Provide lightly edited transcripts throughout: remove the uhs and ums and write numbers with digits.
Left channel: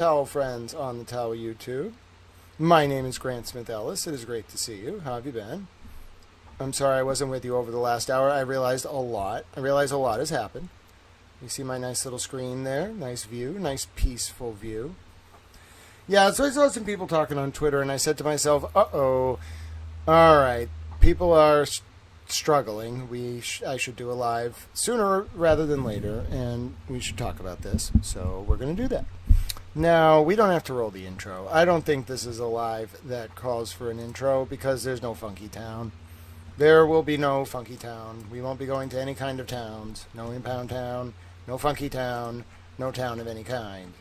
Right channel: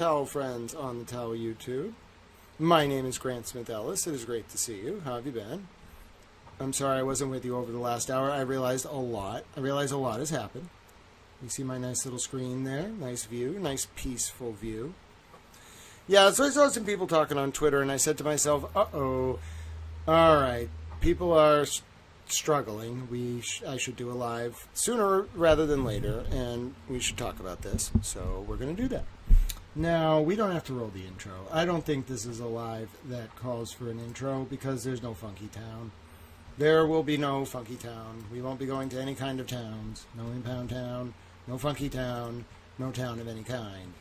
Towel friends on the Towel YouTube. My name is Grant Smith Ellis. It is great to see you. How have you been? I'm sorry I wasn't with you over the last hour. I realized a lot. Has happened. You see my nice little screen there? Nice view. Nice peaceful view. Yeah, so I saw some people talking on Twitter, and I said to myself, uh-oh. All right. People are struggling. I should do a live sooner rather than later, and we should talk about this. So we're going to do that. Now, we don't have to roll the intro. I don't think this is a live that calls for an intro because there's no Funky Town. There will be no Funky Town. We won't be going to any kind of towns. No Impound Town, no Funky Town, no town of any kind.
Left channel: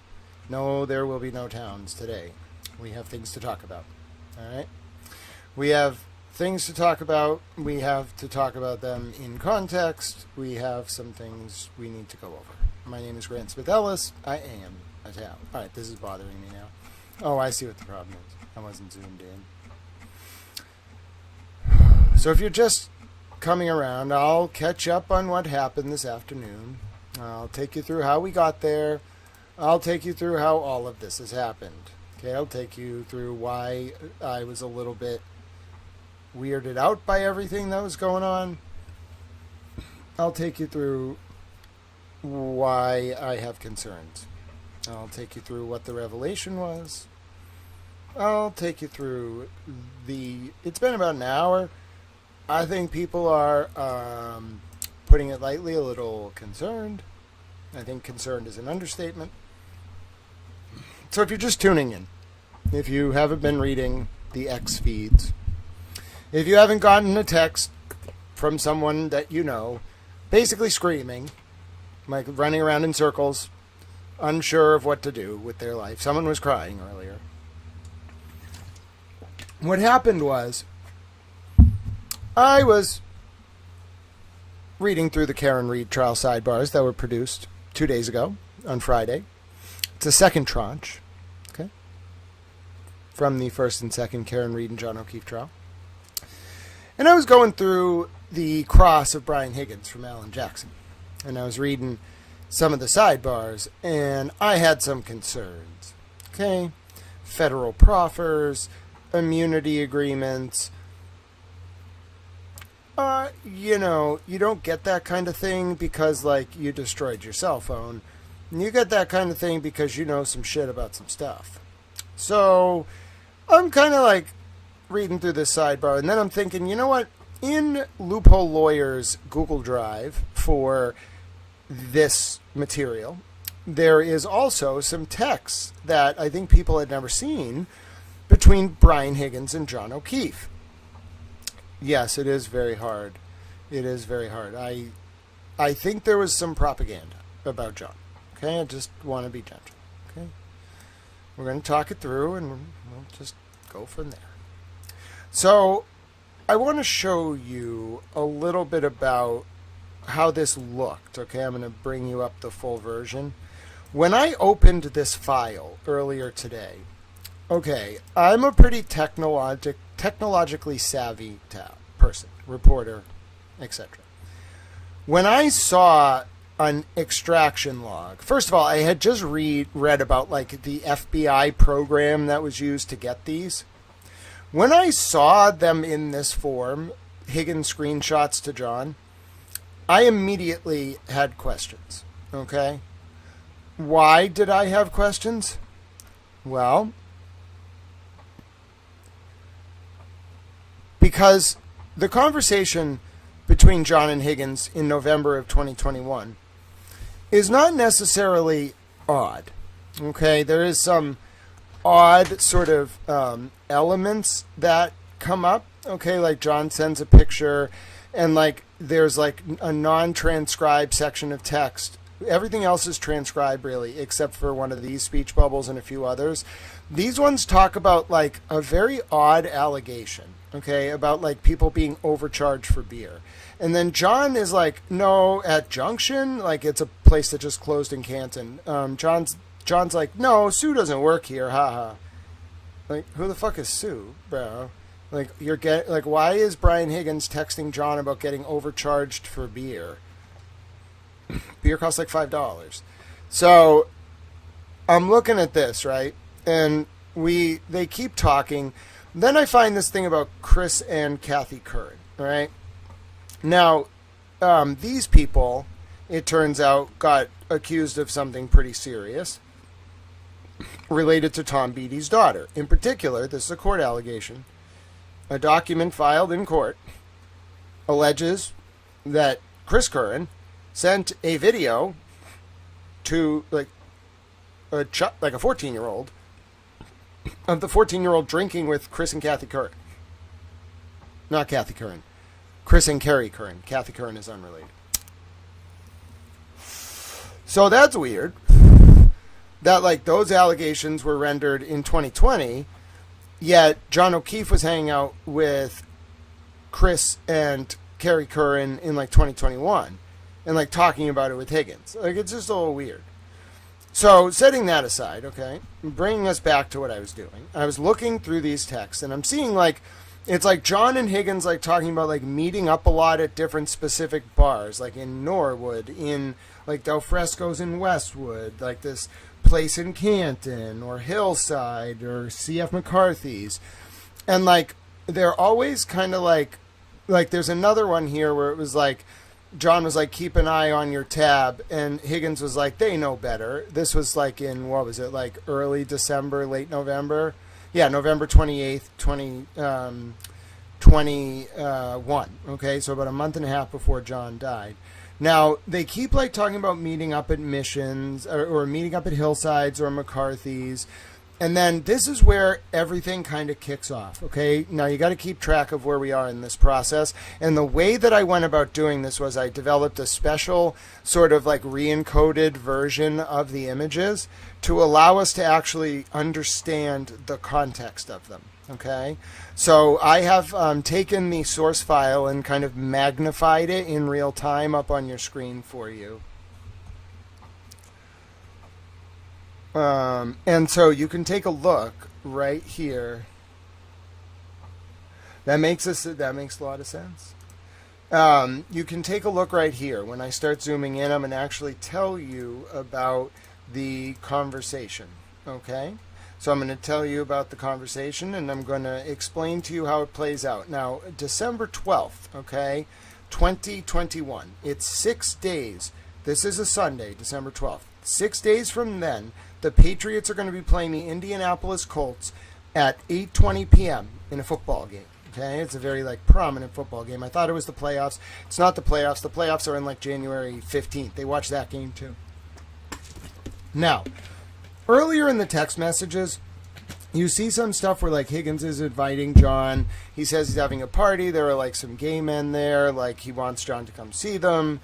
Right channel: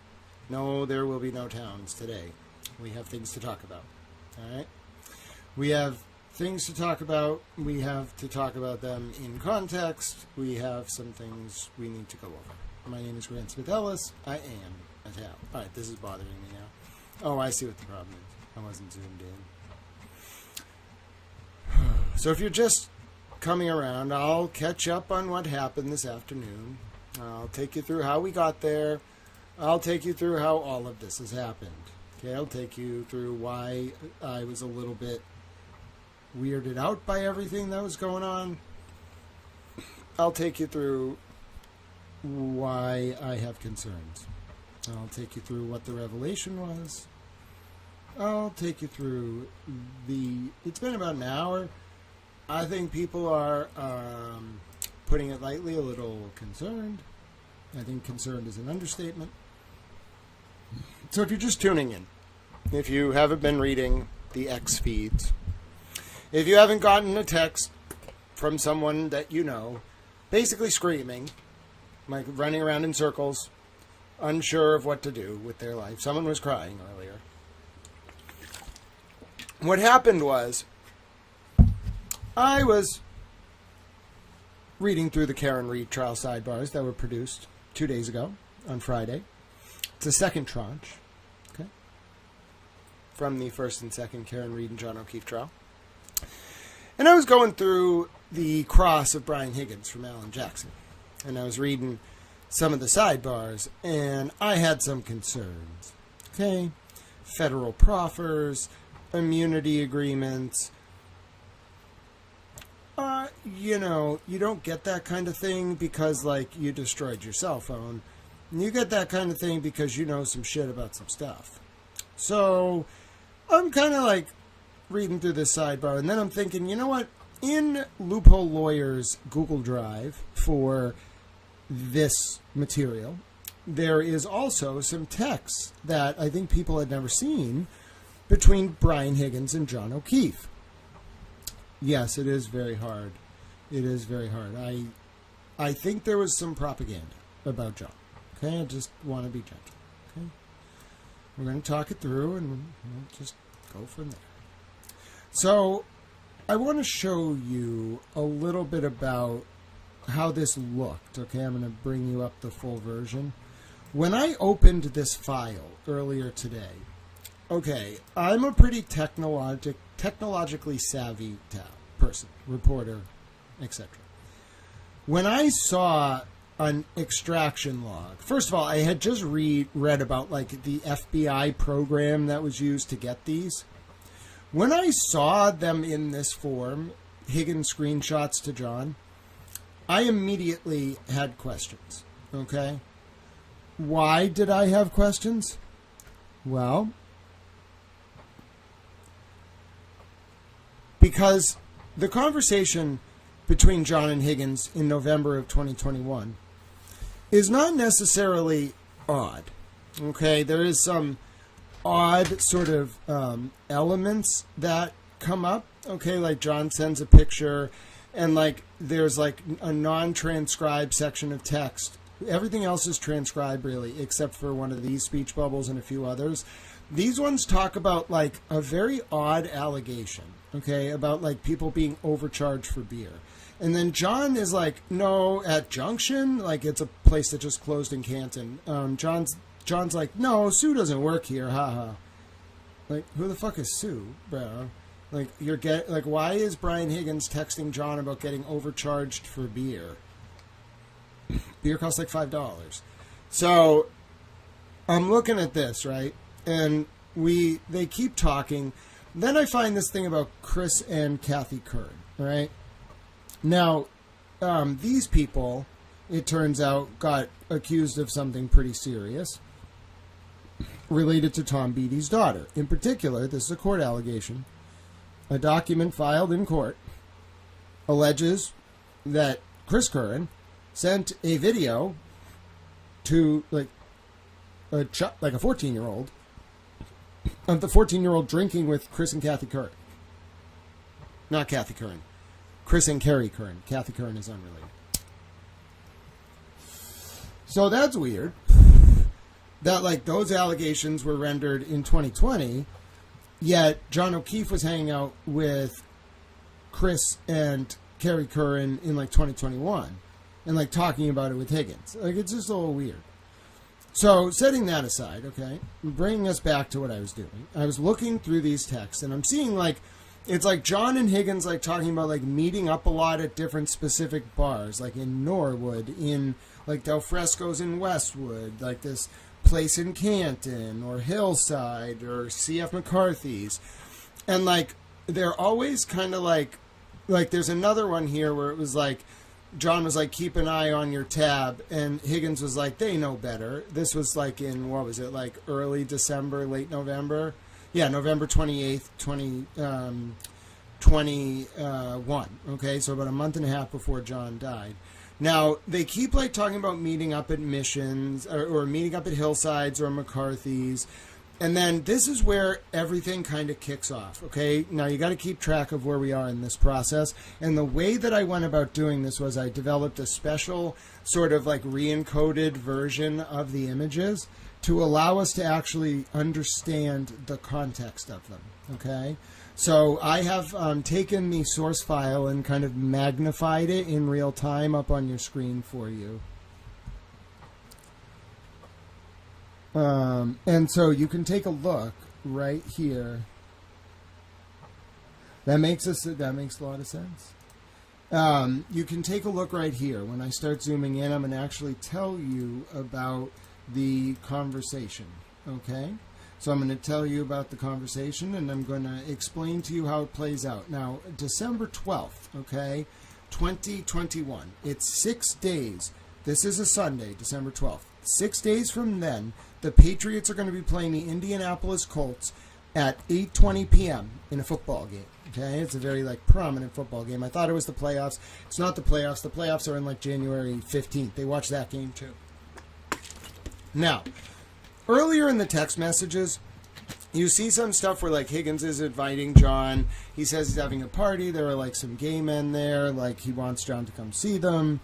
No, there will be no towns today. We have things to talk about. All right? We have things to talk about. We have to talk about them in context. We have some things we need to go over. My name is Grant Smith Ellis. I am a towel. All right, this is bothering me now. Oh, I see what the problem is. I wasn't zoomed in. So if you're just coming around, I'll catch up on what happened this afternoon. I'll take you through how we got there. I'll take you through how all of this has happened. Okay, I'll take you through why I was a little bit weirded out by everything that was going on. I'll take you through why I have concerns. I'll take you through what the revelation was. I'll take you through it's been about an hour. I think people are, putting it lightly, a little concerned. I think concerned is an understatement. So if you're just tuning in, if you haven't been reading the X feeds, if you haven't gotten a text from someone that you know, basically screaming, like running around in circles, unsure of what to do with their life. Someone was crying earlier. What happened was, I was reading through the Karen Read trial sidebars that were produced 2 days ago on Friday. It's a second tranche, okay, from the first and second Karen Read and John O'Keefe trial. And I was going through the cross of Brian Higgins from Alan Jackson. And I was reading some of the sidebars, and I had some concerns. Okay? Federal proffers, immunity agreements. You don't get that kind of thing because, you destroyed your cell phone. You get that kind of thing because you know some shit about some stuff. So, I'm kind of, reading through this sidebar, and then I'm thinking, you know what? In Loophole Lawyer's Google Drive for this material, there is also some text that I think people had never seen between Brian Higgins and John O'Keefe. Yes, it is very hard. It is very hard. I think there was some propaganda about John. Okay, I just want to be gentle. Okay, we're going to talk it through, and we'll just go from there. So, I want to show you a little bit about how this looked. Okay, I'm going to bring you up the full version. When I opened this file earlier today, okay, I'm a pretty technologically savvy person, reporter, etc. When I saw an extraction log, first of all, I had just read about the FBI program that was used to get these. When I saw them in this form, Higgins screenshots to John, I immediately had questions, okay? Why did I have questions? Well, because the conversation between John and Higgins in November of 2021 is not necessarily odd, okay? There is some odd sort of elements that come up, okay? John sends a picture, and there's a non-transcribed section of text. Everything else is transcribed, really, except for one of these speech bubbles and a few others. These ones talk about a very odd allegation, okay, about people being overcharged for beer. And then John is no, at Junction, it's a place that just closed in Canton. John's no, Sue doesn't work here, haha. Who the fuck is Sue, bro? Why is Brian Higgins texting John about getting overcharged for beer? Beer costs $5. So I'm looking at this, right? And they keep talking. Then I find this thing about Chris and Kathy Curran, all right? Now, these people, it turns out, got accused of something pretty serious related to Tom Beattie's daughter. In particular, this is a court allegation. A document filed in court alleges that Chris Curran sent a video to like a 14-year-old of the 14-year-old drinking with Chris and Kathy Curran. Not Kathy Curran. Chris and Carrie Curran. Kathy Curran is unrelated. So that's weird. That like those allegations were rendered in 2020, yet John O'Keefe was hanging out with Chris and Carrie Curran in like 2021 and like talking about it with Higgins. Like it's just a little weird. So setting that aside, okay, bringing us back to what I was doing. I was looking through these texts and I'm seeing like it's like John and Higgins like talking about like meeting up a lot at different specific bars, like in Norwood, in like Del Fresco's in Westwood, like this place in Canton or Hillside or C.F. McCarthy's. And like they're always kind of like there's another one here where it was like John was like, keep an eye on your tab, and Higgins was like, they know better. This was like in, what was it, like early December, late November? Yeah, November 28th, 2021. Okay, so about a month and a half before John died. Now, they keep like talking about meeting up at Missions or meeting up at Hillsides or McCarthy's. And then this is where everything kind of kicks off, okay? Now, you got to keep track of where we are in this process. And the way that I went about doing this was I developed a special sort of like re-encoded version of the images to allow us to actually understand the context of them, okay? So I have taken the source file and kind of magnified it in real time up on your screen for you. And so you can take a look right here. That makes a lot of sense. You can take a look right here. When I start zooming in, I'm going to actually tell you about the conversation. Okay? So I'm going to tell you about the conversation, and I'm going to explain to you how it plays out. Now, December 12th, okay, 2021. It's 6 days. This is a Sunday, December 12th. 6 days from then, the Patriots are going to be playing the Indianapolis Colts at 8:20 p.m. in a football game. Okay, it's a very like prominent football game. I thought it was the playoffs. It's not the playoffs. The playoffs are in like January 15th. They watch that game too. Now, earlier in the text messages, you see some stuff where like Higgins is inviting John. He says he's having a party. There are like some gay men there. Like he wants John to come see them.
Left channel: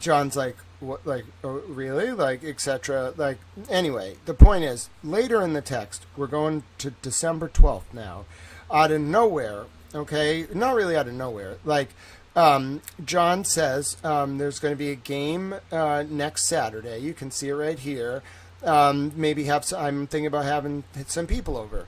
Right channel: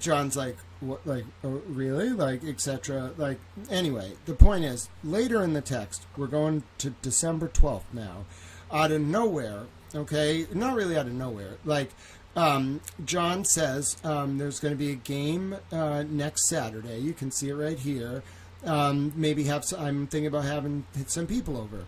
John's like, what, like, oh, really? Like, etc. Like, anyway, the point is, later in the text, we're going to December 12th now. Out of nowhere, okay, not really out of nowhere, like, John says there's going to be a game next Saturday. You can see it right here. Maybe I'm thinking about having some people over.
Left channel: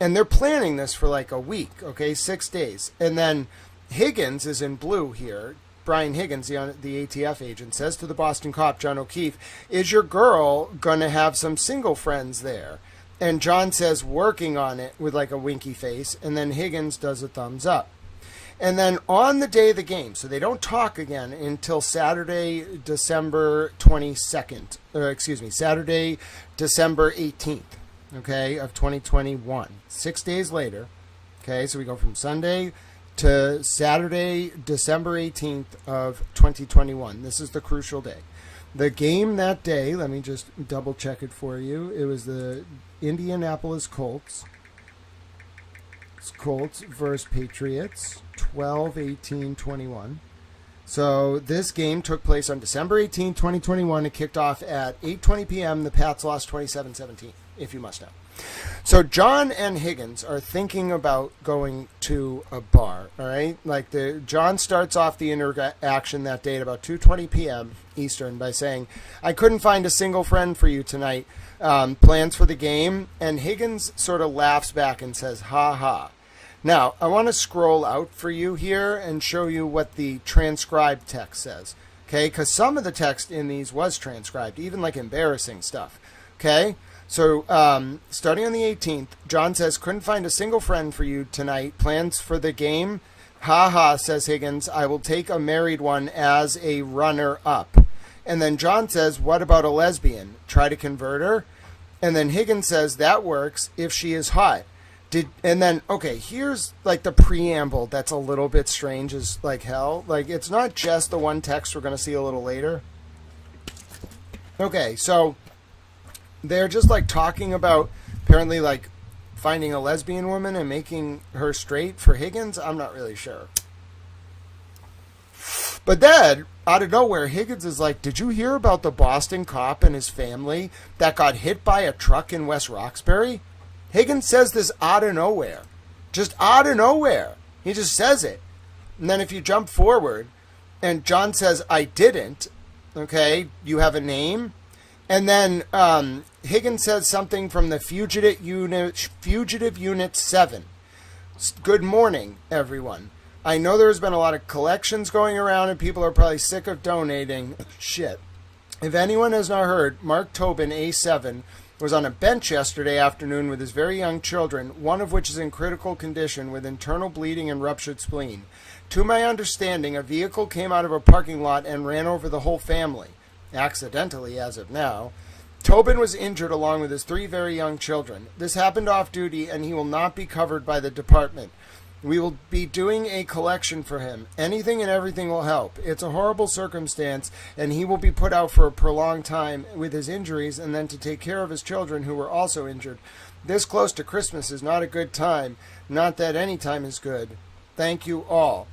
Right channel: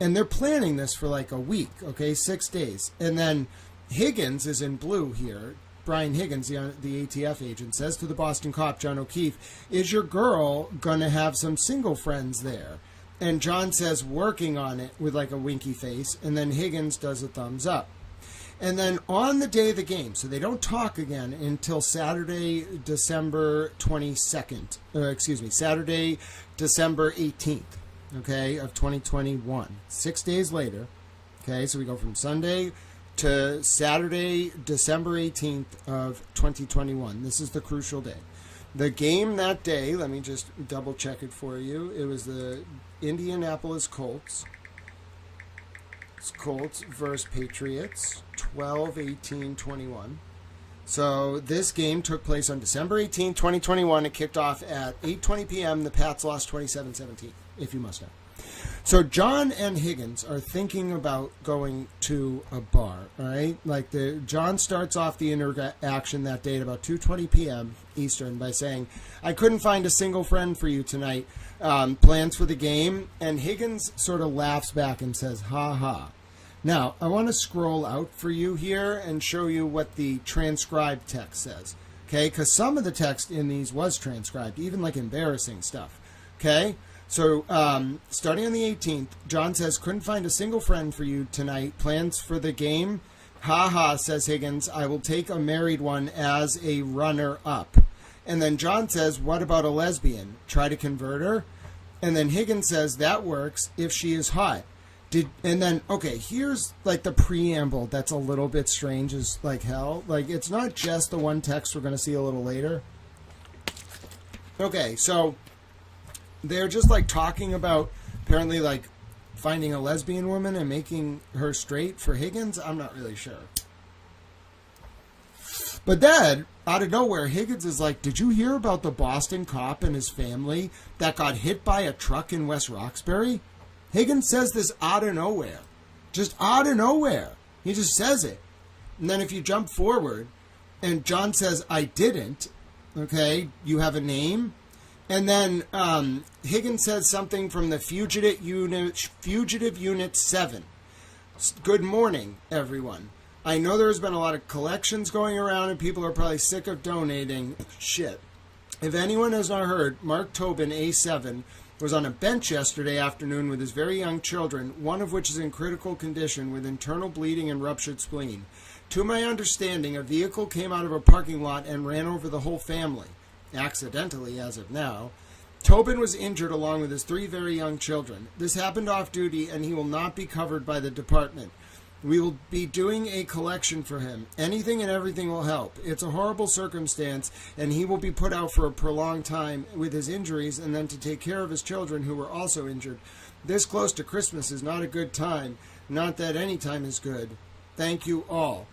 And they're planning this for like a week, okay, 6 days. And then Higgins is in blue here. Brian Higgins, the ATF agent, says to the Boston cop, John O'Keefe, is your girl going to have some single friends there? And John says, working on it, with like a winky face. And then Higgins does a thumbs up. And then on the day of the game, so they don't talk again until Saturday, December 22nd. Saturday, December 18th, okay, of 2021. 6 days later, okay, so we go from Sunday to Saturday, December 18th of 2021. This is the crucial day. The game that day, let me just double check it for you. It was the Indianapolis Colts. It's Colts versus Patriots, 12-18-21. So this game took place on December 18th, 2021. It kicked off at 8:20 p.m. The Pats lost 27-17, if you must know. So John and Higgins are thinking about going to a bar, all right? Like John starts off the interaction that day at about 2:20 p.m. Eastern by saying, I couldn't find a single friend for you tonight. Plans for the game? And Higgins sort of laughs back and says, ha ha. Now, I want to scroll out for you here and show you what the transcribed text says, okay? Because some of the text in these was transcribed, even like embarrassing stuff, okay? So, starting on the 18th, John says, couldn't find a single friend for you tonight. Plans for the game? Ha ha, says Higgins. I will take a married one as a runner-up. And then John says, what about a lesbian? Try to convert her? And then Higgins says, that works if she is hot. And then, okay, here's like the preamble that's a little bit strange as like hell. Like, it's not just the one text we're going to see a little later. Okay, so they're just like talking about apparently like finding a lesbian woman and making her straight for Higgins. I'm not really sure. But then, out of nowhere, Higgins is like, did you hear about the Boston cop and his family that got hit by a truck in West Roxbury? Higgins says this out of nowhere. Just out of nowhere. He just says it. And then if you jump forward, and John says, I didn't, okay, you have a name? And then Higgins says something from the Fugitive Unit 7. Good morning, everyone. I know there's been a lot of collections going around and people are probably sick of donating. Shit. If anyone has not heard, Mark Tobin, A7, was on a bench yesterday afternoon with his very young children, one of which is in critical condition with internal bleeding and ruptured spleen. To my understanding, a vehicle came out of a parking lot and ran over the whole family. Accidentally, as of now. Tobin was injured along with his 3 very young children. This happened off duty and he will not be covered by the department. We will be doing a collection for him. Anything and everything will help. It's a horrible circumstance, and he will be put out for a prolonged time with his injuries and then to take care of his children who were also injured. This close to Christmas is not a good time. Not that any time is good. Thank you all.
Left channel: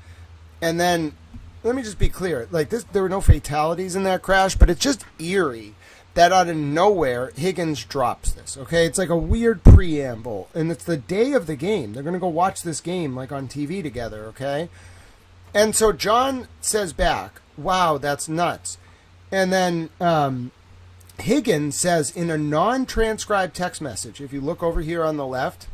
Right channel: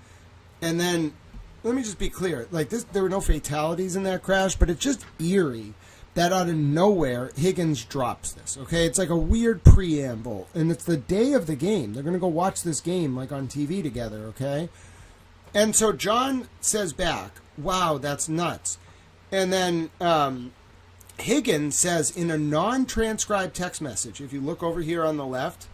And then, let me just be clear. Like this, there were no fatalities in that crash, but it's just eerie that out of nowhere, Higgins drops this, okay? It's like a weird preamble, and it's the day of the game. They're going to go watch this game, like, on TV together, okay? And so John says back, wow, that's nuts. And then Higgins says in a non-transcribed text message, if you look over here on the left,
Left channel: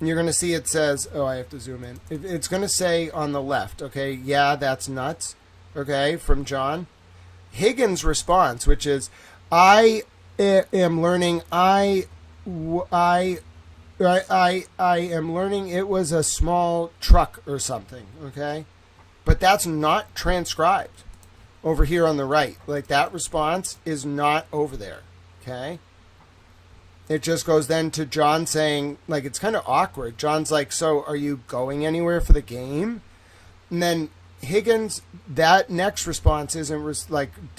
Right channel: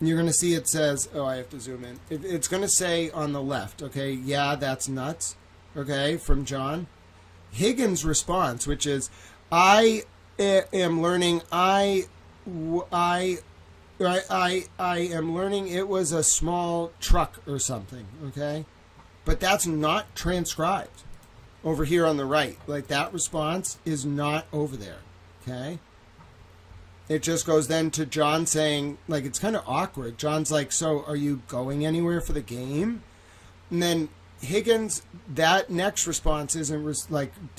you're going to see it says, oh, I have to zoom in. It's going to say on the left, okay, yeah, that's nuts, okay, from John. Higgins' response, which is, I am learning. I am learning. It was a small truck or something. Okay, but that's not transcribed over here on the right. Like that response is not over there. Okay. It just goes then to John saying, like, it's kind of awkward. John's like, so are you going anywhere for the game? And then Higgins, that next response isn't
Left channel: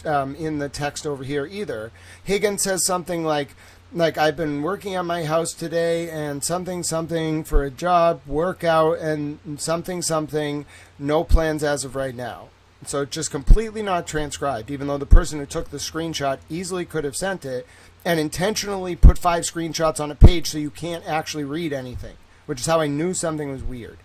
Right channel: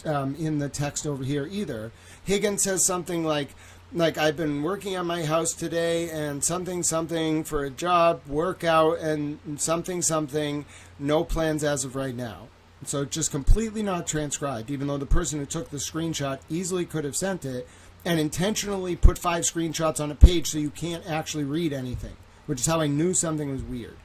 in the text over here either. Higgins says something like I've been working on my house today and something for a job, workout, and something, no plans as of right now. So it's just completely not transcribed, even though the person who took the screenshot easily could have sent it and intentionally put 5 screenshots on a page so you can't actually read anything, which is how I knew something was weird.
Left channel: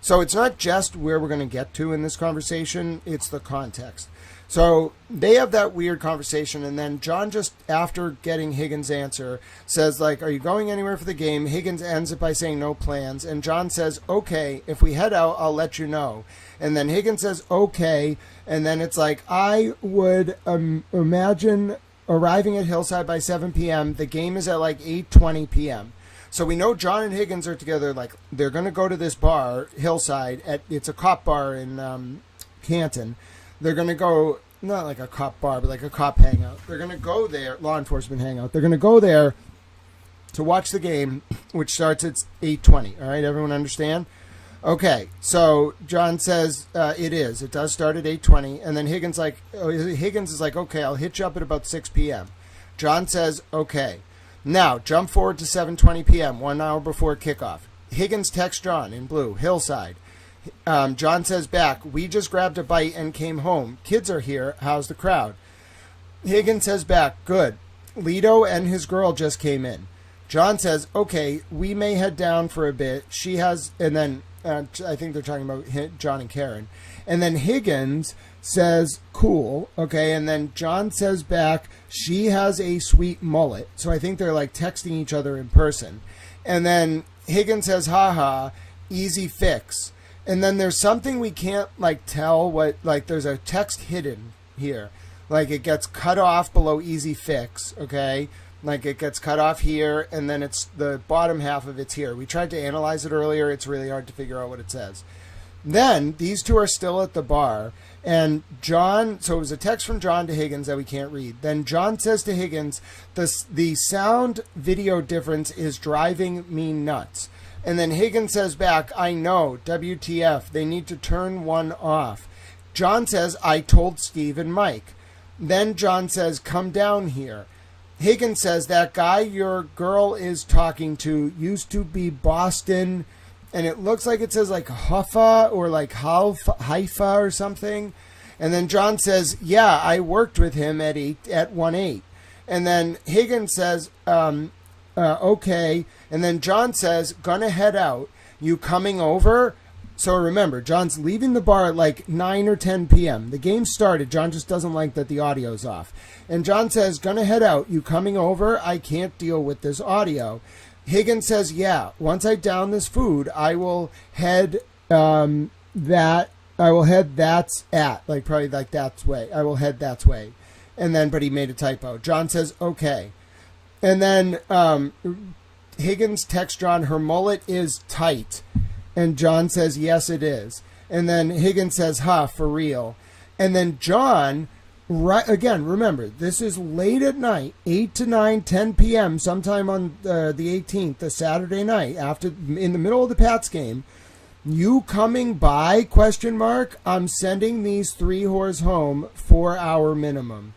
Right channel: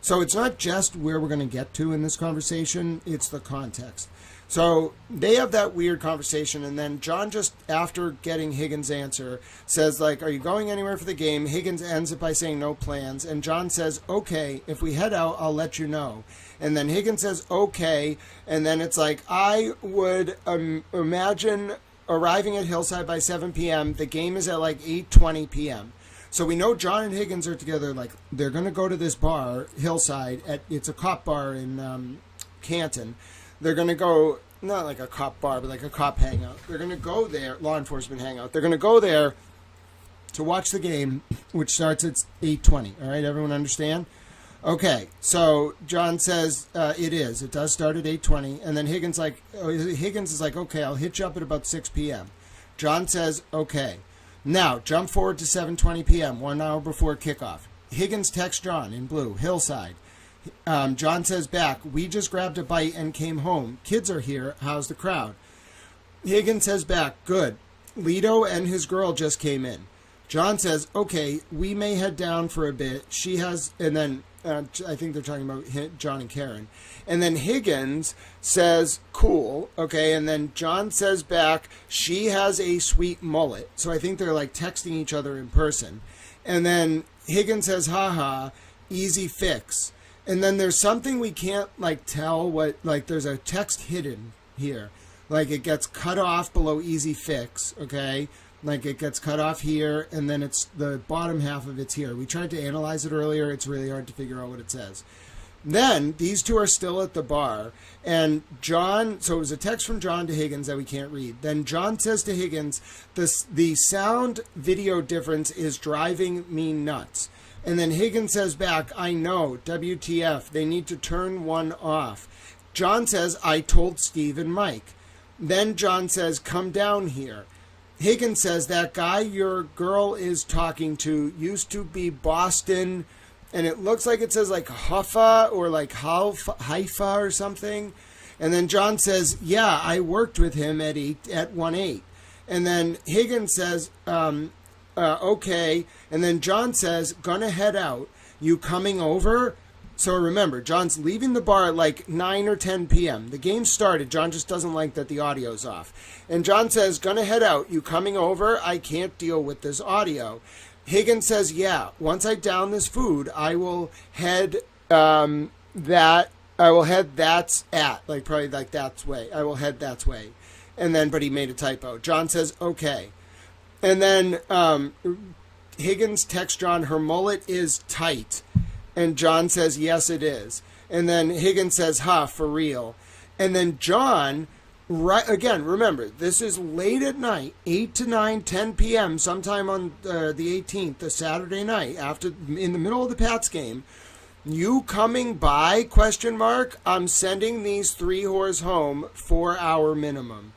So it's not just where we're going to get to in this conversation, it's the context. So they have that weird conversation, and then John, just after getting Higgins' answer, says, like, are you going anywhere for the game? Higgins ends it by saying no plans, and John says, okay, if we head out, I'll let you know. And then Higgins says, okay, and then it's like, I would imagine arriving at Hillside by 7 p.m. The game is at like 8:20 p.m. So we know John and Higgins are together. Like they're going to go to this bar, Hillside. It's a cop bar in Canton. They're going to go, not like a cop bar, but like a cop hangout. They're going to go there, law enforcement hangout. They're going to go there to watch the game, which starts at 8:20. All right, everyone understand? Okay, so John says it is. It does start at 8:20, and then Higgins is like, okay, I'll hit you up at about 6 p.m. John says, okay. Now, jump forward to 7:20 p.m., 1 hour before kickoff. Higgins texts John in blue, Hillside. John says back, we just grabbed a bite and came home. Kids are here. How's the crowd? Higgins says back, good. Lito and his girl just came in. John says, okay, we may head down for a bit. She has, and then I think they're talking about John and Karen. And then Higgins says, cool, okay, and then John says back, she has a sweet mullet. So I think they're like texting each other in person. And then Higgins says, haha, easy fix. And then there's something we can't like tell what, like there's a text hidden here. Like it gets cut off below easy fix, okay? Like it gets cut off here, and then it's the bottom half of it's here. We tried to analyze it earlier. It's really hard to figure out what it says. Then these two are still at the bar, and John, so it was a text from John to Higgins that we can't read. Then John says to Higgins, the sound video difference is driving me nuts. And then Higgins says back, I know, WTF, they need to turn one off. John says, I told Steve and Mike. Then John says, come down here. Higgins says, that guy your girl is talking to used to be Boston, and it looks like it says like Huffa or like Haifa or something. And then John says, yeah, I worked with him at 1-8. And then Higgins says, okay. And then John says, gonna head out. You coming over? So remember, John's leaving the bar at like 9 or 10 p.m. The game started. John just doesn't like that the audio's off. And John says, gonna head out. You coming over? I can't deal with this audio. Higgins says, yeah, once I down this food, I will head that's at, like probably like that's way. I will head that's way. And then, but he made a typo. John says, okay. And then Higgins texts John, her mullet is tight. And John says, yes, it is. And then Higgins says, for real. And then John, right again, remember, this is late at night, 8 to 9, 10 p.m., sometime on the 18th, the Saturday night, in the middle of the Pats game. You coming by, ? I'm sending these 3 whores home 4 hour minimum.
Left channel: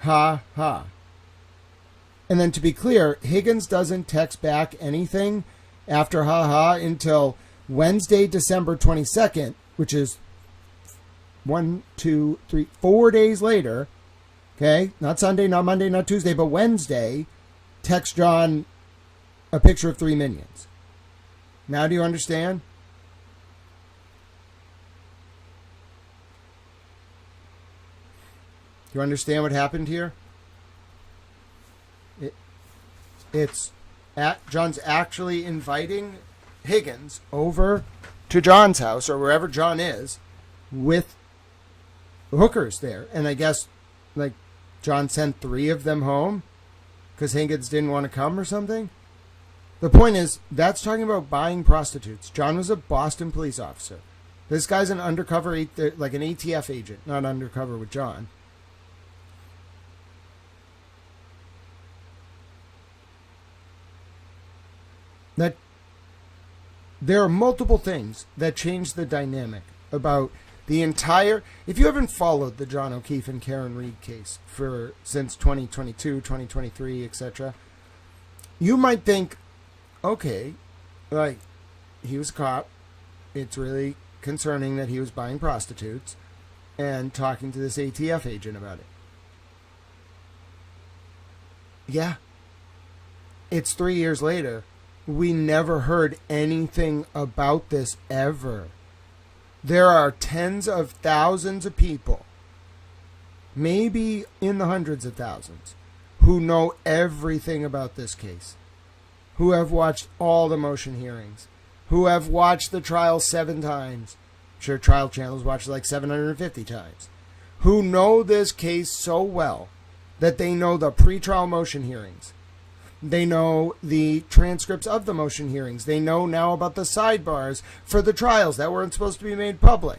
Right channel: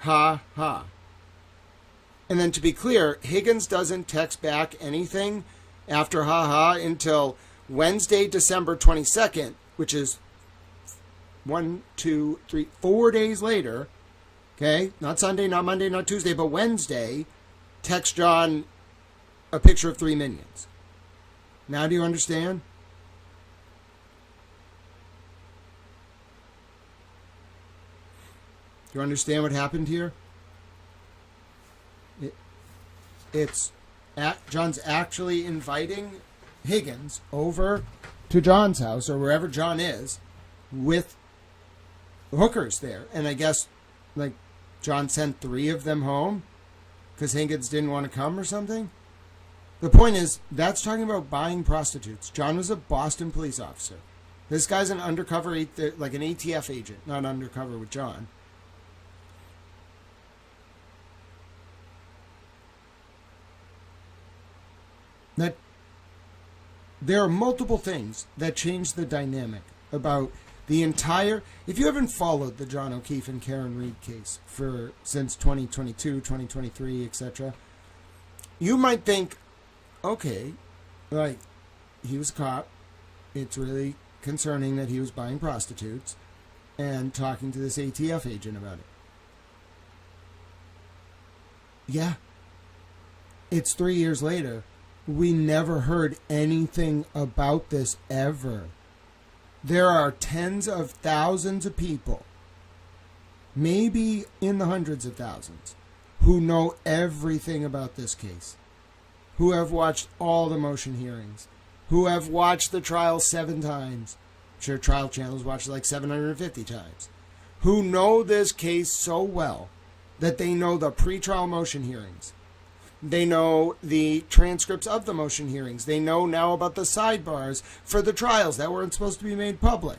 Ha, ha. And then to be clear, Higgins doesn't text back anything after ha, ha until Wednesday, December 22nd, which is 4 days later. Okay, not Sunday, not Monday, not Tuesday, but Wednesday. Text John a picture of 3 minions. Now do you understand? Do you understand what happened here? John's actually inviting Higgins over to John's house or wherever John is with hookers there. And I guess like John sent 3 of them home because Higgins didn't want to come or something. The point is, that's talking about buying prostitutes. John was a Boston police officer. This guy's an undercover, like an ATF agent, not undercover with John. That there are multiple things that change the dynamic about the entire. If you haven't followed the John O'Keefe and Karen Read case since 2022, 2023, etc., you might think, okay, like he was a cop. It's really concerning that he was buying prostitutes and talking to this ATF agent about it. Yeah. It's 3 years later. We never heard anything about this ever. There are tens of thousands of people, maybe in the hundreds of thousands, who know everything about this case, who have watched all the motion hearings, who have watched the trial 7 times. I'm sure Trial Channel's watched like 750 times. Who know this case so well that they know the pretrial motion hearings. They know the transcripts of the motion hearings. They know now about the sidebars for the trials that weren't supposed to be made public.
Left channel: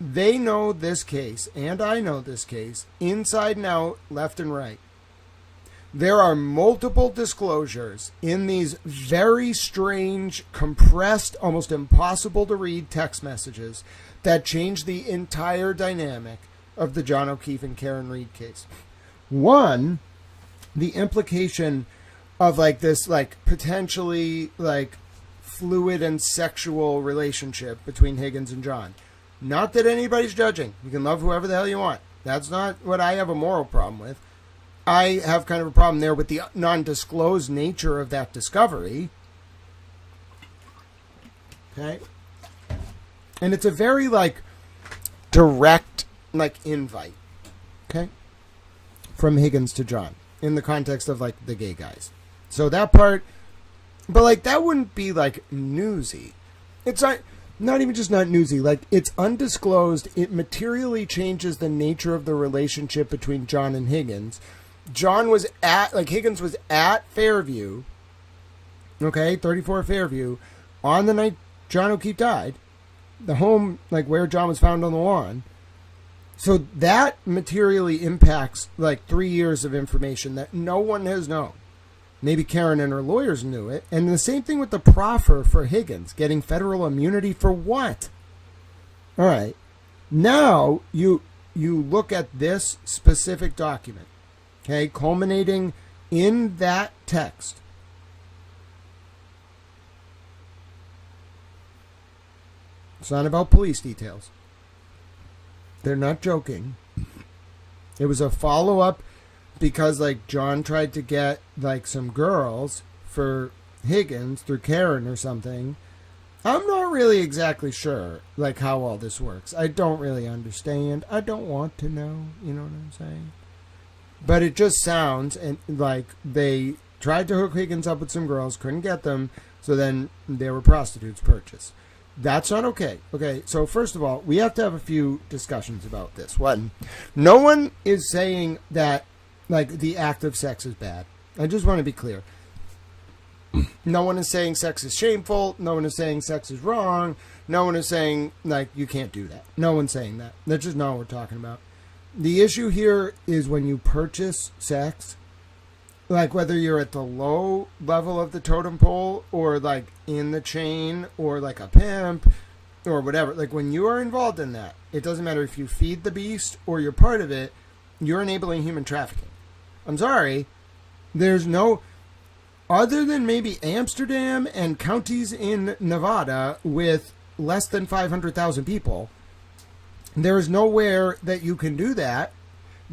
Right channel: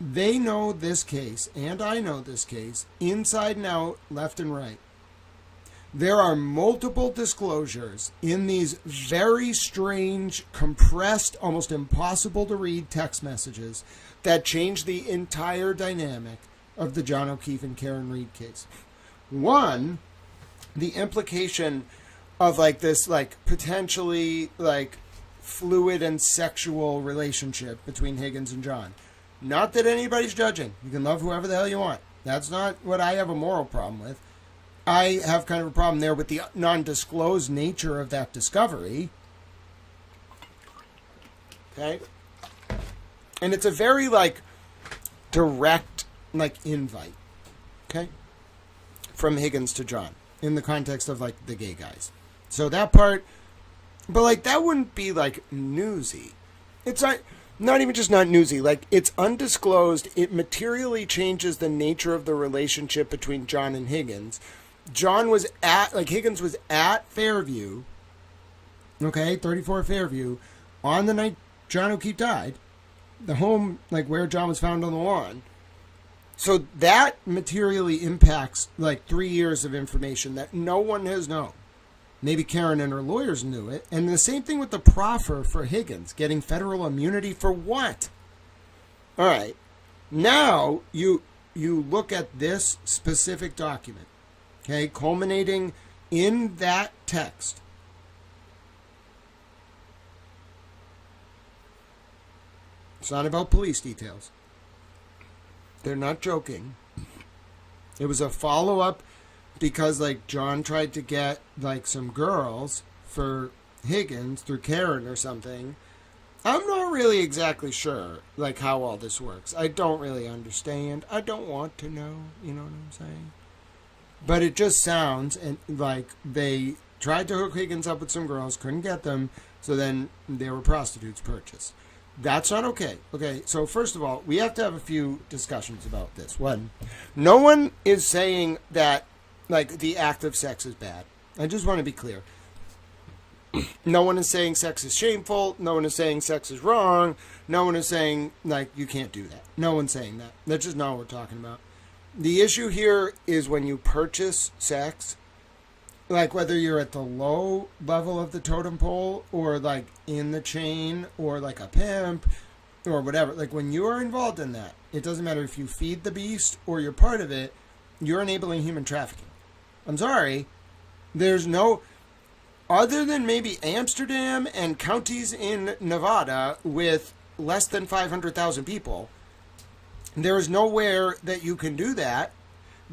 They know this case, and I know this case, inside and out, left and right. There are multiple disclosures in these very strange, compressed, almost impossible to read text messages that change the entire dynamic of the John O'Keefe and Karen Read case. One, the implication of like this like potentially like fluid and sexual relationship between Higgins and John. Not that anybody's judging. You can love whoever the hell you want. That's not what I have a moral problem with. I have kind of a problem there with the non-disclosed nature of that discovery. Okay? And it's a very like direct like invite. Okay? From Higgins to John. In the context of like the gay guys. So that part, but like that wouldn't be like newsy. It's not even just not newsy, like it's undisclosed. It materially changes the nature of the relationship between John and Higgins. Higgins was at Fairview, okay, 34 Fairview, on the night John O'Keefe died, the home, like, where John was found on the lawn. So that materially impacts, like, 3 years of information that no one has known. Maybe Karen and her lawyers knew it. And the same thing with the proffer for Higgins, getting federal immunity for what? All right. Now you look at this specific document, okay, culminating in that text. It's not about police details. They're not joking. It was a follow-up because, like, John tried to get, like, some girls for Higgins through Karen or something. I'm not really exactly sure, like, how all this works. I don't really understand. I don't want to know. You know what I'm saying? But it just sounds like they tried to hook Higgins up with some girls, couldn't get them, so then they were prostitutes purchased. That's not okay. Okay, so first of all, we have to have a few discussions about this. One, no one is saying that, like, the act of sex is bad. I just want to be clear. No one is saying sex is shameful. No one is saying sex is wrong. No one is saying, like, you can't do that. No one's saying that. That's just not what we're talking about. The issue here is when you purchase sex, like, whether you're at the low level of the totem pole or, like, in the chain or, like, a pimp or whatever. Like, when you are involved in that, it doesn't matter if you feed the beast or you're part of it, you're enabling human trafficking. I'm sorry. There's no... Other than maybe Amsterdam and counties in Nevada with less than 500,000 people, there is nowhere that you can do that.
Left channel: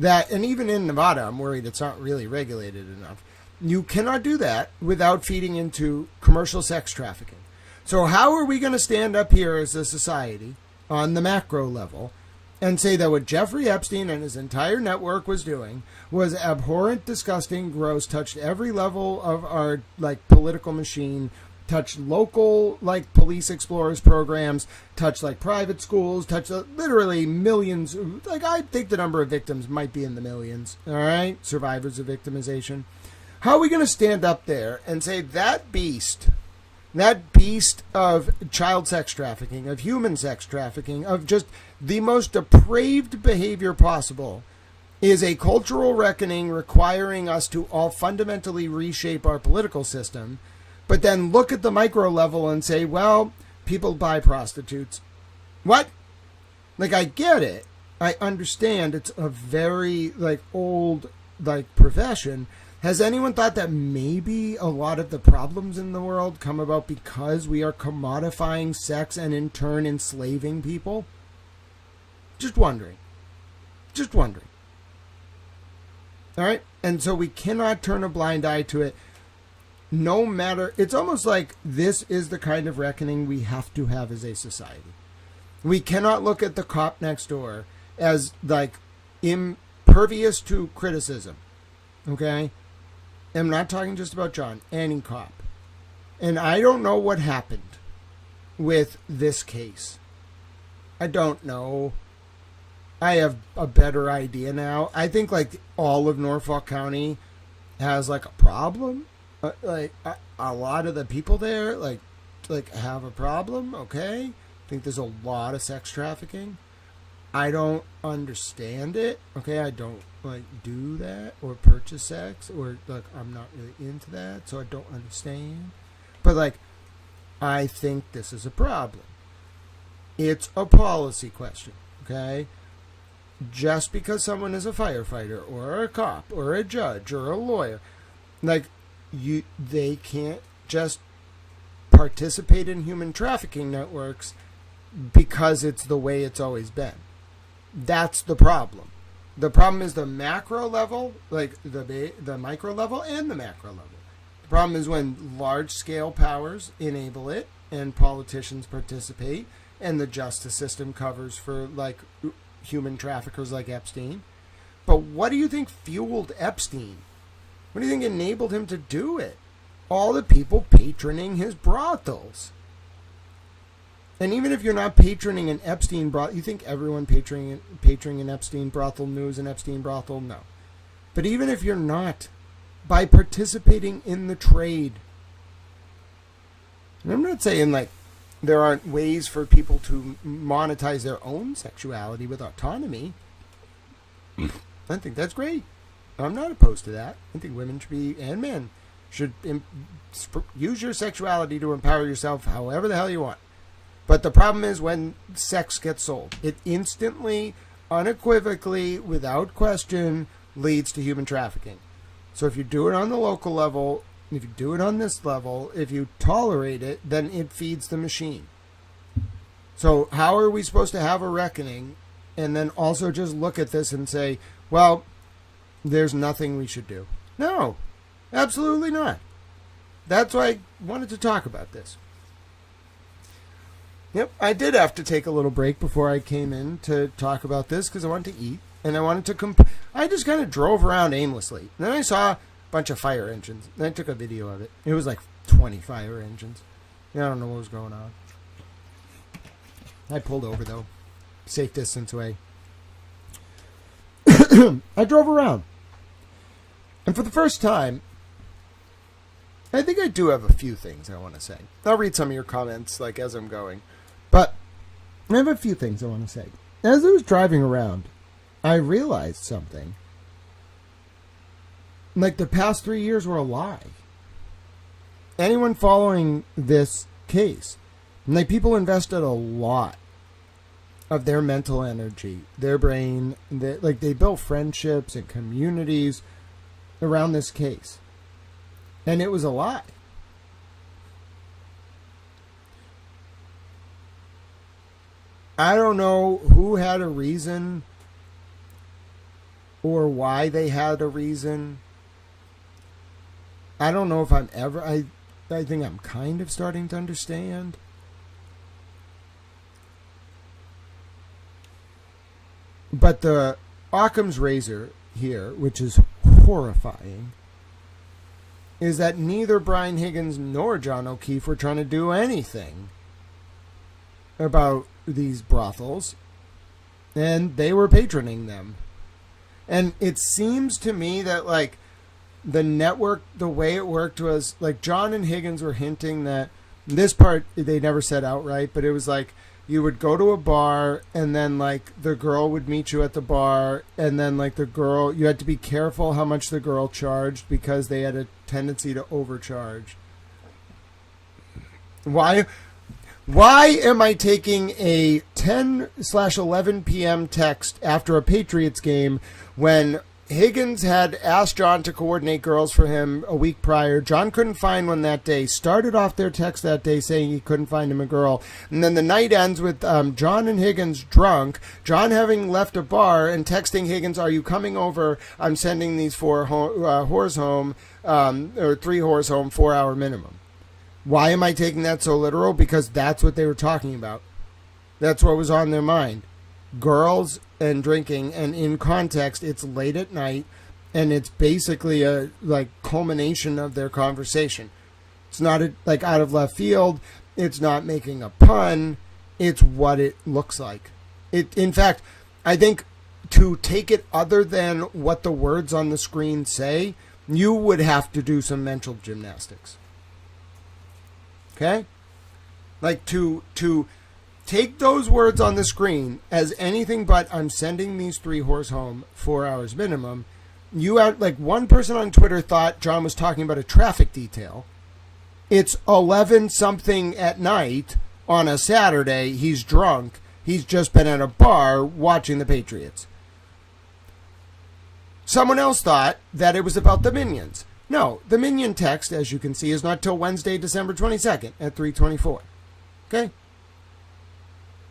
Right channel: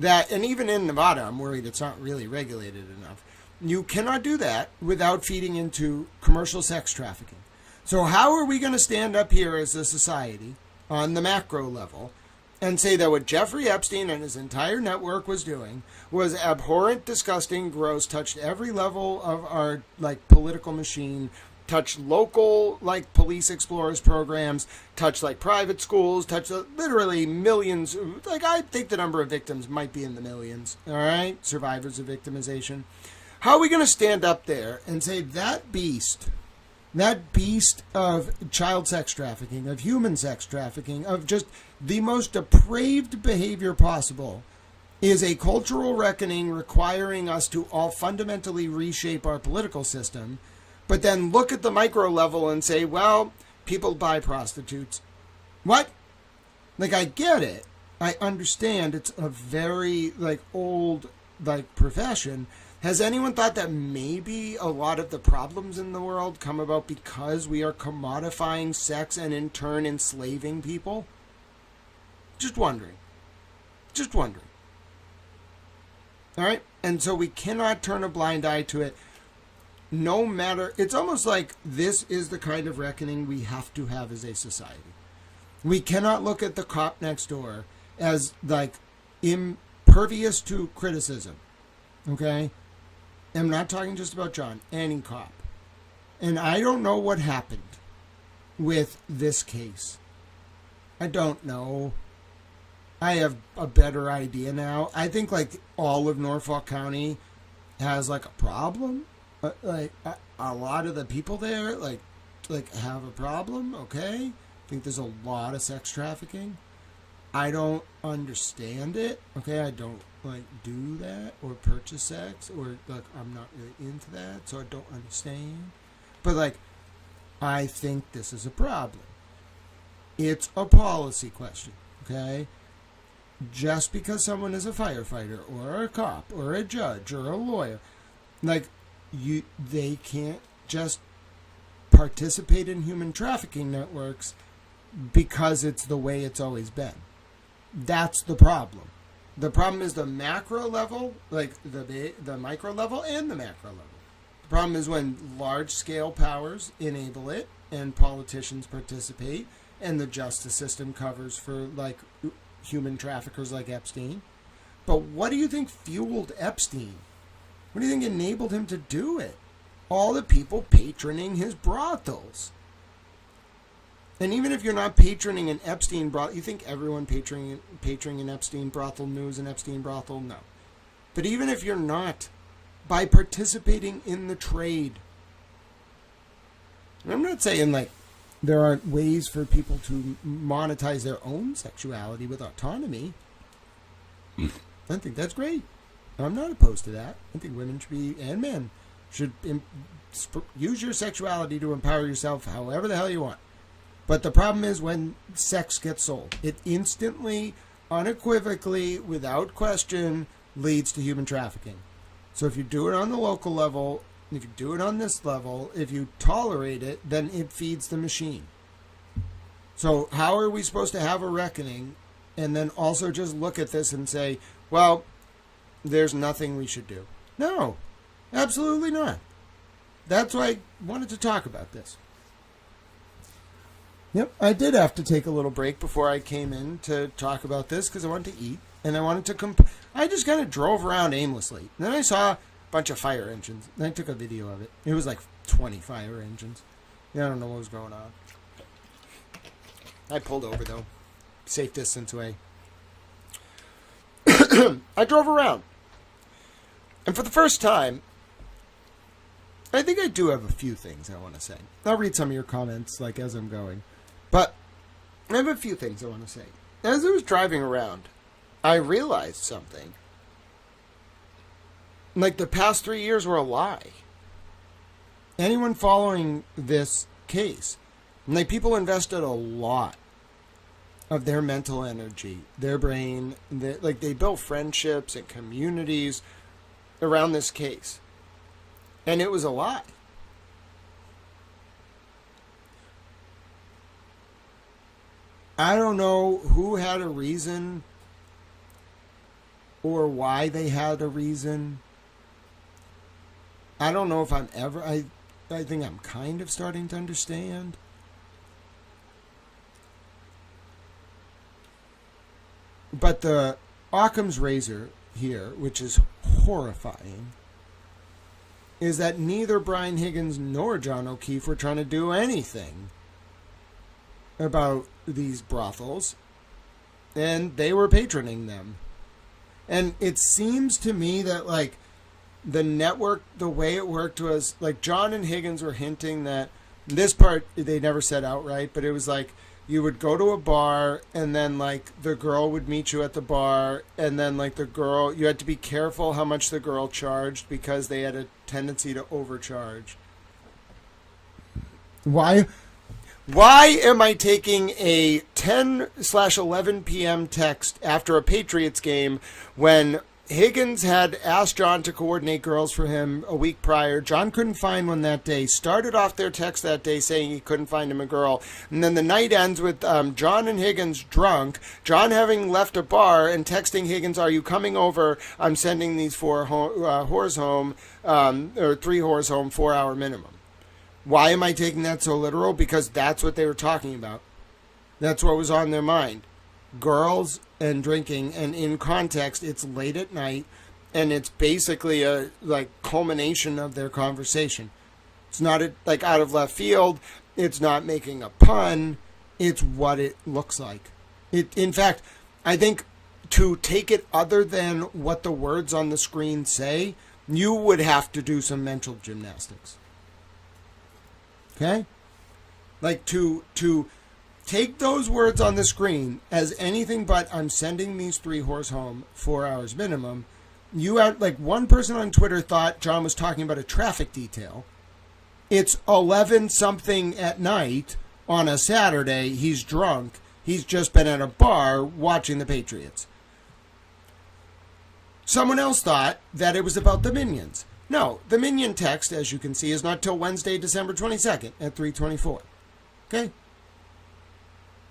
And even in Nevada, I'm worried it's not really regulated enough. You cannot do that without feeding into commercial sex trafficking. So how are we going to stand up here as a society on the macro level and say that what Jeffrey Epstein and his entire network was doing was abhorrent, disgusting, gross, touched every level of our, like, political machine, touched local, like, police explorers programs, touched, like, private schools, touched literally millions. Like, I think the number of victims might be in the millions, all right? Survivors of victimization. How are we going to stand up there and say that beast of child sex trafficking, of human sex trafficking, of just the most depraved behavior possible is a cultural reckoning requiring us to all fundamentally reshape our political system, but then look at the micro level and say, well, people buy prostitutes. What? Like, I get it. I understand it's a very, like, old, like, profession. Has anyone thought that maybe a lot of the problems in the world come about because we are commodifying sex and in turn enslaving people? Just wondering. Just wondering. All right? And so we cannot turn a blind eye to it. No matter, it's almost like this is the kind of reckoning we have to have as a society. We cannot look at the cop next door as, like, impervious to criticism. Okay? I'm not talking just about John, any cop. And I don't know what happened with this case. I don't know. I have a better idea now. I think, like, all of Norfolk County has, like, a problem. Like, a lot of the people there, like have a problem, okay? I think there's a lot of sex trafficking. I don't understand it, okay? I don't, like, do that or purchase sex or, like, I'm not really into that, so I don't understand. But, like, I think this is a problem. It's a policy question, okay? Just because someone is a firefighter or a cop or a judge or a lawyer, like, they can't just participate in human trafficking networks because it's the way it's always been. That's the problem. The problem is the macro level, like the micro level and the macro level. The problem is when large-scale powers enable it and politicians participate and the justice system covers for, like, human traffickers like Epstein. But what do you think fueled Epstein? What do you think enabled him to do it? All the people patroning his brothels. And even if you're not patroning an Epstein brothel, you think everyone patroning an Epstein brothel knows an Epstein brothel? No. But even if you're not, by participating in the trade, and I'm not saying like there aren't ways for people to monetize their own sexuality with autonomy. I think that's great. I'm not opposed to that. I think women should be, and men should use your sexuality to empower yourself however the hell you want. But the problem is when sex gets sold. It instantly, unequivocally, without question, leads to human trafficking. So if you do it on the local level, if you do it on this level, if you tolerate it, then it feeds the machine. So how are we supposed to have a reckoning and then also just look at this and say, well, there's nothing we should do? No, absolutely not. That's why I wanted to talk about this. Yep, I did have to take a little break before I came in to talk about this because I wanted to eat and I wanted to I just kind of drove around aimlessly. And then I saw a bunch of fire engines. And I took a video of it. It was like 20 fire engines. I don't know what was going on. I pulled over though. Safe distance away. I drove around. And for the first time, I think I do have a few things I want to say. I'll read some of your comments like as I'm going. But I have a few things I want to say. As I was driving around, I realized something. Like the past 3 years were a lie. Anyone following this case, like people invested a lot of their mental energy, their brain, they built friendships and communities around this case. And it was a lie. I don't know who had a reason or why they had a reason. I don't know if I'm ever... I think I'm kind of starting to understand. But the Occam's razor here, which is horrifying, is that neither Brian Higgins nor John O'Keefe were trying to do anything about these brothels, and they were patroning them. And it seems to me that, like, the network, the way it worked was, like, John and Higgins were hinting that, this part they never said outright, but it was like, you would go to a bar, and then, like, the girl would meet you at the bar, and then, like, the girl, you had to be careful how much the girl charged, because they had a tendency to overcharge. Why am I taking a 10/11 p.m. text after a Patriots game when Higgins had asked John to coordinate girls for him a week prior? John couldn't find one that day. Started off their text that day saying he couldn't find him a girl. And then the night ends with John and Higgins drunk. John having left a bar and texting Higgins, "Are you coming over? I'm sending these 4 whores home, or 3 whores home, 4-hour minimum." Why am I taking that so literal? Because that's what they were talking about. That's what was on their mind. Girls and drinking, and in context, it's late at night, and it's basically a culmination of their conversation. It's not out of left field. It's not making a pun. It's what it looks like. In fact, I think to take it other than what the words on the screen say, you would have to do some mental gymnastics. Okay? Like to take those words on the screen as anything but "I'm sending these 3 whores home, 4 hours minimum." You had, like, one person on Twitter thought John was talking about a traffic detail. It's 11 something at night on a Saturday. He's drunk. He's just been at a bar watching the Patriots. Someone else thought that it was about the Minions. No, the Minion text, as you can see, is not till Wednesday, December 22nd at 3:24. Okay?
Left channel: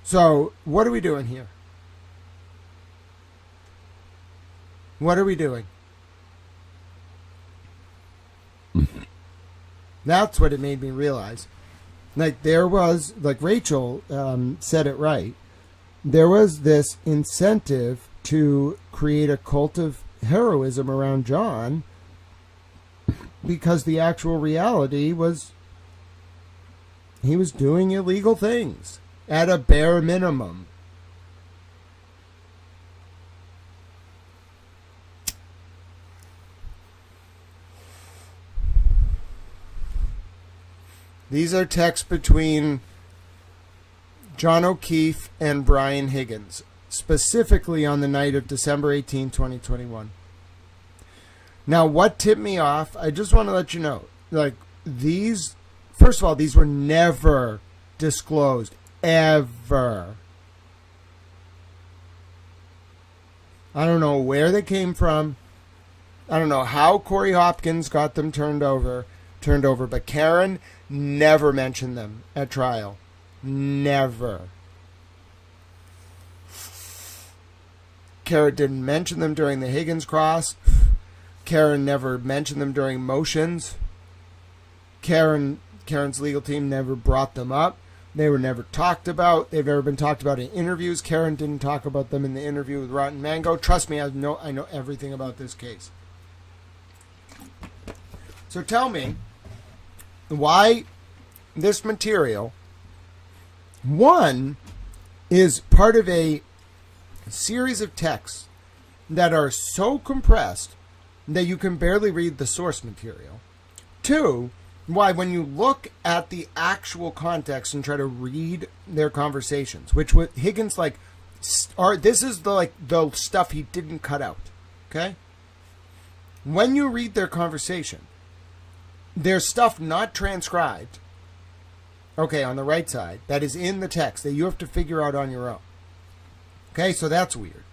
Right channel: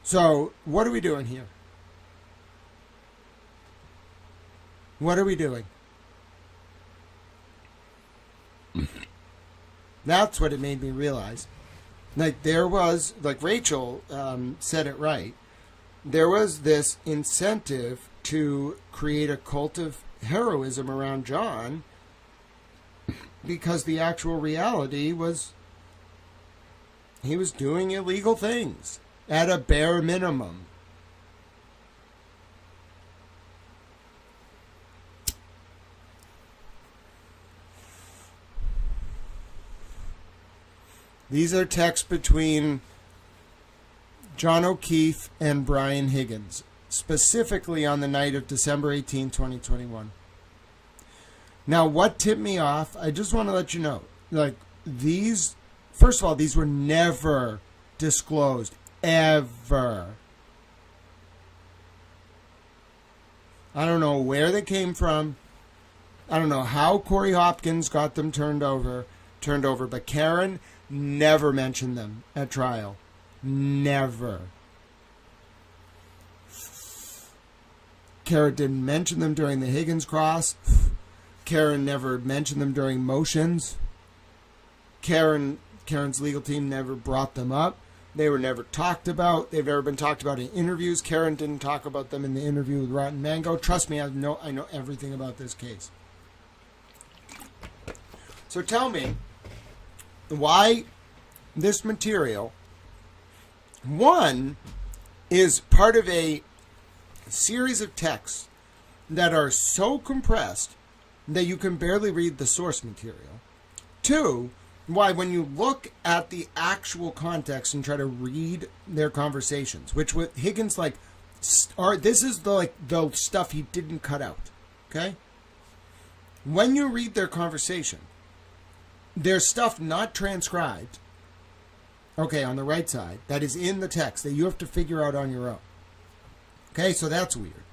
So, what are we doing here? What are we doing? That's what it made me realize. Like, there was, like Rachel said it right, there was this incentive to create a cult of heroism around John, because the actual reality was he was doing illegal things at a bare minimum. These are texts between John O'Keefe and Brian Higgins, specifically on the night of December 18, 2021. Now, what tipped me off, I just want to let you know, like, these, first of all, these were never disclosed, ever. I don't know where they came from. I don't know how Corey Hopkins got them turned over, but Karen never mentioned them at trial. Never. Karen didn't mention them during the Higgins cross. Karen never mentioned them during motions. Karen's legal team never brought them up. They were never talked about. They've never been talked about in interviews. Karen didn't talk about them in the interview with Rotten Mango. Trust me, I know everything about this case. So tell me why this material, one, is part of a series of texts that are so compressed that you can barely read the source material. Two, why when you look at the actual context and try to read their conversations, which with Higgins, like, this is the stuff he didn't cut out. Okay? When you read their conversation, there's stuff not transcribed, okay, on the right side, that is in the text that you have to figure out on your own. Okay, so that's weird.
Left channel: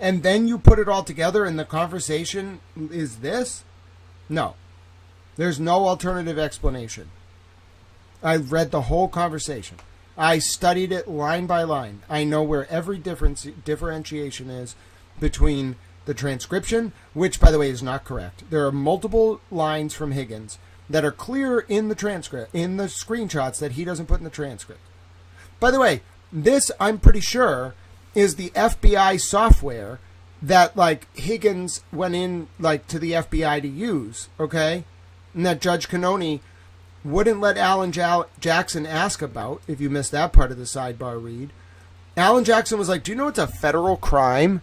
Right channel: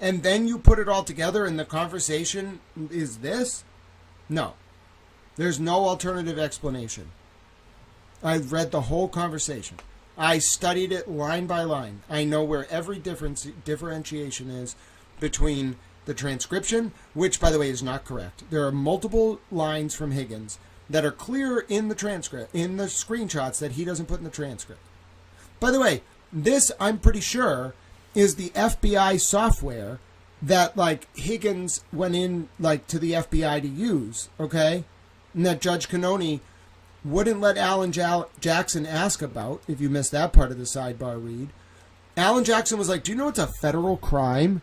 And then you put it all together and the conversation is this? No. There's no alternative explanation. I read the whole conversation. I studied it line by line. I know where every differentiation is between the transcription, which, by the way, is not correct. There are multiple lines from Higgins that are clear in the transcript, in the screenshots that he doesn't put in the transcript. By the way, this, I'm pretty sure, is the FBI software that, like, Higgins went in, like, to the FBI to use, okay? And that Judge Cannoni wouldn't let Alan Jackson ask about, if you missed that part of the sidebar read. Alan Jackson was like, do you know it's a federal crime?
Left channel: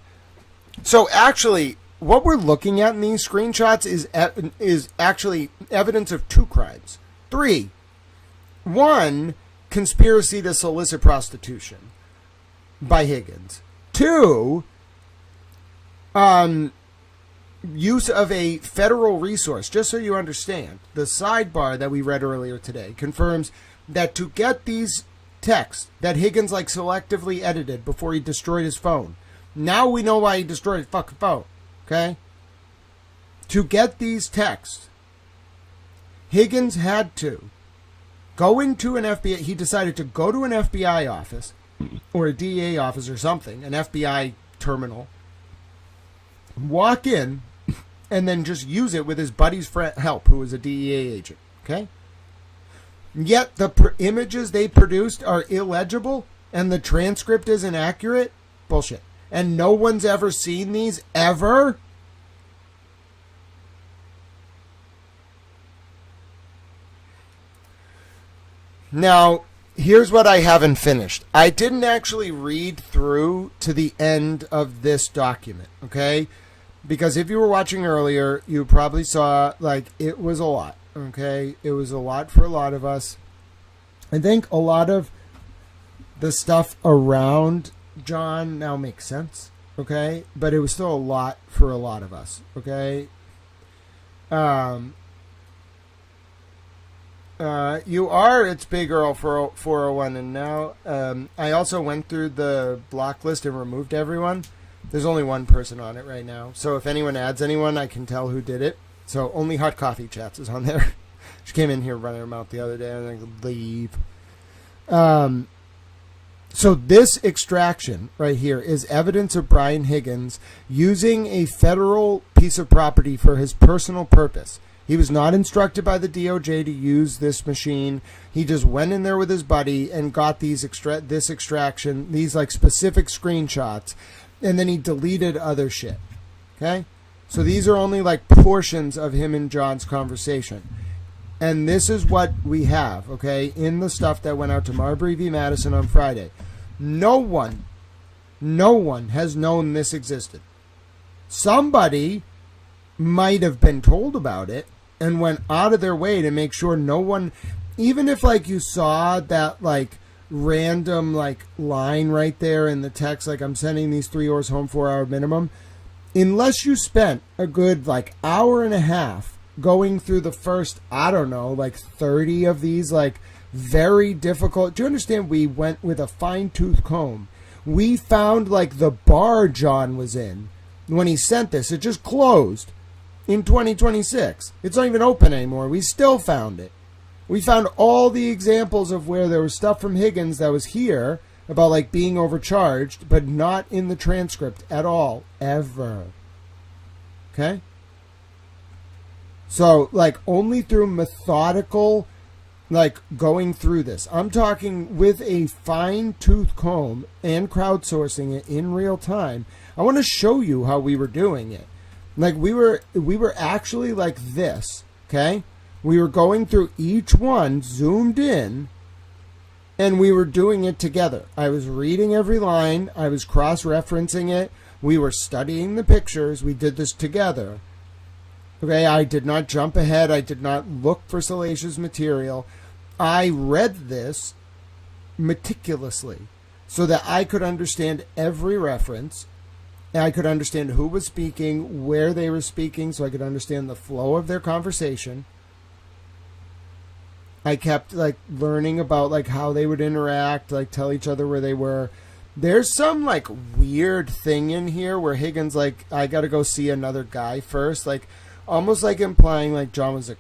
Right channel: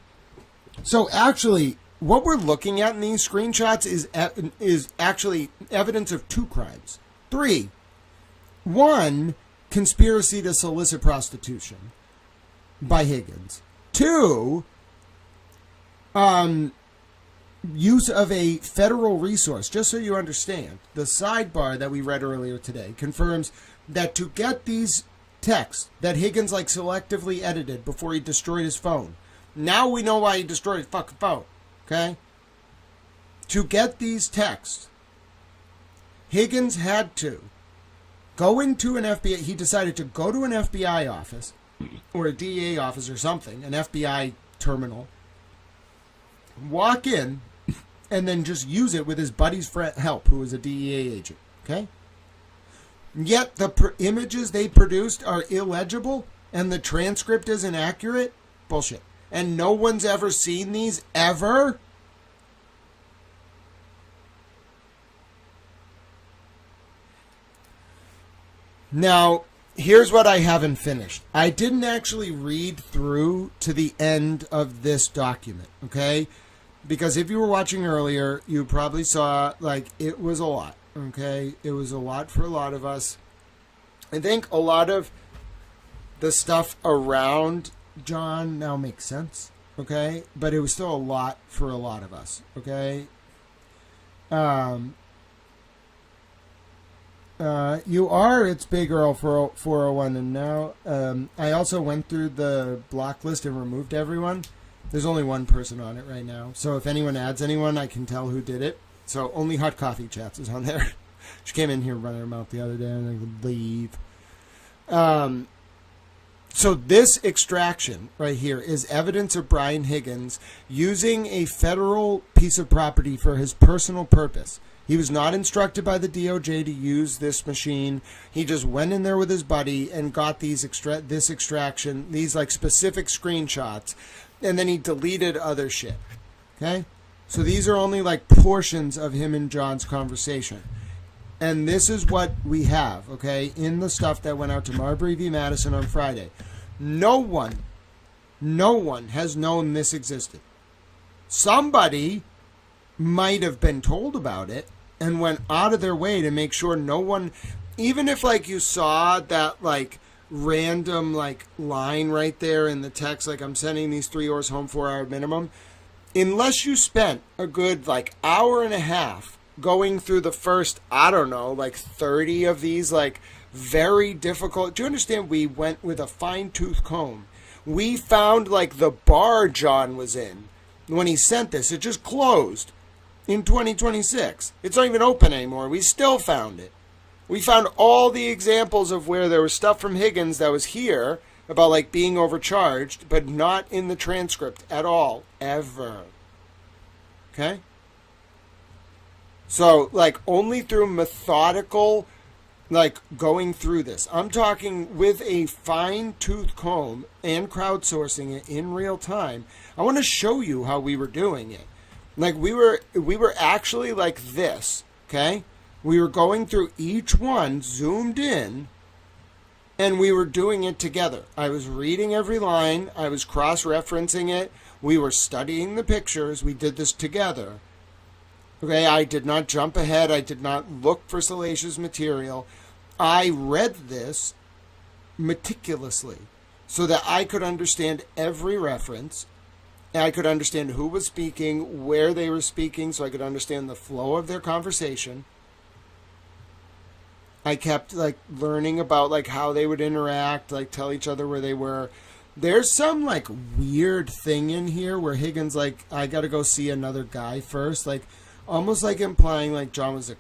So actually, what we're looking at in these screenshots is actually evidence of two crimes. 3. 1, conspiracy to solicit prostitution by Higgins. 2, use of a federal resource. Just so you understand, the sidebar that we read earlier today confirms that to get these texts that Higgins, like, selectively edited before he destroyed his phone. Now we know why he destroyed his fucking phone. Okay? To get these texts, Higgins had to go into an FBI. He decided to go to an FBI office or a DEA office or something, an FBI terminal, walk in, and then just use it with his buddy's help, who was a DEA agent. Okay? Yet the images they produced are illegible and the transcript is inaccurate? Bullshit. And no one's ever seen these, ever? Now, here's what I haven't finished. I didn't actually read through to the end of this document, okay? Because if you were watching earlier, you probably saw, like, it was a lot, okay? It was a lot for a lot of us. I think a lot of the stuff around John now makes sense, okay? But it was still a lot for a lot of us, okay? You are, it's Big Earl for 401, and now I also went through the block list and removed everyone. There's only one person on it right now, so if anyone adds anyone, I can tell who did it. So only Hot Coffee Chats is on there. She came in here running her mouth the other day, and I could leave. So this extraction right here is evidence of Brian Higgins using a federal piece of property for his personal purpose. He was not instructed by the DOJ to use this machine. He just went in there with his buddy and got these this extraction, these, like, specific screenshots, and then he deleted other shit. Okay? So these are only, like, portions of him and John's conversation. And this is what we have, okay, in the stuff that went out to Marbury v. Madison on Friday. No one has known this existed. Somebody might have been told about it and went out of their way to make sure no one even if like you saw that like random like line right there in the text, like I'm sending these 3 oars home 4-hour minimum, unless you spent a good like hour and a half going through the first, I don't know, like 30 of these like very difficult. Do you understand? We went with a fine-tooth comb. We found like the bar John was in when he sent this. It just closed in 2026. It's not even open anymore. We still found it. We found all the examples of where there was stuff from Higgins that was here about like being overcharged, but not in the transcript at all, ever. Okay? So, like, only through methodical, like, going through this. I'm talking with a fine-tooth comb and crowdsourcing it in real time. I want to show you how we were doing it. Like, we were actually like this, okay? We were going through each one, zoomed in, and we were doing it together. I was reading every line. I was cross-referencing it. We were studying the pictures. We did this together. Okay, I did not jump ahead. I did not look for salacious material. I read this meticulously so that I could understand every reference. And I could understand who was speaking, where they were speaking, so I could understand the flow of their conversation. I kept like learning about like how they would interact, like tell each other where they were. There's some like weird thing in here where Higgins like, I got to go see another guy first, like almost like implying like John was a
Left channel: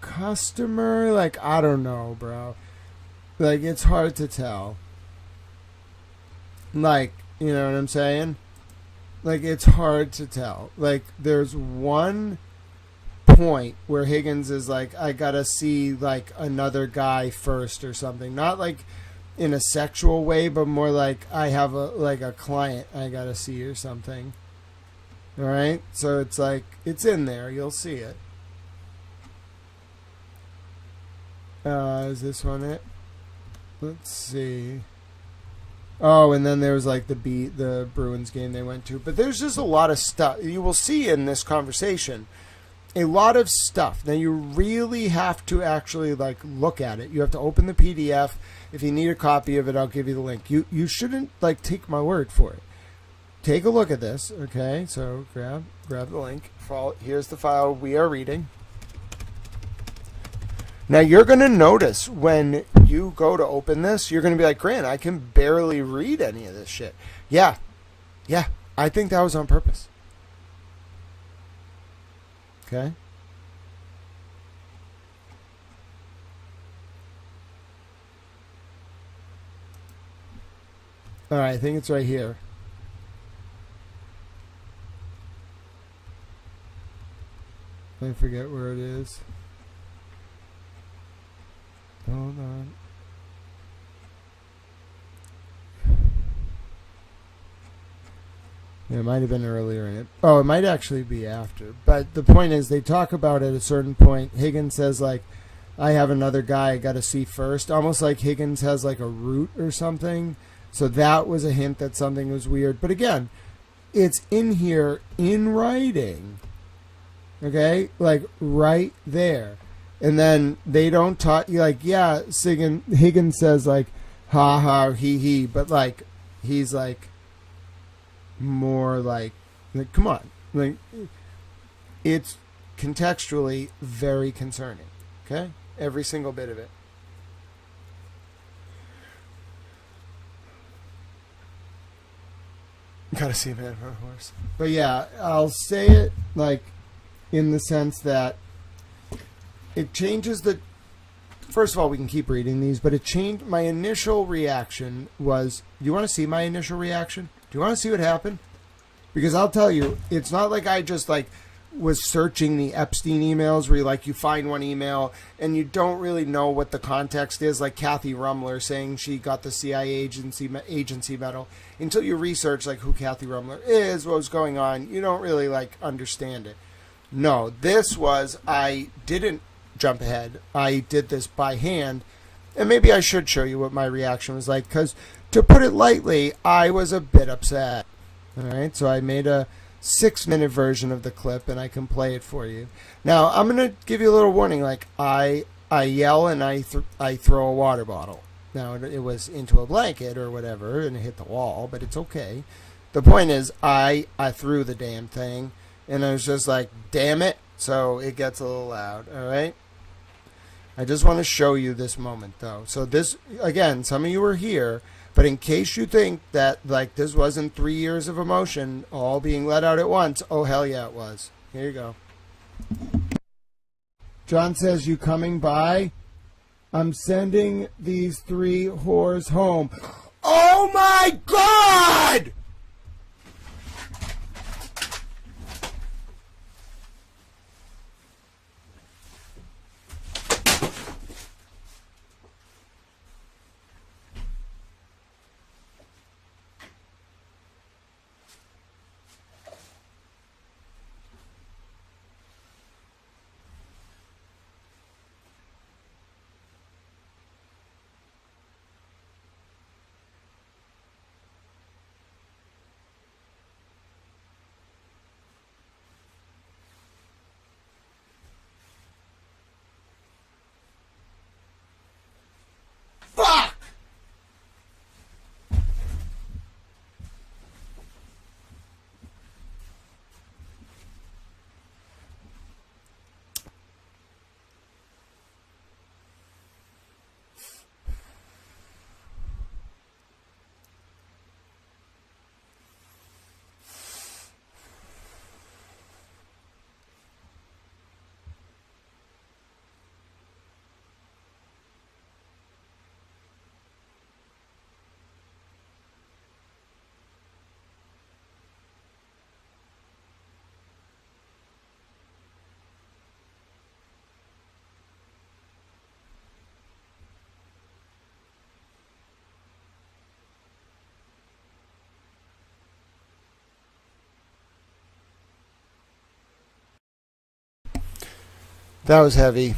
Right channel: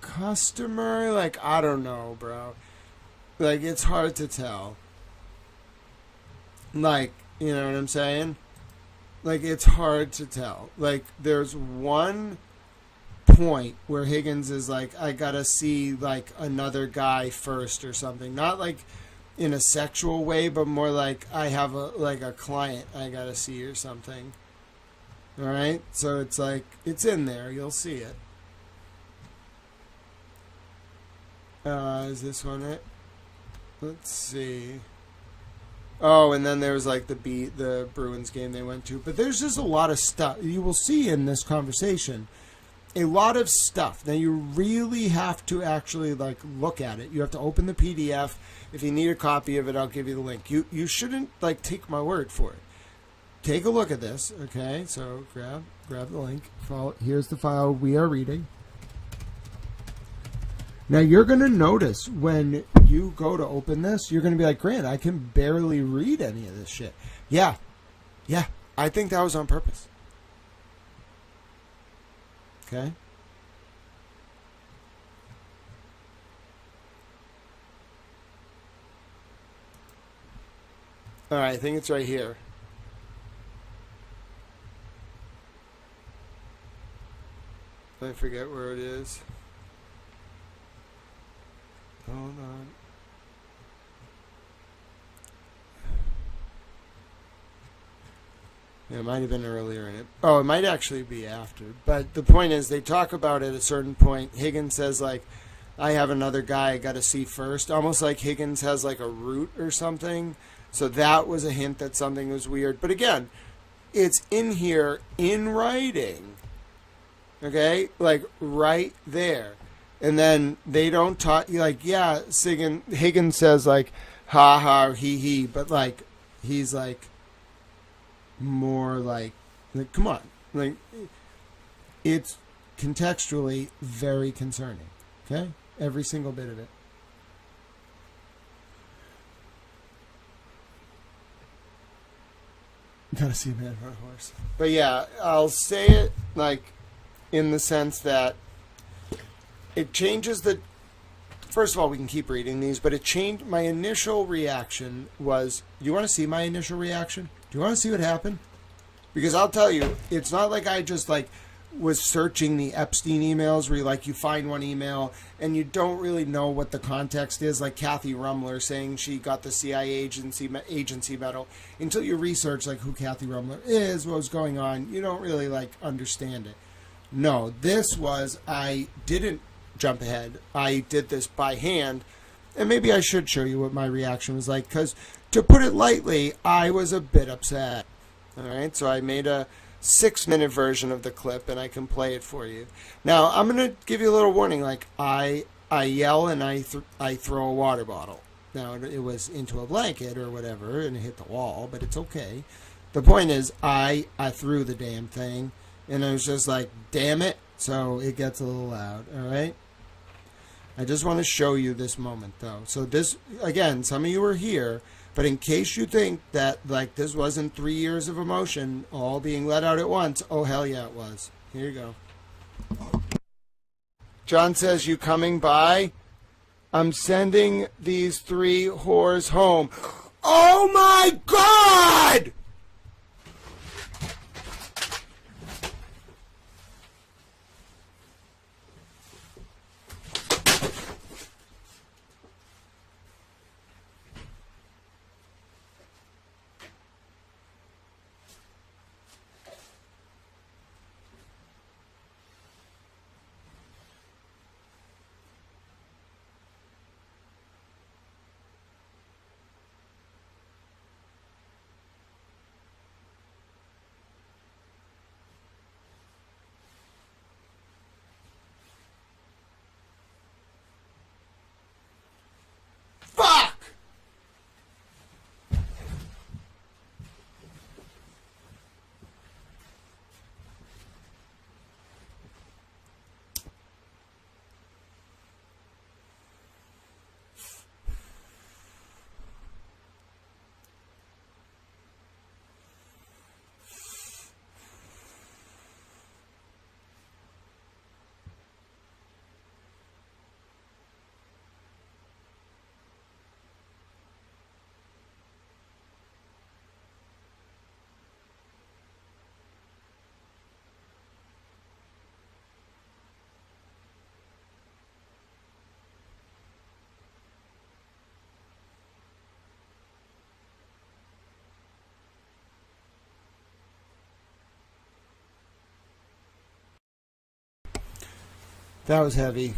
customer. Like, I don't know, bro. Like, it's hard to tell. Like, you know what I'm saying? Like, it's hard to tell. Like, there's one point where Higgins is like, I gotta see like another guy first or something. Not like in a sexual way, but more like I have a client I gotta see or something. All right, so it's like, it's in there. You'll see it. Is this one it? Let's see. Oh, and then there was like the Bruins game they went to. But there's just a lot of stuff. You will see in this conversation a lot of stuff. Now, you really have to actually like look at it. You have to open the PDF. If you need a copy of it, I'll give you the link. You shouldn't like take my word for it. Take a look at this, okay? So grab the link. Here's the file we are reading. Now you're going to notice when you go to open this, you're going to be like, Grant, I can barely read any of this shit. Yeah, I think that was on purpose. Okay? All right, I think it's right here. I forget where it is. Hold on. Yeah, it might have been earlier in it. Oh, it might actually be after. But the point is, they talk about it at a certain point. Higgins says, like, I have another guy I got to see first. Almost like Higgins has, like, a route or something. So that was a hint that something was weird. But again, it's in here in writing. Okay? Like, right there. And then they don't talk, like, yeah, Higgins says, like, ha ha, he. But, like, he's, like, more like, come on. Like, it's contextually very concerning. Okay? Every single bit of it. Gotta see a man on a horse. But yeah, I'll say it like in the sense that it changes the. First of all, we can keep reading these, but it changed. My initial reaction was, do you want to see my initial reaction? Do you want to see what happened? Because I'll tell you, it's not like I just like was searching the Epstein emails where you find one email and you don't really know what the context is, like Kathy Rumler saying she got the CIA agency medal. Until you research like who Kathy Rumler is, what was going on, you don't really like understand it. No, this was, I didn't jump ahead. I did this by hand, and maybe I should show you what my reaction was like, because to put it lightly, I was a bit upset. All right, so I made a 6-minute version of the clip, and I can play it for you. Now, I'm going to give you a little warning. Like, I I yell and I throw a water bottle. Now, it was into a blanket or whatever, and it hit the wall, but it's okay. The point is, I threw the damn thing, and I was just like, damn it. So it gets a little loud, all right? I just want to show you this moment, though. So this, again, some of you are here, but in case you think that, like, this wasn't 3 years of emotion all being let out at once, oh, hell yeah, it was. Here you go. John says, you coming by? I'm sending these 3 whores home. Oh, my God! Fuck! That was heavy.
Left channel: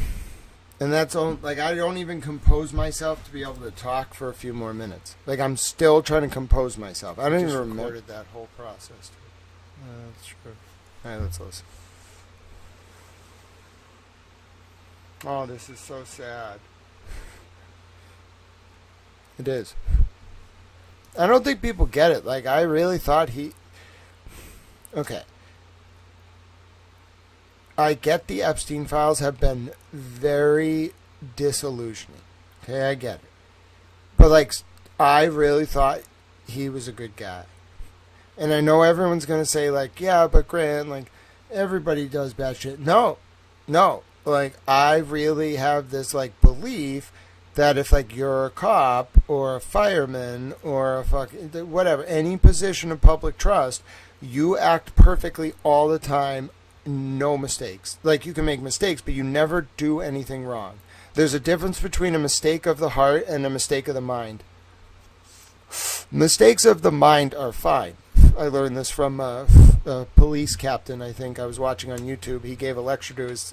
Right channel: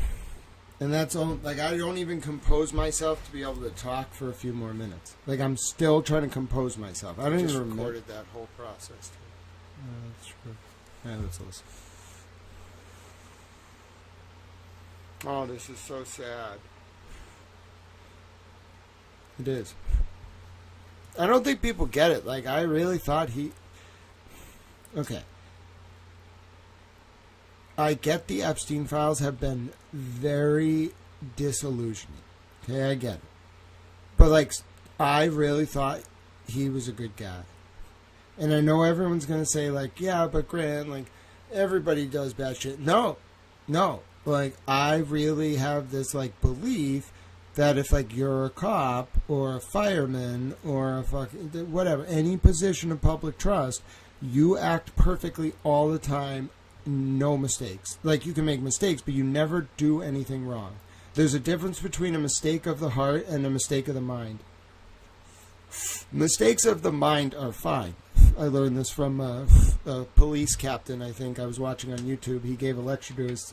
And that's all, like, I don't even compose myself to be able to talk for a few more minutes. Like, I'm still trying to compose myself. I don't even remember. Recorded that whole process. That's true. All right, let's listen. Oh, this is so sad. It is. I don't think people get it. Like, I really thought he... Okay. I get the Epstein files have been very disillusioning. Okay, I get it. But, like, I really thought he was a good guy. And I know everyone's going to say, like, yeah, but Grant, like, everybody does bad shit. No. Like, I really have this, like, belief that if, like, you're a cop or a fireman or a fucking, whatever, any position of public trust, you act perfectly all the time. No mistakes. Like, you can make mistakes, but you never do anything wrong. There's a difference between a mistake of the heart and a mistake of the mind. Mistakes of the mind are fine. I learned this from a police captain, I think I was watching on YouTube. He gave a lecture to his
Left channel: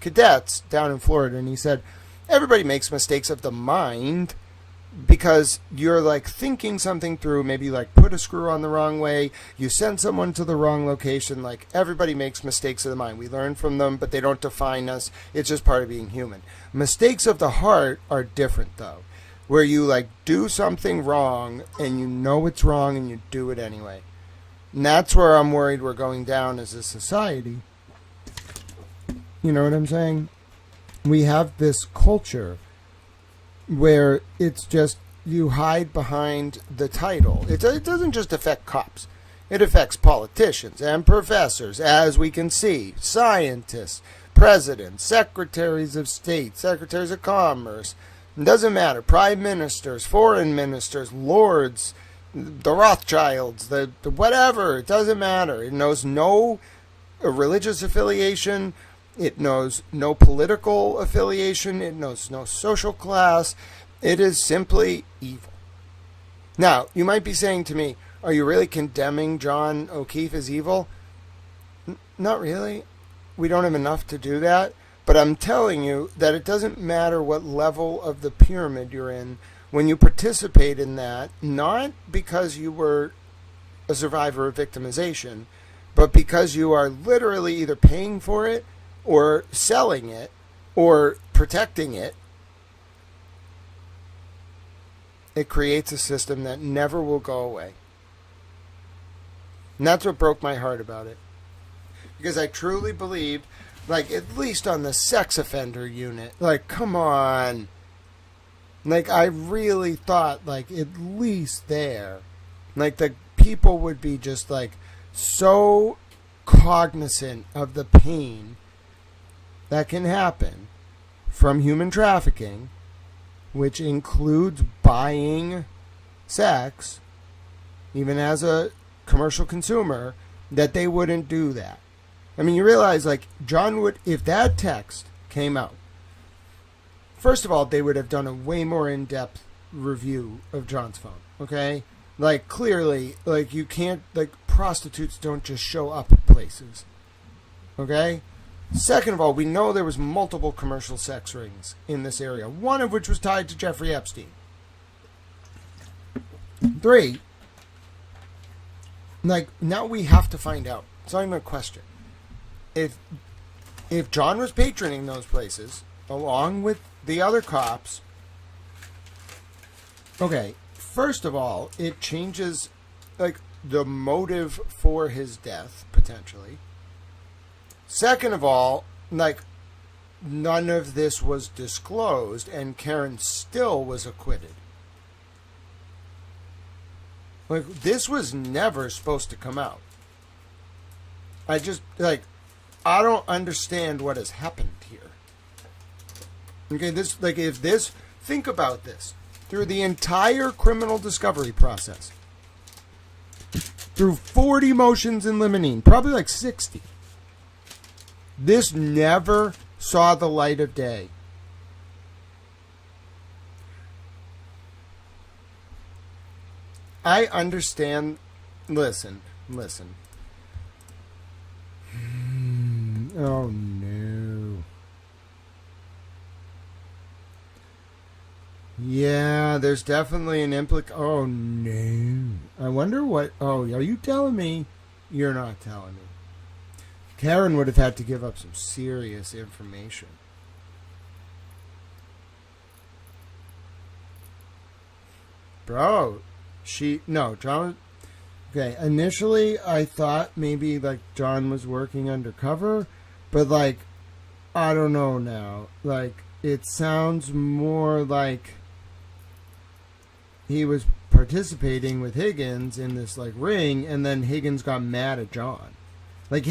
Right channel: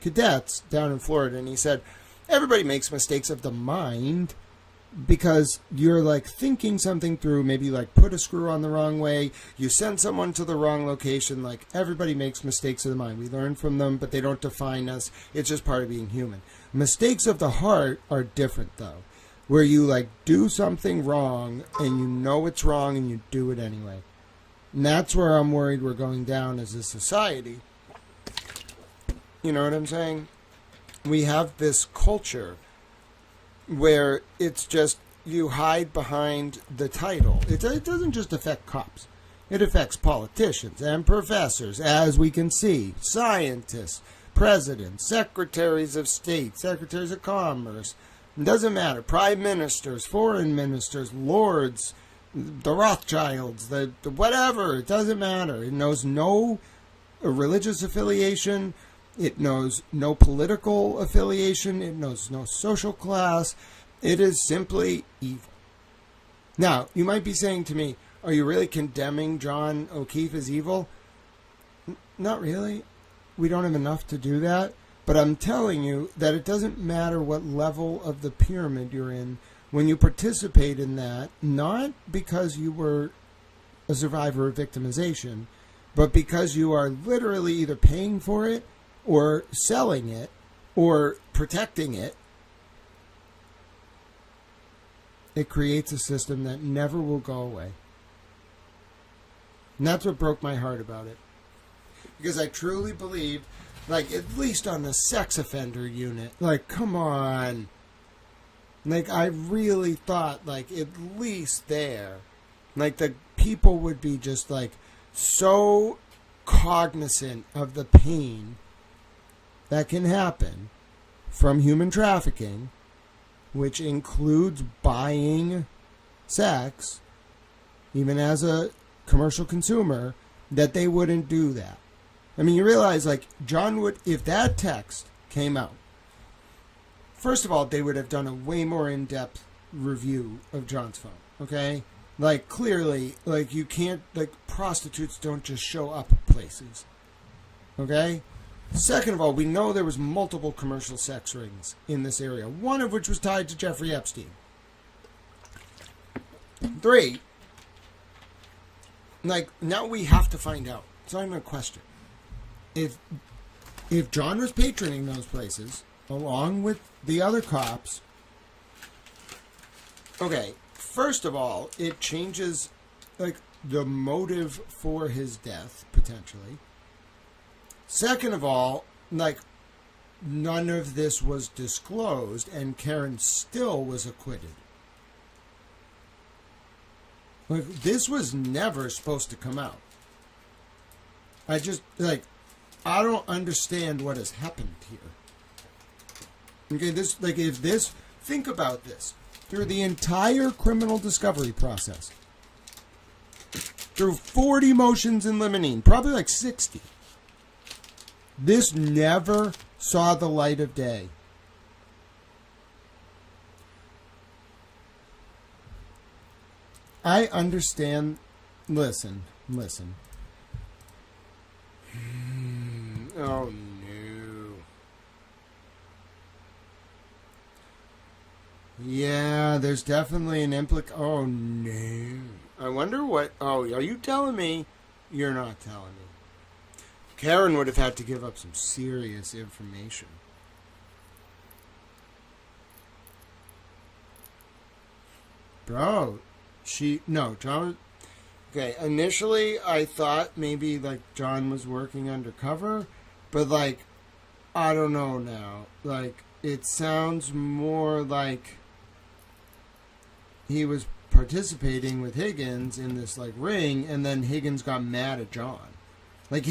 cadets down in Florida, and he said, everybody makes mistakes of the mind, because you're like thinking something through, maybe like put a screw on the wrong way, you send someone to the wrong location. Like, everybody makes mistakes of the mind. We learn from them, but they don't define us. It's just part of being human. Mistakes of the heart are different, though, where you like do something wrong and you know it's wrong and you do it anyway. And that's where I'm worried we're going down as a society. You know what I'm saying? We have this culture where it's just you hide behind the title. It doesn't just affect cops. It affects politicians and professors, as we can see, scientists, presidents, secretaries of state, secretaries of commerce. It doesn't matter. Prime ministers, foreign ministers, lords, the Rothschilds, the whatever. It doesn't matter. It knows no religious affiliation. It knows no political affiliation. It knows no social class. It is simply evil. Now, you might be saying to me, are you really condemning John O'Keefe as evil? Not really. We don't have enough to do that. But I'm telling you that it doesn't matter what level of the pyramid you're in. When you participate in that, not because you were a survivor of victimization, but because you are literally either paying for it or selling it, or protecting it, it creates a system that never will go away. And that's what broke my heart about it. Because I truly believed, like, at least on the sex offender unit, like, come on. Like, I really thought, like, at least there, like, the people would be just, like, so cognizant of the pain that can happen from human trafficking, which includes buying sex, even as a commercial consumer, that they wouldn't do that. I mean, you realize, like, John would, if that text came out, first of all, they would have done a way more in-depth review of John's phone, okay? Like, clearly, like, you can't, like, prostitutes don't just show up at places, okay? Second of all, we know there was multiple commercial sex rings in this area, one of which was tied to Jeffrey Epstein. 3, like, now we have to find out. It's not even a question. If John was patroning those places, along with the other cops, okay, first of all, it changes, like, the motive for his death, potentially. Second of all, like, none of this was disclosed, and Karen still was acquitted. Like, this was never supposed to come out. I just, like, I don't understand what has happened here. Okay, this, like, if this, think about this. Through the entire criminal discovery process, through 40 motions in limine, probably like 60, this never saw the light of day. I understand. Listen. Oh, no. Yeah, there's definitely an Oh, no. I wonder what... Oh, are you telling me? You're not telling me. Karen would have had to give up some serious information. Bro, John... Okay, initially I thought maybe, like, John was working undercover, but, like, I don't know now. Like, it sounds more like he was participating with Higgins in this, like, ring, and then Higgins got mad at John. Like,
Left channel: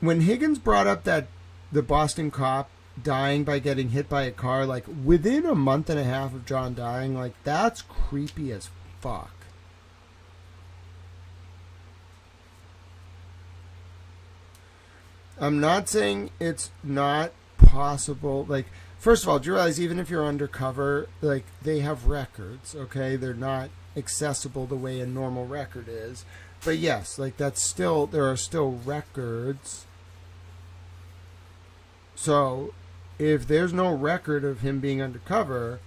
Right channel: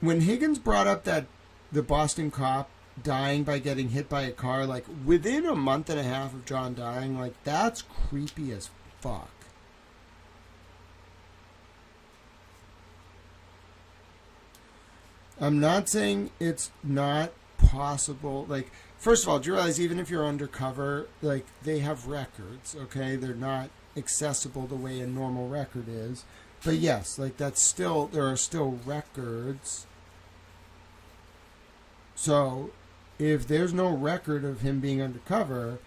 when Higgins brought up that the Boston cop dying by getting hit by a car, like, within a month and a half of John dying, like, that's creepy as fuck. I'm not saying it's not possible. Like, first of all, do you realize even if you're undercover, like, they have records, okay? They're not accessible the way a normal record is. But yes, like, that's still, there are still records. So, if there's no record of him being undercover,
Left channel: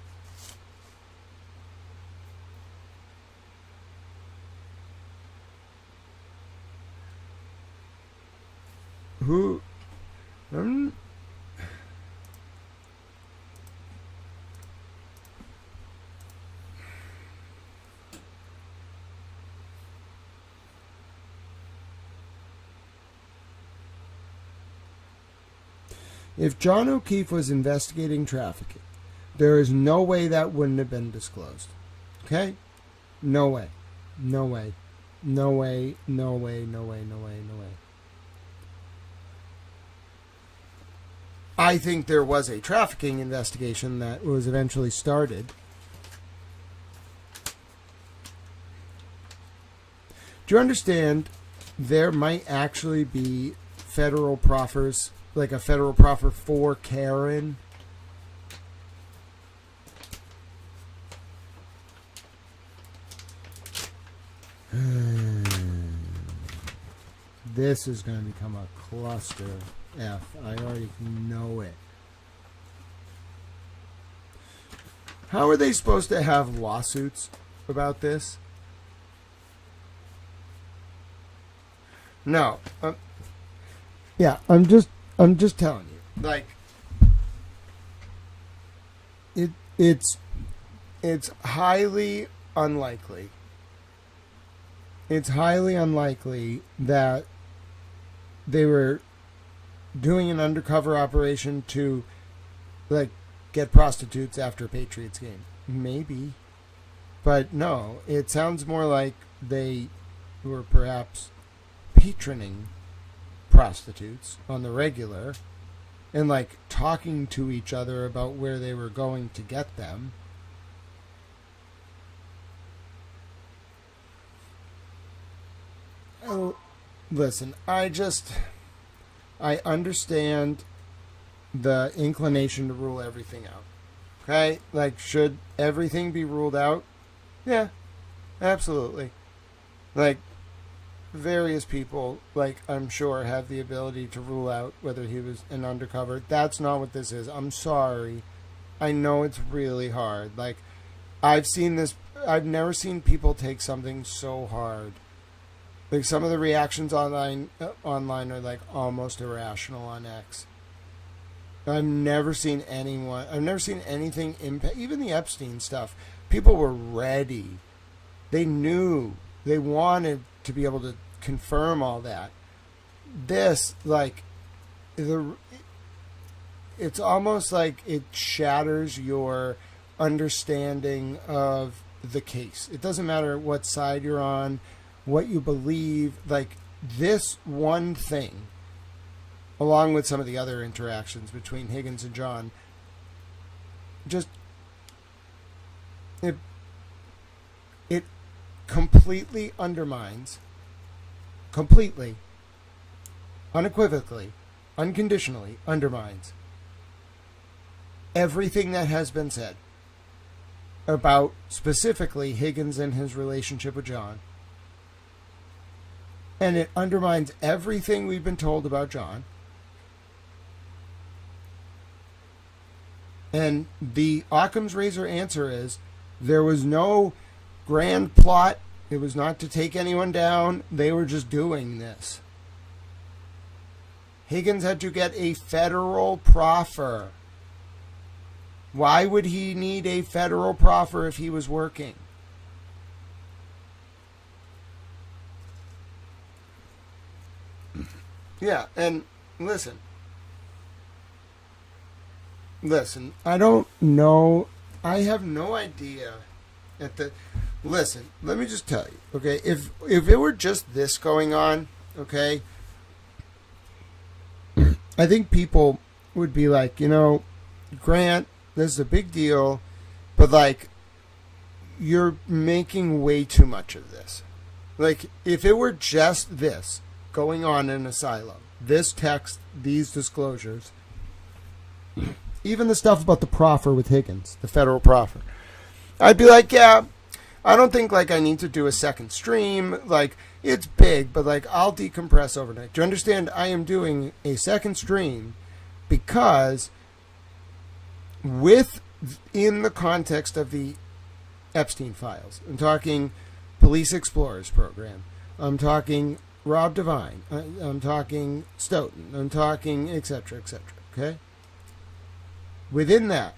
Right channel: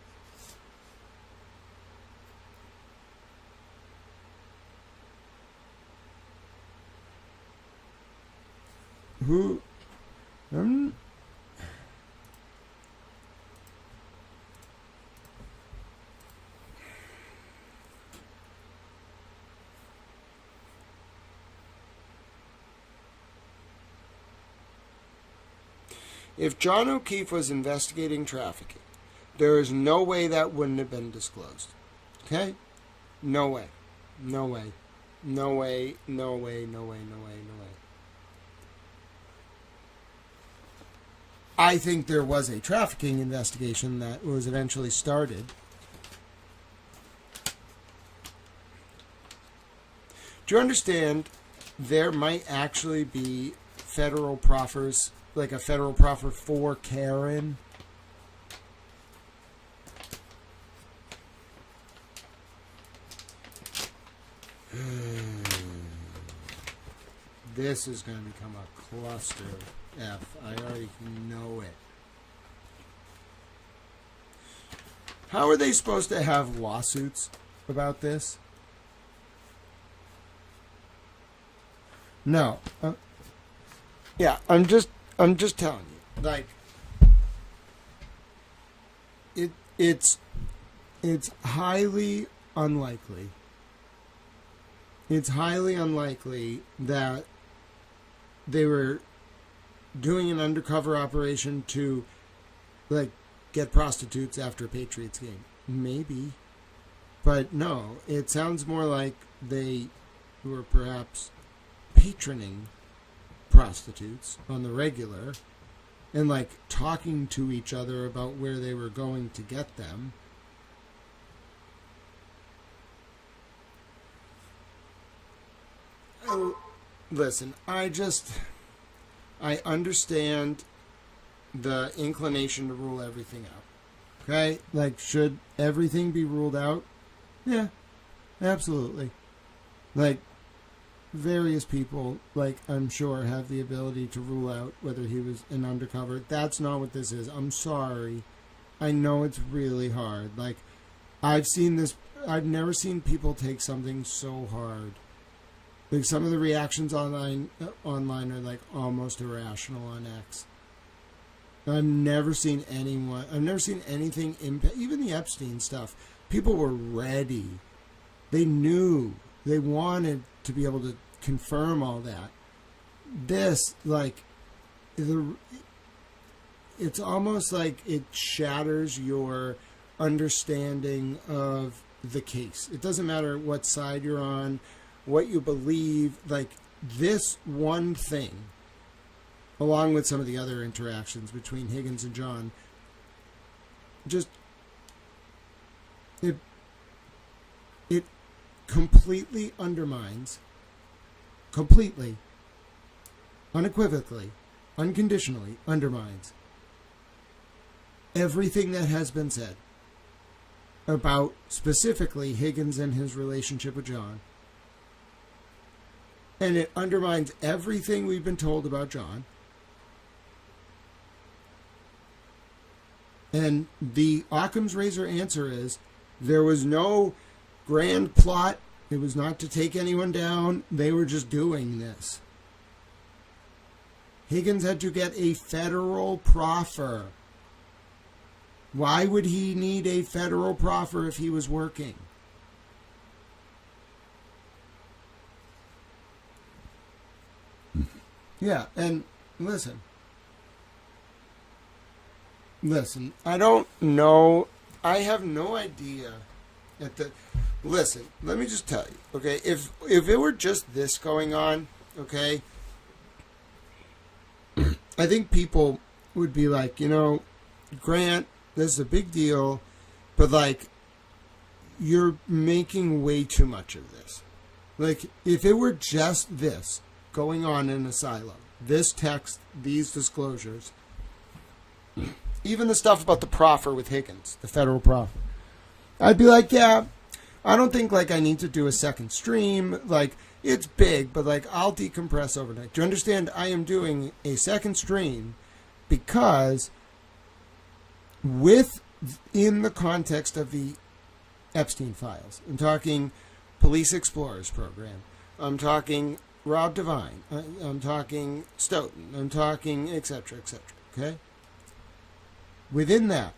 who... If John O'Keefe was investigating trafficking, there is no way that wouldn't have been disclosed. Okay? No way. No way. No way. No way. No way. No way. No way. I think there was a trafficking investigation that was eventually started. Do you understand? There might actually be federal proffers, like a federal proffer for Karen. This is going to become a cluster F. I already know it. How are they supposed to have lawsuits about this? No. Yeah, I'm just telling you. Like, it it's highly unlikely. It's highly unlikely that they were doing an undercover operation to, like, get prostitutes after a Patriots game. Maybe. But no, it sounds more like they were perhaps patroning prostitutes on the regular and, like, talking to each other about where they were going to get them. Oh, listen, I understand the inclination to rule everything out. Okay? Like, should everything be ruled out? Yeah, absolutely. Like, various people, like, I'm sure, have the ability to rule out whether he was an undercover. That's not what this is. I'm sorry. I know it's really hard. Like, I've never seen people take something so hard. Like, some of the reactions online are, like, almost irrational on X. I've never seen anything impact, even the Epstein stuff. People were ready. They knew. They wanted to be able to confirm all that. This, like, it's almost like it shatters your understanding of the case. It doesn't matter what side you're on, what you believe. Like, this one thing, along with some of the other interactions between Higgins and John, just it completely undermines, completely, unequivocally, unconditionally undermines everything that has been said about specifically Higgins and his relationship with John. And it undermines everything we've been told about John. And the Occam's razor answer is there was no grand plot. It was not to take anyone down. They were just doing this. Higgins had to get a federal proffer. Why would he need a federal proffer if he was working? Yeah, and listen, I don't know. I have no idea. Listen, let me just tell you, okay? If it were just this going on, okay, I think people would be like, Grant, this is a big deal, but, like, you're making way too much of this. Like, if it were just this going on in Asylum, this text, these disclosures, even the stuff about the proffer with Higgins, the federal proffer, I'd be like, yeah, I don't think, like, I need to do a second stream. Like, it's big, but, like, I'll decompress overnight. Do you understand? I am doing a second stream because in the context of the Epstein files, I'm talking Police Explorers program, I'm talking Rob Devine, I'm talking Stoughton, I'm talking et cetera, okay? Within that,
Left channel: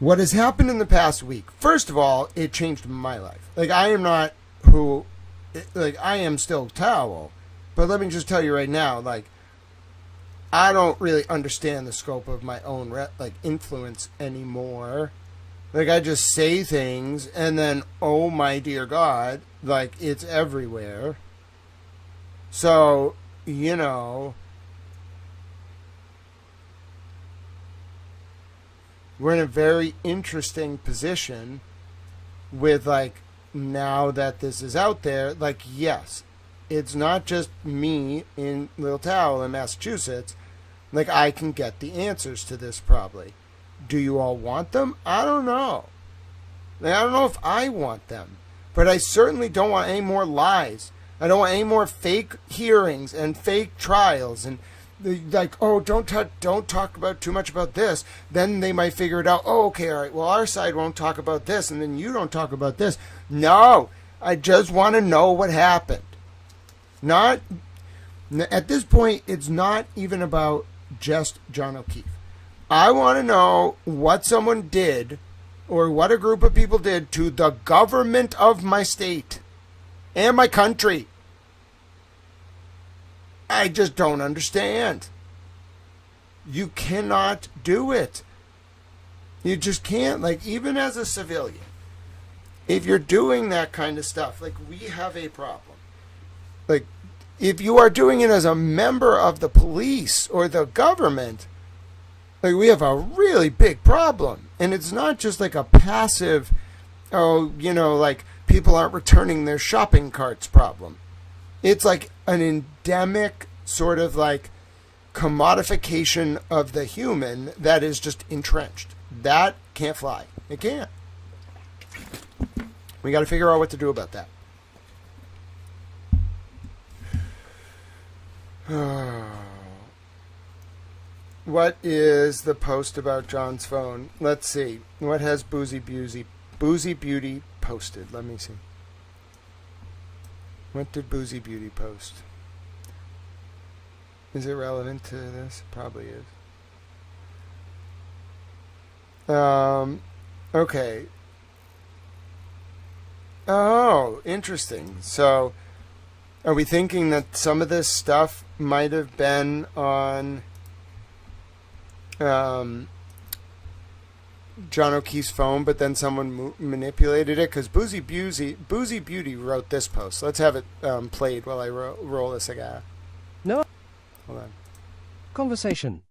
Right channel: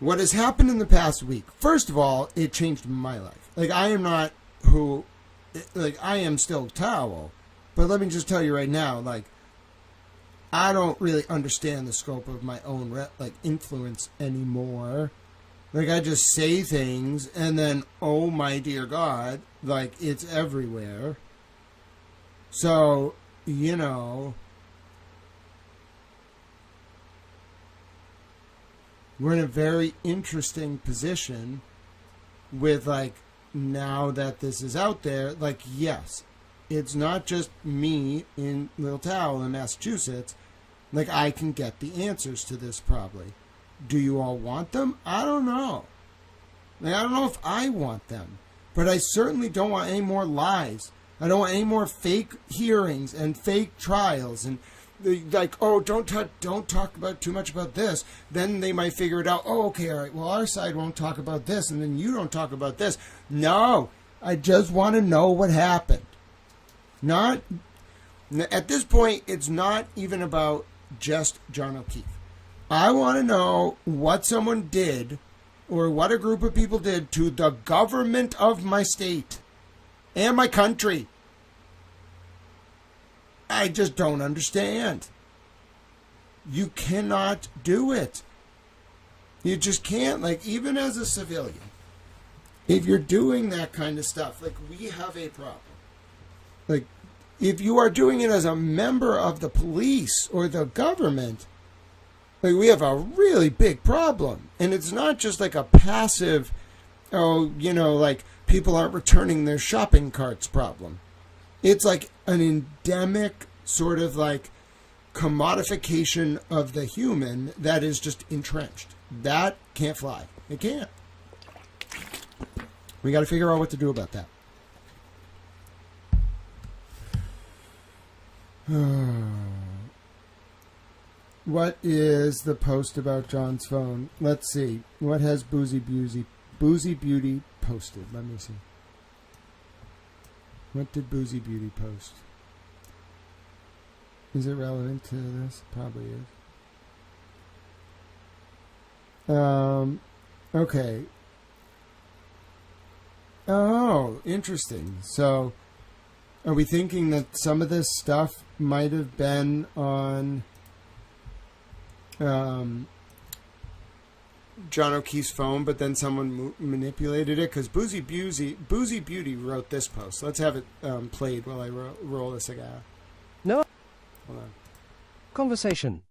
what has happened in the past week, first of all, it changed my life. Like, I am still Towel, but let me just tell you right now, like, I don't really understand the scope of my own, influence anymore. Like, I just say things, and then, oh my dear God, like, it's everywhere. So, we're in a very interesting position with, like, now that this is out there, like, yes, it's not just me in Little Towel in Massachusetts. Like, I can get the answers to this probably. Do you all want them? I don't know. Like, I don't know if I want them. But I certainly don't want any more lies. I don't want any more fake hearings and fake trials and, like, oh, don't talk about too much about this. Then they might figure it out. Oh, okay, all right. Well, our side won't talk about this, and then you don't talk about this. No, I just want to know what happened. At this point, it's not even about just John O'Keefe. I want to know what someone did or what a group of people did to the government of my state and my country. I just don't understand. You cannot do it. You just can't. Like, even as a civilian, if you're doing that kind of stuff, like, we have a problem. Like, if you are doing it as a member of the police or the government, like, we have a really big problem. And it's not just like a passive, oh, you know, like people aren't returning their shopping carts problem. It's like an endemic sort of like commodification of the human that is just entrenched. That can't fly. It can't. We got to figure out what to do about that. What is the post about John's phone? Let's see. What has Boozy Beauty posted? Let me see. What did Boozy Beauty post? Is it relevant to this? Probably is. Okay. Oh, interesting. So, are we thinking that some of this stuff might have been on John O'Keefe's phone, but then someone manipulated it? Because Boozy Beauty wrote this post. Let's have it played while I roll this again. No. Hold on. Conversation.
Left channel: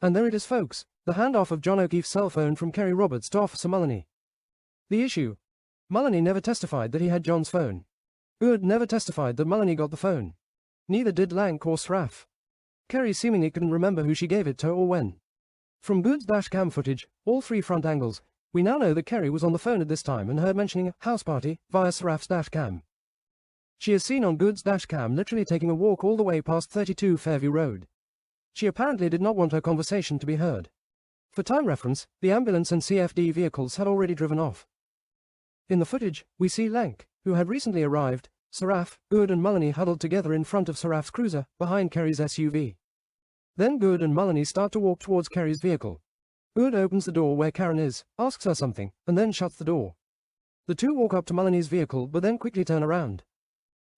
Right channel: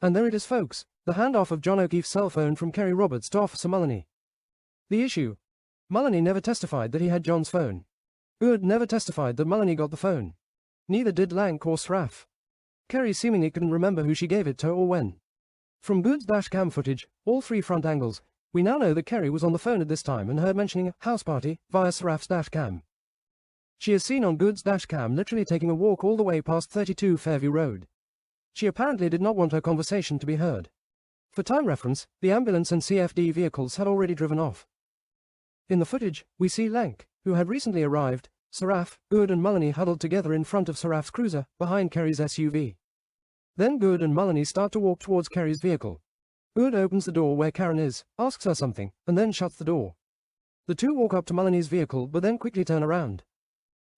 And there it is, folks. The handoff of John O'Keefe's cell phone from Kerry Roberts to Officer Mullany. The issue. Mullany never testified that he had John's phone. Good never testified that Mullany got the phone. Neither did Lank or Sraff. Kerry seemingly couldn't remember who she gave it to or when. From Good's dash cam footage, all 3 front angles, we now know that Kerry was on the phone at this time and heard mentioning a house party via Sraff's dash cam. She is seen on Good's dash cam literally taking a walk all the way past 32 Fairview Road. She apparently did not want her conversation to be heard. For time reference, the ambulance and CFD vehicles had already driven off. In the footage, we see Lank, who had recently arrived, Sraff, Good and Mullany huddled together in front of Sraff's cruiser, behind Kerry's SUV. Then Good and Mullany start to walk towards Kerry's vehicle. Good opens the door where Karen is, asks her something, and then shuts the door. The two walk up to Mullany's vehicle but then quickly turn around.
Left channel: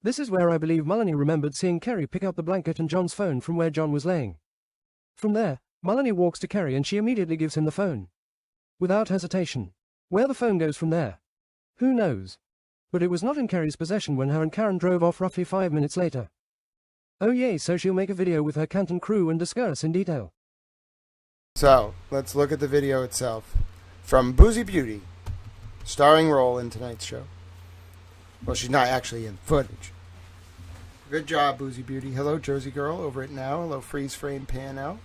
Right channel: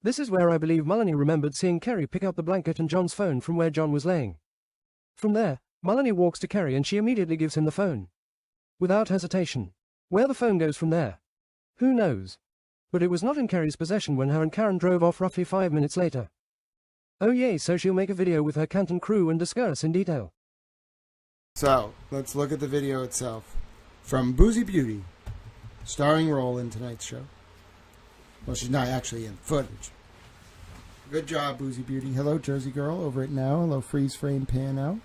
This is where I believe Mullany remembered seeing Kerry pick up the blanket and John's phone from where John was laying. From there, Mullany walks to Kerry and she immediately gives him the phone. Without hesitation. Where the phone goes from there? Who knows? But it was not in Kerry's possession when her and Karen drove off roughly 5 minutes later. Oh yay, so she'll make a video with her Canton crew and discuss in detail. So, let's look at the video itself. From Boozy Beauty, starring role in tonight's show. Well, she's not actually in footage. Good job, Boozy Beauty. Hello, Jersey Girl, over at Now. Hello, Freeze Frame Pan Out.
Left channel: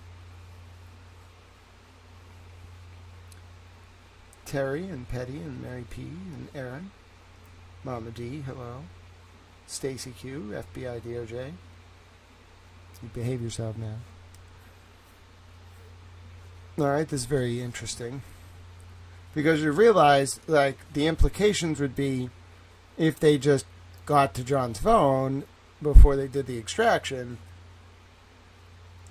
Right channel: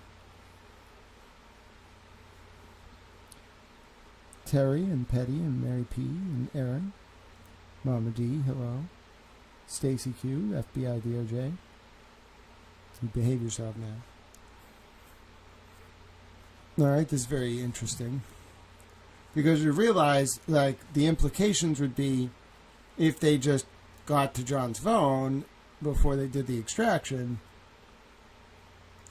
Terry and Petty and Mary P and Aaron. Mama D, hello. Stacy Q, FBI DOJ. You behave yourself now. Alright, this is very interesting. Because you realize, like, the implications would be if they just got to John's phone before they did the extraction.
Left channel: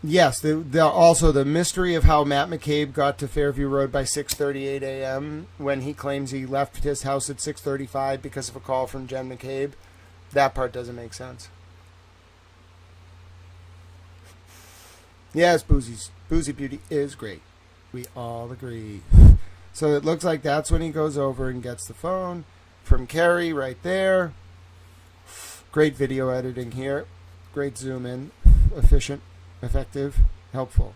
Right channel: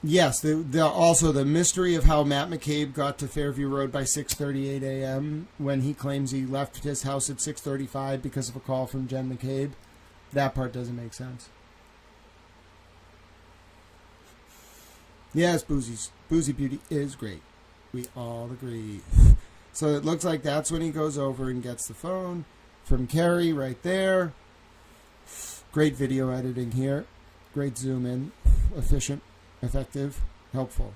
Yes, also the mystery of how Matt McCabe got to Fairview Road by 6:38 a.m. when he claims he left his house at 6:35 because of a call from Jen McCabe. That part doesn't make sense. Yes, Boozy Beauty is great. We all agree. So it looks like that's when he goes over and gets the phone from Kerry right there. Great video editing here. Great zoom in. Efficient. Effective, helpful.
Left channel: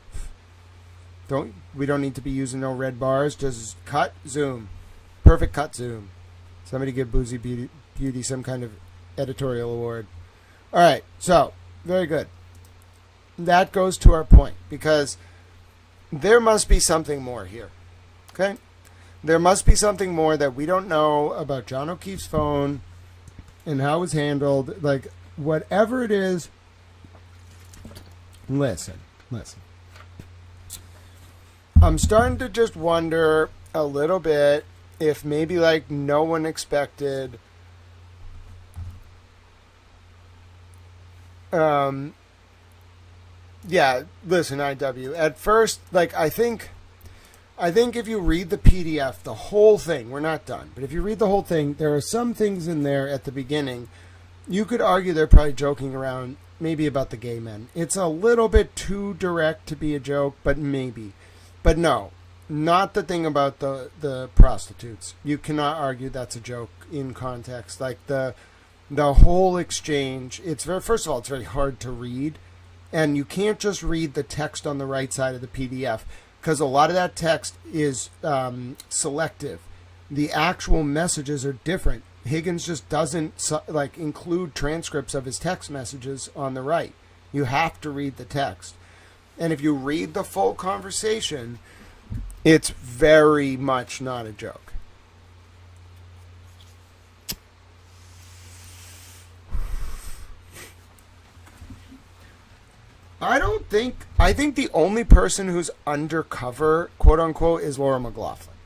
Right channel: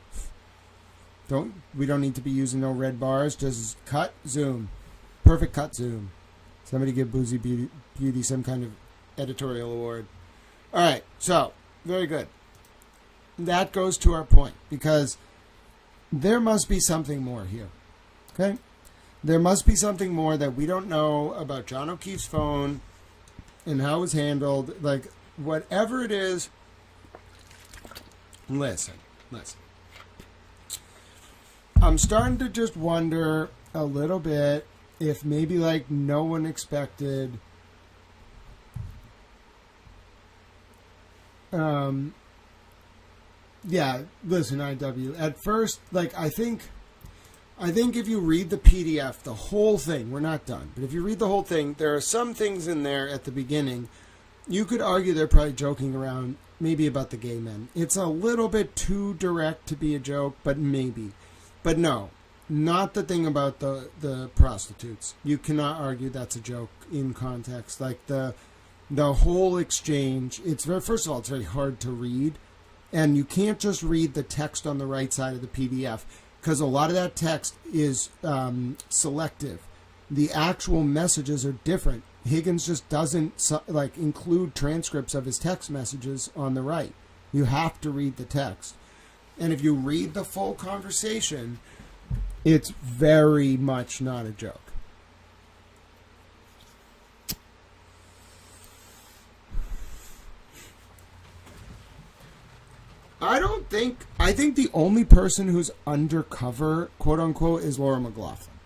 We don't need to be using no red bars. Just cut, zoom. Perfect cut, zoom. Somebody give Boozy Beauty some kind of editorial award. All right, so very good. That goes to our point because there must be something more here. Okay, there must be something more that we don't know about John O'Keefe's phone and how it was handled. Like whatever it is. Listen. I'm starting to just wonder a little bit if maybe like no one expected yeah, listen, IW. At first, like I think I think if you read the PDF, the whole thing, we're not done, but if you read the whole thing, there are some things in there at the beginning. You could argue they're probably joking around, maybe about the gay men. It's a little bit too direct to be a joke, but maybe. But no, not the thing about the prostitutes. You cannot argue that's a joke in context. Like the whole exchange, first of all, it's very hard to read. And you can't just read the text on the right side of the PDF because a lot of that text is selective. The actual messages are different. Higgins just doesn't include transcripts of his text messages on the right. You have to read the text. And if you read the full conversation, it's very much not a joke. I think the only person who's undercover, quote unquote, is Laura McLaughlin.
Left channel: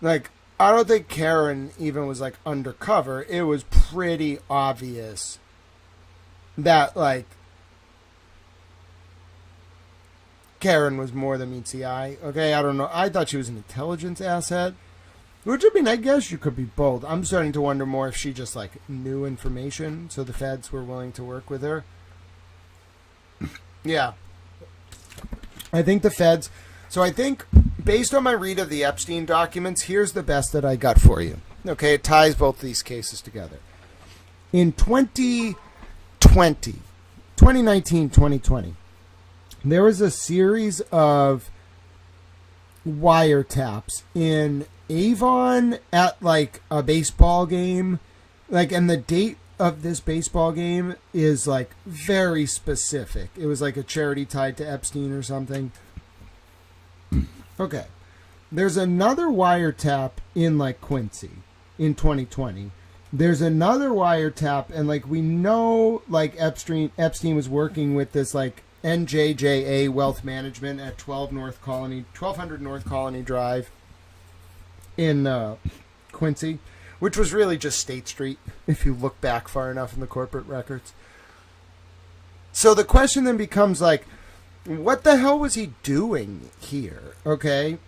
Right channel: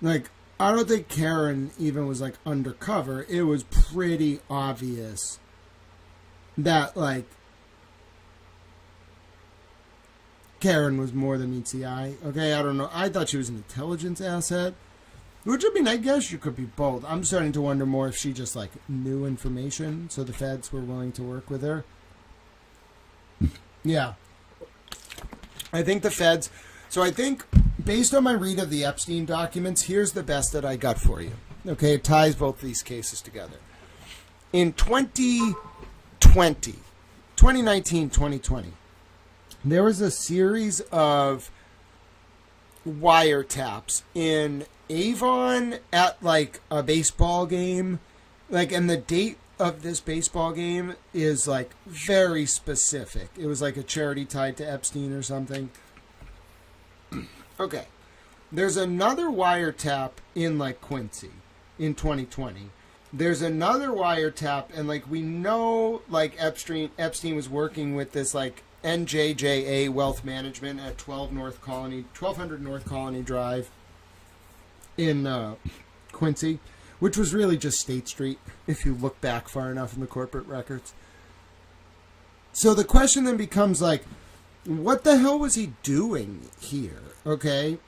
Like, I don't think Karen even was like undercover. It was pretty obvious that like Karen was more than meets the eye. Okay, I don't know. I thought she was an intelligence asset. Which, I mean, I guess you could be both. I'm starting to wonder more if she just like knew information, so the feds were willing to work with her. Yeah. I think the feds... So I think, based on my read of the Epstein documents, here's the best that I got for you. Okay, it ties both these cases together. In 2020, there was a series of wiretaps in Avon at, like, a baseball game. Like, and the date of this baseball game is like very specific. It was like a charity tied to Epstein or something. Okay. There's another wiretap in like Quincy in 2020. There's another wiretap, and like we know like Epstein was working with this like NJJA Wealth Management at 1200 North Colony Drive in Quincy, which was really just State Street, if you look back far enough in the corporate records. So the question then becomes, like, what the hell was he doing here, okay?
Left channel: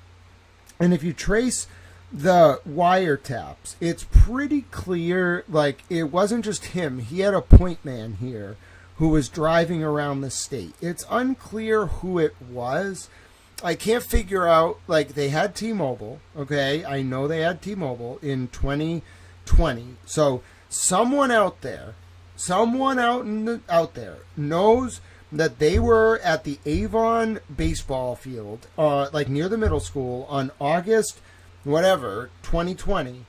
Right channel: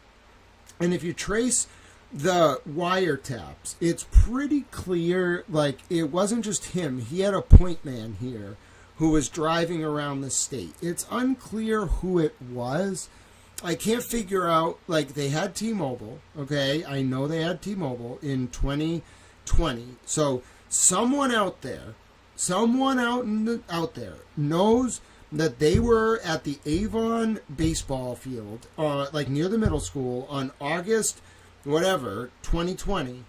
And if you trace the wiretaps, it's pretty clear, like, it wasn't just him. He had a point man here who was driving around the state. It's unclear who it was. I can't figure out, like, they had T-Mobile, okay? I know they had T-Mobile in 2020. So someone out there knows that they were at the Avon baseball field, like near the middle school on August, 2020.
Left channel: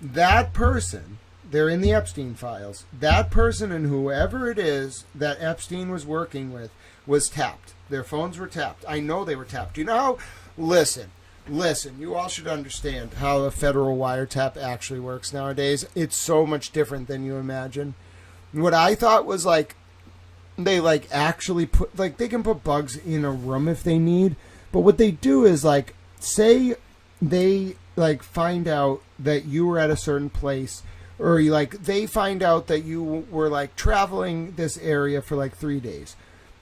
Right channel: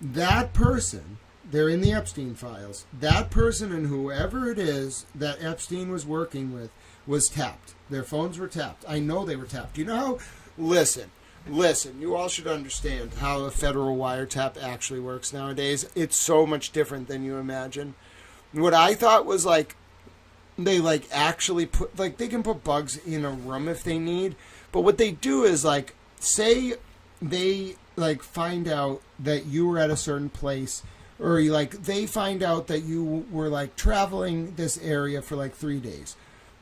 That person, they're in the Epstein files, that person and whoever it is that Epstein was working with was tapped. Their phones were tapped. I know they were tapped. You know how? Listen, you all should understand how a federal wiretap actually works nowadays. It's so much different than you imagine. What I thought was like, they like actually put, like they can put bugs in a room if they need. But what they do is like, say they like find out that you were at a certain place, or you like, they find out that you were like traveling this area for like 3 days.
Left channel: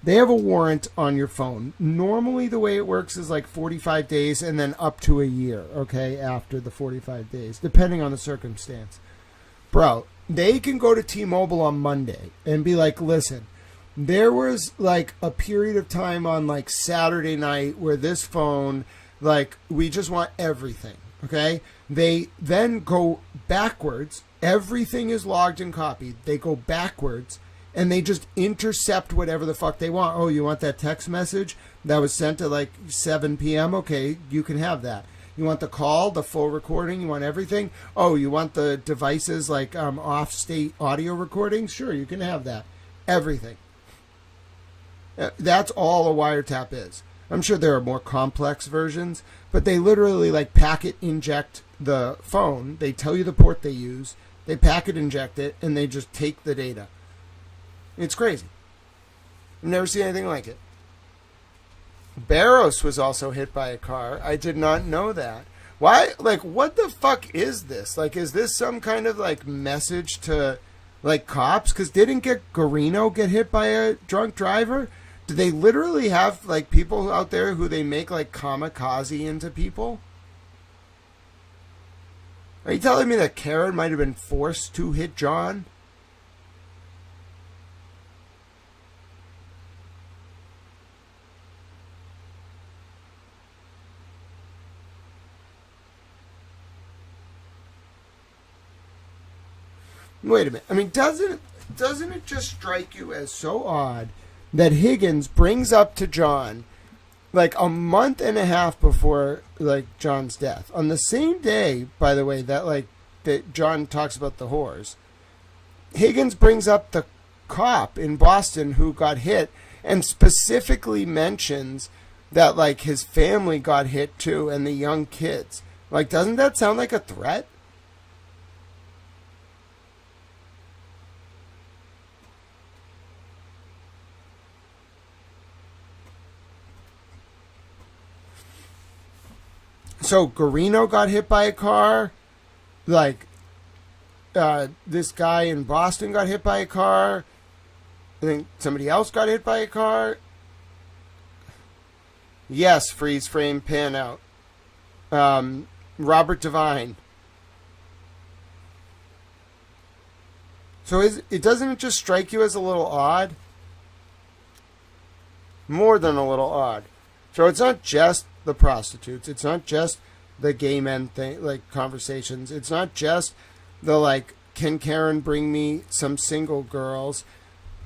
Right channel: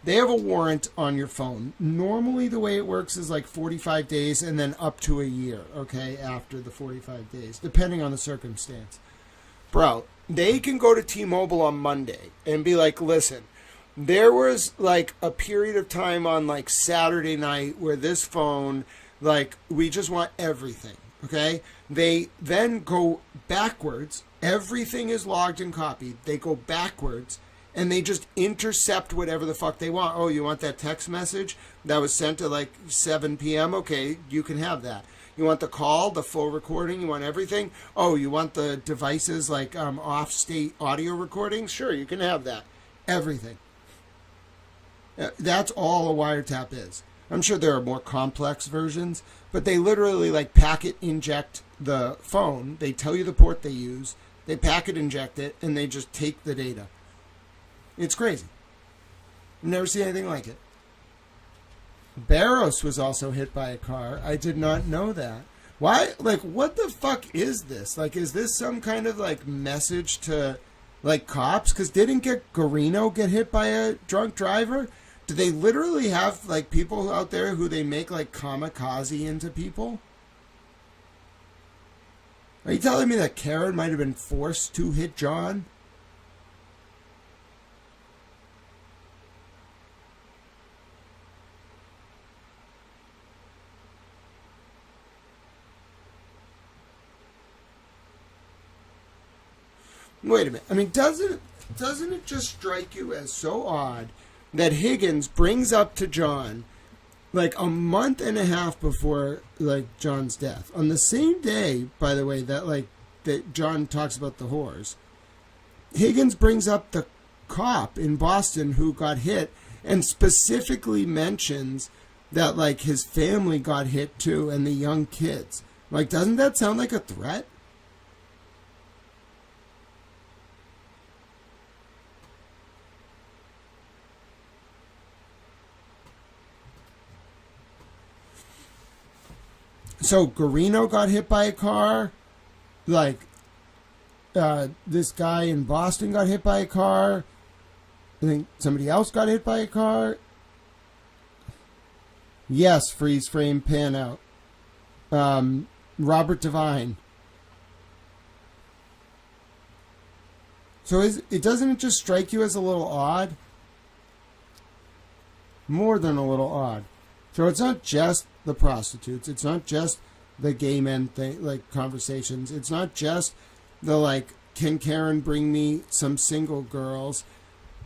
They have a warrant on your phone. Normally the way it works is like 45 days and then up to a year, okay, after the 45 days, depending on the circumstance. Bro, they can go to T-Mobile on Monday and be like, listen, there was like a period of time on like Saturday night where this phone, like, we just want everything, okay? They then go backwards. Everything is logged and copied. They go backwards. And they just intercept whatever the fuck they want. Oh, you want that text message that was sent at like 7 p.m.? Okay, you can have that. You want the call, the full recording? You want everything? Oh, you want the devices like off-state audio recordings? Sure, you can have that. Everything. That's all a wiretap is. I'm sure there are more complex versions, but they literally like packet inject the phone. They tell you the port they use. They packet inject it, and they just take the data. It's crazy. I've never seen anything like it. Barros was also hit by a car. I did not know that. Why? Like, what the fuck is this? Like, is this some kind of, like, message to, like, cops? Because didn't Garino get hit by a drunk driver? Do they literally have like people out there who they make like kamikaze into people? Are you telling me that Karen might have been forced to hit John? Wait a minute. I mean, doesn't it just strike you as so odd that Higgins brings up to John like a month and a half before like John's death, on the same day, by the way, that John talks about the whores. Higgins brings up the cop in Boston who got hit and specifically mentions that like his family got hit too and the young kids. Like, doesn't that sound like a threat? So Garino got hit by a car, like this guy in Boston got hit by a car. I think somebody else got hit by a car. Yes, freeze frame pan out. Robert Devine. So doesn't it just strike you as a little odd? More than a little odd. So it's not just the prostitutes. It's not just the gay men thing, like conversations. It's not just the like, can Karen bring me some single girls?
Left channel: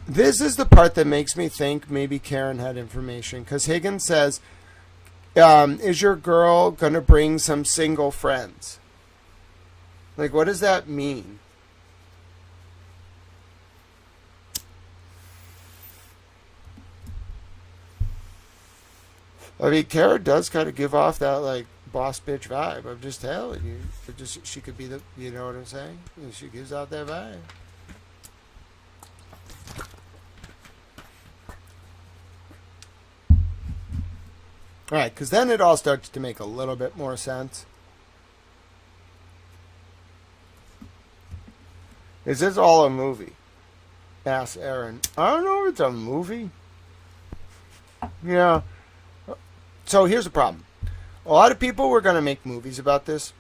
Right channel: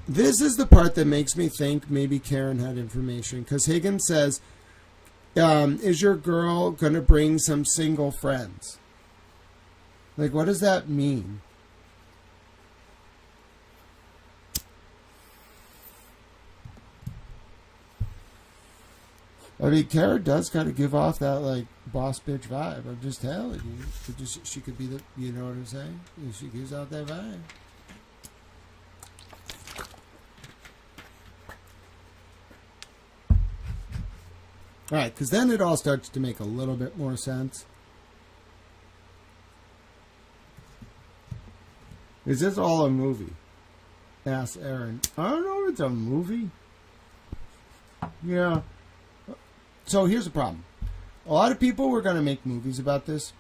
This is the part that makes me think maybe Karen had information, because Higgins says, is your girl gonna bring some single friends? Like, what does that mean? I mean, Kara does kind of give off that, like, boss bitch vibe. I'm just telling you. She could be the, you know what I'm saying? She gives out that vibe. All right, because then it all starts to make a little bit more sense. Is this all a movie? Asks Aaron. I don't know if it's a movie. Yeah. So here's the problem. A lot of people were going to make movies about this,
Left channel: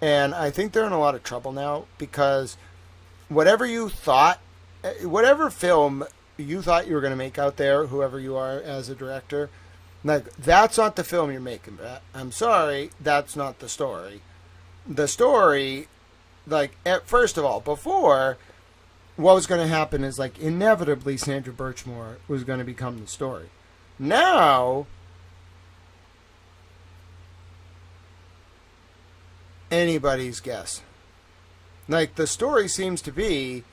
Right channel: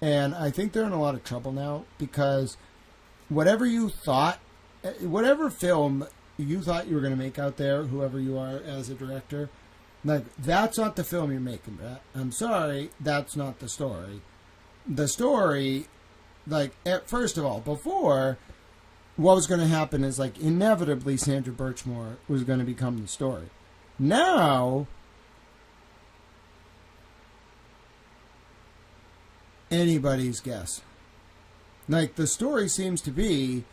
and I think they're in a lot of trouble now, because whatever film you thought you were going to make out there, whoever you are as a director, like, that's not the film you're making, Brett. I'm sorry, that's not the story. The story, like, first of all, before, what was going to happen is, like, inevitably Sandra Birchmore was going to become the story. Now, anybody's guess. Like, the story seems to be,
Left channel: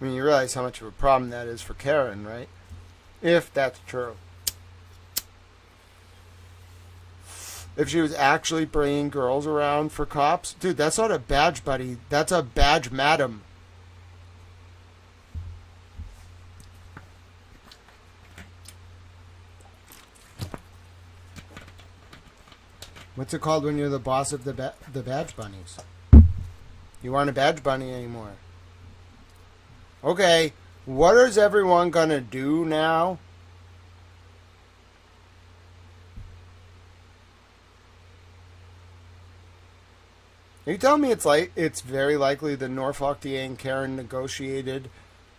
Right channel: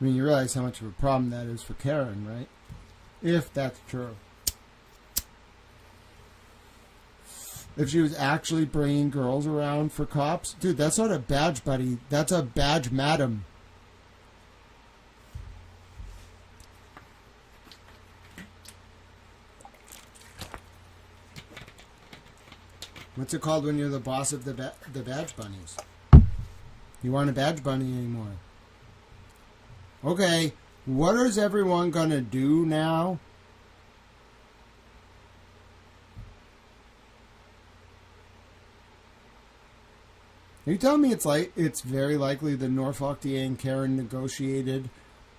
I mean, you realize how much of a problem that is for Karen, right? If that's true. If she was actually bringing girls around for cops, dude, that's not a badge buddy. That's a badge madam. What's it called when you're the boss of the badge bunnies? You aren't a badge bunny anymore. Okay, what is everyone gonna do now? Are you telling me it's very likely that Norfolk DA and Karen negotiated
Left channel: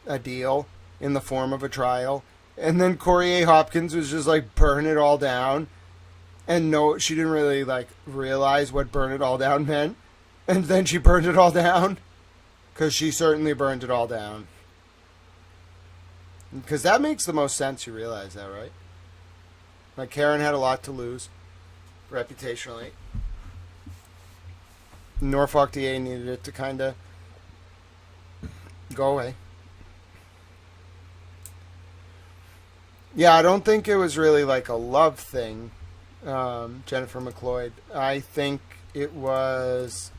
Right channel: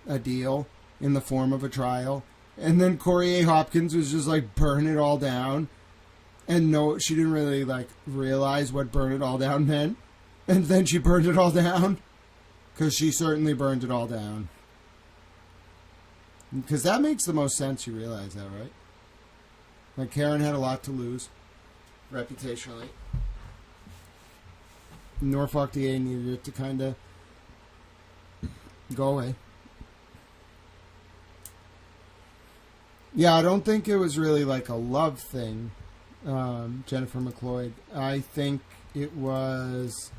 a deal in the form of a trial, and then Corey A. Hopkins was just like, burn it all down? And no, she didn't really, like, realize what burn it all down meant. And then she burned it all down. Because she certainly burned it all down. Because that makes the most sense, you realize that, right? Like, Karen had a lot to lose, reputationally. Norfolk DA needed it to kind of go away. Yeah, I don't think it was really like a love thing. Jennifer McLeod. I think it was,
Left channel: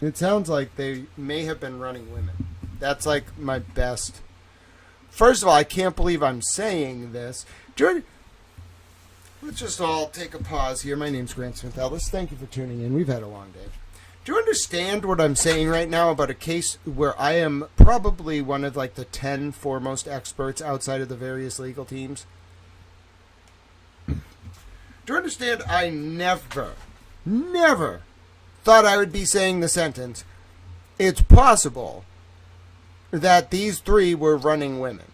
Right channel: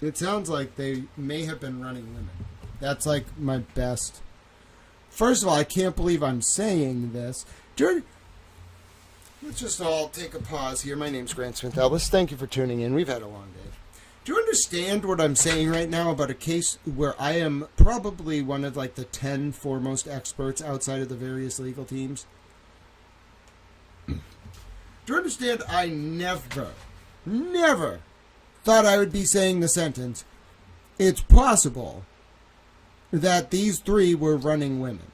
it sounds like they may have been running women. That's like my best. First of all, I can't believe I'm saying this. Let's just all take a pause here. My name's Grant Smith Elvis. Thank you for tuning in. We've had a long day. Do you understand what I'm saying right now about a case where I am probably one of like the 10 foremost experts outside of the various legal teams? Do you understand I never thought I would be saying the sentence, it's possible that these three were running women?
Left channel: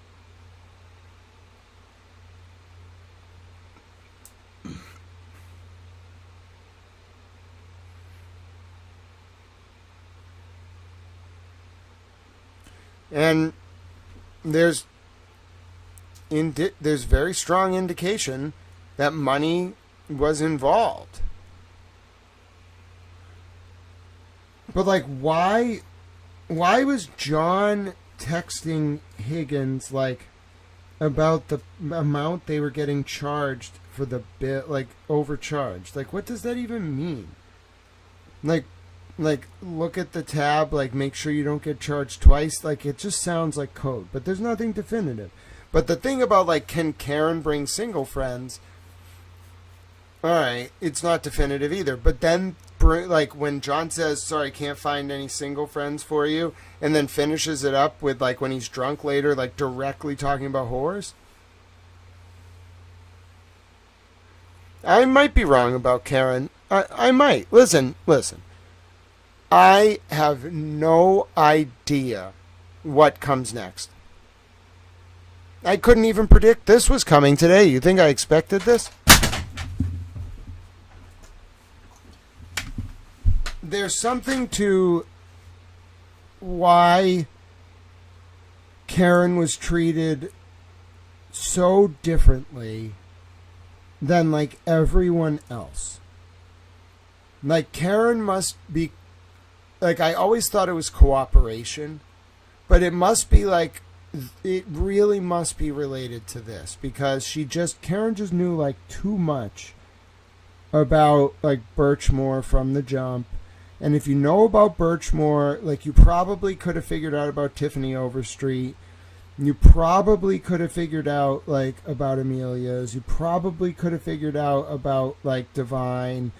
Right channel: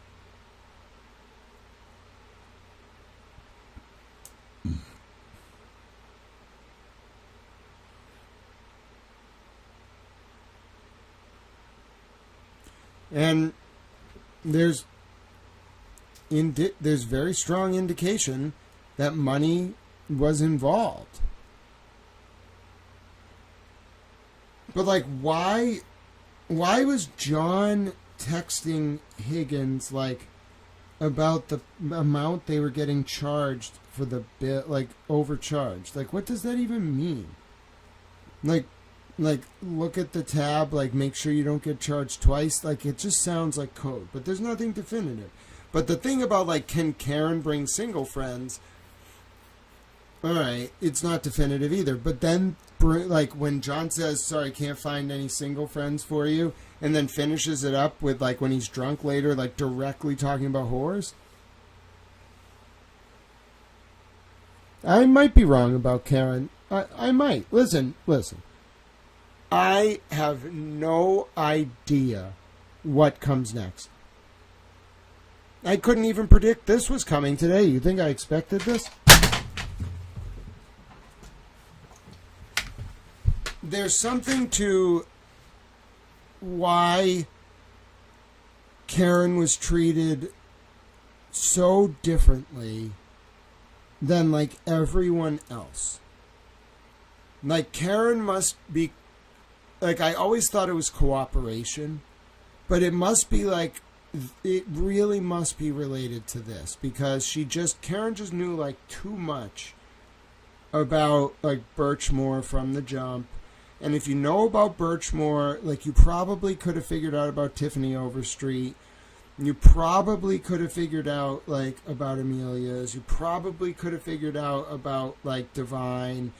And there's very strong indication that money was involved. But like, why was John texting Higgins like about the amount they were getting charged for the bit, like overcharged? Like, what does that even mean? Like look at the tab, like make sure you don't get charged twice. Like, it just sounds like code, but there's nothing definitive. But the thing about like, can Karen bring single friends? All right, it's not definitive either. But then, like, when John says, sorry, can't find any single friends for you, and then finishes it up with, like, when he's drunk later, like, directly talking about whores? I might be wrong about Karen. I might. Listen. I have no idea what comes next. I couldn't even predict this was coming today. You think I expected this? There's something to why Karen was treated so differently than like everyone else. Like, Karen must be, like, I always thought it was cooperation, but it must be like, it really must be related to this, because Karen just knew like too much about like Birchmore from the jump. And if you know about Birchmore, like, you probably could have figured out about Tiffany Overstreet. You probably could have figured out like about Amelia's. You probably could have figured out about like Divine.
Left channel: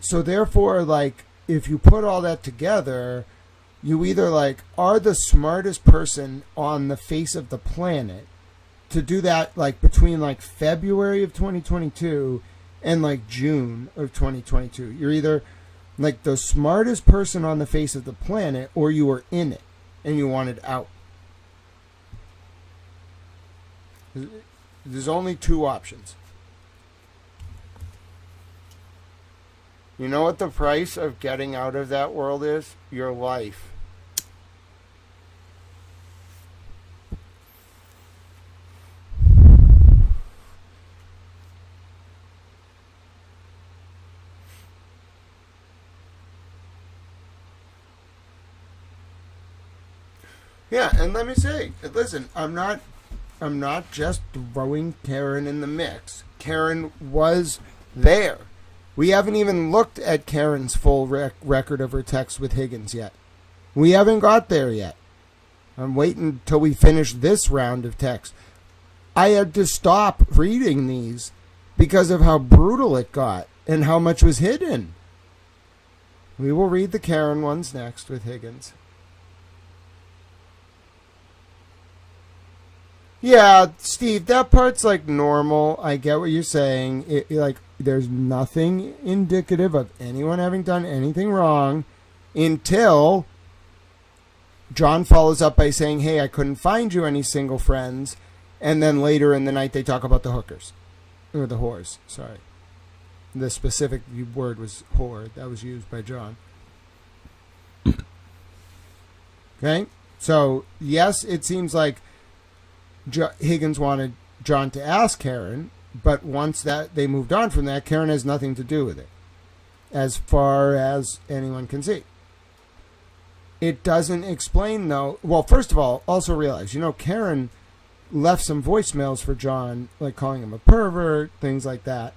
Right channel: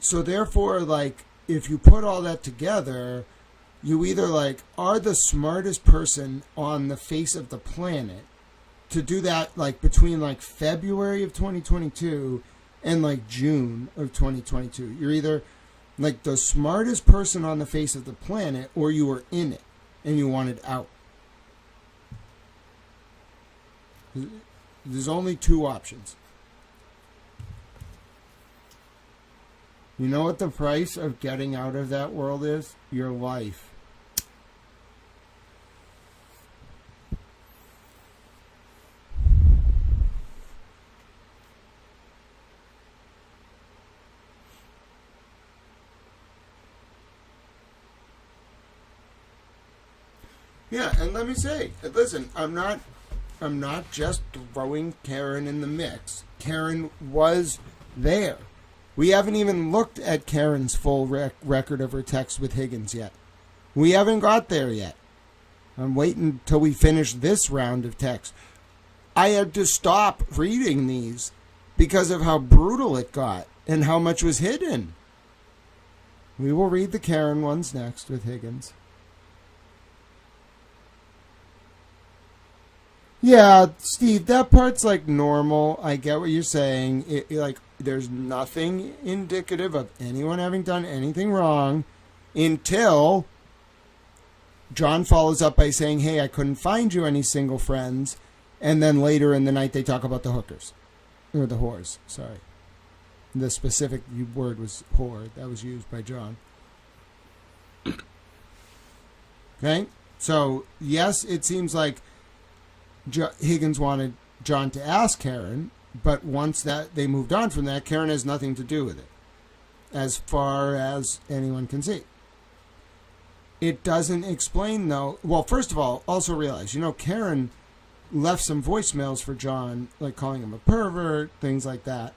So therefore, like, if you put all that together, you either like are the smartest person on the face of the planet to do that, like between like February of 2022 and like June of 2022. You're either like the smartest person on the face of the planet, or you were in it and you wanted out. There's only two options. You know what the price of getting out of that world is? Your life. Yeah, and let me say, listen, I'm not just throwing Karen in the mix. Karen was there. We haven't even looked at Karen's full record of her text with Higgins yet. We haven't got there yet. I'm waiting until we finish this round of text. I had to stop reading these because of how brutal it got and how much was hidden. We will read the Karen ones next with Higgins. Yeah, Steve, that part's like normal. I get what you're saying. Like, there's nothing indicative of anyone having done anything wrong until John follows up by saying, hey, I couldn't find you any single friends. And then later in the night, they talk about the hookers. Or the whores, sorry. The specific word was whore. That was used by John. Okay? So, yes, it seems like Higgins wanted John to ask Karen, but once that they moved on from that, Karen has nothing to do with it, as far as anyone can see. It doesn't explain, though. Well, first of all, also realize, Karen left some voicemails for John, like calling him a pervert, things like that.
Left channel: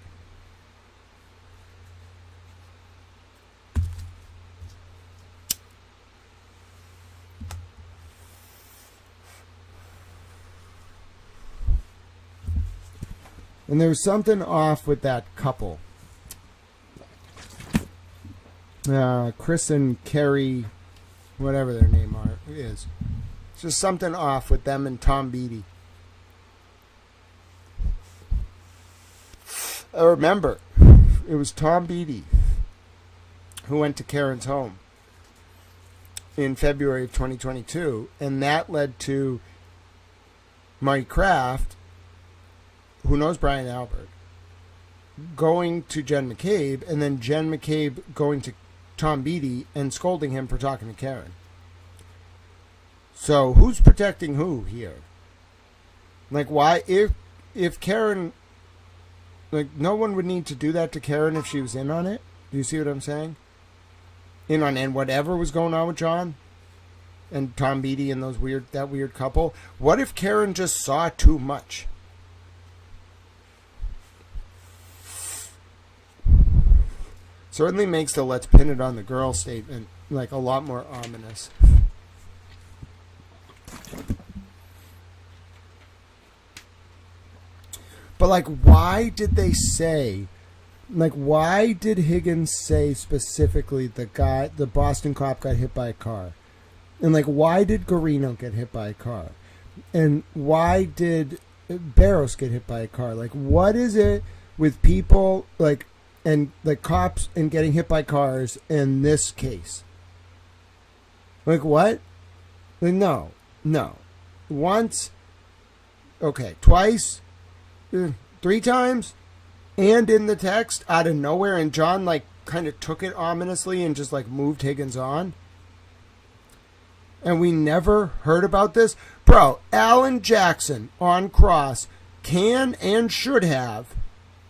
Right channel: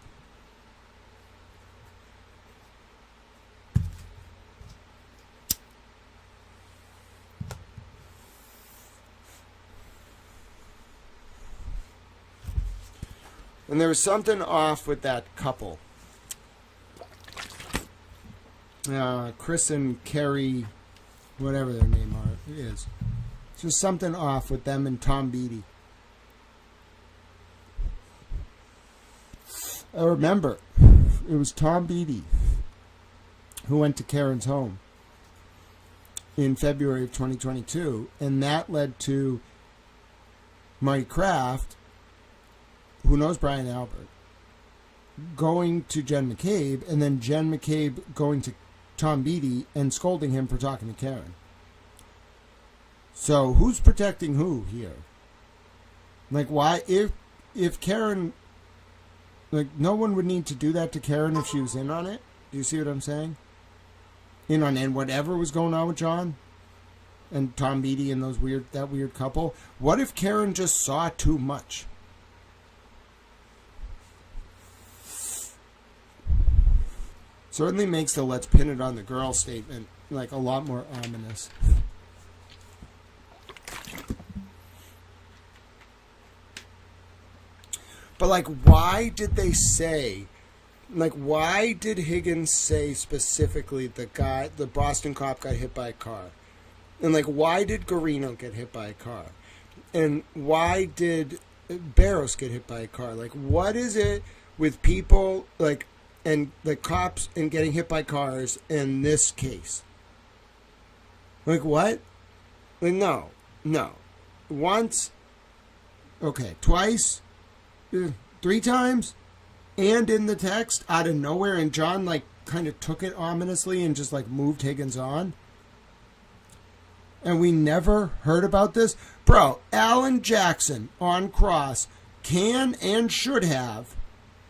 And there was something off with that couple. Chris and Carrie, whatever their name is. Just something off with them and Tom Beatty. I remember it was Tom Beatty who went to Karen's home in February of 2022, and that led to Marty Kraft, who knows Brian Albert, going to Jen McCabe, and then Jen McCabe going to Tom Beatty and scolding him for talking to Karen. So who's protecting who here? Like, why, if Karen, like, no one would need to do that to Karen if she was in on it. Do you see what I'm saying? In on and whatever was going on with John and Tom Beatty and that weird couple. What if Karen just saw too much? Certainly makes the "let's pin it on the girl" statement like a lot more ominous. But like, why did they say, like, why did Higgins say specifically the Boston cop got hit by a car? And like, why did Garino get hit by a car? And why did Barros get hit by a car? Like, what is it with people like, and the cops and getting hit by cars in this case? Like, what? Like, no. Once, okay, twice, 3 times, and in the text out of nowhere, and John like kind of took it ominously and just like moved Higgins on. And we never heard about this. Bro, Alan Jackson on cross can and should have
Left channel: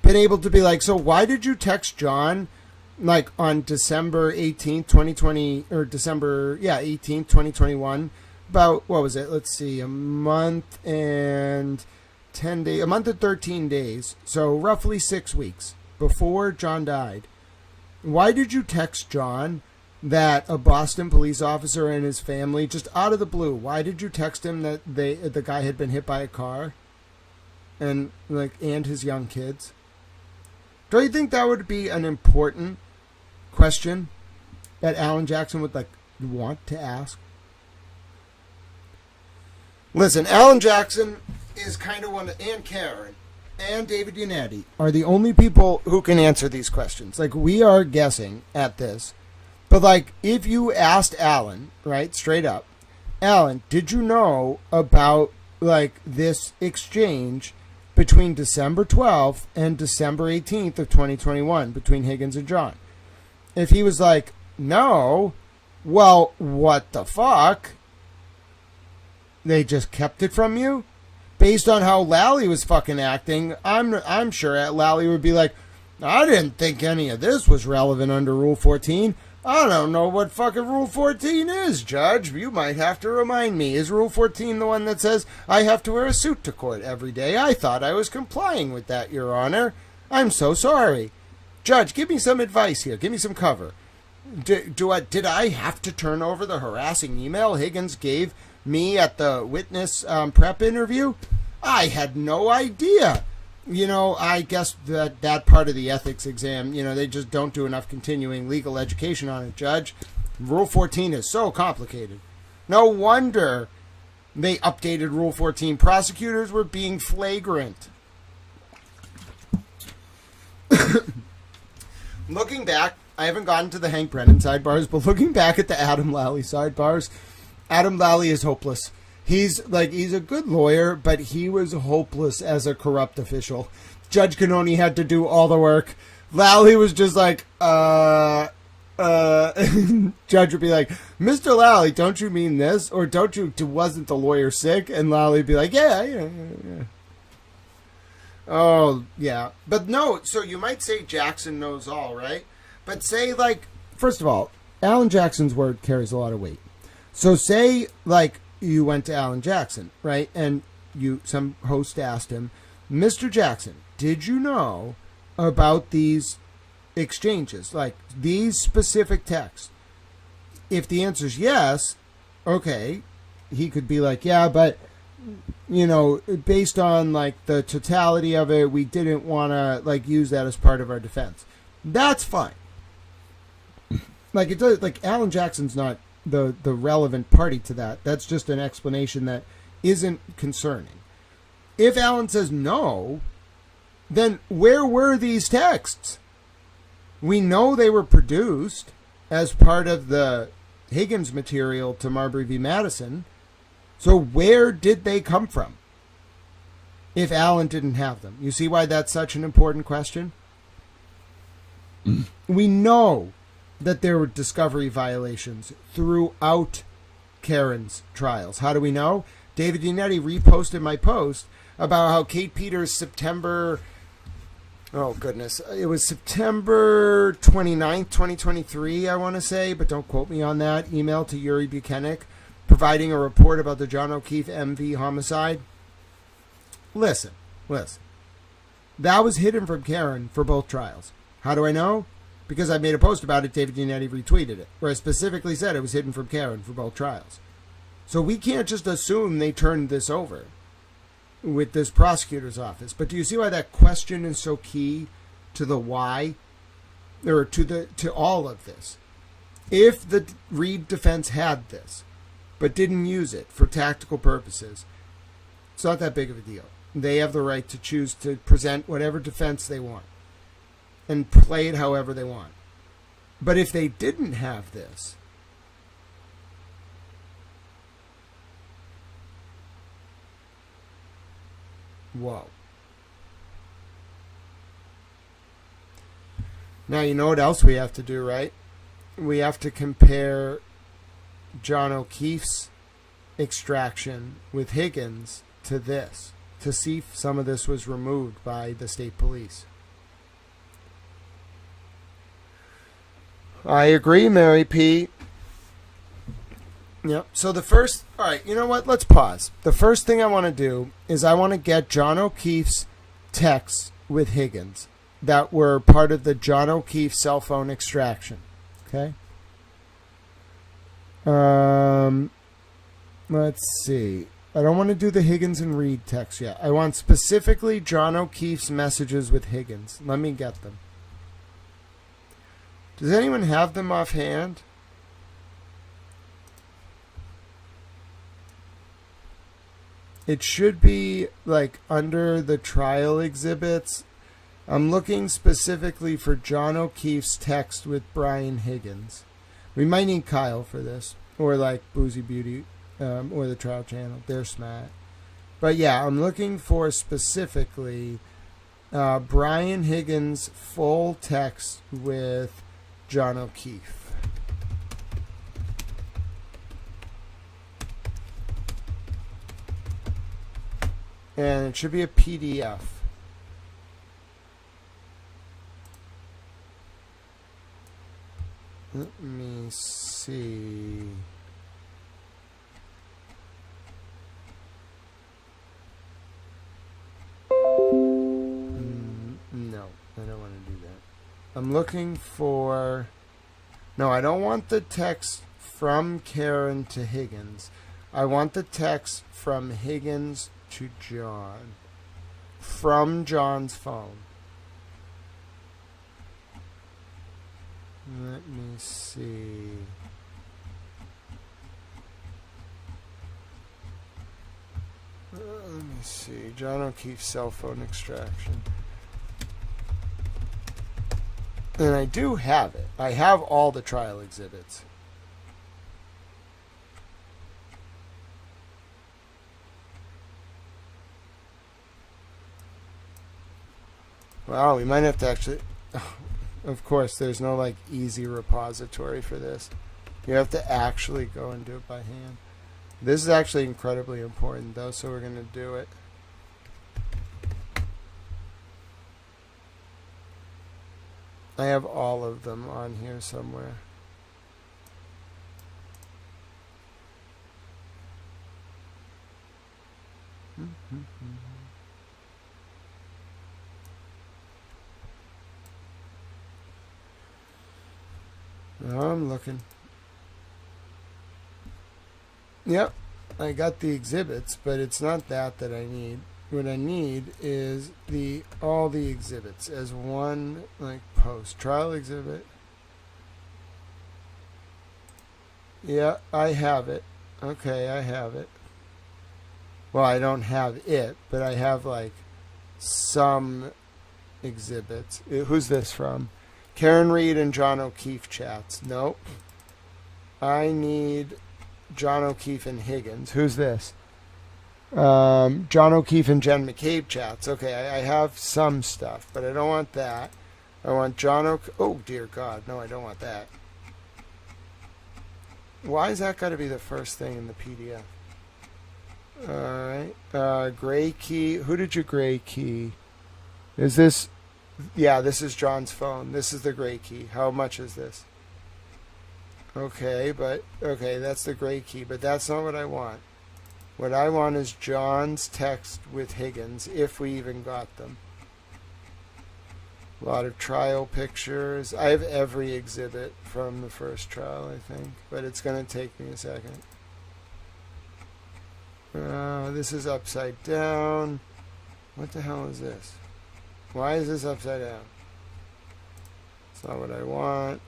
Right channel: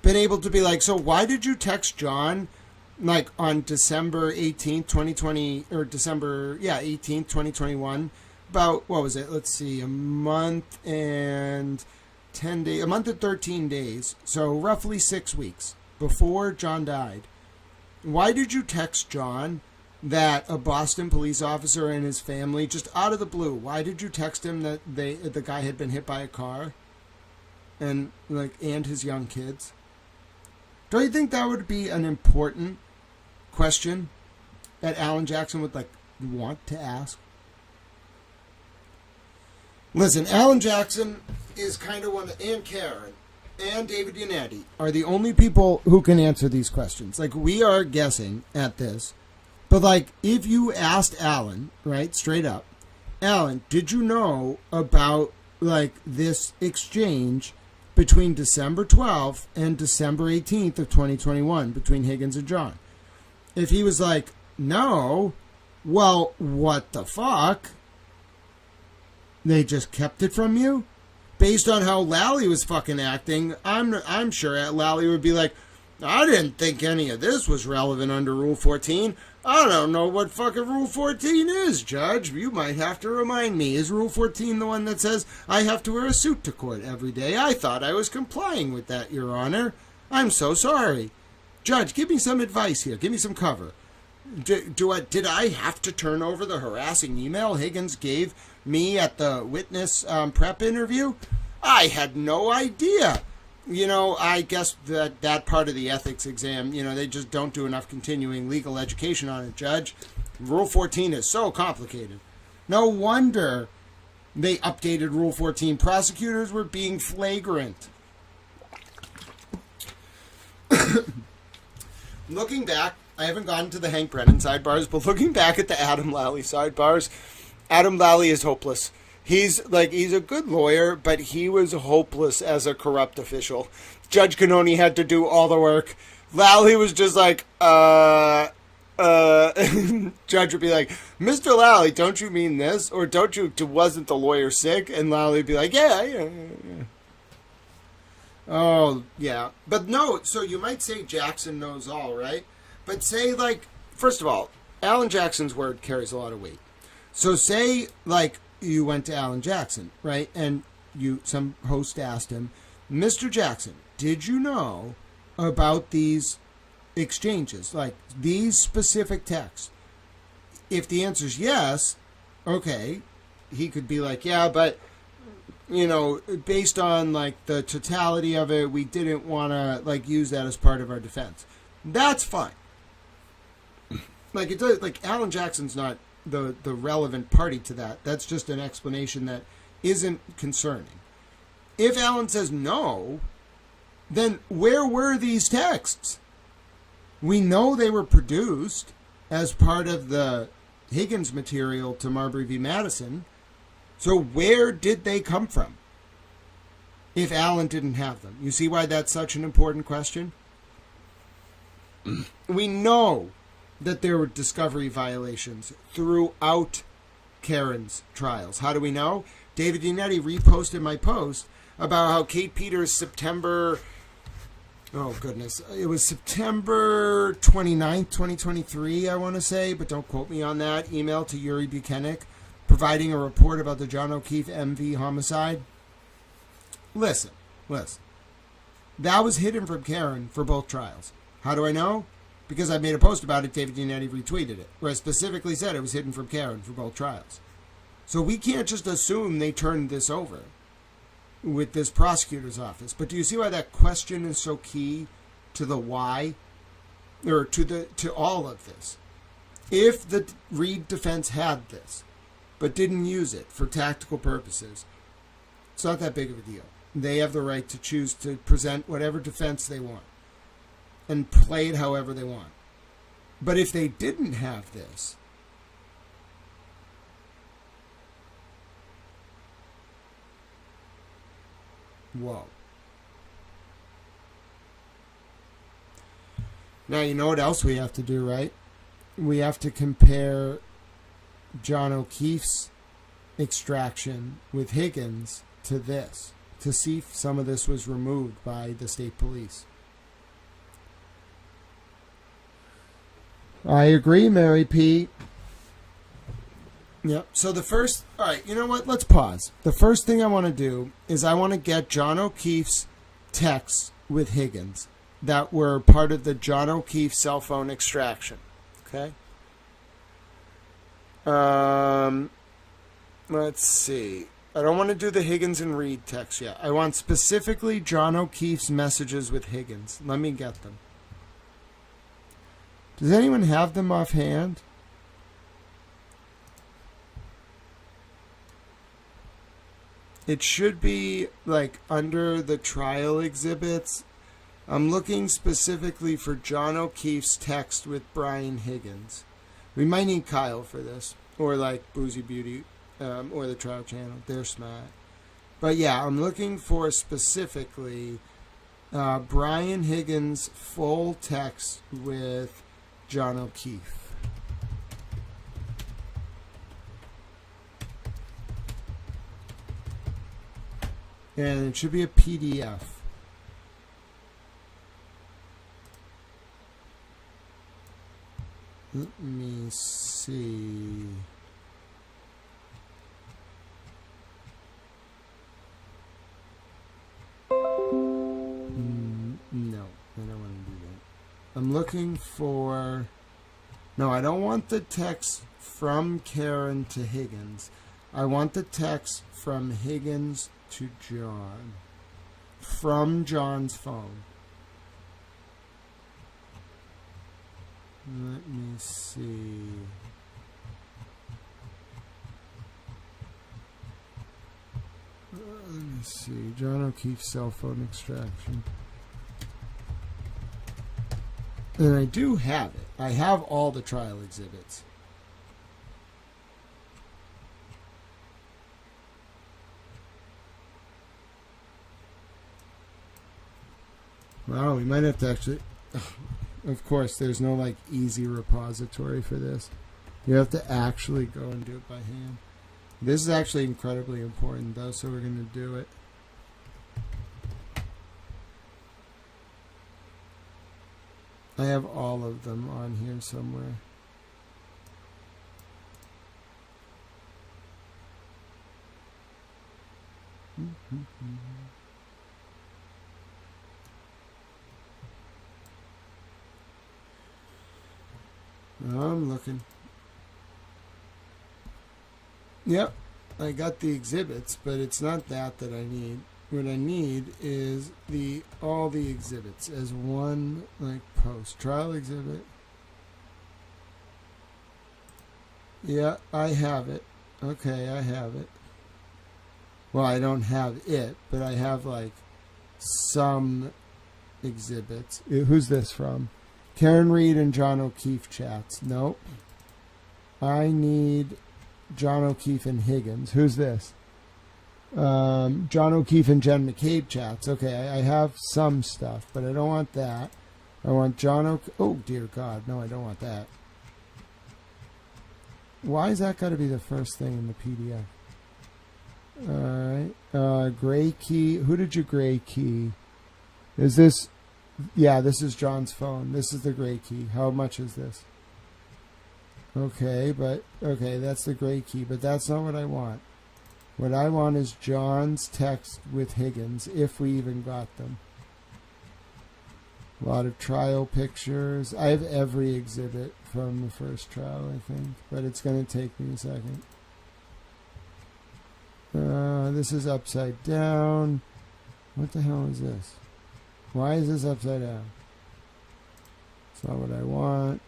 been able to be like, so why did you text John like on December 18th, 2020, or December, 18th, 2021, about, what was it? Let's see, a month and 13 days. So roughly 6 weeks before John died. Why did you text John that a Boston police officer and his family, just out of the blue, why did you text him that the guy had been hit by a car and his young kids? Don't you think that would be an important question that Alan Jackson would like want to ask? Listen, Alan Jackson is kind of one, and Karen and David Yannetti are the only people who can answer these questions. Like, we are guessing at this, but like, if you asked Alan, right, straight up, Alan, did you know about like this exchange between December 12th and December 18th of 2021 between Higgins and John? If he was like, no, well, what the fuck? They just kept it from you? Based on how Lally was fucking acting, I'm sure Lally would be like, I didn't think any of this was relevant under Rule 14. I don't know what fucking Rule 14 is, Judge. You might have to remind me. Is Rule 14 the one that says I have to wear a suit to court every day? I thought I was complying with that, Your Honor. I'm so sorry. Judge, give me some advice here. Give me some cover. Did I have to turn over the harassing email Higgins gave me at the witness prep interview? I had no idea. You know, I guess that part of the ethics exam, you know, they just don't do enough continuing legal education on it, Judge. Rule 14 is so complicated. No wonder they updated Rule 14. Prosecutors were being flagrant. Looking back, I haven't gotten to the Hank Brennan sidebars, but looking back at the Adam Lally sidebars, Adam Lally is hopeless. He's a good lawyer, but he was hopeless as a corrupt official. Judge Cannoni had to do all the work. Lally was just like, Judge would be like, Mr. Lally, don't you mean this? Or wasn't the lawyer sick? And Lally would be like, yeah. Oh, yeah. But no, so you might say Jackson knows all, right? But say, like, first of all, Alan Jackson's word carries a lot of weight. So say, like, you went to Alan Jackson, right? And some host asked him, Mr. Jackson, did you know about these exchanges, like these specific texts? If the answer is yes, okay, he could be like, yeah, but based on like the totality of it, we didn't want to like use that as part of our defense. That's fine. Like it does. Like Alan Jackson's not the relevant party to that. That's just an explanation that isn't concerning. If Alan says no, then where were these texts? We know they were produced as part of the Higgins material to Marbury v. Madison. So where did they come from if Alan didn't have them? You see why that's such an important question? We know that there were discovery violations throughout Karen's trials. How do we know? David Yannetti reposted my post about how Kate Peters' September 29th, 2023, I want to say, but don't quote me on that, email to Yuri Buchanan providing a report about the John O'Keefe MV homicide. Listen. That was hidden from Karen for both trials. How do I know? Because I made a post about it, David Yannetti retweeted it, where I specifically said it was hidden from Karen for both trials. So we can't just assume they turned this over with this prosecutor's office. But do you see why that question is so key to the why, or to all of this? If the Reed defense had this, but didn't use it for tactical purposes, it's not that big of a deal. They have the right to choose to present whatever defense they want and play it however they want. But if they didn't have this, whoa. Now, you know what else we have to do, right? We have to compare John O'Keefe's extraction with Higgins to this, to see if some of this was removed by the state police. I agree, Mary P. Yep. So all right, you know what? Let's pause. The first thing I want to do is I want to get John O'Keefe's texts with Higgins that were part of the John O'Keefe cell phone extraction. Okay? Let's see. I don't want to do the Higgins and Reed text yet. I want specifically John O'Keefe's messages with Higgins. Let me get them. Does anyone have them offhand? It should be like under the trial exhibits. I'm looking specifically for John O'Keefe's text with Brian Higgins. We might need Kyle for this, or like Boozy Beauty, or the Trial Channel. They're smart. But yeah, I'm looking for specifically Brian Higgins' full text with John O'Keefe. And it should be a PDF. Let me see. No, I don't want to do that. I'm looking for... No, I don't want the text from Karen to Higgins. I want the text from Higgins to John. From John's phone. Let me see. Let me see. John O'Keefe's cell phone extraction. And I do have it. I have all the trial exhibits. Wow, we might have to actually... Of course, there's no like easy repository for this. You have to actually go and do it by hand. This is actually incredibly important though, so we're going to do it. I have all of them on here somewhere. I'm looking. Yep. I got the exhibits, but it's not that I need. What I need is all the exhibits as one like post. Trial exhibit. Yeah, I have it. Okay, I have it. Well, I don't have it, but I have like some exhibits. Who's this from? Karen Reed and John O'Keefe chats. Nope. I need John O'Keefe and Higgins. Who's this? John O'Keefe and Jen McCabe chats. Okay, I have some stuff, but I don't want that. I want John O'Keefe. Oh, dear God. No, I don't want that. Why is that got to be the first thing in the PDF? Alright. Gray key. Who did you gray key? Is this... Yeah, this is John's phone. This is the gray key. How much is this? Okay, that's the gray key, but that's not what I want. What I want is John's text with Higgins, if we even got them. A lot of trial pictures. I have every exhibit from the first trial, I think, but it's going to take me a second. This is upside down. What the hell is this? Why is this upside down? It's not what I want.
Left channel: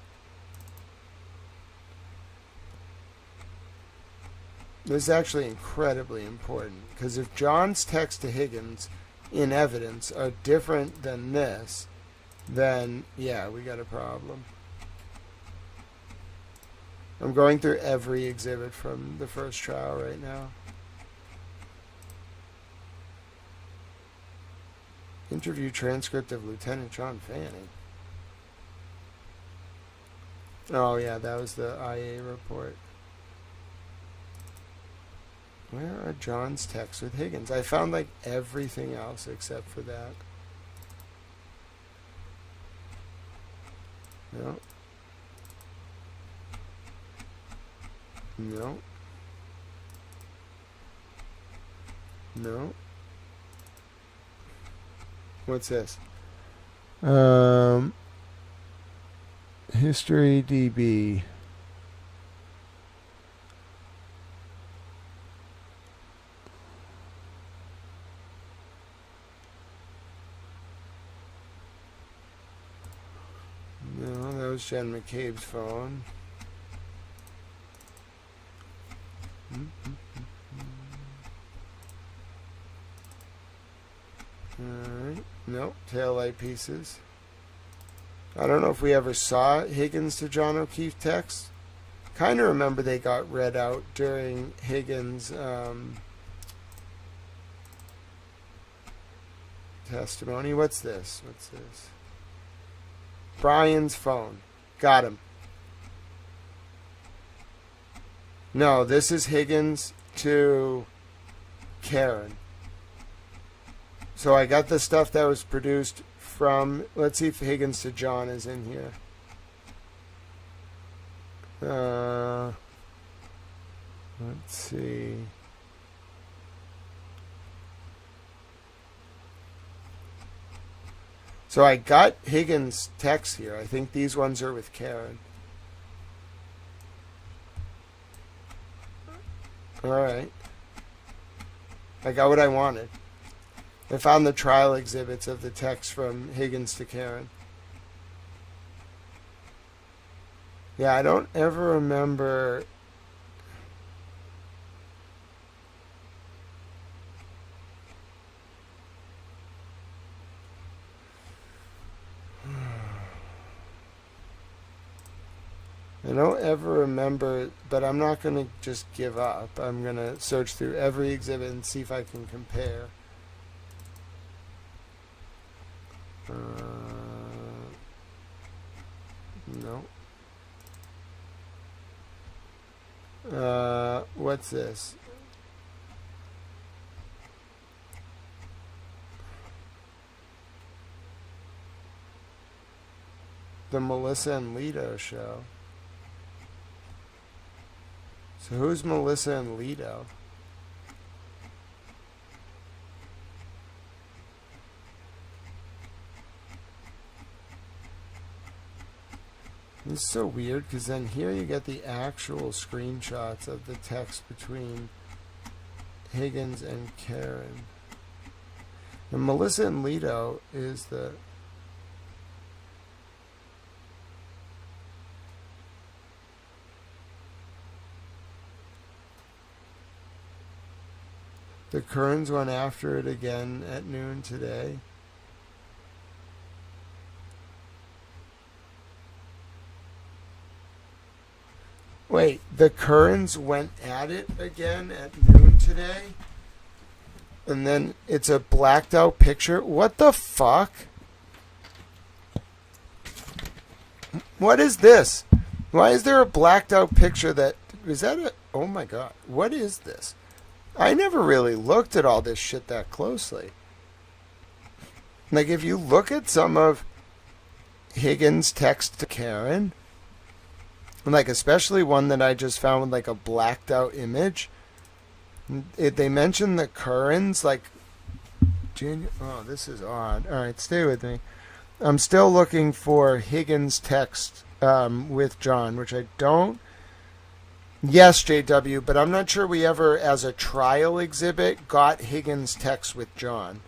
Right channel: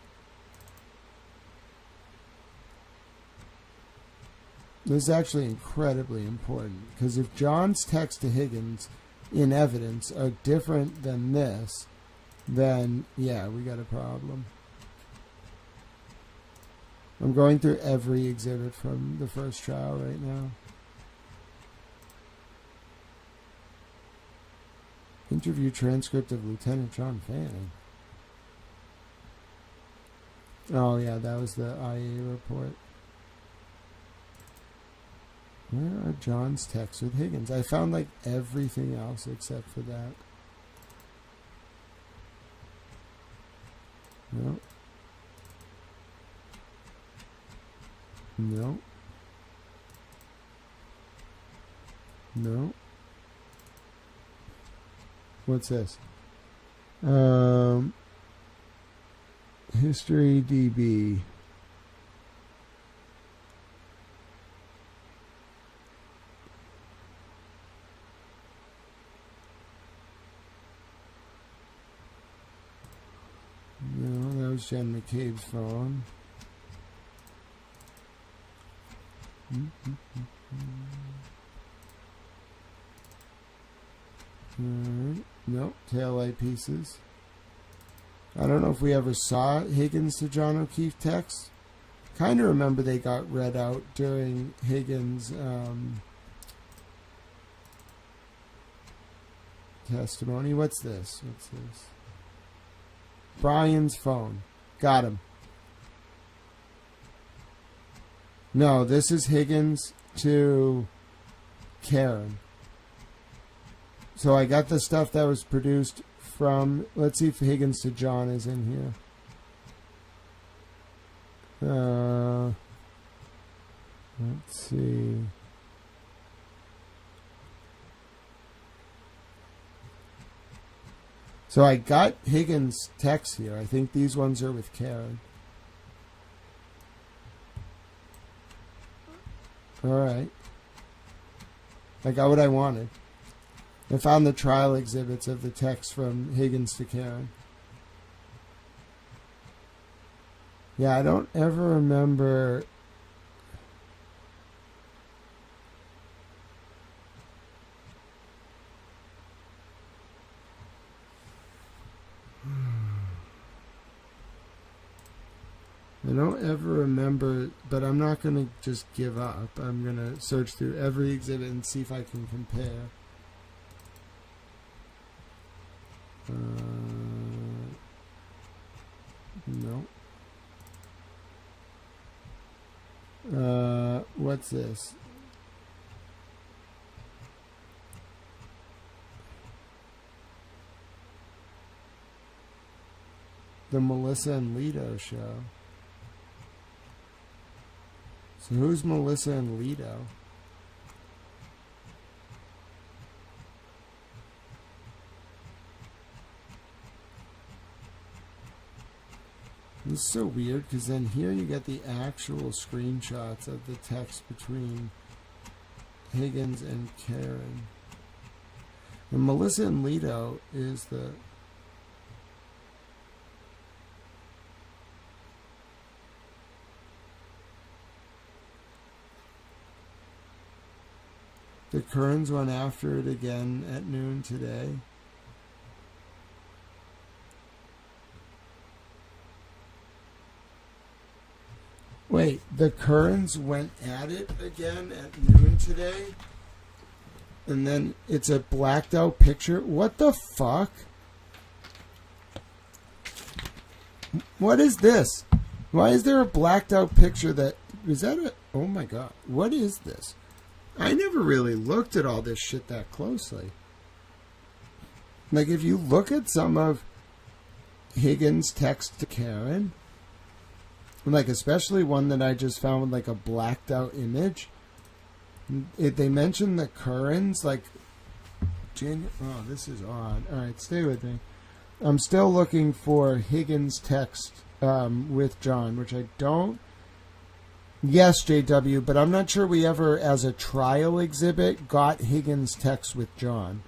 This is actually incredibly important, because if John's text to Higgins in evidence are different than this, then yeah, we got a problem. I'm going through every exhibit from the first trial right now. Interview transcript of Lieutenant John Fanning. Oh yeah, that was the IA report. Where are John's texts with Higgins? I found like everything else except for that. No. No. No. What's this? History DB. No, that was Jen McCabe's phone. Alright. Nope. Taillight pieces. I don't know if we ever saw Higgins to John O'Keefe text. Kind of remember they got read out during Higgins' testimony. What's this? What's this? Brian's phone. Got him. No, this is Higgins to Karen. So I got the stuff that was produced from... Let's see if Higgins to John is in here. Let's see. So I got Higgins' texts here. I think these ones are with Karen. Alright. I got what I wanted. I found the trial exhibits of the text from Higgins to Karen. Yeah, I don't ever remember... I don't ever remember, but I'm not going to just give up. I'm going to search through every exhibit and see if I can compare. No. What's this? The Melissa and Lito show. So who's Melissa and Lito? This is so weird because then here you get the actual screenshots of the text between Higgins and Karen. And Melissa and Leto is the... The Kerns went after it again at noon today. Wait, the Kerns went at it again at noon today? And then it's a blacked out picture? What the fuck? What is this? Why is there a blacked out picture that... Is that a... Oh my god. What is this? I never really looked at all this shit that closely. Like, if you look at some of Higgins' text to Karen, like, especially one that I just found with, like, a blacked out image, they mention the Kerns, like, oh, this is odd. Alright, stay with me. I'm still looking for Higgins' text with John, which I don't... Yes, JW, but I'm not sure we ever, as a trial exhibit, got Higgins' text with John.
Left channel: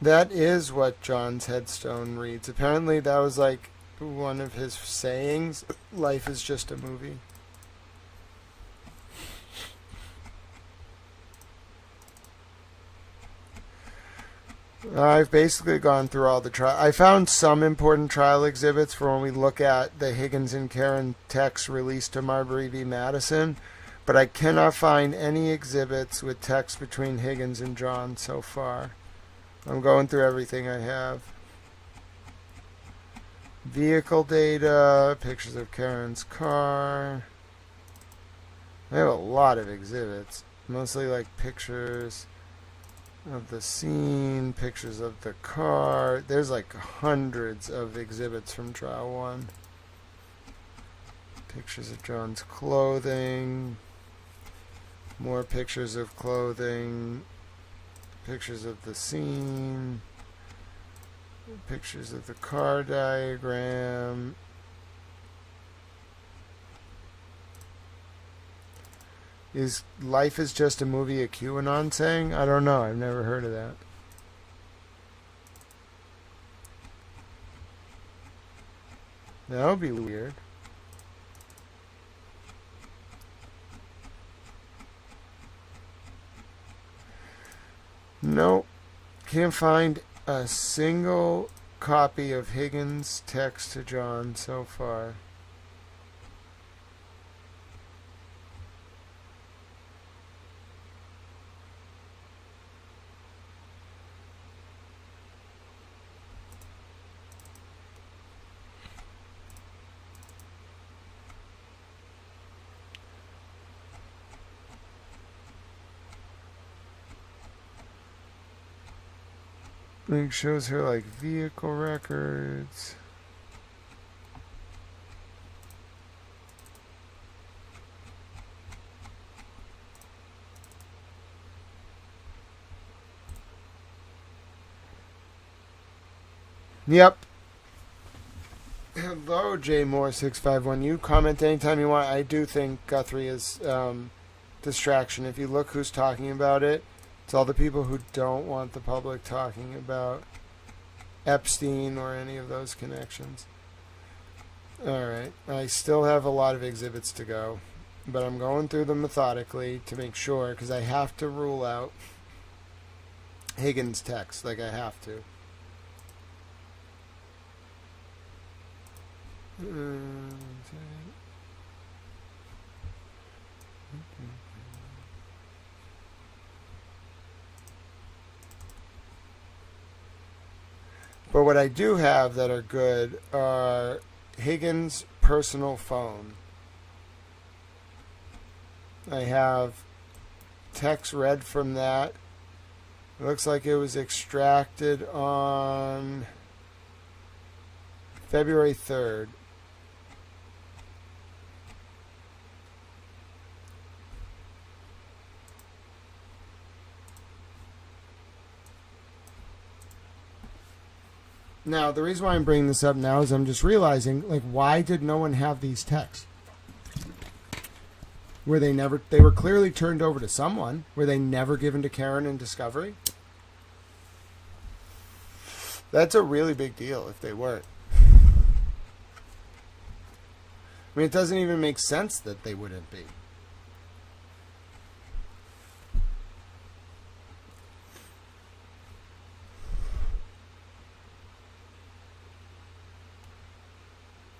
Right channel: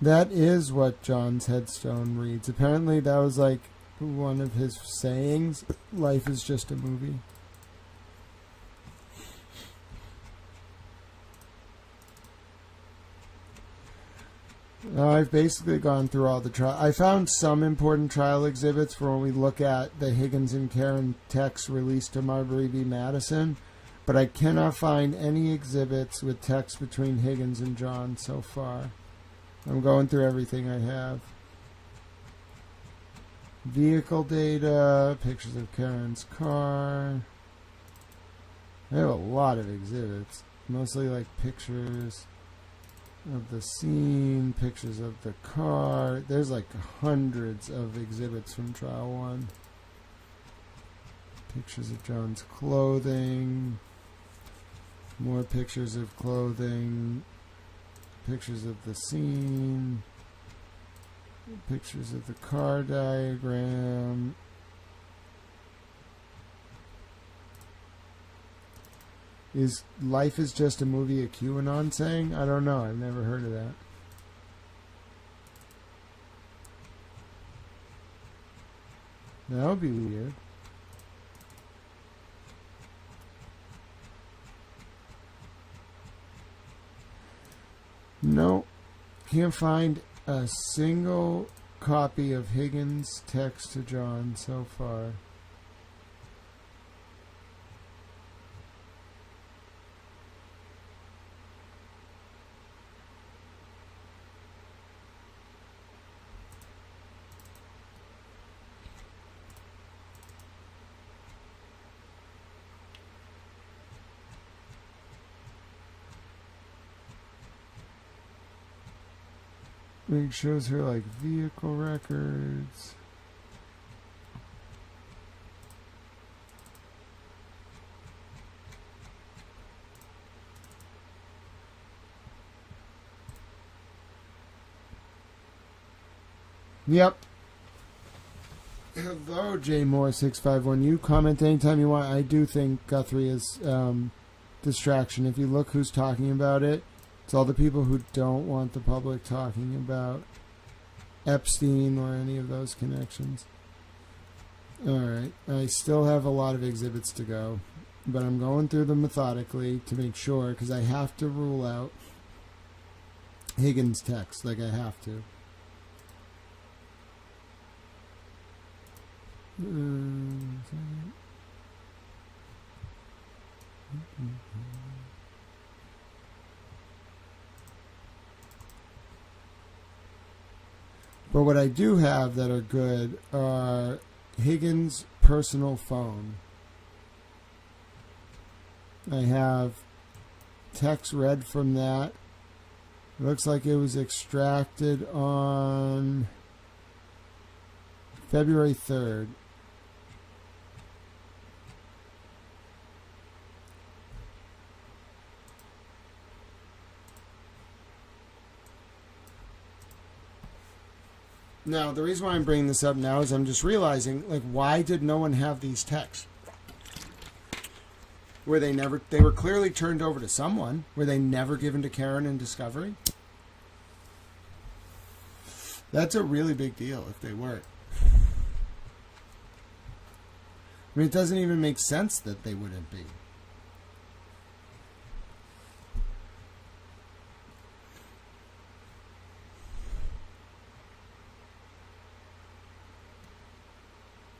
That is what John's headstone reads. Apparently that was like one of his sayings. Life is just a movie. I've basically gone through all the trial. I found some important trial exhibits for when we look at the Higgins and Karen text released to Marbury v. Madison, but I cannot find any exhibits with text between Higgins and John so far. I'm going through everything I have. Vehicle data, pictures of Karen's car. I have a lot of exhibits, mostly like pictures of the scene, pictures of the car. There's like hundreds of exhibits from trial one. Pictures of John's clothing, more pictures of clothing, pictures of the scene, pictures of the car diagram. Is Life is Just a Movie a QAnon saying? I don't know. I've never heard of that. That would be weird. Nope. Can't find a single copy of Higgins' text to John so far. It shows her like vehicle records. Yep. Hello, JMoore651. You comment anytime you want. I do think Guthrie is distraction. If you look who's talking about it, it's all the people who don't want the public talking about Epstein or any of those connections. Alright, I still have a lot of exhibits to go, but I'm going through them methodically to make sure, because I have to rule out Higgins' text, like I have to. But what I do have that are good are Higgins' personal phone. I have text read from that. It looks like it was extracted on February 3rd. Now, the reason why I'm bringing this up now is I'm just realizing, like, why did no one have these texts? Were they were clearly turned over to someone. Were they never given to Karen and Discovery? That's a really big deal if they weren't. I mean, it doesn't even make sense that they wouldn't be.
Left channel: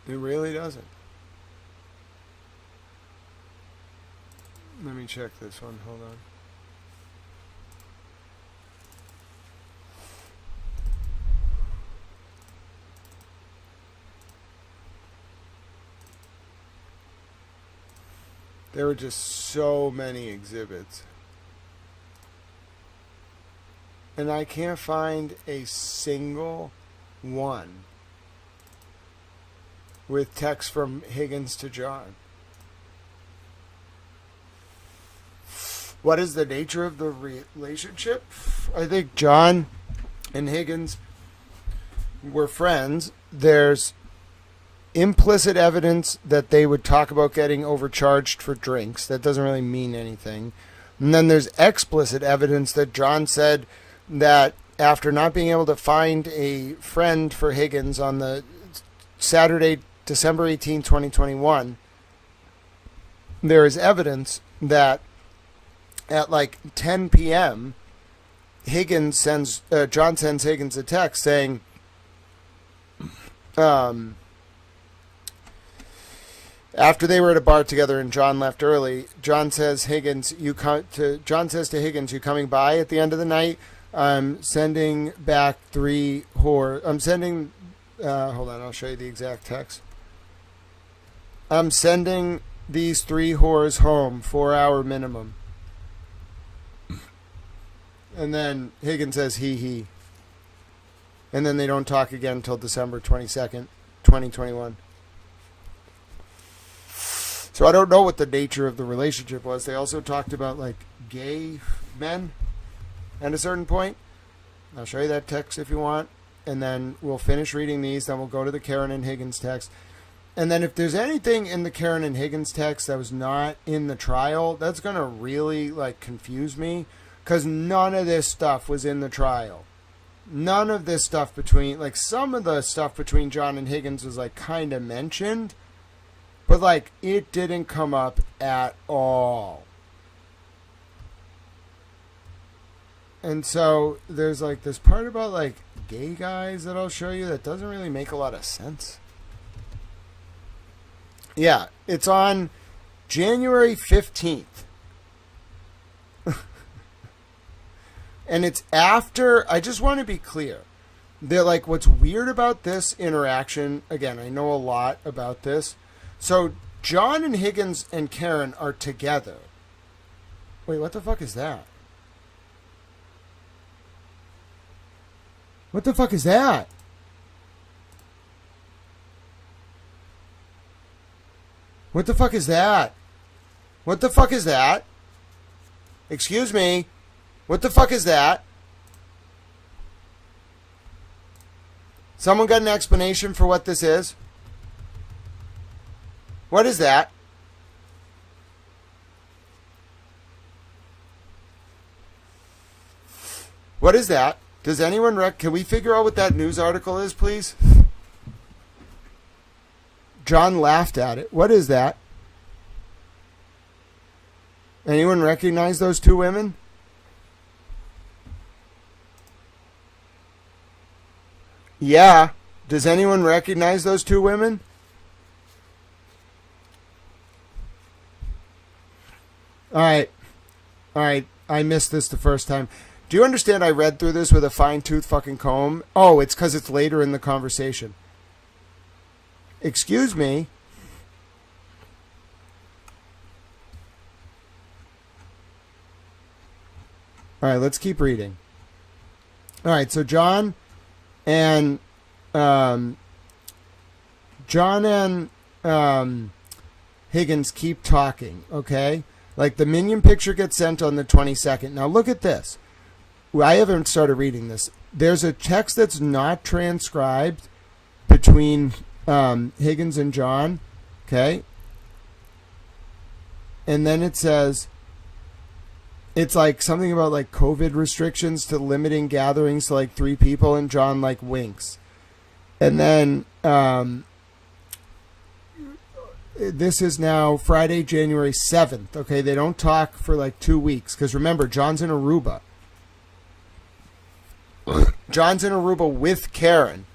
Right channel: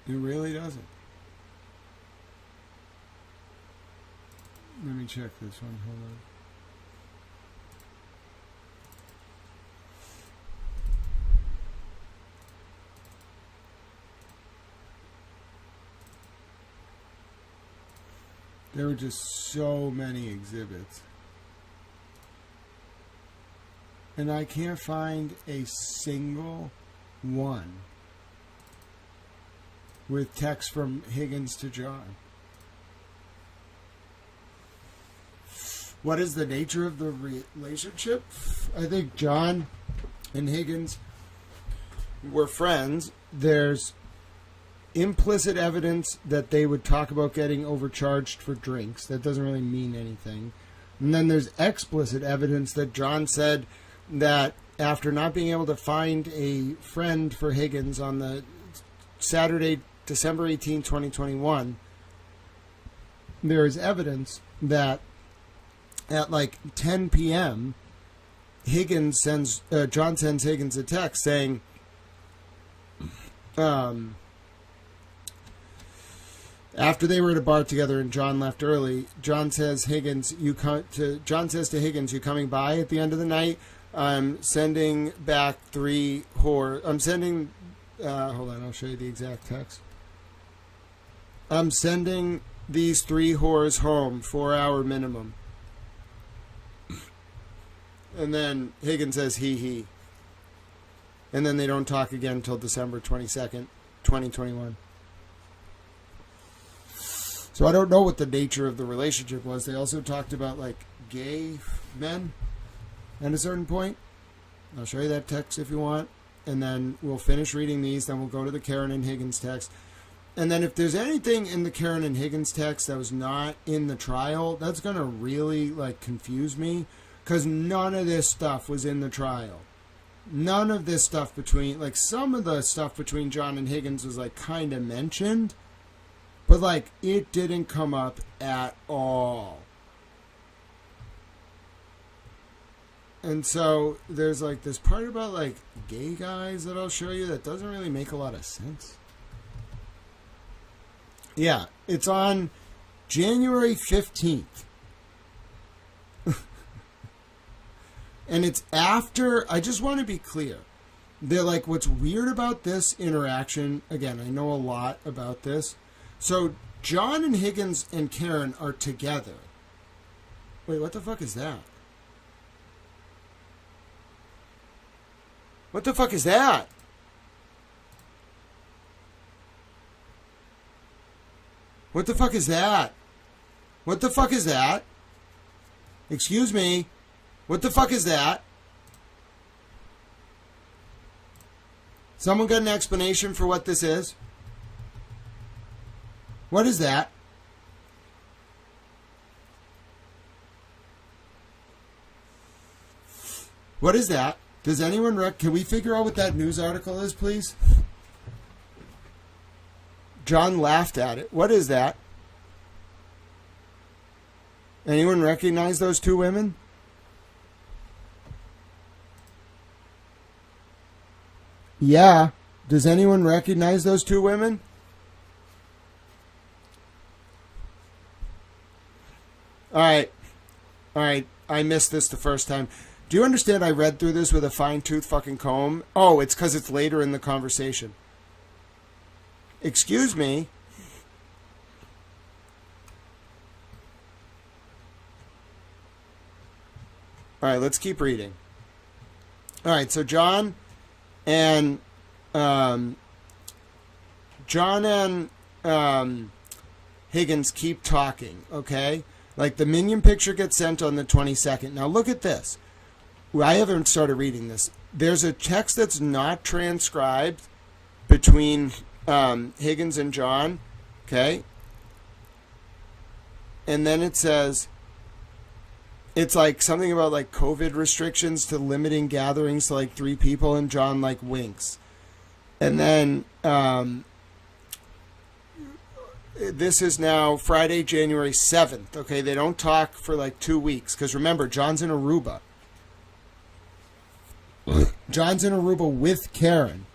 It really doesn't. Let me check this one. Hold on. There were just so many exhibits. And I can't find a single one with text from Higgins to John. What is the nature of the relationship? I think John and Higgins were friends. There's implicit evidence that they would talk about getting overcharged for drinks. That doesn't really mean anything. And then there's explicit evidence that John said that after not being able to find a friend for Higgins on the Saturday, December 18, 2021, there is evidence that at like 10 p.m., John sends Higgins a text saying, after they were at a bar together and John left early, John says to Higgins, "You coming by at the end of the night? I'm sending back 3 whores. I'm sending. Hold on, I'll show you the exact text. I'm sending these 3 whores home, 4-hour minimum." And then Higgins says, he. And then they don't talk again until December 22nd, 2021. So I don't know what the nature of the relationship was. They also talked about like gay men at a certain point. I'll show you that text if you want. And then we'll finish reading these. Then we'll go to the Karen and Higgins text. And then if there's anything in the Karen and Higgins text that was not in the trial, that's going to really like confuse me. Because none of this stuff was in the trial. None of this stuff between, like some of the stuff between John and Higgins was like kind of mentioned. But like it didn't come up at all. And so there's like this part about like gay guys that I'll show you that doesn't really make a lot of sense. Yeah, it's on January 15th. And it's after, I just want to be clear. They're like, what's weird about this interaction, again, I know a lot about this. So John and Higgins and Karen are together. Wait, what the fuck is that? What the fuck is that? What the fuck is that? What the fuck is that? Excuse me. What the fuck is that? Someone got an explanation for what this is? What is that? What is that? Does anyone can we figure out what that news article is, please? John laughed at it. What is that? Anyone recognize those 2 women? Yeah. Does anyone recognize those 2 women? All right. I missed this the first time. Do you understand I read through this with a fine-tooth fucking comb? Oh, it's because it's later in the conversation. Excuse me. All right, let's keep reading. All right, so John and Higgins keep talking, okay? Like the minion picture gets sent on the 22nd. Now look at this. I haven't started reading this. There's a text that's not transcribed between Higgins and John, okay? and then it says, it's like something about like COVID restrictions to limiting gatherings to like 3 people, and John like winks. And then this is now Friday, January 7th. Okay, they don't talk for like 2 weeks because remember, John's in Aruba. John's in Aruba with Karen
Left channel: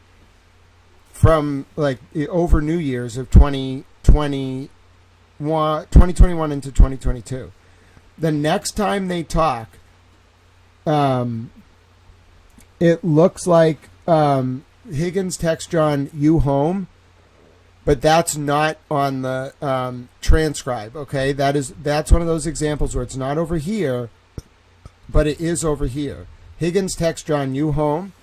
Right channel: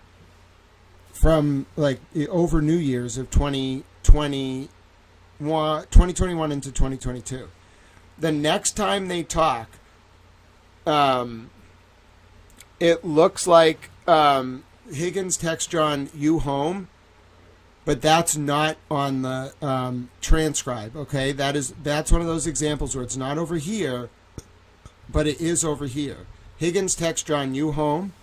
from like over New Year's of 2021 into 2022. The next time they talk, it looks like Higgins texts John, "You home?" But that's not on the transcribe. Okay, that's one of those examples where it's not over here, but it is over here. Higgins texts John, "You home?"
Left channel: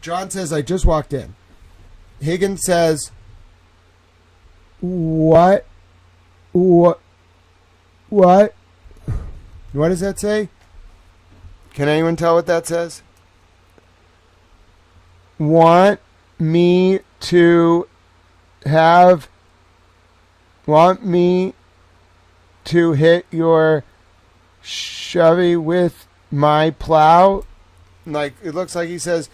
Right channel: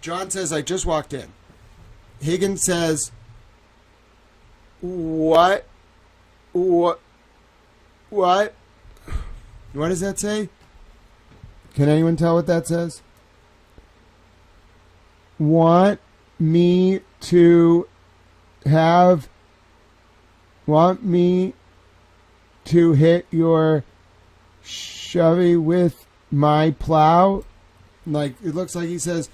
John says, "I just walked in." Higgins says, What? What does that say? Can anyone tell what that says? Want me to hit your Chevy with my plow? Like, it looks like he says,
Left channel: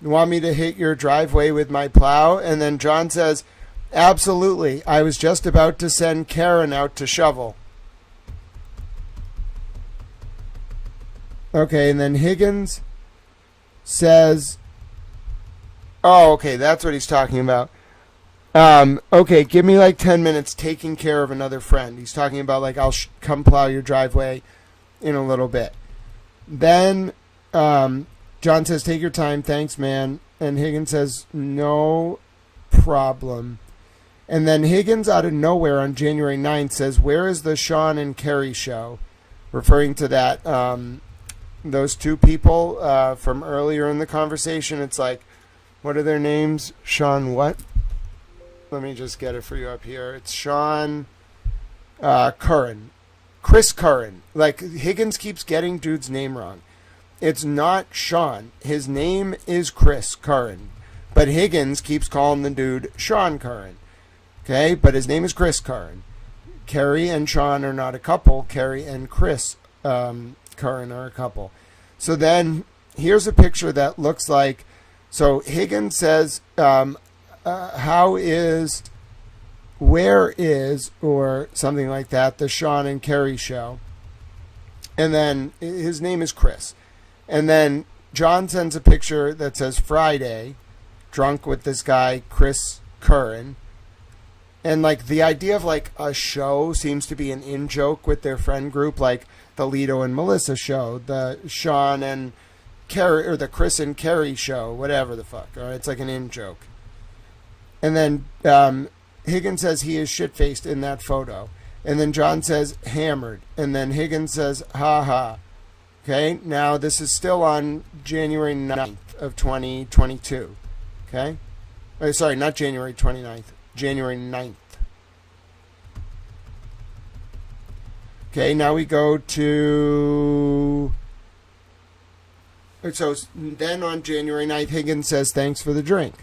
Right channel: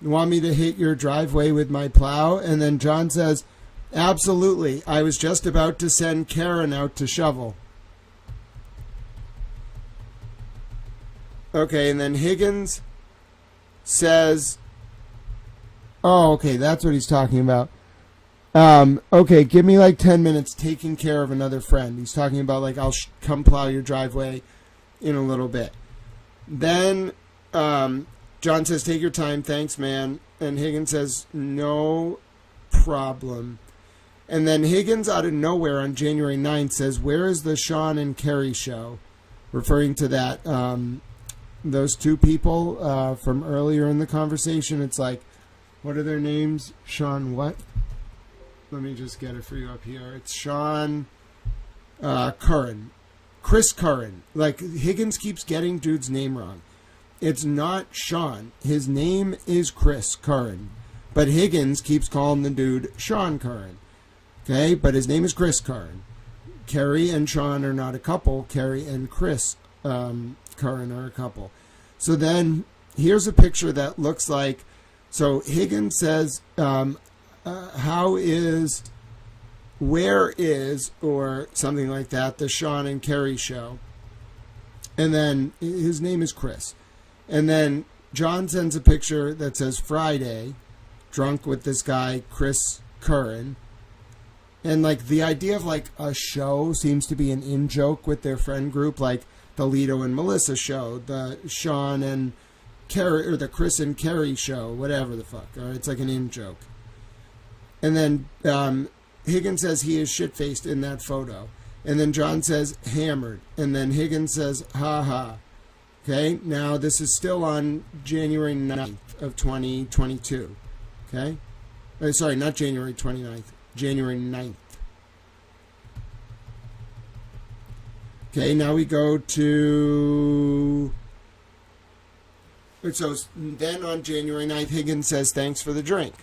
"Want me to hit your driveway with my plow?" And then John says, "Absolutely. I was just about to send Karen out to shovel." Okay, and then Higgins says, oh, okay, that's what he's talking about. Okay, give me like 10 minutes taking care of another friend. He's talking about like, I'll come plow your driveway in a little bit. Then John says, "Take your time. Thanks, man." And Higgins says, "No problem." And then Higgins out of nowhere on January 9th says, "Where is the Sean and Kerry show?" Referring to that, those 2 people from earlier in the conversation. It's like, what are their names? Sean what? Let me just get it for you up here. It's Sean Curran. Chris Curran. Like, Higgins keeps getting dude's name wrong. It's not Sean. His name is Chris Curran. But Higgins keeps calling the dude Sean Curran. Okay, but his name is Chris Curran. Kerry and Sean are not a couple. Kerry and Chris Curran are a couple. So then here's a picture that looks like, so Higgins says, where is, or something like that, the Sean and Kerry show? And then his name is Chris. And then John sends a picture that says Friday, drunk with this guy, Chris Curran. And like the idea of like a show seems to be an in-joke with their friend group, like the Lito and Melissa show, the Sean and Kerry, or the Chris and Kerry show, whatever the fuck. All right, it's like an in-joke. And then Higgins says he is shit-faced in that photo. And then John says hammered. And then Higgins says ha ha. Okay, now this is still on January 9th of 2022. Okay? Sorry, not January 29th. January 9th. Okay, now we go to... So then on January 9th, Higgins says thanks for the drink.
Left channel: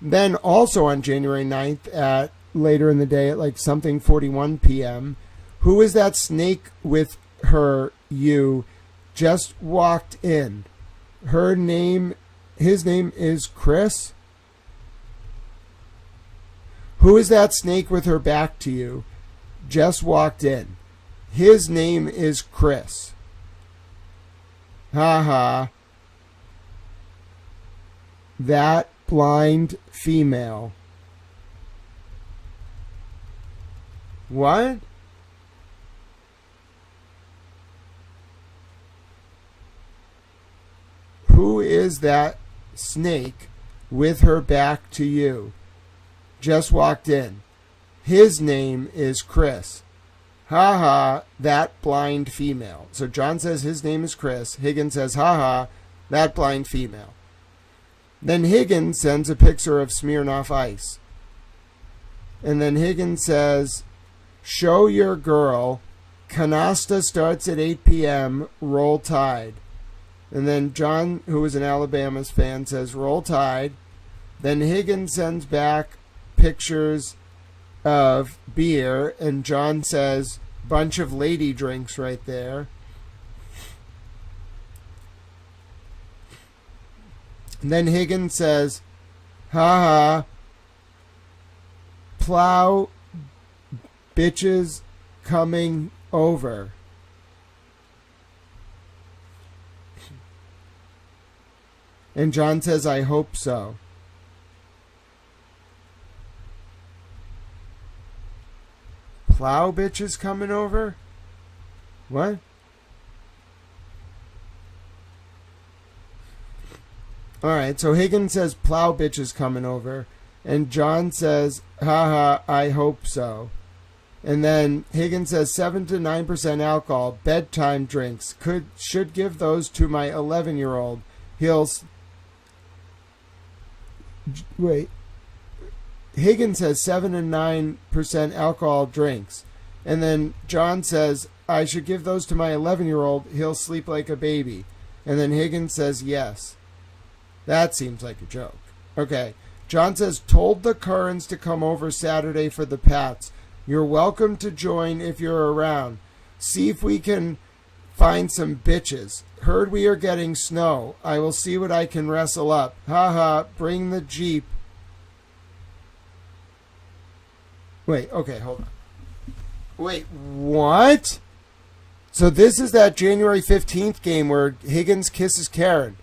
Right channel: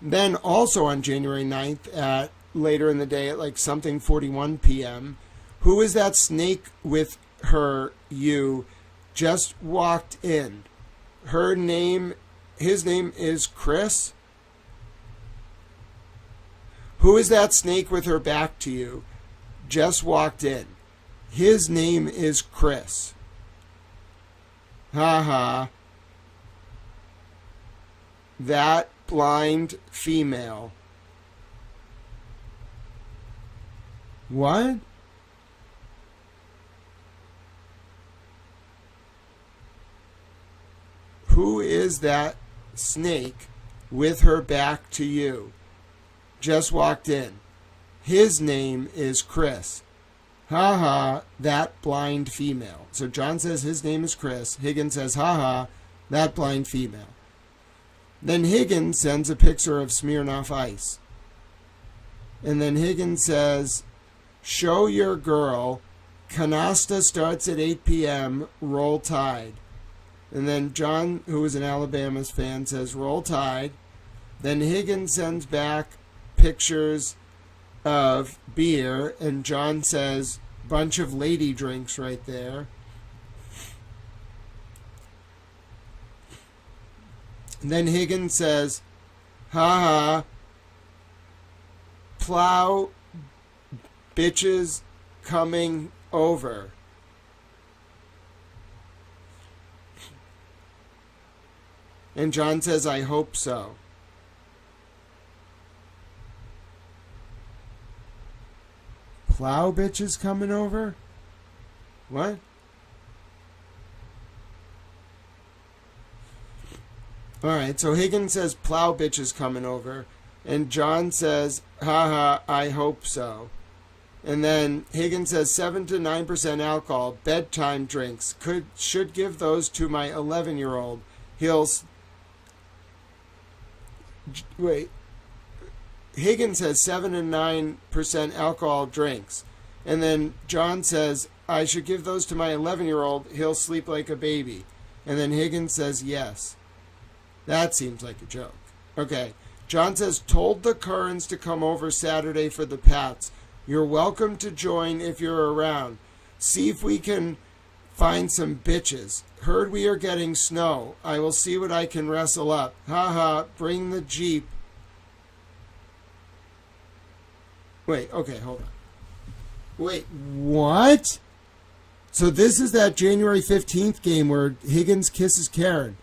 Then also on January 9th, at later in the day at like something 41 p.m., who is that snake with her, you, just walked in? His name is Chris? Who is that snake with her back to you? Just walked in. His name is Chris. Ha ha. That blind female. What? Who is that snake with her back to you? Just walked in. His name is Chris. Ha ha, that blind female. So John says his name is Chris. Higgins says, ha ha, that blind female. Then Higgins sends a picture of Smirnoff Ice. And then Higgins says, show your girl. Canasta starts at 8 p.m. Roll Tide. And then John, who is an Alabama's fan, says, Roll Tide. Then Higgins sends back pictures of beer, and John says, bunch of lady drinks right there. And then Higgins says, ha ha, plow bitches coming over. And John says, I hope so. Plow bitches coming over? What? Alright, so Higgins says plow bitches coming over. And John says, haha, I hope so. And then Higgins says 7 to 9% alcohol, bedtime drinks. Should give those to my 11-year-old. Wait. Higgins says 7 and 9% alcohol drinks. And then John says, I should give those to my 11-year-old. He'll sleep like a baby. And then Higgins says yes. That seems like a joke. Okay. John says, told the Currans to come over Saturday for the Pats. You're welcome to join if you're around. See if we can find some bitches. Heard we are getting snow. I will see what I can wrestle up. Ha ha, bring the Jeep. Wait, okay, hold on. Wait, what? So this is that January 15th game where Higgins kisses Karen.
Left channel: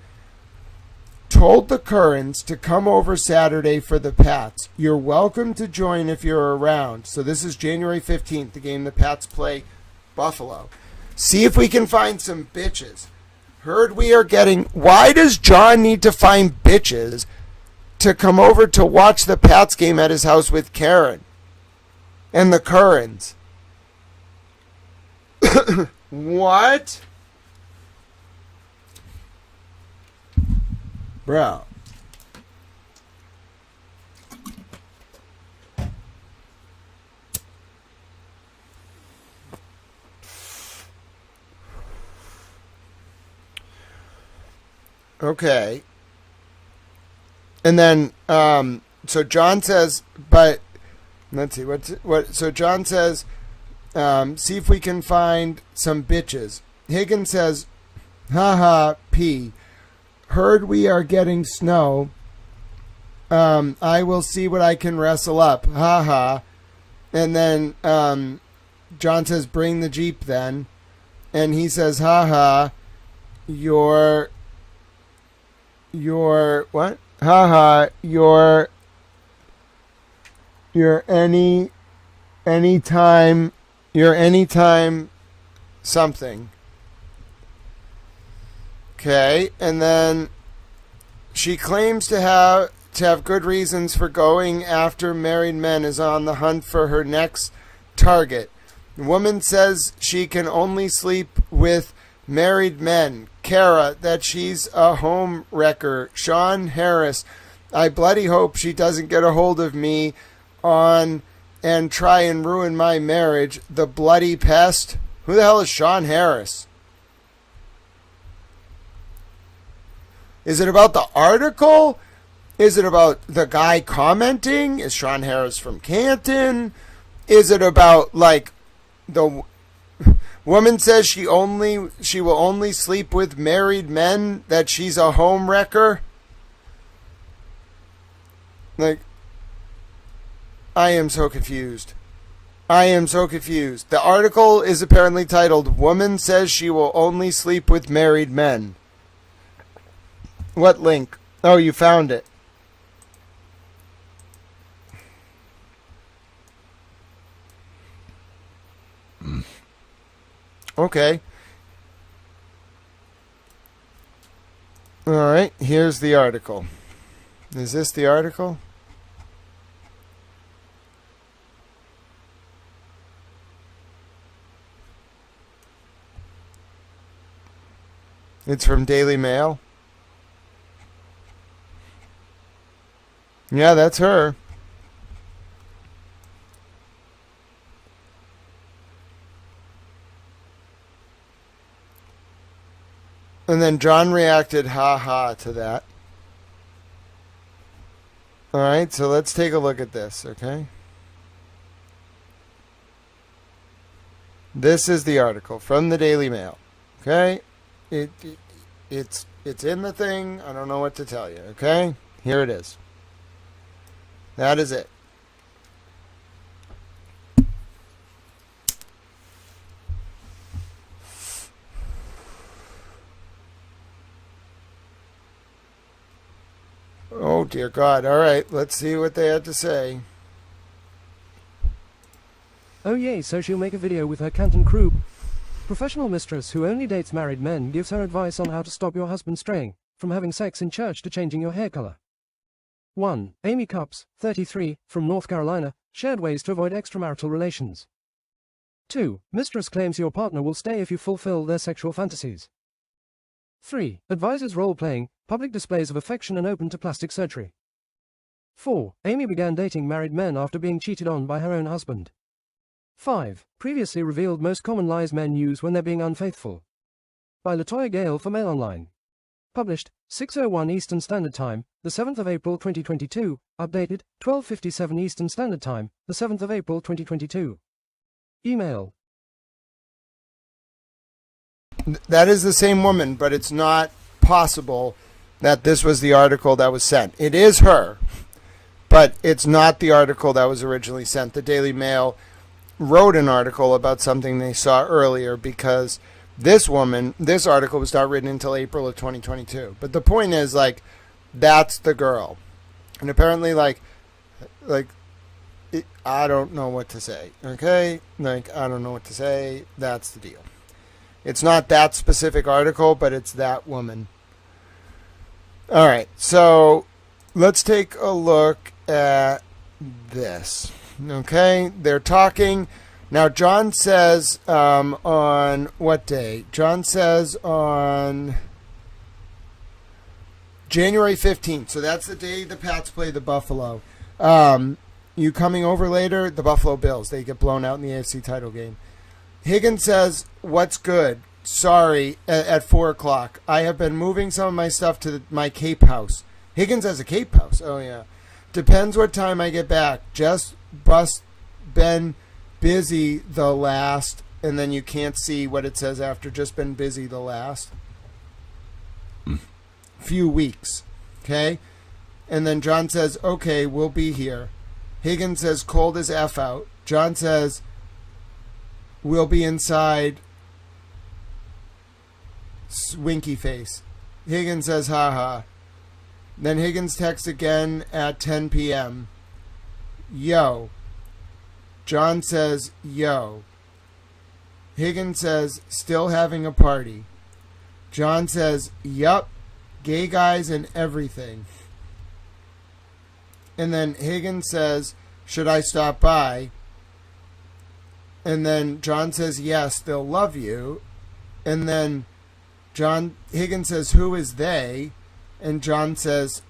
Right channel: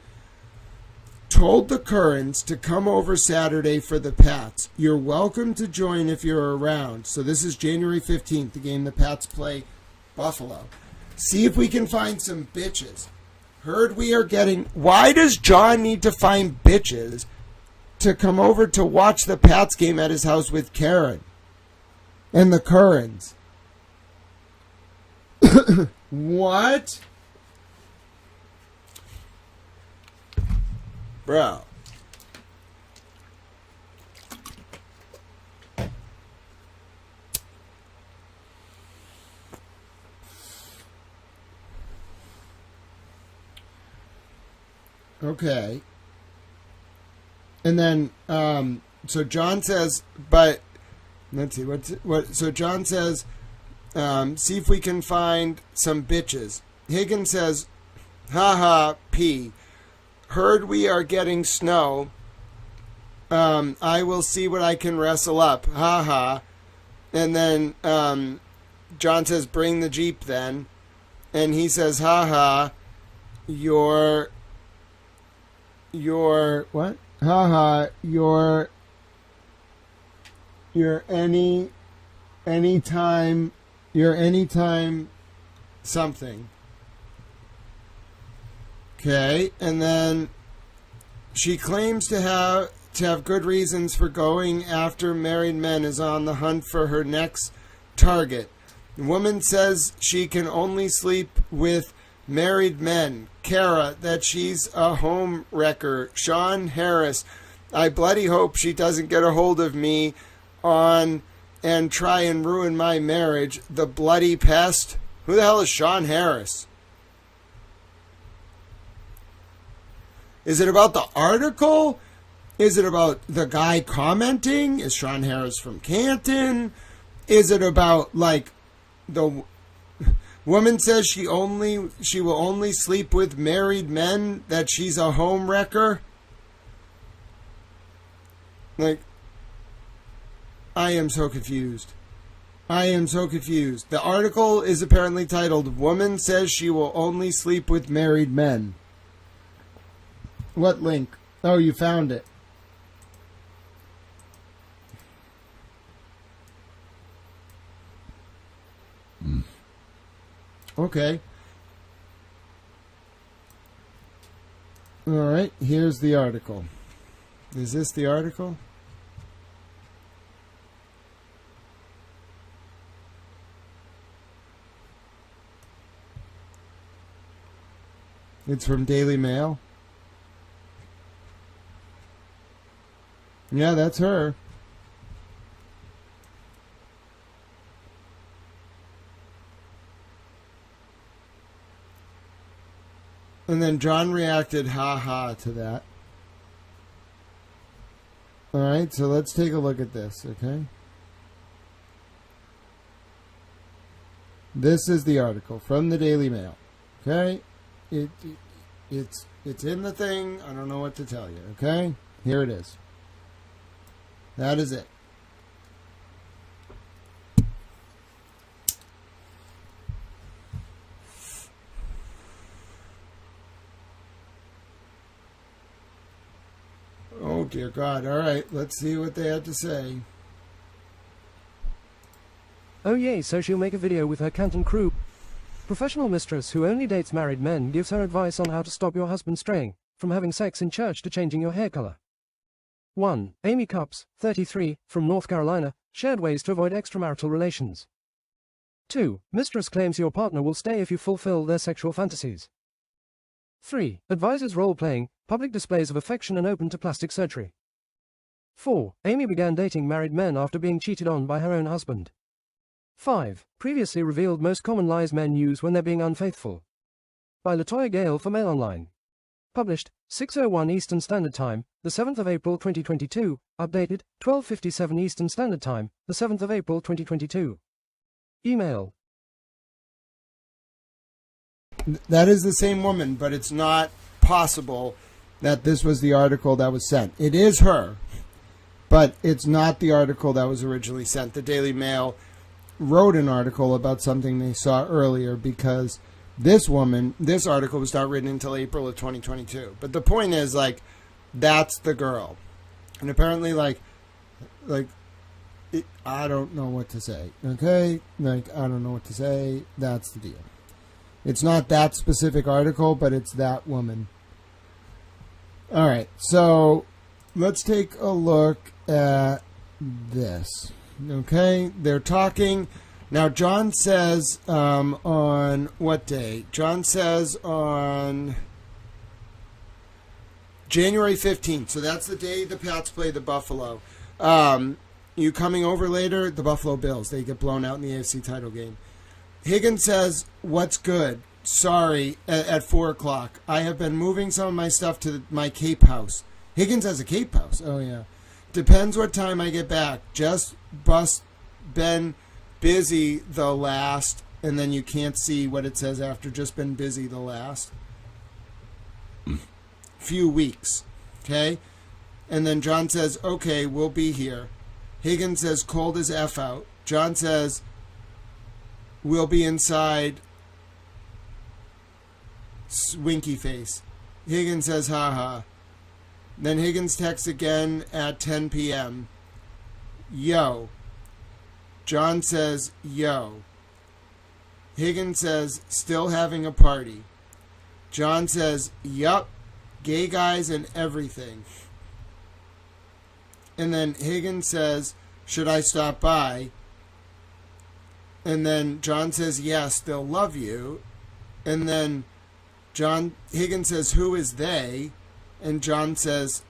Told the Currans to come over Saturday for the Pats. You're welcome to join if you're around. So this is January 15th, the game the Pats play Buffalo. See if we can find some bitches. Heard we are getting... Why does John need to find bitches to come over to watch the Pats game at his house with Karen and the Currans? What? Bro. Okay. And then, so John says, but, let's see, so John says, see if we can find some bitches. Higgins says, haha, P. Heard we are getting snow. I will see what I can wrestle up. Ha ha. And then John says, bring the Jeep then. And he says, ha ha. You're what? Ha ha. You're anytime something. Okay, and then she claims to have good reasons for going after married men, is on the hunt for her next target. The woman says she can only sleep with married men. Kara, that she's a home wrecker. Sean Harris, I bloody hope she doesn't get a hold of me and try and ruin my marriage. The bloody pest. Who the hell is Sean Harris? Is it about the article? Is it about the guy commenting? Is Sean Harris from Canton? Is it about, like, the woman says she will only sleep with married men, that she's a home wrecker? Like, I am so confused. The article is apparently titled, Woman Says She Will Only Sleep with Married Men. What link? Oh, you found it. Okay. All right, here's the article. Is this the article? It's from Daily Mail. Yeah, that's her. And then John reacted, ha ha, to that. Alright, so let's take a look at this, okay? This is the article from the Daily Mail. Okay? It's in the thing. I don't know what to tell you. Okay? Here it is. That is it. Oh, dear God. All right, let's see what they had to say. Oh yay, so she'll make a video with her Canton crew. Professional mistress who only dates married men gives her advice on how to stop your husband straying, from having sex in church to changing your hair color. 1. Amy Cups, 33, from North Carolina, shared ways to avoid extramarital relations. 2. Mistress claims your partner will stay if you fulfill their sexual fantasies. 3. Advises role-playing, public displays of affection and open to plastic surgery. 4. Amy began dating married men after being cheated on by her own husband. 5. Previously revealed most common lies men use when they're being unfaithful. By Latoya Gale for Mail Online. Published, 6:01 Eastern Standard Time, the 7th of April 2022, updated, 12:57 Eastern Standard Time, the 7th of April 2022. Email. That is the same woman, but it's not possible that this was the article that was sent. It is her, but it's not the article that was originally sent. The Daily Mail wrote an article about something they saw earlier because this article was not written until April of 2022. But the point is, like, that's the girl. And apparently, I don't know what to say, okay? I don't know what to say. That's the deal. It's not that specific article, but it's that woman. All right, so let's take a look at this. Okay, they're talking. Now, John says on what day? John says on January 15th. So that's the day the Pats play the Buffalo. You coming over later? The Buffalo Bills. They get blown out in the AFC title game. Higgins says, what's good? Sorry, at 4 o'clock. I have been moving some of my stuff to my Cape house. Higgins has a Cape house. Oh, yeah. Depends what time I get back. Just been busy the last, and then you can't see what it says after. Just been busy the last few weeks. Okay? And then John says, okay, we'll be here. Higgins says, cold as F out. John says, we'll be inside. Winky face. Higgins says, haha. Then Higgins texts again at 10 p.m. Yo. John says, yo. Higgins says, still having a party. John says, yup. Gay guys and everything. And then Higgins says, should I stop by? And then John says, yes, they'll love you. And then Higgins says, who is they? And John says,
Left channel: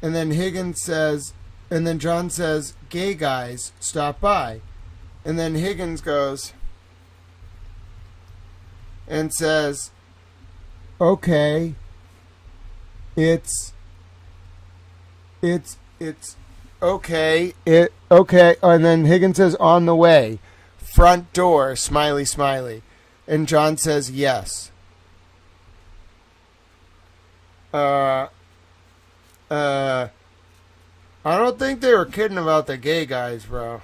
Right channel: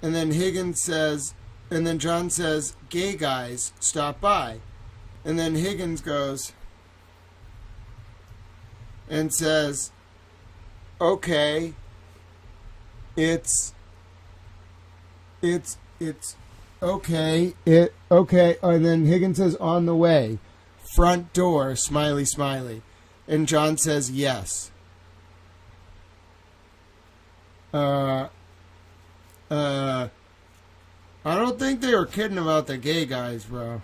and then Higgins says, and then John says, gay guys, stop by. And then Higgins goes and says, okay, it's okay, okay. And then Higgins says, on the way, front door, smiley, smiley. And John says, yes. I don't think they were kidding about the gay guys, bro.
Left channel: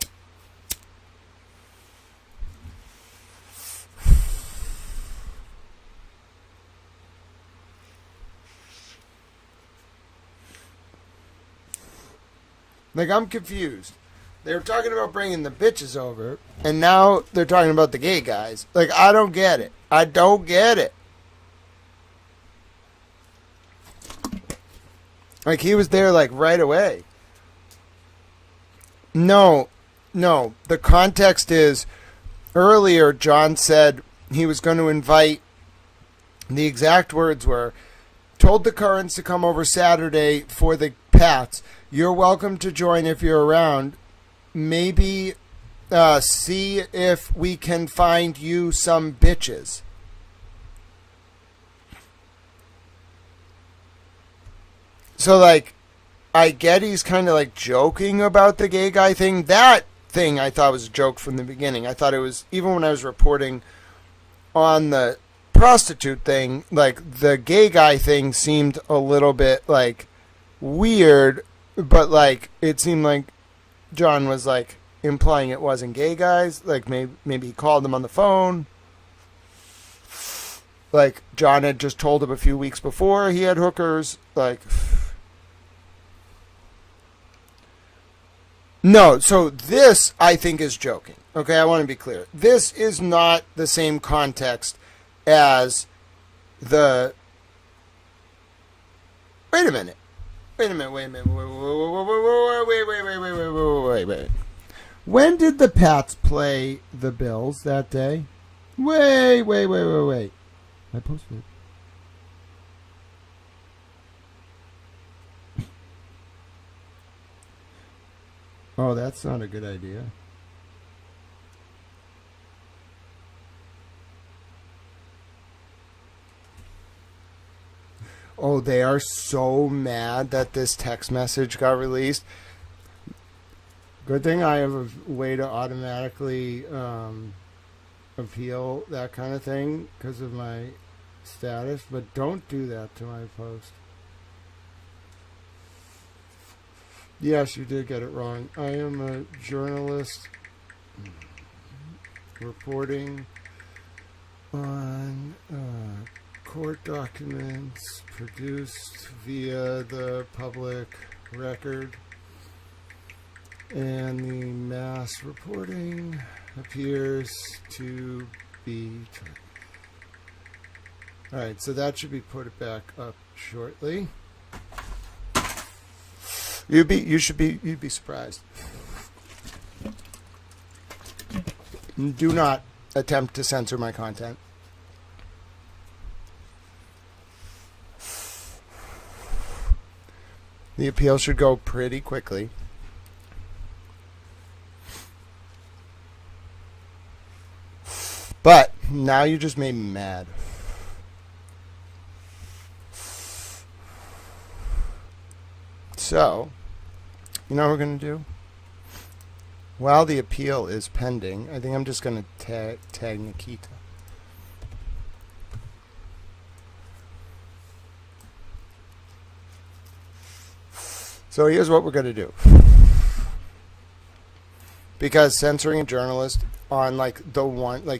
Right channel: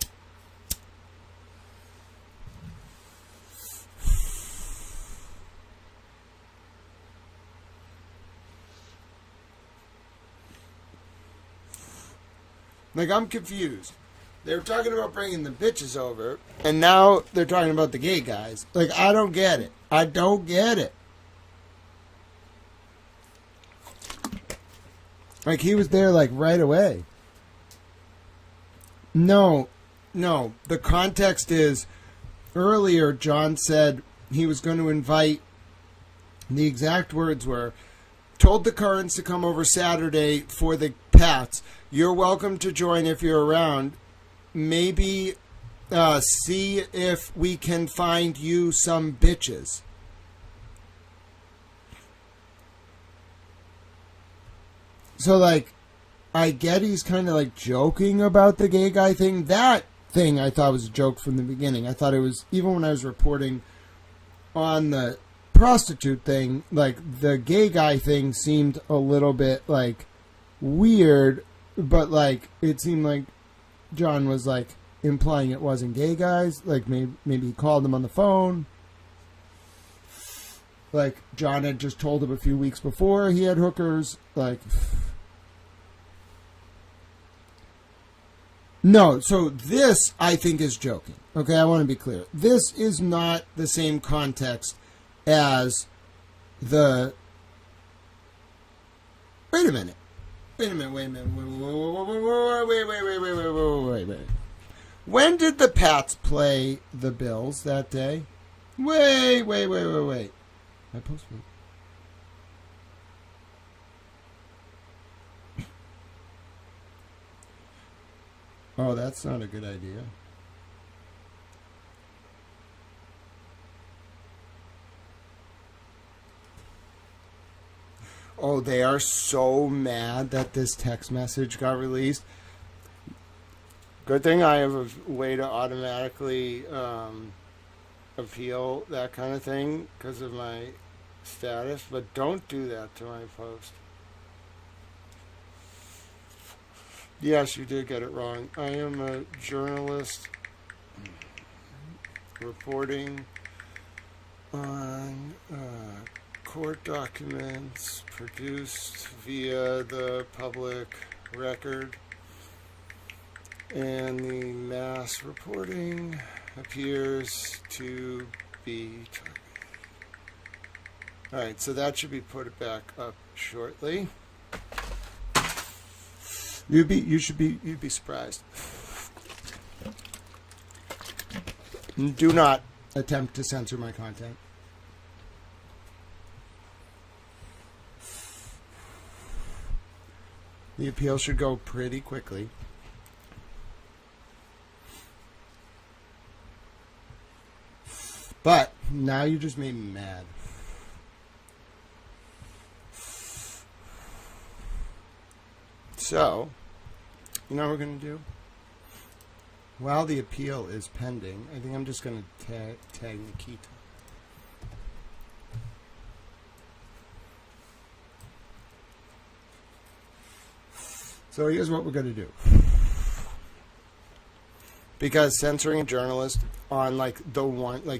Like, I'm confused. They were talking about bringing the bitches over, and now they're talking about the gay guys. Like, I don't get it. I don't get it. Like, he was there, like, right away. No. The context is, earlier, John said he was going to invite, the exact words were, told the Currents to come over Saturday for the Pats. You're welcome to join if you're around. Maybe see if we can find you some bitches. So, like, I get he's kind of, like, joking about the gay guy thing. That thing I thought was a joke from the beginning. I thought it was, even when I was reporting on the prostitute thing, like the gay guy thing seemed a little bit like weird, but like it seemed like John was like implying it wasn't gay guys. Like maybe he called them on the phone. Like John had just told him a few weeks before he had hookers. Like, no, so this I think is joking. Okay, I want to be clear. This is not the same context as the... Wait a minute. Wait. When did the Pats play the Bills that day? Wait. I posted it. Oh, that's not a good idea. Oh, they are so mad that this text message got released. Good thing I have a way to automatically appeal that kind of thing because of my status, but don't do that to my post. Yes, you did get it wrong. I am a journalist reporting on court documents produced via the public record, and the mass reporting appears to be targeted. All right, so that should be put back up shortly. You'd be surprised. Do not attempt to censor my content. The appeal should go pretty quickly. But now you just made me mad. So, you know what we're going to do? While the appeal is pending, I think I'm just going to tag Nikita. So here's what we're going to do. Because censoring a journalist on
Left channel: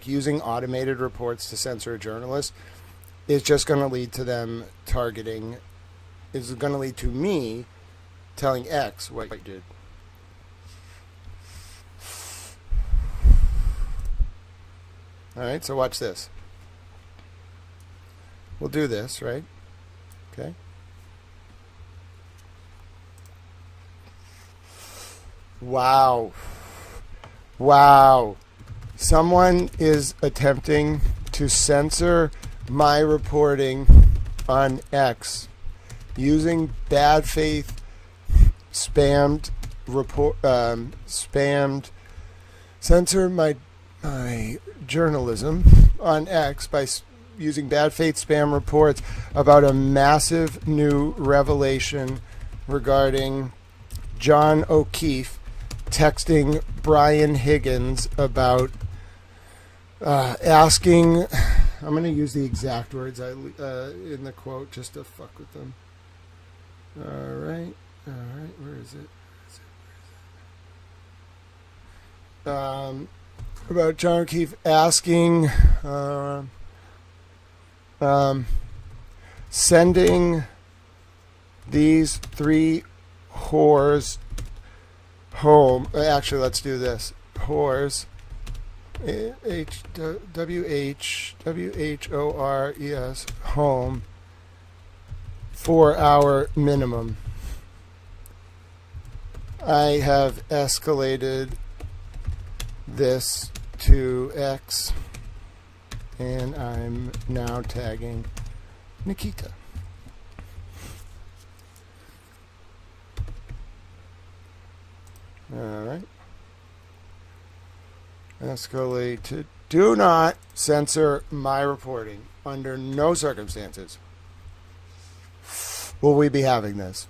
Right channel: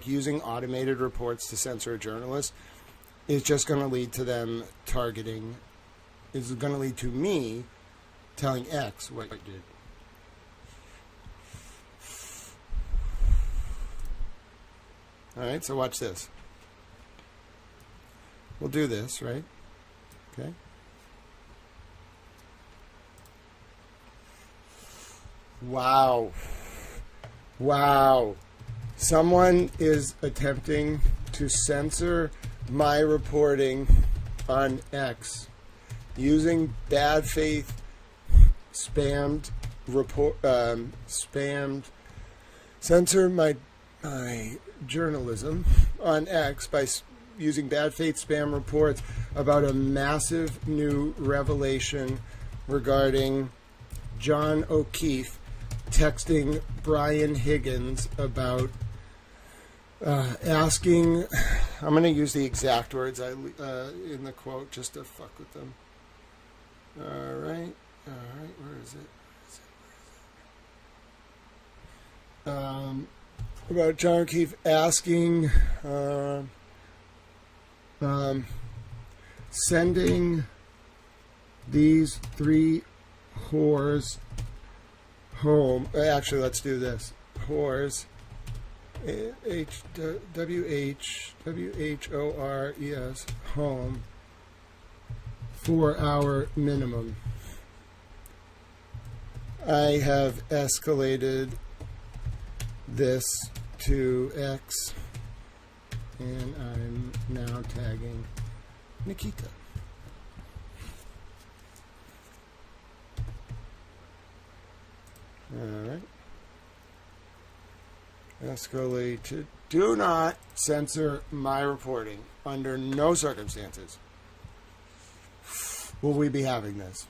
using automated reports to censor a journalist is just going to lead to them targeting, is going to lead to me telling X what I did. All right, so watch this. We'll do this, right? Okay. Wow. Someone is attempting to censor my reporting on X using bad faith spammed censor my journalism on X by using bad faith spam reports about a massive new revelation regarding John O'Keefe texting Brian Higgins about asking, I'm going to use the exact words in the quote just to fuck with them. All right, where is it? About John O'Keefe asking, sending these three whores home. Actually, let's do this. Whores, WHORES, home, 4-hour minimum. I have escalated this to X, and I'm now tagging Nikita. All right. Escalated. Do not censor my reporting under no circumstances will we be having this.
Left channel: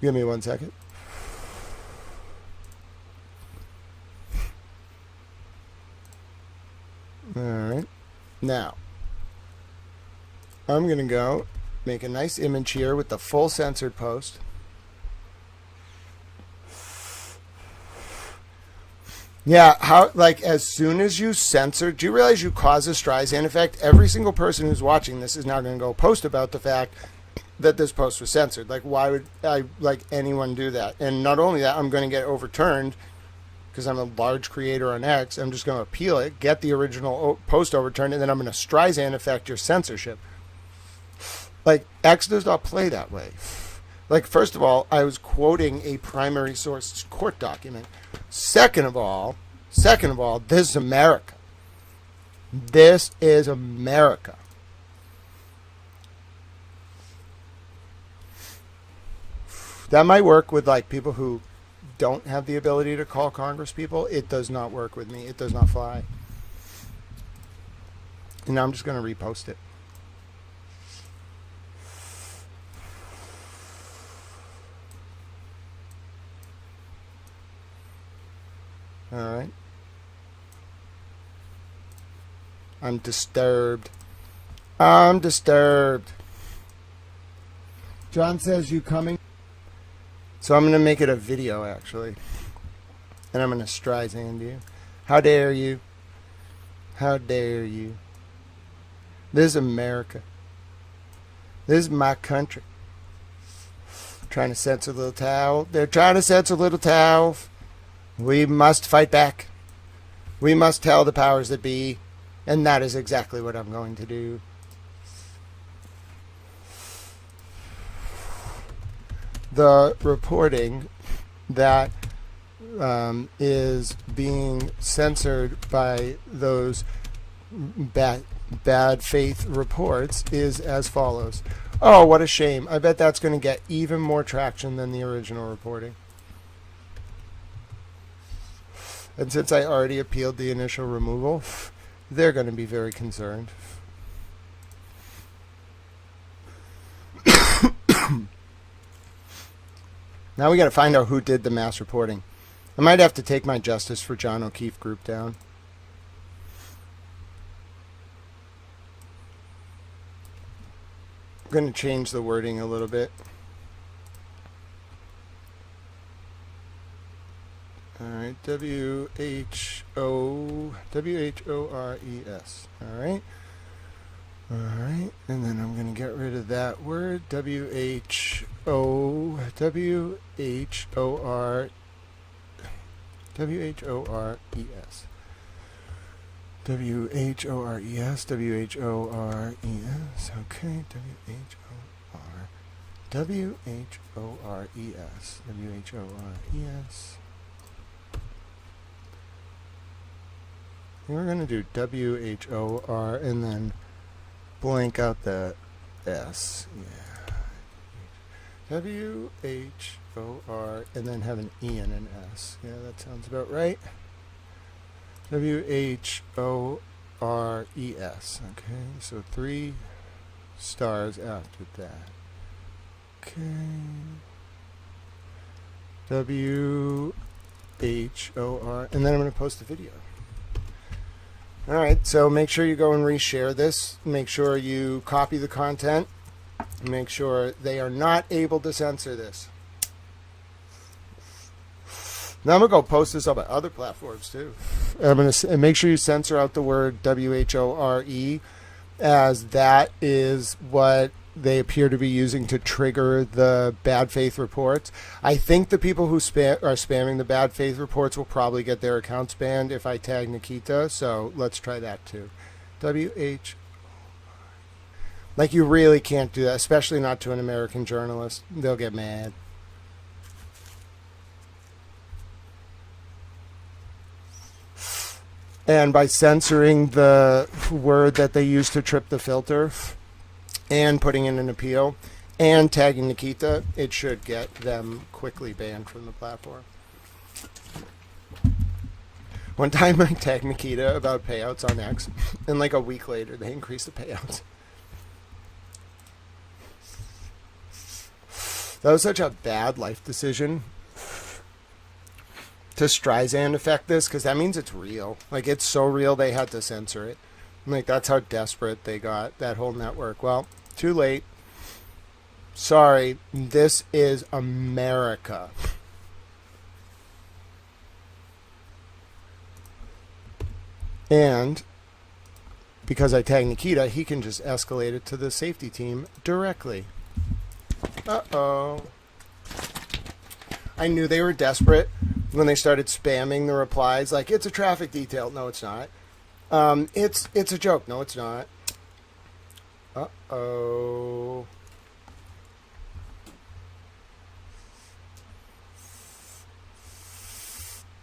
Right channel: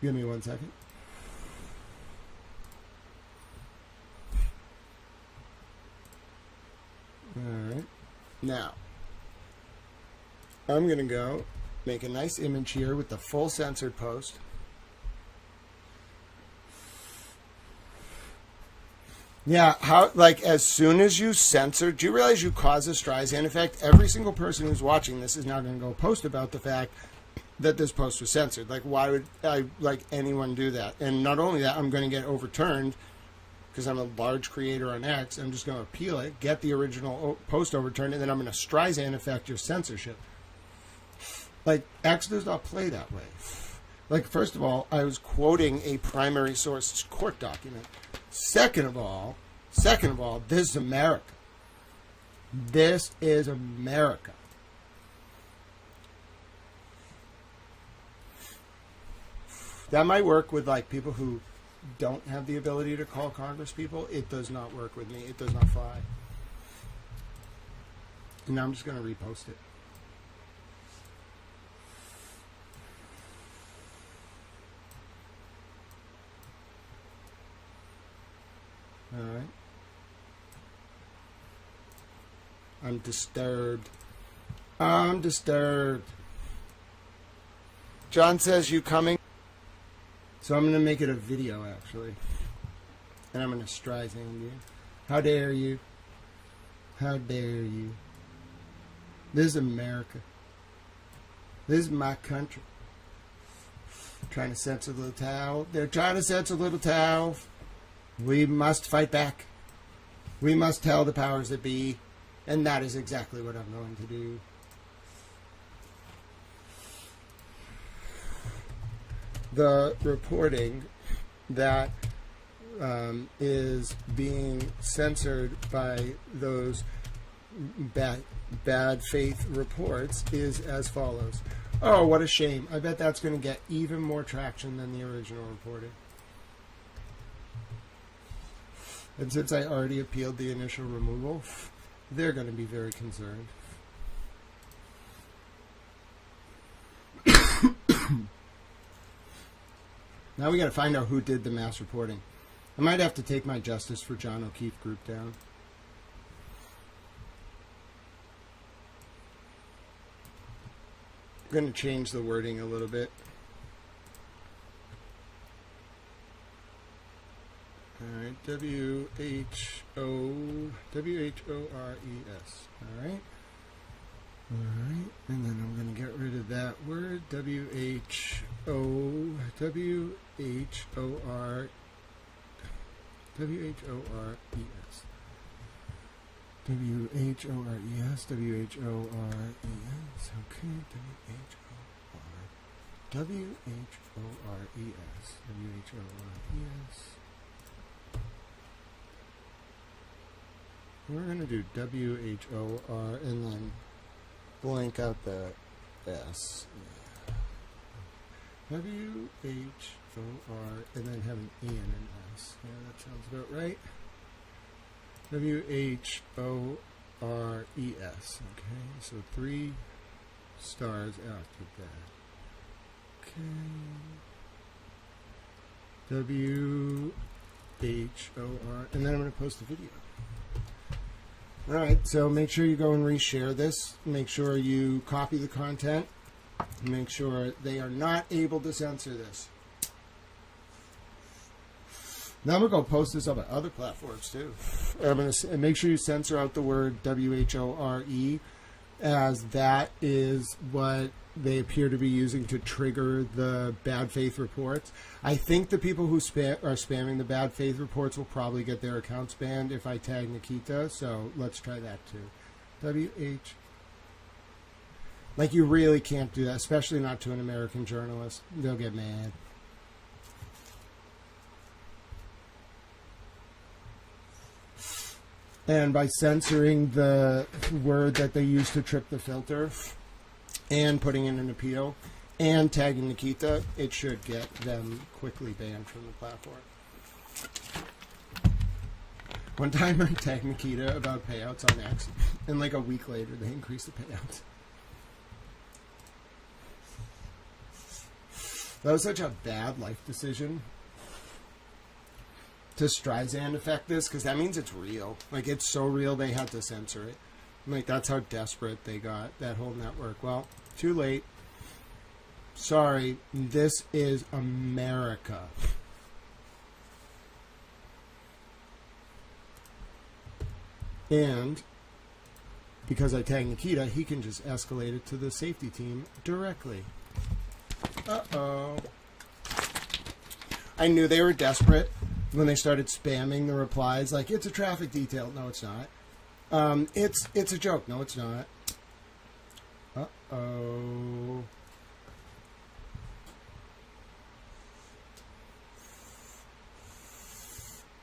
Give me 1 second. All right. Now, I'm going to go make a nice image here with the full censored post. Yeah, how, like, as soon as you censor, do you realize you cause a Streisand effect? Every single person who's watching this is now going to go post about the fact that this post was censored. Like, why would anyone do that? And not only that, I'm going to get overturned because I'm a large creator on X. I'm just going to appeal it, get the original post overturned, and then I'm going to Streisand effect your censorship. Like, X does not play that way. Like, first of all, I was quoting a primary source court document. Second of all, this is America. This is America. That might work with, like, people who don't have the ability to call Congress people. It does not work with me. It does not fly. And now I'm just going to repost it. All right. I'm disturbed. I'm disturbed. John says, you coming? So I'm going to make it a video, actually. And I'm going to Streisand you. How dare you? How dare you? This is America. This is my country. Trying to censor Little Tao. They're trying to censor Little Tao. We must fight back. We must tell the powers that be. And that is exactly what I'm going to do. The reporting that is being censored by those bad faith reports is as follows. Oh, what a shame. I bet that's going to get even more traction than the original reporting. And since I already appealed the initial removal, they're going to be very concerned. Now we got to find out who did the mass reporting. I might have to take my Justice for John O'Keefe group down. I'm going to change the wording a little bit. All right, W-H-O-R-E-S. All right. All right, and then I'm going to get rid of that word, W-H-O-R-E-S. W-H-O-R-E-S. W-H-O-R-E-S, W-H-O-R-E-S, okay, W-H-O-R, W-H-O-R-E-S, W-H-O-R-E-S. We're going to do W-H-O-R and then blank out the S. Yeah. W-H-O-R and then have an E and an S. Yeah, that sounds about right. W-H-O-R-E-S. Okay, so 3 stars after that. Okay. W-H-O-R. And then I'm going to post the video. All right, so make sure you go and reshare this. Make sure you copy the content. Make sure they are not able to censor this. Now I'm going to go post this up at other platforms too. I'm going to make sure you censor out the word W-H-O-R-E, as that is what they appear to be using to trigger the bad faith reports. I think the people who are spamming the bad faith reports will probably get their accounts banned if I tag Nikita, so let's try that too. W-H... Like, you really can't do that, especially not to an American journalist. They'll get mad. And by censoring the word that they use to trip the filter and putting in an appeal and tagging Nikita, it should get them quickly banned from the platform. One time I tagged Nikita about payouts on X, and like a week later they increased the payouts. That was such a bad life decision. to Streisand affect this? Because that means it's real. Like, it's so real they had to censor it. Like, that's how desperate they got, that whole network. Well, too late. Sorry, this is America. And because I tagged Nikita, he can just escalate it to the safety team directly. Uh-oh. I knew they were desperate when they started spamming the replies like, it's a traffic detail. No, it's not. It's a joke. No, it's not. Uh-oh.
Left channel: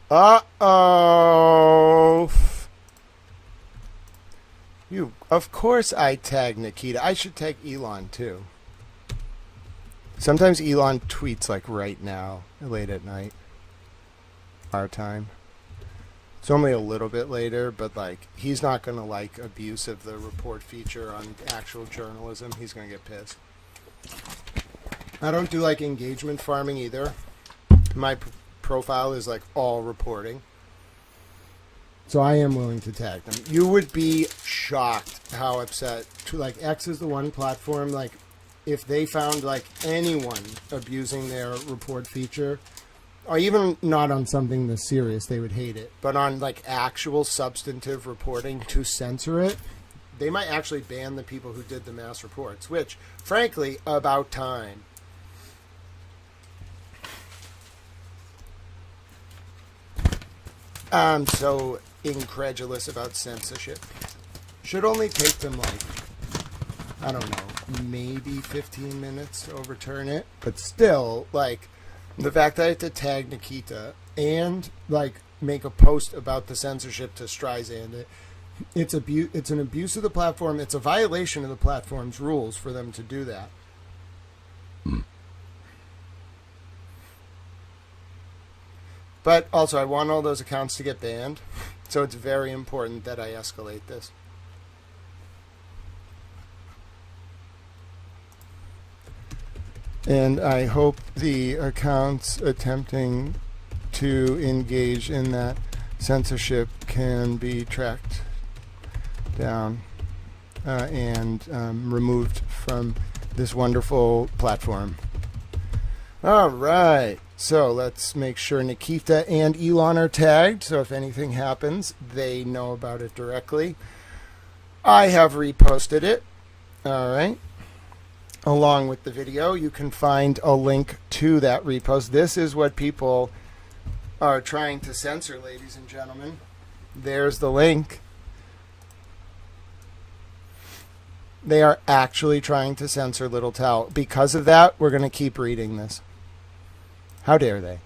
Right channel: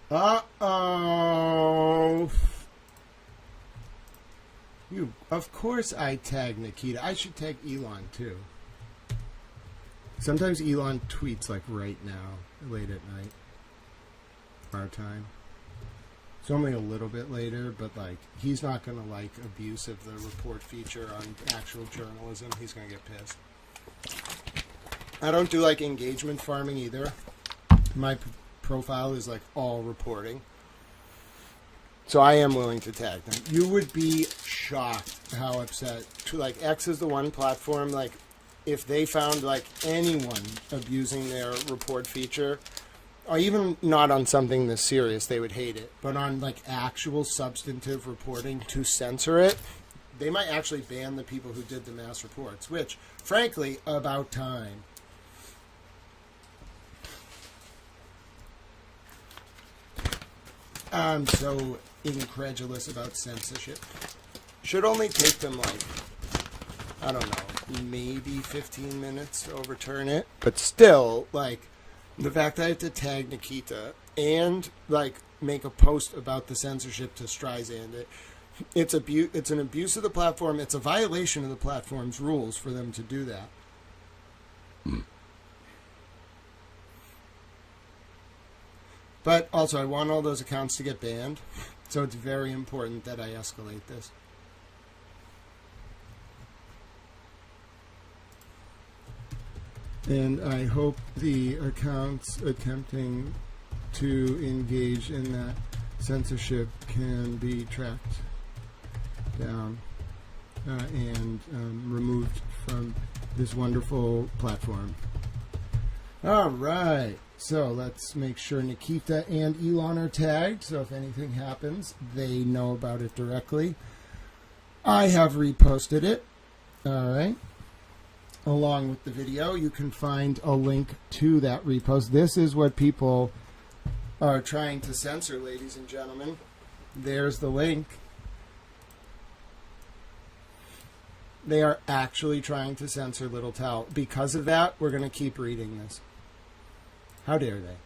Uh-oh. Of course I tag Nikita. I should tag Elon too. Sometimes Elon tweets like right now, late at night, our time. It's only a little bit later, but like he's not gonna like abuse of the report feature on actual journalism. He's gonna get pissed. I don't do like engagement farming either. My profile is like all reporting. So I am willing to tag them. You would be shocked how upset. Like X is the one platform, like if they found like anyone abusing their report feature, or even not on something this serious, they would hate it. But on like actual substantive reporting to censor it, they might actually ban the people who did the mass reports, which frankly, about time. I'm so incredulous about censorship. Should only take them like, I don't know, maybe 15 minutes to overturn it. But still, like, the fact that I have to tag Nikita and like make a post about the censorship to Streisand, it's an abuse of the platform. It's a violation of the platform's rules for them to do that. But also, I want all those accounts to get banned, so it's very important that I escalate this. And I hope the accounts attempting to engage in that censorship can be tracked down and removed from this wonderful platform. All right. So let's make sure Nikita and Elon are tagged, so if anything happens, they know about it directly. I have reposted it, all right, along with the video. You can find a link to that repost. This is what people are trying to censor, ladies and gentlemen. There's the link. They are actually trying to censor Little Tao. Because of that, we're going to keep reading this. How dare they?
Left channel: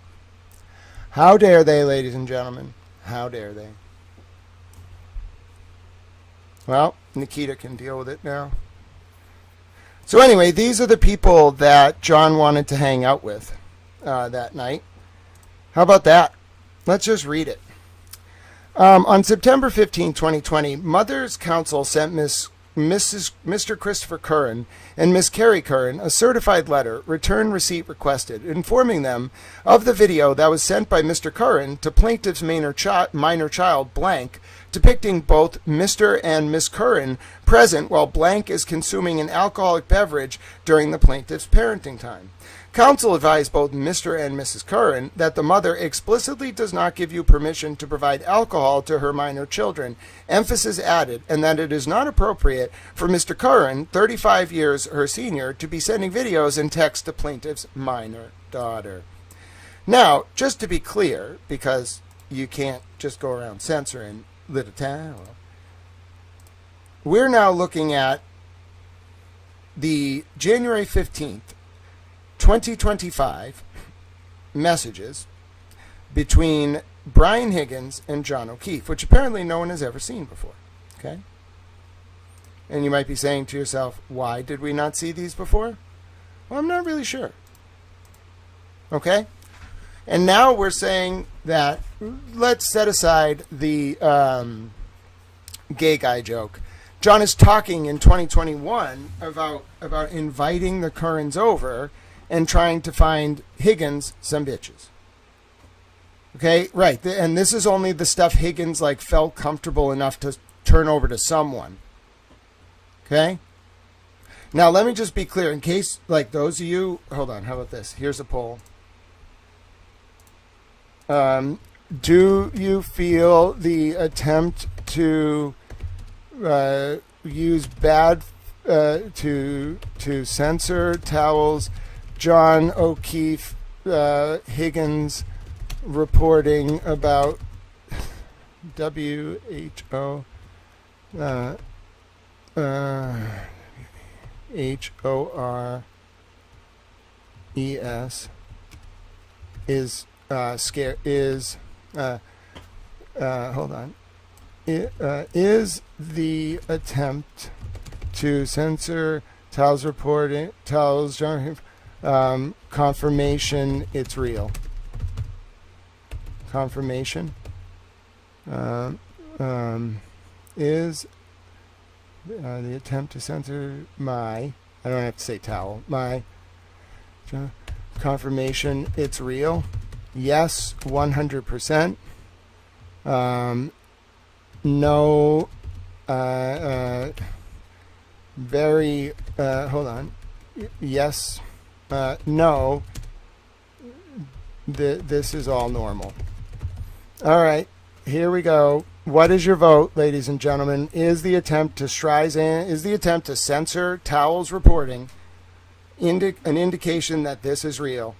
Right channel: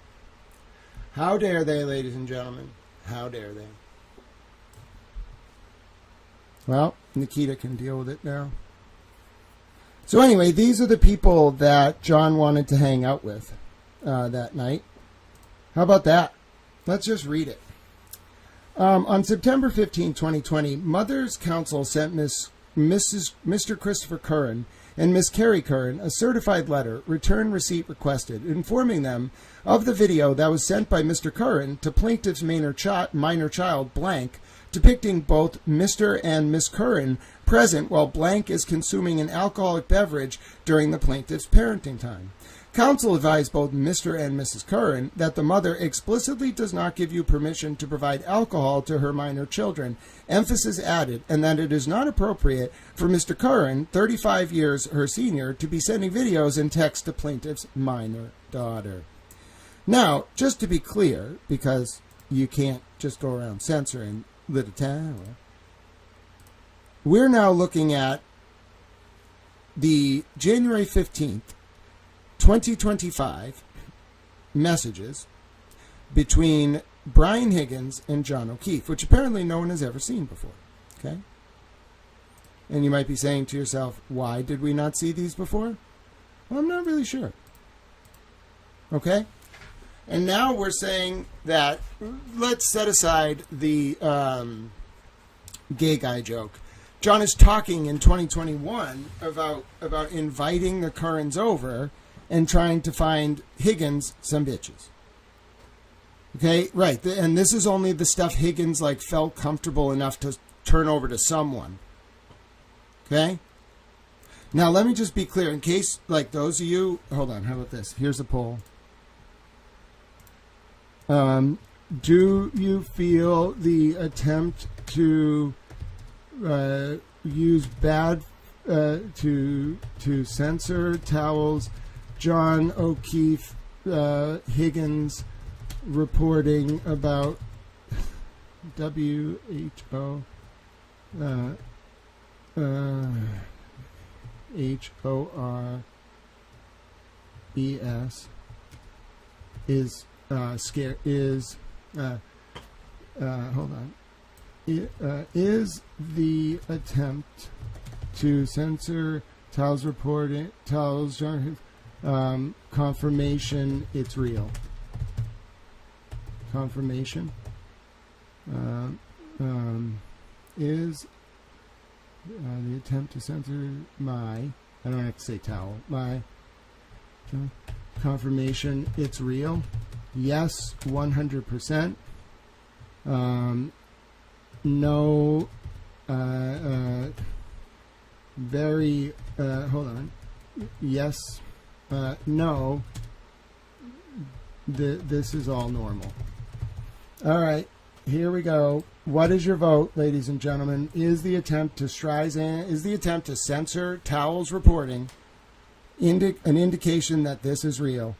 How dare they, ladies and gentlemen? How dare they? Well, Nikita can deal with it now. So anyway, these are the people that John wanted to hang out with that night. How about that? Let's just read it. On September 15, 2020, Mother's Council sent Mr. Christopher Curran and Miss Carrie Curran a certified letter, return receipt requested, informing them of the video that was sent by Mr. Curran to plaintiff's minor child, Blank, depicting both Mr. and Miss Curran present while Blank is consuming an alcoholic beverage during the plaintiff's parenting time. Counsel advised both Mr. and Mrs. Curran that the mother explicitly does not give you permission to provide alcohol to her minor children, emphasis added, and that it is not appropriate for Mr. Curran, 35 years her senior, to be sending videos and text to plaintiff's minor daughter. Now, just to be clear, because you can't just go around censoring Little Tao, we're now looking at the January 15th, 2025 messages between Brian Higgins and John O'Keefe, which apparently no one has ever seen before. Okay? And you might be saying to yourself, why did we not see these before? Well, I'm not really sure. Okay? And now we're saying that let's set aside the gay guy joke. John is talking in 2021 about inviting the Currans over and trying to find Higgins some bitches. Okay, right. And this is only the stuff Higgins like felt comfortable enough to turn over to someone. Okay? Now, let me just be clear in case, like, those of you, hold on, how about this? Here's a poll. Do you feel the attempt to use bad to censor towels, John O'Keefe, Higgins reporting about WHO HORES is scare is hold on. Is the attempt to censor Towels reporting Towels confirmation it's real? Confirmation is the attempt to censor my, I don't have to say towel, my confirmation it's real? Yes, 100%. No, very, hold on. Yes, no, this is all normal. All right, here we go. What is your vote, ladies and gentlemen? Is the attempt to censor Towels reporting an indication that this is real?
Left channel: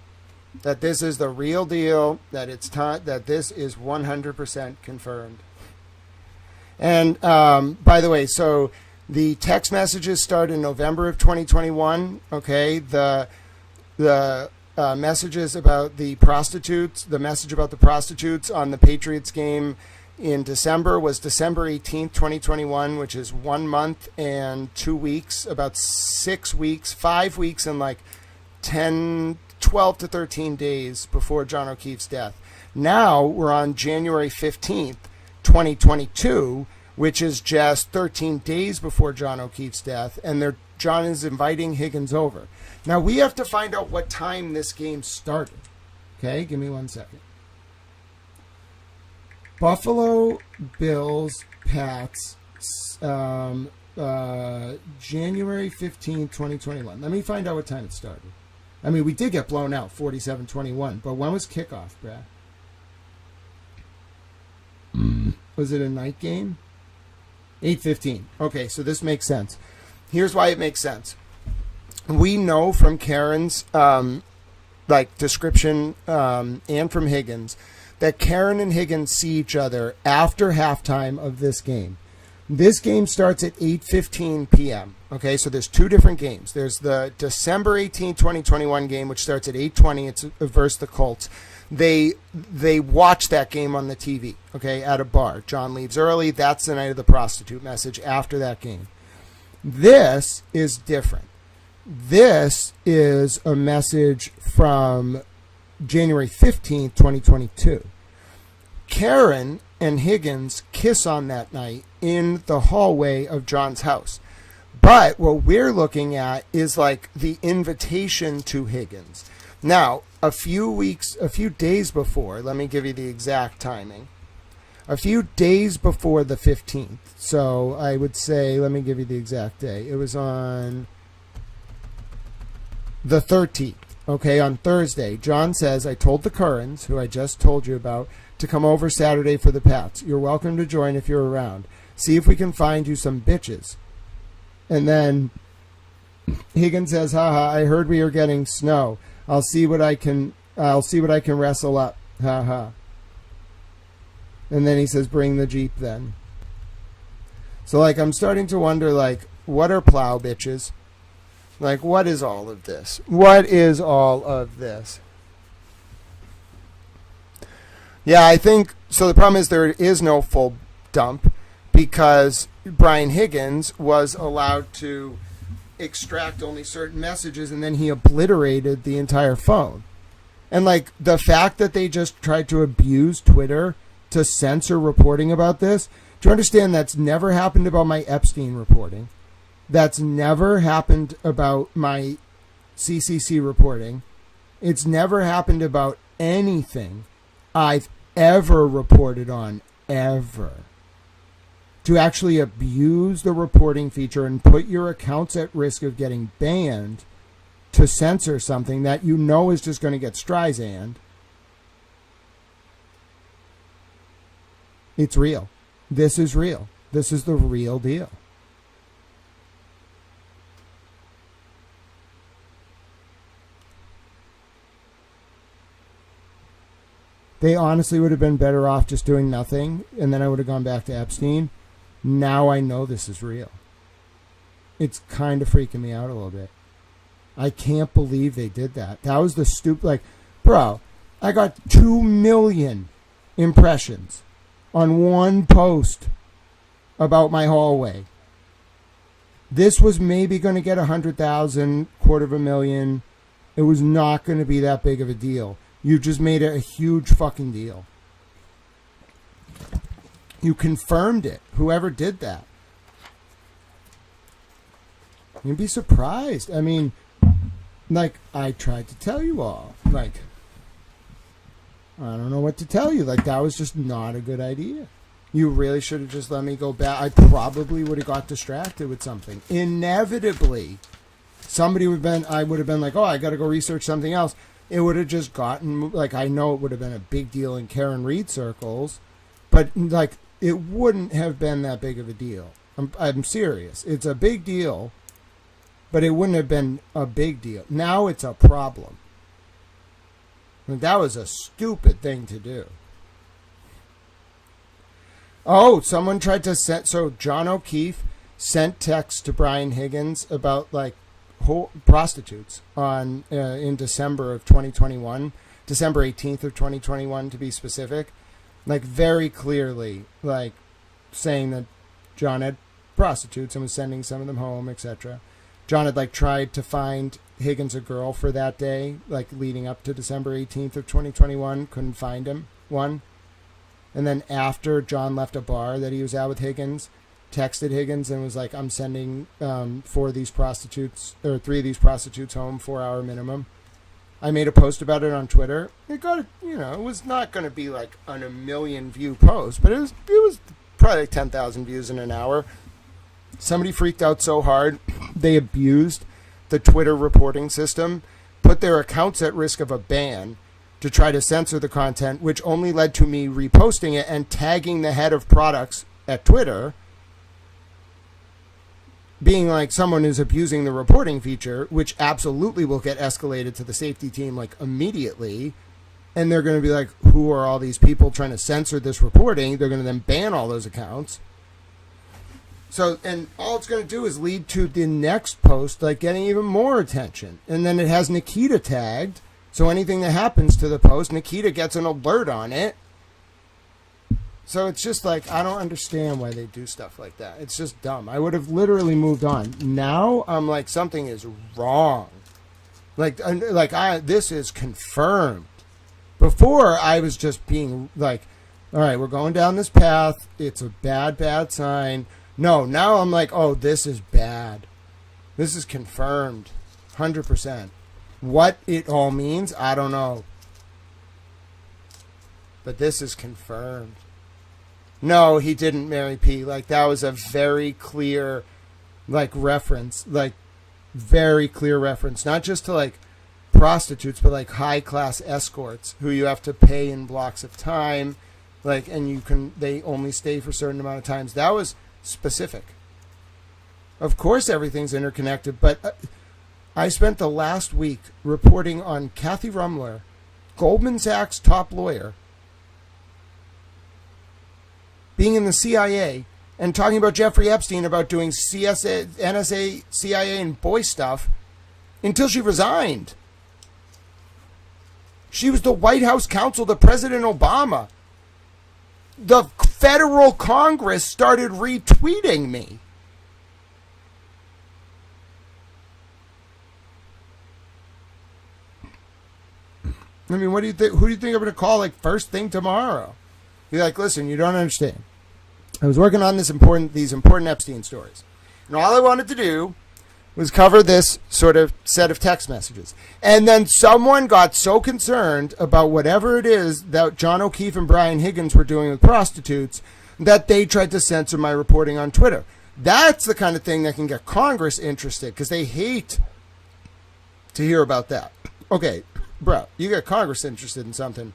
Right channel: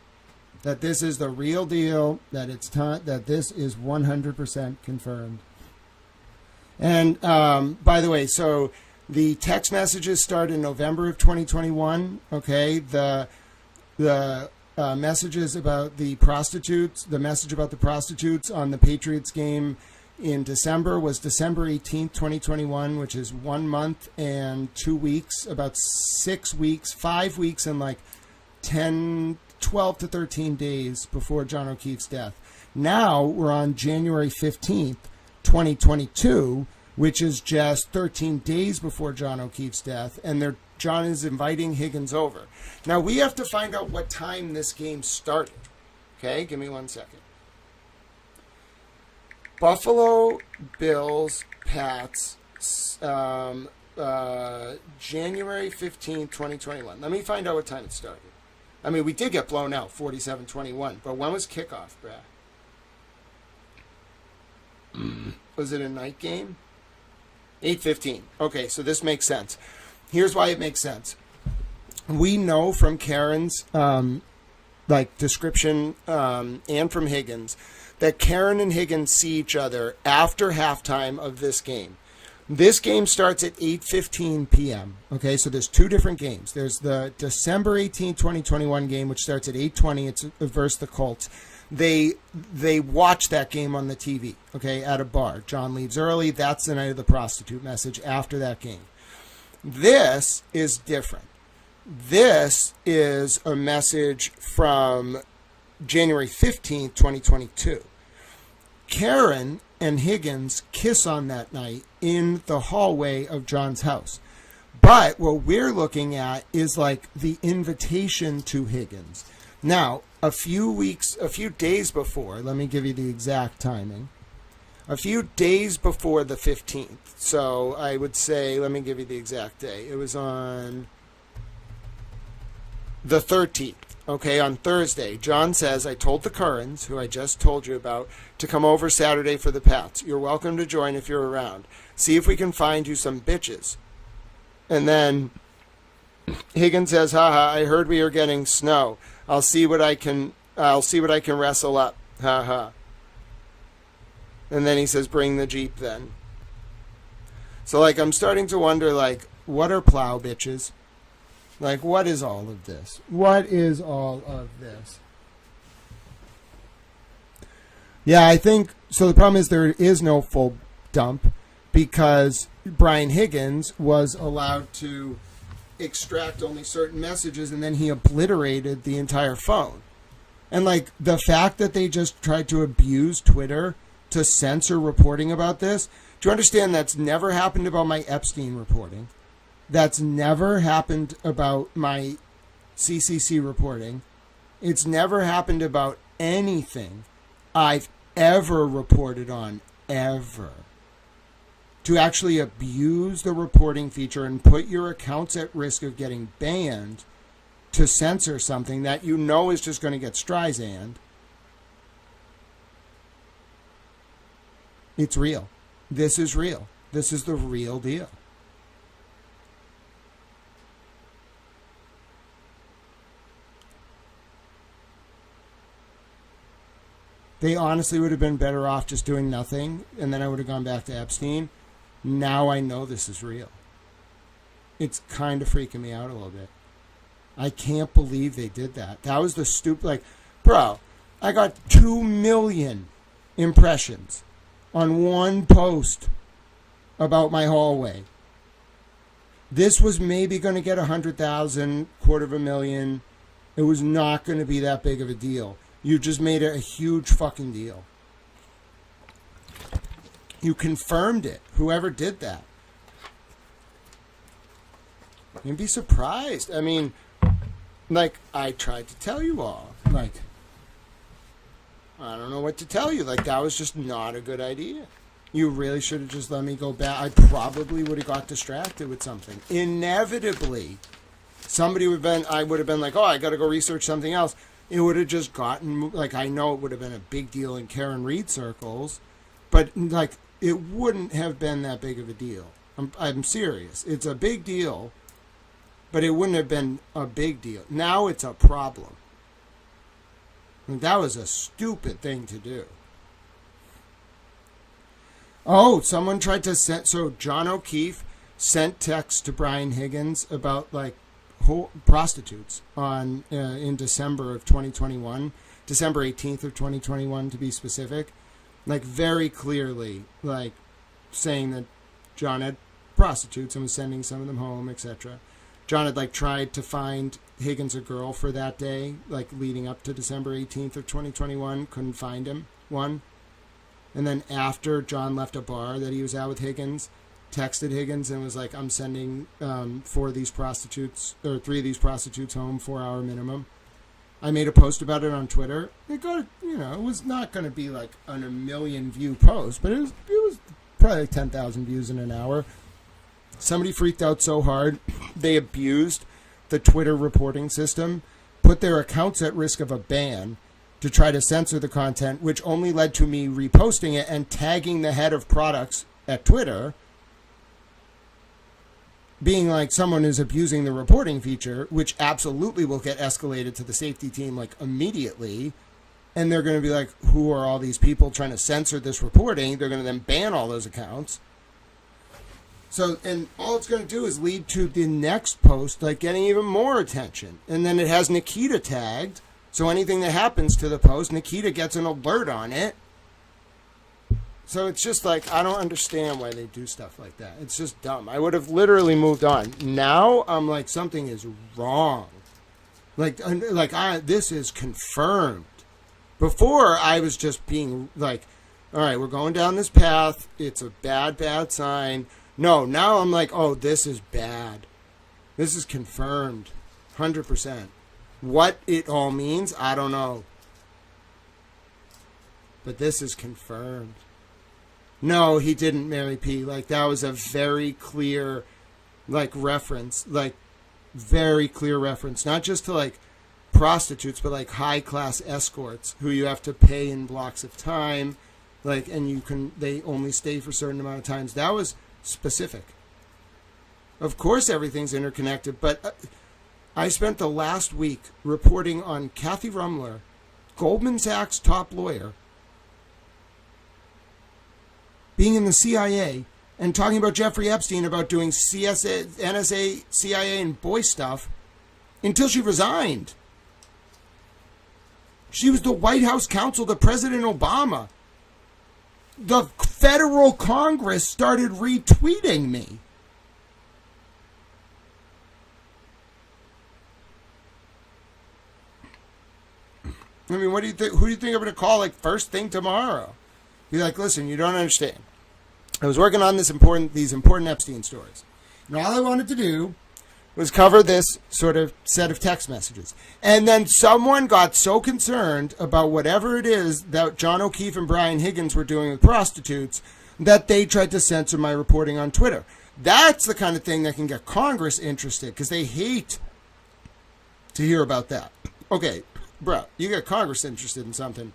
That this is the real deal, that it's time, that this is 100% confirmed. And by the way, so the text messages start in November of 2021. Okay, the messages about the prostitutes, the message about the prostitutes on the Patriots game in December was December 18th, 2021, which is 1 month and 2 weeks, about 6 weeks, 5 weeks, and like 12 to 13 days before John O'Keefe's death. Now we're on January 15th, 2022, which is just 13 days before John O'Keefe's death, and John is inviting Higgins over. Now we have to find out what time this game started. Okay, give me 1 second. Buffalo Bills Pats, January 15th, 2021. Let me find out what time it started. I mean, we did get blown out, 47-21, but when was kickoff, Brad? Was it a night game? 8:15. Okay, so this makes sense. Here's why it makes sense. We know from Karen's description and from Higgins that Karen and Higgins see each other after halftime of this game. This game starts at 8:15 p.m. Okay, so there's two different games. There's the December 18, 2021 game, which starts at 8:20. It's versus the Colts. They watch that game on the TV, okay, at a bar. John leaves early. That's the night of the prostitute message after that game. This is different. This is a message from January 15th, 2022. Karen and Higgins kiss on that night in the hallway of John's house. But what we're looking at is like the invitation to Higgins. Now, a few days before, let me give you the exact timing. A few days before the 15th. So I would say, let me give you the exact day. It was on the 13th. Okay, on Thursday, John says, I told the Currans, who I just told you about, to come over Saturday for the Pats. You're welcome to join if you're around. See if we can find you some bitches. And then Higgins says, haha, I heard we are getting snow. I'll see what I can wrestle up. Haha. And then he says, bring the Jeep then. So like I'm starting to wonder, like, what are plow bitches? Like, what is all of this? What is all of this? Yeah, I think, so the problem is there is no full dump because Brian Higgins was allowed to extract only certain messages and then he obliterated the entire phone. And like the fact that they just tried to abuse Twitter to censor reporting about this, do you understand that's never happened about my Epstein reporting? That's never happened about my CCC reporting. It's never happened about anything I've ever reported on, ever. To actually abuse the reporting feature and put your accounts at risk of getting banned to censor something that you know is just going to get Streisand. It's real. This is real. This is the real deal. They honestly would have been better off just doing nothing, and then I would have gone back to Epstein. Now I know this is real. It's kind of freaking me out a little bit. I can't believe they did that. That was the stupid, like, bro, I got 2 million impressions on one post about my hallway. This was maybe going to get 100,000, 250,000. It was not going to be that big of a deal. You just made it a huge fucking deal. You confirmed it. Whoever did that. You'd be surprised. I mean, like, I tried to tell you all. Like, I don't know what to tell you. Like, that was just not a good idea. You really should have just let me go back. I probably would have got distracted with something. Inevitably. Somebody would have been, I would have been like, oh, I got to go research something else. It would have just gotten, like, I know it would have been a big deal in Karen Reed circles, but, like, it wouldn't have been that big of a deal. I'm serious. It's a big deal, but it wouldn't have been a big deal. Now it's a problem. And that was a stupid thing to do. Oh, someone tried to send, so John O'Keefe sent texts to Brian Higgins about, like, prostitutes on in December of 2021, December 18th of 2021 to be specific, like very clearly, like saying that John had prostitutes and was sending some of them home, etc. John had like tried to find Higgins a girl for that day, like leading up to December 18th of 2021, couldn't find him, one. And then after John left a bar that he was at with Higgins, texted Higgins and was like, I'm sending 4 of these prostitutes, or 3 of these prostitutes home, 4-hour minimum. I made a post about it on Twitter. It got, you know, it was not going to be like on a 1 million view post, but it was probably like 10,000 views in an hour. Somebody freaked out so hard, they abused the Twitter reporting system, put their accounts at risk of a ban to try to censor the content, which only led to me reposting it and tagging the head of products at Twitter, being like someone is abusing the reporting feature, which absolutely will get escalated to the safety team like immediately. And they're going to be like, who are all these people trying to censor this reporting? They're going to then ban all those accounts. So, and all it's going to do is lead to the next post, like getting even more attention. And then it has Nikita tagged. So anything that happens to the post, Nikita gets an alert on it. So it's just like, I don't understand why they do stuff like that. It's just dumb. I would have literally moved on. Now I'm like, something is wrong. This is confirmed. Before I was just being like, all right, we're going down this path. It's a bad, bad sign. No, now I'm like, oh, this is bad. This is confirmed. 100%. What it all means, I don't know. But this is confirmed. No, he didn't marry P. Like, that was a very clear, like, reference. Like, very clear reference. Not just to, like, prostitutes, but, like, high-class escorts who you have to pay in blocks of time. Like, and they only stay for a certain amount of times. That was specific. Of course everything's interconnected, but I spent the last week reporting on Kathy Rumler, Goldman Sachs' top lawyer, being in the CIA and talking about Jeffrey Epstein about doing CSA, NSA, CIA, and boy stuff until she resigned. She was the White House counsel to President Obama. The federal Congress started retweeting me. I mean, what do you think? Who do you think I'm going to call like first thing tomorrow? Be like, listen, you don't understand. I was working on these important Epstein stories, and all I wanted to do was cover this sort of set of text messages. And then someone got so concerned about whatever it is that John O'Keefe and Brian Higgins were doing with prostitutes that they tried to censor my reporting on Twitter. That's the kind of thing that can get Congress interested because they hate to hear about that. Okay, bro, you get Congress interested in something,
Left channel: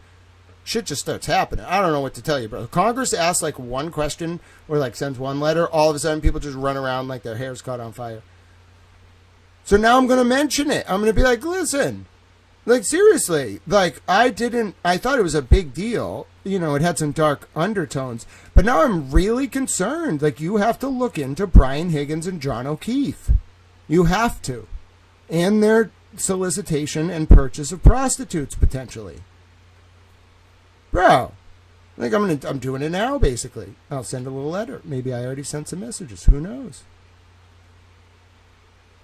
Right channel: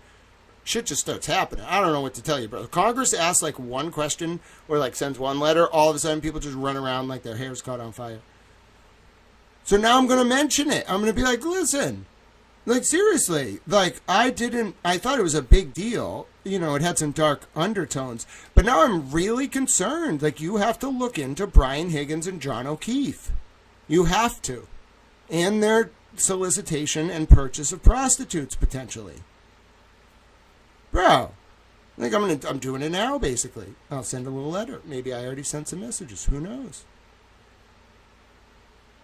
shit just starts happening. I don't know what to tell you, bro. Congress asks like one question or like sends one letter, all of a sudden people just run around like their hair's caught on fire. So now I'm going to mention it. I'm going to be like, listen, like seriously, like I thought it was a big deal. You know, it had some dark undertones, but now I'm really concerned. Like you have to look into Brian Higgins and John O'Keefe. You have to. And their solicitation and purchase of prostitutes potentially. Bro, like I'm doing it now basically. I'll send a little letter. Maybe I already sent some messages. Who knows?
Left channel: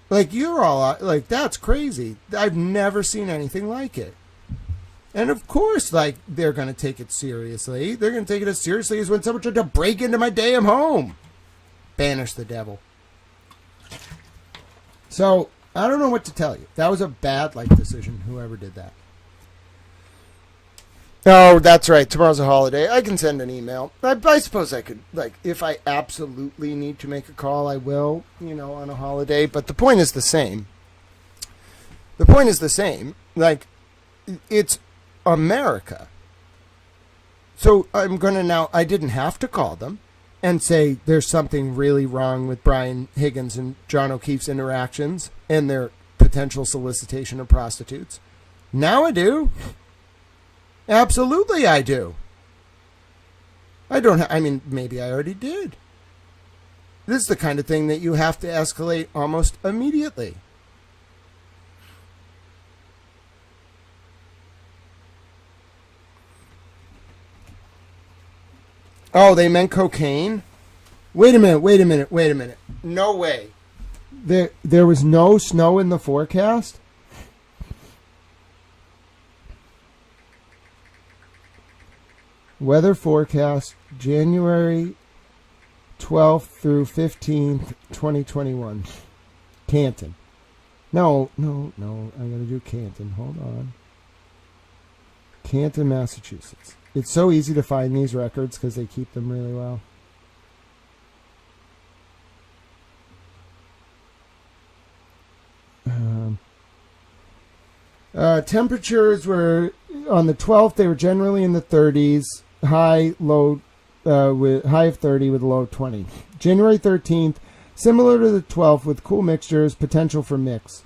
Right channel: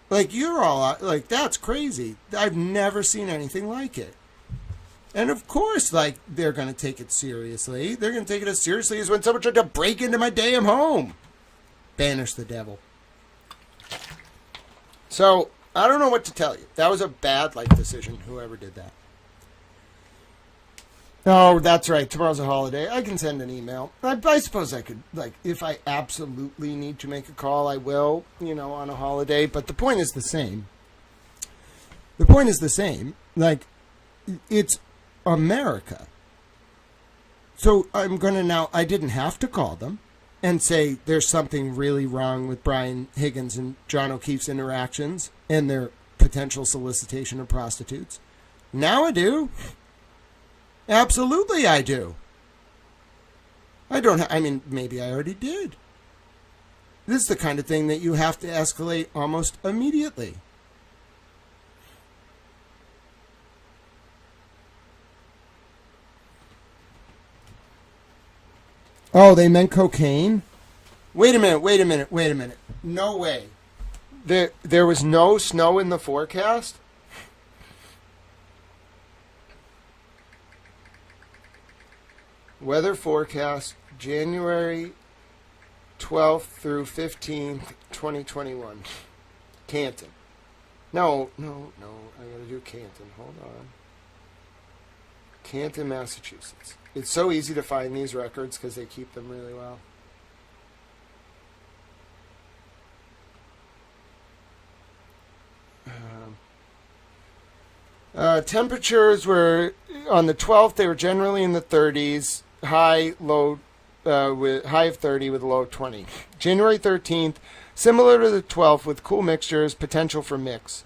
Like, you're all, like, that's crazy. I've never seen anything like it. And, of course, like, they're going to take it seriously. They're going to take it as seriously as when someone tried to break into my damn home. Banish the devil. So, I don't know what to tell you. That was a bad life decision, whoever did that. Oh, that's right. Tomorrow's a holiday. I can send an email. I suppose I could, like, if I absolutely need to make a call, I will, you know, on a holiday. But the point is the same. The point is the same. Like, it's America. So I'm going to now, I didn't have to call them and say there's something really wrong with Brian Higgins and John O'Keefe's interactions and their potential solicitation of prostitutes. Now I do. Absolutely, I do. I mean, maybe I already did. This is the kind of thing that you have to escalate almost immediately. Oh, they meant cocaine? Wait a minute. No way. There was no snow in the forecast? Weather forecast, January 12th through 15th, 2021. Canton. No. I'm going to do Canton. Hold on. Canton, Massachusetts. It's so easy to find these records because they keep them really well. Temperatures were on the 12th. They were generally in the 30s, high of 30 with a low of 20. January 13th, similar to the 12th with cool mixtures, potential for mix.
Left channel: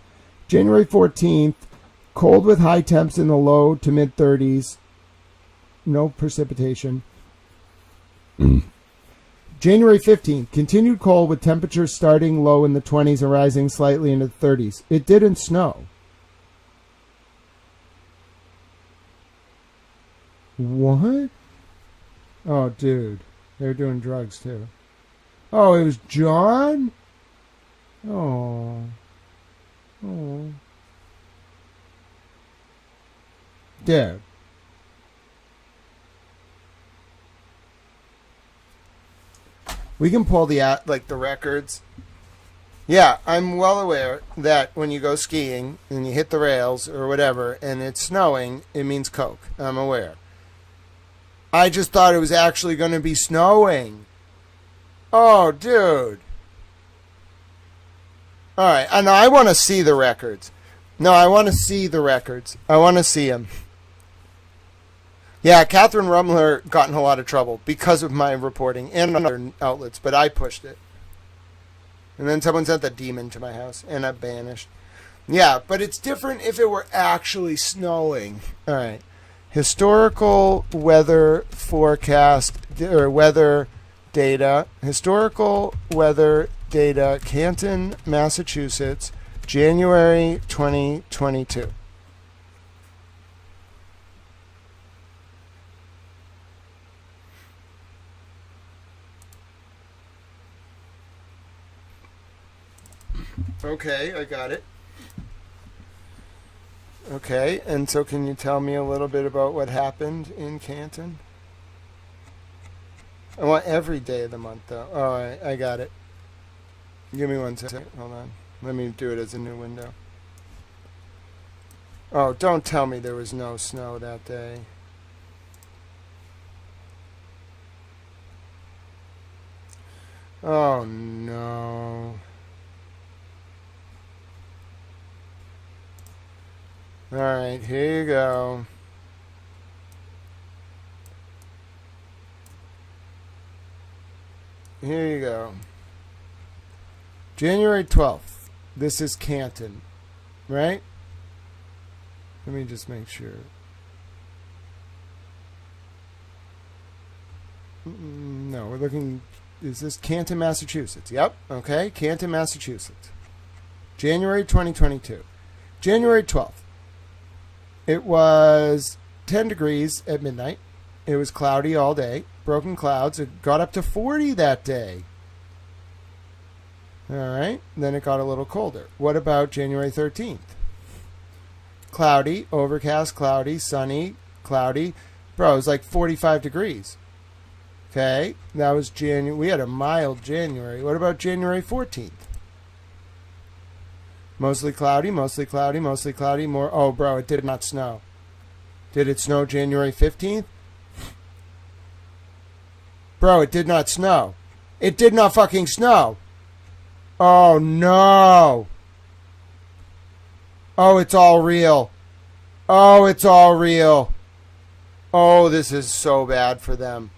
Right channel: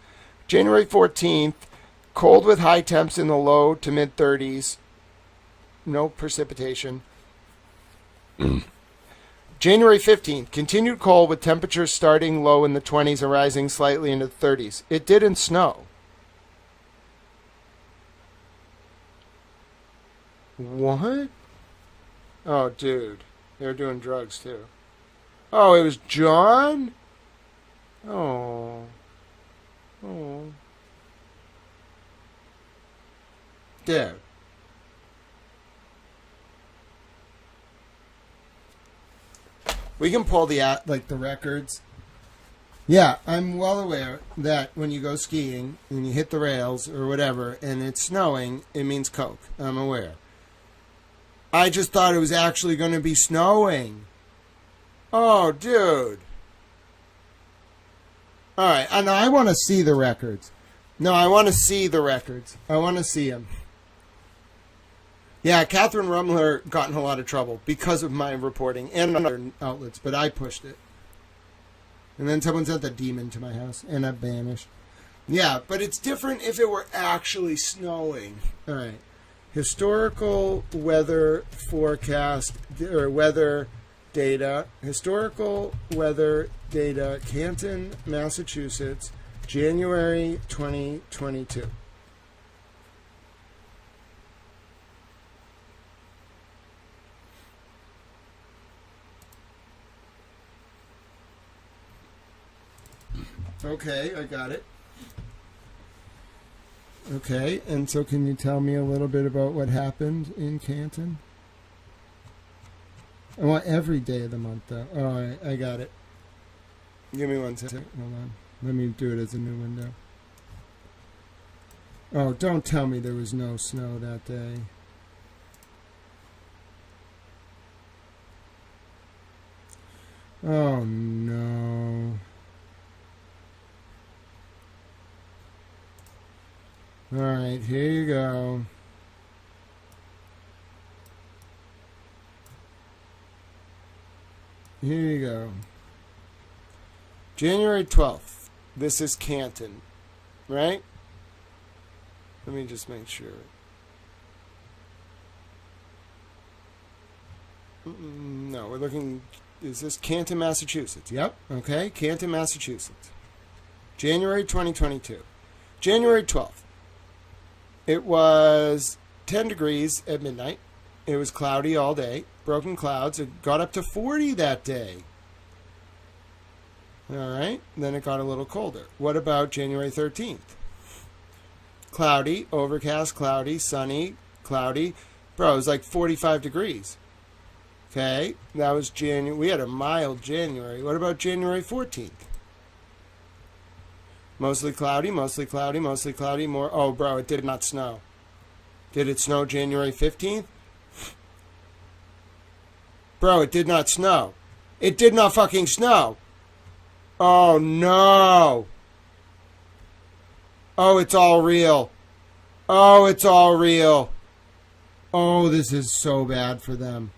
January 14th, cold with high temps in the low to mid 30s, no precipitation. January 15th, continued cold with temperatures starting low in the 20s and rising slightly into the 30s. It didn't snow. What? Oh, dude. They were doing drugs, too. Oh, it was John? Oh. Dude. We can pull the records. Yeah, I'm well aware that when you go skiing and you hit the rails or whatever and it's snowing, it means coke. I'm aware. I just thought it was actually going to be snowing. Oh, dude. All right. And I want to see the records. No, I want to see the records. I want to see them. Yeah, Catherine Rumler got in a lot of trouble because of my reporting and other outlets, but I pushed it. And then someone sent the demon to my house, and I banished. Yeah, but it's different if it were actually snowing. All right. Historical weather forecast or weather data. Historical weather data, Canton, Massachusetts, January 2022. Okay, I got it. Okay, and so can you tell me a little bit about what happened in Canton? I want every day of the month, though. All right, I got it. Give me 1 second. Hold on. Let me do it as a new window. Oh, don't tell me there was no snow that day. Oh, no. All right, here you go. Here you go. January 12th. This is Canton, right? Let me just make sure. No, we're looking... Is this Canton, Massachusetts? Yep. Okay, Canton, Massachusetts. January 2022. January 12th. It was 10 degrees at midnight. It was cloudy all day. Broken clouds. It got up to 40 that day. All right. Then it got a little colder. What about January 13th? Cloudy, overcast, cloudy, sunny, cloudy. Bro, it was like 45 degrees. Okay. That was January. We had a mild January. What about January 14th? Mostly cloudy, mostly cloudy, mostly cloudy. More. Oh, bro, it did not snow. Did it snow January 15th? Bro, it did not snow. It did not fucking snow. Oh, no. Oh, it's all real. Oh, it's all real. Oh, this is so bad for them.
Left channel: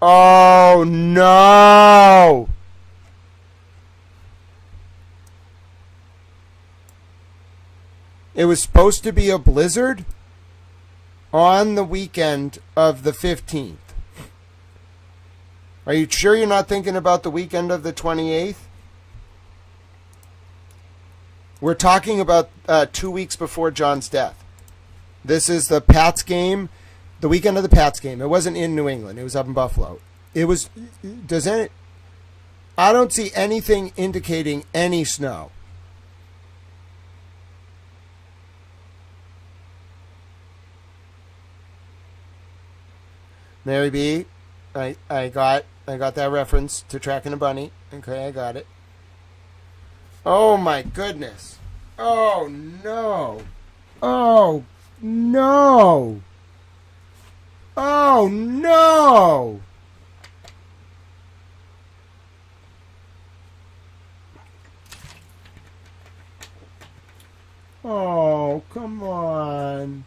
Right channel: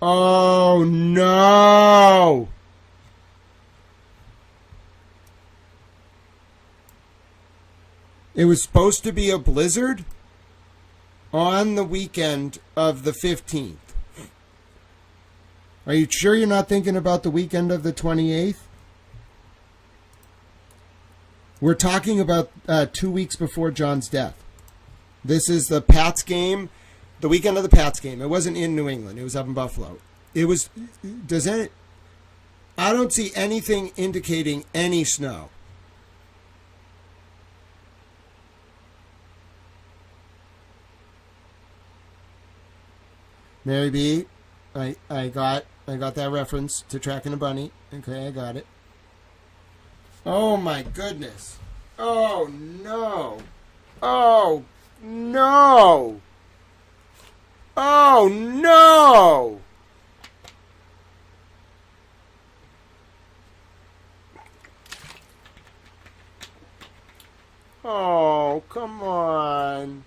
Oh, no. It was supposed to be a blizzard on the weekend of the 15th. Are you sure you're not thinking about the weekend of the 28th? We're talking about 2 weeks before John's death. This is the Pats game, the weekend of the Pats game. It wasn't in New England. It was up in Buffalo. It was... I don't see anything indicating any snow. Mary B, I got that reference to Tracking a Bunny. Okay, I got it. Oh my goodness. Oh no. Oh no. Oh no. Oh, come on.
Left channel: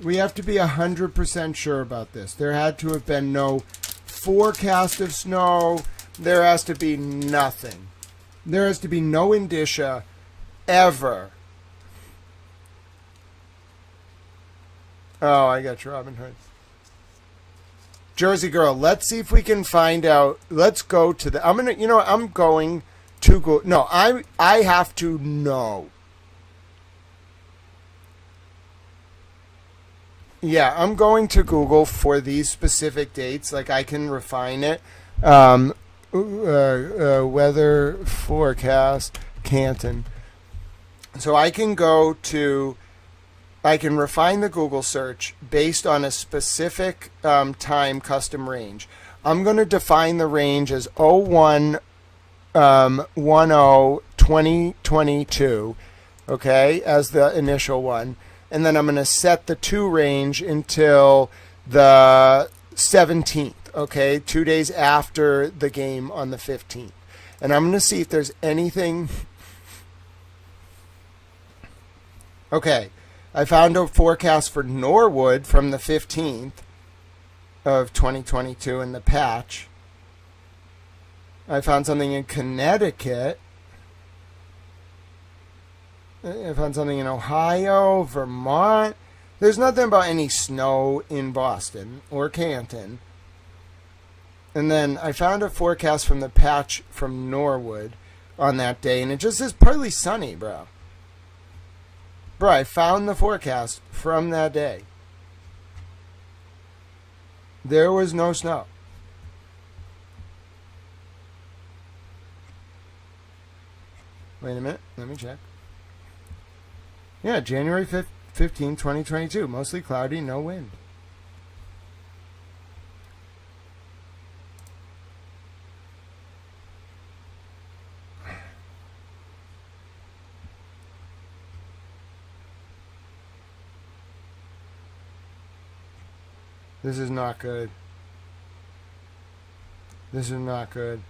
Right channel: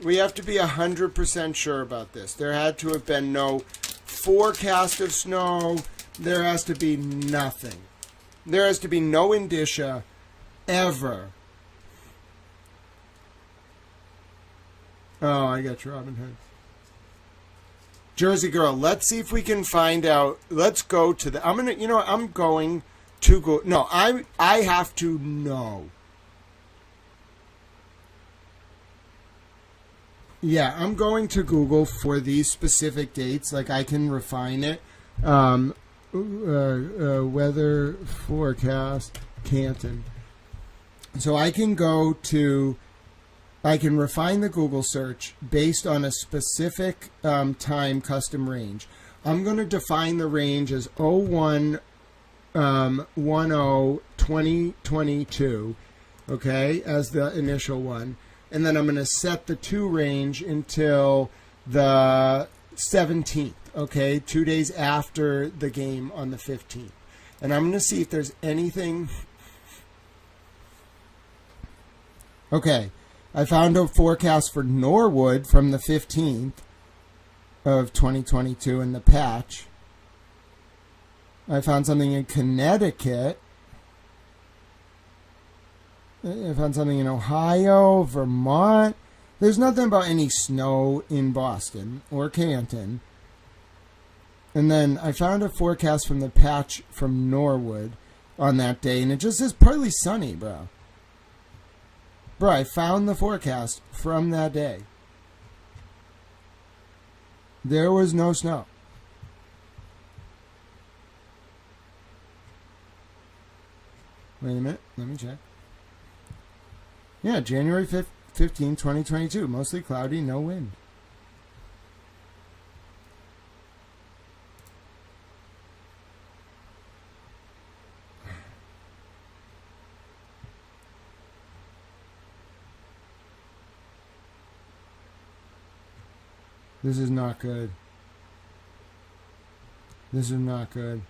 We have to be 100% sure about this. There had to have been no forecast of snow. There has to be nothing. There has to be no indicia ever. Oh, I got Robin Hood. Jersey Girl, let's see if we can find out. Let's go to the... I'm going to go... No, I have to know. Yeah, I'm going to Google for these specific dates. Like, I can refine it. Weather forecast, Canton. So I can I can refine the Google search based on a specific time custom range. I'm going to define the range as 01/10/2022, okay, as the initial one. And then I'm going to set the to range until the 17th, okay? 2 days after the game on the 15th. And I'm going to see if there's anything... Okay, I found a forecast for Norwood from the 15th of 2022 in the patch. I found something in Connecticut. I found something in Ohio, Vermont. There's nothing about any snow in Boston or Canton. And then I found a forecast from the patch from Norwood on that day, and it just says partly sunny, bro. Bro, I found the forecast from that day. There was no snow. Wait a minute. Let me check. Yeah, January 15, 2022. Mostly cloudy, no wind. This is not good. This is not good.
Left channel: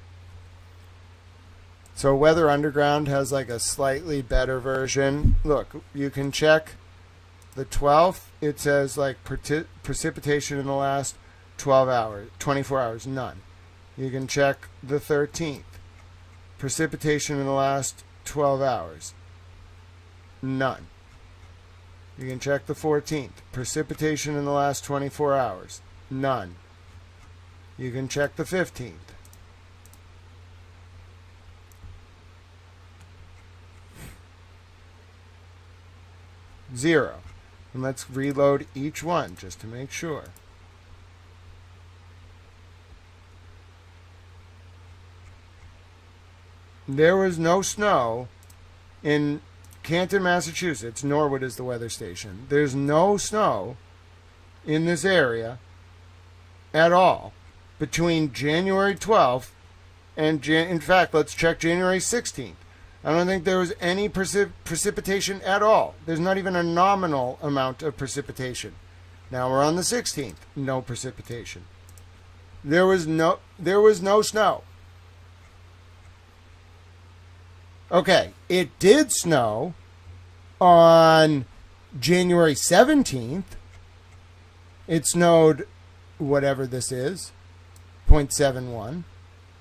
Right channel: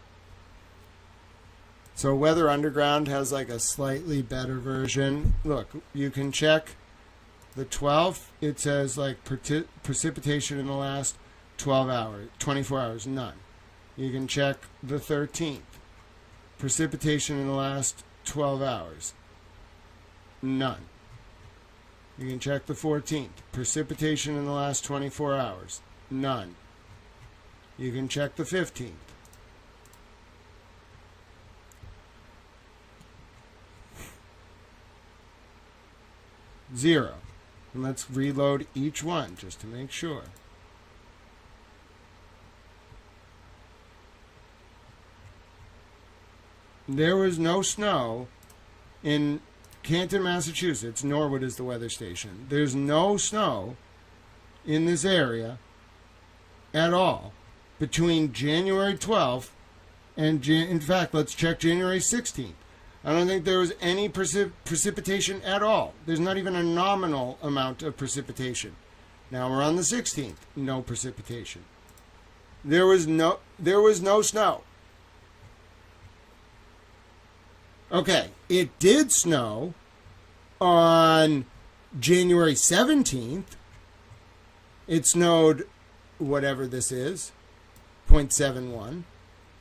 So Weather Underground has like a slightly better version. Look, you can check the 12th. It says like precipitation in the last 12 hours, 24 hours, none. You can check the 13th. Precipitation in the last 12 hours, none. You can check the 14th. Precipitation in the last 24 hours, none. You can check the 15th. Zero. And let's reload each one just to make sure. There was no snow in Canton, Massachusetts. Norwood is the weather station. There's no snow in this area at all between January 12th and, in fact, let's check January 16th. I don't think there was any precipitation at all. There's not even a nominal amount of precipitation. Now we're on the 16th. No precipitation. There was no snow. Okay, it did snow on January 17th. It snowed whatever this is, 0.71,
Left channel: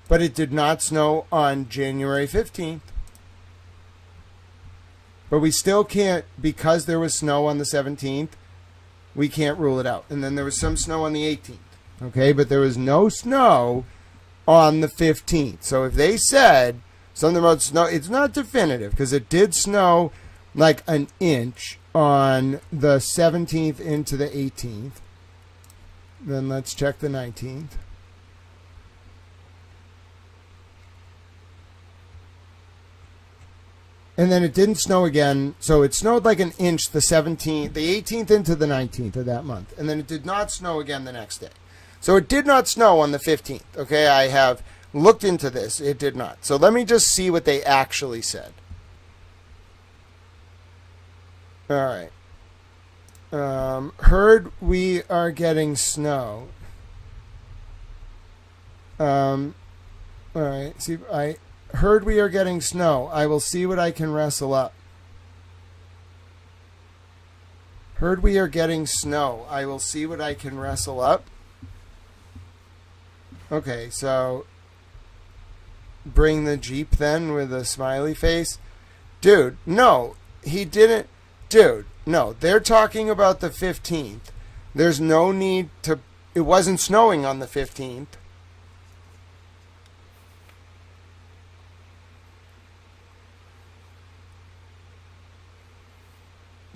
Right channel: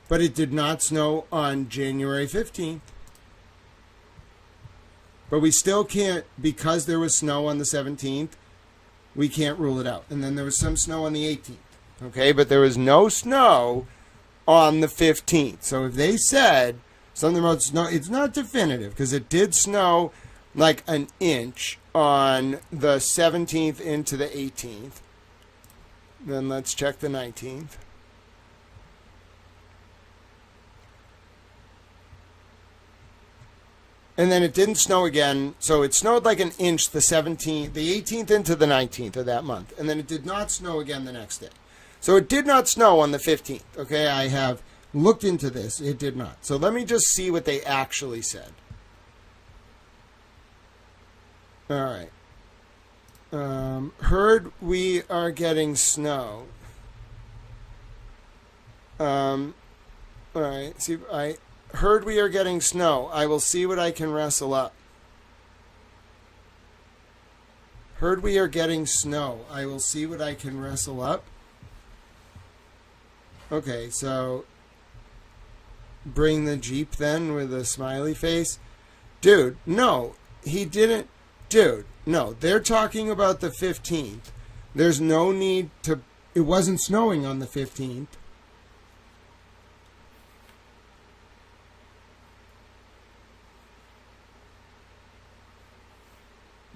but it did not snow on January 15th. But we still can't, because there was snow on the 17th, we can't rule it out. And then there was some snow on the 18th, okay? But there was no snow on the 15th. So if they said something about snow, it's not definitive, because it did snow like an inch on the 17th into the 18th. Then let's check the 19th. And then it didn't snow again. So it snowed like an inch the 17th, the 18th into the 19th of that month. And then it did not snow again the next day. So it did not snow on the 15th. Okay, I have looked into this. It did not. So let me just see what they actually said. All right. Heard we are getting snow. All right. See, I heard we are getting snow. I will see what I can wrestle up. Heard we are getting snow. I will see what I can wrestle up. Okay, so bring the Jeep then with a smiley face. Dude, no, he didn't. Dude, no, they're talking about the 15th. There's no need to. It wasn't snowing on the 15th.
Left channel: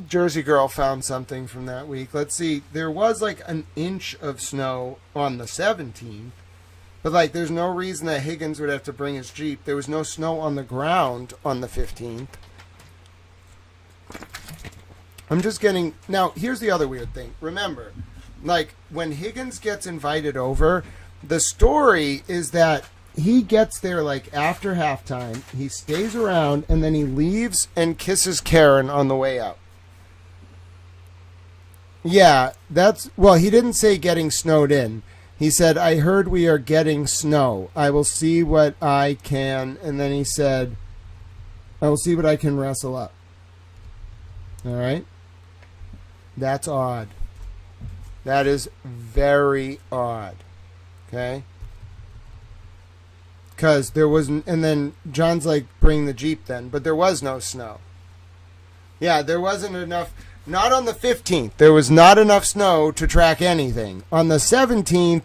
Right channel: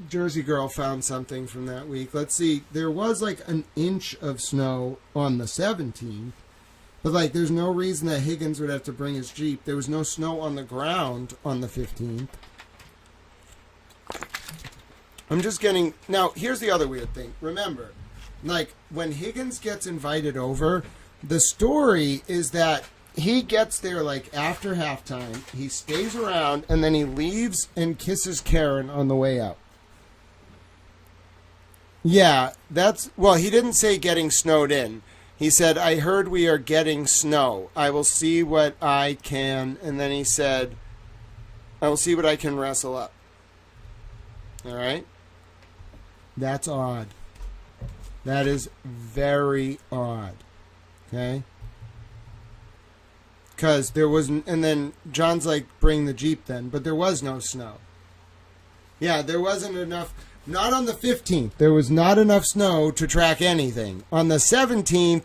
Jersey Girl found something from that week. Let's see. There was like an inch of snow on the 17th. But like there's no reason that Higgins would have to bring his Jeep. There was no snow on the ground on the 15th. I'm just getting... Now, here's the other weird thing. Remember, like when Higgins gets invited over, the story is that he gets there like after halftime. He stays around and then he leaves and kisses Karen on the way out. Yeah, that's... Well, he didn't say getting snowed in. He said, I heard we are getting snow. I will see what I can... And then he said, I will see what I can wrestle up. All right? That's odd. That is very odd. Okay? Because there wasn't... And then John's like, bring the Jeep then. But there was no snow. Yeah, there wasn't enough... Not on the 15th. There was not enough snow to track anything. On the 17th,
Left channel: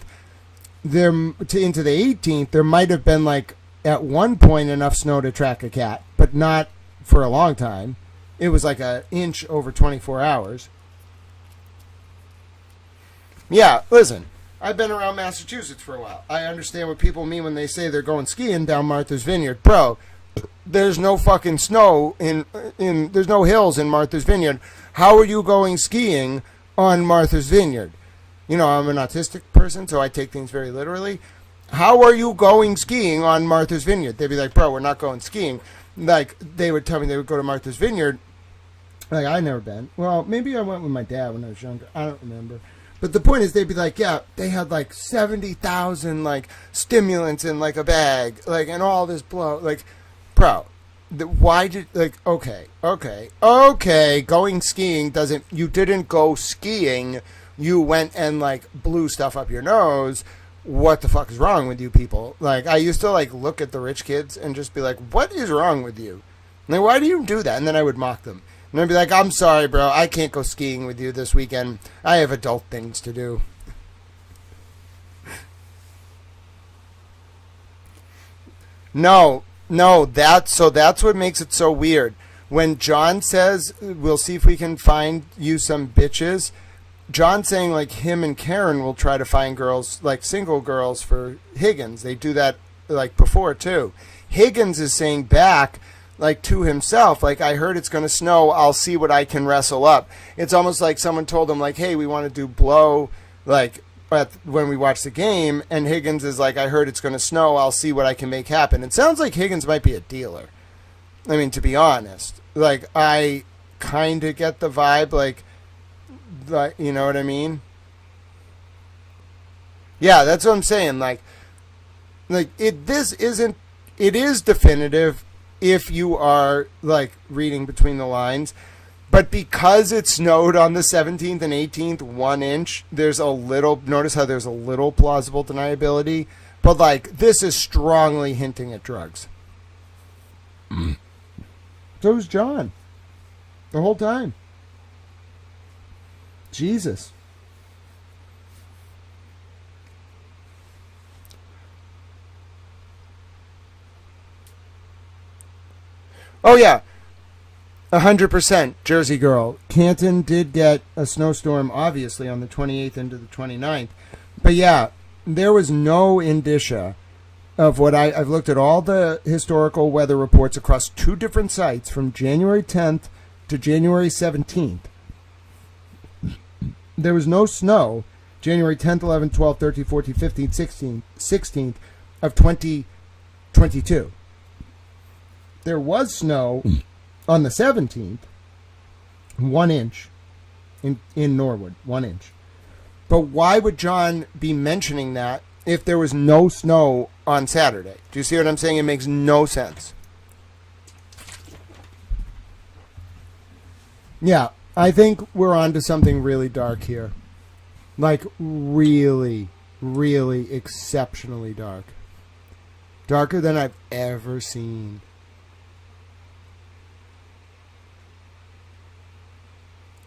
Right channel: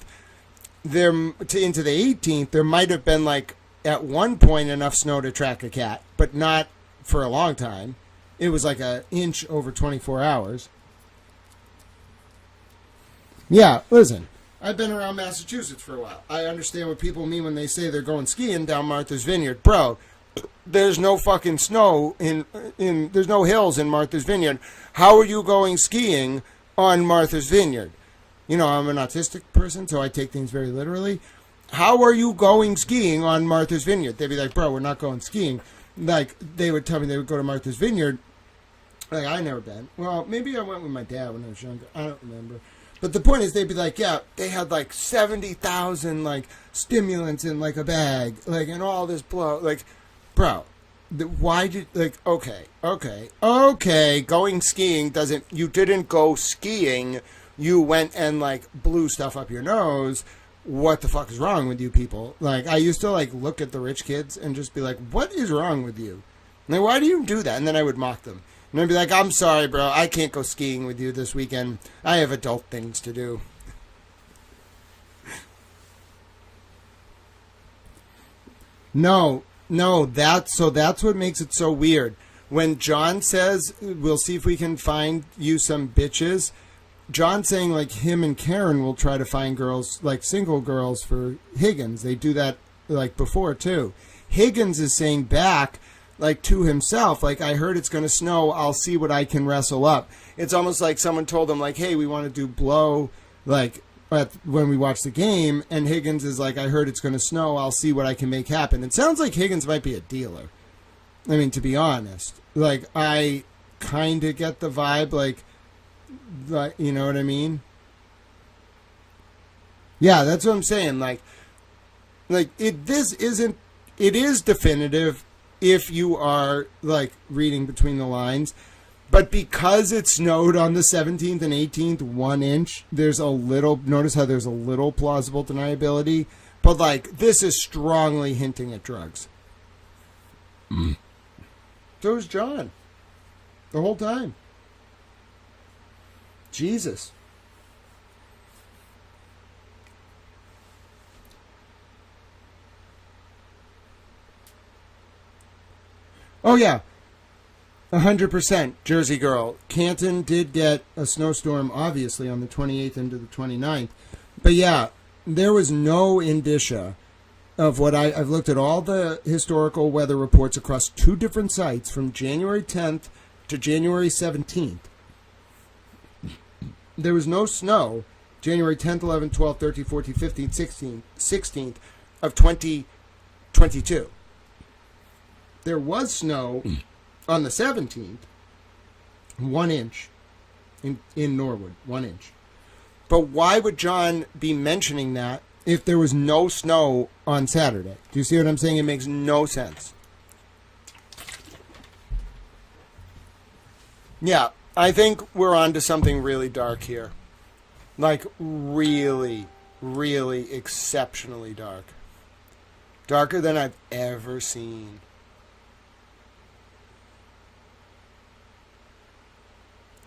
into the 18th, there might have been like at one point enough snow to track a cat, but not for a long time. It was like an inch over 24 hours. Yeah, listen, I've been around Massachusetts for a while. I understand what people mean when they say they're going skiing down Martha's Vineyard. Bro, there's no fucking snow there's no hills in Martha's Vineyard. How are you going skiing on Martha's Vineyard? You know, I'm an autistic person, so I take things very literally. How are you going skiing on Martha's Vineyard? They'd be like, bro, we're not going skiing. Like, they would tell me they would go to Martha's Vineyard. Like, I've never been. Well, maybe I went with my dad when I was younger. I don't remember. But the point is, they'd be like, yeah, they had like 70,000 like stimulants in like a bag, like, and all this blow, like, bro. Why did, like, okay, going skiing doesn't, you didn't go skiing, you went and like blew stuff up your nose. What the fuck is wrong with you people? Like, I used to like look at the rich kids and just be like, what is wrong with you? Like, why do you do that? And then I would mock them. And I'd be like, I'm sorry, bro, I can't go skiing with you this weekend. I have adult things to do. No, that's what makes it so weird. When John says, we'll see if we can find you some bitches, John's saying like him and Karen will try to find girls, like single girls for Higgins. They do that like before too. Higgins is saying back, like to himself, like, I heard it's going to snow, I'll see what I can wrestle up. It's almost like someone told him like, hey, we want to do blow, like, when we watch the game, and Higgins is like, I heard it's going to snow, I'll see what I can make happen. It sounds like Higgins might be a dealer. I mean, to be honest, like, I kind of get the vibe, like, you know what I mean? Yeah, that's what I'm saying. Like it is definitive if you are like reading between the lines. But because it snowed on the 17th and 18th, 1 inch, there's a little, notice how there's a little plausible deniability. But like, this is strongly hinting at drugs. So is John. The whole time. Jesus. Oh, yeah. 100% Jersey Girl. Canton did get a snowstorm, obviously, on the 28th into the 29th. But yeah, there was no indicia of what I've looked at all the historical weather reports across 2 different sites from January 10th to January 17th. There was no snow January 10th, 11th, 12th, 13th, 14th, 15th, 16th of 2022. There was snow on the 17th, 1 inch in Norwood, 1 inch. But why would John be mentioning that if there was no snow on Saturday? Do you see what I'm saying? It makes no sense. Yeah, I think we're on to something really dark here. Like, really, really exceptionally dark. Darker than I've ever seen.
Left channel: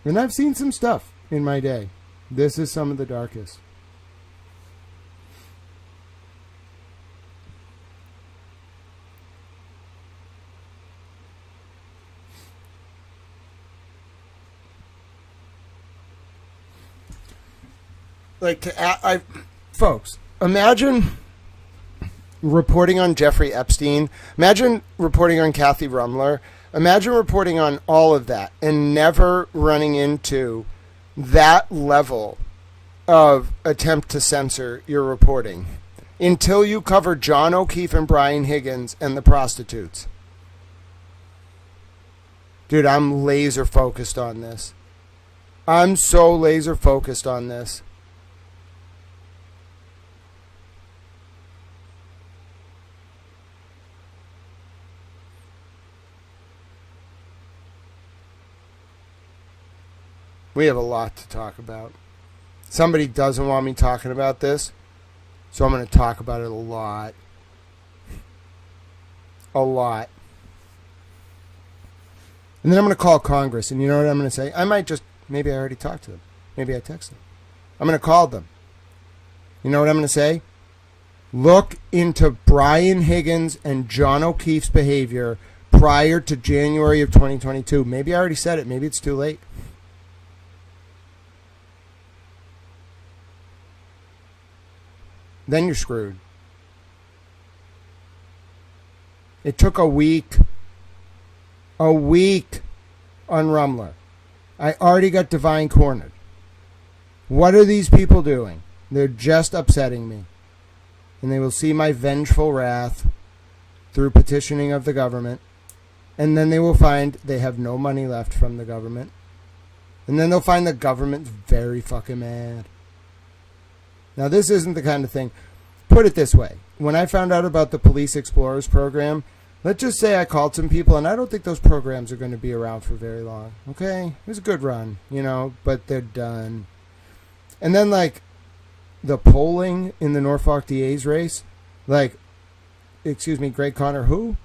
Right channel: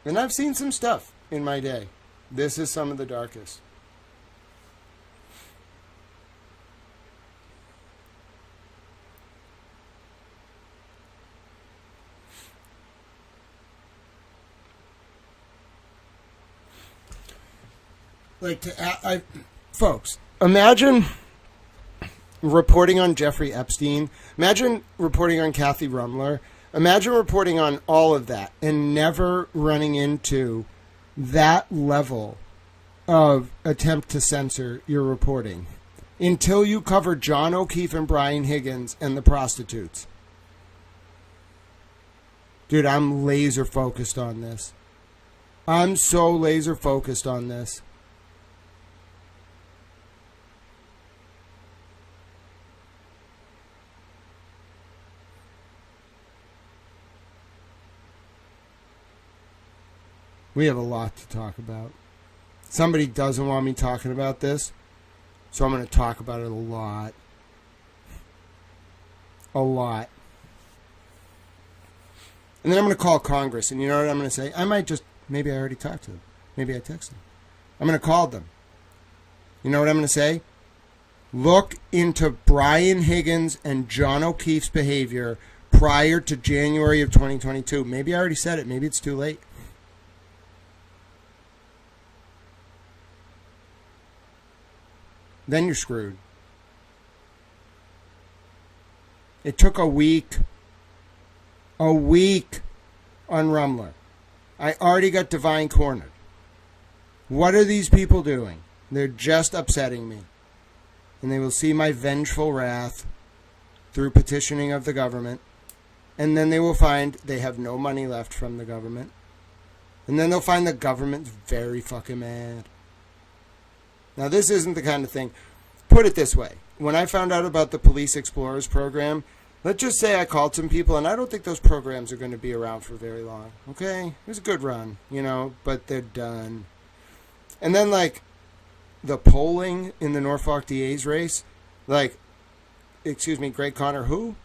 And I've seen some stuff in my day. This is some of the darkest. Like, folks, imagine reporting on Jeffrey Epstein. Imagine reporting on Kathy Rumler. Imagine reporting on all of that and never running into that level of attempt to censor your reporting until you cover John O'Keefe and Brian Higgins and the prostitutes. Dude, I'm laser focused on this. I'm so laser focused on this. We have a lot to talk about. Somebody doesn't want me talking about this, so I'm going to talk about it a lot. A lot. And then I'm going to call Congress, and you know what I'm going to say? I might just, maybe I already talked to them. Maybe I texted them. I'm going to call them. You know what I'm going to say? Look into Brian Higgins and John O'Keefe's behavior prior to January of 2022. Maybe I already said it. Maybe it's too late. Then you're screwed. It took a week on Rumler. I already got Divine cornered. What are these people doing? They're just upsetting me. And they will see my vengeful wrath through petitioning of the government. And then they will find they have no money left from the government. And then they'll find the government's very fucking mad. Now, this isn't the kind of thing. Put it this way. When I found out about the Police Explorers program, let's just say I called some people, and I don't think those programs are going to be around for very long. Okay? It was a good run, but they're done. And then, like, the polling in the Norfolk DA's race, like, Greg Conner, who?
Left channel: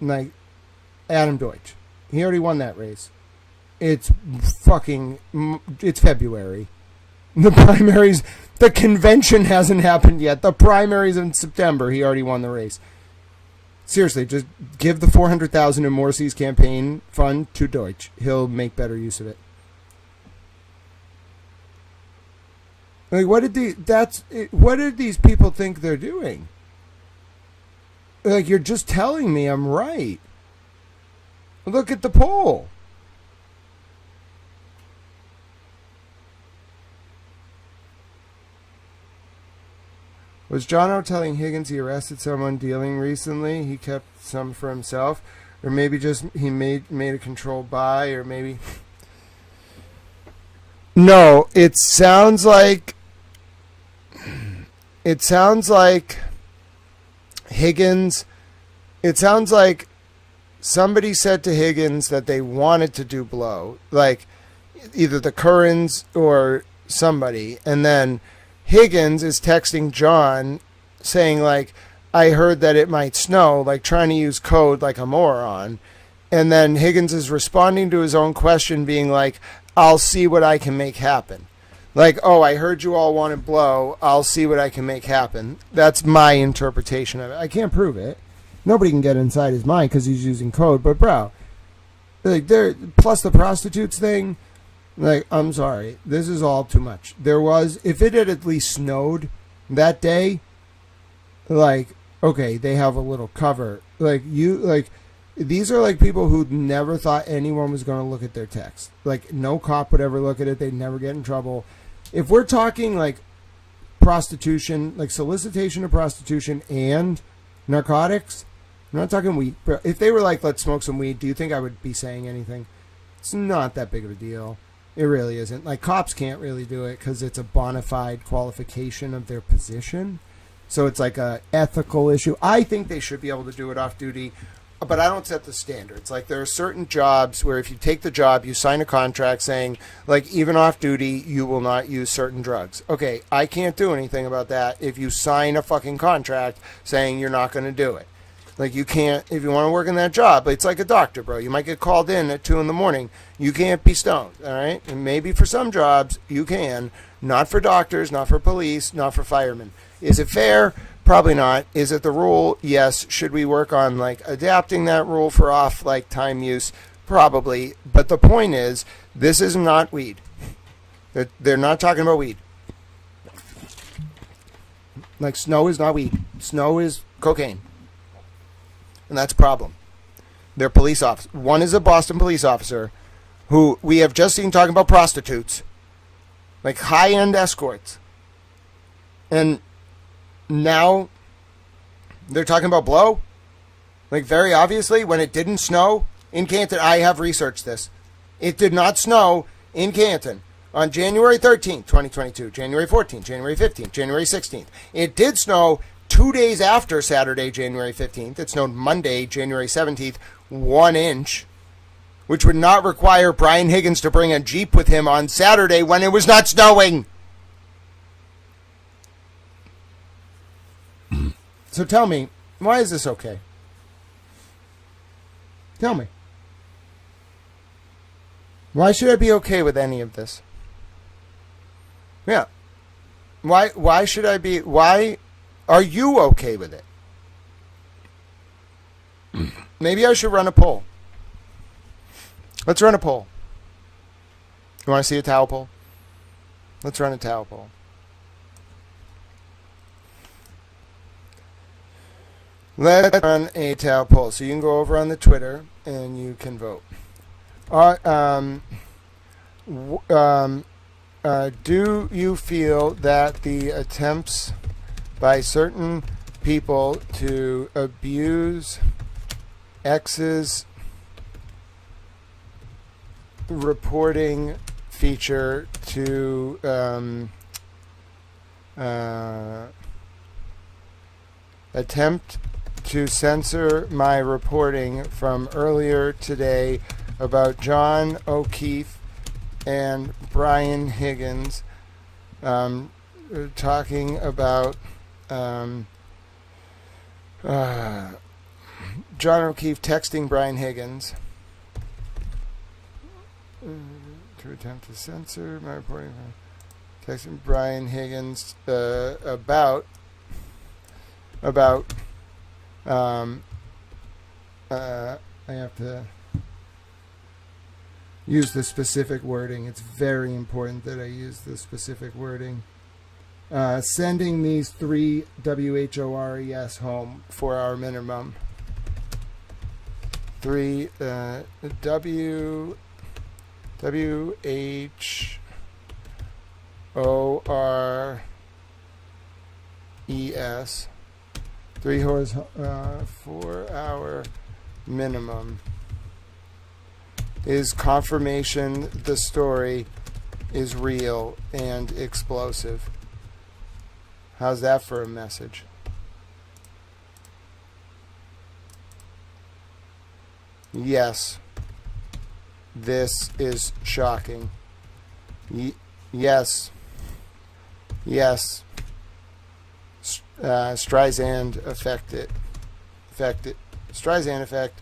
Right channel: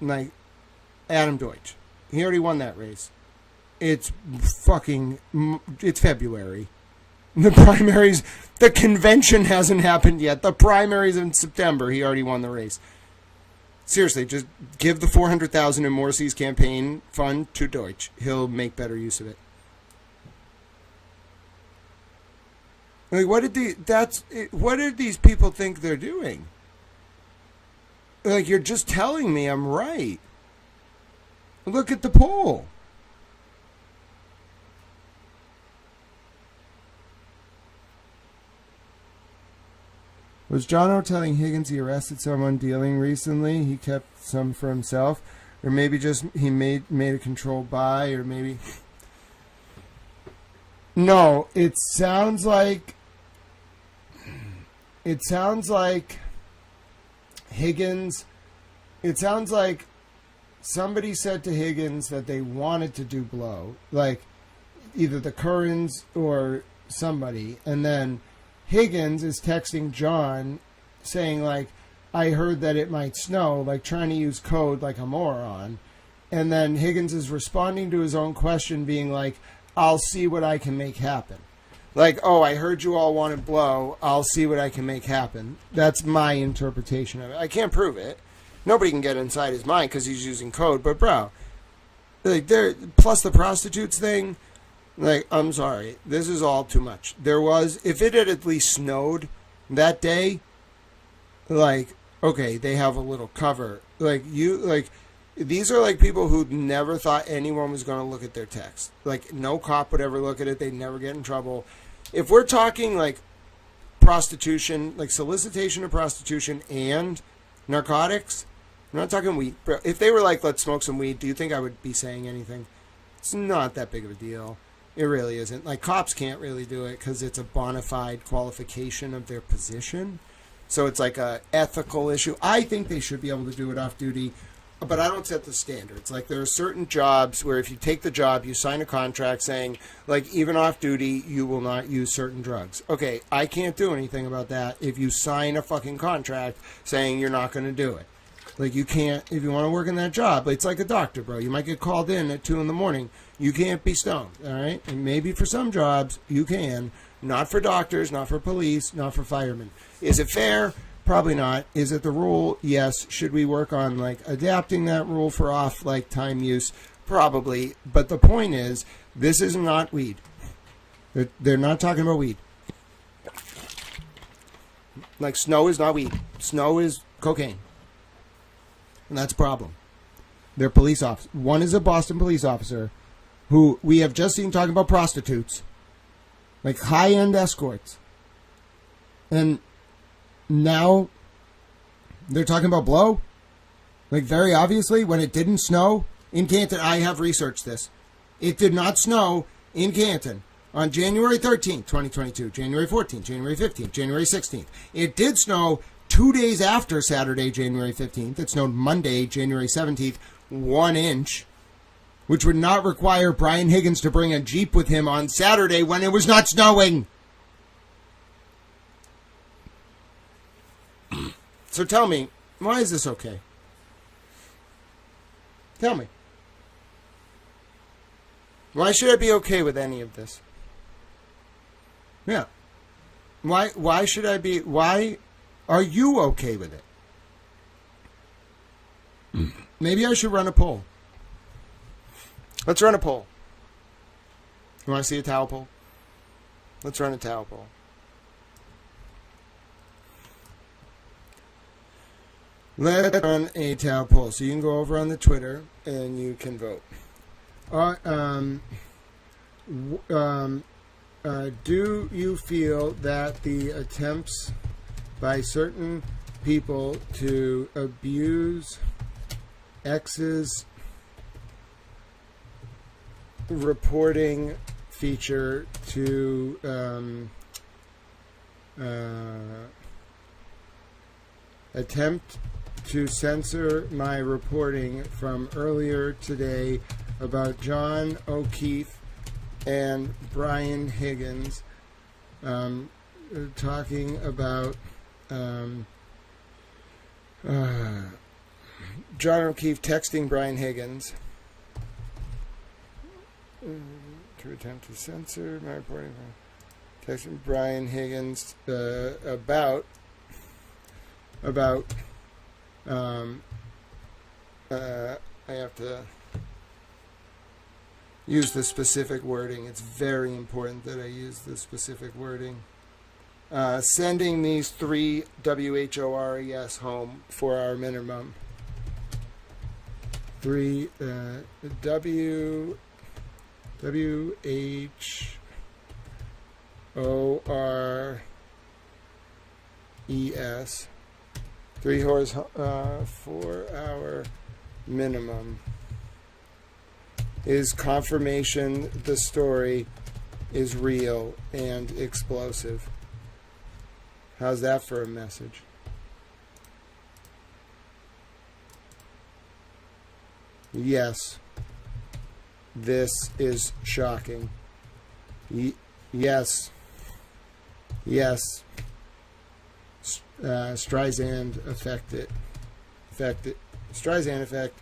Like, Adam Deutsch. He already won that race. It's February. The primaries, the convention hasn't happened yet. The primaries in September. He already won the race. Seriously, just give the $400,000 in Morrissey's campaign fund to Deutsch. He'll make better use of it. Like, what did these people think they're doing? Like, you're just telling me I'm right. Look at the poll. Was John O telling Higgins he arrested someone dealing recently? He kept some for himself? Or maybe just he made a controlled buy? Or maybe... No, it sounds like Higgins... It sounds like somebody said to Higgins that they wanted to do blow. Like, either the Currans or somebody. And then Higgins is texting John saying, like, I heard that it might snow, like trying to use code like a moron. And then Higgins is responding to his own question being like, I'll see what I can make happen. Like, oh, I heard you all wanted blow. I'll see what I can make happen. That's my interpretation of it. I can't prove it. Nobody can get inside his mind because he's using code. But, bro, like, plus the prostitutes thing, like, I'm sorry. This is all too much. If it had at least snowed that day, like, okay, they have a little cover. These are like people who never thought anyone was going to look at their text. Like, no cop would ever look at it. They'd never get in trouble. If we're talking, like, prostitution, like solicitation of prostitution and narcotics, I'm not talking weed. If they were like, let's smoke some weed, do you think I would be saying anything? It's not that big of a deal. It really isn't. Like, cops can't really do it because it's a bona fide qualification of their position. So it's like a ethical issue. I think they should be able to do it off duty, but I don't set the standards. Like, there are certain jobs where if you take the job, you sign a contract saying, like, even off duty, you will not use certain drugs. Okay, I can't do anything about that if you sign a fucking contract saying you're not going to do it. Like, you can't, if you want to work in that job, it's like a doctor, bro. You might get called in at 2 a.m. You can't be stoned, all right? And maybe for some jobs, you can. Not for doctors, not for police, not for firemen. Is it fair? Probably not. Is it the rule? Yes. Should we work on, like, adapting that rule for off, like, time use? Probably. But the point is, this is not weed. They're not talking about weed. Like, snow is not weed. Snow is cocaine. And that's a problem. They're police officers. One is a Boston police officer who we have just seen talking about prostitutes. Like, high-end escorts. And now they're talking about blow? Like, very obviously, when it didn't snow in Canton, I have researched this. It did not snow in Canton on January 13th, 2022, January 14th, January 15th, January 16th. It did snow 2 days after Saturday, January 15th. It snowed Monday, January 17th, 1 inch, which would not require Brian Higgins to bring a Jeep with him on Saturday when it was not snowing. So tell me, why is this okay? Tell me. Why should I be okay with any of this? Yeah. Why should I be, why are you okay with it? Maybe I should run a poll. Let's run a poll. You want to see a towel poll? Let's run a towel poll. Let's run a towel poll. So you can go over on the Twitter and you can vote. Do you feel that the attempts by certain people to abuse exes reporting feature to attempt to censor my reporting from earlier today about John O'Keefe and Brian Higgins, talking about John O'Keefe texting Brian Higgins to attempt to censor my reporting. Texting Brian Higgins about I have to use the specific wording. It's very important that I use the specific wording. Sending these 3 WHORES home for our minimum. 3 WHORES. 3 horse for our minimum is confirmation the story is real and explosive. How's that for a message? Yes, this is shocking. Yes. Streisand affected. Streisand effect.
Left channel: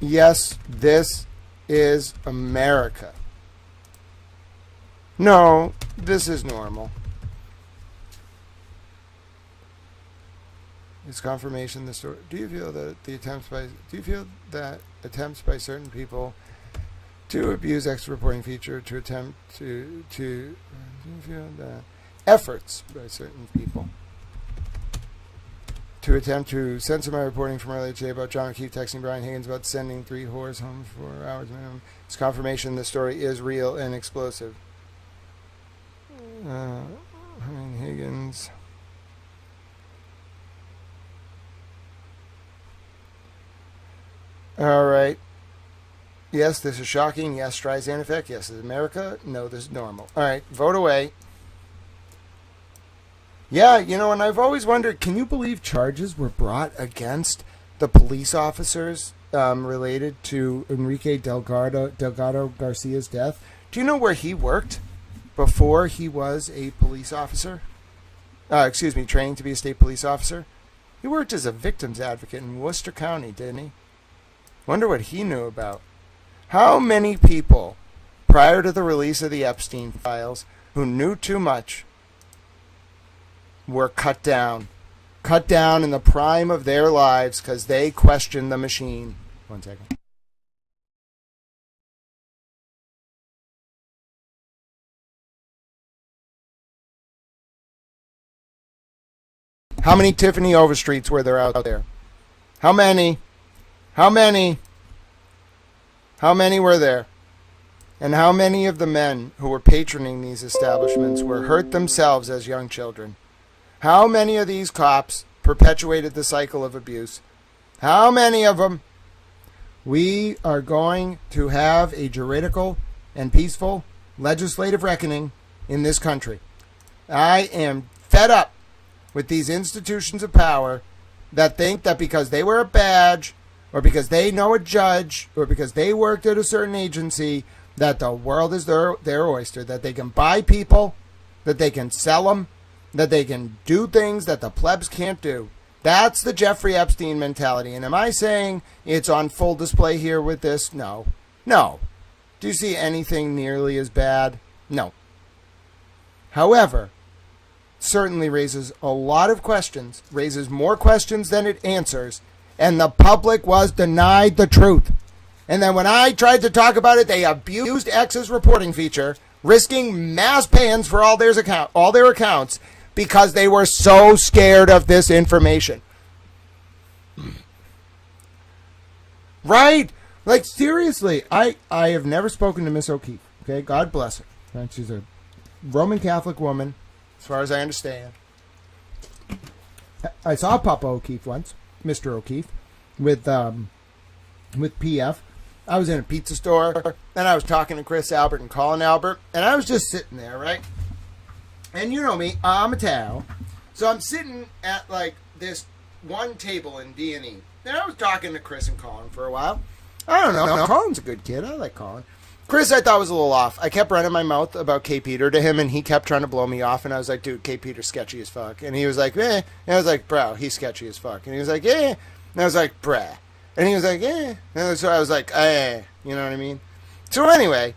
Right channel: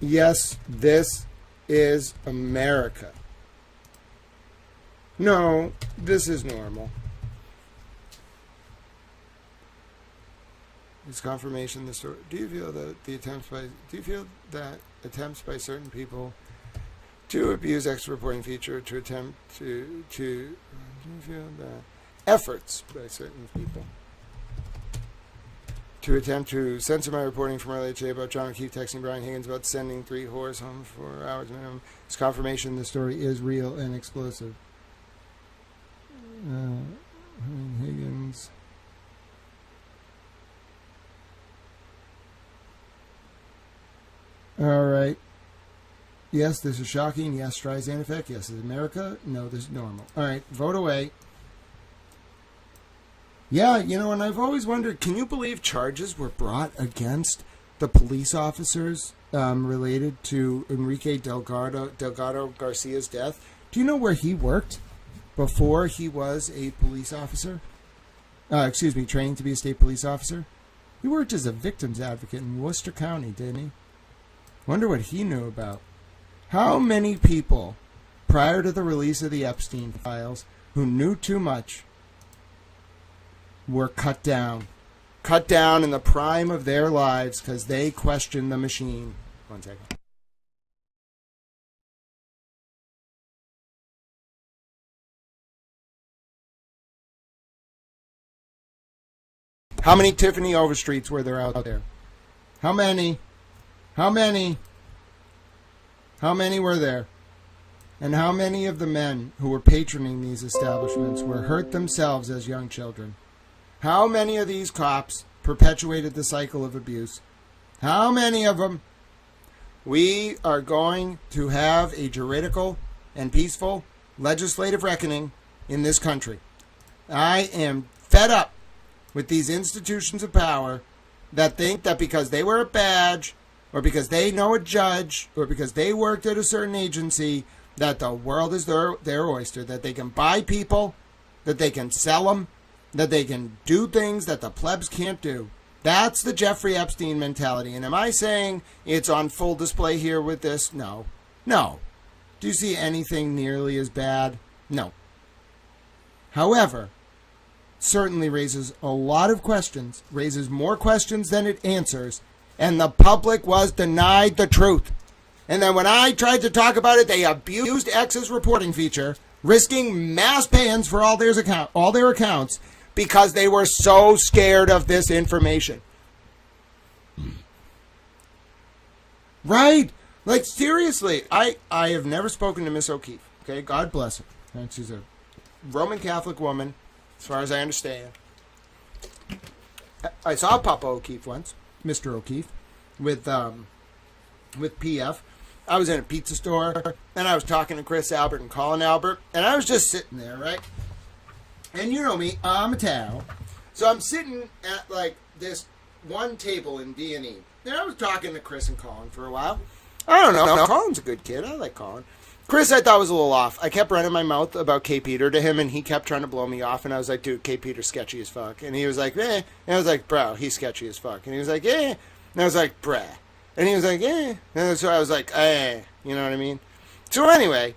Yes, this is America. No, this is normal. Is confirmation the story? Do you feel that attempts by certain people to abuse extra reporting feature to attempt to do you feel that efforts by certain people to attempt to censor my reporting from earlier today about John O'Keefe texting Brian Higgins about sending 3 whores home for hours minimum is confirmation the story is real and explosive. Higgins. All right. Yes, this is shocking. Yes, Streisand effect. Yes, this is America. No, this is normal. All right, vote away. Yeah, and I've always wondered, can you believe charges were brought against the police officers related to Enrique Delgado Garcia's death? Do you know where he worked before he was a police officer? Training to be a state police officer? He worked as a victims advocate in Worcester County, didn't he? Wonder what he knew about. How many people, prior to the release of the Epstein files, who knew too much, were cut down in the prime of their lives because they questioned the machine? 1 second. How many Tiffany Overstreets were there out there? How many? How many were there? And how many of the men who were patroning these establishments were hurt themselves as young children? How many of these cops perpetuated the cycle of abuse? How many of them? We are going to have a juridical and peaceful legislative reckoning in this country. I am fed up with these institutions of power that think that because they wear a badge or because they know a judge or because they worked at a certain agency that the world is their oyster, that they can buy people, that they can sell them, that they can do things that the plebs can't do. That's the Jeffrey Epstein mentality. And am I saying it's on full display here with this? No. No. Do you see anything nearly as bad? No. However, certainly raises a lot of questions, raises more questions than it answers, and the public was denied the truth. And then when I tried to talk about it, they abused X's reporting feature, risking mass bans for all their accounts because they were so scared of this information. Right? Like, seriously, I have never spoken to Miss O'Keefe. Okay, God bless her. And she's a Roman Catholic woman, as far as I understand. I saw Papa O'Keefe once, Mr. O'Keefe, with PF. I was in a pizza store, and I was talking to Chris Albert and Colin Albert, and I was just sitting there, right? And you know me, I'm a towel. So I'm sitting at, like, this one table in D&E. And I was talking to Chris and Colin for a while. I don't know. Colin's a good kid. I like Colin. Chris, I thought was a little off. I kept running my mouth about K. Peter to him, and he kept trying to blow me off. And I was like, dude, K. Peter's sketchy as fuck. And he was like, eh. And I was like, bro, he's sketchy as fuck. And he was like, eh. And I was like, bruh. And he was like, eh. And so I was like, eh. You know what I mean? So anyway,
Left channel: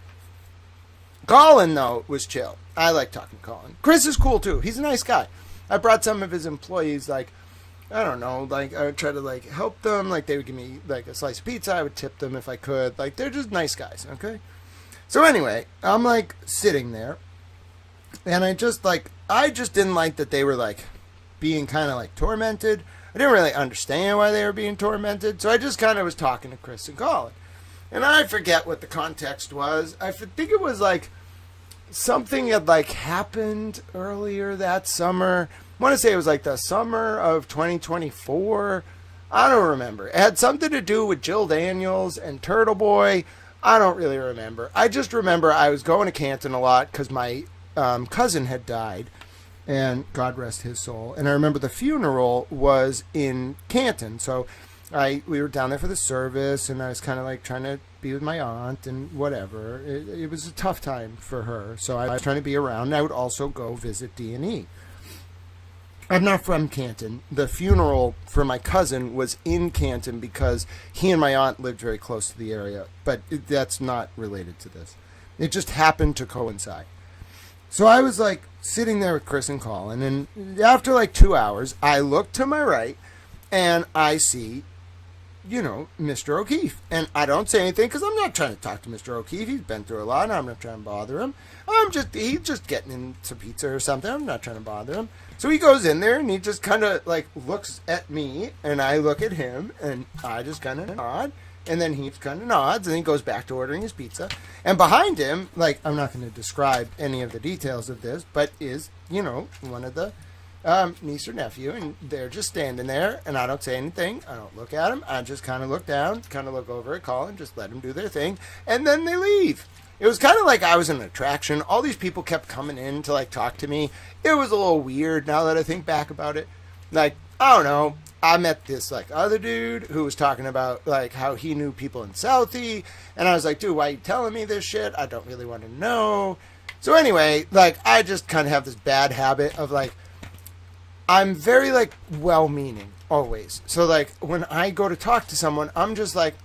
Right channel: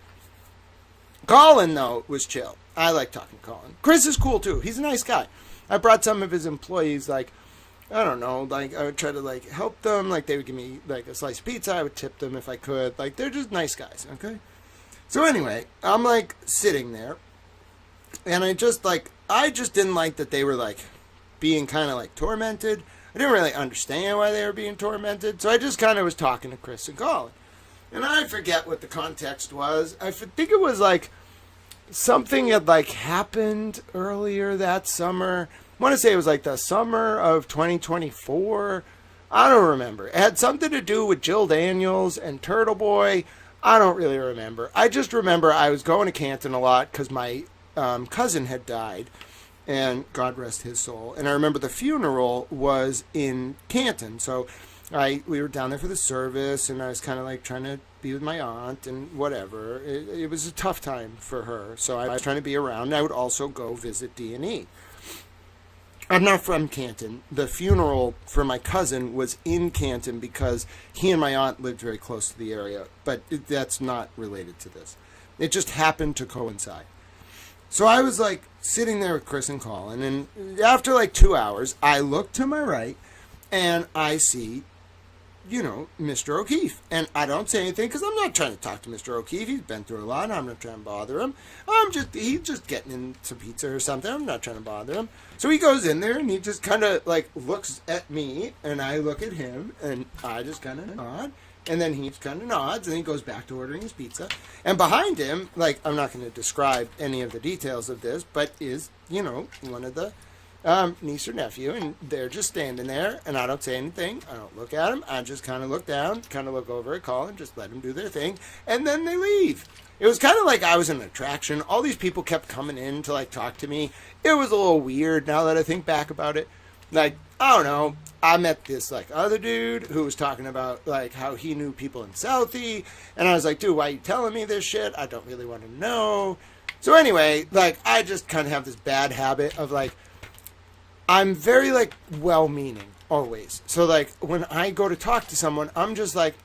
Colin, though, was chill. I like talking to Colin. Chris is cool, too. He's a nice guy. I brought some of his employees, like, I don't know, like, I would try to, like, help them. Like, they would give me, like, a slice of pizza. I would tip them if I could. Like, they're just nice guys, okay? So anyway, I'm, like, sitting there. And I just didn't like that they were, like, being kind of, like, tormented. I didn't really understand why they were being tormented. So I just kind of was talking to Chris and Colin. And I forget what the context was. I think it was, like, something had, like, happened earlier that summer. I want to say it was like the summer of 2024. I don't remember. It had something to do with Jill Daniels and Turtle Boy. I don't really remember. I just remember I was going to Canton a lot because my cousin had died, and God rest his soul. And I remember the funeral was in Canton, so we were down there for the service, and I was kind of like trying to be with my aunt and whatever. It was a tough time for her, so I was trying to be around. And I would also go visit D&E. I'm not from Canton. The funeral for my cousin was in Canton because he and my aunt lived very close to the area, but that's not related to this. It just happened to coincide. So I was like sitting there with Chris and Colin, and after like 2 hours, I look to my right and I see, you know, Mr. O'Keefe. And I don't say anything because I'm not trying to talk to Mr. O'Keefe. He's been through a lot. I'm not trying to bother him. He's just getting into pizza or something. I'm not trying to bother him. So he goes in there and he just kind of like looks at me and I look at him and I just kind of nod. And then he kind of nods and he goes back to ordering his pizza. And behind him, like, I'm not going to describe any of the details of this, but is, you know, one of the niece or nephew, and they're just standing there, and I don't say anything. I don't look at them. I just kind of look down, kind of look over at Colin, just let them do their thing, and then they leave. It was kind of like I was an attraction. All these people kept coming in to, like, talk to me. It was a little weird now that I think back about it. Like, I don't know. I met this, like, other dude who was talking about, like, how he knew people in Southie, and I was like, dude, why are you telling me this shit? I don't really want to know. So anyway, like, I just kind of have this bad habit of, like, I'm very, like, well-meaning, always. So, like, when I go to talk to someone, I'm just, like,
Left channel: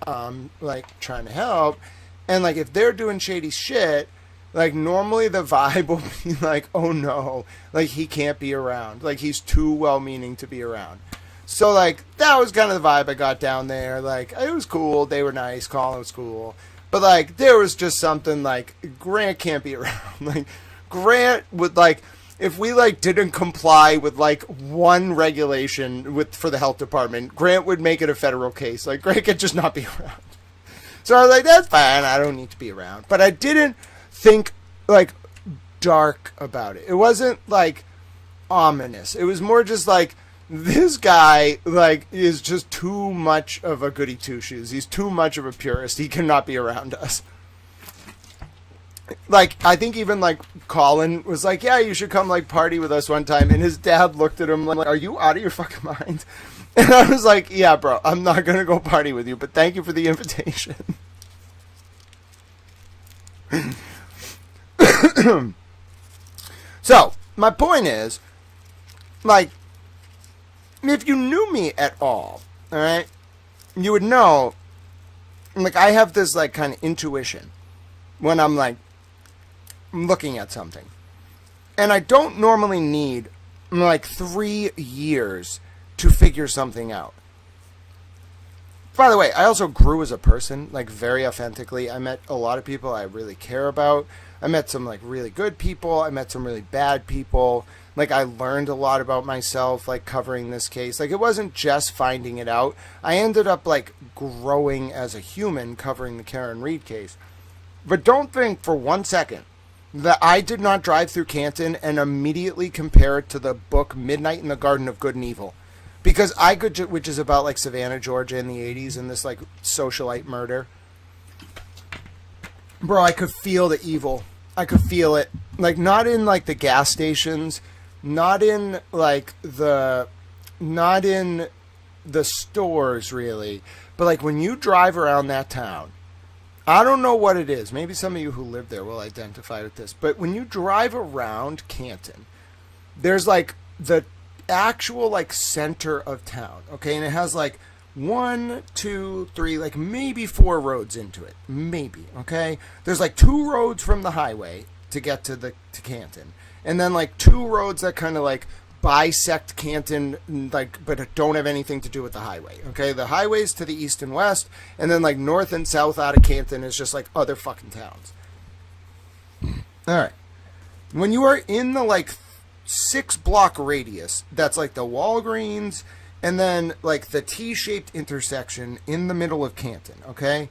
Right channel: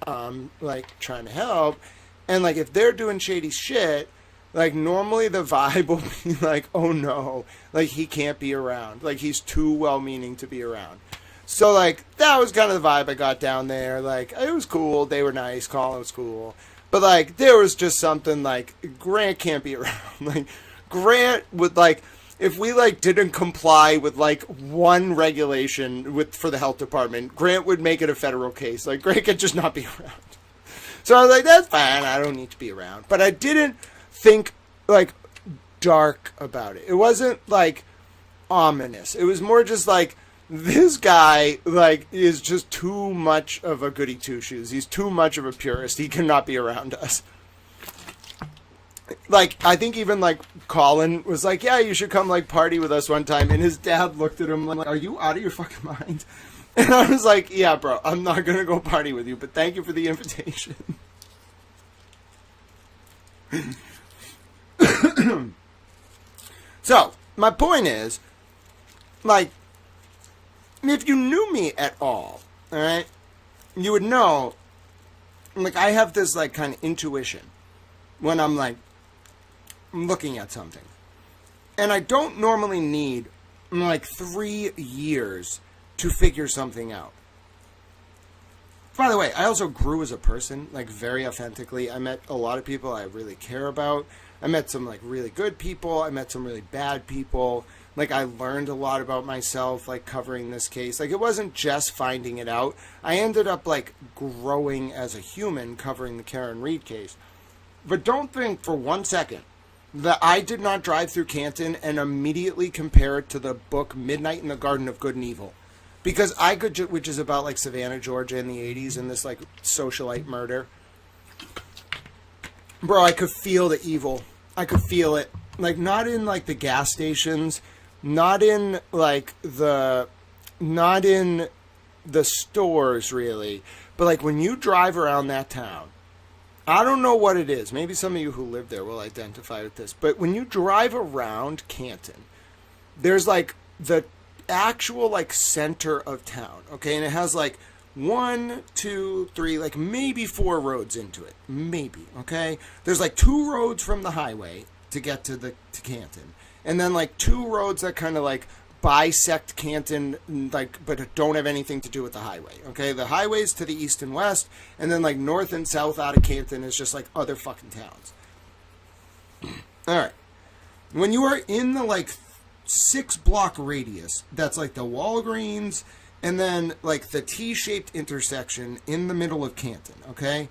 trying to help. And, like, if they're doing shady shit, like, normally the vibe will be, like, oh, no. Like, he can't be around. Like, he's too well-meaning to be around. So, like, that was kind of the vibe I got down there. Like, it was cool. They were nice. Colin was cool. But, like, there was just something, like, Grant can't be around. Like, Grant would, like... If we, like, didn't comply with, like, one regulation for the health department, Grant would make it a federal case. Like, Grant could just not be around. So I was like, that's fine. I don't need to be around. But I didn't think, like, dark about it. It wasn't, like, ominous. It was more just, like, this guy, like, is just too much of a goody two-shoes. He's too much of a purist. He cannot be around us. Like, I think even, like, Colin was like, yeah, you should come, like, party with us one time. And his dad looked at him like, are you out of your fucking mind? And I was like, yeah, bro, I'm not going to go party with you, but thank you for the invitation. So, my point is, like, if you knew me at all right, you would know, like, I have this, like, kind of intuition when I'm, like, looking at something. And I don't normally need, like, 3 years to figure something out. By the way, I also grew as a person, like, very authentically. I met a lot of people I really care about. I met some, like, really good people. I met some really bad people. Like, I learned a lot about myself, like, covering this case. Like, it wasn't just finding it out. I ended up, like, growing as a human covering the Karen Read case. But don't think for 1 second that I did not drive through Canton and immediately compare it to the book Midnight in the Garden of Good and Evil. Because I could, which is about, like, Savannah, Georgia in the 80s and this, like, socialite murder. Bro, I could feel the evil. I could feel it. Like, not in, like, the gas stations, not in, like, not in the stores, really. But, like, when you drive around that town, I don't know what it is. Maybe some of you who live there will identify with this. But when you drive around Canton, there's, like, the actual, like, center of town, okay? And it has, like, 1, 2, 3, like maybe 4 roads into it. Maybe, okay? There's like 2 roads from the highway to get to Canton. And then like 2 roads that kind of like bisect Canton, like, but don't have anything to do with the highway, okay? The highways to the east and west, and then like north and south out of Canton is just like other fucking towns. All right. When you are in the like 6-block radius, that's like the Walgreens, and then, like, the T-shaped intersection in the middle of Canton, okay?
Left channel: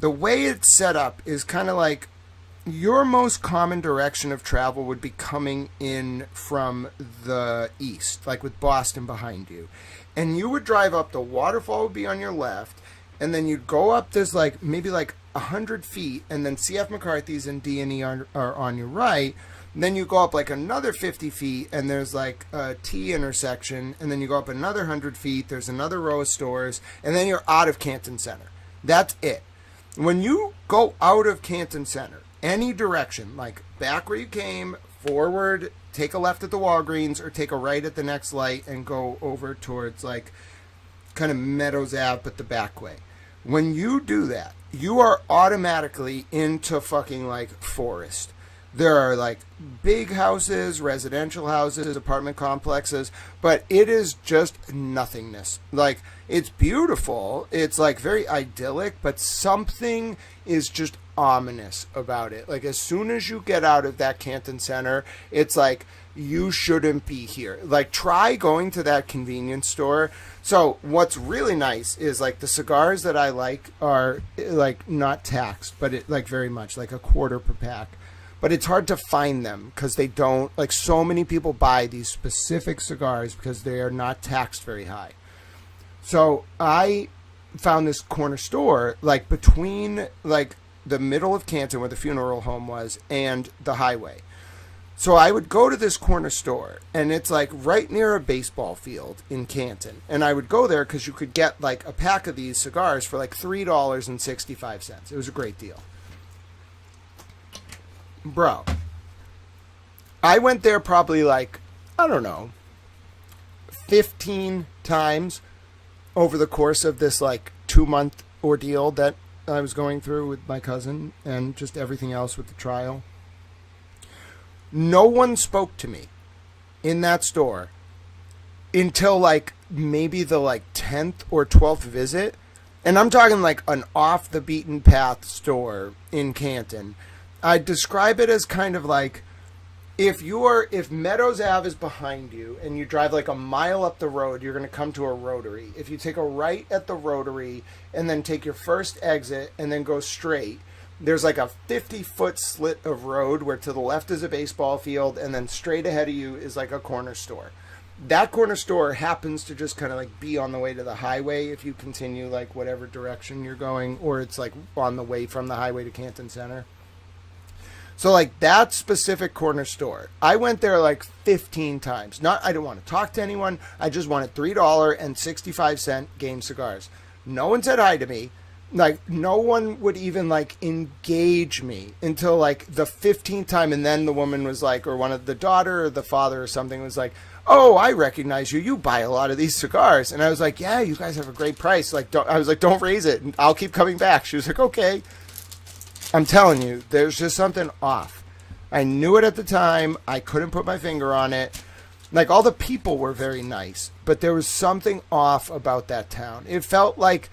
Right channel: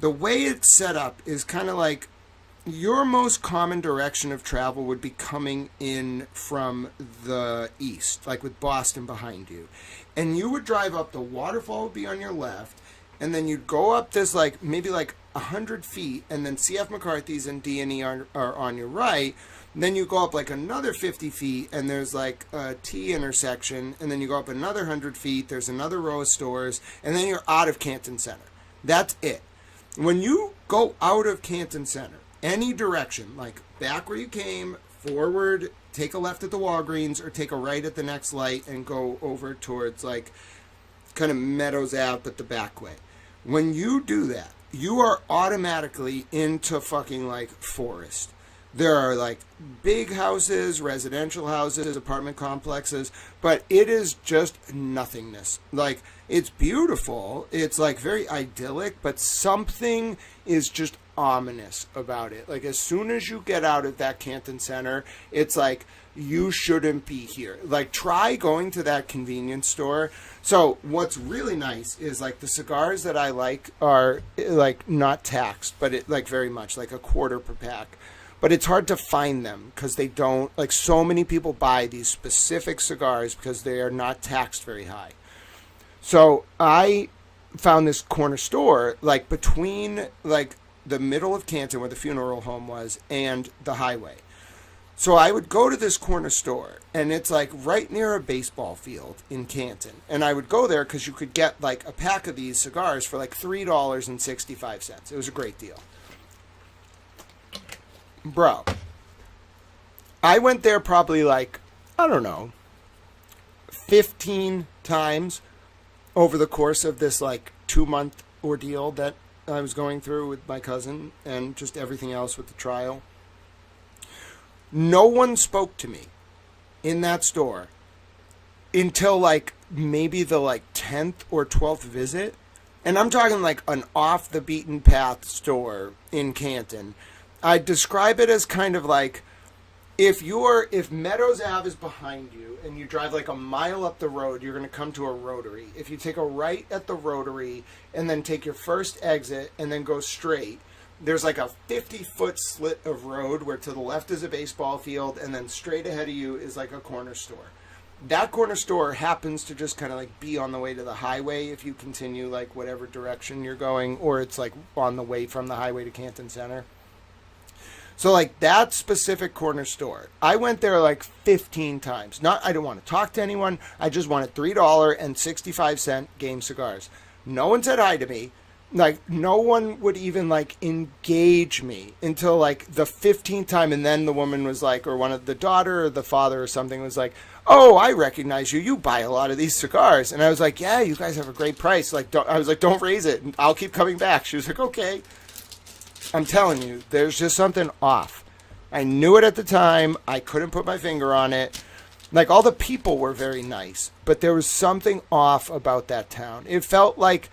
The way it's set up is kind of like your most common direction of travel would be coming in from the east, like with Boston behind you. And you would drive up, the waterfall would be on your left, and then you'd go up this, like, maybe, like, 100 feet, and then C.F. McCarthy's and D&E are on your right. And then you go up like another 50 feet and there's like a T intersection. And then you go up another 100 feet. There's another row of stores. And then you're out of Canton Center. That's it. When you go out of Canton Center, any direction, like back where you came, forward, take a left at the Walgreens or take a right at the next light and go over towards like kind of Meadows Ave, but the back way. When you do that, you are automatically into fucking like forest. There are like big houses, residential houses, apartment complexes, but it is just nothingness. Like, it's beautiful. It's like very idyllic, but something is just ominous about it. Like, as soon as you get out of that Canton Center, it's like, you shouldn't be here. Like, try going to that convenience store. So what's really nice is like the cigars that I like are like not taxed, but it like very much like $0.25 per pack. But it's hard to find them because they don't, like, so many people buy these specific cigars because they are not taxed very high. So I found this corner store, like, between, like, the middle of Canton where the funeral home was and the highway. So I would go to this corner store, and it's, like, right near a baseball field in Canton. And I would go there because you could get, like, a pack of these cigars for, like, $3.65. It was a great deal. Bro, I went there probably like, I don't know, 15 times over the course of this like 2-month ordeal that I was going through with my cousin and just everything else with the trial. No one spoke to me in that store until like maybe the like 10th or 12th visit. And I'm talking like an off the beaten path store in Canton. I describe it as kind of like if Meadows Ave is behind you and you drive like a mile up the road, you're going to come to a rotary. If you take a right at the rotary and then take your first exit and then go straight, there's like a 50-foot slit of road where to the left is a baseball field and then straight ahead of you is like a corner store. That corner store happens to just kind of like be on the way to the highway if you continue like whatever direction you're going, or it's like on the way from the highway to Canton Center. So, like, that specific corner store, I went there, like, 15 times. I didn't want to talk to anyone. I just wanted $3.65 Game cigars. No one said hi to me. Like, no one would even, like, engage me until, like, the 15th time. And then the woman was like, or one of the daughter or the father or something was like, oh, I recognize you. You buy a lot of these cigars. And I was like, yeah, you guys have a great price. Like, don't raise it. I'll keep coming back. She was like, okay. I'm telling you, there's just something off. I knew it at the time. I couldn't put my finger on it. Like, all the people were very nice, but there was something off about that town. It felt like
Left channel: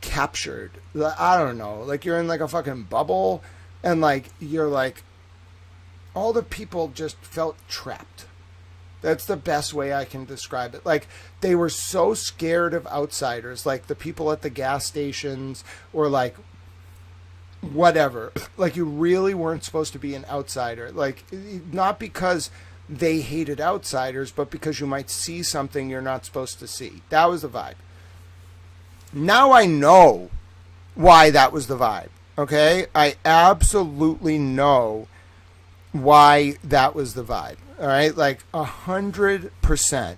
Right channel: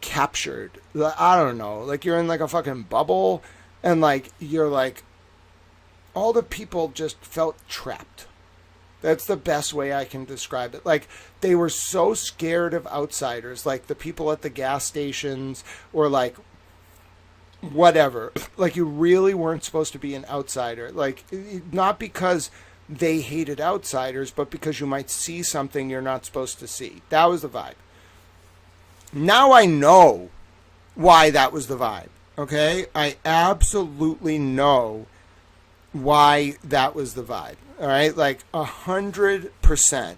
captured. I don't know. Like, you're in, like, a fucking bubble, and, like, you're, like, all the people just felt trapped. That's the best way I can describe it. Like, they were so scared of outsiders, like the people at the gas stations or, like, whatever. Like, you really weren't supposed to be an outsider. Like, not because they hated outsiders, but because you might see something you're not supposed to see. That was the vibe. Now I know why that was the vibe. Okay? I absolutely know why that was the vibe. All right? Like 100%.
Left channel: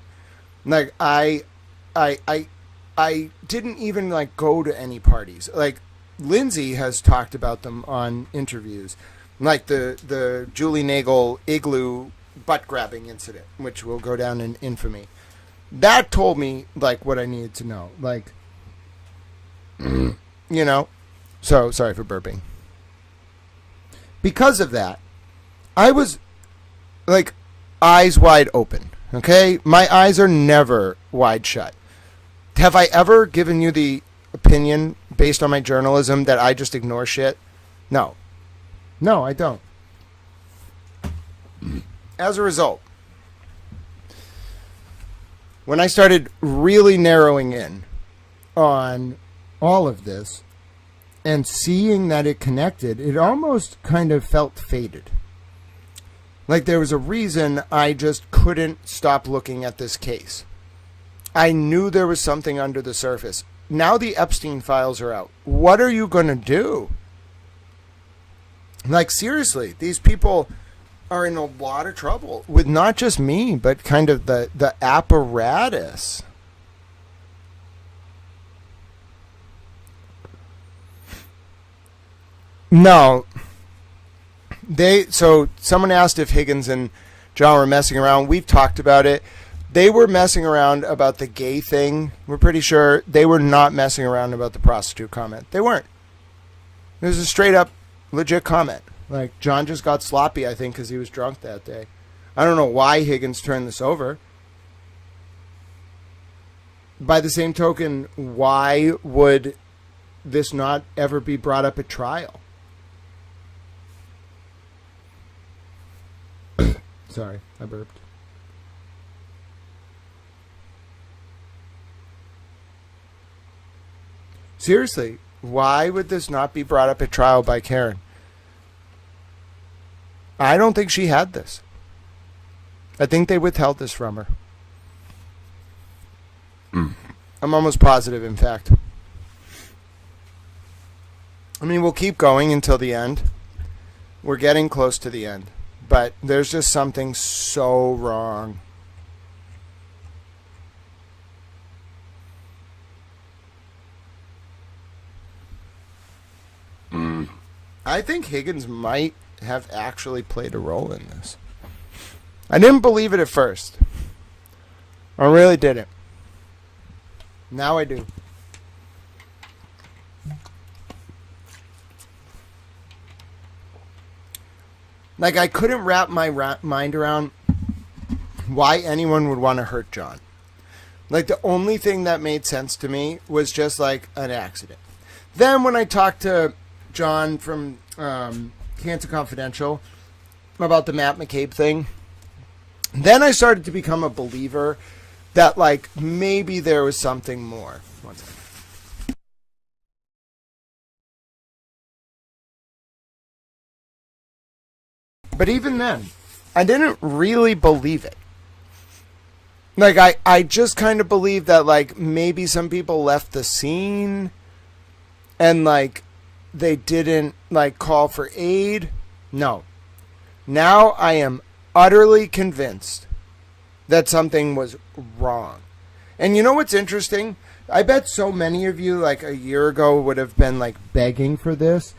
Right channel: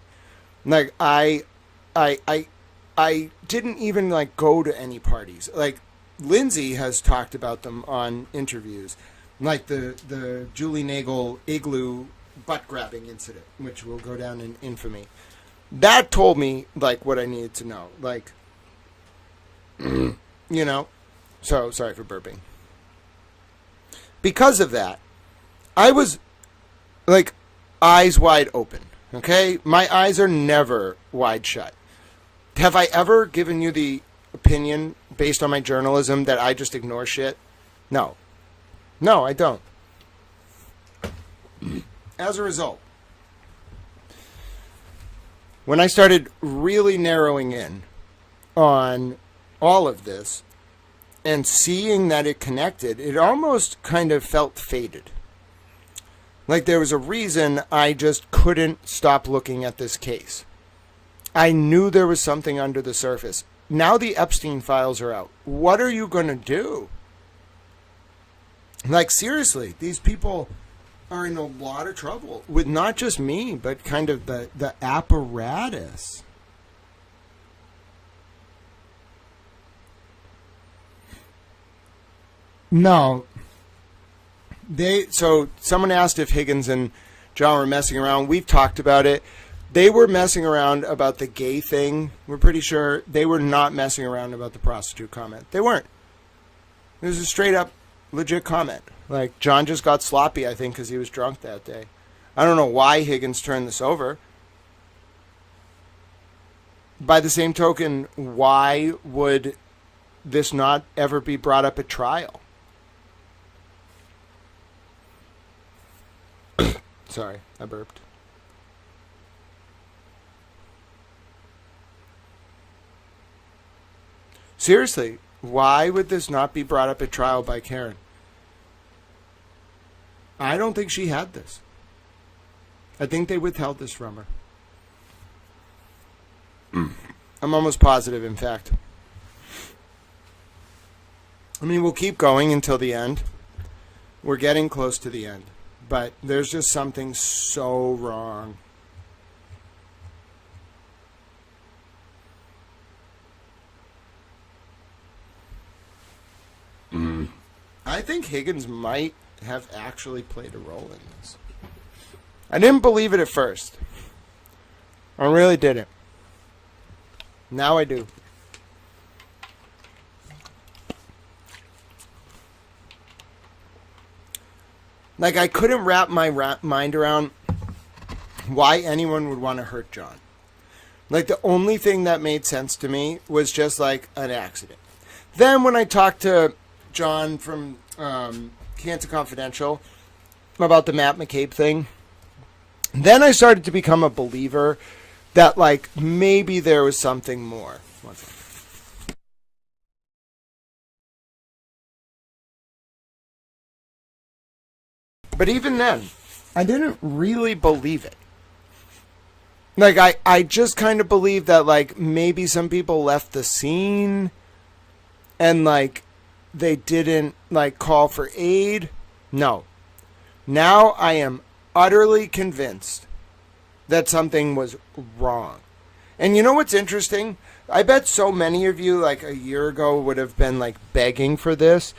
Like I didn't even like go to any parties. Like Lindsay has talked about them on interviews. Like the Julie Nagel igloo butt grabbing incident, which will go down in infamy. That told me like what I needed to know. Like you know. So sorry for burping. Because of that, I was like eyes wide open. Okay? My eyes are never wide shut. Have I ever given you the opinion based on my journalism that I just ignore shit? No. No, I don't. As a result, when I started really narrowing in on all of this and seeing that it connected, it almost kind of felt fated. Like there was a reason I just couldn't stop looking at this case. I knew there was something under the surface. Now the Epstein files are out. What are you going to do? Like, seriously, these people are in a lot of trouble with not just me, but kind of the apparatus. No. So someone asked if Higgins and John were messing around. We've talked about it. They were messing around about the gay thing. We're pretty sure they were not messing around about the prostitute comment. They weren't. It was a straight up legit comment. Like, John just got sloppy, I think, because he was drunk that day. I don't know why Higgins turned this over. By the same token, why would this not ever be brought up at trial? Sorry, I burped. Seriously, why would this not be brought up at trial by Karen? I don't think she had this. I think they withheld this from her. I'm almost positive, in fact. I mean, we'll keep going until the end. We're getting close to the end. But there's just something so wrong. I think Higgins might have actually played a role in this. I didn't believe it at first. I really didn't. Now I do. Like, I couldn't wrap my mind around why anyone would want to hurt John. Like, the only thing that made sense to me was just like an accident. Then when I talked to John from Cancer Confidential about the Matt McCabe thing, then I started to become a believer that, like, maybe there was something more. One second. But even then, I didn't really believe it. Like, I just kind of believed that, like, maybe some people left the scene and, like, they didn't, like, call for aid. No. Now I am utterly convinced that something was wrong. And you know what's interesting? I bet so many of you, like, a year ago would have been, like, begging for this,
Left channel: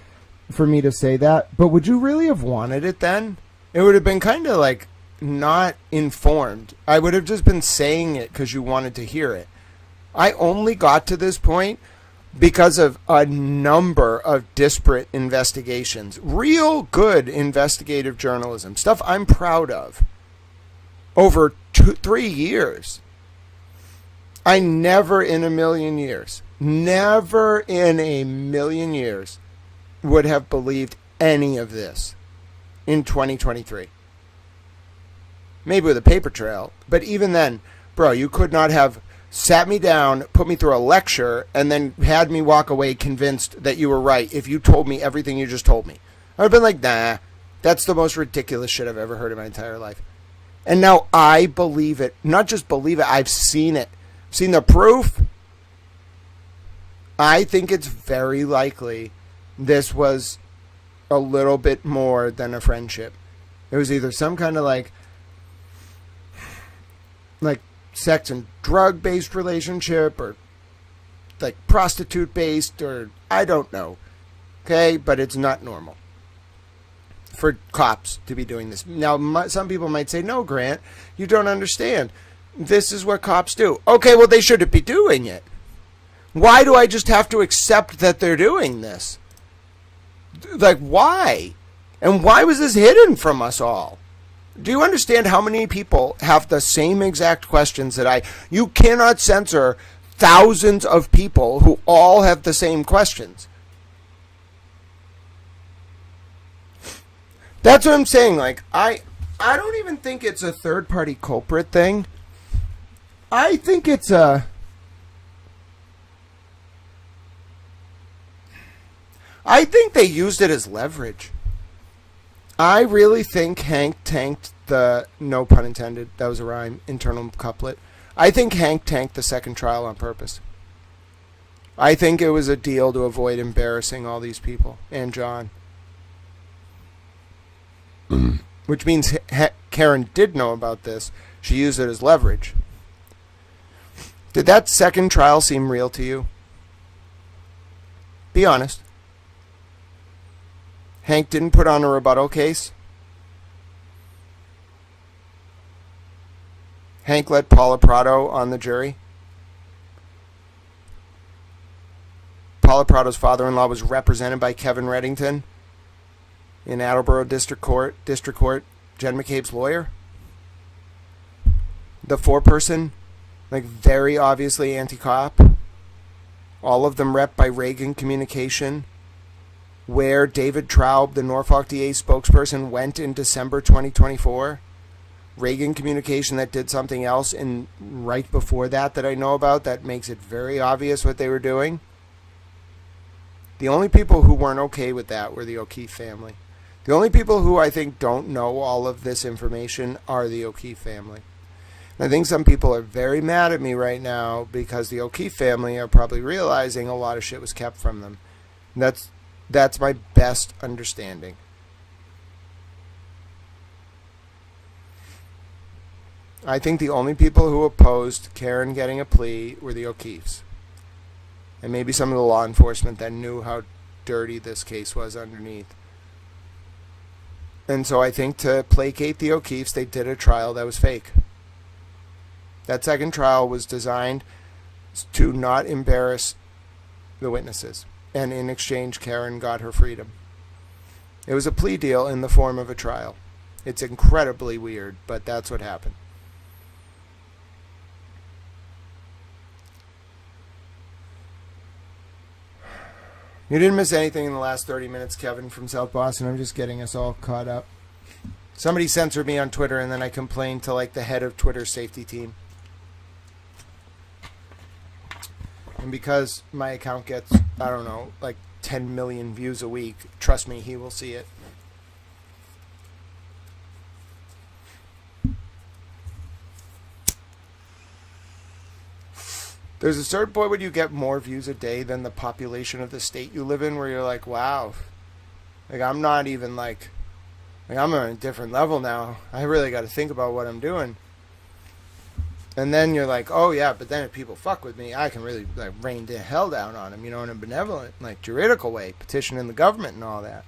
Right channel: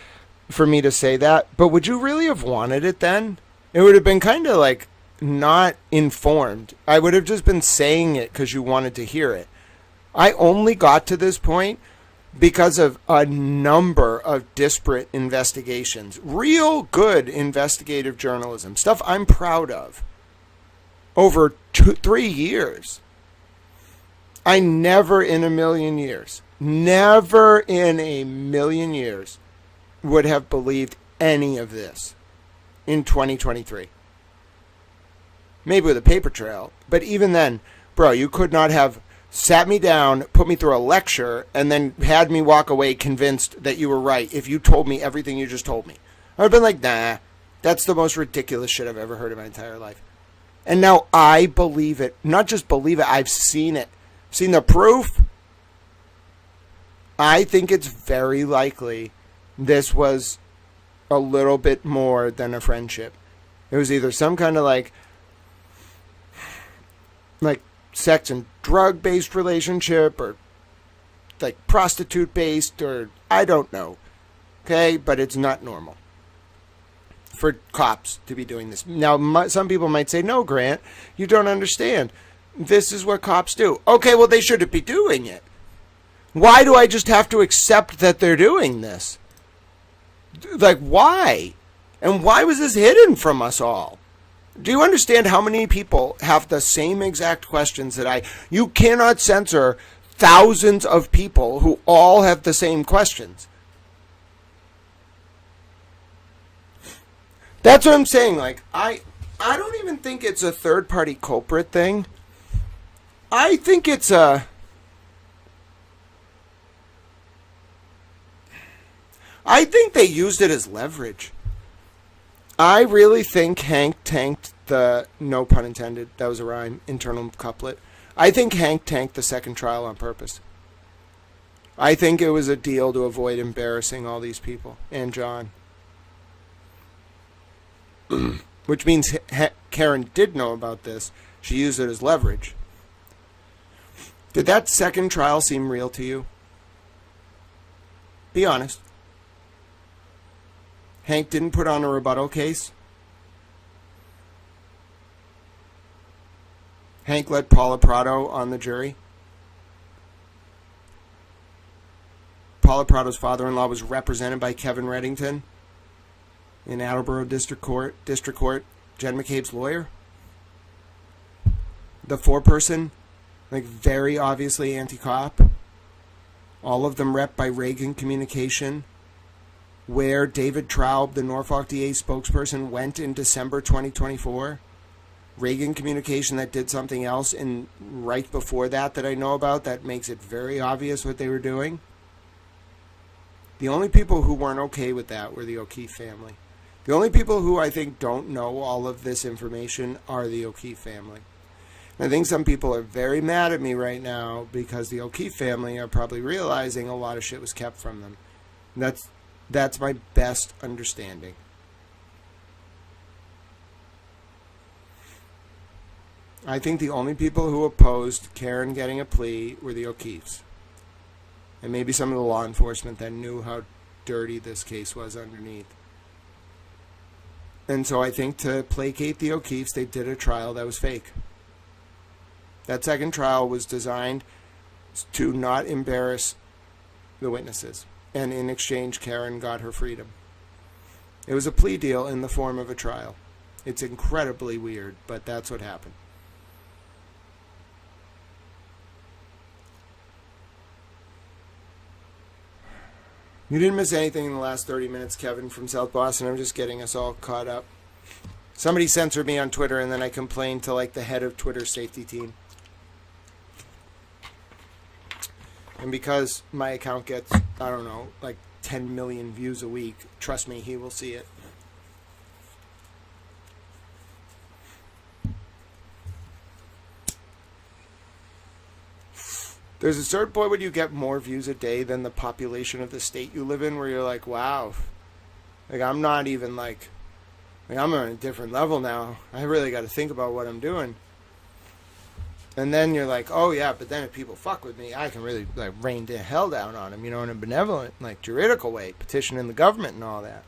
for me to say that. But would you really have wanted it then? It would have been kind of, like, not informed. I would have just been saying it because you wanted to hear it. I only got to this point because of a number of disparate investigations. Real good investigative journalism. Stuff I'm proud of. Over 3 years. I never in a million years, never in a million years would have believed any of this in 2023. Maybe with a paper trail, but even then, bro, you could not have sat me down, put me through a lecture, and then had me walk away convinced that you were right if you told me everything you just told me. I would have been like, nah, that's the most ridiculous shit I've ever heard in my entire life. And now I believe it. Not just believe it, I've seen it. Seen the proof. I think it's very likely this was a little bit more than a friendship. It was either some kind of like sex and drug based relationship, or like prostitute based, or I don't know. Okay, but it's not normal for cops to be doing this. Now, some people might say, no, Grant, you don't understand. This is what cops do. Okay, well, they shouldn't be doing it. Why do I just have to accept that they're doing this? Like, why? And why was this hidden from us all? Do you understand how many people have the same exact questions that you cannot censor thousands of people who all have the same questions. That's what I'm saying. Like, I don't even think it's a third party culprit thing. I think it's I think they used it as leverage. I really think Hank tanked the, no pun intended, that was a rhyme, internal couplet. I think Hank tanked the second trial on purpose. I think it was a deal to avoid embarrassing all these people and John. Which means Karen did know about this. She used it as leverage. Did that second trial seem real to you? Be honest. Hank didn't put on a rebuttal case. Hank let Paula Prado on the jury. Paula Prado's father-in-law was represented by Kevin Reddington in Attleboro District Court, Jen McCabe's lawyer. The four-person, like very obviously anti-cop. All of them rep by Reagan Communication, where David Traub, the Norfolk DA spokesperson, went in December 2024. Reagan Communication that did something else in right before that I know about that makes it very obvious what they were doing. The only people who weren't okay with that were the O'Keefe family. The only people who I think don't know all of this information are the O'Keefe family. And I think some people are very mad at me right now because the O'Keefe family are probably realizing a lot of shit was kept from them. And that's my best understanding. I think the only people who opposed Karen getting a plea were the O'Keefes. And maybe some of the law enforcement that knew how dirty this case was underneath. And so I think to placate the O'Keefes, they did a trial that was fake. That second trial was designed to not embarrass the witnesses. And in exchange, Karen got her freedom. It was a plea deal in the form of a trial. It's incredibly weird, but that's what happened. You didn't miss anything in the last 30 minutes, Kevin from South Boston. I'm just getting us all caught up. Somebody censored me on Twitter, and then I complained to like the head of Twitter's safety team. And because my account gets, I don't know, like 10 million views a week, trust me, he will see it. There's a certain point when you get more views a day than the population of the state you live in, where you're like, wow, like I'm not even like I'm on a different level now. I really got to think about what I'm doing. And then you're like, oh yeah, but then if people fuck with me, I can really like rain the hell down on them, you know, in a benevolent, like juridical way, petitioning the government and all that.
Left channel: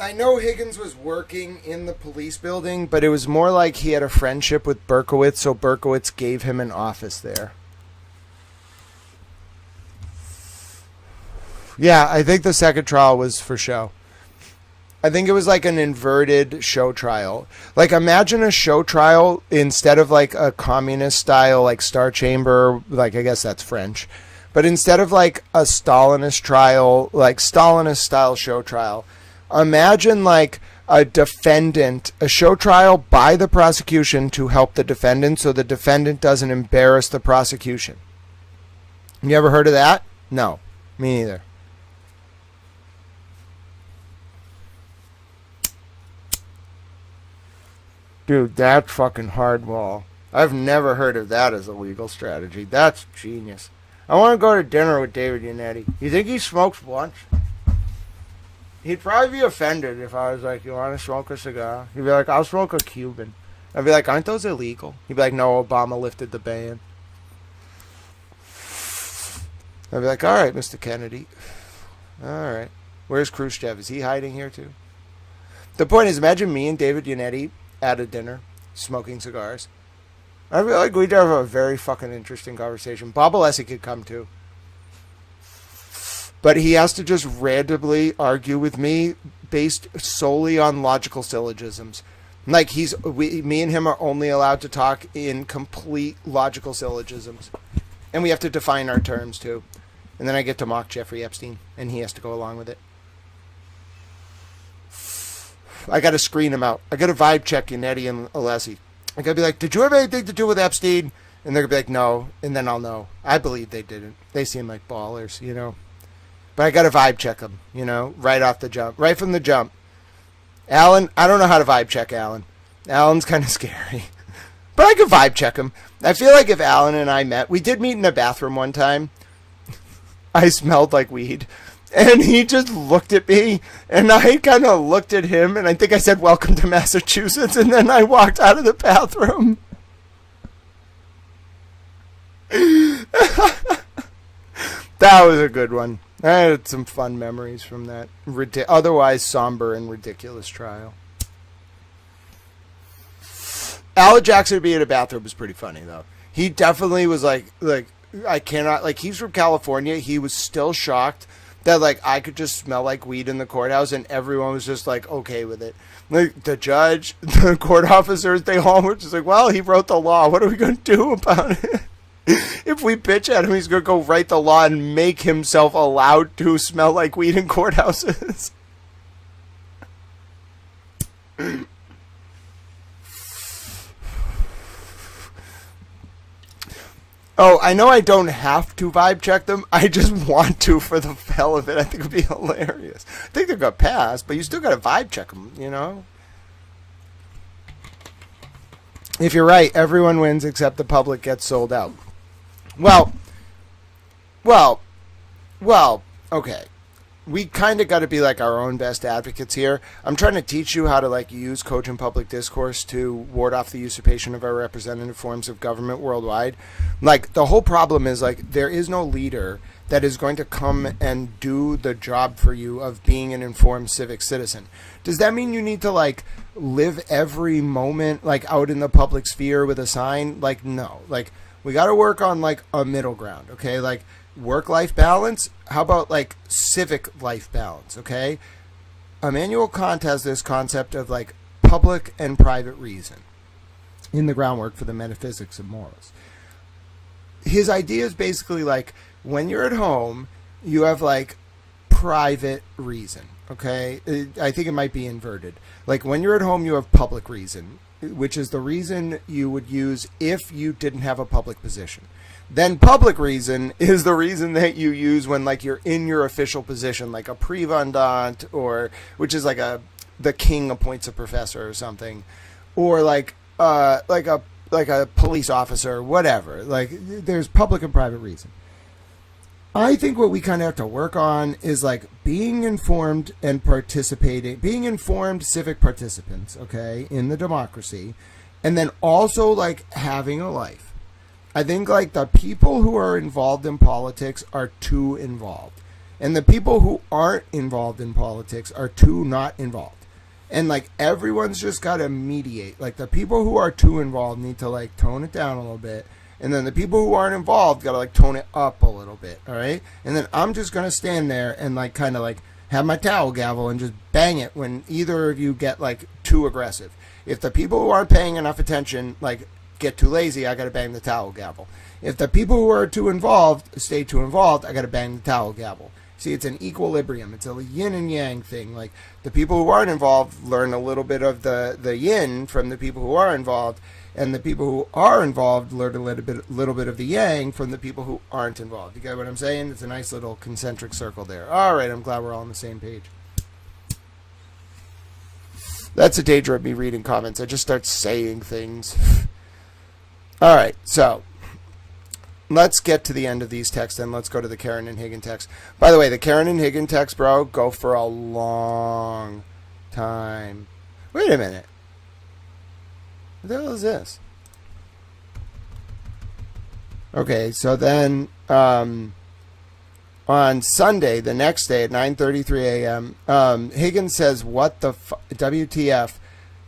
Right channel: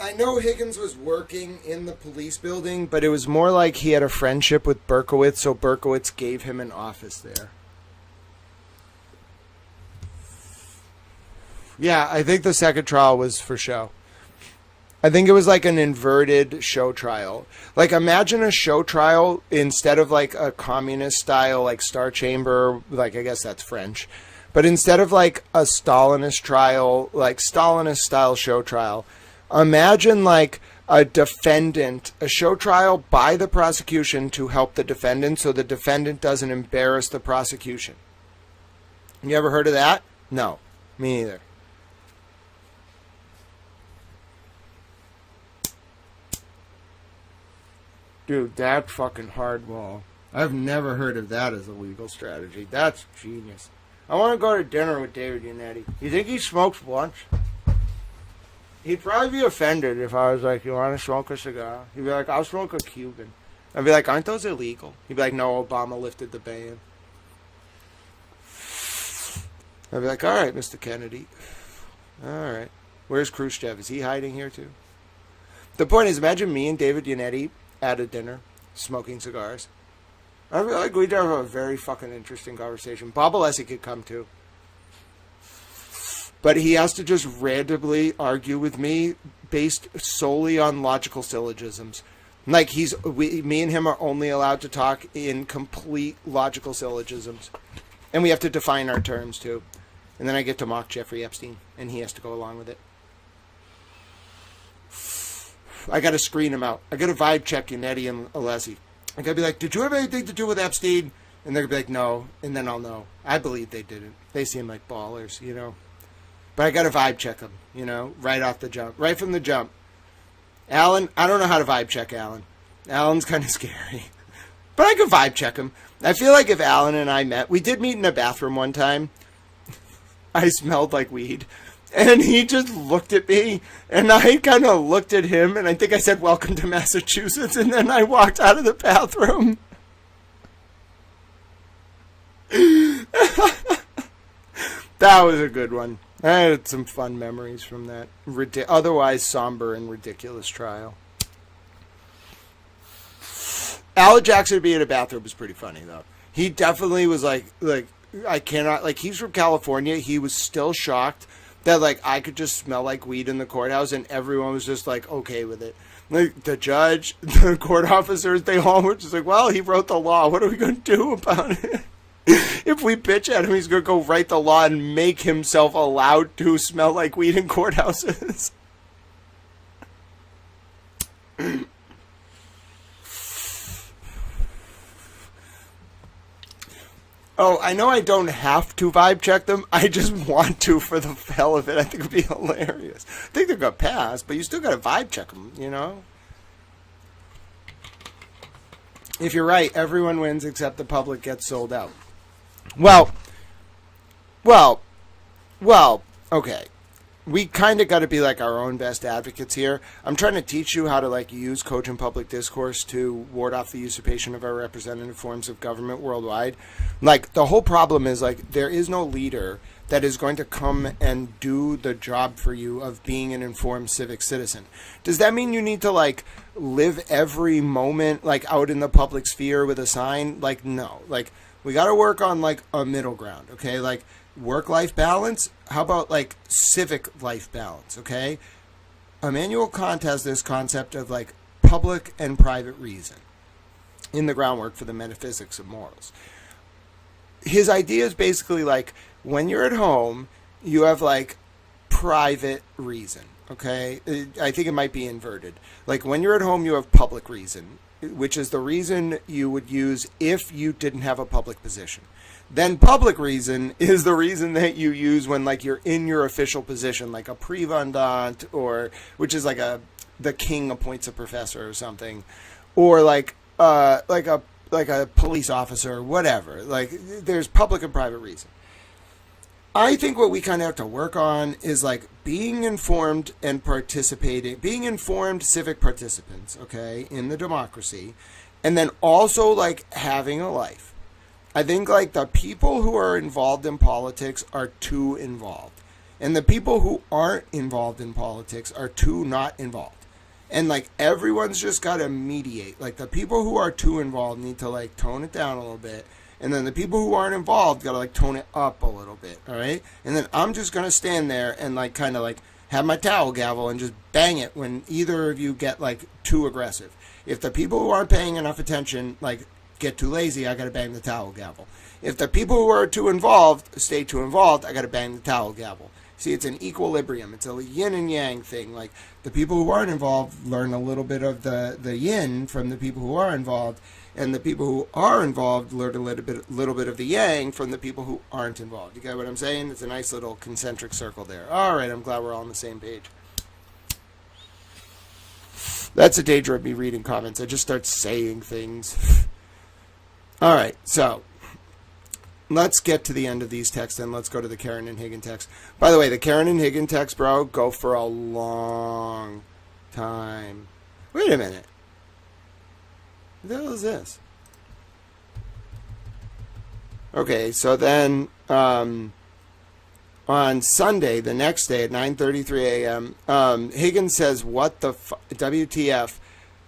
I know Higgins was working in the police building, but it was more like he had a friendship with Berkowitz, so Berkowitz gave him an office there. Yeah, I think the second trial was for show. I think it was like an inverted show trial. Like, imagine a show trial instead of like a communist style, like Star Chamber, like I guess that's French. But instead of like a Stalinist trial, like Stalinist style show trial, imagine like a defendant, a show trial by the prosecution to help the defendant so the defendant doesn't embarrass the prosecution. You ever heard of that? No, me neither. Dude, that's fucking hardball. I've never heard of that as a legal strategy. That's genius. I want to go to dinner with David Yannetti. You think he smokes blunts? He'd probably be offended if I was like, you want to smoke a cigar? He'd be like, I'll smoke a Cuban. I'd be like, aren't those illegal? He'd be like, no, Obama lifted the ban. I'd be like, all right, Mr. Kennedy. All right. Where's Khrushchev? Is he hiding here too? The point is, imagine me and David Yannetti at a dinner, smoking cigars. I feel like we'd have a very fucking interesting conversation. Bob Alessi could come too. But he has to just randomly argue with me based solely on logical syllogisms. Like, me and him are only allowed to talk in complete logical syllogisms. And we have to define our terms too. And then I get to mock Jeffrey Epstein, and he has to go along with it. I got to screen him out. I got to vibe check Yannetti and Alessi. I got to be like, did you have anything to do with Epstein? And they're going to be like, no. And then I'll know. I believe they didn't. They seem like ballers, you know. But I got to vibe check them, you know, right off the jump. Right from the jump. Alan, I don't know how to vibe check Alan. Alan's kind of scary. But I could vibe check him. I feel like if Alan and I met, we did meet in a bathroom one time. I smelled like weed. And he just looked at me, and I kind of looked at him, and I think I said, welcome to Massachusetts, and then I walked out of the bathroom. That was a good one. I had some fun memories from that otherwise somber and ridiculous trial. Al Jackson being in a bathroom was pretty funny, though. He definitely was like, I cannot, like, he's from California. He was still shocked that, like, I could just smell like weed in the courthouse, and everyone was just, like, okay with it. Like, the judge, the court officers, they all were just like, well, he wrote the law. What are we going to do about it? If we bitch at him, he's going to go write the law and make himself allowed to smell like weed in courthouses. Oh, I know I don't have to vibe check them. I just want to for the hell of it. I think it would be hilarious. I think they're going to pass, but you still got to vibe check them, you know? If you're right, everyone wins except the public gets sold out. Well, okay. We kind of got to be like our own best advocates here. I'm trying to teach you how to like use cogent public discourse to ward off the usurpation of our representative forms of government worldwide. Like, the whole problem is like there is no leader that is going to come and do the job for you of being an informed civic citizen. Does that mean you need to like live every moment like out in the public sphere with a sign? Like, no. Like, we got to work on like a middle ground, okay? Like, work-life balance. How about like civic life balance? Okay, Immanuel Kant has this concept of like public and private reason in the groundwork for the metaphysics of morals. His idea is basically like when you're at home, you have like private reason. Okay, I think it might be inverted. Like when you're at home, you have public reason, which is the reason you would use if you didn't have a public position. Then public reason is the reason that you use when like you're in your official position, like a privandant, or which is like the king appoints a professor or something, or like a police officer or whatever. Like there's public and private reason. I think what we kind of have to work on is like being informed and participating, being informed civic participants, okay, in the democracy, and then also like having a life. I think like the people who are involved in politics are too involved, and the people who aren't involved in politics are too not involved. And like everyone's just got to mediate. Like the people who are too involved need to like tone it down a little bit. And then the people who aren't involved got to like tone it up a little bit. All right. And then I'm just going to stand there and like kind of like have my towel gavel and just bang it when either of you get like too aggressive. If the people who aren't paying enough attention, like get too lazy, I got to bang the towel gavel. If the people who are too involved stay too involved, I got to bang the towel gavel. See, it's an equilibrium. It's a yin and yang thing. Like the people who aren't involved learn a little bit of the yin from the people who are involved, and the people who are involved learn a little bit of the yang from the people who aren't involved. You get what I'm saying? It's a nice little concentric circle there. All right, I'm glad we're all on the same page. That's the danger of me reading comments. I just start saying things. All right, so let's get to the end of these texts and let's go to the Karen and Higgin text. By the way, the Karen and Higgin text, bro, go for a long time. Wait a minute. What the hell is this? Okay, so then on Sunday, the next day at 9:33 a.m., Higgins says, what the WTF?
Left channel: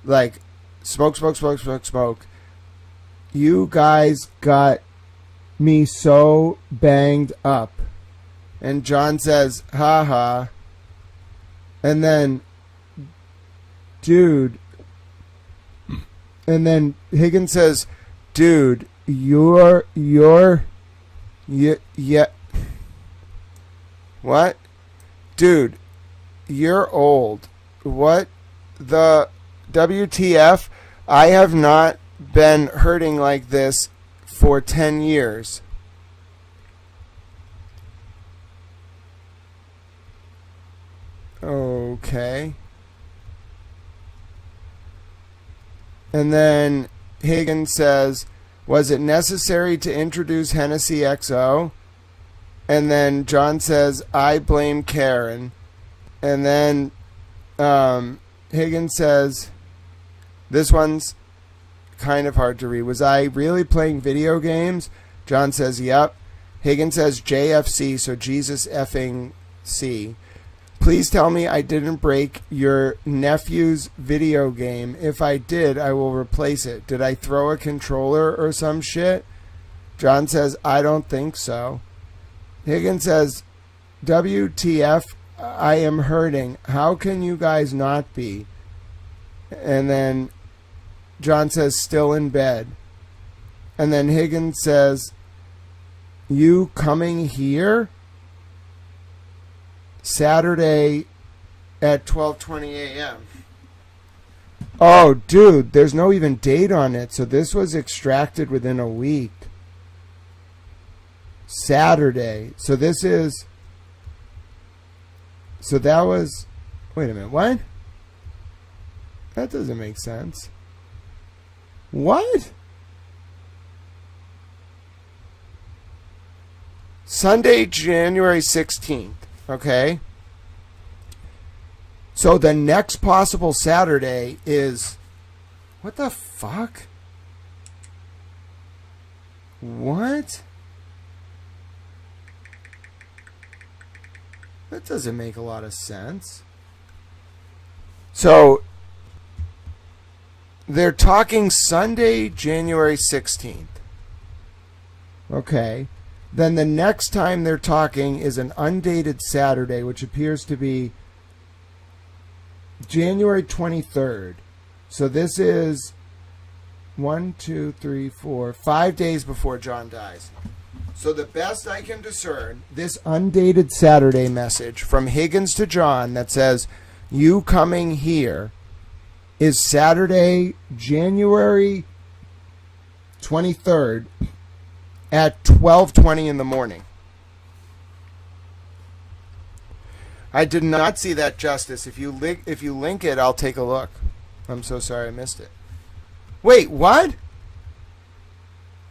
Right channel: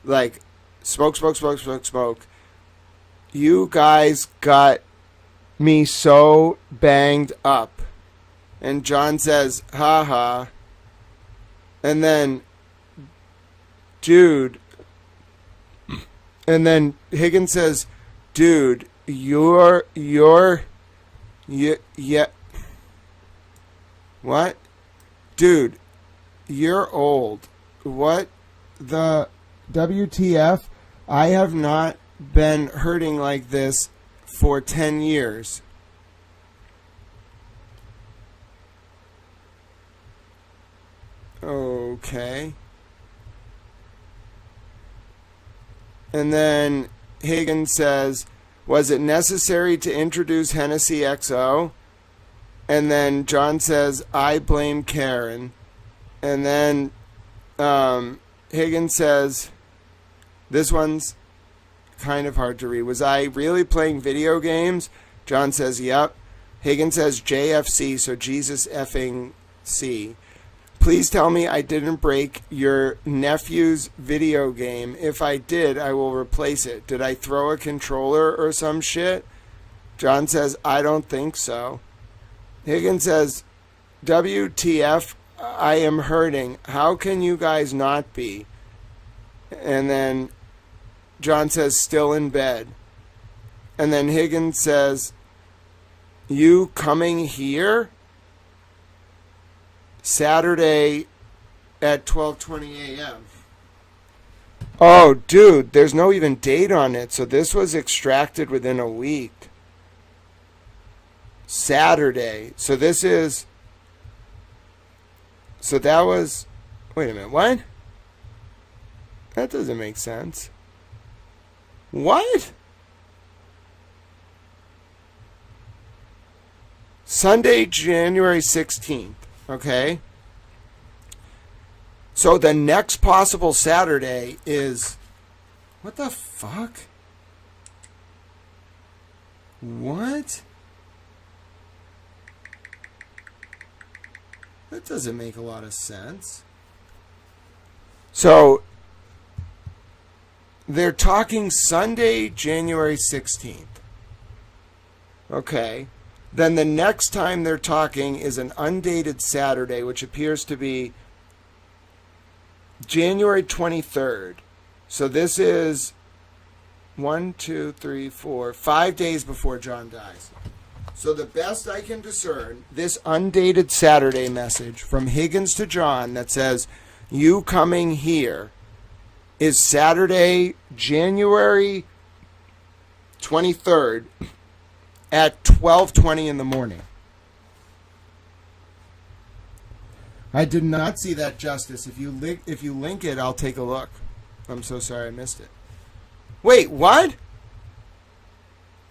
Like, smoke. You guys got me so banged up. And John says, haha. And then, dude. And then Higgins says, dude, you're yeah. What? Dude, you're old. What the WTF? I have not been hurting like this for 10 years. Okay. And then Higgins says, was it necessary to introduce Hennessy XO? And then John says, I blame Karen. And then Higgins says, this one's kind of hard to read. Was I really playing video games? John says, yep. Higgins says JFC, so Jesus effing C. Please tell me I didn't break your nephew's video game. If I did, I will replace it. Did I throw a controller or some shit? John says, I don't think so. Higgins says, WTF, I am hurting. How can you guys not be? And then John says, still in bed. And then Higgins says, you coming here? Saturday at 12:20 a.m. Oh, dude, there's no even date on it. So this was extracted within a week. Saturday. So this is... So that was... Wait a minute, what? That doesn't make sense. What? Sunday, January 16th. Okay. So the next possible Saturday is... What the fuck? What? That doesn't make a lot of sense. So they're talking Sunday, January 16th. Okay. Then the next time they're talking is an undated Saturday, which appears to be January 23rd. So this is 5 days before John dies. So the best I can discern, this undated Saturday message from Higgins to John that says, you coming here, is Saturday, January 23rd at 12:20 in the morning. I did not see that, Justice. If you link it, I'll take a look. I'm so sorry I missed it. Wait, what?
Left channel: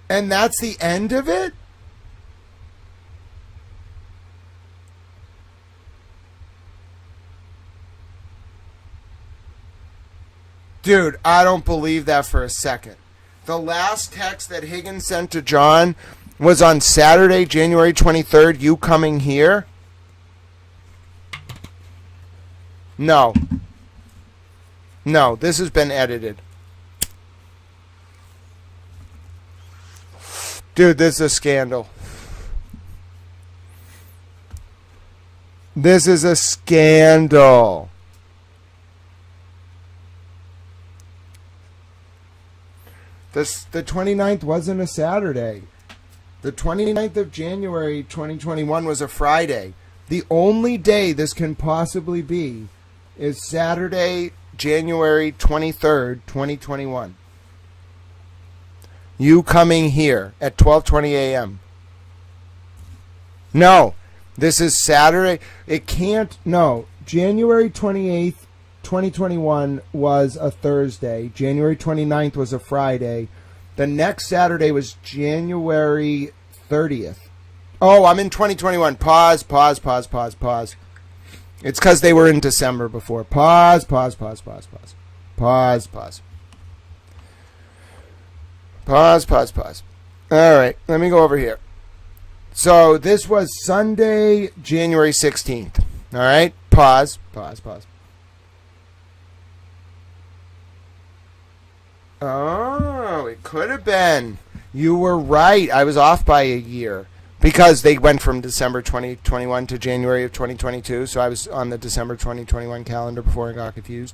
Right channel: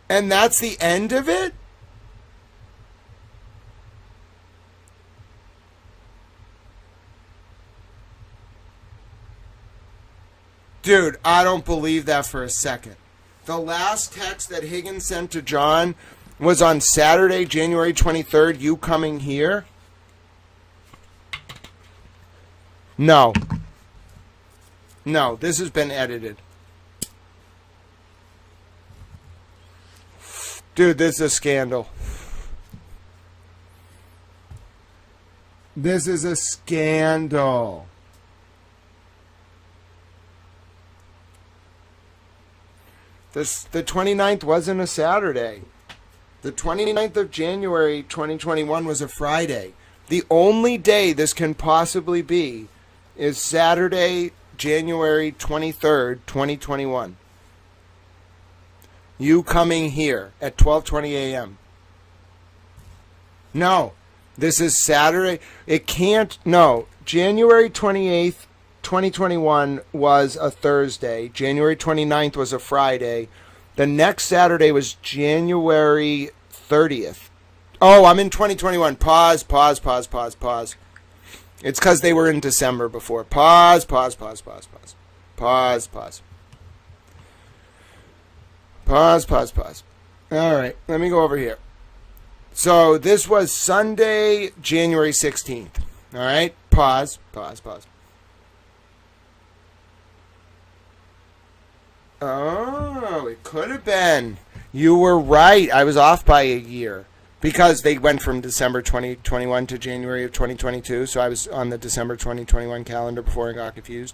And that's the end of it? Dude, I don't believe that for a second. The last text that Higgins sent to John was on Saturday, January 23rd, you coming here? No. No, this has been edited. Dude, this is a scandal. This is a scandal. The 29th wasn't a Saturday. The 29th of January 2021 was a Friday. The only day this can possibly be is Saturday, January 23rd, 2021. You coming here at 12:20 a.m. No, this is Saturday. It can't. No, January 28th, 2021 was a Thursday. January 29th was a Friday. The next Saturday was January 30th. Oh, I'm in 2021. Pause. It's because they were in December before. Pause. All right, let me go over here. So this was Sunday, January 16th. All right, pause. Oh, it could have been. You were right. I was off by a year because they went from December 2021 to January of 2022. So I was on the December 2021 calendar before I got confused.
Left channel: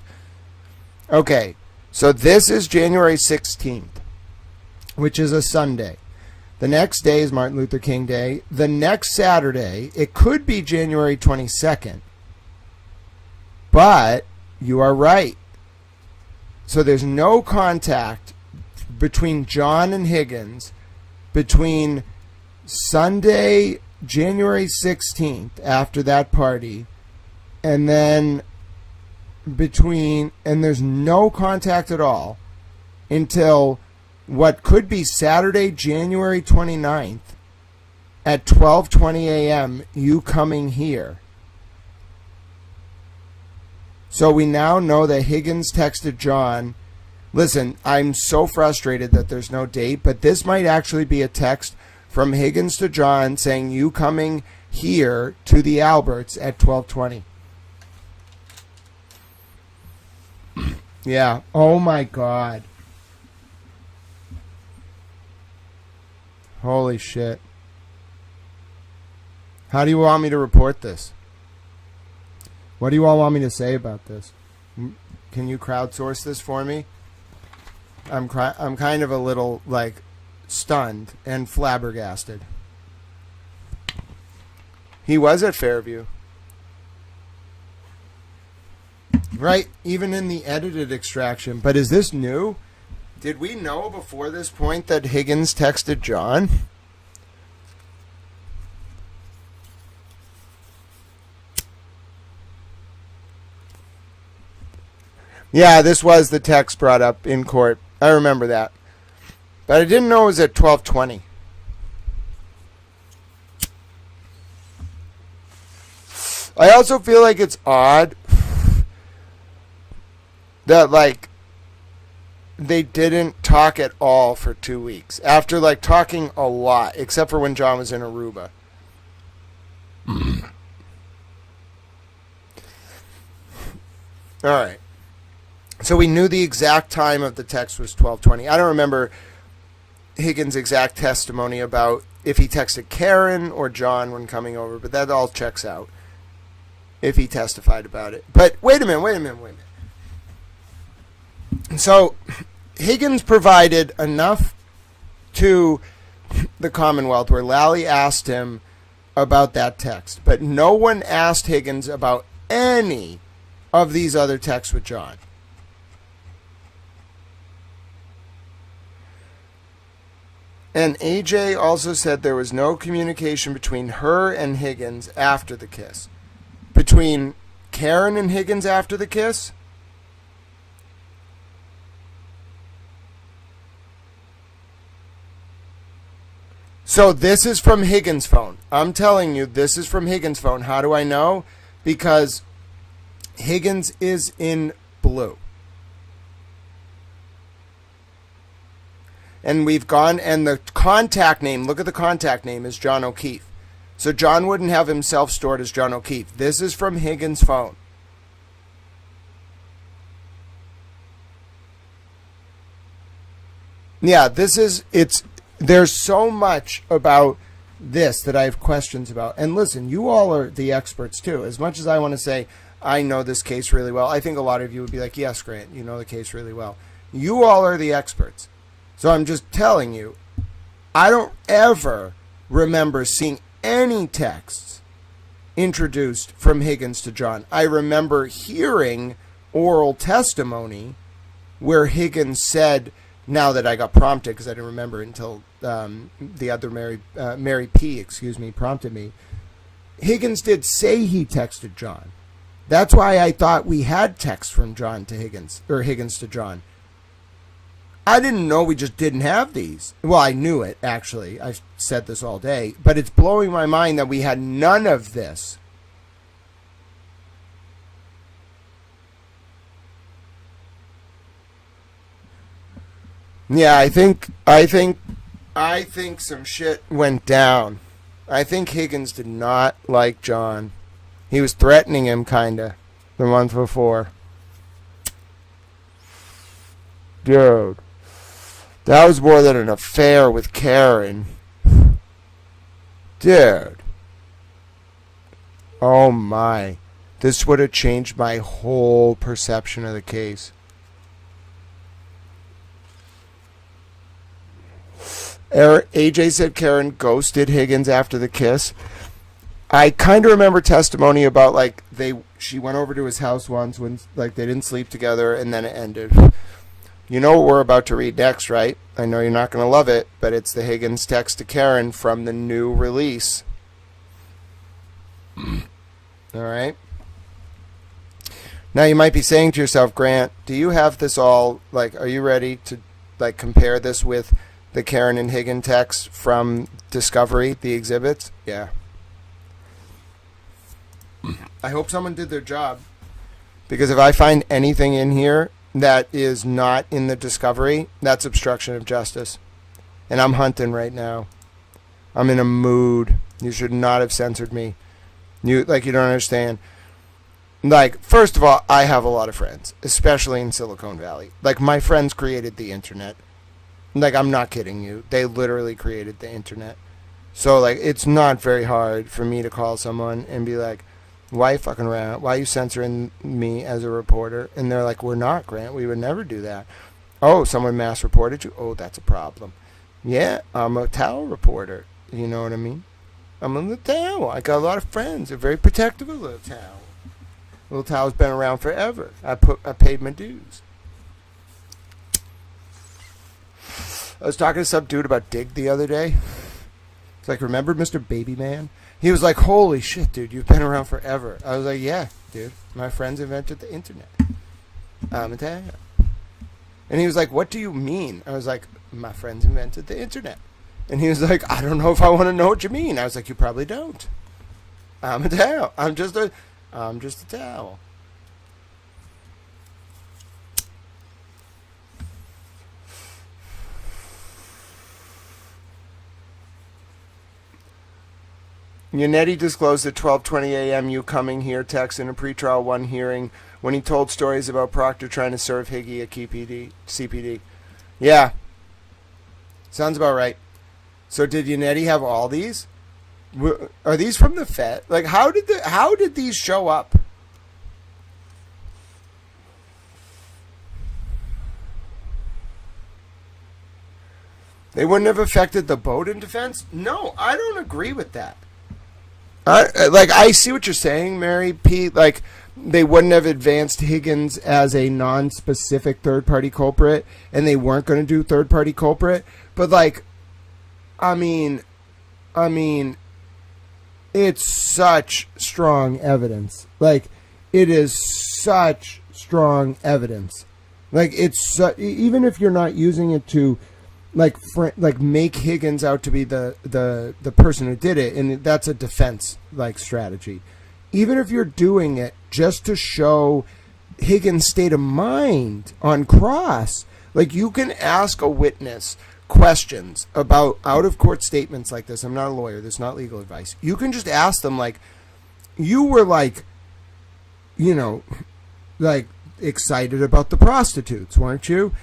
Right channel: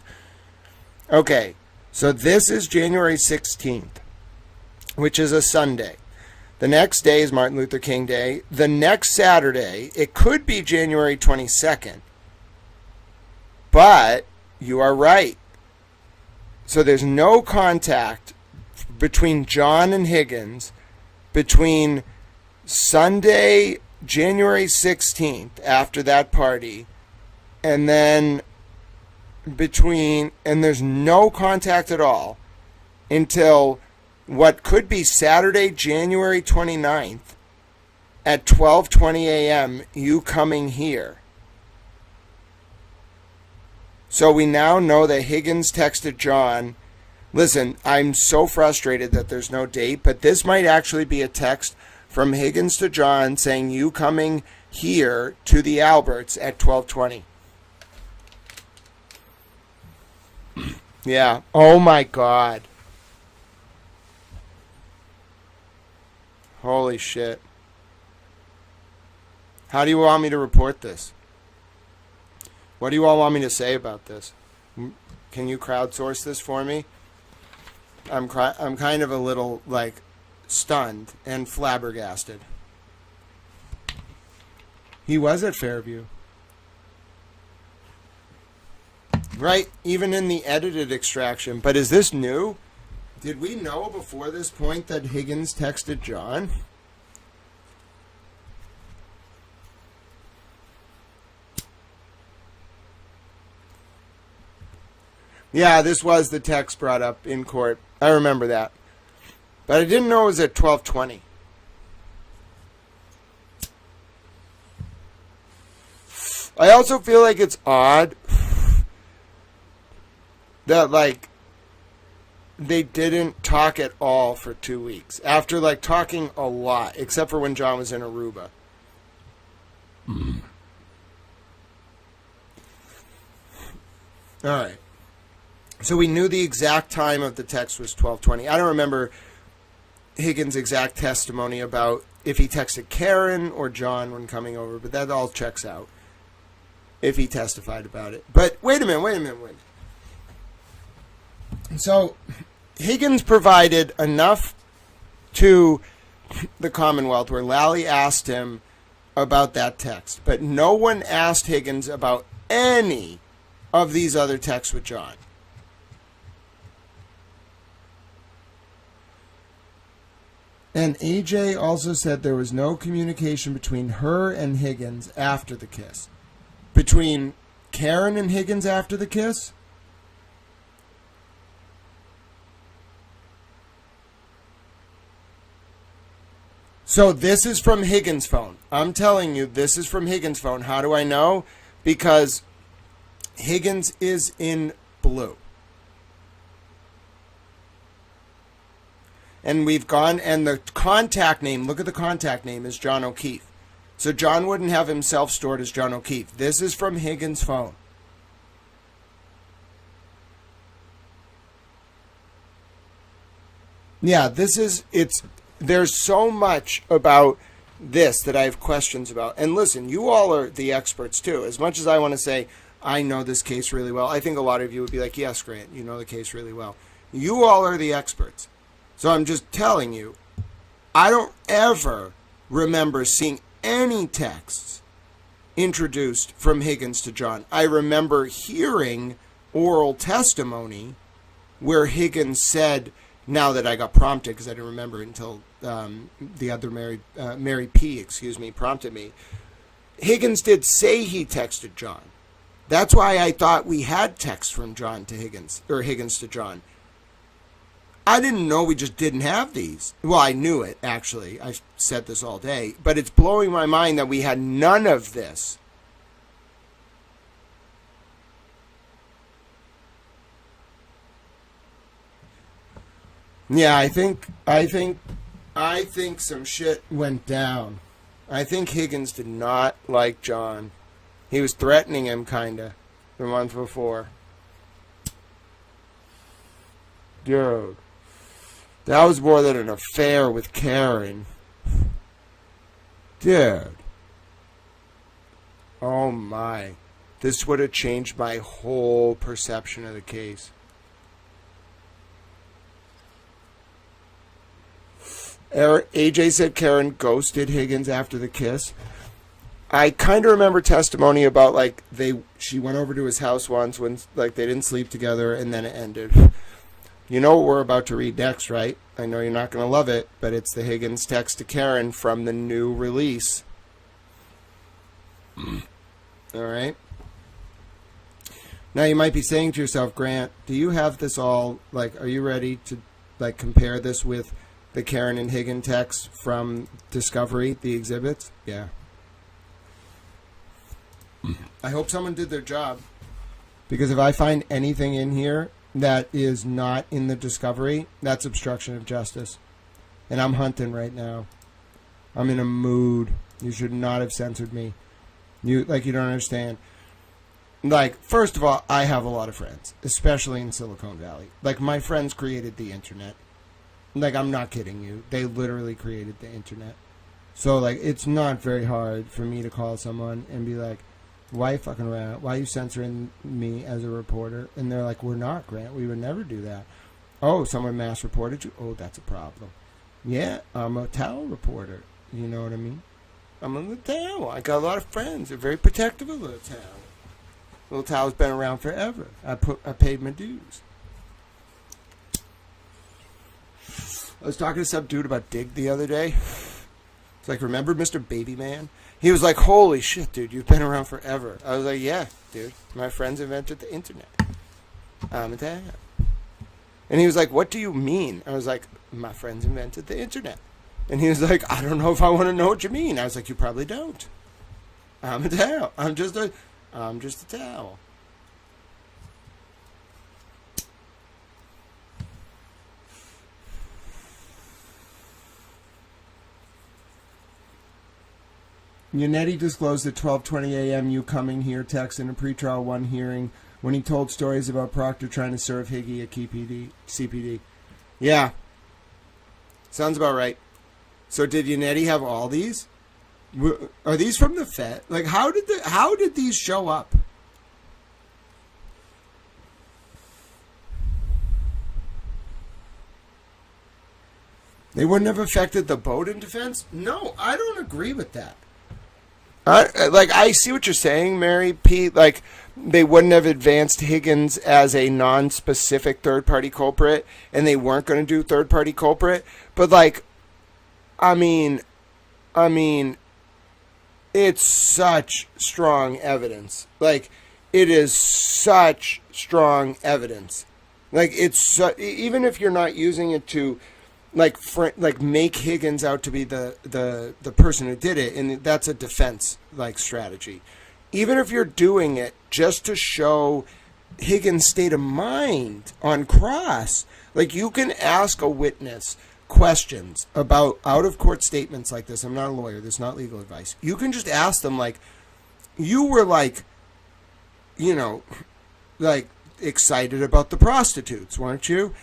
Okay, so this is January 16th, which is a Sunday. The next day is Martin Luther King Day. The next Saturday, it could be January 22nd. But you are right. So there's no contact between John and Higgins between Sunday, January 16th, after that party, and then and there's no contact at all until what could be Saturday, January 29th at 12:20 a.m., you coming here. So we now know that Higgins texted John. Listen, I'm so frustrated that there's no date, but this might actually be a text from Higgins to John saying you coming here to the Alberts at 12:20. Yeah. Oh my God. Holy shit. How do you want me to report this? What do you all want me to say about this? Can you crowdsource this for me? I'm kind of a little, like, stunned and flabbergasted. He was at Fairview. Right? Even in the edited extraction. But is this new? Did we know before this point that Higgins texted John? Yeah, this was the text brought up in court. I remember that. But I didn't know it was at 12:20. I also feel like it's odd that, like, they didn't talk at all for 2 weeks. After, like, talking a lot, except for when John was in Aruba. All right. So we knew the exact time of the text was 12:20. I don't remember Higgins' exact testimony about if he texted Karen or John when coming over, but that all checks out if he testified about it. But wait a minute. So Higgins provided enough to the Commonwealth where Lally asked him about that text, but no one asked Higgins about any of these other texts with John. And AJ also said there was no communication between her and Higgins after the kiss. Between Karen and Higgins after the kiss? So this is from Higgins' phone. I'm telling you, this is from Higgins' phone. How do I know? Because Higgins is in blue. And we've gone, and the contact name, look at the contact name, is John O'Keefe. So John wouldn't have himself stored as John O'Keefe. This is from Higgins' phone. Yeah, there's so much about this that I have questions about. And listen, you all are the experts too. As much as I want to say, I know this case really well, I think a lot of you would be like, yes, Grant, you know the case really well. You all are the experts. So I'm just telling you, I don't ever remember seeing any texts introduced from Higgins to John. I remember hearing oral testimony where Higgins said, now that I got prompted, because I didn't remember until the other Mary P., prompted me. Higgins did say he texted John. That's why I thought we had text from John to Higgins, or Higgins to John. I didn't know we just didn't have these. Well, I knew it, actually. I said this all day. But it's blowing my mind that we had none of this. Yeah, I think some shit went down. I think Higgins did not like John. He was threatening him, kinda, the month before. Dude, that was more than an affair with Karen. Dude. Oh my. This would have changed my whole perception of the case. AJ said Karen ghosted Higgins after the kiss. I kind of remember testimony about like she went over to his house once when like they didn't sleep together and then it ended. You know what we're about to read next, right? I know you're not going to love it, but it's the Higgins text to Karen from the new release. All right. Now you might be saying to yourself, Grant, do you have this all, like, are you ready to like compare this with the Karen and Higgins text from Discovery, the exhibits? Yeah. I hope someone did their job, because if I find anything in here that is not in the Discovery, that's obstruction of justice. And I'm hunting right now. I'm in a mood. You should not have censored me. You don't understand. Like, first of all, I have a lot of friends, especially in Silicon Valley. Like, my friends created the internet. Like, I'm not kidding you. They literally created the internet. So, like, it's not very hard for me to call someone and be like, why are you fucking around? Why are you censoring me as a reporter? And they're like, we're not, Grant. We would never do that. Oh, someone mass reported you? Oh, that's a problem. Yeah, I'm a Tao reporter. You know what I mean? I'm in the Tao. I got a lot of friends. They're very protective of Little Tao. Little Tao's been around forever. I paid my dues. I was talking to some dude about Dig the other day. It's like, remember Mr. Baby Man? He was like, holy shit, dude, you've been around forever. I was like, yeah, dude, my friends invented the internet. I'm a Tao. And he was like, what do you mean? I was like, my friends invented the internet. And he was like, I don't know if I want to know what you mean. I was like, you probably don't. I'm a Tao. I'm just a Tao. Yannetti disclosed at 12:20 a.m. you coming here text in a pretrial 1 hearing when he told stories about Proctor trying to serve Higgy a CPD. Yeah. Sounds about right. So did Yannetti have all these? Are these from the Fed? Like, how did these show up? They wouldn't have affected the Bowden defense? No, I don't agree with that. I see what you're saying, Mary P. Like, they wouldn't have advanced Higgins as a non-specific third-party culprit, and they weren't going to do third-party culprit. But, like, I mean, it's such strong evidence. Like, it is such strong evidence. Like, it's even if you're not using it to like make Higgins out to be the person who did it, and that's a defense like strategy. Even if you're doing it just to show Higgins' state of mind on cross, like, you can ask a witness questions about out of court statements like this. I'm not a lawyer. This is not legal advice. You can just ask them, like, you were like, like excited about the prostitutes, weren't you?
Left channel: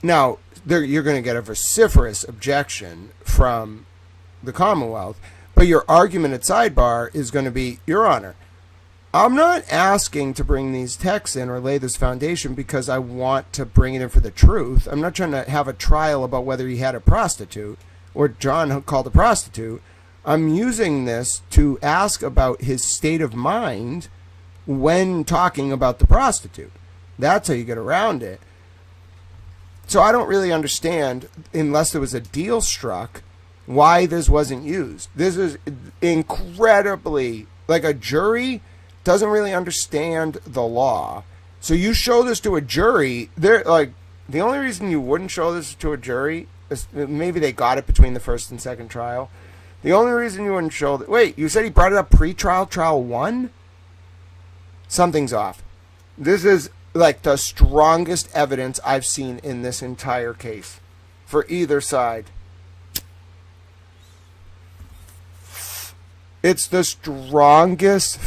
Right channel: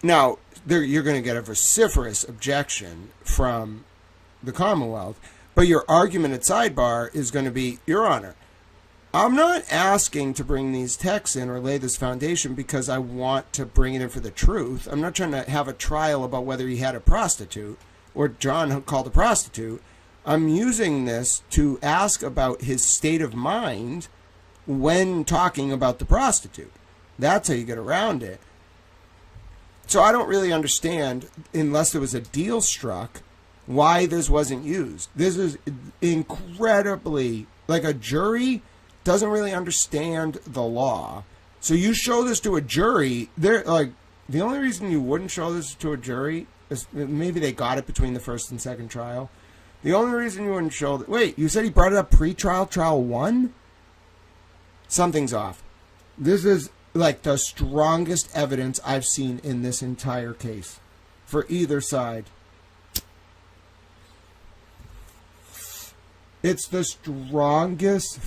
Now, you're going to get a vociferous objection from the Commonwealth, but your argument at sidebar is going to be, Your Honor, I'm not asking to bring these texts in or lay this foundation because I want to bring it in for the truth. I'm not trying to have a trial about whether he had a prostitute or John called a prostitute. I'm using this to ask about his state of mind when talking about the prostitute. That's how you get around it. So I don't really understand, unless there was a deal struck, why this wasn't used. This is incredibly, like, a jury doesn't really understand the law. So you show this to a jury, they're like, the only reason you wouldn't show this to a jury is maybe they got it between the first and second trial. The only reason you wouldn't show that. Wait, you said he brought it up pre-trial, trial 1? Something's off. This is like the strongest evidence I've seen in this entire case for either side. It's the strongest.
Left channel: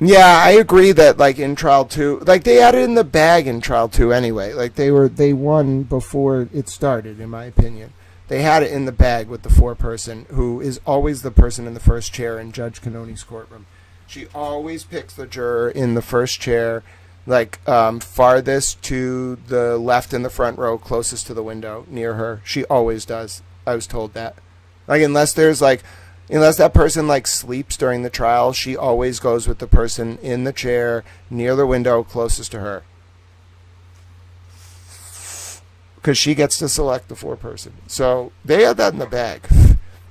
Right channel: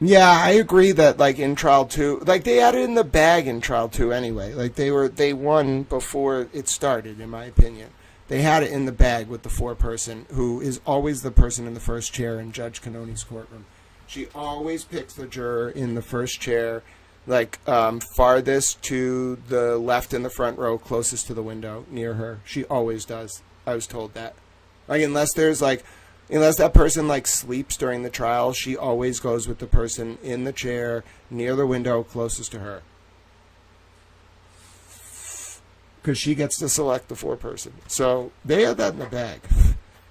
Yeah, I agree that like in trial 2, like they had it in the bag in trial 2 anyway. Like they won before it started, in my opinion. They had it in the bag with the foreperson, who is always the person in the first chair in Judge Cannoni's courtroom. She always picks the juror in the first chair, like farthest to the left in the front row, closest to the window near her. She always does. I was told that. Like unless that person like sleeps during the trial, she always goes with the person in the chair near the window closest to her. Because she gets to select the foreperson. So they had that in the bag.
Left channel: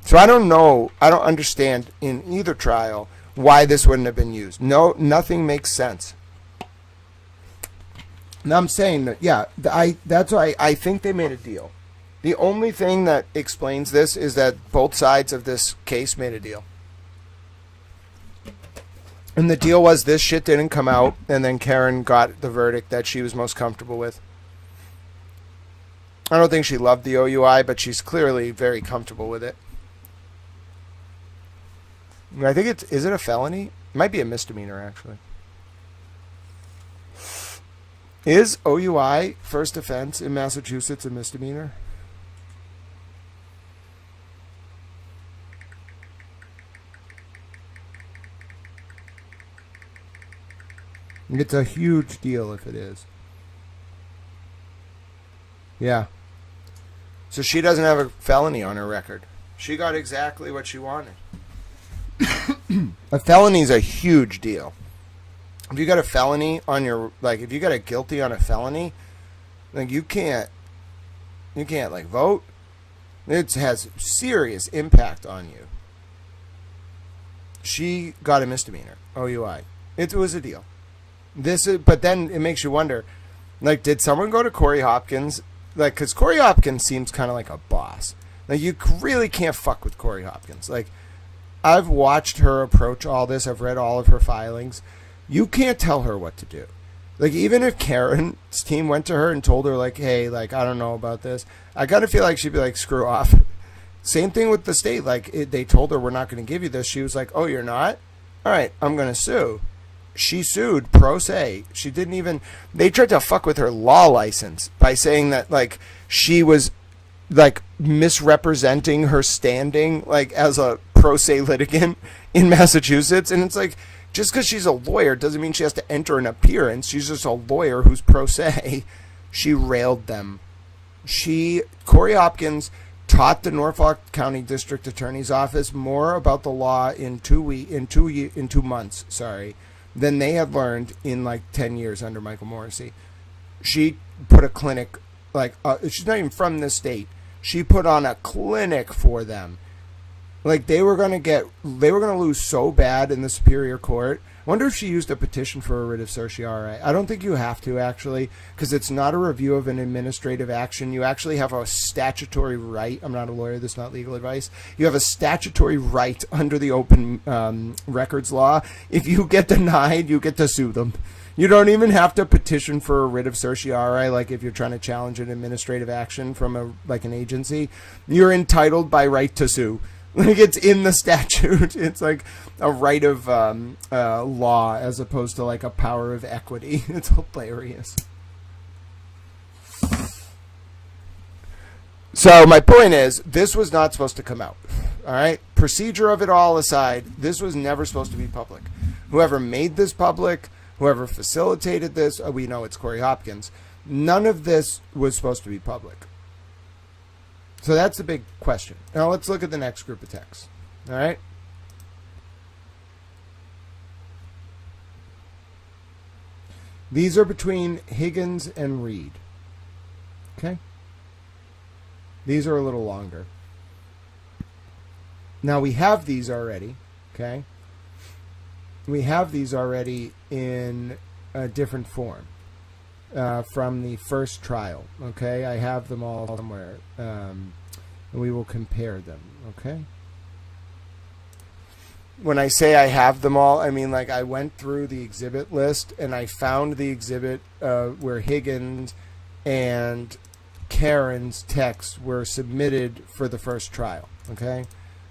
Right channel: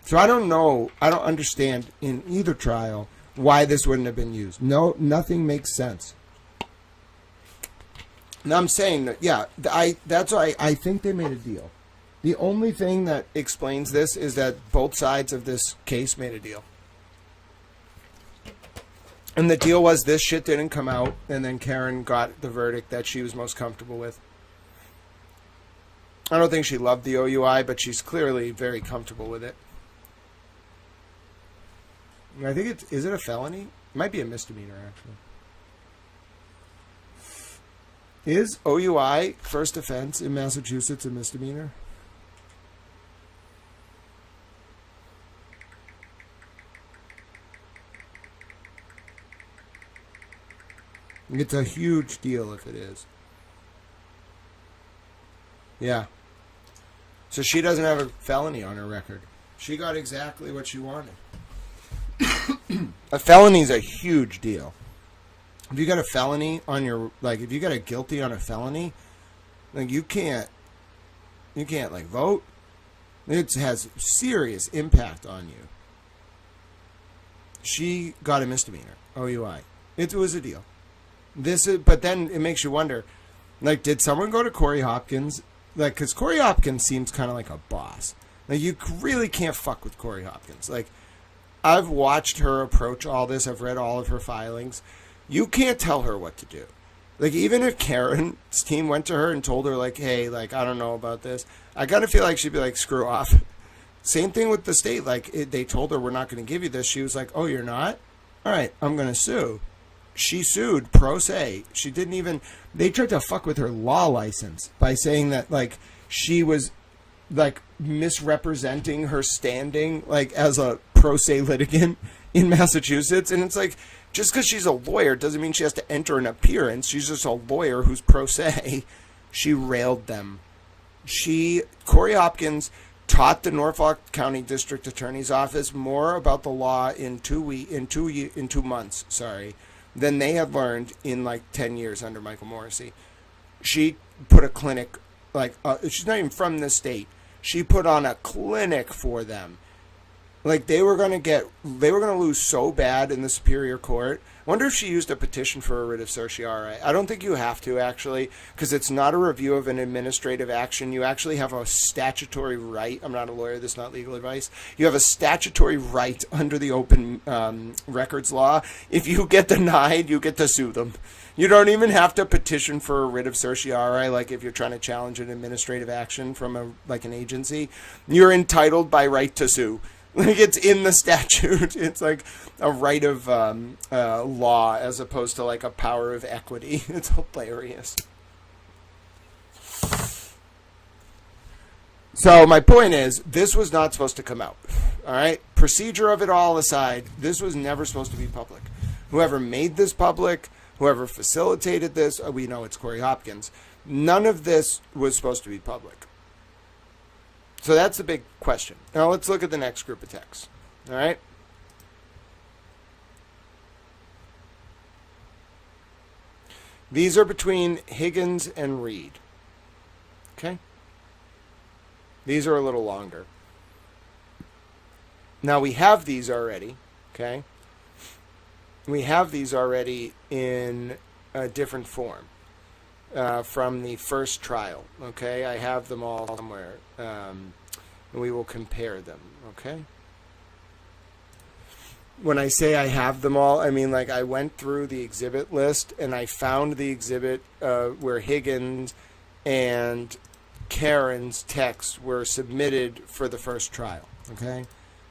So I don't know. I don't understand in either trial why this wouldn't have been used. No, nothing makes sense. And I'm saying that, yeah, that's why I think they made a deal. The only thing that explains this is that both sides of this case made a deal. And the deal was this shit didn't come out, and then Karen got the verdict that she was most comfortable with. I don't think she loved the OUI, but she's clearly very comfortable with it. I think is it a felony? It might be a misdemeanor, actually. Is OUI, first offense in Massachusetts, a misdemeanor? It's a huge deal if it is. Yeah. So she doesn't have a felony on her record. She got exactly what she wanted. A felony is a huge deal. If you got a felony on your, like, if you got a guilty on a felony, like, you can't like vote. It has serious impact on you. She got a misdemeanor, OUI. It was a deal. But then it makes you wonder, like, did someone go to Corey Hopkins? Like, because Corey Hopkins seems kind of like a boss. Like, you really can't fuck with Corey Hopkins. Like, I've watched her approach all this. I've read all of her filings. You can't tell her what to do. Like, even if Karen's team went to her and told her, like, hey, like, I don't know about this, I kind of feel like she'd be like, screw off. Same thing with the state. Like, they told her, we're not going to give you this. She was like, oh, you're not? All right, I'm going to sue. She sued pro se. She didn't even, they tried to fuck with her law license by saying that, like, she was, like, misrepresenting her standing, like, as a pro se litigant in Massachusetts. And it's like, just because she's a lawyer doesn't mean she has to enter an appearance. She's just a lawyer who's pro se. She railed them. Corey Hopkins taught the Norfolk County District Attorney's Office more about the law in 2 months, than they had learned in like 10 years under Michael Morrissey. She put a clinic, like, she's not even from this state. She put on a clinic for them. Like, they were going to lose so bad in the Superior Court. I wonder if she used a petition for a writ of certiorari. I don't think you have to, actually, because it's not a review of an administrative action. You actually have a statutory right. I'm not a lawyer. This is not legal advice. You have a statutory right under the open records law. If you get denied, you get to sue them. You don't even have to petition for a writ of certiorari, like if you're trying to challenge an administrative action from an agency. You're entitled by right to sue. Like, it's in the statute. It's like a right of law as opposed to like a power of equity. It's hilarious. So my point is, this was not supposed to come out. All right? Procedure of it all aside, this was never supposed to be public. Whoever made this public, whoever facilitated this, we know it's Corey Hopkins. None of this was supposed to be public. So that's the big question. Now let's look at the next group of texts. All right? These are between Higgins and Reed. Okay? These are a little longer. Now we have these already. Okay? We have these already in a different form. from the first trial. Okay, I have them all somewhere, and we will compare them. Okay. When I say I have them all, I mean like I went through the exhibit list and I found the exhibit where Higgins and Karen's texts were submitted for the first trial. Okay,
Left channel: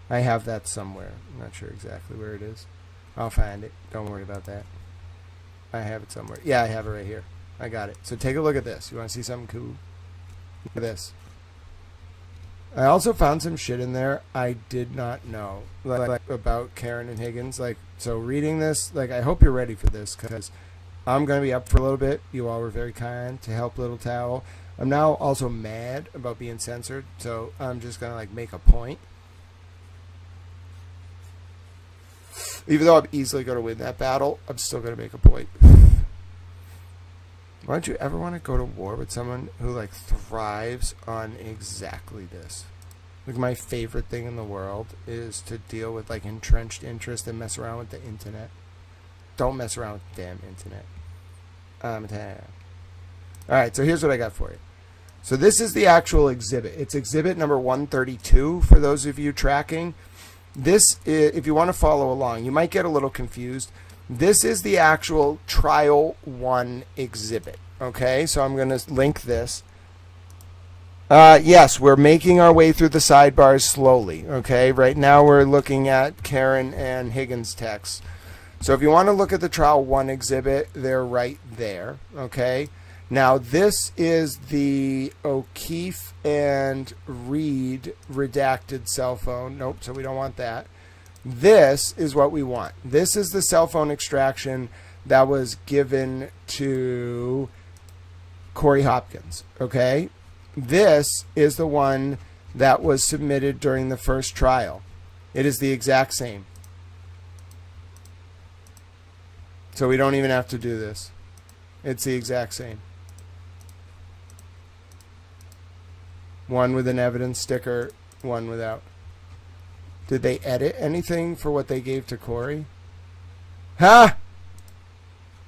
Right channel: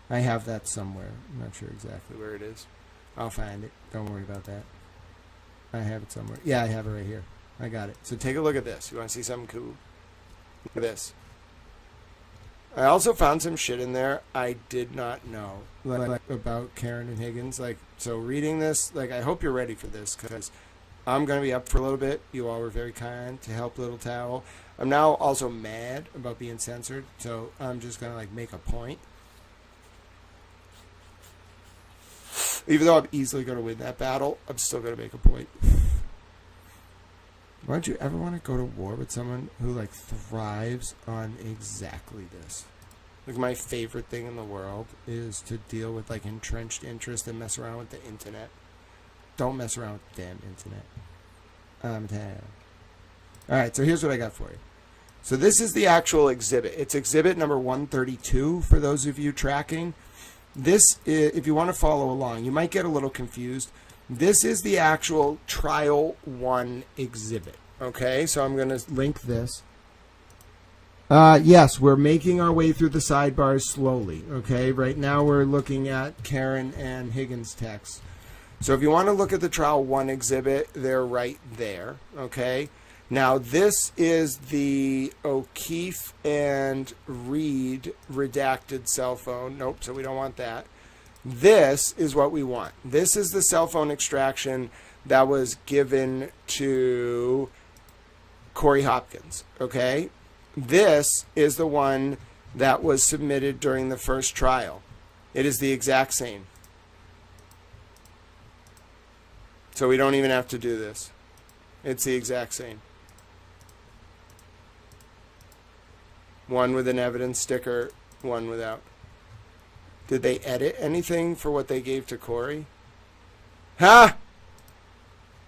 I have that somewhere. I'm not sure exactly where it is. I'll find it. Don't worry about that. I have it somewhere. Yeah, I have it right here. I got it. So take a look at this. You want to see something cool? Look at this. I also found some shit in there I did not know, like about Karen and Higgins. Like, so reading this, like, I hope you're ready for this because I'm going to be up for a little bit. You all were very kind to help Little Towel. I'm now also mad about being censored, so I'm just going to, like, make a point. Even though I'm easily going to win that battle, I'm still going to make a point. Why don't you ever want to go to war with someone who, like, thrives on exactly this? Like, my favorite thing in the world is to deal with, like, entrenched interest and mess around with the internet. Don't mess around with the damn internet. Alright, so here's what I got for you. So this is the actual exhibit. It's exhibit number 132 for those of you tracking. This, if you want to follow along, you might get a little confused. This is the actual trial 1 exhibit. Okay, so I'm going to link this. Yes, we're making our way through the sidebars slowly. Okay, right now we're looking at Karen and Higgins' texts. So if you want to look at the trial 1 exhibit, they're right there. Okay, now this is the O'Keefe and Reed redacted cell phone. Nope, so we don't want that. This is what we want. This is the cell phone extraction that was given to Corey Hopkins. Okay? This is the one that was submitted during the first trial. It is the exact same. So we don't even have to do this. It's the exact same. One with an evidence sticker, one without. Did they edit anything for what they gave to Corey? Huh?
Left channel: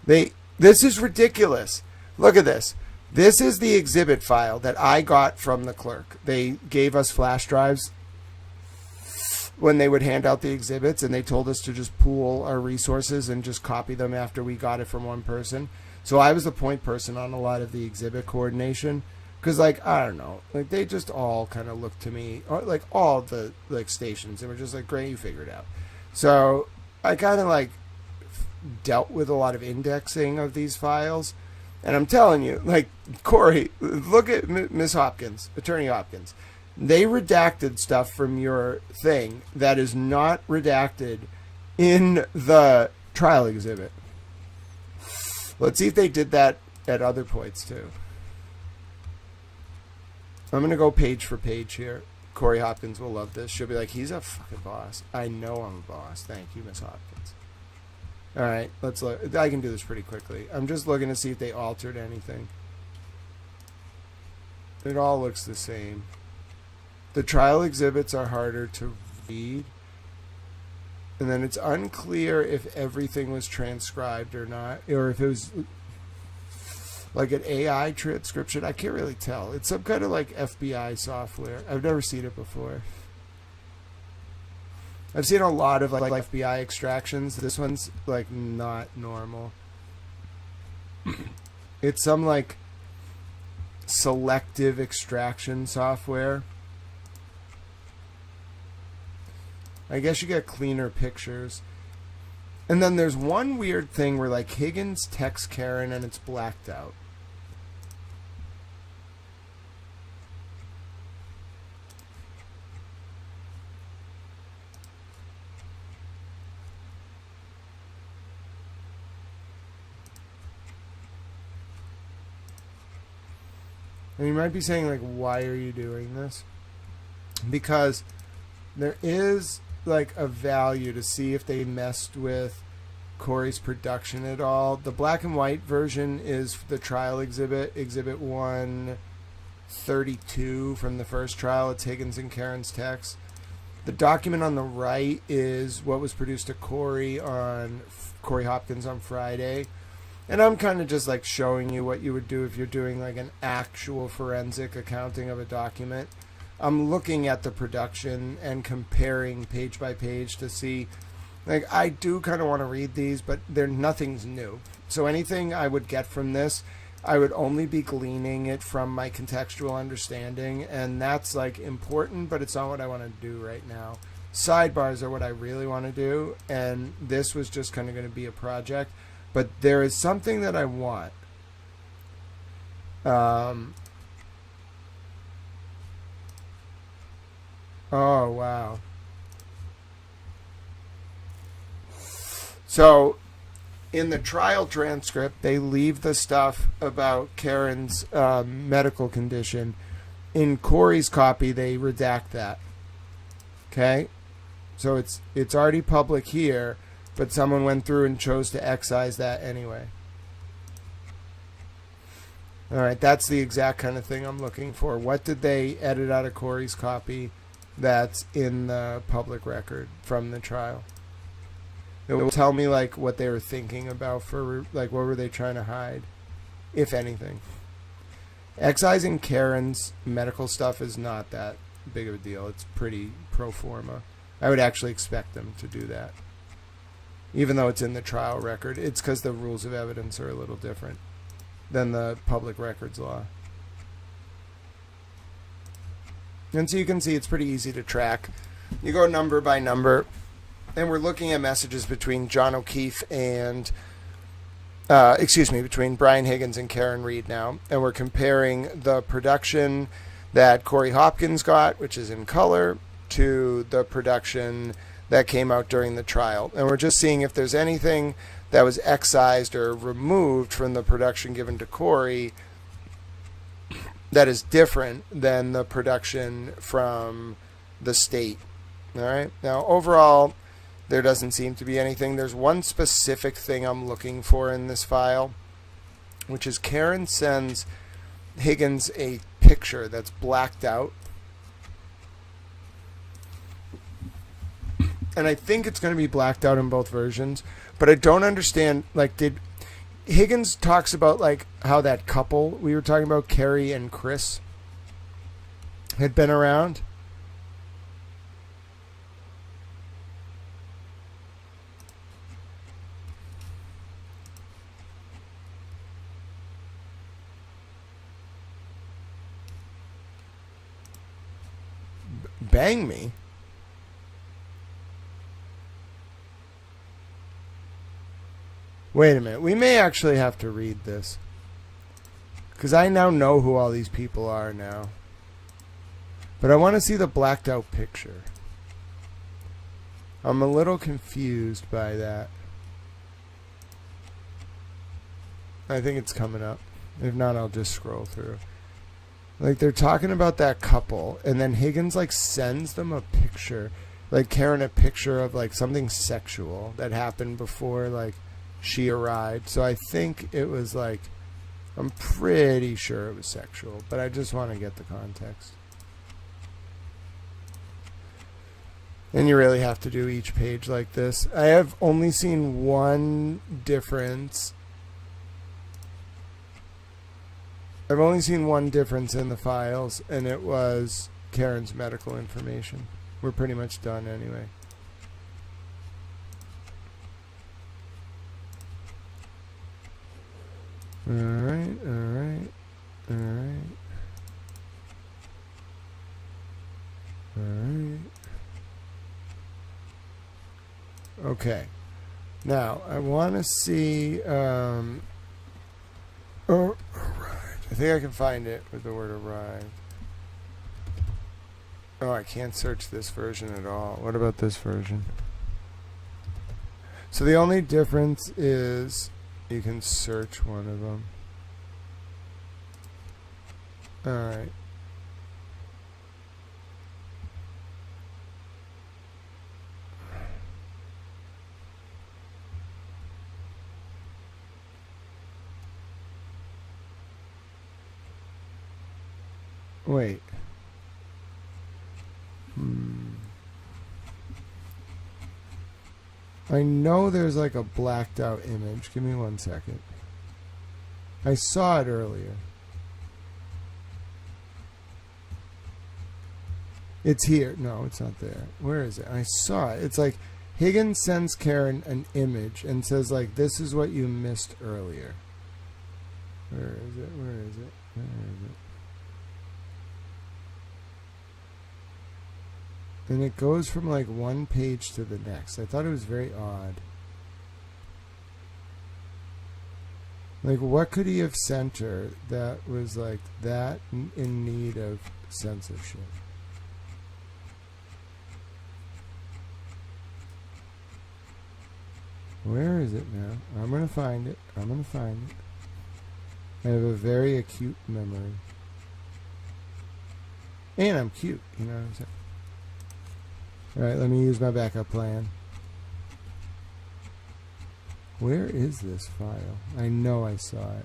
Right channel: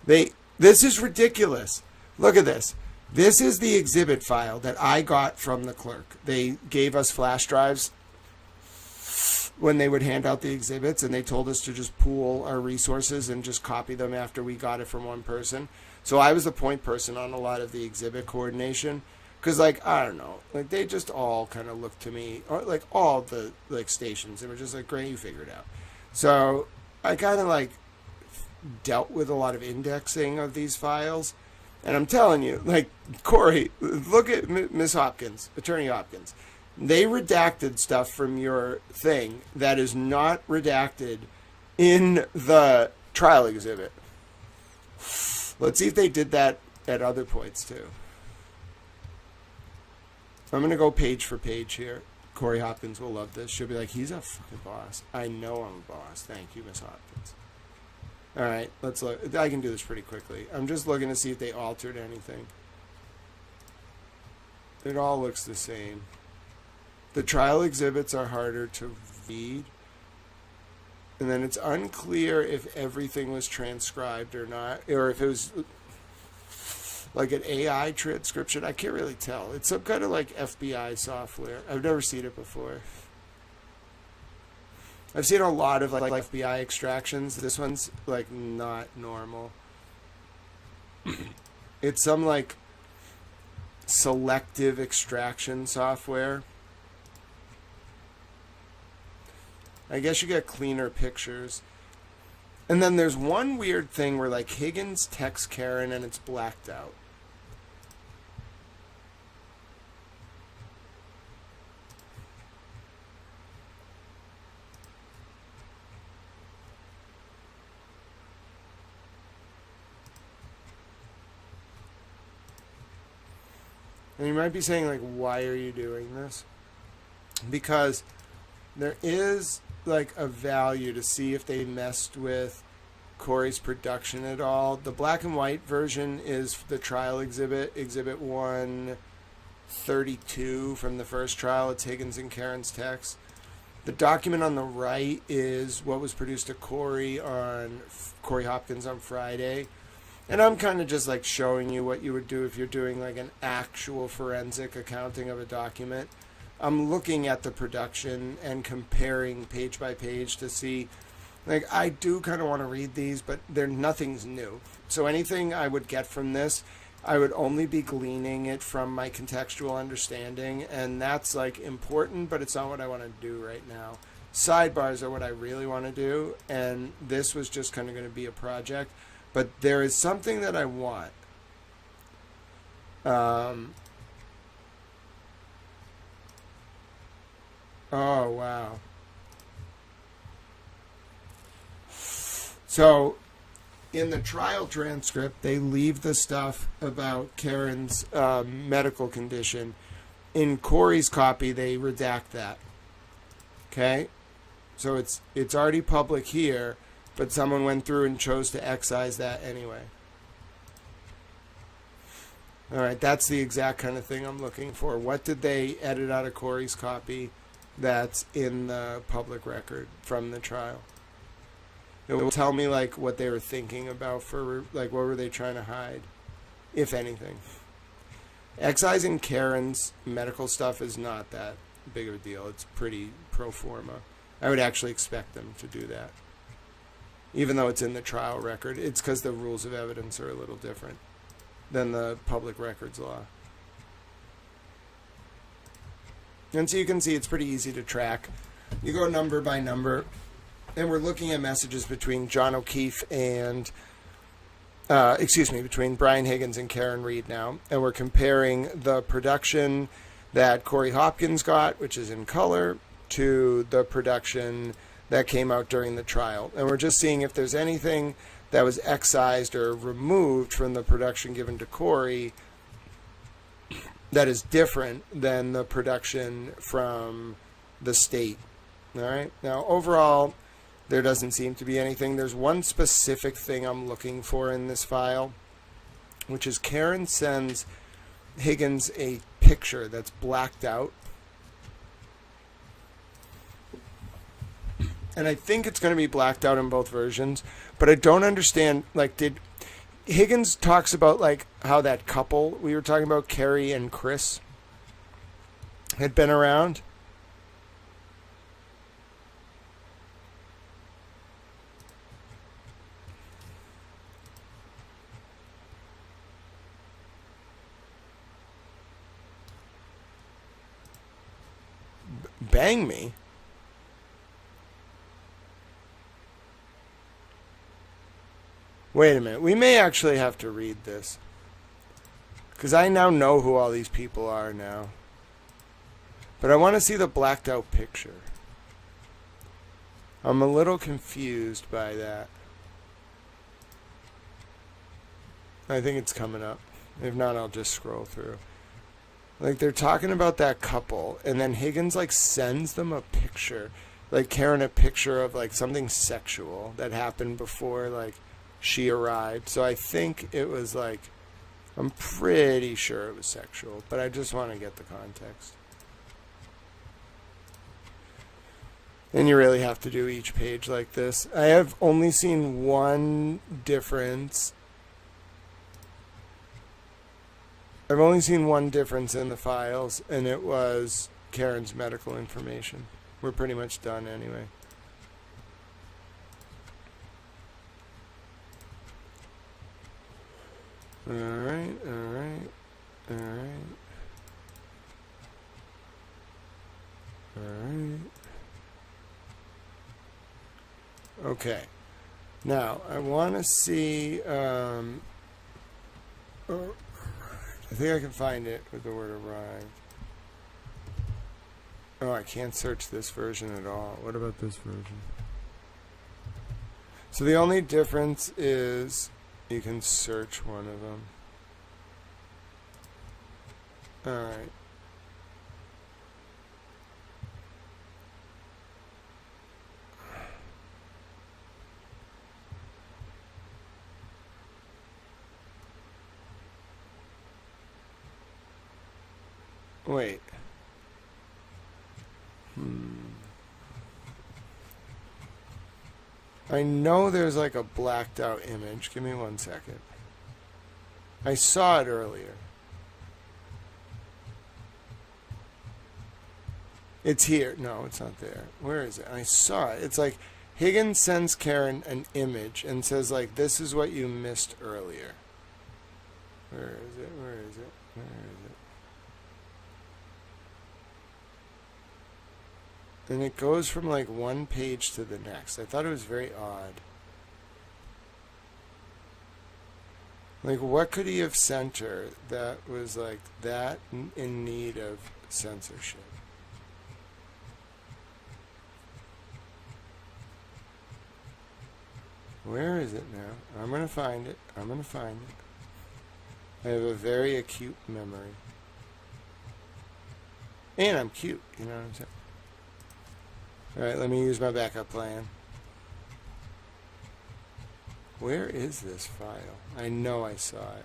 This is ridiculous. Look at this. This is the exhibit file that I got from the clerk. They gave us flash drives when they would hand out the exhibits, and they told us to just pool our resources and just copy them after we got it from one person. So I was the point person on a lot of the exhibit coordination. Because, like, I don't know, like, they just all kind of looked to me, like, all the, like, stations, and were just like, great, you figured it out. So I kind of, like, dealt with a lot of indexing of these files. And I'm telling you, like, Corey, look at Miss Hopkins, Attorney Hopkins. They redacted stuff from your thing that is not redacted in the trial exhibit. Let's see if they did that at other points, too. I'm going to go page for page here. Corey Hopkins will love this. She'll be like, he's a fucking boss. I know I'm a boss. Thank you, Miss Hopkins. All right, let's look. I can do this pretty quickly. I'm just looking to see if they altered anything. It all looks the same. The trial exhibits are harder to read. And then it's unclear if everything was transcribed or not, or if it was like an AI transcription. I can't really tell. It's some kind of like FBI software. I've never seen it before. I've seen a lot of like FBI extractions. This one's like not normal. It's some like selective extraction software. I guess you get cleaner pictures. And then there's one weird thing where like Higgins texts Karen and it's blacked out. And you might be saying, like, why are you doing this? Because there is, like, a value to see if they messed with Corey's production at all. The black and white version is the trial exhibit, Exhibit 132 from the first trial. It's Higgins and Karen's text. The document on the right is what was produced to Corey Hopkins on Friday. And I'm kind of just like showing you what you would do if you're doing like an actual forensic accounting of a document. I'm looking at the production and comparing page by page to see, like, I do kind of want to read these, but nothing's new. So anything I would get from this, I would only be gleaning it from my contextual understanding, and that's like important, but it's not what I want to do right now. Sidebars are what I really want to do, and this was just kind of going to be a project. But there is something that I want. Oh, wow. So, in the trial transcript, they leave the stuff about Karen's medical condition. In Corey's copy, they redact that. Okay? So it's already public here, but someone went through and chose to excise that anyway. All right, that's the exact kind of thing I'm looking for. What did they edit out of Corey's copy that's in the public record from the trial? It will tell me like what they were thinking about for like what were they trying to hide, if anything. Excising Karen's medical stuff is not that big of a deal. It's pretty pro forma. I would actually expect them to do that. Even though it's in the trial record, it's because the rules of evidence are a little different than the public records law. And so you can see it's pretty easy to track. You go number by number, and we're looking at messages between John O'Keefe and, between Brian Higgins and Karen Reed now. And we're comparing the production that Corey Hopkins got, which is in color, to the production that came out during the trial. And we're just seeing if there's anything that was excised or removed from the production given to Corey that is different than the production from the state. All right. Now, overall, there doesn't seem to be anything. There's one specific thing I'm looking for in this file, which is Karen sends Higgins a picture that's blacked out. And I think it's going to be blacked out in both versions, but I don't understand, like, did Higgins talks about like how that couple we were talking about, Carrie and Chris, had been around. Bang me. Wait a minute. We may actually have to read this. Because I now know who all these people are now. But I want to see the blacked out picture. I'm a little confused by that. I think it's coming up. If not, I'll just scroll through. Like, they're talking about that couple, and then Higgins, like, sends them a picture. Like, Karen a picture of, like, something sexual that happened before, like, she arrived. So I think it was like, I'm pretty sure it was sexual, but I just want to get the context. And you really have to do each page like this. I have only seen one difference. I've only seen one difference in the files, and it was Karen's medical information. We're pretty much done anyway. Alright. Okay. Now, I want to see, arrived. I think I can find it with the word arrived. Oh, I can't search this version at all. What about this version? So the only difference is you can search one of them. Alright. Wait. I know there's like a blacked out image. Give me 1 second. I saw it earlier. It's here. No, it's not there. Where is it? I saw it. It's like Higgins sends Karen an image and says, like, this is what you missed earlier. Where is it? Where is it? Where is it? And it goes from like one page to the next. I thought it was very odd. Like, what could he have sent her that was like that in need of censorship? Where is it now? I'm going to find it. I'm going to find it. I have a very acute memory. And I'm cute, you know what I'm saying? Alright, let me use my backup plan. Where is this file? I know I saw it.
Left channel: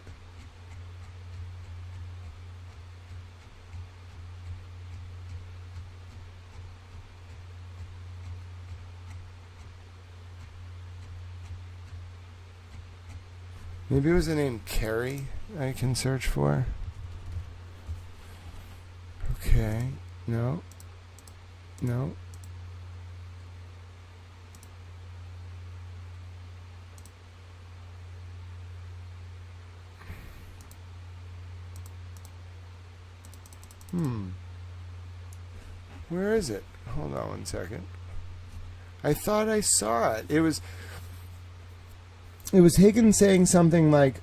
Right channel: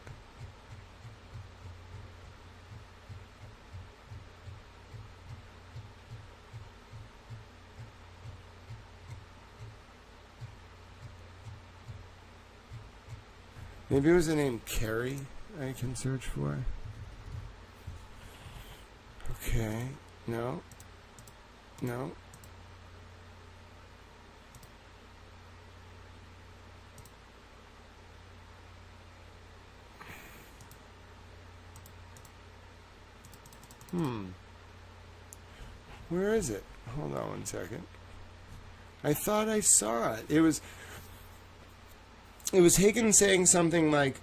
Maybe it was the name Carrie I can search for. Okay. No. No. Where is it? Hold on one second. I thought I saw it. It was Higgins saying something like,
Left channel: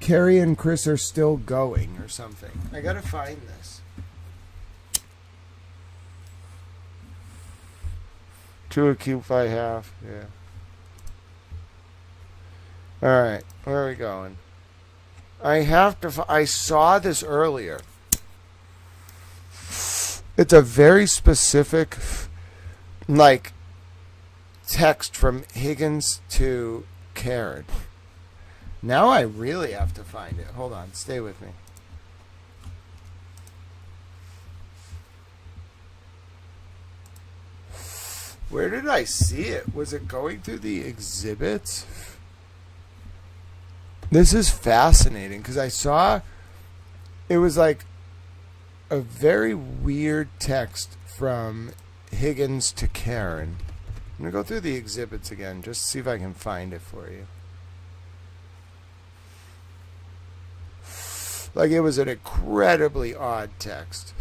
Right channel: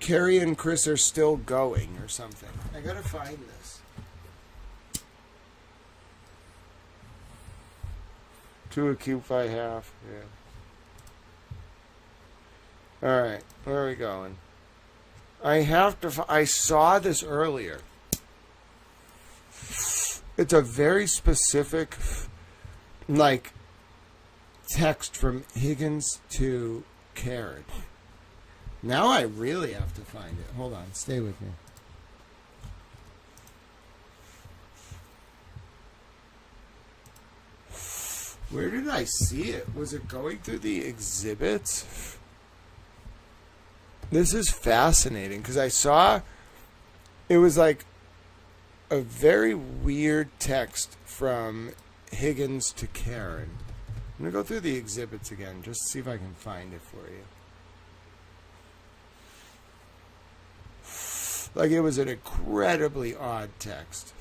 Carrie and Chris are still going or something. I gotta find this. Two a cube by half. Yeah. Alright, where are we going? I have to. I saw this earlier. It's a very specific, like, text from Higgins to Karen. Now I really have to find it. Hold on, stay with me. Where did I see it? Was it going through the exhibits? This is fascinating because I saw it was like a very weird text from Higgins to Karen. I'm going to go through the exhibits again just to see if I can find it for you. Like, it was an incredibly odd text.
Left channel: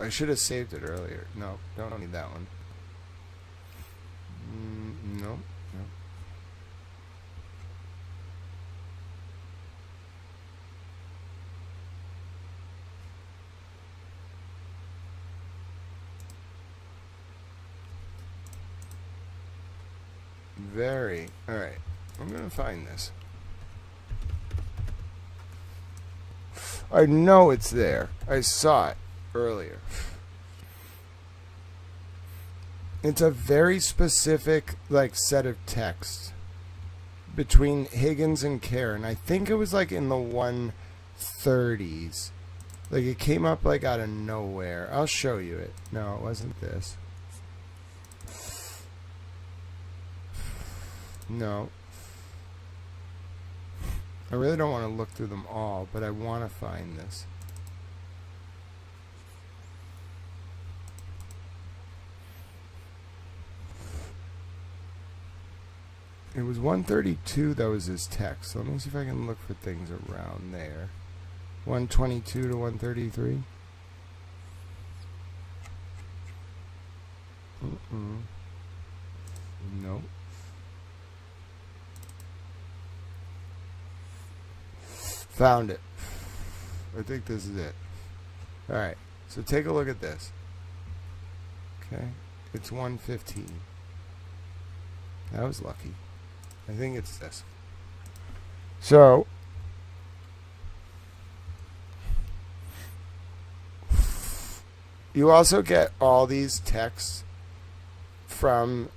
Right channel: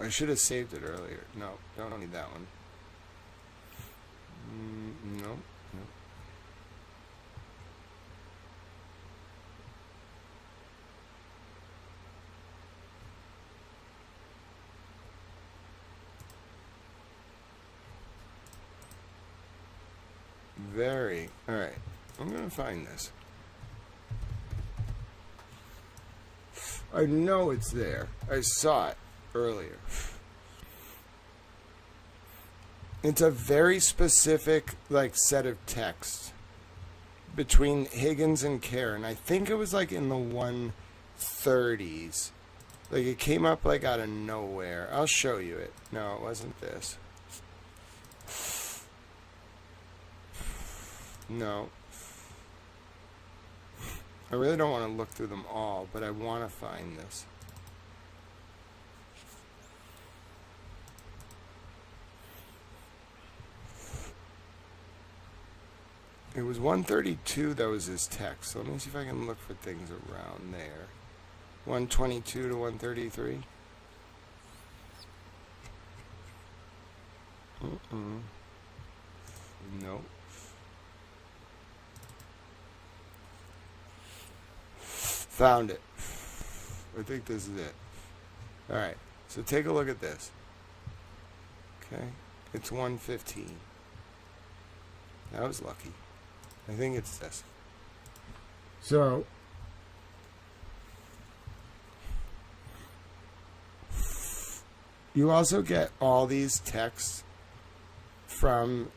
I should have saved it earlier. No, don't need that one. No, no. Very. Alright. I'm going to find this. I know it's there. I saw it earlier. It's a very specific, like, set of text between Higgins and Karen. I think it was like in the 130s. Like, it came up like out of nowhere. I'll show you it. No, it wasn't this. No. I really don't want to look through them all, but I want to find this. It was 132 that was his text. So let me see if I can look for things around there. 122 to 133. Nope. Found it. I think this is it. Alright, so take a look at this. Okay, it's 115. That was lucky. I think it's this. So, you also get all these texts from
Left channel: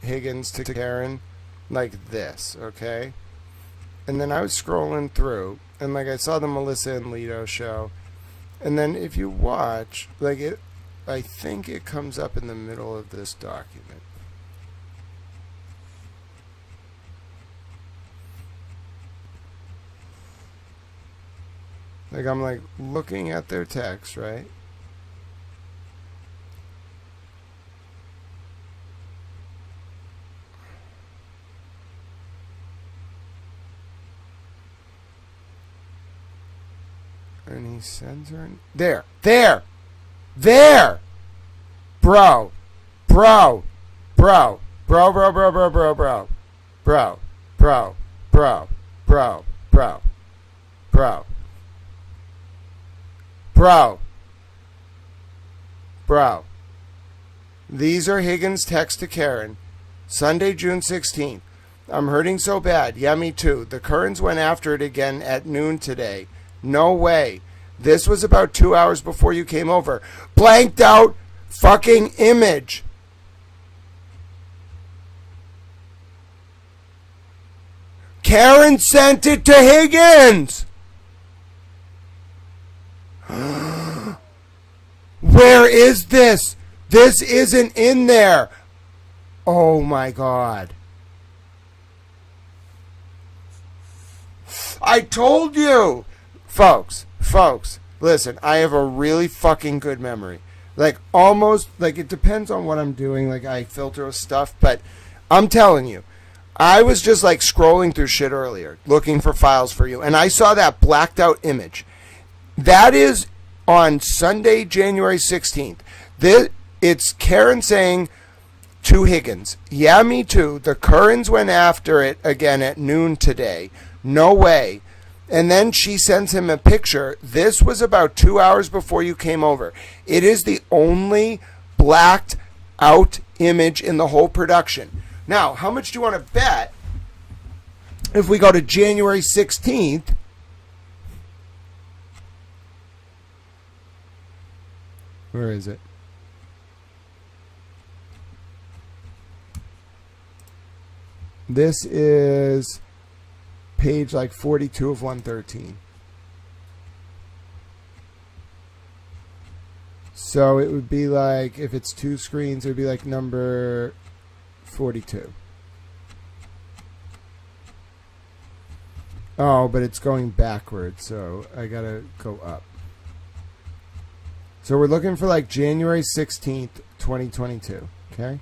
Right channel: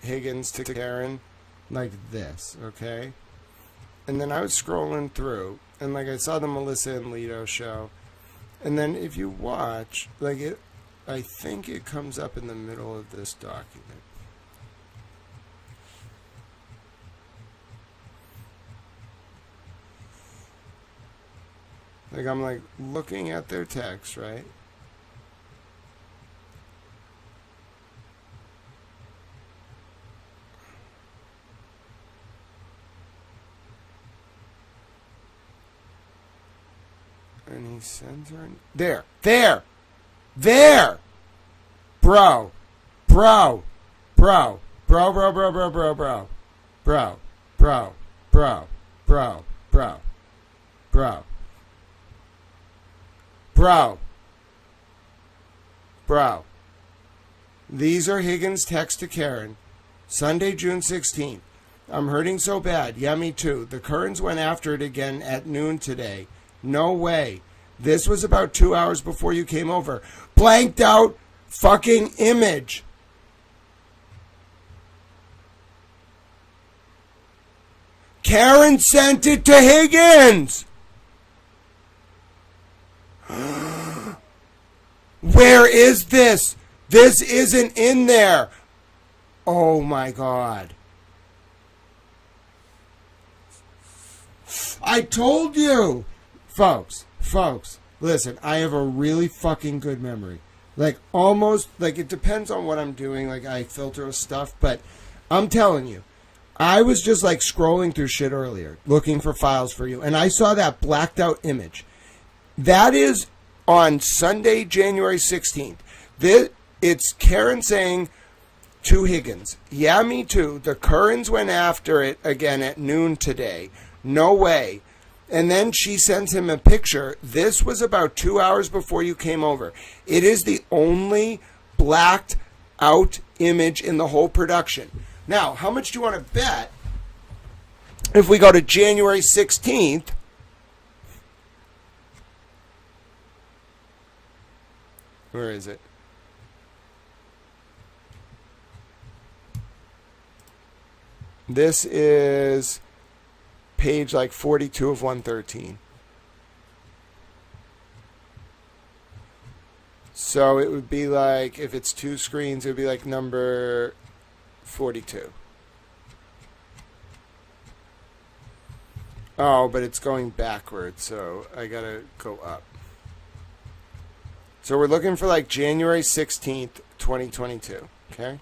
Higgins to Karen like this, okay? And then I was scrolling through, and like I saw the Melissa and Lito show. And then if you watch, like it, I think it comes up in the middle of this document. Like I'm like looking at their text, right? And he sends her there, bro, bro, bro, bro, bro, bro, bro, bro, bro, bro, bro, bro, bro, bro, bro, bro, bro. These are Higgins' text to Karen, Sunday, June 16th. I'm hurting so bad. Yeah, me too. The Currens went after it again at noon today. No way. This was about 2 hours before you came over. Blanked out fucking image. Karen sent it to Higgins. Where is this? This isn't in there. Oh my God. I told you. Folks, listen, I have a really fucking good memory. Like, almost, like, it depends on what I'm doing. Like, I filter stuff, but I'm telling you, I was just, like, scrolling through shit earlier, looking for files for you, and I saw that blacked out image. That is on Sunday, January 16th. It's Karen saying to Higgins, yeah, me too. The Currens went after it again at noon today. No way. And then she sends him a picture. This was about 2 hours before you came over. It is the only blacked out image in the whole production. Now, how much do you want to bet if we go to January 16th? Where is it? This is page like 42 of 113. So it would be like, if it's two screens, it would be like number 42. Oh, but it's going backwards, so I gotta go up. So we're looking for like January 16th, 2022. Okay?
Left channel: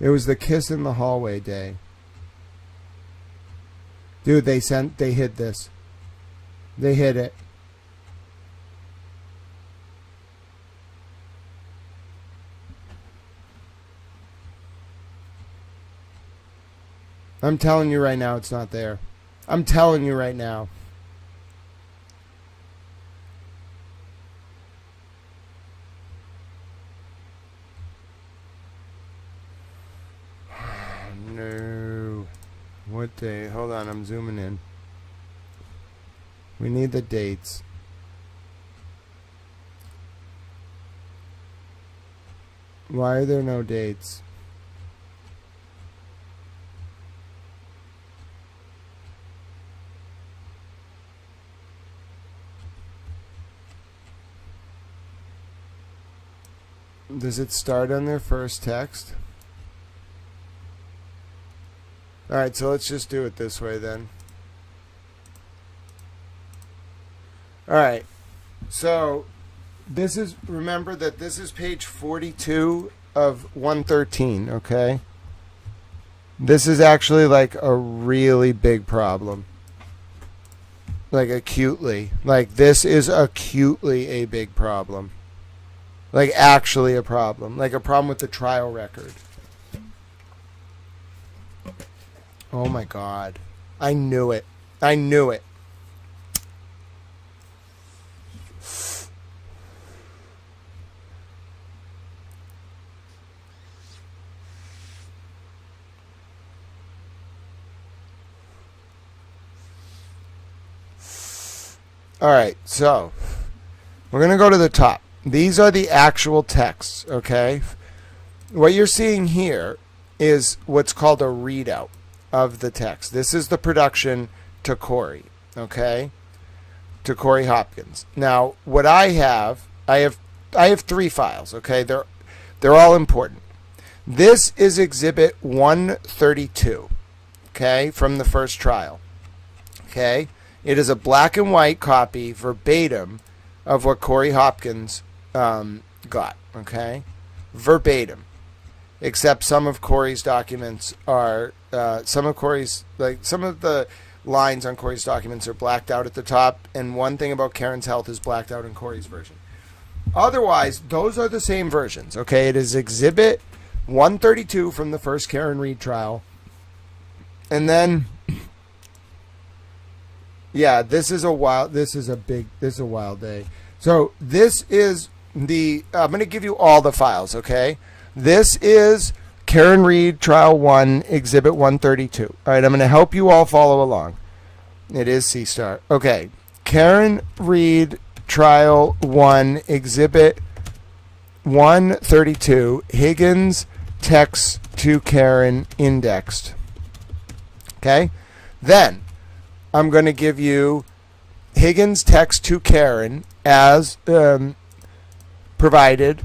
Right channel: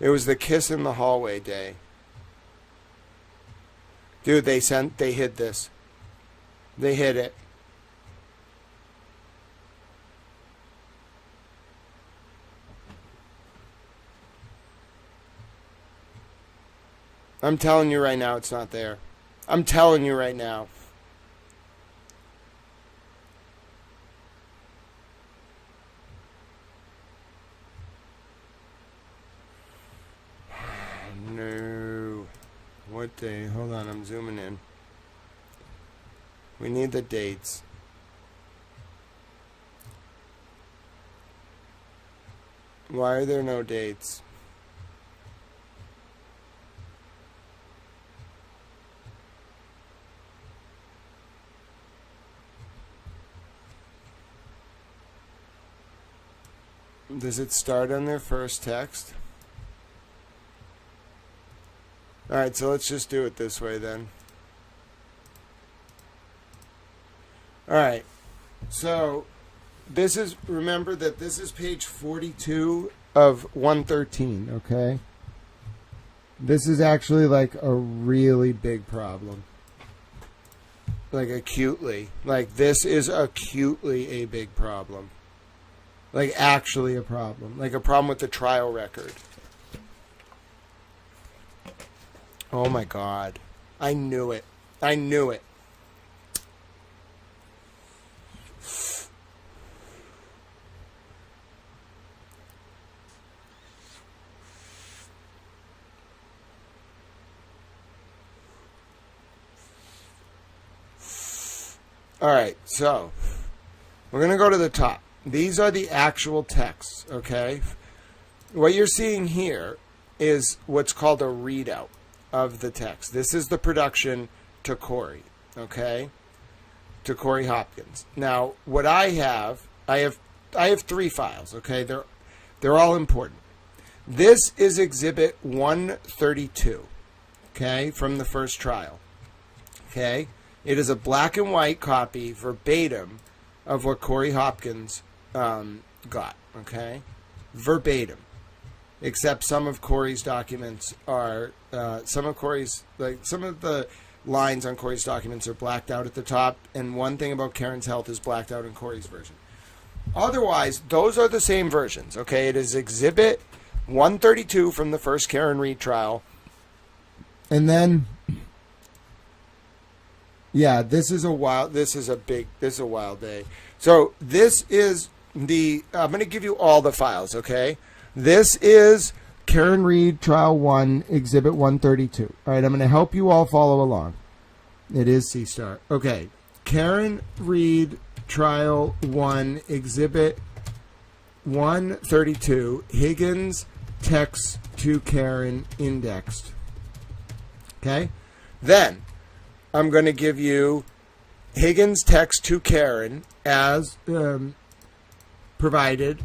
It was the kiss in the hallway day. Dude, they hid this. They hid it. I'm telling you right now, it's not there. I'm telling you right now. No. What day? Hold on, I'm zooming in. We need the dates. Why are there no dates? Does it start on their first text? Alright, so let's just do it this way then. Alright, so this is, remember that this is page 42 of 113, okay? This is actually like a really big problem. Like acutely. Like this is acutely a big problem. Like actually a problem. Like a problem with the trial record. Oh my God. I knew it. I knew it. All right, so we're going to go to the top. These are the actual texts, okay? What you're seeing here is what's called a readout of the text. This is the production to Corey, okay? To Corey Hopkins. Now, what I have 3 files, okay? They're all important. This is Exhibit 132, okay, from the first trial, okay? It is a black and white copy, verbatim, of what Corey Hopkins got, okay? Verbatim. Except some of Corey's documents are, some of the lines on Corey's documents are blacked out at the top, and one thing about Karen's health is blacked out in Corey's version. Otherwise, those are the same versions, okay? It is Exhibit 132 from the first Karen Read trial. And then, yeah, this is a wild day. So this is I'm going to give you all the files, okay? This is Karen Read Trial 1, Exhibit 132. All right, I'm going to help you all follow along. It is C-Star. Okay, Karen Read Trial 1, Exhibit 132, Higgins text to Karen indexed. Okay? Then, I'm going to give you Higgins text to Karen as provided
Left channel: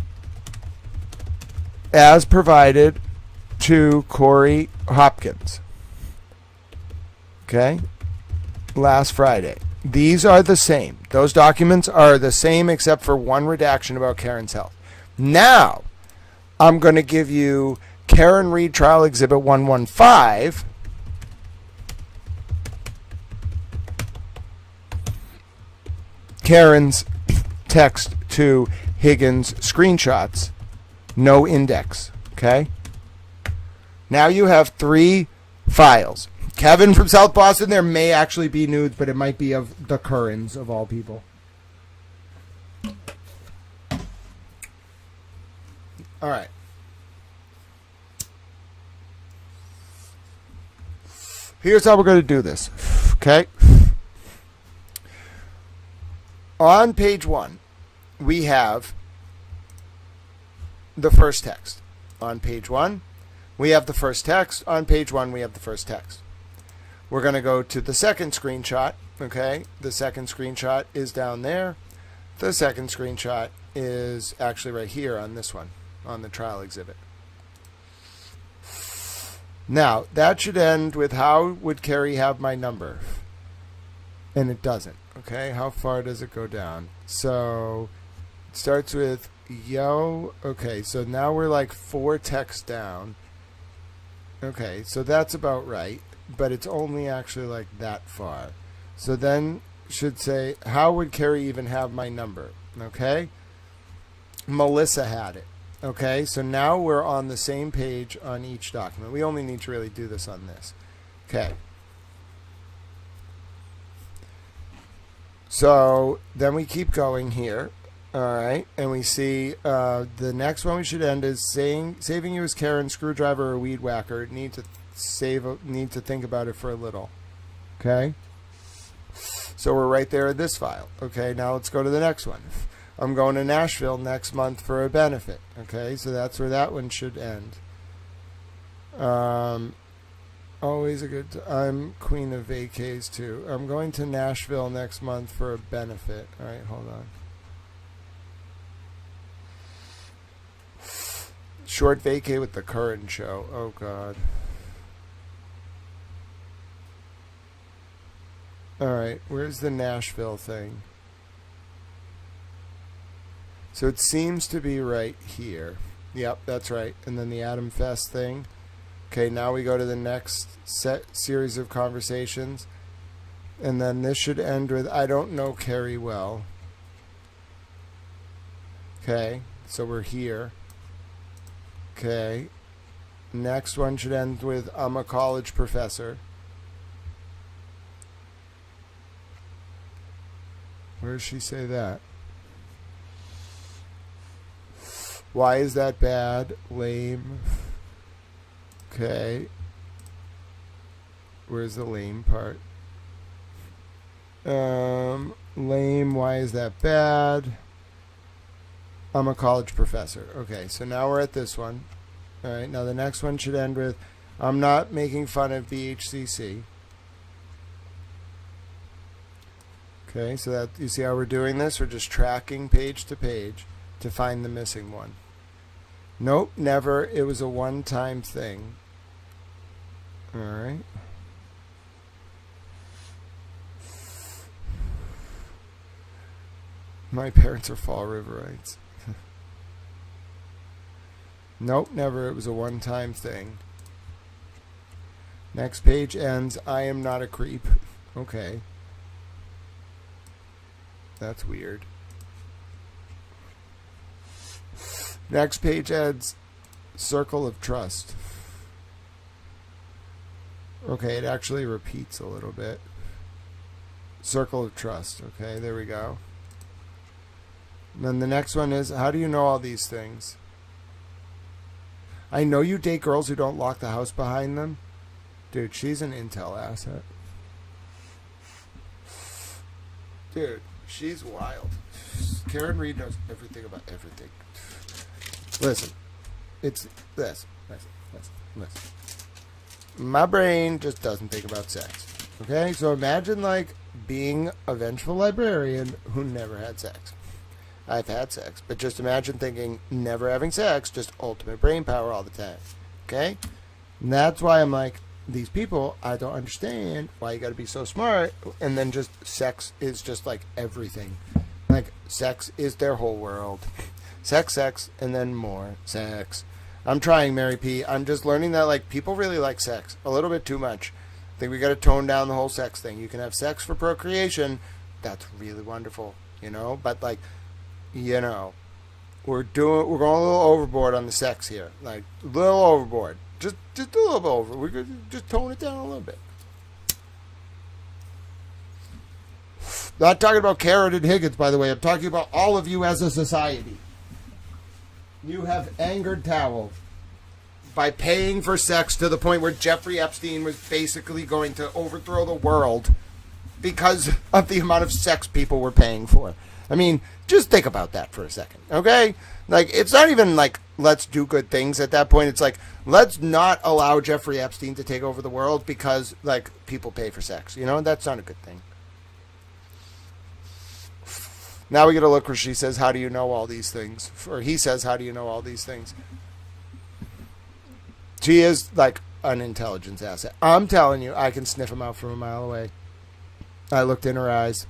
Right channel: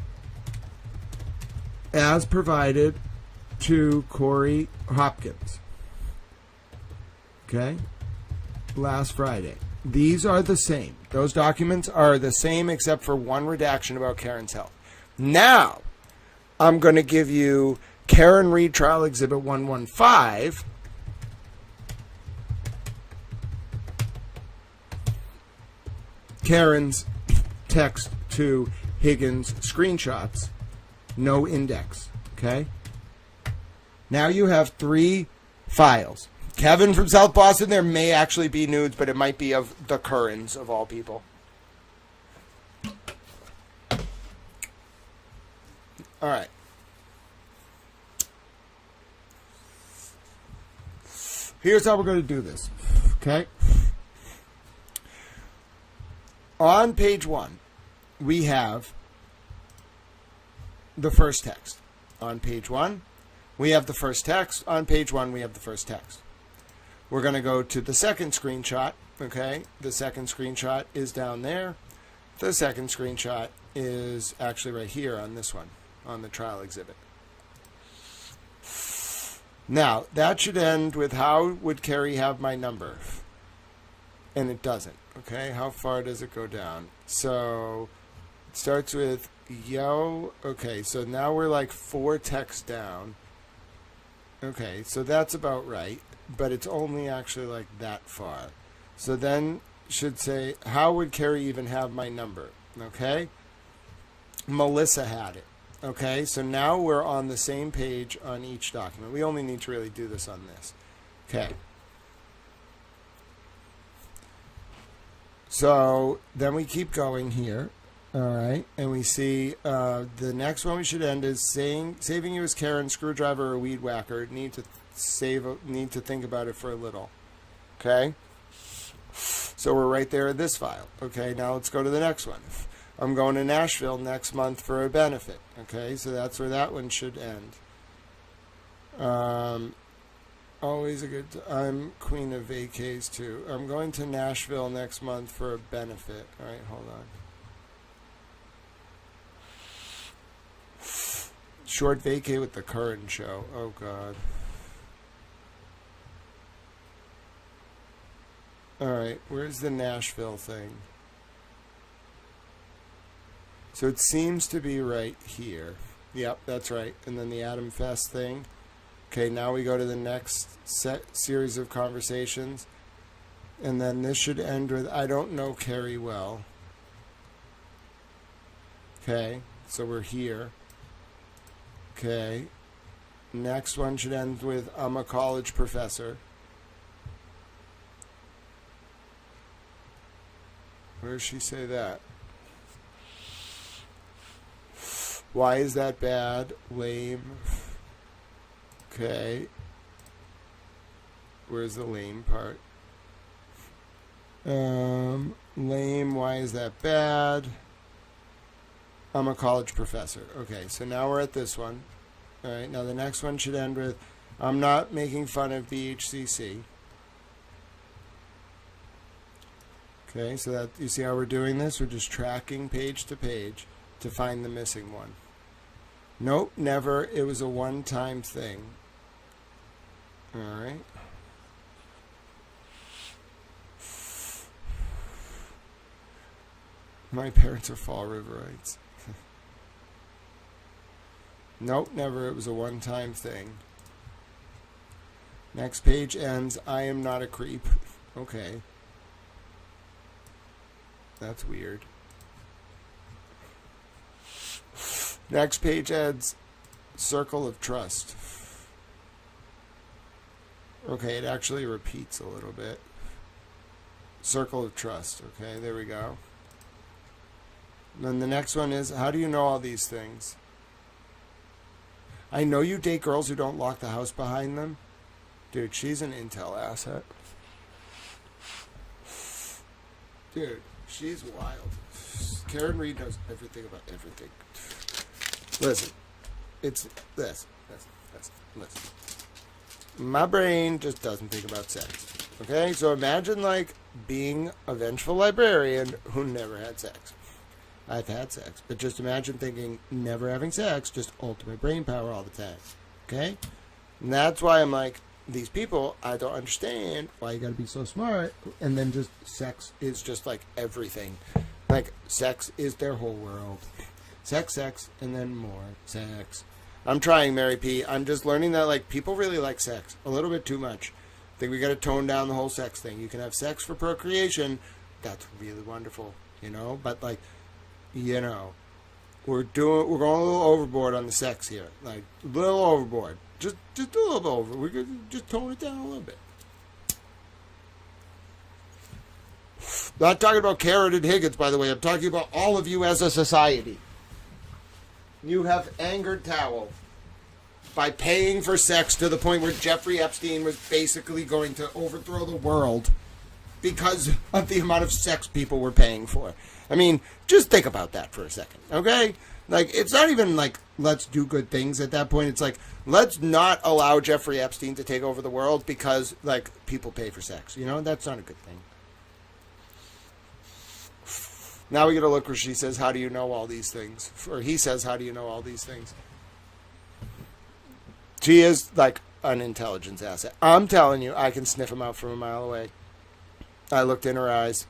to Corey Hopkins. Okay? Last Friday. These are the same. Those documents are the same except for one redaction about Karen's health. Now, I'm going to give you Karen Read Trial Exhibit 115. Karen's text to Higgins screenshots. No index. Okay? Now you have 3 files. Kevin from South Boston, there may actually be nudes, but it might be of the Currans, of all people. All right. Here's how we're going to do this. Okay? On page 1, we have the first text. On page 1, we have the first text. On page 1, we have the first text. We're going to go to the second screenshot, okay? The second screenshot is down there. The second screenshot is actually right here on this one, on the trial exhibit. Now, that should end with how would Carrie have my number? And it doesn't, okay? How far does it go down? So, it starts with yo. Okay, so now we're like 4 texts down. Okay, so that's about right. But it's only actually like that far. So then should say, how would Carrie even have my number? Okay? Melissa had it. Okay? So now we're on the same page on each document. We only need to really do this on this. Okay. So then we keep going here. All right. And we see the next one we should end is saving you as Karen, screwdriver, or weed whacker. Need to think about it for a little. Okay? So we're right there in this file. Okay, now let's go to the next one. I'm going to Nashville next month for a benefit. Okay, so that's where that one should end. Always a good I'm queen of vacays too. I'm going to Nashville next month for a benefit. All right, hold on. Short vacay with the Curran show. Oh, God. All right, where's the Nashville thing? So it seems to be right here. Yep, that's right. And then the Adam Fest thing. Okay, now we go to the next series of conversations. And then this should end with, I don't know Carrie well. Okay, so we're here. Okay. Next one should end with, I'm a college professor. Where does she say that? Why is that bad? Lame. Okay. Where's the lame part? Lame. Why is that bad? I'm a college professor. Okay, so now we're at this one. All right, now the next one should end with, I'm not making fun of BHCC. Okay, so that you see how we're doing this? We're just tracking page to page to find the missing one. Nope, never. It was a one-time thing. All right. My parents are Fall Riverites. Nope, never. It was a one-time thing. Next page ends, I am not a creep. Okay. That's weird. Next page ends, circle of trust. Okay, it actually repeats a little bit. Circle of trust. Okay, there we go. And then the next one is, how do you know all these things? I know you date girls who don't lock the house behind them. Dude, she's an intel asset. Dude, she's wild. Karen Reed knows everything about everything. Listen, it's this. Listen. My brain just doesn't think about sex. Okay? So imagine, like, being a vengeful librarian who never had sex. I've had sex, but just imagine thinking never having sex, just ultimate brain power all the time. Okay? And that's why I'm like, these people, I don't understand why you got to be so smart. And then just sex is just like everything. Like, sex is their whole world. Sex, and then more sex. I'm trying, Mary P. I'm just learning that, like, people really like sex a little bit too much. I think we got to tone down the whole sex thing. You can have sex for procreation. That's really wonderful, you know? But, like, you know, we're going a little overboard on the sex here. Like, a little overboard. Just a little bit over. We're going to just tone it down a little bit. Not talking about Karen and Higgins, by the way. I'm talking about all of you as a society. You have angered Towel by paying for sex to the point where Jeffrey Epstein was basically going to overthrow the world because of the amount of sex people were paying for. I mean, just think about that for a second, okay? Like, it's not even like, let's do good things at that point. It's like, let's not allow Jeffrey Epstein to take over the world because, like, people pay for sex. You know, that's not a good thing. Now we get a look where she says, how do you know all these things? Or he says, how do you know all these things? She is, like, an intelligence asset. I'm telling you, I can sniff him out from a mile away. I looked in her eyes.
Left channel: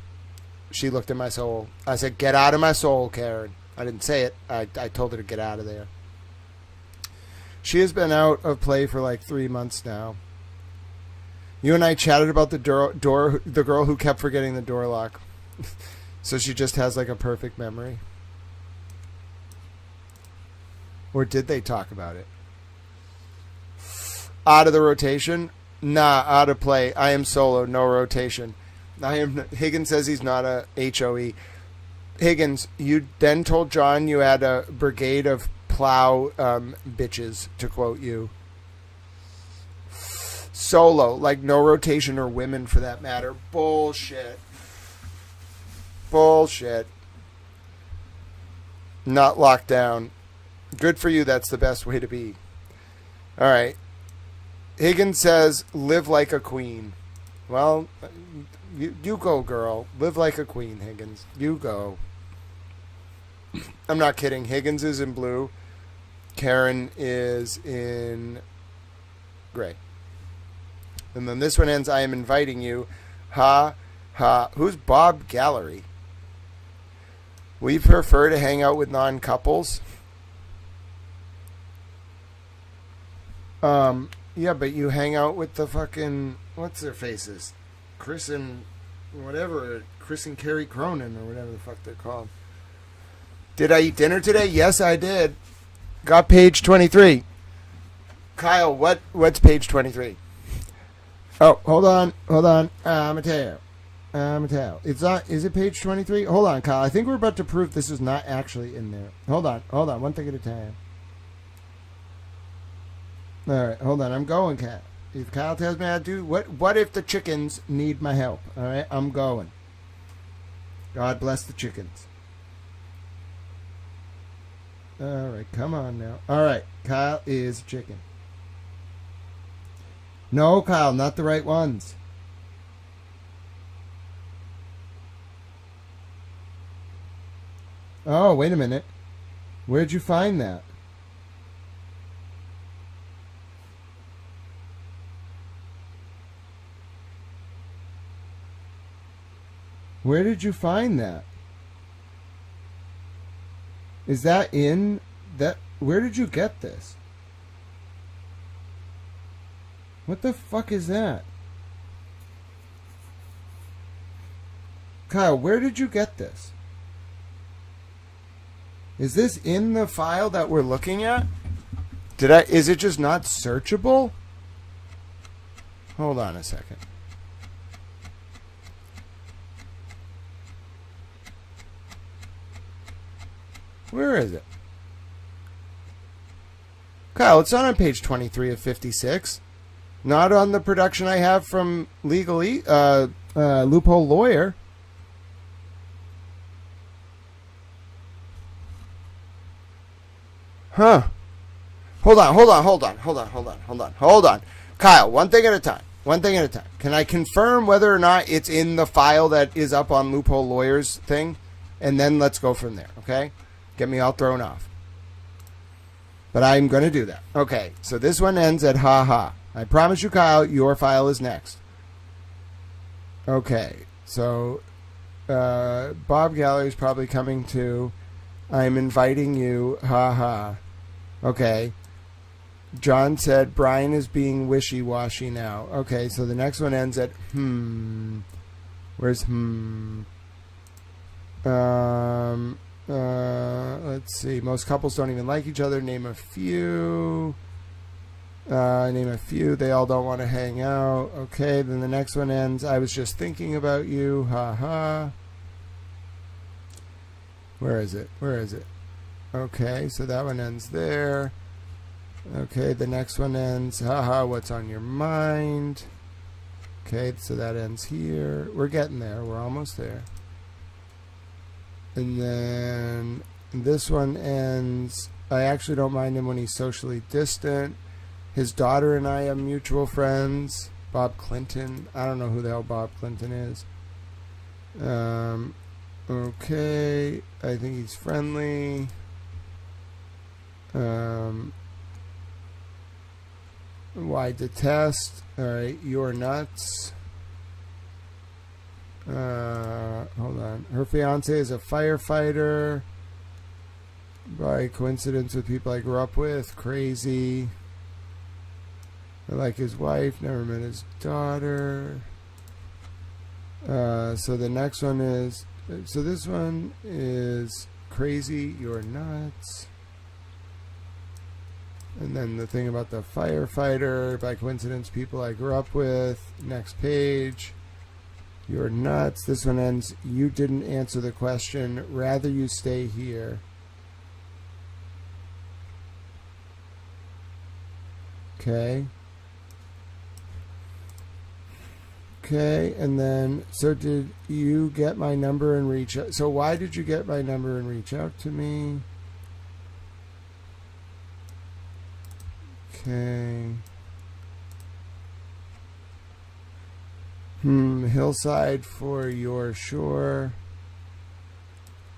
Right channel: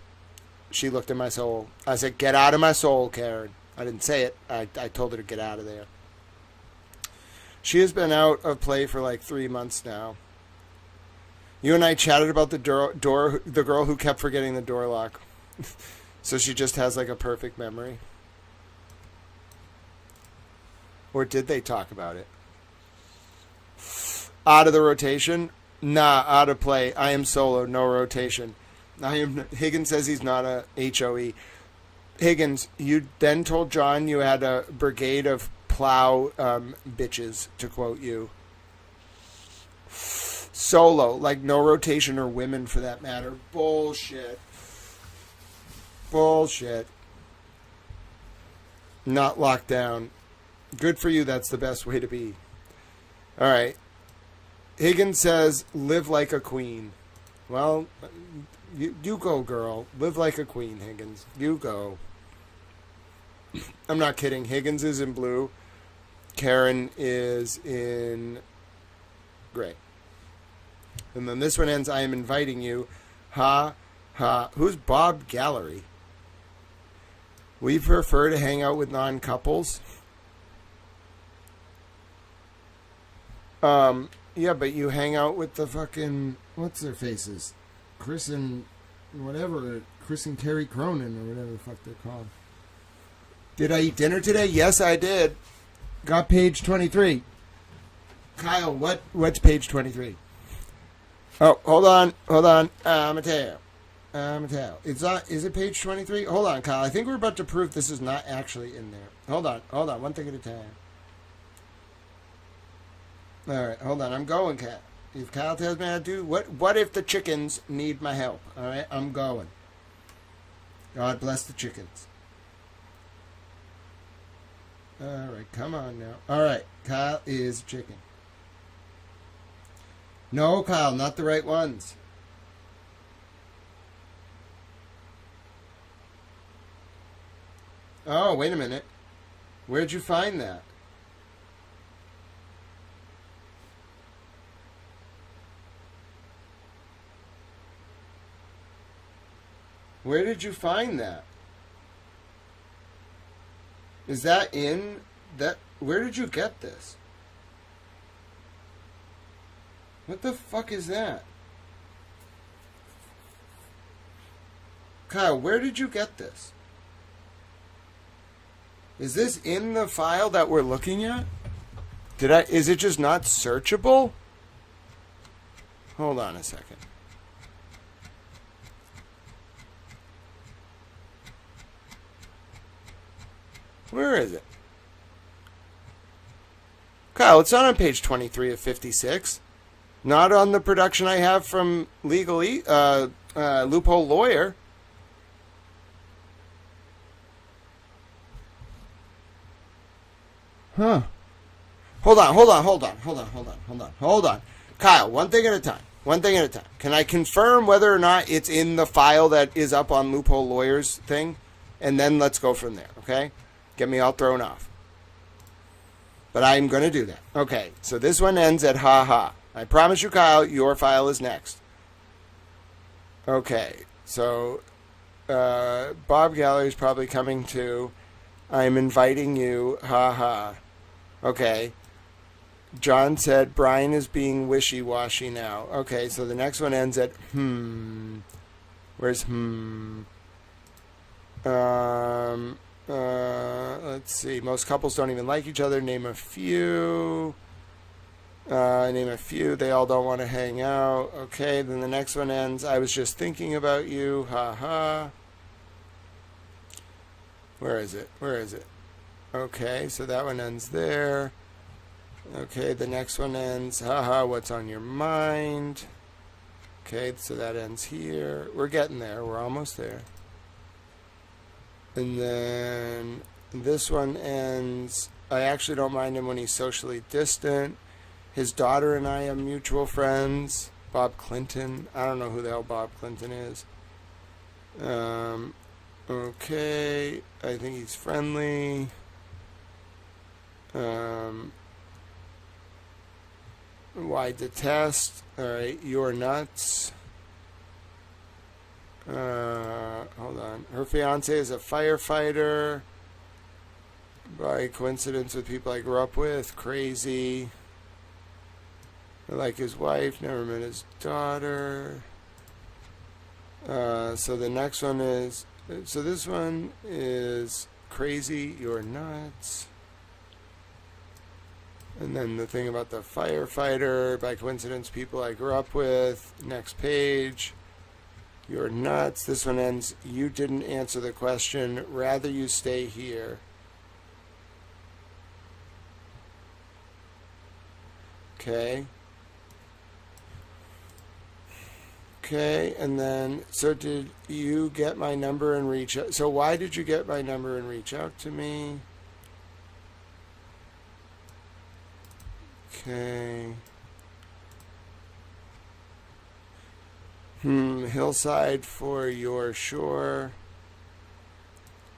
She looked in my soul. I said, get out of my soul, Karen. I didn't say it. I told her to get out of there. She has been out of play for like 3 months now. You and I chatted about the girl who kept forgetting the door lock. So she just has like a perfect memory. Or did they talk about it? Out of the rotation? Nah, out of play. I am solo, no rotation. Higgins says he's not a HOE. Higgins, you then told John you had a brigade of plow bitches, to quote you. Solo, like no rotation or women for that matter. Bullshit. Not locked down. Good for you, that's the best way to be. All right. Higgins says, live like a queen. Well, you go, girl. Live like a queen, Higgins. You go. I'm not kidding. Higgins is in blue. Karen is in gray. And then this one ends, I am inviting you. Ha, ha. Who's Bob Gallery? We prefer to hang out with non-couples. Yeah, but you hang out with the fucking, what's their faces? Chris and Carrie Cronin, or whatever the fuck they're called. Did I eat dinner today? Yes, I did. Got page 23. Kyle, what's page 23? Oh, hold on. Mateo. It's not, is it page 23? Hold on, Kyle. I think we're about to prove this is not actually in there. Hold on. One thing at a time. All right, hold on. I'm going, Kyle. If Kyle tells me how to do, what if the chickens need my help? All right, I'm going. God bless the chickens. All right, come on now. All right, Kyle is chicken. No, Kyle, not the right ones. Oh, wait a minute. Where'd you find that? Where did you find that? Is that in that? Where did you get this? What the fuck is that? Kyle, where did you get this? Is this in the file that we're looking at? Is it just not searchable? Hold on a second. Where is it? Kyle, it's not on page 23 of 56. Not on the production I have from Loophole Lawyer. Huh. Hold on. Kyle, one thing at a time. Can I confirm whether or not it's in the file that is up on Loophole Lawyer's thing? And then let's go from there, okay? Get me all thrown off. But I'm going to do that. Okay, so this one ends at ha. I promise you, Kyle, your file is next. Okay, so Bob Gallery is probably coming too. I'm inviting you, ha. Okay. John said Brian is being wishy-washy now. Okay, so the next one ends at Where's let's see. Most couples don't even like each other. Name a few. They all don't want to hang out. Okay, then the next one ends. I was just thinking about you. Ha. Where is it? Okay, so that one ends there. Okay, the next one ends. Haha, what's on your mind? Okay, so that ends here. We're getting there. We're almost there. And then this one ends. I actually don't mind him when he's socially distant. His daughter and I are mutual friends. Bob Clinton. I don't know who the hell Bob Clinton is. Okay, I think he's friendly. Why detest? Alright, you're nuts. Hold on. Her fiance is a firefighter. By coincidence with people I grew up with. Crazy. I like his wife. Never met his daughter. So the next one is... So this one is crazy. You're nuts. And then the thing about the firefighter, by coincidence, people I grew up with. Next page. You're nuts. This one ends, you didn't answer the question. Rather you stay here. Okay. Okay, and then, so did you get my number and reach out? So why did you get my number and reach out to me? Okay. Hillside for your shore.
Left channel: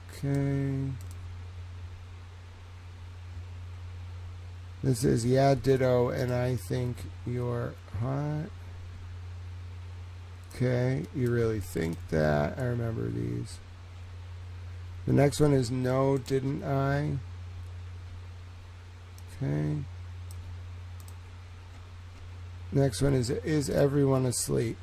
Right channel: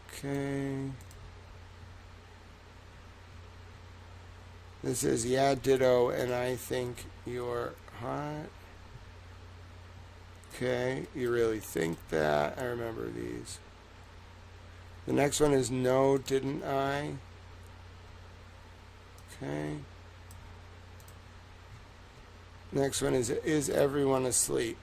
Okay. This is, yeah, ditto, and I think you're hot. Okay, you really think that? I remember these. The next one is no, didn't I? Okay. Next one is everyone asleep?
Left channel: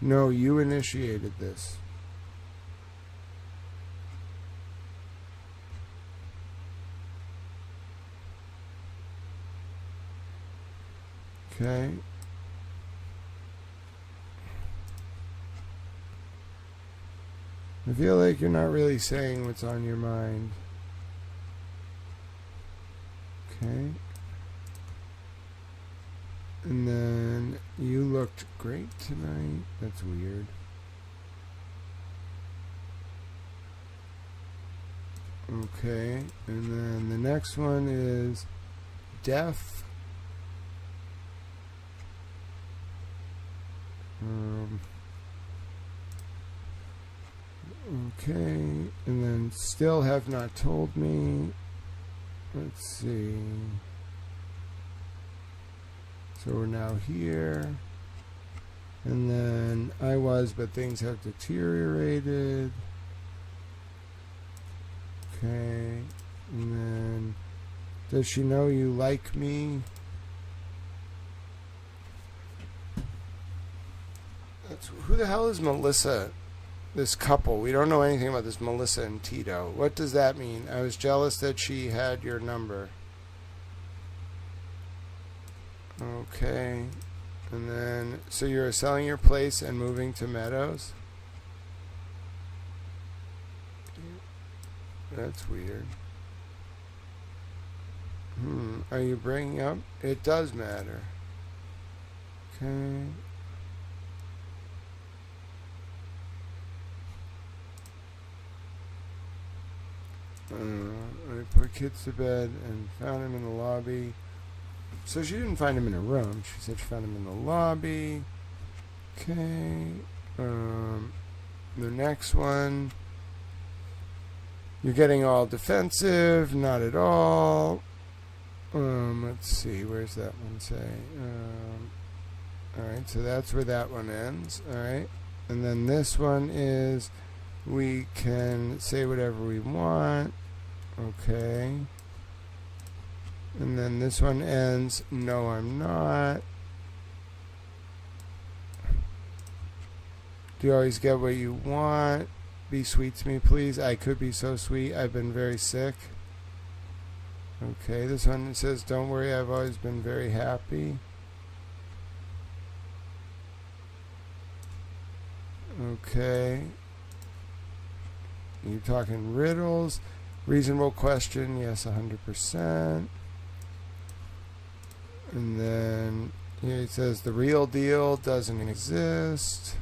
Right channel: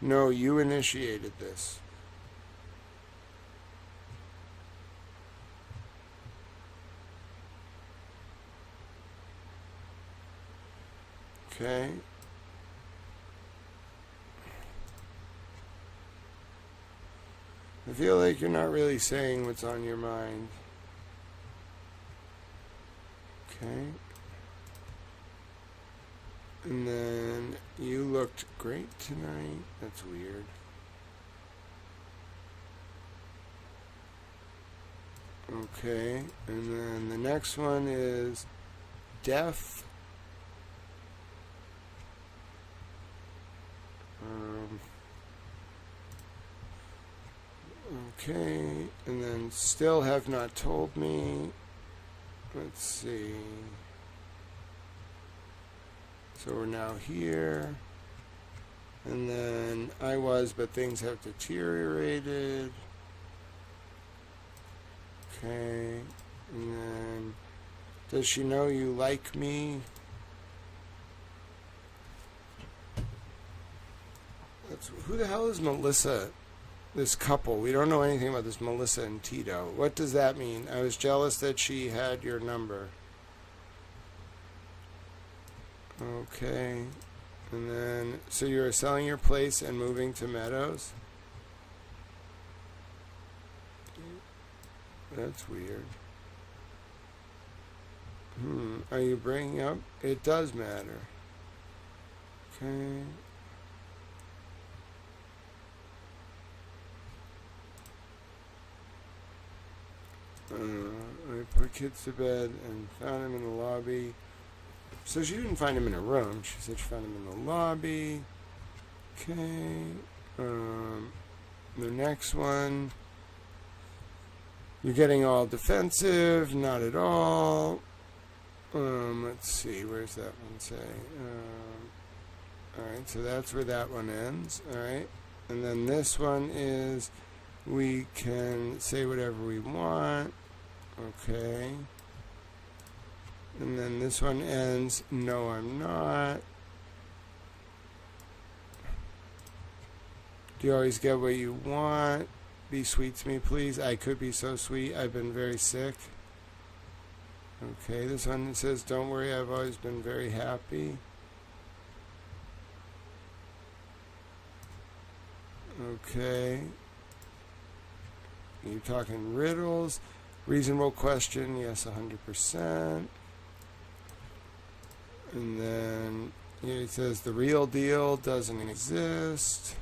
No, you initiated this. Okay. I feel like you're not really saying what's on your mind. Okay. And then you looked great tonight. That's weird. Okay, and then the next one is deaf. Okay, and then still have not told me. Let's see. So we're now here. And then I was, but things have deteriorated. Okay. And then, does she know you like me? Who the hell is Melissa? This couple. We don't know anything about this Melissa and Tito. What does that mean? I was jealous that she had your number. Okay. And then, so you're selling your place and moving to Meadows? That's weird. Are you bringing up? It does matter. Okay. I put kids to bed and found him in the lobby. So she didn't find him in a room. She said she found him in the lobby. Okay. The next one. You're getting all defensive. Not at all. Let's see. Where's that one say? Alright, so that's where that one ends. Alright. And then this one is we can say whatever we want. Okay. And then this one ends, no, I'm not. Do you always get what you want? Be sweet to me, please. I could be so sweet. I've been very sick. Okay, this one says, don't worry, I've always been very happy. Okay. You're talking riddles. Reasonable question, yes, 100%. And then here it says the real deal doesn't exist.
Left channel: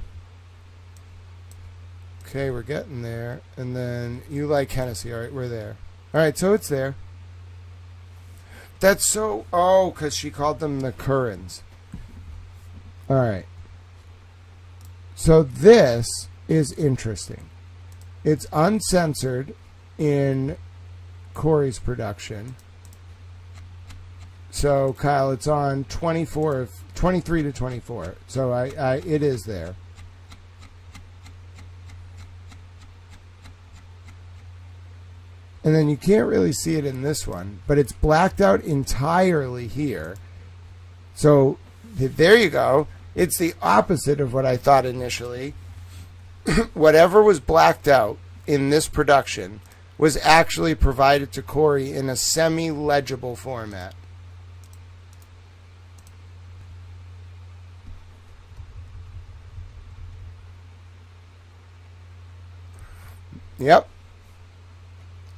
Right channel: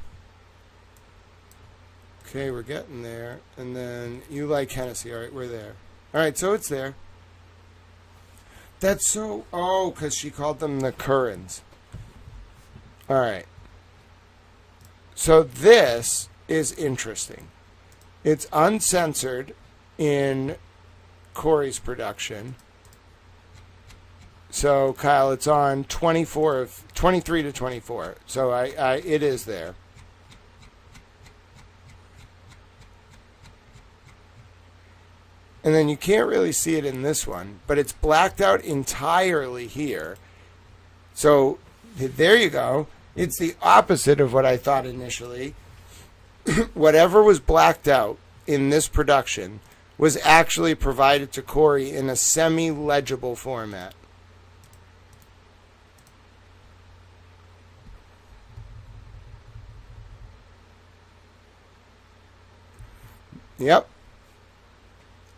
Okay, we're getting there. And then you like Hennessy. All right, we're there. All right, so it's there. That's so... Oh, because she called them the Currans. All right. So this is interesting. It's uncensored in Corey's production. So, Kyle, it's on 23 to 24. So it is there. And then you can't really see it in this one, but it's blacked out entirely here. So there you go. It's the opposite of what I thought initially. Whatever was blacked out in this production was actually provided to Corey in a semi-legible format. Yep.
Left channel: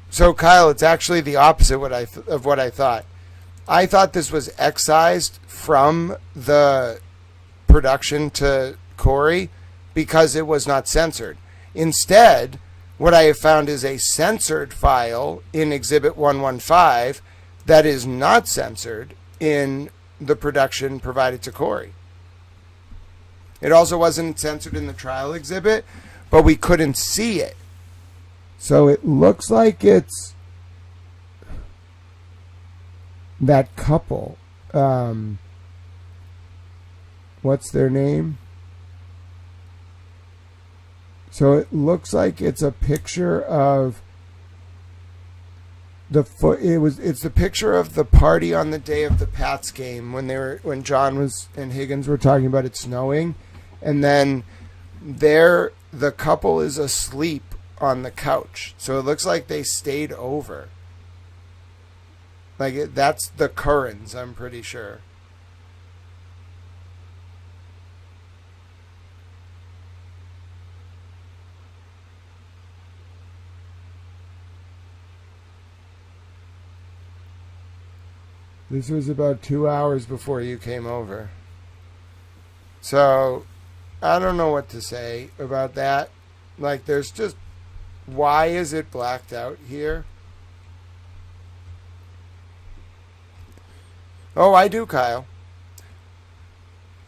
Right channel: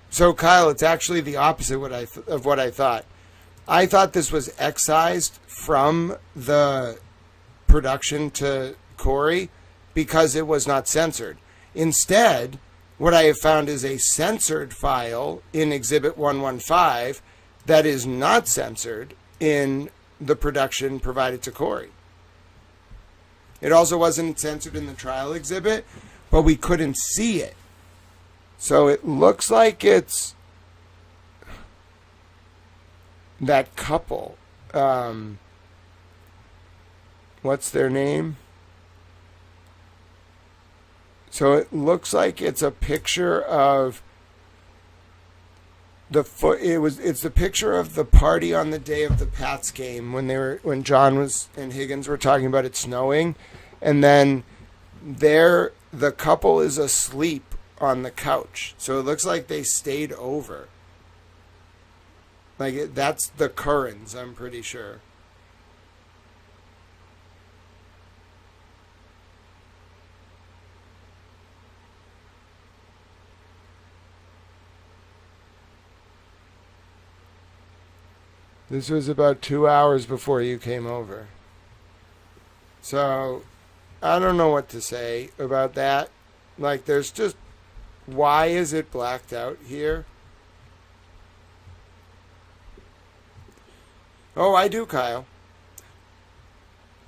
So, Kyle, it's actually the opposite of what I thought. I thought this was excised from the production to Corey because it was not censored. Instead, what I have found is a censored file in Exhibit 115 that is not censored in the production provided to Corey. It also wasn't censored in the trial exhibit, but we couldn't see it. So it looks like it's that couple. What's their name? So it looks like it's a picture of it's the picture of the party on the day of the Pats game when John and Higgins were talking about it snowing, and then the couple is asleep on the couch. So it looks like they stayed over. That's the Currans, I'm pretty sure. This was about 2 hours before you came over. So I don't know what to say about that. Like, there's just, why is it blacked out here? Oh, I do, Kyle.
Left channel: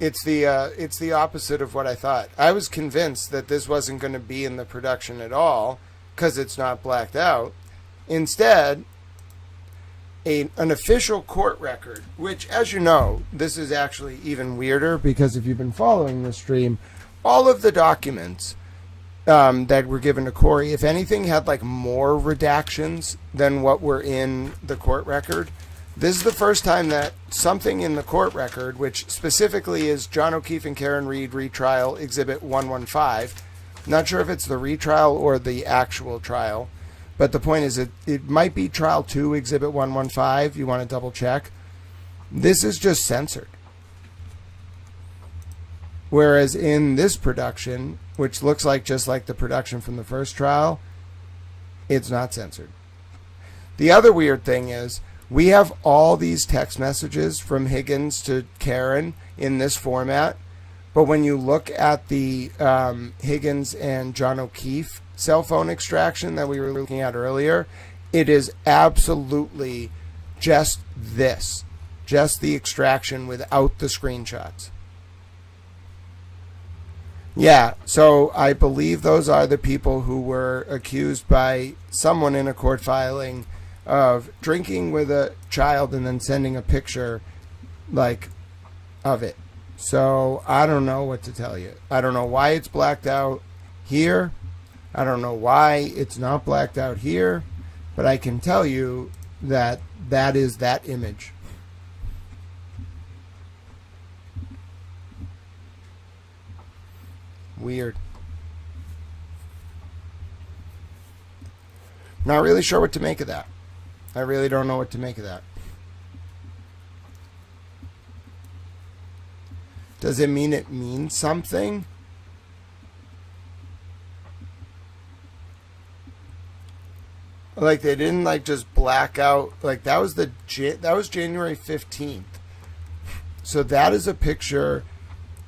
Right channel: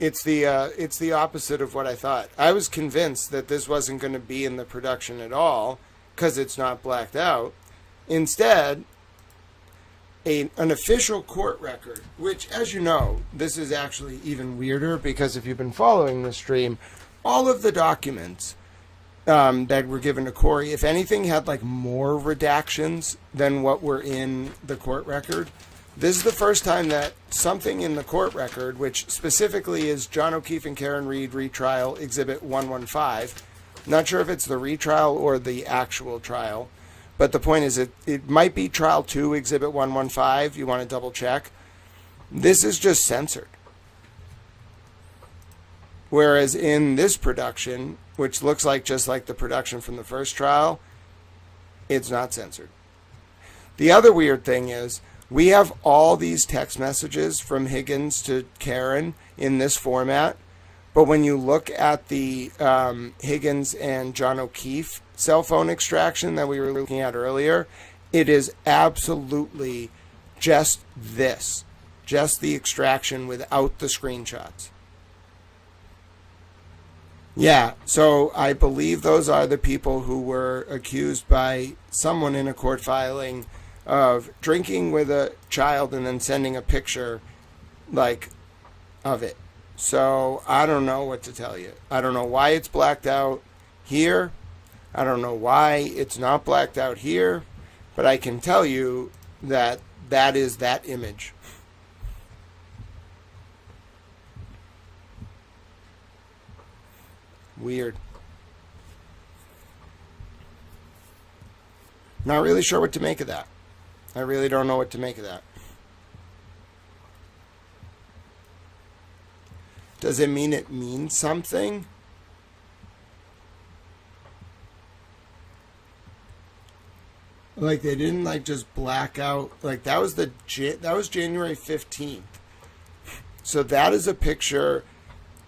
It's the opposite of what I thought. I was convinced that this wasn't going to be in the production at all because it's not blacked out. Instead, an official court record, which, as you know, this is actually even weirder because if you've been following the stream, all of the documents that were given to Corey, if anything, had like more redactions than what were in the court record. This is the first time that something in the court record, which specifically is John O'Keefe and Karen Read retrial exhibit 115, not sure if it's the retrial or the actual trial, but the point is it might be trial 2 exhibit 115. You want to double check. This is just censored. Whereas in this production, which looks like just like the production from the first trial, it's not censored. The other weird thing is we have all these text messages from Higgins to Karen in this format, but when you look at the Higgins and John O'Keefe cell phone extraction that we were looking at earlier, it is absolutely just this, just the extraction without the screenshots. Yeah, so I believe those are the people who were accused by someone in a court filing of drinking with a child and then sending a picture like of it. So I don't know what to tell you. I don't know why it's blacked out here. I don't know why it's not blacked out here, but I can tell you that that is that image. Weird. Not really sure what to make of that. I really don't know what to make of that. Does it mean it means something? Like they didn't like just black out. Like that was January 15th. So that is a picture,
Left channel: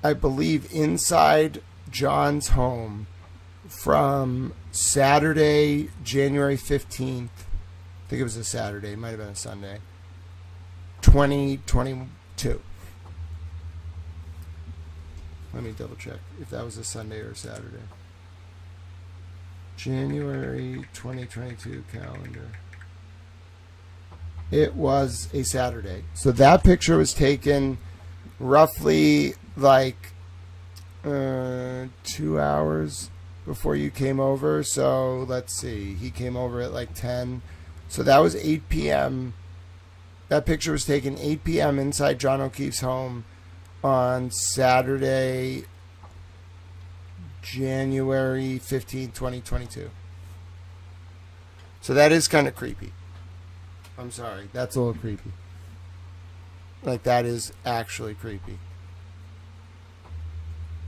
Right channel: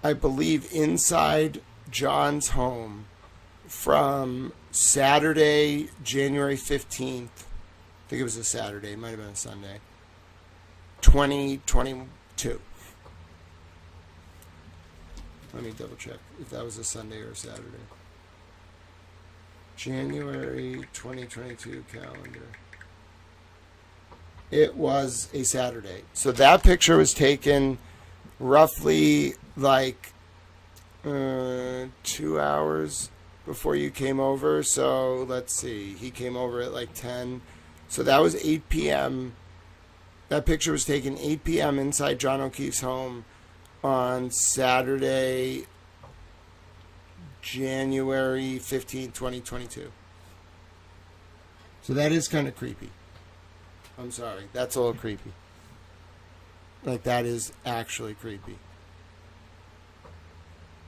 I believe, inside John's home from Saturday, January 15th. I think it was a Saturday. It might have been a Sunday. 2022. Let me double check if that was a Sunday or a Saturday. January 2022 calendar. It was a Saturday. So that picture was taken roughly like 2 hours before you came over. So let's see. He came over at like 10. So that was 8 p.m. That picture was taken 8 p.m. inside John O'Keefe's home on Saturday, January 15, 2022. So that is kind of creepy. I'm sorry. That's a little creepy. Like, that is actually creepy.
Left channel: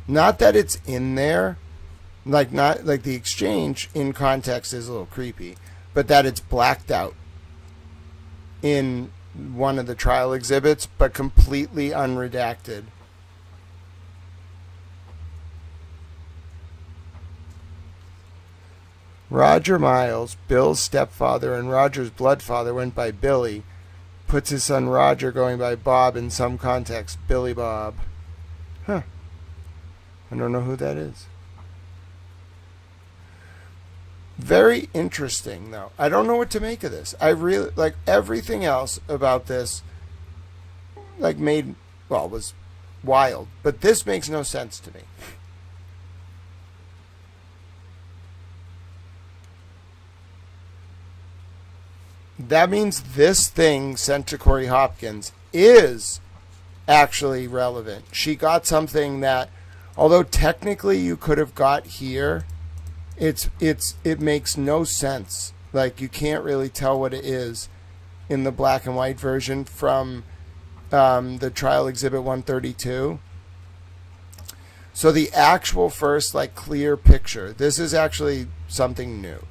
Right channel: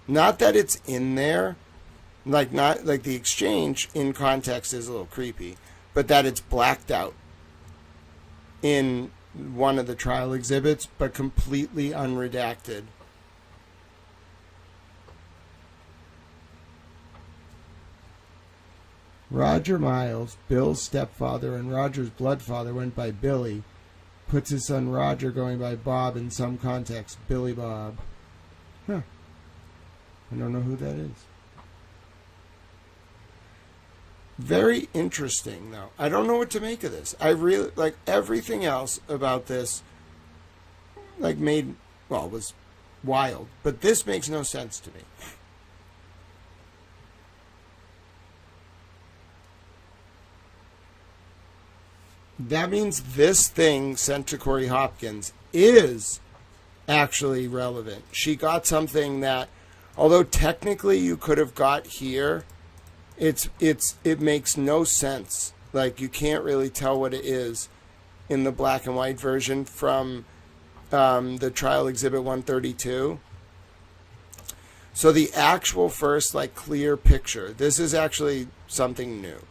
Not that it's in there. Like, not like the exchange in context is a little creepy. But that it's blacked out in one of the trial exhibits, but completely unredacted. Roger Miles, Bill's stepfather and Roger's bloodfather, went by Billy. Puts his son Roger going by Bob in some context. Billy Bob. Huh. I don't know who that is. Very interesting, though. I don't know what to make of this. I really, like, everything else about this, like, was wild. But this makes no sense to me. That means this thing sent to Corey Hopkins is actually relevant. She got something that, although technically you could have got here, it makes no sense. Like, you can't really tell what it is in the black and white version from the trial exhibit 132. So the actual first, like, clear picture, this is actually something new.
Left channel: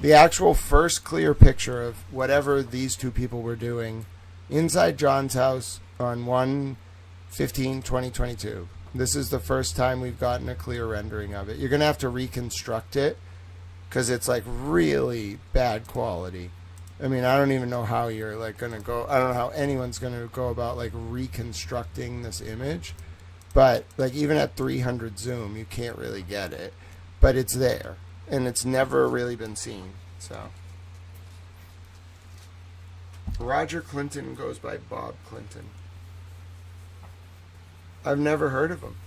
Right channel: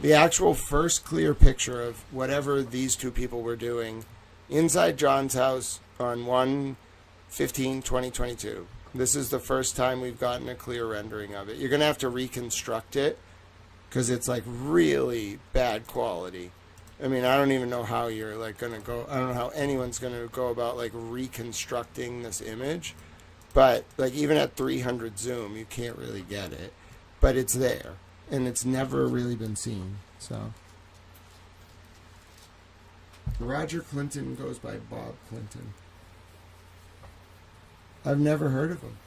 The actual first clear picture of whatever these two people were doing inside John's house on 1/15/2022. This is the first time we've gotten a clear rendering of it. You're going to have to reconstruct it because it's like really bad quality. I mean, I don't even know how you're like going to go. I don't know how anyone's going to go about like reconstructing this image. But like even at 300 zoom, you can't really get it. But it's there. And it's never really been seen. So Roger Clinton goes by Bob Clinton. I've never heard of him.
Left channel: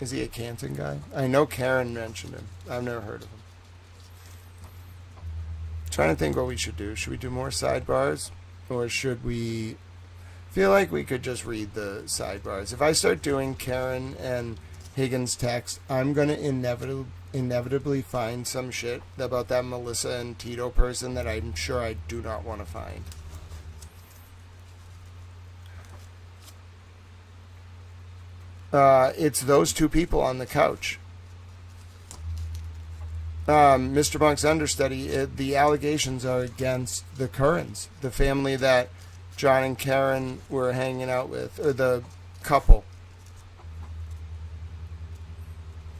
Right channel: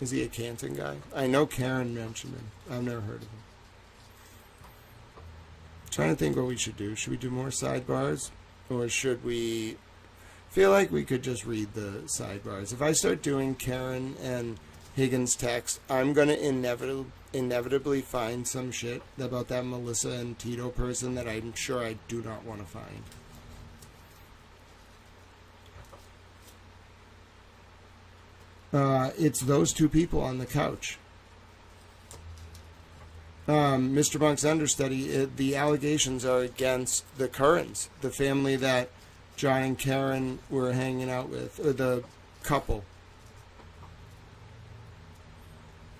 Is he a Canton guy? I know Karen mentioned him. I've never heard of him. Trying to think what we should do. Should we do more sidebars? Or should we... feel like we could just read the sidebars. If I start doing Karen and Higgins text, I'm going to inevitably find some shit about that Melissa and Tito person that I'm sure I do not want to find. It's those two people on the couch. Mr. Monk's understudy, the allegations are against the Currans, the family that John and Karen were hanging out with, or the couple.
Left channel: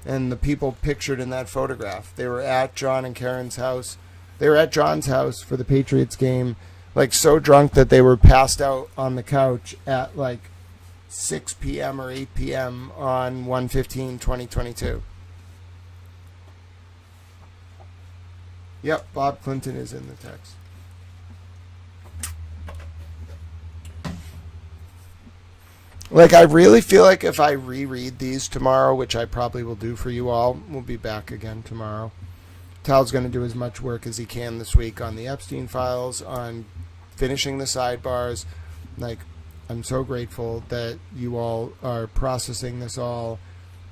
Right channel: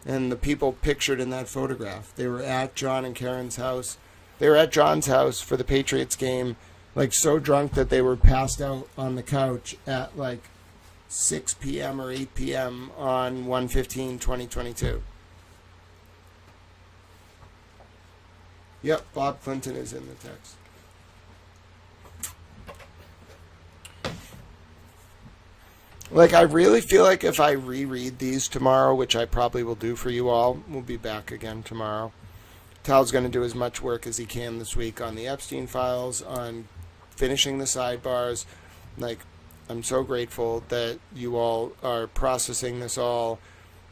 And the people pictured in that photograph. They were at John and Karen's house. They were at John's house for the Patriots game, like so drunk that they were passed out on the couch at like 6 p.m. or 8 p.m. on 1/15/2022. Yep, Bob Clinton is in the text. Like, I really feel like if I reread these tomorrow, which I probably will do for you all, we'll be back again tomorrow. Tal's going to do as much work as he can this week on the Epstein files, on finishing the sidebars. Like, I'm so grateful that you all are processing this all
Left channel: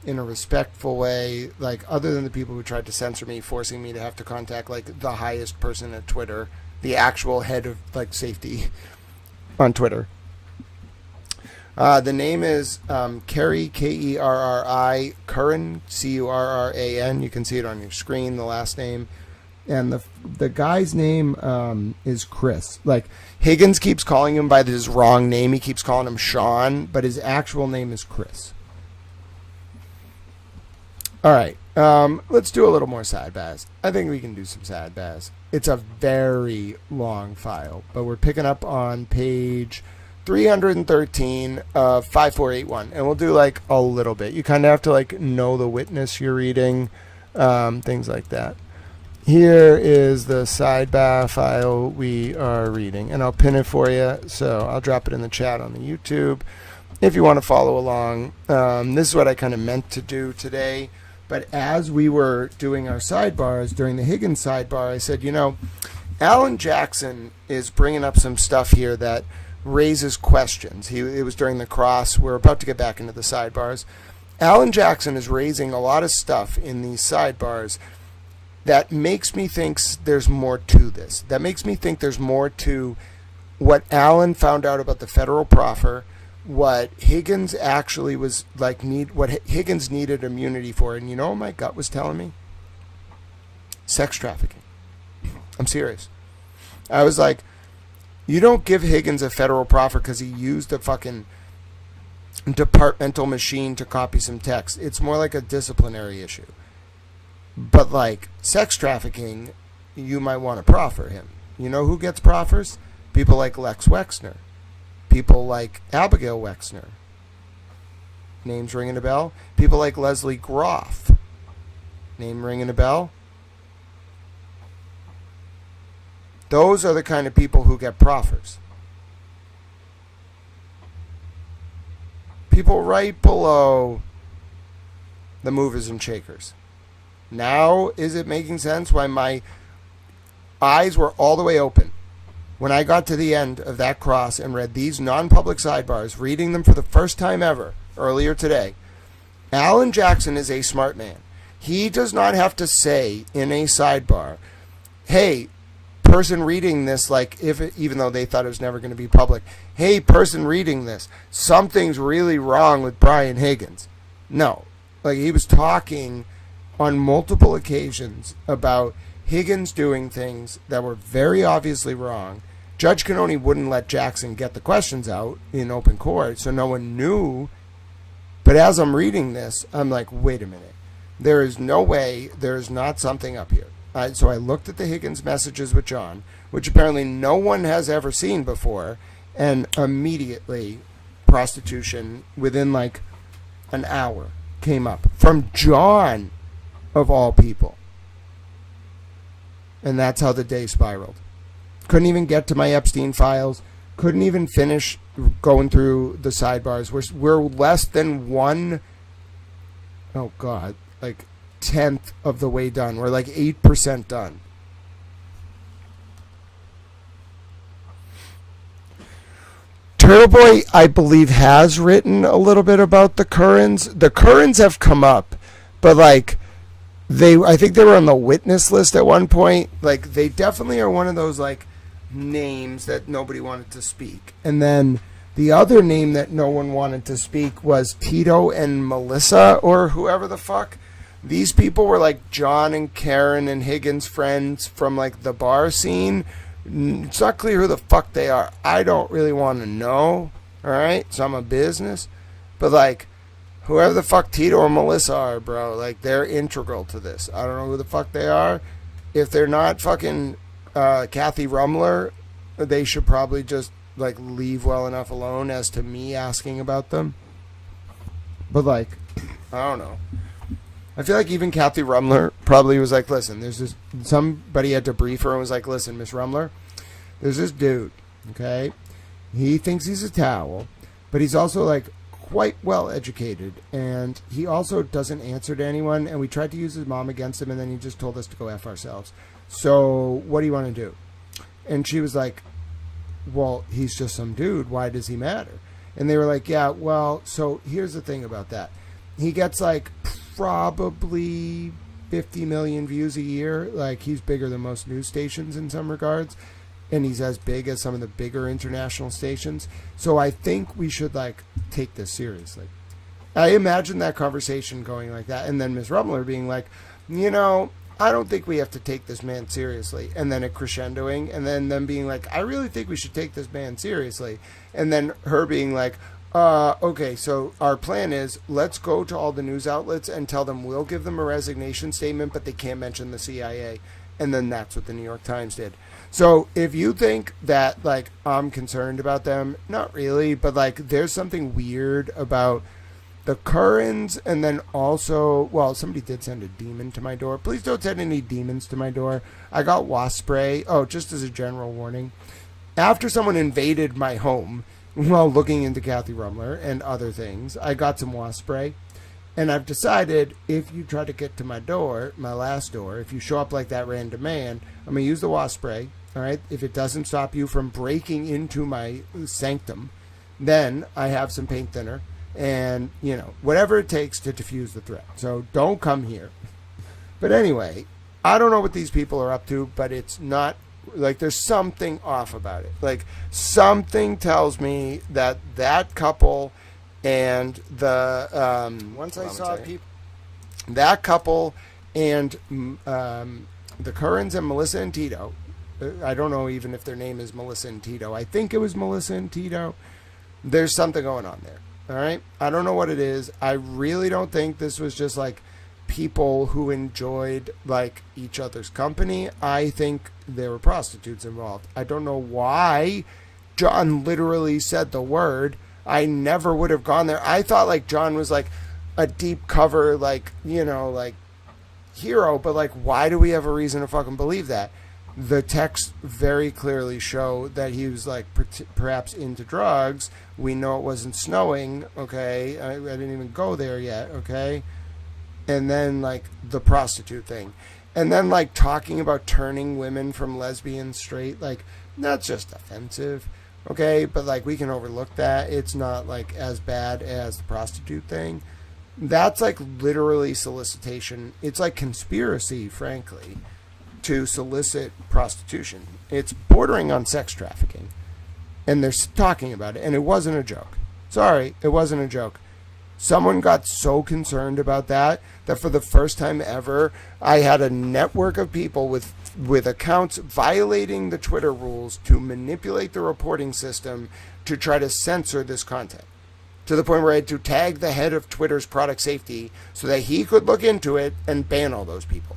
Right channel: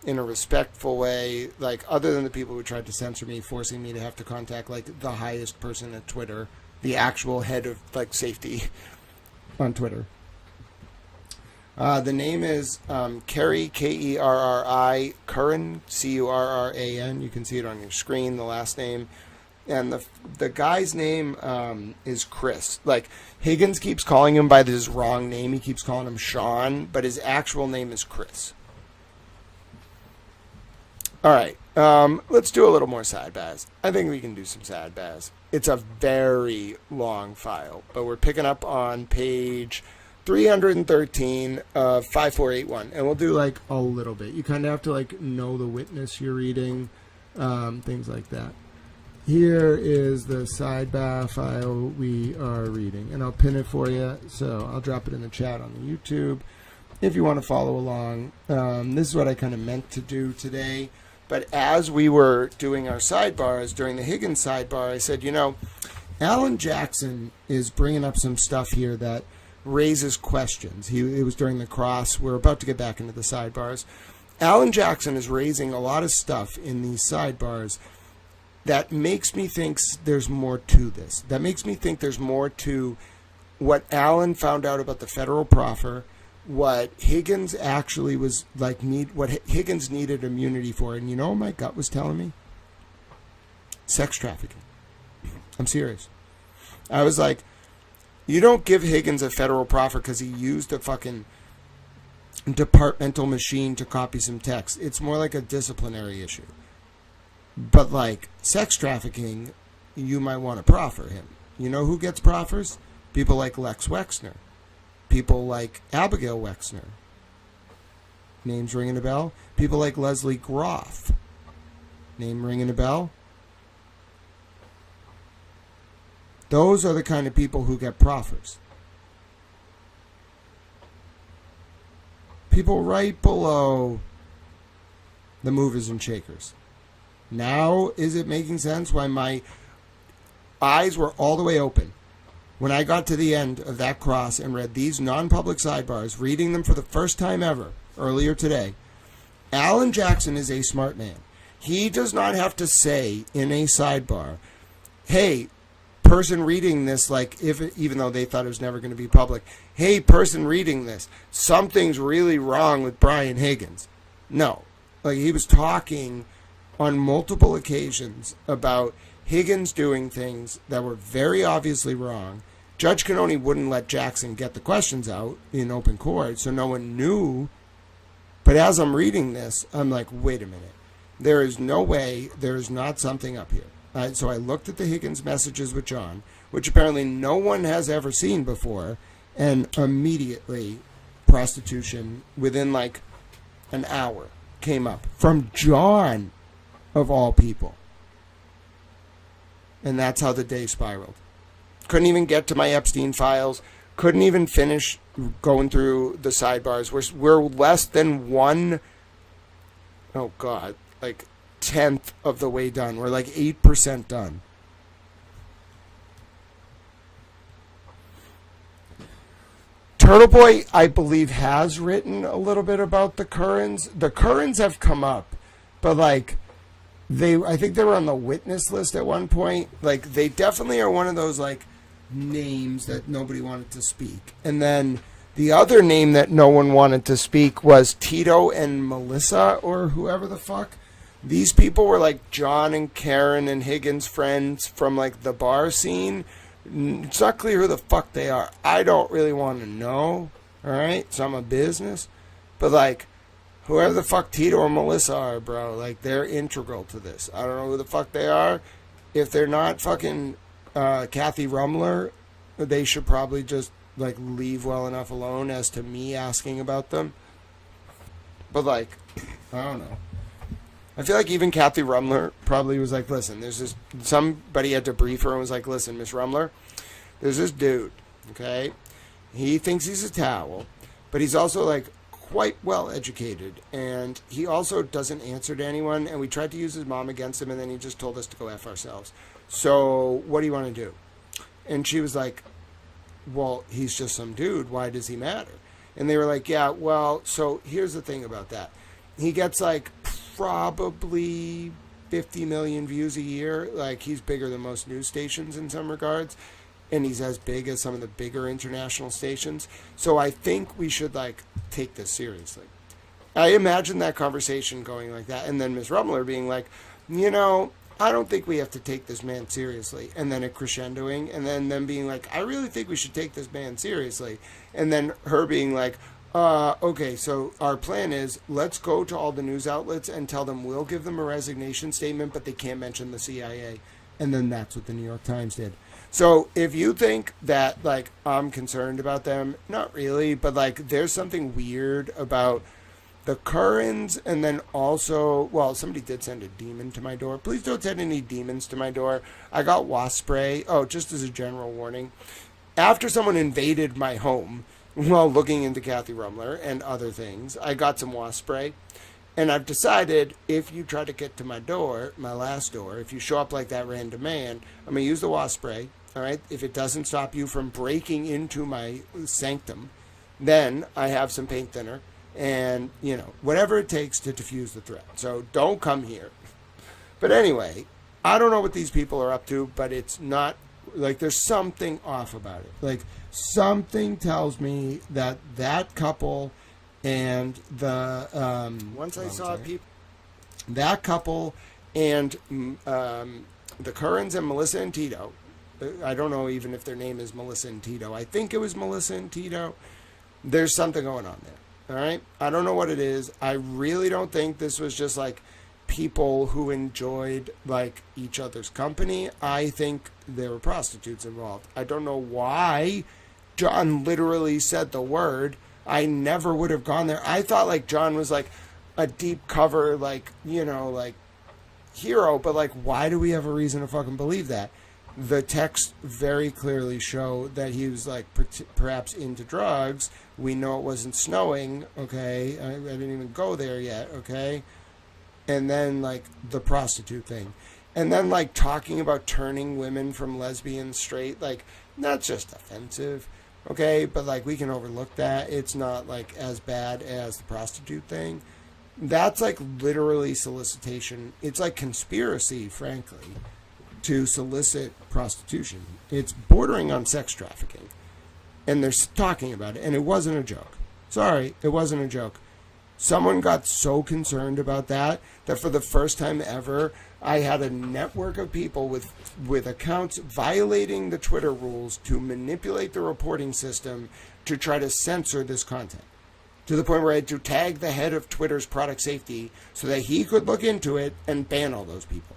in a respectful way. Like, other than the people who tried to censor me, forcing me to have to contact, like, the highest person at Twitter, the actual head of, like, safety on Twitter. The name is Kerry, Kerri, Curran, Curran. You can see it on your screen, the last name. And the guy's name is Chris. Like, Higgins keeps calling him by his wrong name. He keeps calling him Sean, but his actual name is Chris. All right, let's do a little more sad baz. I think we can do some sad baz. It's a very long file, but we're picking up on page 313 of 5481, and we'll do like a little bit. You kind of have to like know the witness you're reading, things like that. Here is the sidebar file we are reading, and I'll pin it for you, so I'll drop it in the chat on the YouTube if you want to follow along. This is what I kind of meant to do today, but as we were doing our sidebars during the Higgins sidebar, I said, you know, Alan Jackson is bringing up some stuff here that raises questions. It was during the cross. We're about to get back into the sidebars. Alan Jackson is raising a lot of stuff in these sidebars that makes me think there's more to this. That makes me think there's more to what Alan found out about the federal proffer, what Higgins actually was like, what Higgins needed immunity for. And you know what my gut was telling me? Sex trafficking. I'm serious. I was like, you don't give Higgins a federal proffer because he used a fucking departmental machine to copy some text. It's more like a disciplinary issue. But like sex trafficking, you might want to proffer him. You know who gets proffers? People like Lex Wexner. People like Abigail Wexner. Names ringing a bell? People like Leslie Groff. Name ringing a bell? Those are the kind of people who get proffers. People right below the movers and shakers. Now, is it making sense why my eyes were all the way open when I got to the end of that cross and read these non-public sidebars, reading them for the first time ever earlier today? Alan Jackson is a smart man. He does not have to say in a sidebar, hey, person reading this, like, even though they thought it was never going to be public, hey, person reading this, something's really wrong with Brian Higgins. No. Like, he was talking on multiple occasions about Higgins doing things that were very obviously wrong. Judge Cannoni wouldn't let Jackson get the questions out in open court, so no one knew. But as I'm reading this, I'm like, wait a minute. There is no way there is not something up here. So I looked at the Higgins messages with John, which apparently no one has ever seen before, and immediately prostitution within like an hour came up from John, of all people. And that's how the day spiraled. Couldn't even get to my Epstein files. Couldn't even finish going through the sidebars. We're less than one, oh God, like 10th of the way done. We're like 8% done. Turtle Boy, I believe, has written a little bit about the Currans. The Currans have come up, but like I think they were on the witness list at one point. Like they definitely are one of those like names that nobody wanted to speak. And then the other name that no one wanted to speak was Tito and Melissa, or whoever the fuck. These people were like John and Karen and Higgins' friends from like the bar scene. It's not clear who the fuck they are. I don't really want to know. All right, so I'm a business, but like whoever the fuck Tito or Melissa are, bro, like they're integral to this. I don't know who the fuck they are. If they're not fucking Kathy Rumler, they should probably just like leave well enough alone as to me asking about them. But like, I don't know. I feel like even Kathy Rumler probably was like, listen, there's this, somebody had to brief her and was like, listen, Miss Rumler, there's this dude, okay? He thinks he's a towel, but he's also like quite well educated, and he also doesn't answer to anyone, and we tried to use his mom against him, and then he just told us to go F ourselves. So what do you want to do? And she was like, well, he's just some dude. Why does he matter? And they were like, yeah, well, so here's the thing about that. He gets like probably 50 million views a year. Like he's bigger than most news stations in some regards, and he's as big as some of the bigger international stations. So I think we should like take this seriously. I imagine that conversation going like that, and then Ms. Rumler being like, you know, I don't think we have to take this man seriously, and then it crescendoing, and then them being like, I really think we should take this man seriously, and then her being like, okay, so our plan is let's go to all the news outlets and tell them we'll give them a resignation statement, but they can't mention the CIA. And then that's what the New York Times did. So if you think that, like, I'm concerned about them, not really, but, like, there's something weird about the Currans, and then also, well, somebody did send a demon to my door. Please don't send any demons to my door. I got wasp spray. Oh, just as a general warning. After someone invaded my home, while looking into Kathy Rumler and other things, I got some wasp spray, and I've decided if you try to get to my door, my last door, if you show up like that random man, I'm going to use the wasp spray, all right? If it doesn't stop you from breaking into my sanctum, then I have some paint thinner and, you know, whatever it takes to diffuse the threat. So don't come here. But anyway, I don't know what these people are up to, but it's not like there's something off about it. Like something tells me that that couple and the once I saw people, that couple and the Currans and Melissa and Tito. I don't know even if their name is Melissa and Tito. I think it was Melissa and Tito. There's something going on there. All right. I don't know what it is. I really don't think this was just like people who enjoyed like each other's company. I think there were prostitutes involved. I don't know why John literally said the word. I never would have gone there. I thought like John was like a deep cover, like, you know, like hero, but like, why do we have a reason to fucking believe that? The texts very clearly show that he was like perhaps into drugs. We know it wasn't snowing. Okay. I didn't even go there yet. Okay. And then like the prostitute thing, and then like talking about turning women from lesbian straight, like that's just offensive. Okay. But like we can overlook that. It's not like as bad as the prostitute thing. That's like literally solicitation. It's like conspiracy, frankly, to solicit prostitution. It's bordering on sex trafficking. And they're talking about it. And it wasn't a joke. Sorry, it wasn't a joke. Someone got so concerned about that for the first time ever, I had a network of people with accounts violating the Twitter rules to manipulate the reporting system to try to censor this content. to the point where I had to tag the head of Twitter's product safety so that he could look into it and ban all those people.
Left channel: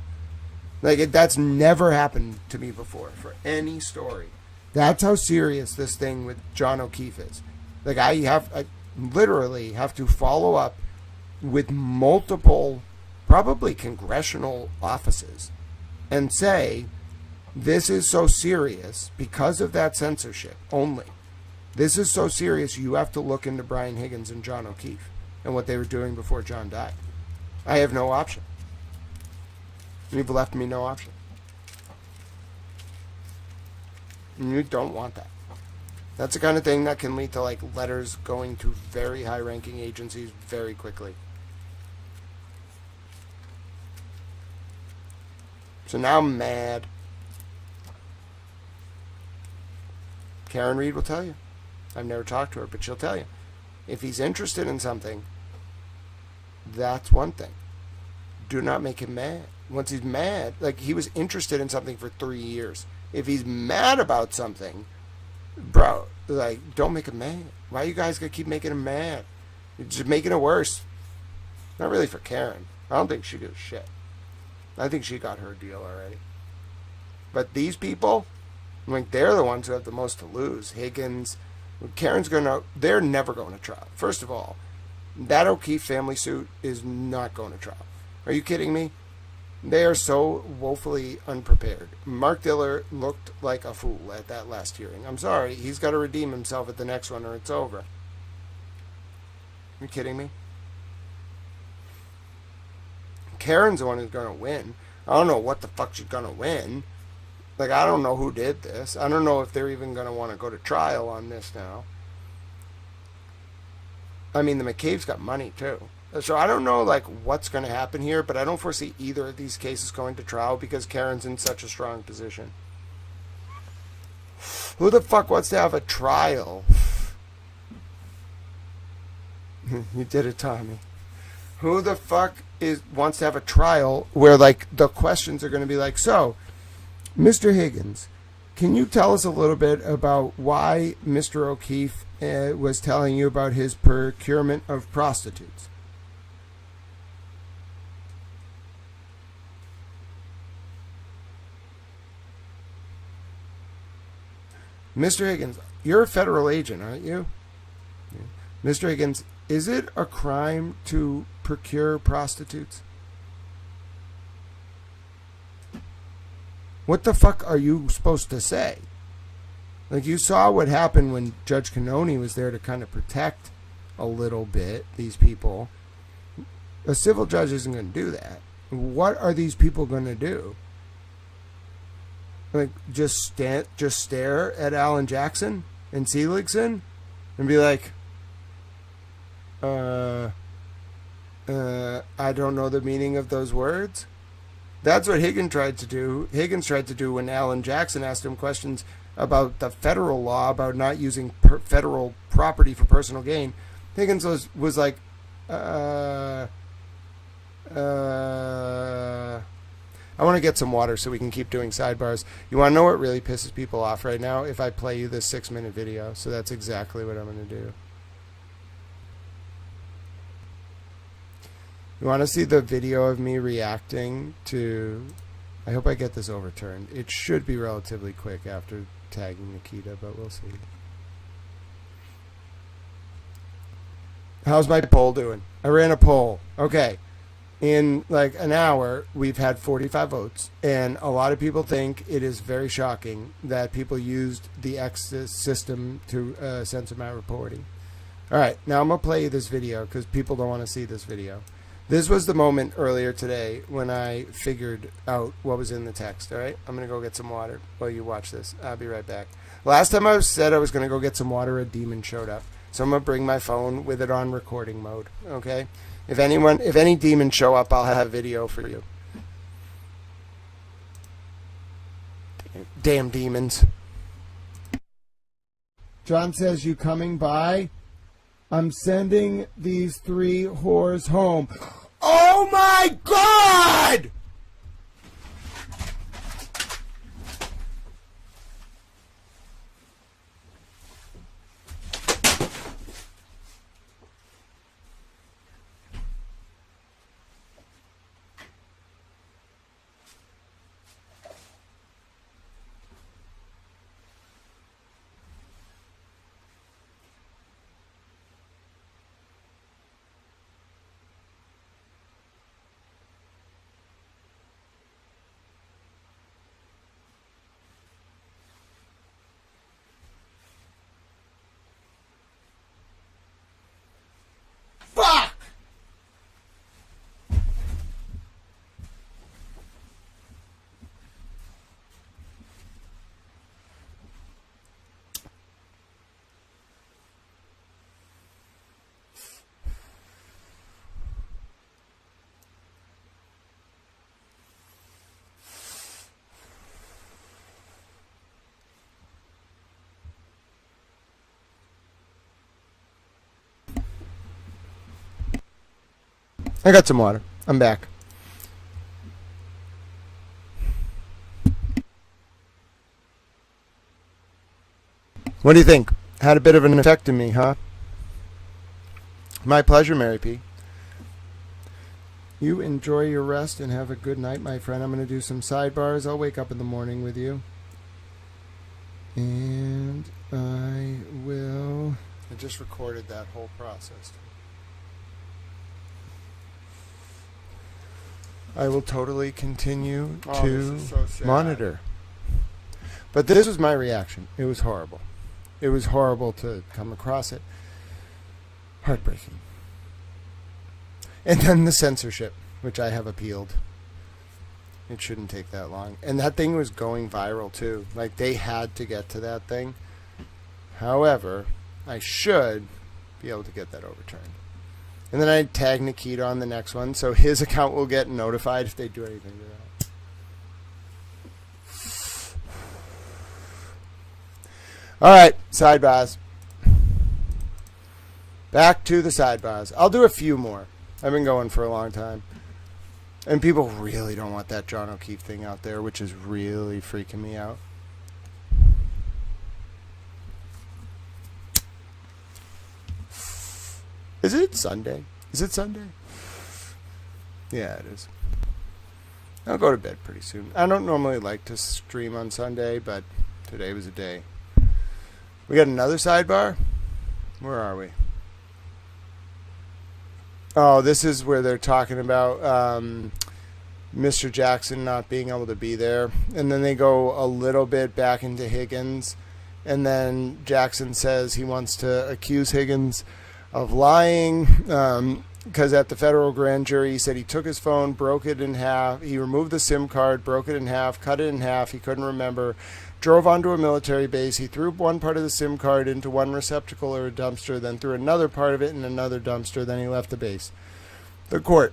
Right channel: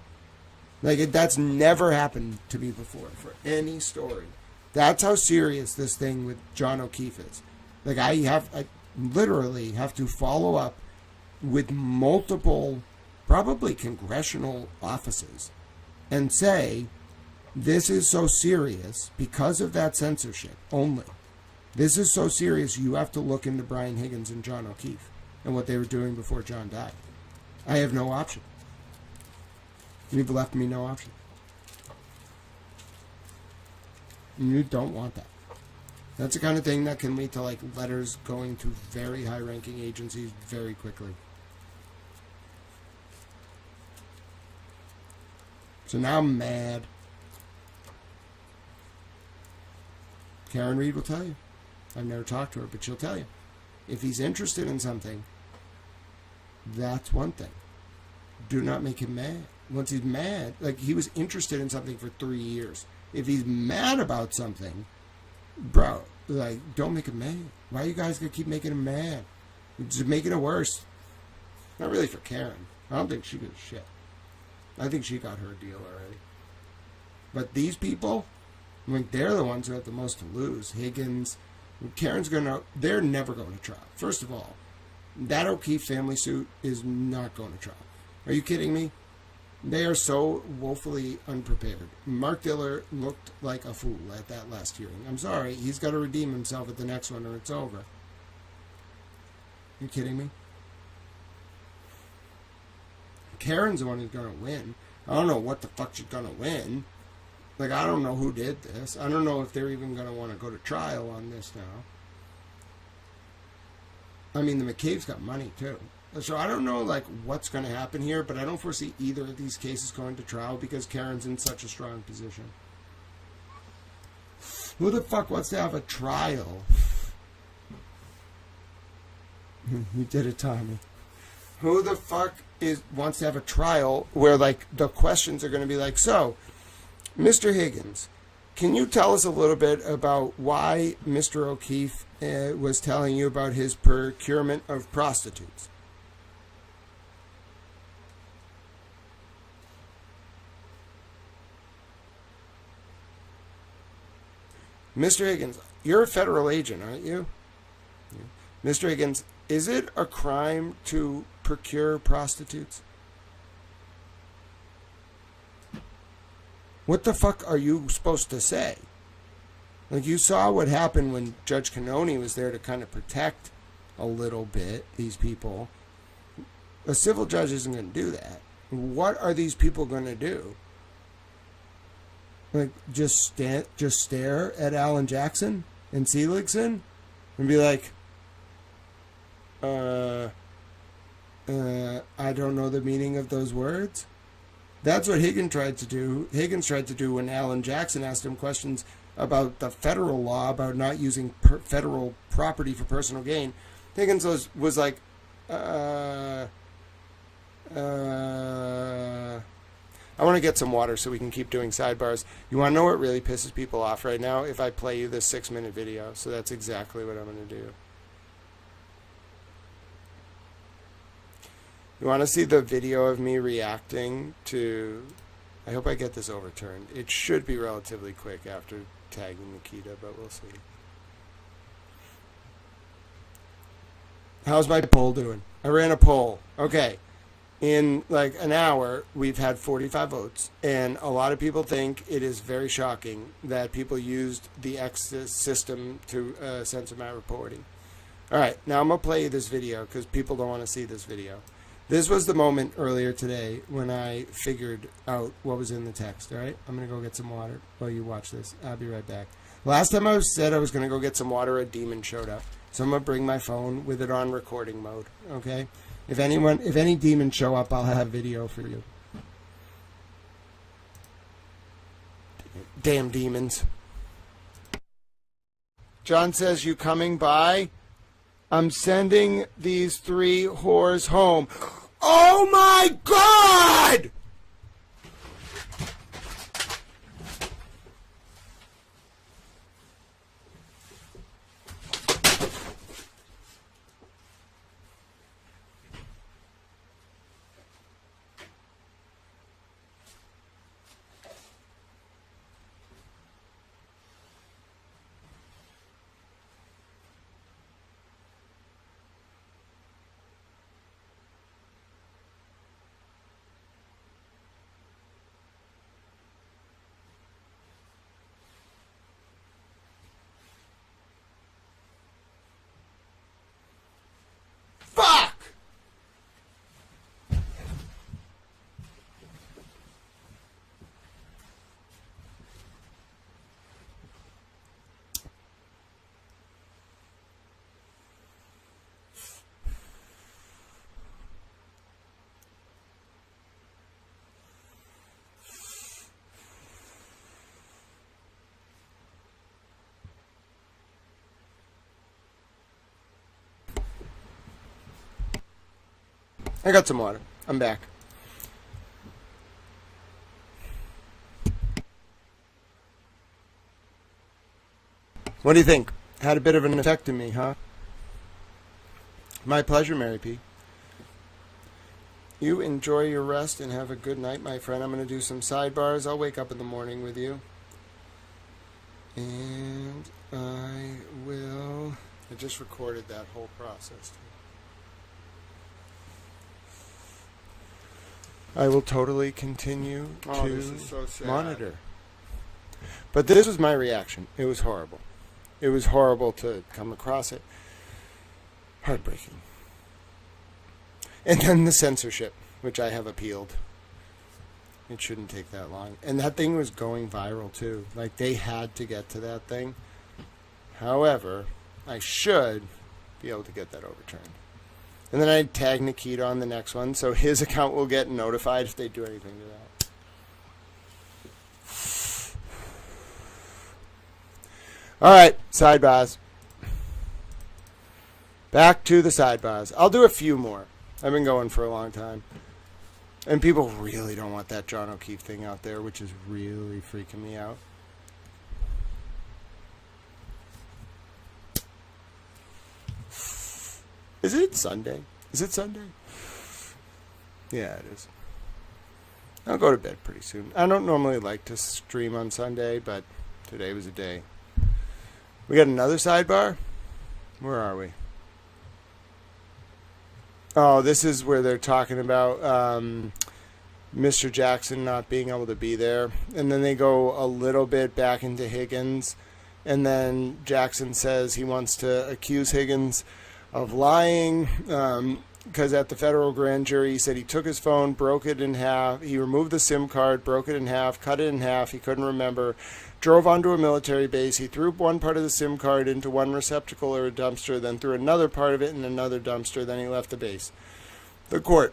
Like, that's never happened to me before for any story. That's how serious this thing with John O'Keefe is. Like, I literally have to follow up with multiple, probably congressional offices, and say, this is so serious because of that censorship only. This is so serious, you have to look into Brian Higgins and John O'Keefe and what they were doing before John died. I have no option. You've left me no option. And you don't want that. That's the kind of thing that can lead to, like, letters going to very high-ranking agencies very quickly. So now I'm mad. Karen Reed will tell you. I've never talked to her, but she'll tell you. If he's interested in something, that's one thing. Do not make him mad. Once he's mad, like, he was interested in something for 3 years. If he's mad about something, bro, like, don't make him mad. Why you guys gonna keep making him mad? You're just making it worse. Not really for Karen. I don't think she gives a shit. I think she got her deal already. But these people, I mean, they're the ones who have the most to lose. Higgins, Karen's they're never going to trial. First of all, that O'Keefe family suit is not going to trial. Are you kidding me? They are so woefully unprepared. Mark Diller looked like a fool at that last hearing. I'm sorry. He's got to redeem himself at the next one or it's over. Are you kidding me? Karen's the one who's going to win. I don't know what the fuck she's going to win. Like, I don't know who did this. I don't know if they're even going to want to go to trial on this now. I mean, the McCabe's got money, too. So I don't know, like, what's going to happen here, but I don't foresee either of these cases going to trial because Karen's in such a strong position. Who the fuck wants to have a trial? You did it, Tommy. Who the fuck wants to have a trial where, like, the questions are going to be like, so, Mr. Higgins, can you tell us a little bit about why Mr. O'Keefe was telling you about his procurement of prostitutes? Mr. Higgins, you're a federal agent, aren't you? Yeah. Mr. Higgins, is it a crime to procure prostitutes? What the fuck are you supposed to say? Like, you saw what happened when Judge Cannoni was there to kind of protect a little bit these people. A civil judge isn't going to do that. What are these people going to do? Like, just stare at Alan Jackson and Seligson and be like, I don't know the meaning of those words. That's what Higgins tried to do. Higgins tried to do when Alan Jackson asked him questions about the federal law about not using federal property for personal gain. Higgins was like, I want to get some water so we can keep doing sidebars. You want to know what really pisses people off right now? If I play you this 6-minute video. So that's exactly what I'm going to do. You want to see the video of me reacting to... I hope I get this overturned. It should be relatively quick after tagging Nikita, but we'll see. How's my poll doing? I ran a poll. Okay. In like an hour, we've had 45 votes, and a lot of people think it is very shocking that people used the X system to censor my reporting. All right, now I'm going to play you this video because people don't want to see this video. This was the moment earlier today when I figured out what was in the text, all right? I'm going to go get some water while you watch this. I'll be right back. Last time I said I was going to go get some water, a demon showed up. So I'm going to bring my phone with it on recording mode, okay? If any demons show up, I'll have video for you. Damn demons. John says, you coming by? I'm sending these 3 whores home. Oh my God! I got some water. I'm back. What do you think? Had a bit of an effect on me, huh? My pleasure, Mary P. You enjoy your rest and have a good night, my friend. I'm going to do some sidebars. I'll wake up in the morning with you. And I just recorded that whole process. I will totally continue to monitor. But this was my reaction. It was horrible. It was horrible to come across it. Heartbreaking. And then the censorship, which I have appealed. It shouldn't take that long. And that thing was going viral, too. Like, they had to get to that thing. However, I should be able to get that overturned. And then I'd tag Nikita on the next one, so his account will get notified if they do anything to that. All right, sidebars. Back to the sidebars. I'll do a few more. I've been going for a long time. And people really don't want that John O'Keefe thing out there, which is really freaking me out. Is it Sunday? Is it Sunday? Yeah, it is. I'll go to bed pretty soon. I don't normally like to stream on Sunday, but today was a day. We got another sidebar? Where are we? Oh, this is where they're talking about Mr. Jackson not being able to be there. And then they go a little bit back into Higgins. And then Jackson says he wants to accuse Higgins of lying because at the federal grand jury he said he took his phone, broke it in half. He removed the SIM card, broke it in half, cut it in half. He couldn't remember. Drove onto a military base. He threw one part of the SIM card into one receptacle or a dumpster, then threw another part of it in another dumpster. Then he left the base. The court.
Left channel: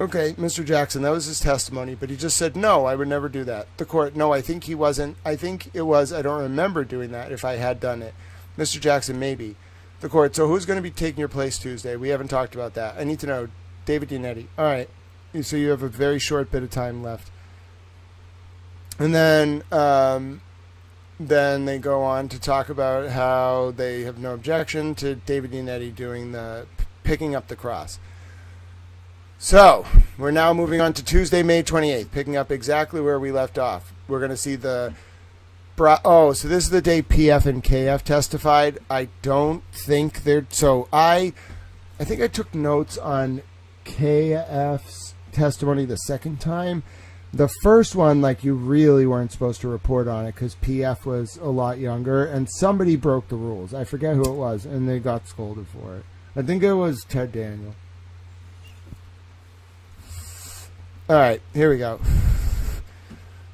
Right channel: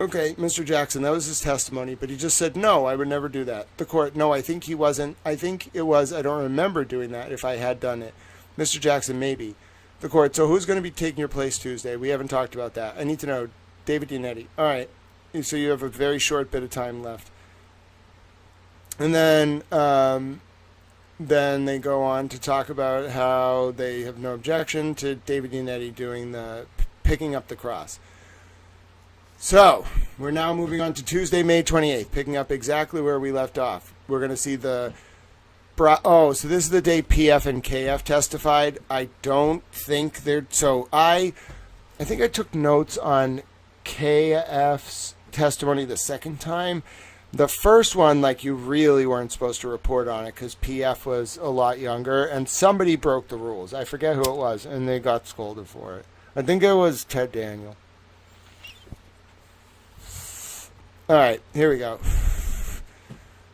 Okay, Mr. Jackson, that was his testimony, but he just said, no, I would never do that. The court. No, I think he wasn't. I think it was. I don't remember doing that if I had done it. Mr. Jackson, maybe. The court. So who's going to be taking your place Tuesday? We haven't talked about that. I need to know. David Dinetti. All right. So you have a very short bit of time left. And then they go on to talk about how they have no objection to David Dinetti doing the picking up the cross. So we're now moving on to Tuesday, May 28th, picking up exactly where we left off. We're going to see the so this is the day PF and KF testified. I don't think they're so. I think I took notes on KF's testimony the second time. The first one, like, you really weren't supposed to report on it because PF was a lot younger and somebody broke the rules. I forget who it was, and they got scolded for it. I think it was Ted Daniel. All right, here we go.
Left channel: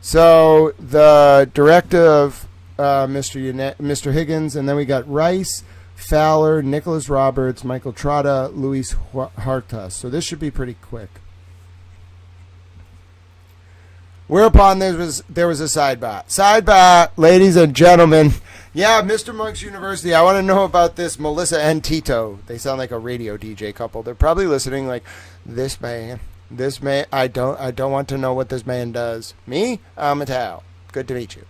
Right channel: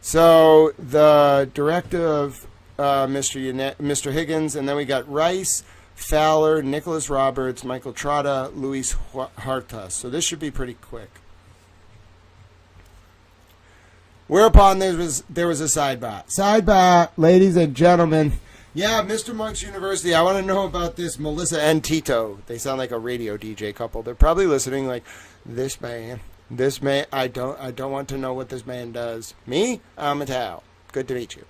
So the directive, Mr. Higgins, and then we got Rice, Fowler, Nicholas Roberts, Michael Trotta, Luis Hartas. So this should be pretty quick. Whereupon there was a sidebar. Sidebar, ladies and gentlemen. Yeah, Mr. Monk's University. I want to know about this Melissa and Tito. They sound like a radio DJ couple. They're probably listening like, this man. I don't want to know what this man does. Me? I'm a Tao. Good to meet you.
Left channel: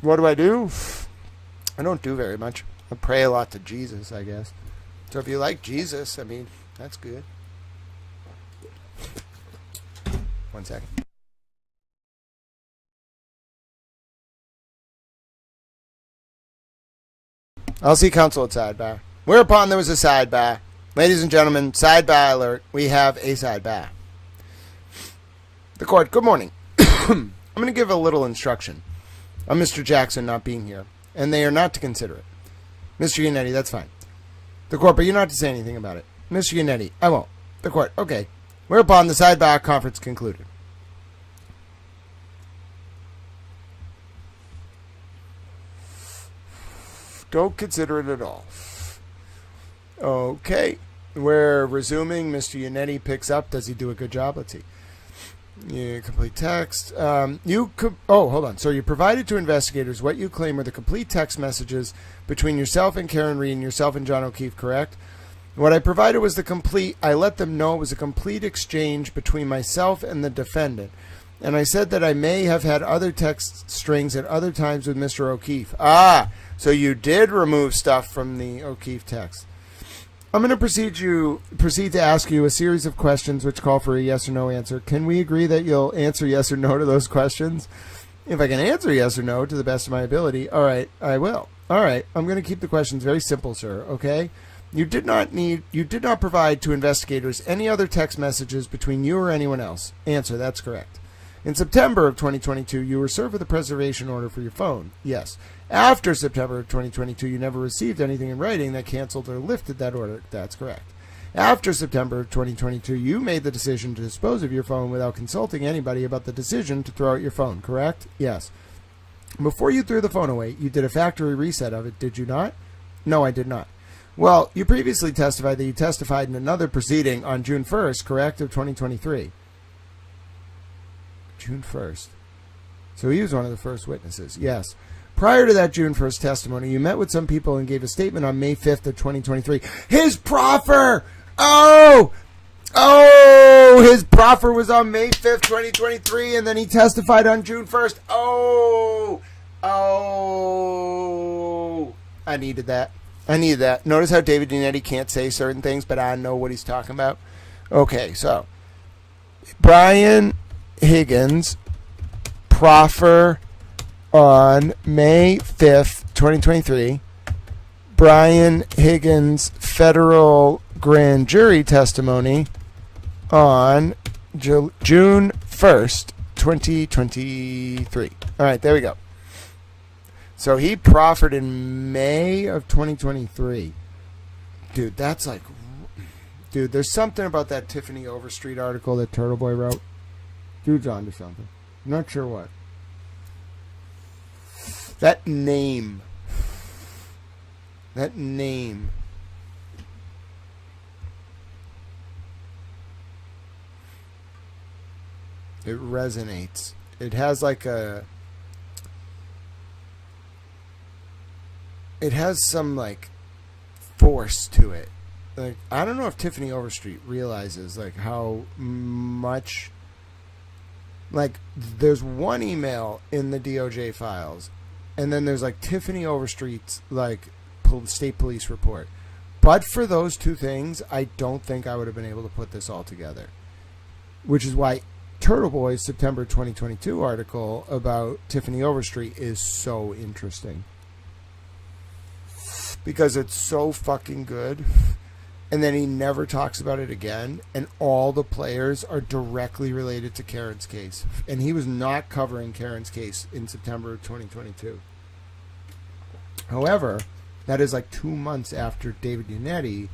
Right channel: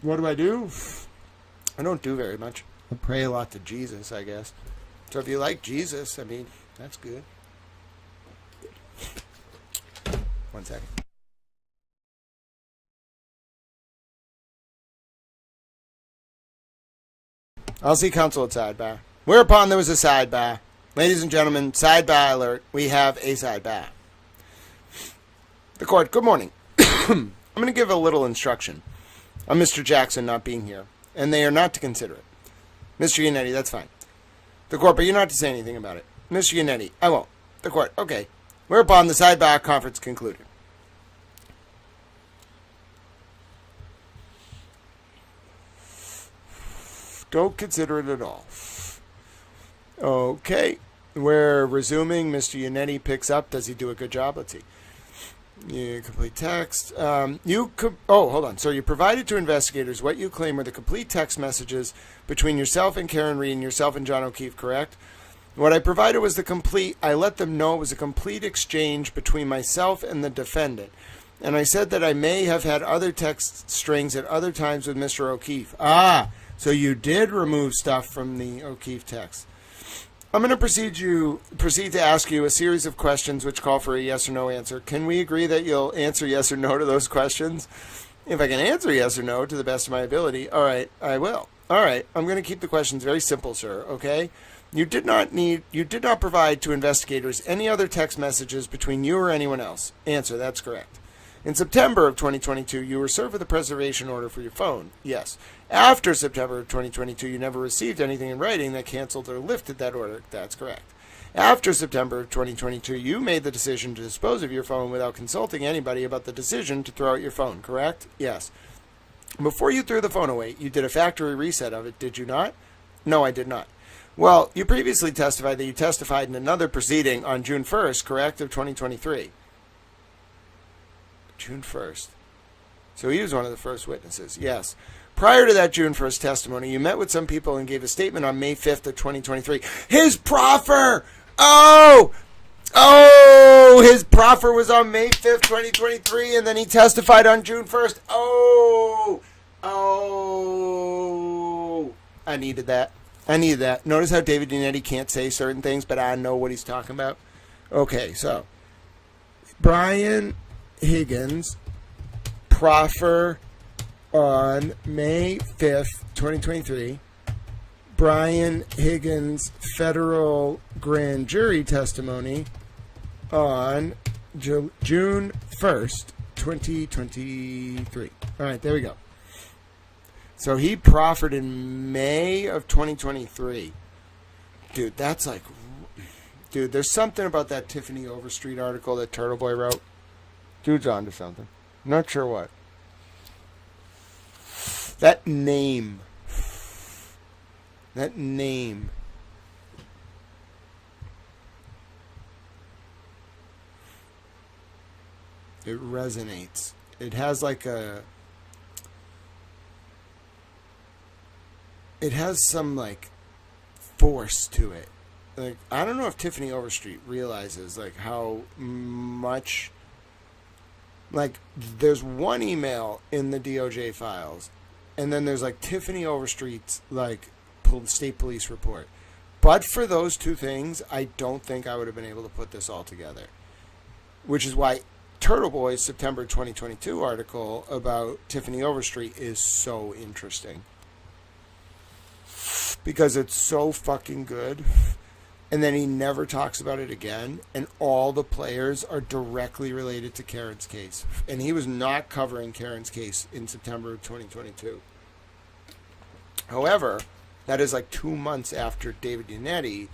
What do? I don't do very much. I pray a lot to Jesus, I guess. So if you like Jesus, I mean, that's good. 1 second. I'll see counsel at sidebar. Whereupon there was a sidebar. Ladies and gentlemen, sidebar alert. We have a sidebar. The court, good morning. I'm going to give a little instruction on Mr. Jackson not being here, and they are not to consider it. Mr. Yannetti, that's fine. The court, but you're not to say anything about it. Mr. Yannetti, I won't. The court, okay. Whereupon the sidebar conference concluded. Don't consider it at all. Okay. We're resuming. Mr. Yannetti picks up. Does he do a good job? Let's see. Yeah, complete text. Hold on. So you provided to investigators what you claim were the complete text messages between yourself and Karen Reed and yourself and John O'Keefe, correct? What I provided was I let them know it was a complete exchange between myself and the defendant. And I said that I may have had other text strings at other times with Mr. O'Keefe. Ah, so you did remove stuff from the O'Keefe text. I'm going to proceed to ask you a series of questions which call for a yes or no answer. Can we agree that you'll answer yes or no to those questions? If I can answer yes or no to the best of my ability, all right, I will. All right, I'm going to keep the questions very simple, sir, okay? You did not provide to investigators any other text messages between you or anyone else. Answer, that's correct. In September of 2022, you were served with a preservation order for your phone. Yes. After September of 2022, you never received anything in writing that canceled or lifted that order. That's correct. After September of 2022, you made the decision to dispose of your phone without consulting anybody about the decision to throw out your phone, correct? Yes. Before you threw the phone away, you did a factory reset of it, did you not? No, I did not. Well, you previously testified that you testified in another proceeding on June 1st, correct, of 2023. June 1st. So he was one of the first witnesses, yes. Prior to that June 1st testimony, you met with some people and gave a statement on May 5th of 2023. His proffer! Oh, his proffer was on May 5th, 2023, and then he testified on June 1st. I needed that. Notice how David Yannetti can't say certain things, but I know what he's talking about. Okay, so Brian Higgins proffer on May 5th, 2023. Brian Higgins federal grand jury testimony on June 1st, 2023. All right, there we go. So he proffered in May of 2023. Dude, that's like... Dude, there's something about that Tiffany Overstreet article that Turtle Boy wrote. Dude's onto something. Not sure what. That name. It resonates. It has like a... It has some like force to it. Like, I don't know if Tiffany Overstreet realizes like how much... Like, there's one email in the DOJ files, and then there's like Tiffany Overstreet's like state police report. But for those two things, I don't think I would have been able to put this all together. Which is why Turtle Boy's September 2022 article about Tiffany Overstreet is so interesting. Because it's so fucking good. And then he never talks about it again. And all the players are directly related to Karen's case. And he was not covering Karen's case in September of 2022. However, that is like 2 months after David Yannetti,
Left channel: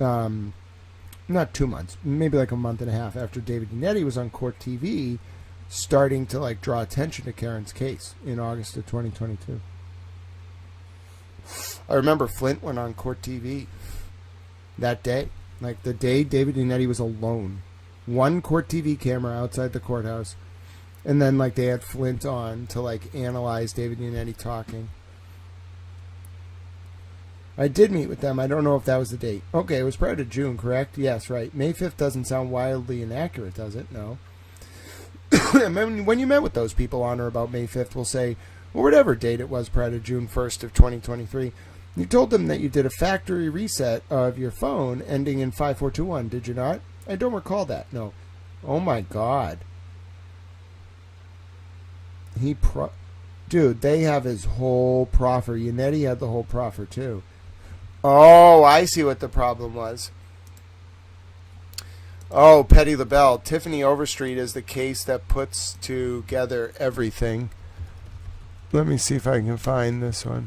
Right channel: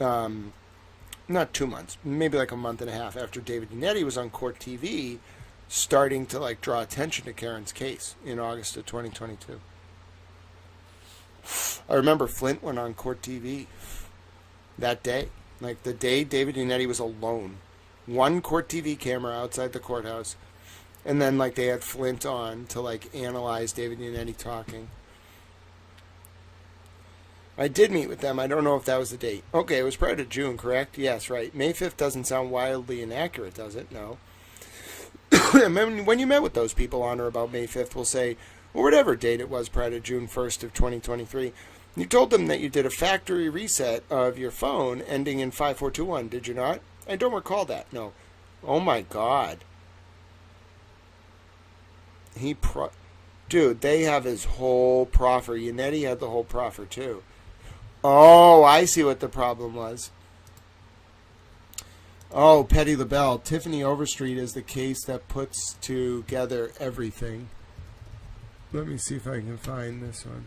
not 2 months, maybe like a month and a half after David Yannetti was on Court TV, starting to like draw attention to Karen's case in August of 2022. I remember Flint went on Court TV that day. Like the day David Yannetti was alone. One Court TV camera outside the courthouse. And then like they had Flint on to like analyze David Yannetti talking. I did meet with them. I don't know if that was the date. Okay, it was prior to June, correct? Yes, right. May 5th doesn't sound wildly inaccurate, does it? No. When you met with those people on or about May 5th, we'll say, or whatever date it was prior to June 1st of 2023, you told them that you did a factory reset of your phone ending in 5421, did you not? I don't recall that, no. Oh my God. Dude, they have his whole proffer. Yannetti had the whole proffer too. Oh, I see what the problem was. Oh, Petty LaBelle. Tiffany Overstreet is the case that puts together everything. Let me see if I can find this one.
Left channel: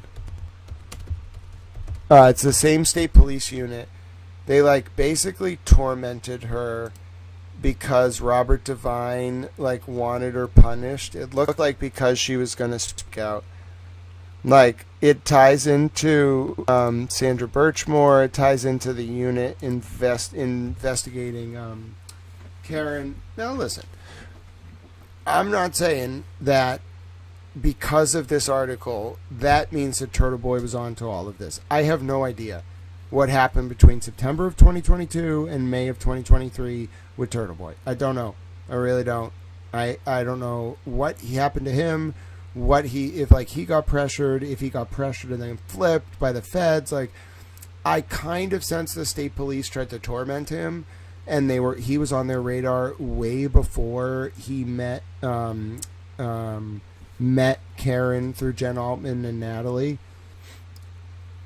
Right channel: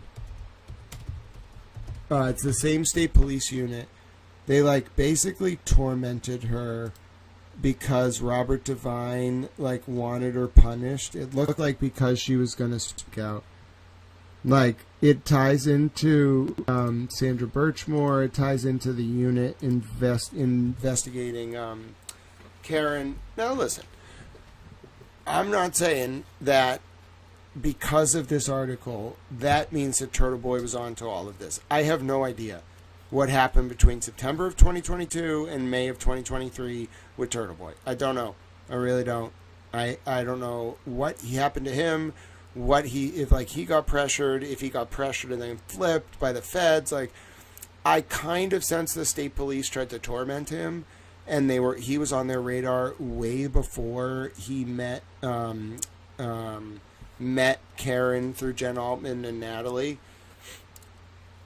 It's the same state police unit. They like basically tormented her because Robert Devine like wanted her punished. It looked like because she was going to speak out. Like, it ties into Sandra Birchmore. It ties into the unit investigating Karen. Now, listen. I'm not saying that because of this article, that means that Turtle Boy was on to all of this. I have no idea. what happened between September of 2022 and May of 2023 with Turtle Boy. I don't know. I really don't. I don't know what happened to him, if like he got pressured, if he got pressured and then flipped by the feds. Like, I kind of sense the state police tried to torment him, and he was on their radar way before he met Karen through Jen Altman and Natalie.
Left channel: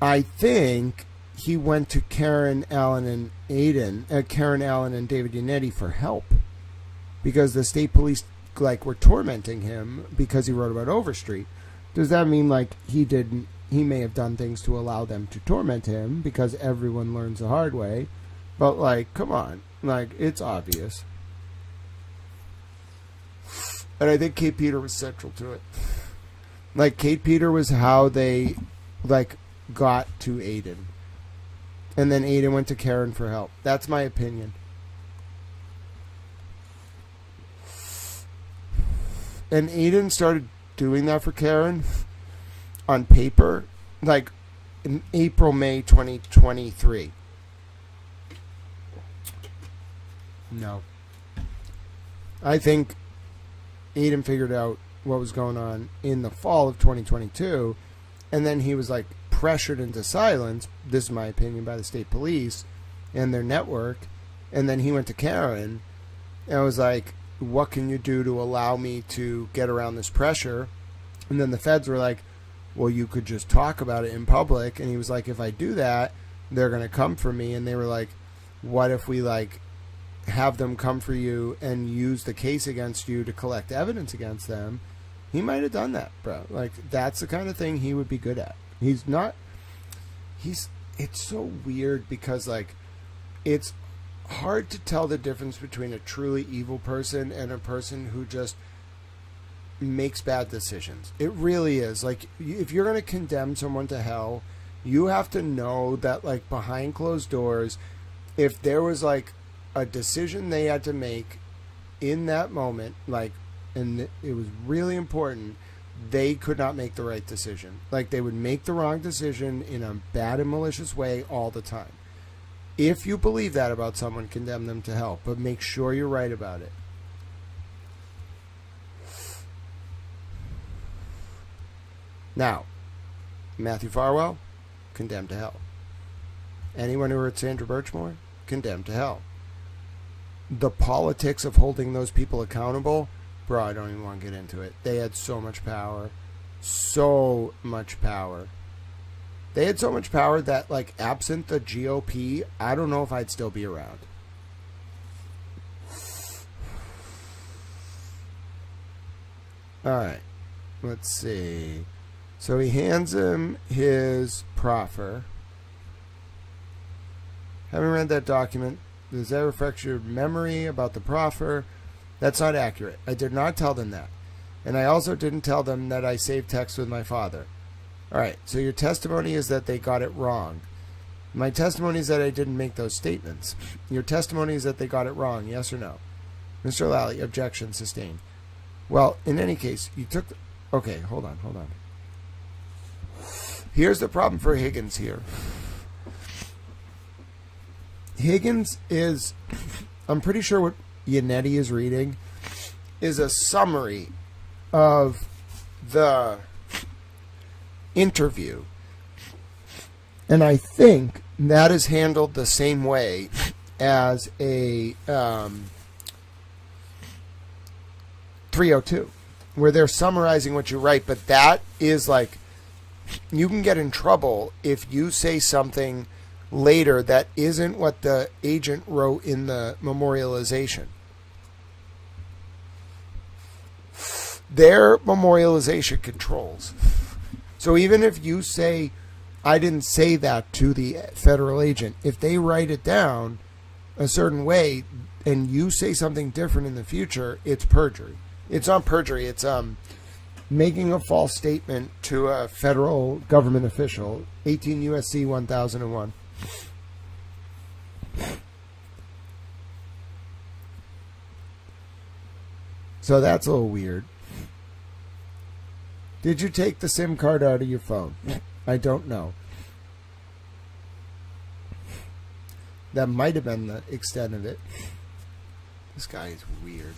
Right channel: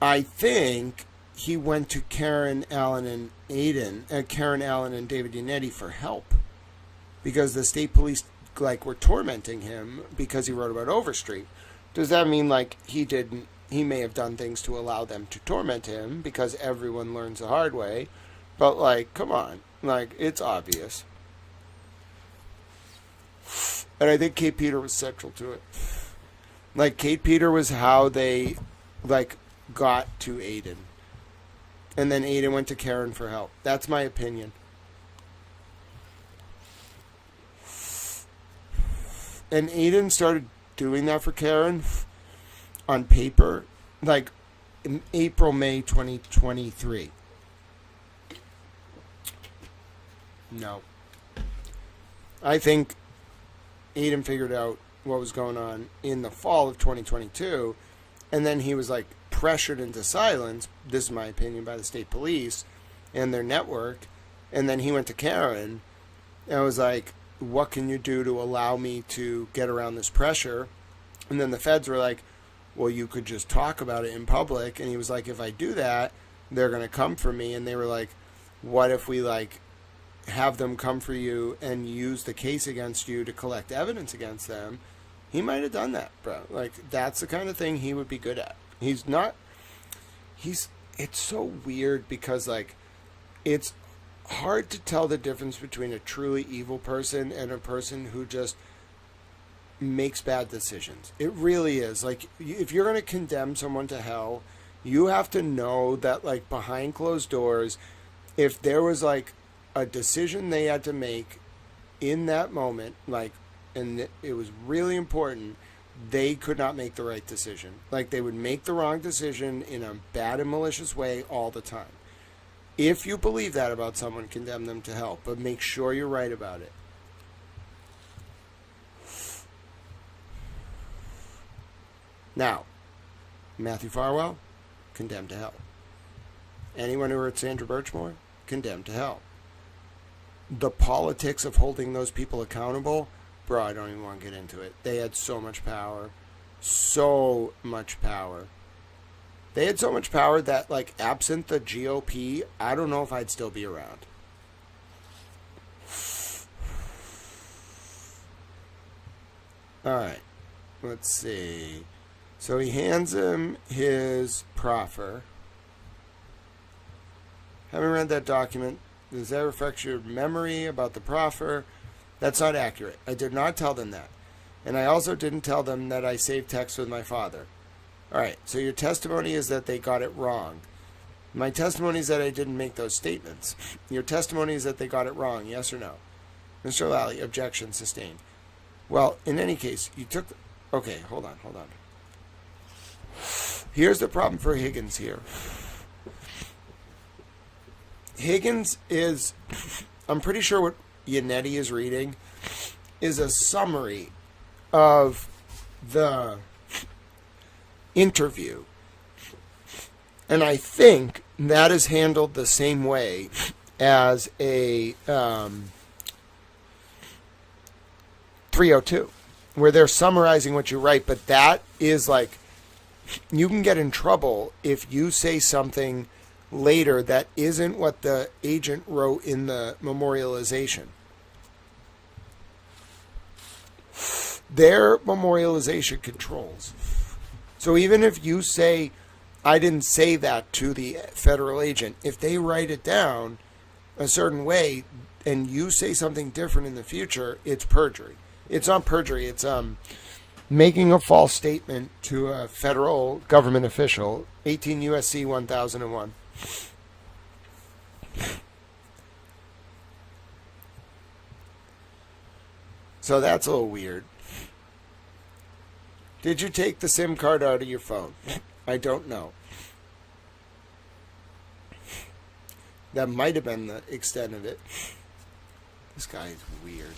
I think he went to Karen Allen and David Yannetti for help, because the state police were tormenting him because he wrote about Overstreet. Does that mean he may have done things to allow them to torment him, because everyone learns the hard way? But come on, it's obvious. And I think Kate Peter was central to it. Kate Peter was how they got to Aiden. And then Aiden went to Karen for help. That's my opinion. And Aiden started doing that for Karen on paper, in April, May 2023. No. I think Aiden figured out what was going on in the fall of 2022, and then he was pressured into silence, this is my opinion, by the state police and their network, and then he went to Karen and was like, what can you do to allow me to get around this pressure? And then the feds were like, well, you could just talk about it in public. And he was like, if I do that, they're going to come for me. And they were like, what if we have them come for you and use the case against you to collect evidence against them? He might have done that, bro. That's the kind of thing he would be good at. It's so weird because it's hard to tell the difference between a truly evil person and a person who just makes bad decisions. It really is. If you're going to condemn someone to hell, you have to know that behind closed doors, if there was a decision they had to make in that moment, and it was really important, they could not make the right decision. They would make the wrong decision in a bad and malicious way all the time. If you believe that about someone, condemn them to hell, but make sure you're right about it. Now, Matthew Farwell, condemned to hell. Anyone who hurt Sandra Birchmore, condemned to hell. The politics of holding those people accountable, bro, I don't even want to get into it. They had so much power. So much power. They had so much power that, absent the GOP, I don't know if I'd still be around. All right. Let's see. So he hands him his proffer. Haven't read that document. Does that reflect your memory about the proffer? That's not accurate. I did not tell them that. And I also didn't tell them that I saved texts with my father. All right, so your testimony is that they got it wrong. My testimony is that I didn't make those statements. Your testimony is that they got it wrong, yes or no? Mr. Lally, objection sustained. Well, in any case, you took... Okay, hold on. Here's the problem for Higgins here. Higgins is... I'm pretty sure what Yannetti is reading is a summary of the interview. And I think that is handled the same way as a 302, where they're summarizing what you write, but that is you can get in trouble if you say something later that isn't what the agent wrote in the memorialization. Their memorialization controls. So even if you say, I didn't say that to the federal agent, if they write it down a certain way and you say something different in the future, it's perjury. It's not perjury. It's making a false statement to a federal government official. 18 U.S.C. 1001. So that's a little weird. Did you take the SIM card out of your phone? I don't know. That might have been the extent of it. This guy is weird.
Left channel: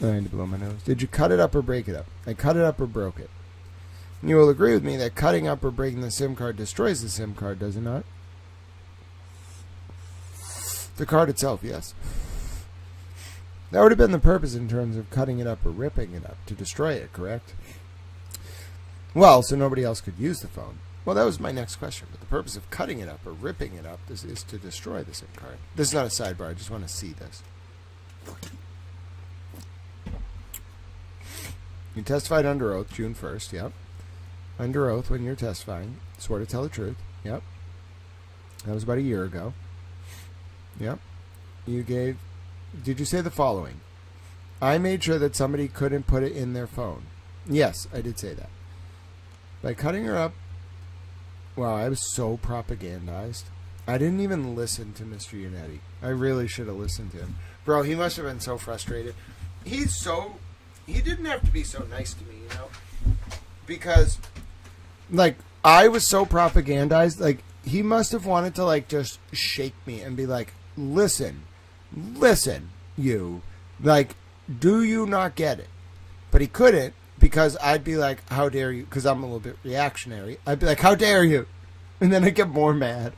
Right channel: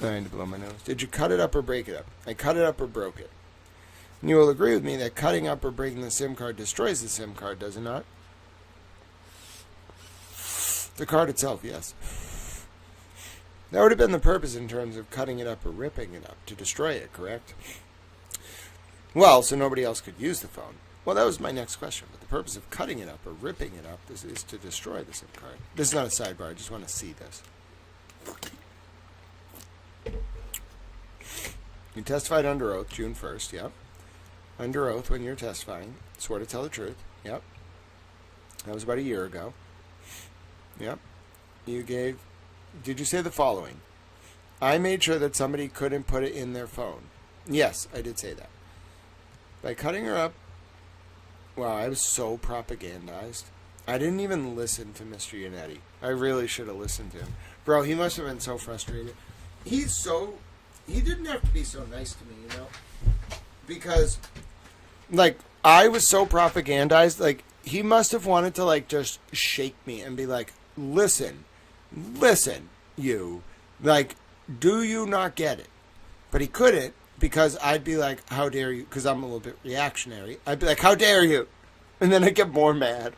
I need to blow my nose. Did you cut it up or break it up? I cut it up or broke it. And you will agree with me that cutting up or breaking the SIM card destroys the SIM card, does it not? The card itself, yes. That would have been the purpose in terms of cutting it up or ripping it up, to destroy it, correct? Well, so nobody else could use the phone. Well, that was my next question. But the purpose of cutting it up or ripping it up is to destroy the SIM card. This is not a sidebar. I just want to see this. You testified under oath June 1st, yep. Under oath when you're testifying. Swore to tell the truth, yep. That was about a year ago. Yep. You gave... Did you say the following? I made sure that somebody couldn't put it in their phone. Yes, I did say that. By cutting her up... Wow, I was so propagandized. I didn't even listen to Mr. Yannetti. I really should have listened to him. Bro, he must have been so frustrated. He didn't have to be so nice to me, you know? Because, like, I was so propagandized. Like, he must have wanted to, like, just shake me and be like, listen, you. Like, do you not get it? But he couldn't, because I'd be like, how dare you? Because I'm a little bit reactionary. I'd be like, how dare you? And then I'd get more mad.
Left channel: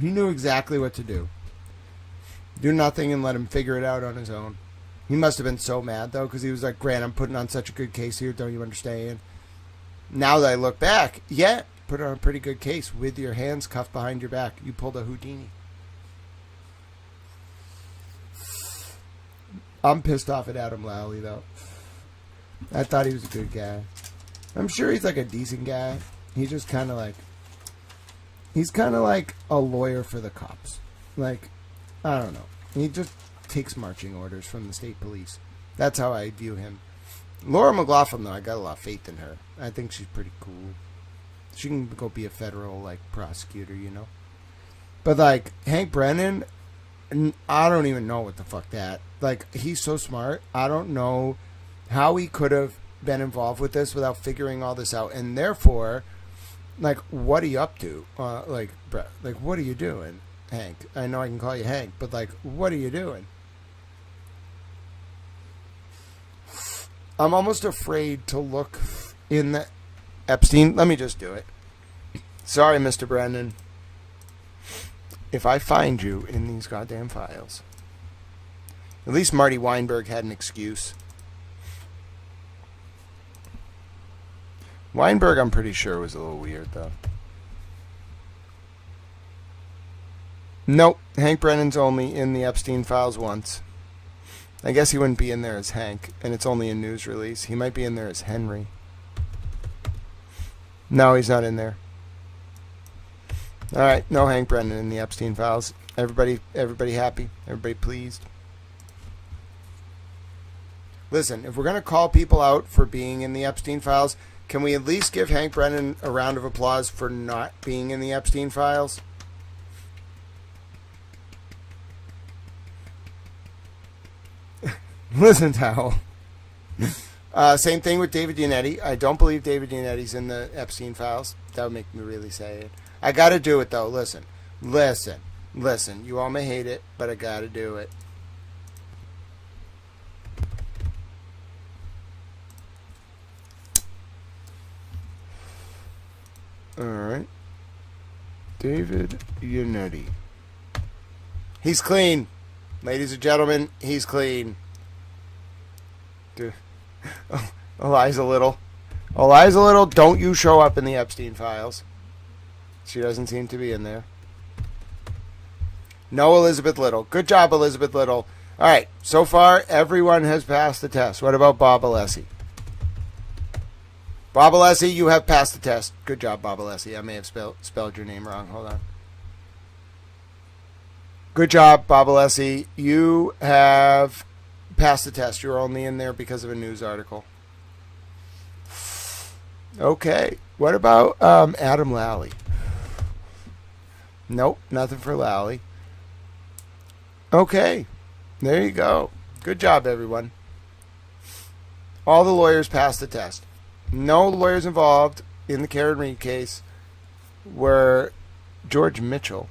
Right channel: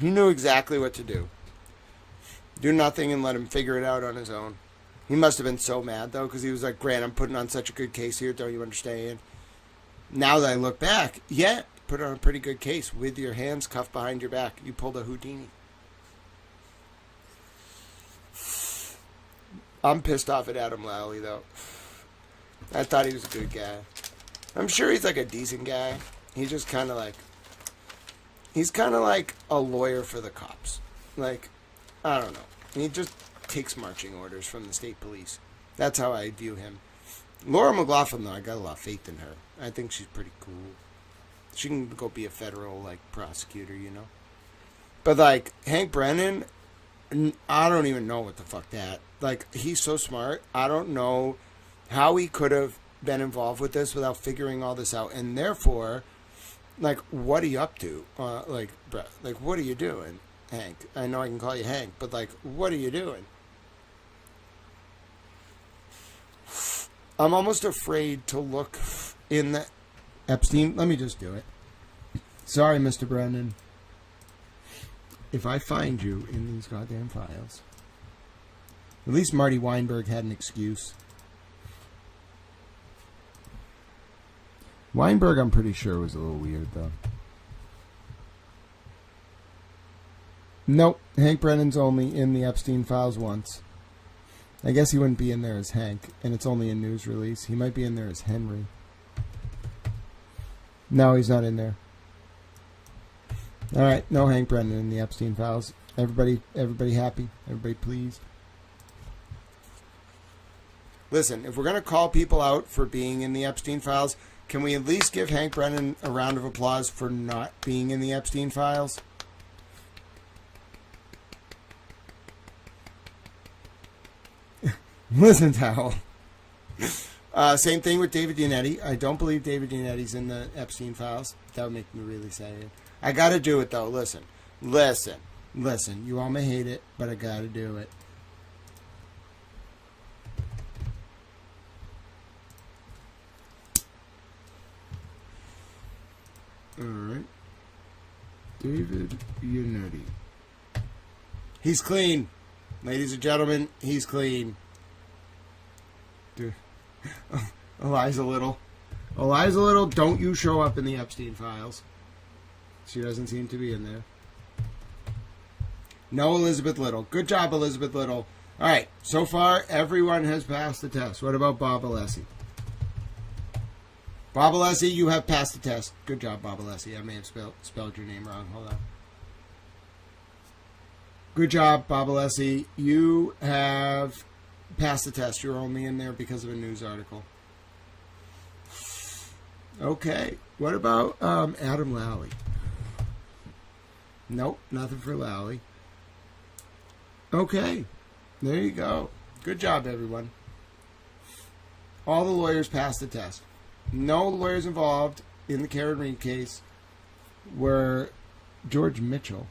He knew exactly what to do. Do nothing and let him figure it out on his own. He must have been so mad, though, because he was like, Grant, I'm putting on such a good case here. Don't you understand? Now that I look back, yeah, put on a pretty good case with your hands cuffed behind your back. You pulled a Houdini. I'm pissed off at Adam Lally, though. I thought he was a good guy. I'm sure he's like a decent guy. He's just kind of like... He's kind of like a lawyer for the cops. Like, I don't know. He just takes marching orders from the state police. That's how I view him. Laura McLaughlin, though, I got a lot of faith in her. I think she's pretty cool. She can go be a federal, like, prosecutor, you know? But, like, Hank Brennan, I don't even know what the fuck that. Like, he's so smart. I don't know how he could have been involved with this without figuring all this out. And therefore, like, what are you up to? Like, what are you doing, Hank? I know I can call you Hank, but, like, what are you doing? I'm almost afraid to look in the Epstein. Let me just do it. Sorry, Mr. Brennan. If I find you in these goddamn files. At least Marty Weinberg had an excuse. Weinberg, I'm pretty sure, was a little weird, though. Nope. Hank Brennan's only in the Epstein files once. I guess he wouldn't be in there as Hank, and it's only a news release. He might be in there as Henry. No, he's not in there. All right, no Hank Brennan in the Epstein files. Everybody happy? Everybody pleased? Listen, if we're going to call people out for being in the Epstein files, can we at least give Hank Brennan a round of applause for not being in the Epstein files? Listen, Towel. Same thing with David Yannetti. I don't believe David Yannetti's in the Epstein files. That would make me really say it. I got to do it, though. Listen. You all may hate it, but I got to do it. All right. David Yannetti. He's clean. Ladies and gentlemen, he's clean. Dude. Oh, lies a little. Don't you show up in the Epstein files. She doesn't seem to be in there. No, Elizabeth Little. Good job, Elizabeth Little. All right. So far, everyone has passed the test. What about Bob Alessi? Bob Alessi, you have passed the test. Good job, Bob Alessi. I may have spelled your name wrong. Hold on. Good job, Bob Alessi. You have passed the test. You're only in there because of a news article. Okay. What about Adam Lally? Nope, nothing for Lally. Okay. There you go. Good job, everyone. All the lawyers passed the test. No lawyers involved in the Karen Read case were George Mitchell.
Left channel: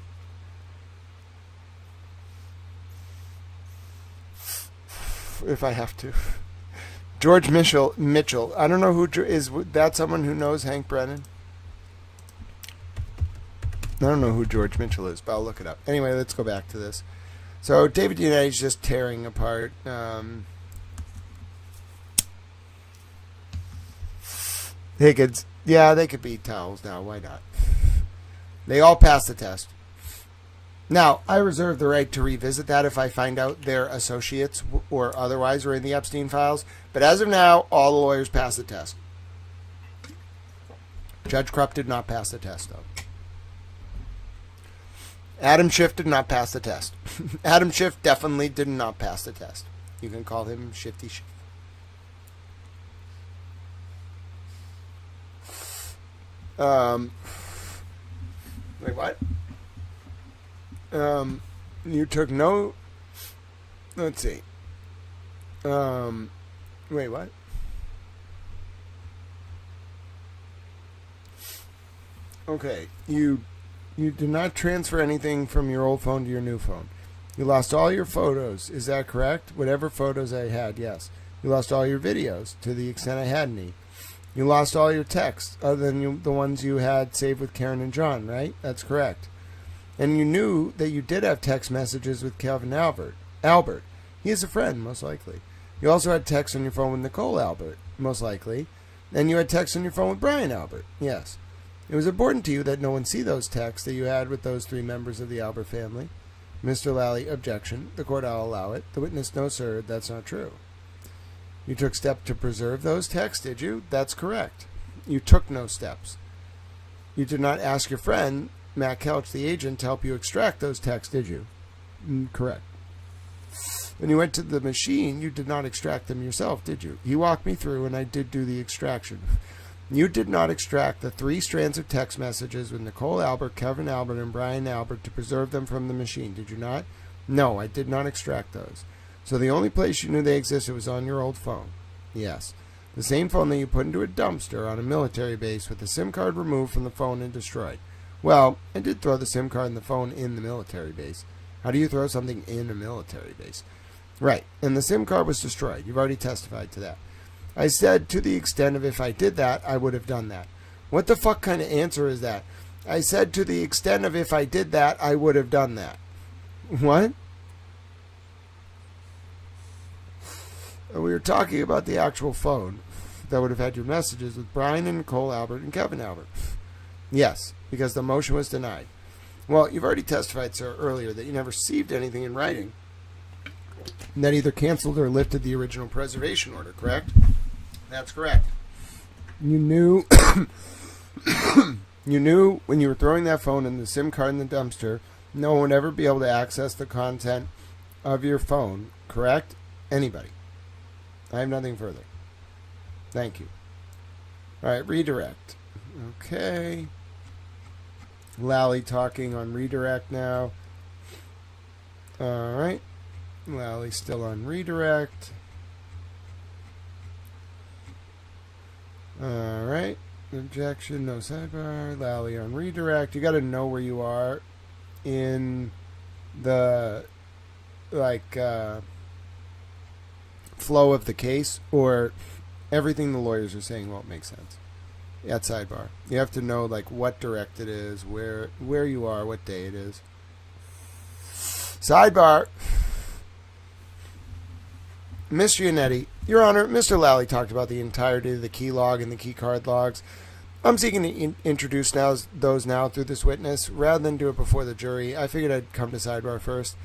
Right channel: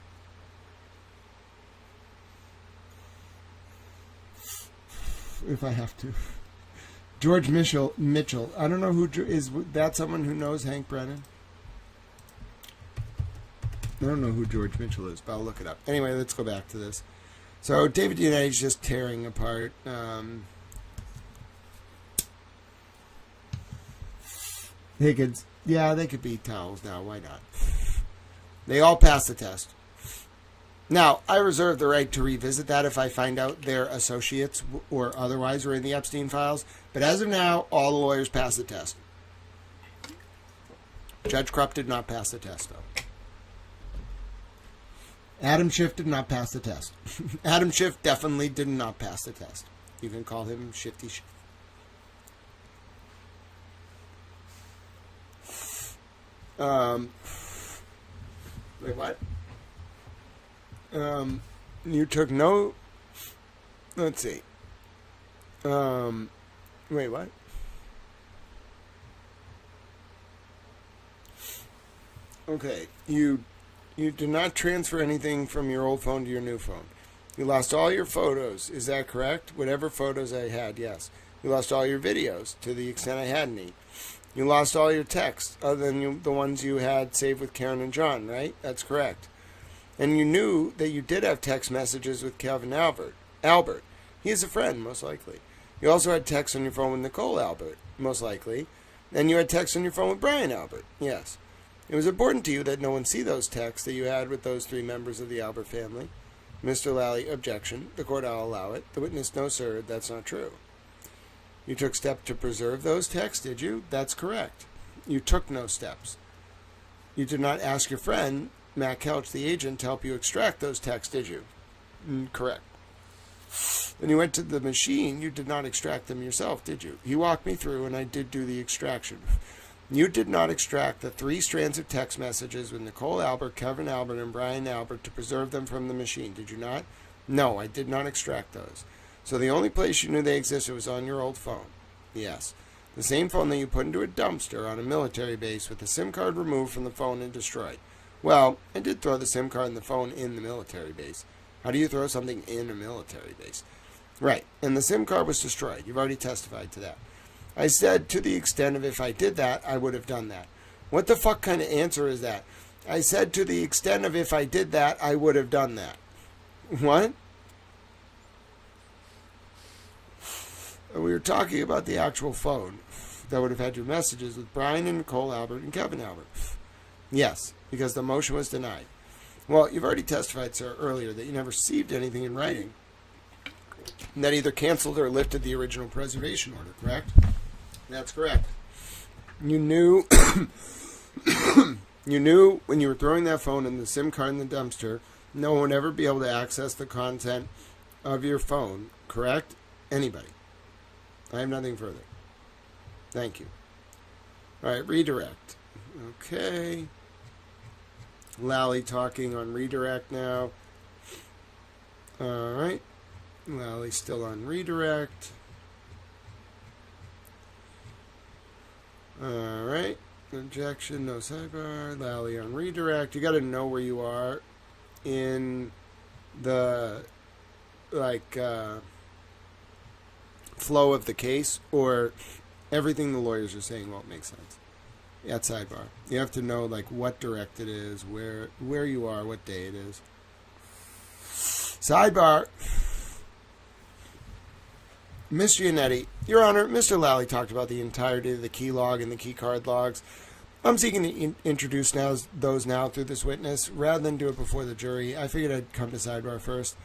If I have to. George Mitchell. I don't know who is that. Someone who knows Hank Brennan? I don't know who George Mitchell is, but I'll look it up. Anyway, let's go back to this. So David United's just tearing apart. Higgins. Yeah, they could be towels now. Why not? They all passed the test. Now, I reserve the right to revisit that if I find out their associates or otherwise are in the Epstein files. But as of now, all the lawyers passed the test. Judge Krupp did not pass the test, though. Adam Schiff did not pass the test. Adam Schiff definitely did not pass the test. You can call him Shifty Schiff. Wait, what? You took no... Let's see. Wait, what? Okay, you did not transfer anything from your old phone to your new phone. You lost all your photos. Is that correct? Whatever photos I had, yes. You lost all your videos, to the extent I had any. You lost all your texts, other than the ones you had saved with Karen and John, right? That's correct. And you knew that you did have text messages with Kevin Albert. He is a friend, most likely. You also had texts on your phone with Nicole Albert, most likely. And you had texts on your phone with Brian Albert, yes. It was important to you that no one see those texts that you had with those three members of the Albert family. Mr. Lally, objection. The court, I'll allow it. The witness, no, sir, that's not true. You took steps to preserve those texts, did you? That's correct. You took no steps. You did not ask your friend, Matt Kelch, the agent, to help you extract those texts, did you? Correct. When you went to the machine, you did not extract them yourself, did you? He walked me through, and I did do the extraction. You did not extract the 3 strands of text messages with Nicole Albert, Kevin Albert, and Brian Albert to preserve them from the machine, did you not? No, I did not extract those. So the only place you knew they existed was on your old phone. Yes. The same phone that you put into a dumpster on a military base with the SIM card removed from the phone and destroyed. Well, I did throw the SIM card and the phone in the military base. How do you throw something in a military base? Right, and the SIM card was destroyed. You've already testified to that. I said, to the extent of if I did that, I would have done that. What the fuck kind of answer is that? I said, to the extent of if I did that, I would have done that. What? We were talking about the actual phone that would have had your messages with Brian and Nicole Albert and Kevin Albert. Yes, because the motion was denied. Well, you've already testified, sir, earlier that you never received anything in writing that either canceled or lifted the original preservation order, correct? That's correct. You knew you knew when you were throwing that phone and the SIM card in the dumpster, no one would ever be able to access the content of your phone, correct? Anybody. I have nothing further. Thank you. All right, redirect. Okay. Lally talking on redirect now. All right. Lally's still on redirect. All right. Objection, no sidebar. Lally on redirect. You got to know where you are in the, flow of the case, or everything the lawyers are saying won't make sense at sidebar. You have to know, what direct it is, where you are, what day it is. Sidebar. Mr. Yannetti, Your Honor, Mr. Lally talked about the entirety of the key log and the key card logs. I'm seeking to introduce those now through this witness. Rather than do it before the jury, I figured I'd come to sidebar first.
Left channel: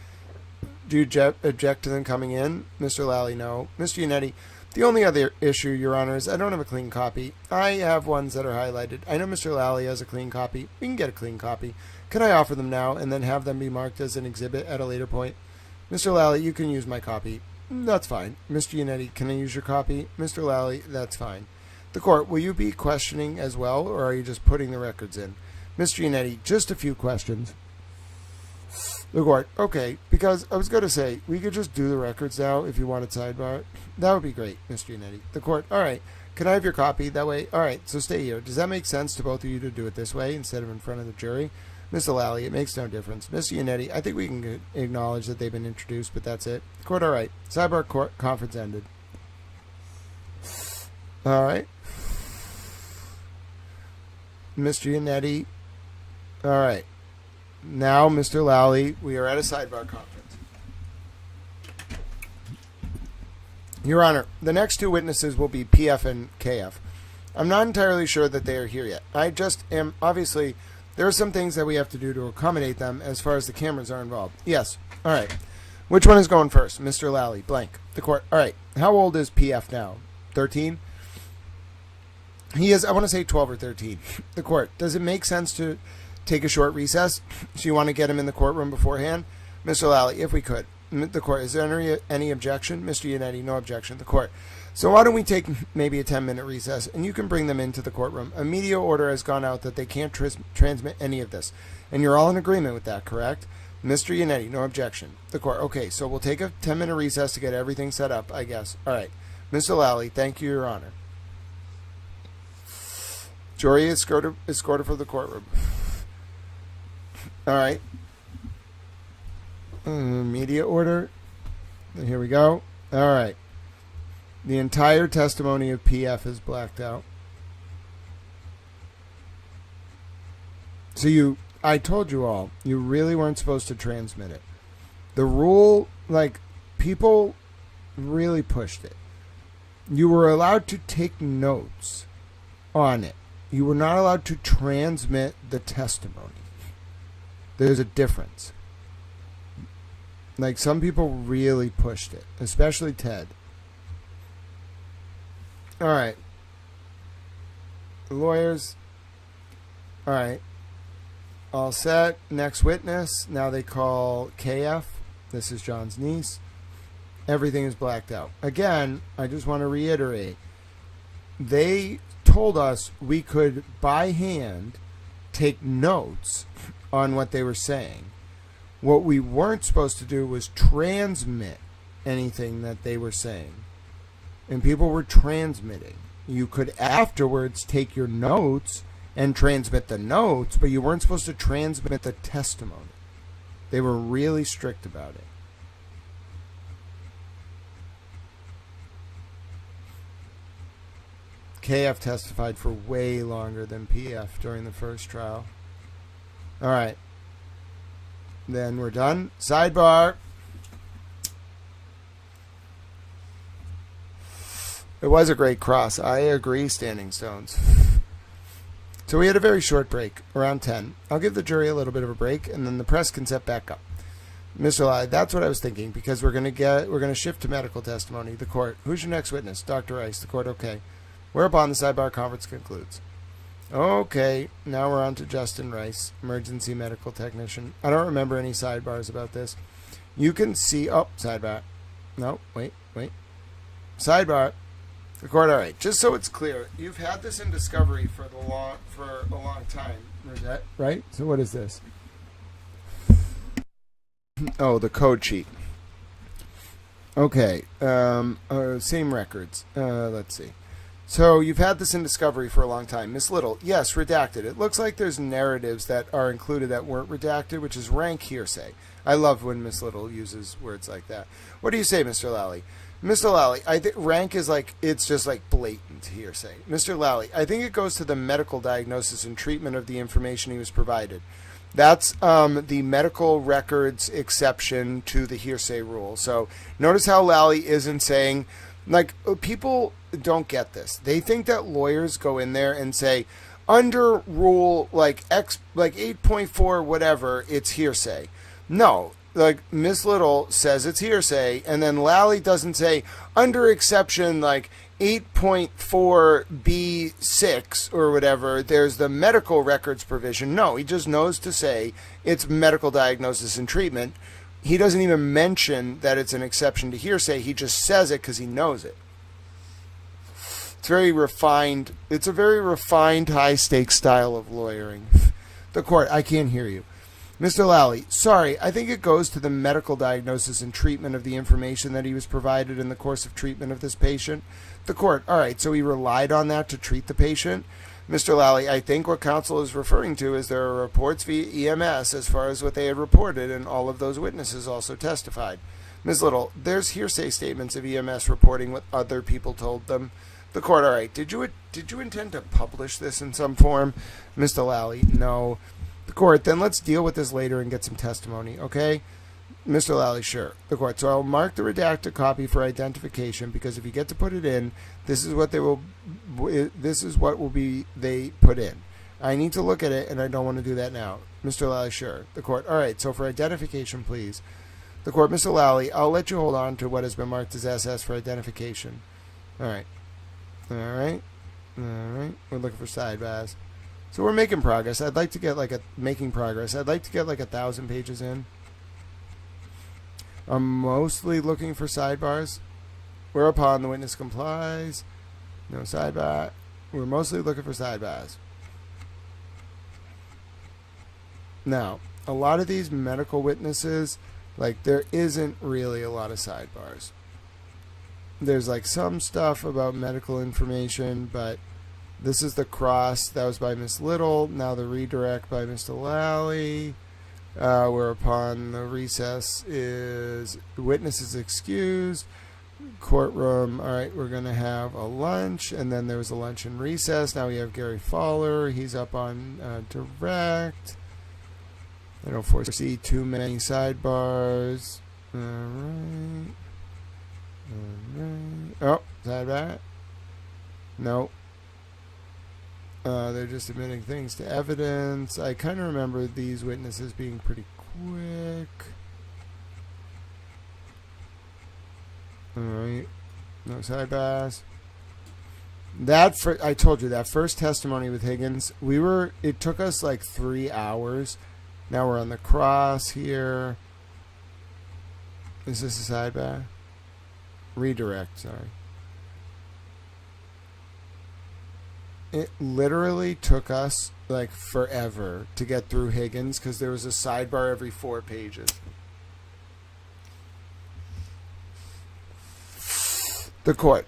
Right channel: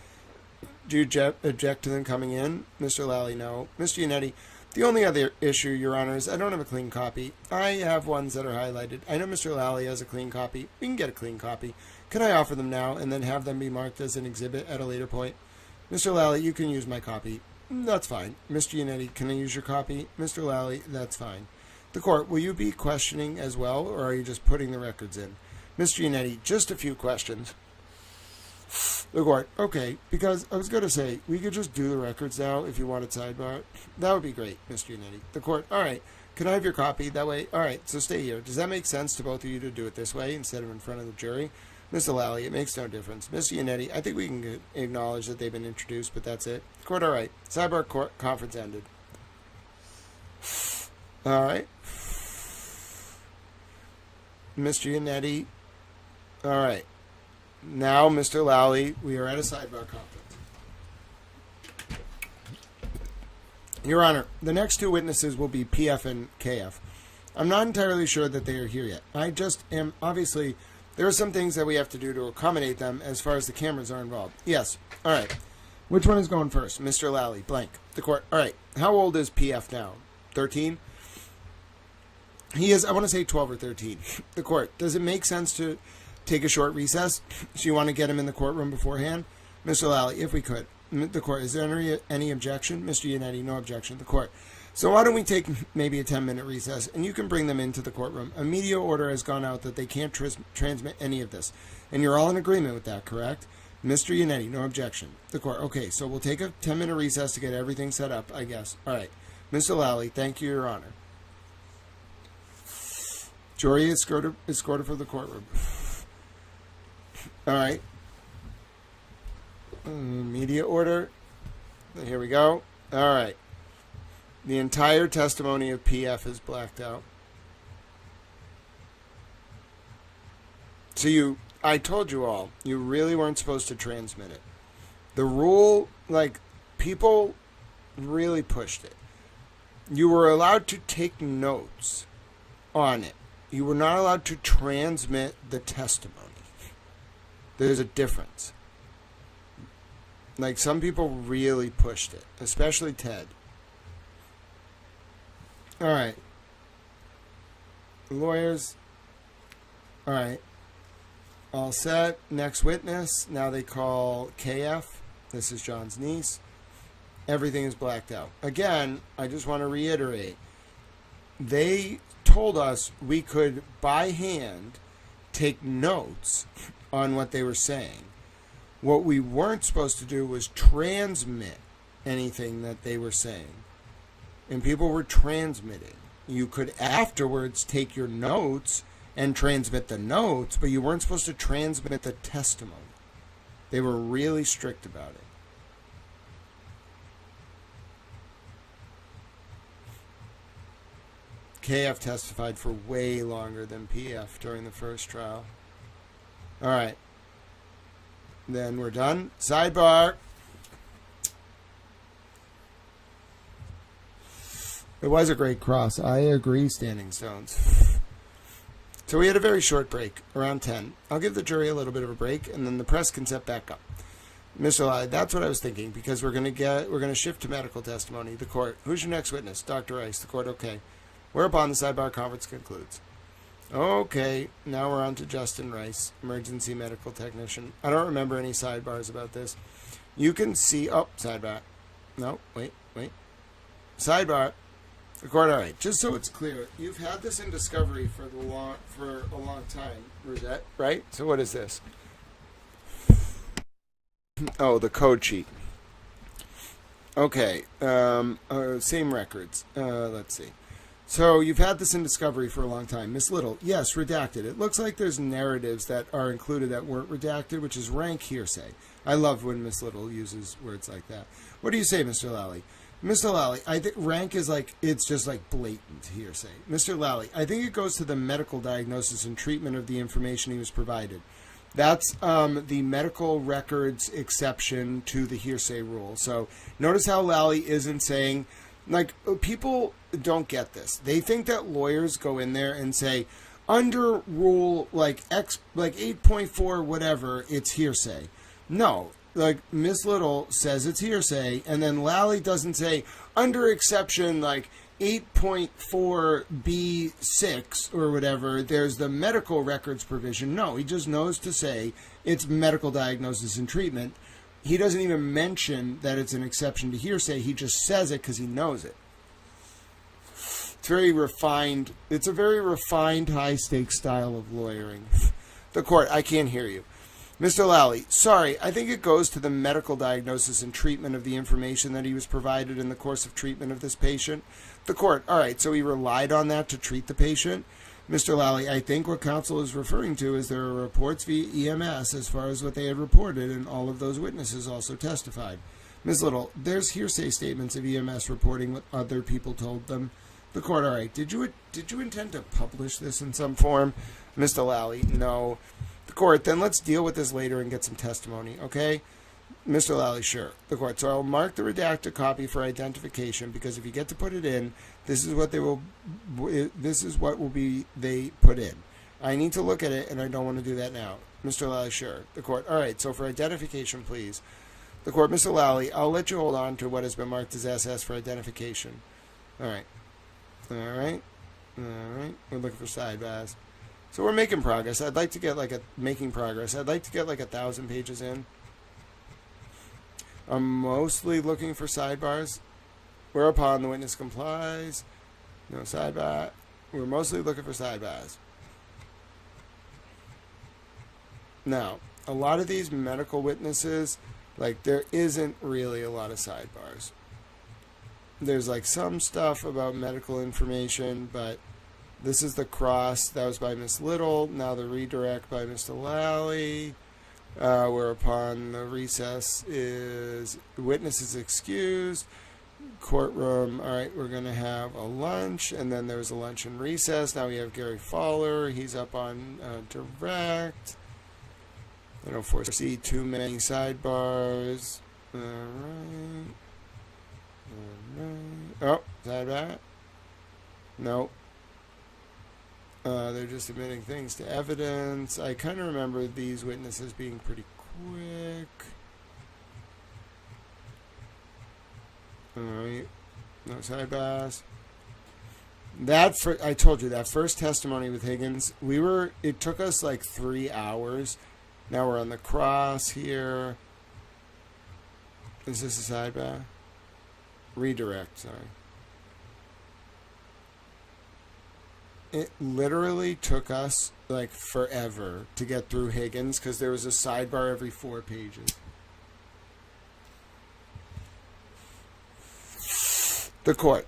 Do you object to them coming in? Mr. Lally, no. Mr. Yannetti, the only other issue, Your Honor, is I don't have a clean copy. I have ones that are highlighted. I know Mr. Lally has a clean copy. We can get a clean copy. Can I offer them now and then have them be marked as an exhibit at a later point? Mr. Lally, you can use my copy. That's fine. Mr. Yannetti, can I use your copy? Mr. Lally, that's fine. The court, will you be questioning as well, or are you just putting the records in? Mr. Yannetti, just a few questions. The court, okay, because I was going to say, we could just do the records now if you wanted sidebar. That would be great, Mr. Yannetti. The court, all right, can I have your copy? That way, all right, so stay here. Does that make sense to both of you to do it this way instead of in front of the jury? Mr. Lally, it makes no difference. Mr. Yannetti, I think we can acknowledge that they've been introduced, but that's it. The court, all right. Sidebar court conference ended. All right. Mr. Yannetti, all right. Now, Mr. Lally, we are at a sidebar conference. Your Honor, the next two witnesses will be PF and KF. I'm not entirely sure that they are here yet. I just am, obviously, there are some things that we have to do to accommodate them as far as the cameras are involved. Yes. All right. Which one is going first? Mr. Lally, blank. The court. All right. How old is PF now? 13? He is, I want to say 12 or 13. The court. Does it make sense to take a short recess? So you want to get him in the courtroom beforehand? Mr. Lally, if we could. The court. Is there any objection? Mr. Yannetti, no objection. The court. So why don't we take maybe a 10-minute recess, and you can bring them into the courtroom. A media order has gone out that they can't transmit any of this. And you're all in agreement with that, correct? Mr. Yannetti, no objection. The court. Okay, so we'll take a 10-minute recess to get everything set up, I guess. All right. Mr. Lally, thank you, Your Honor. Jury is escorted from the courtroom. All right. Media order. Here we go. All right. The entire testimony of PF is blacked out. So I told you all, you really weren't supposed to transmit it. The rule, people really pushed it. You were allowed to take notes on it. You were not allowed to transmit the testimony. There's a difference. Some people really pushed it, especially Ted. All right. Lawyers. All right. All set. Next witness. Now they call KF. This is John's niece. Everything is blacked out. Again, I just want to reiterate. They told us we could, by hand, take notes on what they were saying. What we weren't supposed to do was transmit anything that they were saying. And people were transmitting. You could afterwards take your notes and transmit the notes, but you weren't supposed to transmit the testimony. They were really strict about it. KF testified for way longer than PF during the first trial. All right. Then we're done. Sidebar. It was a great cross. I agree, Standing Stones. So we had a very short break, around 10. I'll give the jury a little bit of a break, and then the press can set back up. Mr. Lai, that's what I was thinking, because we're going to shift to medical testimony. The court. Who's your next witness? Dr. Rice. The court. Okay. Whereupon the sidebar conference concludes. Okay, now we're on to Justin Rice, emergency medical technician. I don't remember any sidebars about this. You can see... Oh, sidebar. No, wait. Sidebar. The court, all right. Just so it's clear, you've had this in discovery for a long time, Rosette, right? So what is this? Oh, the code sheet. Okay. Same records. Let's see. So you've had this in discovery for a long time. Miss Little, yes, redacted. It looks like there's narratives that are included that weren't redacted, which is rank hearsay. I love when Miss Little uses words like that. What do you say, Mr. Lally? Mr. Lally, I think rank is it's just blatant hearsay. Mr. Lally, I think it goes to the medical diagnosis and treatment of the information he was provided. That's the medical records exception to the hearsay rule. So notice how Lally isn't saying... people don't get this. They think that lawyers go in there and say, under rule 8.4 whatever, it's hearsay. No, Miss Little says it's hearsay, and then Lally doesn't say, under exception 8.4b6 or whatever, there's the medical records provision. No, he just knows to say it's medical diagnosis and treatment. He doesn't even mention that it's an exception to hearsay. He just says it because he knows it. It's very refined. It's a very refined, high-stakes style of lawyering. The court, I can't hear you. Mr. Lally, sorry, I think it goes to the medical diagnosis and treatment of the information that he was provided in the course of treatment of this patient. The court, all right, so he relied on that to treat the patient. Mr. Lally, I think what counsel is referring to is there are reports via EMS as far as what they had reported, and all of those witnesses also testified. Ms. Little, there's hearsay statements of EMS reporting what other people told them. The court, all right, did you intend to publish this in some form? Mr. Lally, no. The court, then let's deal with this later and get some testimony, okay? Mr. Lally, sure. The court, so I'll mark the redacted copy for identification because if you get to put it in, this is what will be they put in. I need to look at it and I don't want to do that now. Mr. Lally, sure. The court, all right, so for identification, please. The court, Mr. Lally, I'll let you hold on to what has been marked as SS for identification. All right. All right. All right. We're looking for sidebars. So we're making progress. I'd like to get making progress. I'd like to get 1,000 pages in. I'm mostly looking for sidebars. Whereupon the witness complies. No sidebar. We're mostly looking for sidebars. Now, a lot of these medical witnesses, there isn't really a lot of sidebars. There's some stuff about medical information, but this is the cross. That was by Miss Little. Now the redirect by Mr. Lally. Whereupon the recess is witness is excused. Courtroom. All right, we're going to have a lunch. And then there was a lunch and recess. Now we have Gary Fowler. He's up on direct. I don't foresee too many sidebars. All right. All right. Oh, sidebar. No. They're just admitting things to evidence. I kind of remember these witnesses being pretty quick. All right. No sidebars. I told you, that first testimony with Higgins, it took us 3 hours. Now we're on the cross here. Is this a sidebar? Redirect, sorry. It literally took us forever to get through Higgins because there was a sidebar every 4 pages. The court.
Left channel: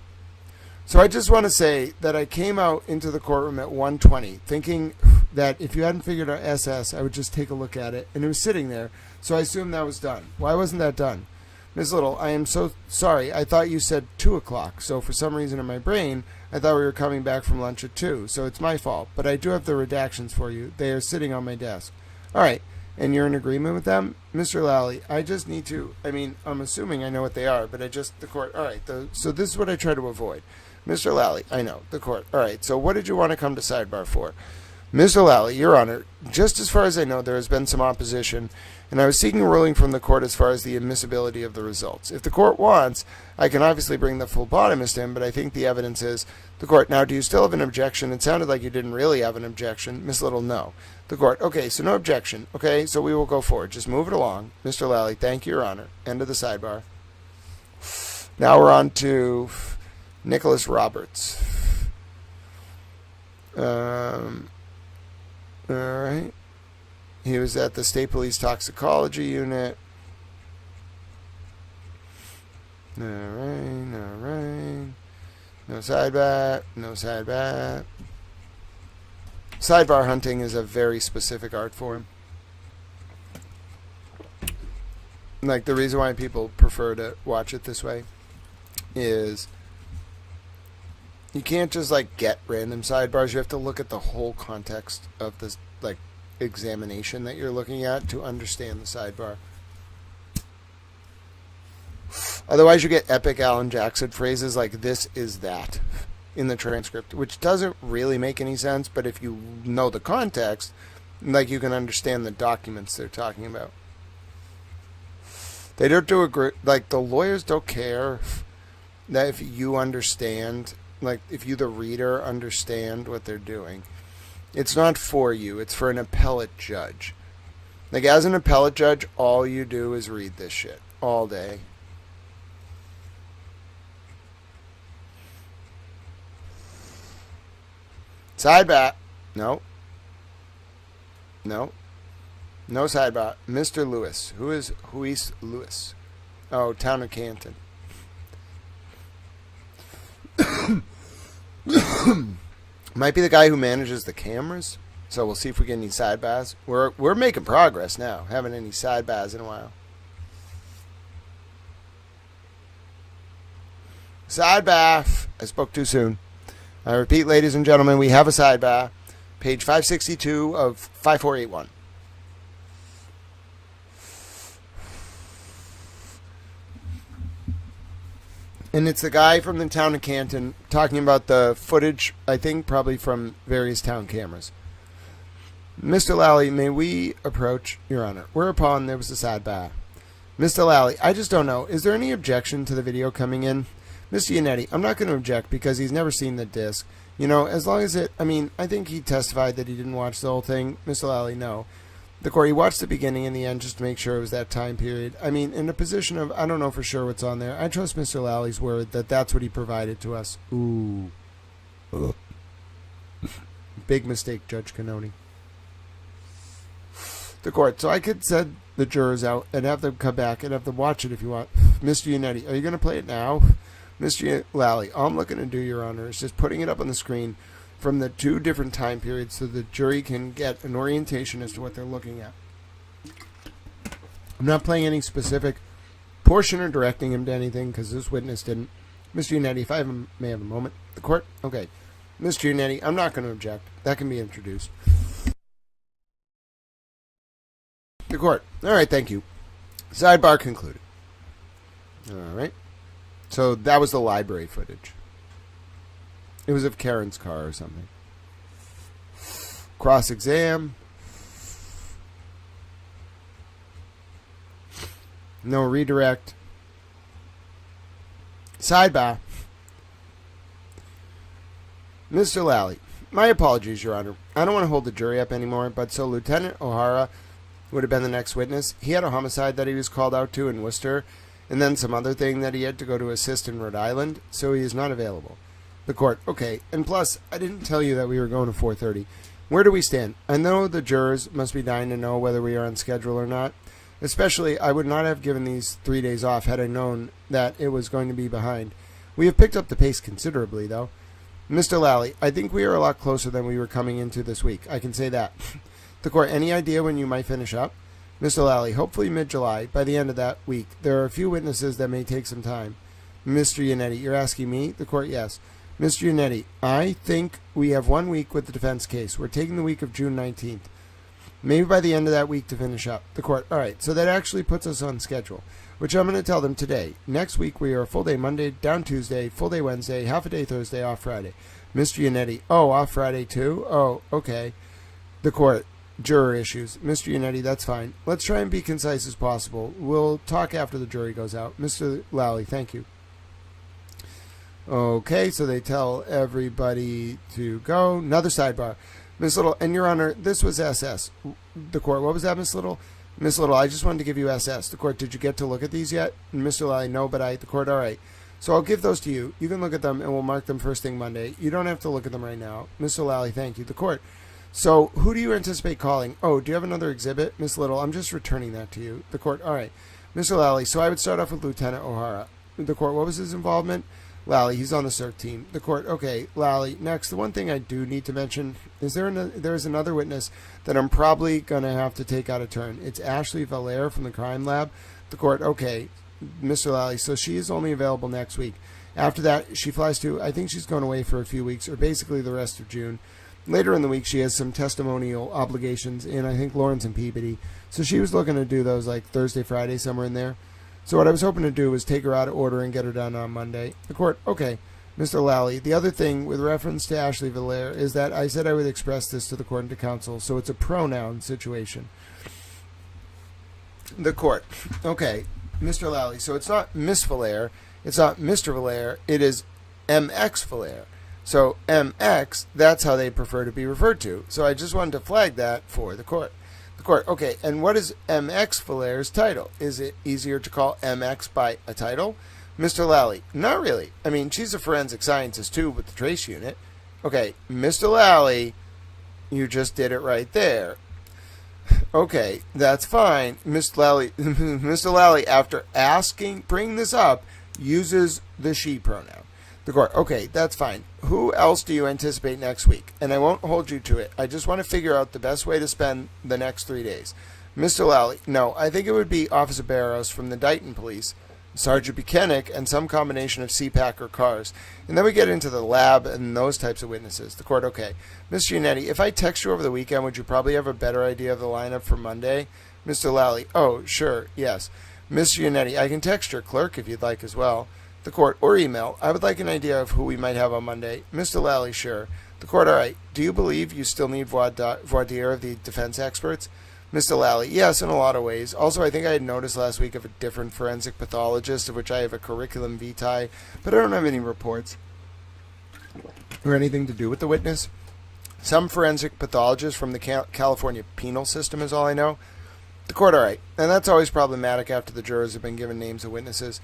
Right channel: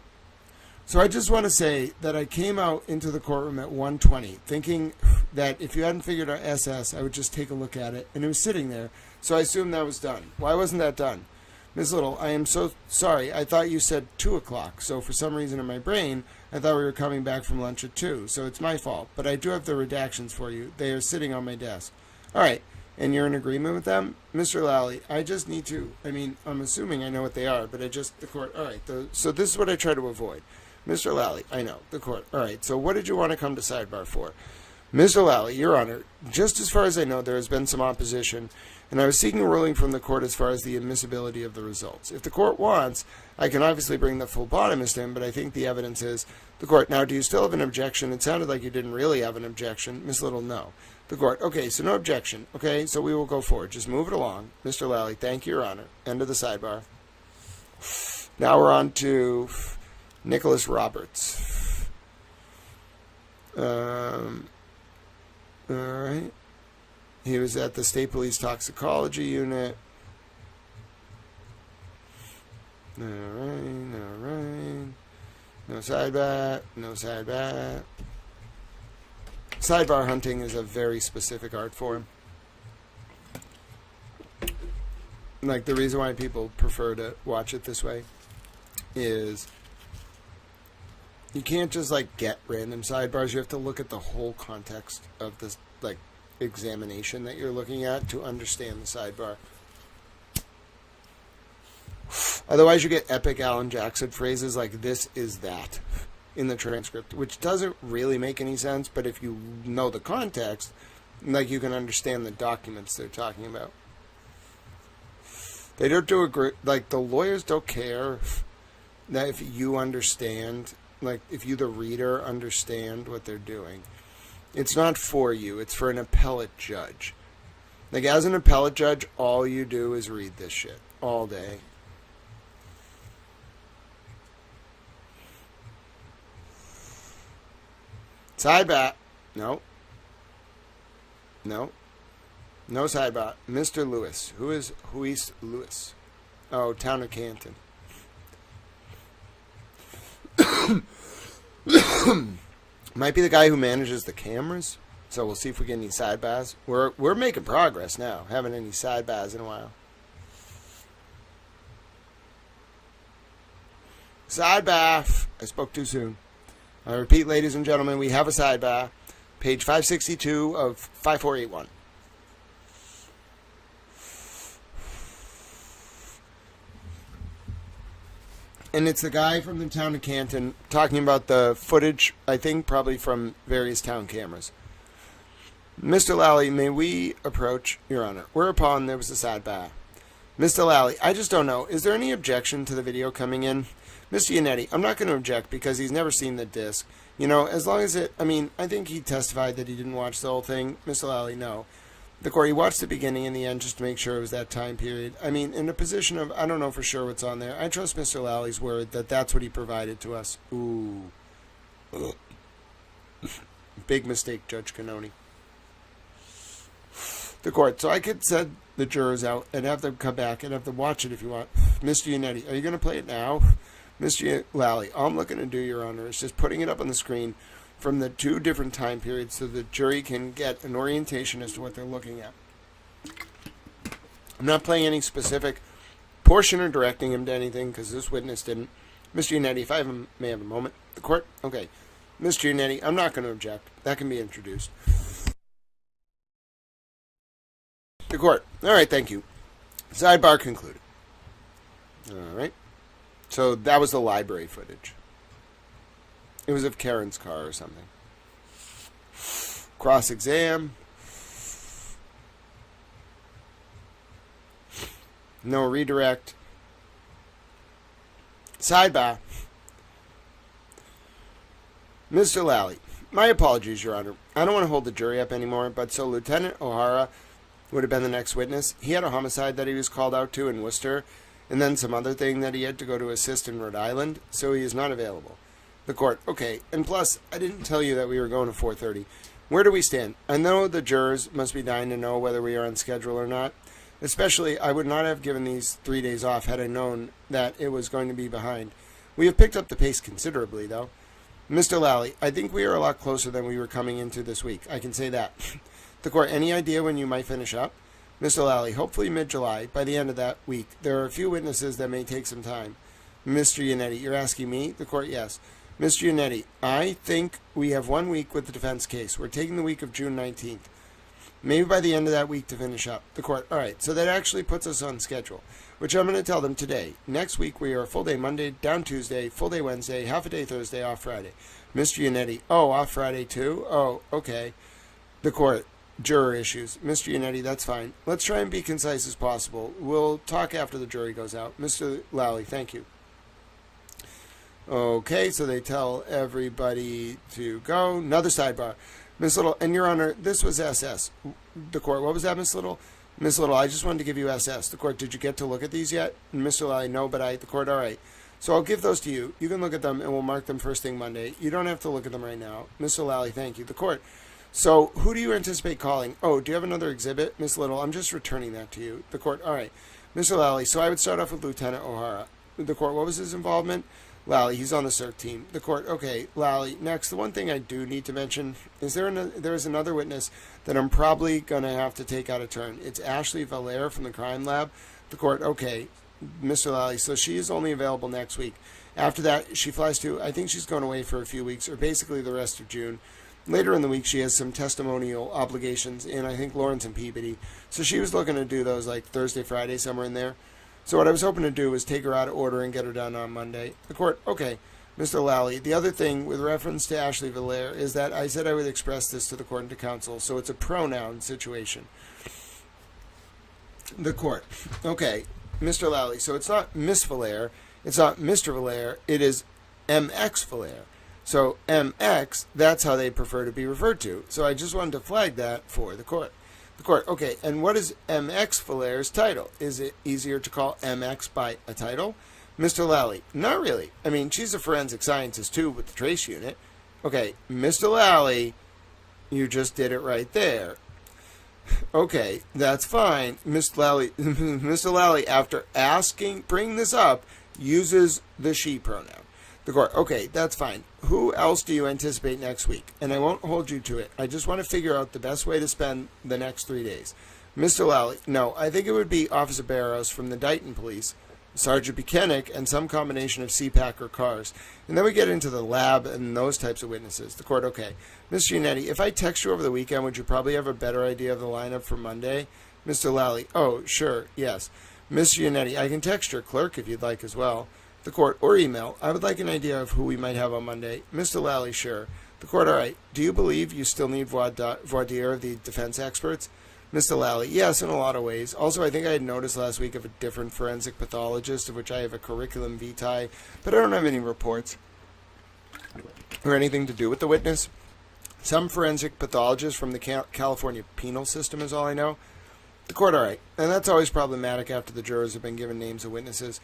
So I just want to say that I came out into the courtroom at 1:20 thinking that if you hadn't figured out SS, I would just take a look at it. And it was sitting there. So I assumed that was done. Why wasn't that done? Ms. Little, I am so sorry. I thought you said 2 o'clock. So for some reason in my brain, I thought we were coming back from lunch at 2. So it's my fault. But I do have the redactions for you. They are sitting on my desk. All right. And you're in agreement with them? Mr. Lally, I just need to, I'm assuming I know what they are, but the court, all right. So this is what I try to avoid. Mr. Lally, I know, the court. All right. So what did you want to come to sidebar for? Mr. Lally, Your Honor, just as far as I know, there has been some opposition, and I was seeking a ruling from the court as far as the admissibility of the results. If the court wants, I can obviously bring the phlebotomist in, but I think the evidence is the court. Now, do you still have an objection? It sounded like you didn't really have an objection. Miss Little, no. The court, okay, so no objection. Okay, so we will go forward. Just move it along. Mr. Lally, thank you, Your Honor. End of the sidebar. Now we're on to Nicholas Roberts. All right. He was at the State Police Toxicology Unit. All right. No sidebar. No sidebar. Sidebar hunting is a very specific art form. The reason why people prefer to watch it this way is you can't just get random sidebars. You have to look at the whole context of this examination that you're looking at to understand the sidebar. Otherwise you get epic Alan Jackson phrases like "this is that" in the transcript, which doesn't really make any sense, but if you know the context, you can understand the documents they're talking about. They don't do the lawyers don't care that if you understand, if you, the reader, understand what they're doing. It's not for you. It's for an appellate judge. As an appellate judge, all you do is read this shit all day. Sidebar. No. No sidebar. Mr. Lewis. Who is Huis Lewis? Oh, Town of Canton. Might be the guy who manages the cameras. So we'll see if we get any sidebars. We're making progress now. Haven't any sidebars in a while. Sidebar. I spoke too soon. I repeat, ladies and gentlemen, we have a sidebar. Page 562 of 5481. And it's the guy from the town of Canton talking about the footage, I think, probably from various town cameras. Mr. Lally, may we approach, Your Honor? Whereupon there was a sidebar. Mr. Lally, I just don't know. Is there any objection to the video coming in? Mr. Yannetti, I'm not going to object because he's never seen the disc. You know, as long as it, I mean, I think he testified that he didn't watch the whole thing. Mr. Lally, no. The court, he watched the beginning and the end just to make sure it was that time period. I mean, in a position of, I don't know for sure what's on there. I trust Mr. Lally's word that that's what he provided to us. Ooh. Big mistake, Judge Cannoni. The court, so I could send the jurors out and have them come back and have them watch it if you want. Mr. Yannetti, are you going to play it now? Mr. Lally, all I'm looking to do, Your Honor, is just putting it up on the screen from the two different time periods so the jury can get an orientation as to what they're looking at. I'm not playing any specific portion or directing him to anything because this witness didn't. Mr. Yannetti, if I may have a moment. The court? Okay. Mr. Yannetti, I'm not going to object. That can be introduced. The court. All right, thank you. Sidebar concluded. All right. So that was the library footage. It was of Karen's car or something. Cross-exam. No redirect. Sidebar. Mr. Lally, my apologies, Your Honor. I don't want to hold the jury up anymore, but so Lieutenant O'Hara would have been the next witness. He had a homicide that he was called out to in Worcester, and then some other thing that he had to go to assist in Rhode Island, so he is not available. The court, okay, and plus, I didn't tell you that we were going to 4:30. Where do we stand? I know the jurors must be dying to know whether we are on schedule or not. Especially, I would not have given these 3 days off had I known that it was going to be behind. We have picked up the pace considerably, though. Mr. Lally, I think we are a lot closer than we were coming into this week. I can say that. The court, any idea when you might finish up? Mr. Lally, hopefully mid-July. By the end of that week, there are a few witnesses that may take some time. Mr. Yannetti, you're asking me? The court, yes. Mr. Yannetti, I think we have 1 week with the defense case. We're taking the week of June 19th. Maybe by the end of that week to finish up. The court, all right, so that actually puts us on schedule, which I'm going to tell them today. Next week, we are a full day Monday, down Tuesday, full day Wednesday, half a day Thursday, off Friday. Mr. Yannetti, oh, off Friday too? Oh, okay. The court, juror issues. Mr. Yannetti, that's fine. Let's try and be concise as possible. We'll talk after the jury goes out. Mr. Lally, thank you. Okay, so they tell everybody to go. Another sidebar. Miss Little, and Your Honor, this was SS. The court, what was that, Miss Little? Miss Little, I just wanted to give you SS. The court, did you get to look at these yet? And Mr. Lally, no, but the court, all right. So I'll give those to you. You can look at them, and we'll mark them first thing Monday. You don't have to look at them right now. Mr. Lally, thank you. The court. So who do you anticipate calling? Oh, do you have another exhibit? Miss Little, I'm just returning that to you. The court, all right. Mr. Lally, so I would start off with Lieutenant O'Hara. The court, what was his involvement? Lally, he's on the CERC team. The court, okay, Lally. Next, the one thing I do need to mention is there is another witness that I'm probably going to have to take out of turn. It's Ashley Valère from the crime lab. The court, okay, Mr. Lally, so she is only available next week. After that, she flies to, I think she's going away for a few weeks, or basically the rest of June. Later in the week, she has some testimonial obligations in, I think, Lawrence and Peabody. So she was looking to do those like Thursday, Friday, somewhere in there. So what I was hoping to do was take her out of order and get her done on Monday. The court, okay, Mr. Lally. The other thing with reference to Ashley Valère is that I said I would express this to the court and to counsel, so it's a pronoun situation. The court, okay, Mr. Lally. So it's not Miss Valère, it's not Mr. Valère, it is MX Valère. So MX, that's how they prefer to be referred to. So I just wanted to flag that for the court. Court, okay, and what is MX Valère's title? Is it easier to call MX by a title? Mr. Lally, not really. I mean, she's a forensic scientist too with the trace unit. Okay, Mr. Lally, you just did it right there. Okay, that's fine. Mr. Lally, Mr. Lally, after bringing this up, uses the she pronoun. The court, okay, that's fine. Who else do you anticipate next week? And I won't hold you to it. I just want to figure out the best way to spend the next 3 days. Mr. Lally, no, I think it would be Officer Barrows from the Dighton Police, Sergeant Buchanan, and some combination of CPAC or cars. And then we get into the lab and those types of witnesses. The court, okay. Mr. Yannetti, if I text you over the weekend, would you probably have a better idea of the lineup for Monday? Mr. Lally, oh, sure, yes. Mr. Yannetti, I can text your clerk if you'd like as well. The court, or email. I would like an idea of who we might have on Monday. Mr. Lally, sure. The court, all right. Do you believe you still need voir dire of the defense experts? Mr. Lally, yes, in a lot of ways. Also, I think I had noticed last week of a different forensic pathologist, of which I have a curriculum vitae, but I don't have any reports or anything to do with the witness. Some forensic pathologist from the California penal system is all I know. The court, all right. And that's always problematic after the jurors have been given names of witnesses.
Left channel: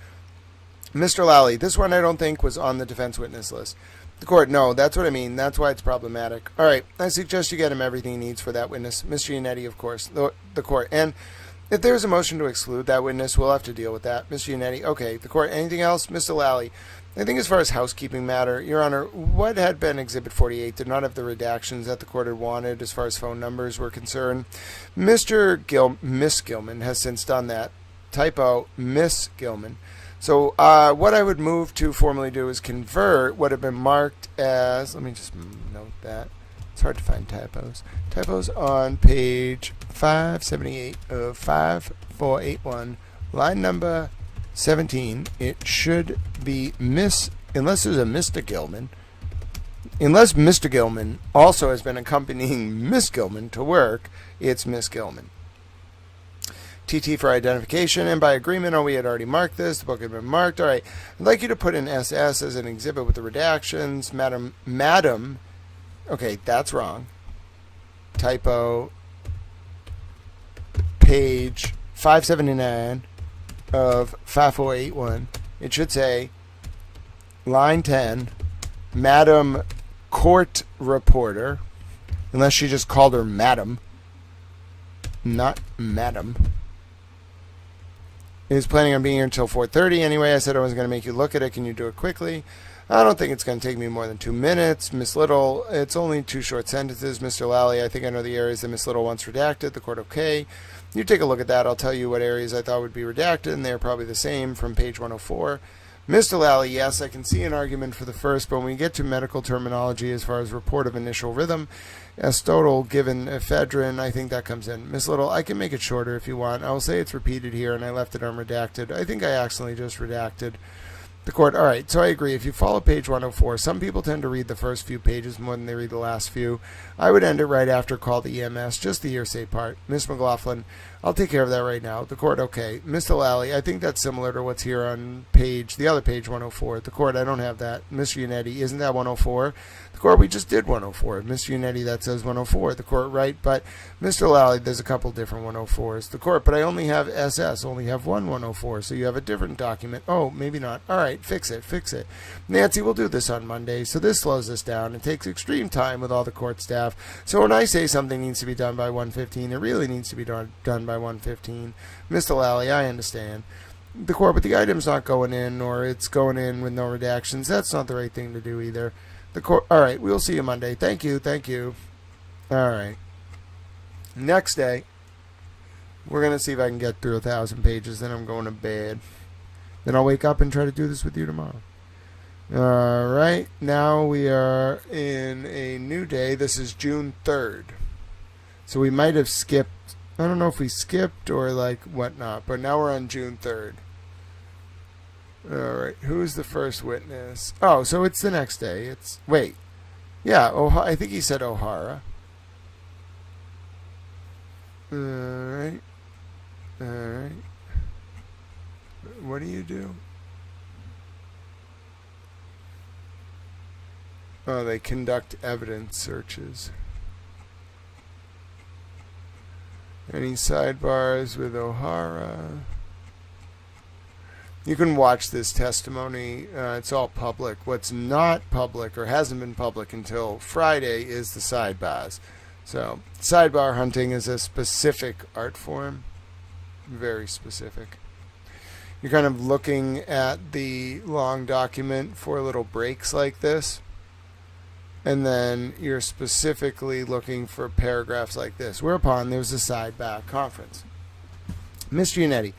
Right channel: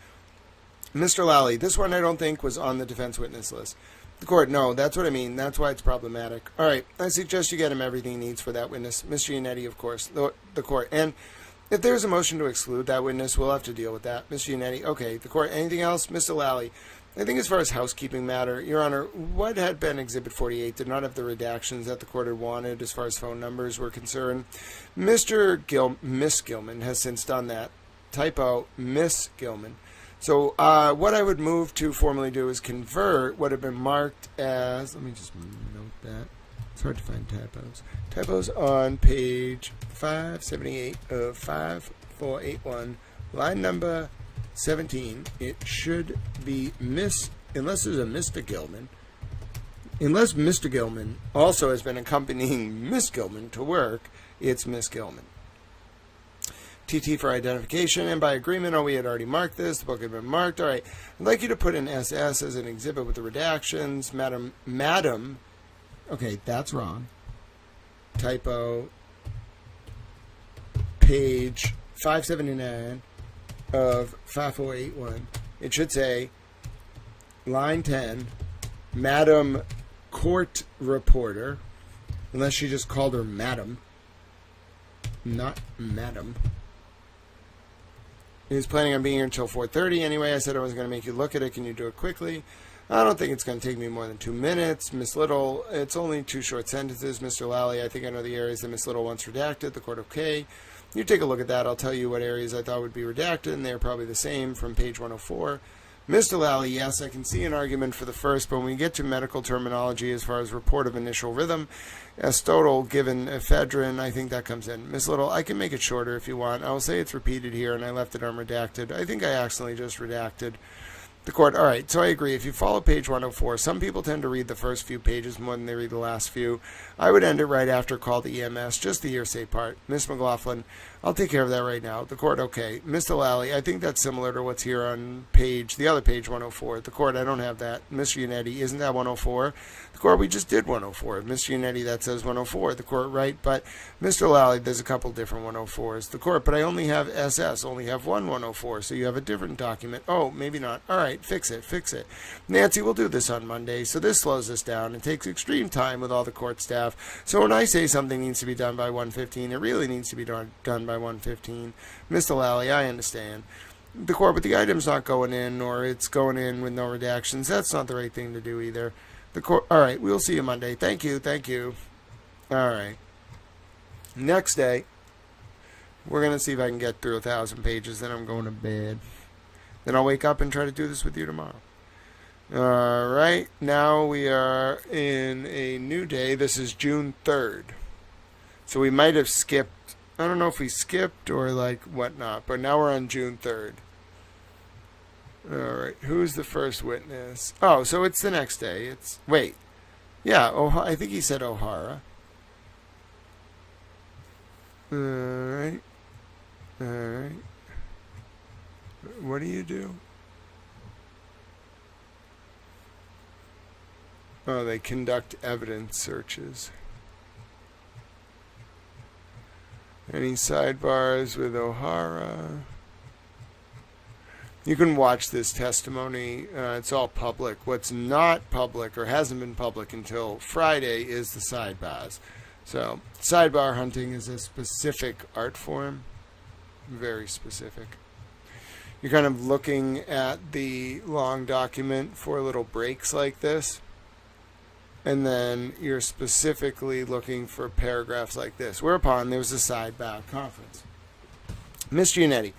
Mr. Lally, this one I don't think was on the defense witness list. The court, no, that's what I mean. That's why it's problematic. All right, I suggest you get him everything he needs for that witness. Mr. Yannetti, of course, the court. And if there's a motion to exclude that witness, we'll have to deal with that. Mr. Yannetti, okay. The court, anything else? Mr. Lally, I think as far as housekeeping matter, Your Honor, what had been Exhibit 48 did not have the redactions that the court had wanted as far as phone numbers were concerned. Miss Gilman has since done that. Typo, Miss Gilman. So what I would move to formally do is convert what had been marked as, let me just note that. It's hard to find typos. Typos on page 578 of 5481, line number 17. It should be Miss, unless there's a Mr. Gilman. Unless Mr. Gilman also has been accompanying Miss Gilman to work, it's Miss Gilman. TT for identification, and by agreement, we had already marked this. The book had been marked. All right. I'd like you to put in SS as an exhibit with the redactions. Madam. Okay, that's wrong. Typo. Page 579 of 5481. It should say, line 10, Madam Court Reporter, unless she just called her Madam, not Madam. He was planning on being here until 4:30 anyway. I said I wasn't going to make you look at it. Can you do it quickly? I don't think it's going to take me more than 2 minutes. Miss Little, it's only 2 short sentences. Mr. Lally, I think I know the areas that Miss Little wants redacted. The court, okay. You take a look at that. I'll tell you what areas I thought would be redacted, and they're probably the same from page 104. Mr. Lally, yes, I can see an argument for the first, but when we get to medical terminology as far as report of initial rhythm, Aristotle given ephedrine, I think that comes in. Miss Little, I can make it shorter if you want. I will say it's repeated here, and I left it unredacted. I think I accidentally just redacted. The court, all right, so I agree. If you follow page 104, some people tend to read the first few pages more than they read the last few. I would end it right after call the EMS, just the hearsay part. Miss McLaughlin, I'll take care of that right now. The court, okay. Mr. Lally, I think that's similar to what's here on the other page 104. The court, I don't have that. Mr. Yannetti, isn't that 104? The court, we just did 104. Mr. Yannetti, that says 104. The court, right, but Mr. Lally, there's a couple different 104s. The court, but I only have SS, only have one 104, so you have a different document. Oh, maybe not. All right, fix it. Nancy, we'll do this on Monday, so this slows us down. It takes extreme time with all the court staff. So when I say something needs to be done by 1:15, it really needs to be done by 1:15. Mr. Lally, I understand. The court, but the item's not going in, or it's going in with no redactions. That's not the right thing to do either. The court, all right, we'll see you Monday. Thank you. All right. Next day, we're going to see if I can get through 1,000 pages, then I'm going to bed. Then I'll wake up and try to do this with you tomorrow. All right, now we are in a new day. This is June 3rd. So we might have skipped. I don't know if we skipped or like whatnot, but now we're on June 3rd. All right, who's the first witness? Oh, so it's the next day. I think he said O'Hara. All right. What do you do? Oh, they conduct evidence searches. Any sidebars with O'Hara? You can watch this testimony. It's all public. What's not public or hasn't been public until Friday is the sidebars. So, sidebar hunting is a specific art form. Very specific. You're kind of looking at the long document for little breaks like this. And then you're specifically looking for paragraphs like this. Whereupon there was a sidebar conference. Mr. Yannetti,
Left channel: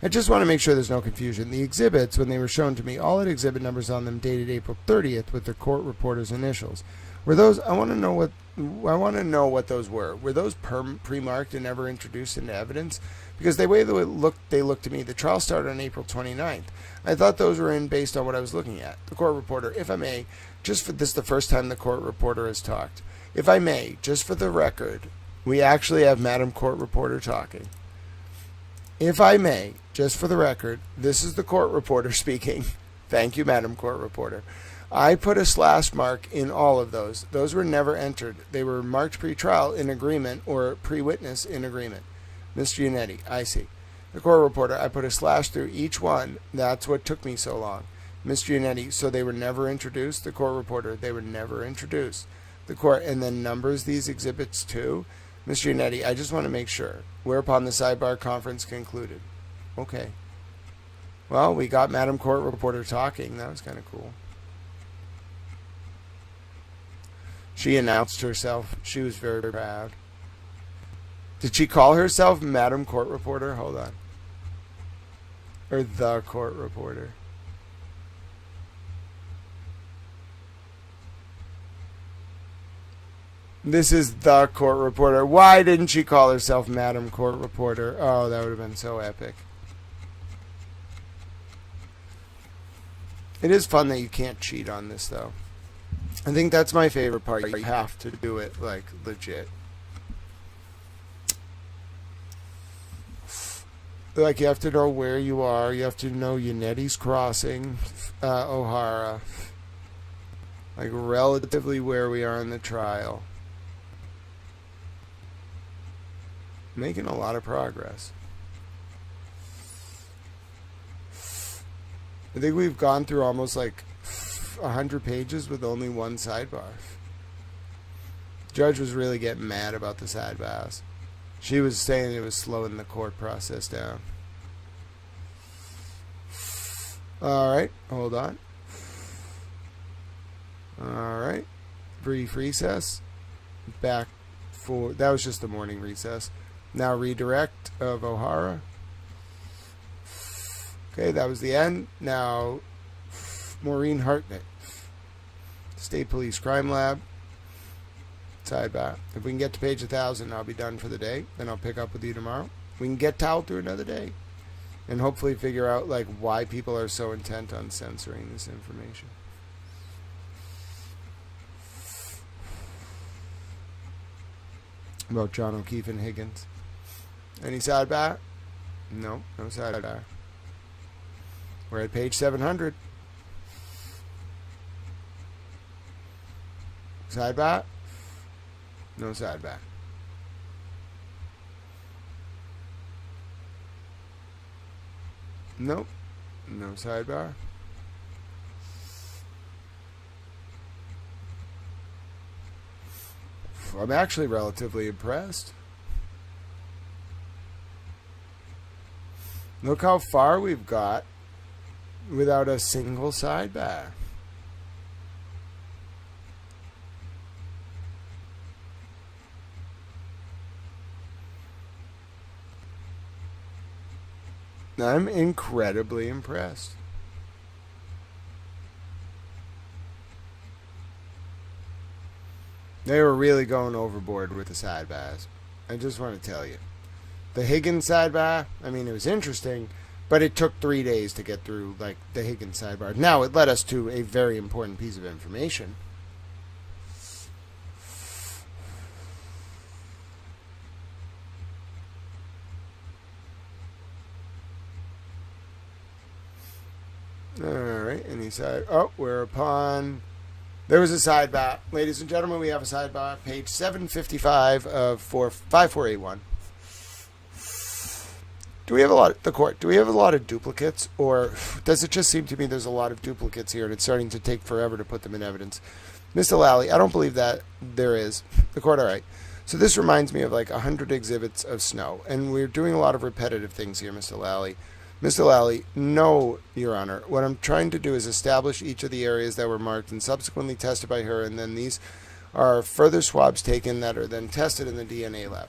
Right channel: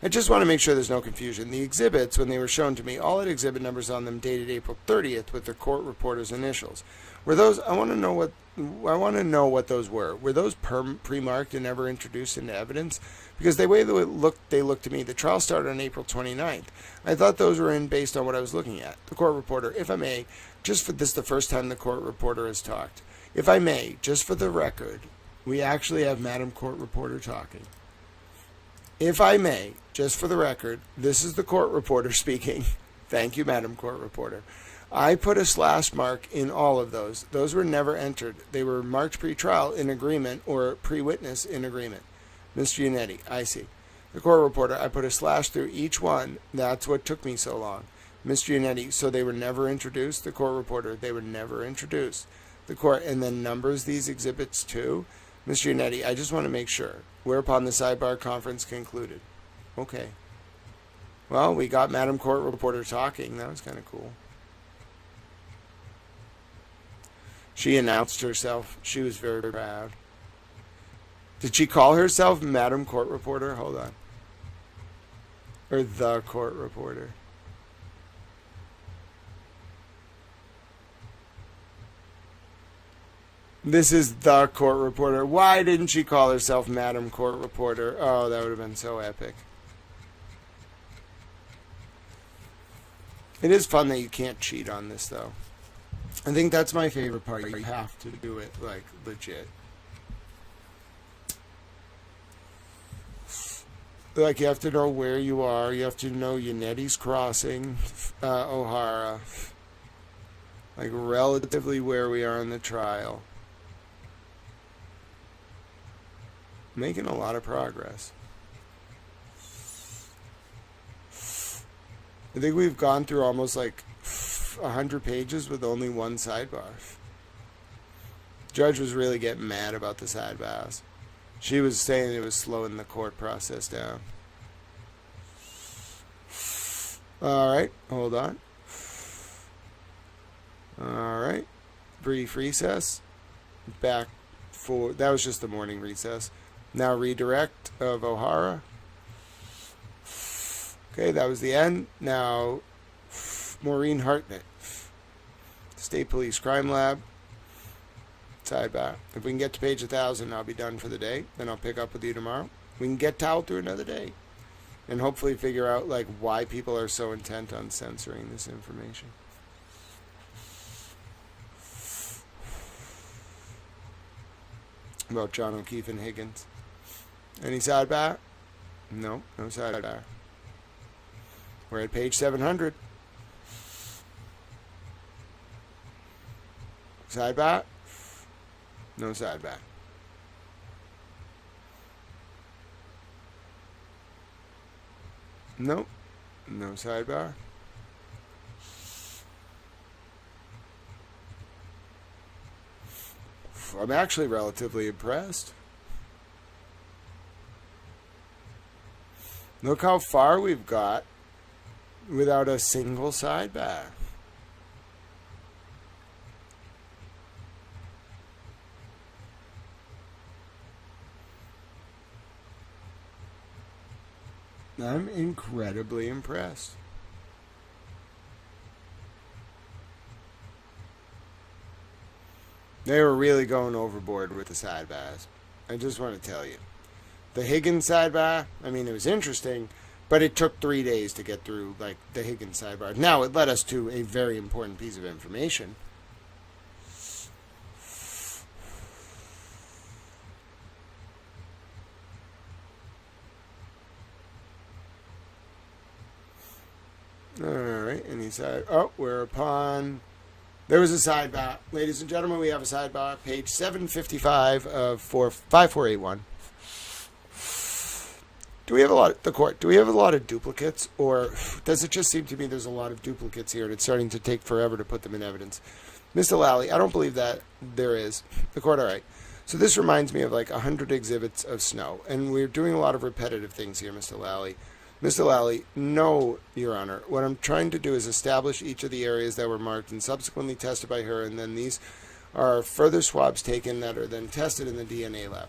I just want to make sure there's no confusion. The exhibits, when they were shown to me, all had exhibit numbers on them dated April 30th with the court reporter's initials. Were those? I want to know what those were. Were those pre-marked and never introduced into evidence? Because the way they looked to me. The trial started on April 29th. I thought those were in based on what I was looking at. The court reporter, if I may, just for this, the first time the court reporter has talked. If I may, just for the record, we actually have Madam Court Reporter talking. If I may, just for the record, this is the court reporter speaking. Thank you, Madam Court Reporter. I put a slash mark in all of those. Those were never entered. They were marked pre-trial in agreement or pre-witness in agreement. Mr. Yannetti, I see. The court reporter, I put a slash through each one. That's what took me so long. Mr. Yannetti, so they were never introduced? The court reporter, they were never introduced. The court, and then numbers these exhibits too? Mr. Yannetti, I just want to make sure. Whereupon the sidebar conference concluded. Okay. Well, we got Madam Court Reporter talking. That was kind of cool. She announced herself. She was very proud. Did she call herself Madam Court Reporter? Hold on. Or the Court Reporter. This is the Court Reporter. Why didn't she call herself Madam Court Reporter? Oh, that would have been so epic. It is fun that you can't cheat on this, though. I think that's my favorite part. You have to do it, like, legit. Like, you have to know where you are. You have to know Yannetti's Crossing, O'Hara. Like, relatively where we are in the trial. Making a lot of progress. I think we've gone through almost like 100 pages with only one sidebar. Judge was really getting mad about the sidebars. She was saying it was slowing the court process down. Alright, hold on. Alright. Brief recess. Back for... That was just the morning recess. Now redirect of O'Hara. Okay, that was the end. Now, Maureen Hartnett. State Police Crime Lab. Sidebar. If we can get to page 1,000, I'll be done for the day. Then I'll pick up with you tomorrow. We can get Tal through another day. And hopefully figure out, like, why people are so intent on censoring this information. About John O'Keefe and Higgins. Any sidebar? No, no sidebar. We're at page 700. Sidebar? No sidebar. Nope. No sidebar. I'm actually relatively impressed. Look how far we've got without a single sidebar. I'm incredibly impressed. They were really going overboard with the sidebars. I just want to tell you. The Higgins sidebar, I mean, it was interesting, but it took 3 days to get through, like, the Higgins sidebar. Now, it led us to a very important piece of information. Alright, any side... Oh, we're upon... There was a sidebar. Ladies and gentlemen, we have a sidebar. Page 755 of 5481. Do we have a lot... The court, do we have a lot of duplicates? Or does it just seem to me there's a lot of duplicates here and it's starting to take forever to put them in evidence? Mr. Lally, I don't believe that there is. The court, alright. So this reminds me of like 100 exhibits of snow, and we're doing a lot of repetitive things here, Mr. Lally. Mr. Lally, no, Your Honor. What I'm trying to do is establish each of the areas that were marked and subsequently tested by her, and then these are further swabs taken that are then tested in the DNA lab.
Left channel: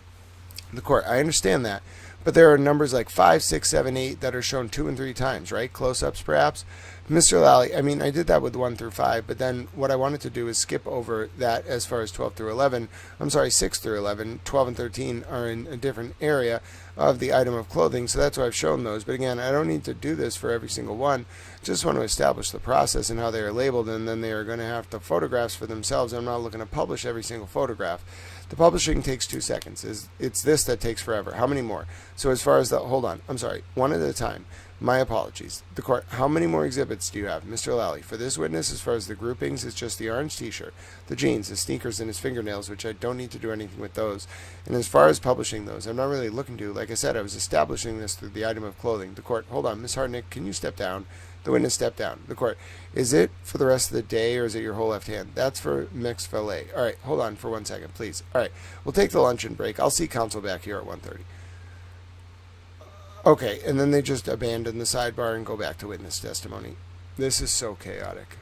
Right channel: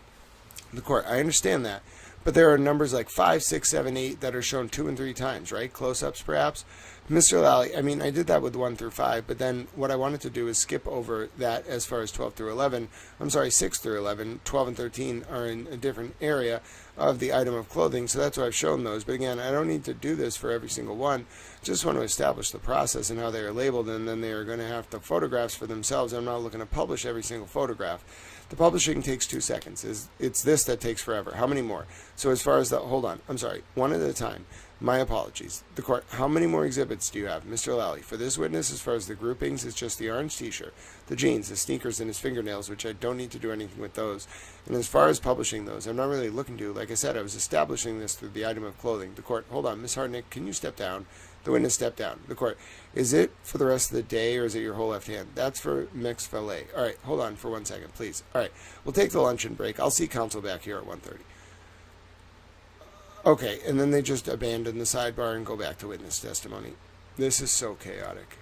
The court, I understand that, but there are numbers like 5, 6, 7, 8 that are shown 2 and 3 times, right? Close-ups, perhaps. Mr. Lally, I mean, I did that with 1 through 5, but then what I wanted to do is skip over that as far as 12 through 11. I'm sorry, 6 through 11. 12 and 13 are in a different area of the item of clothing, so that's why I've shown those. But again, I don't need to do this for every single one. Just want to establish the process and how they are labeled, and then they are going to have the photographs for themselves. I'm not looking to publish every single photograph. The publishing takes 2 seconds. It's this that takes forever. How many more? So as far as the, hold on, I'm sorry, one at a time. My apologies. The court, how many more exhibits do you have? Mr. Lally, for this witness, as far as the groupings, it's just the orange t-shirt, the jeans, the sneakers, and his fingernails, which I don't need to do anything with those. And as far as publishing those, I'm not really looking to. Like I said, I was establishing this through the item of clothing. The court, hold on, Ms. Hartnett, can you step down? The witness stepped down. The court, is it for the rest of the day, or is it your whole left hand? That's for mixed fillet. All right, hold on for 1 second, please. All right, we'll take the luncheon break. I'll see counsel back here at 1:30. Okay, and then they just abandon the sidebar and go back to witness testimony. This is so chaotic.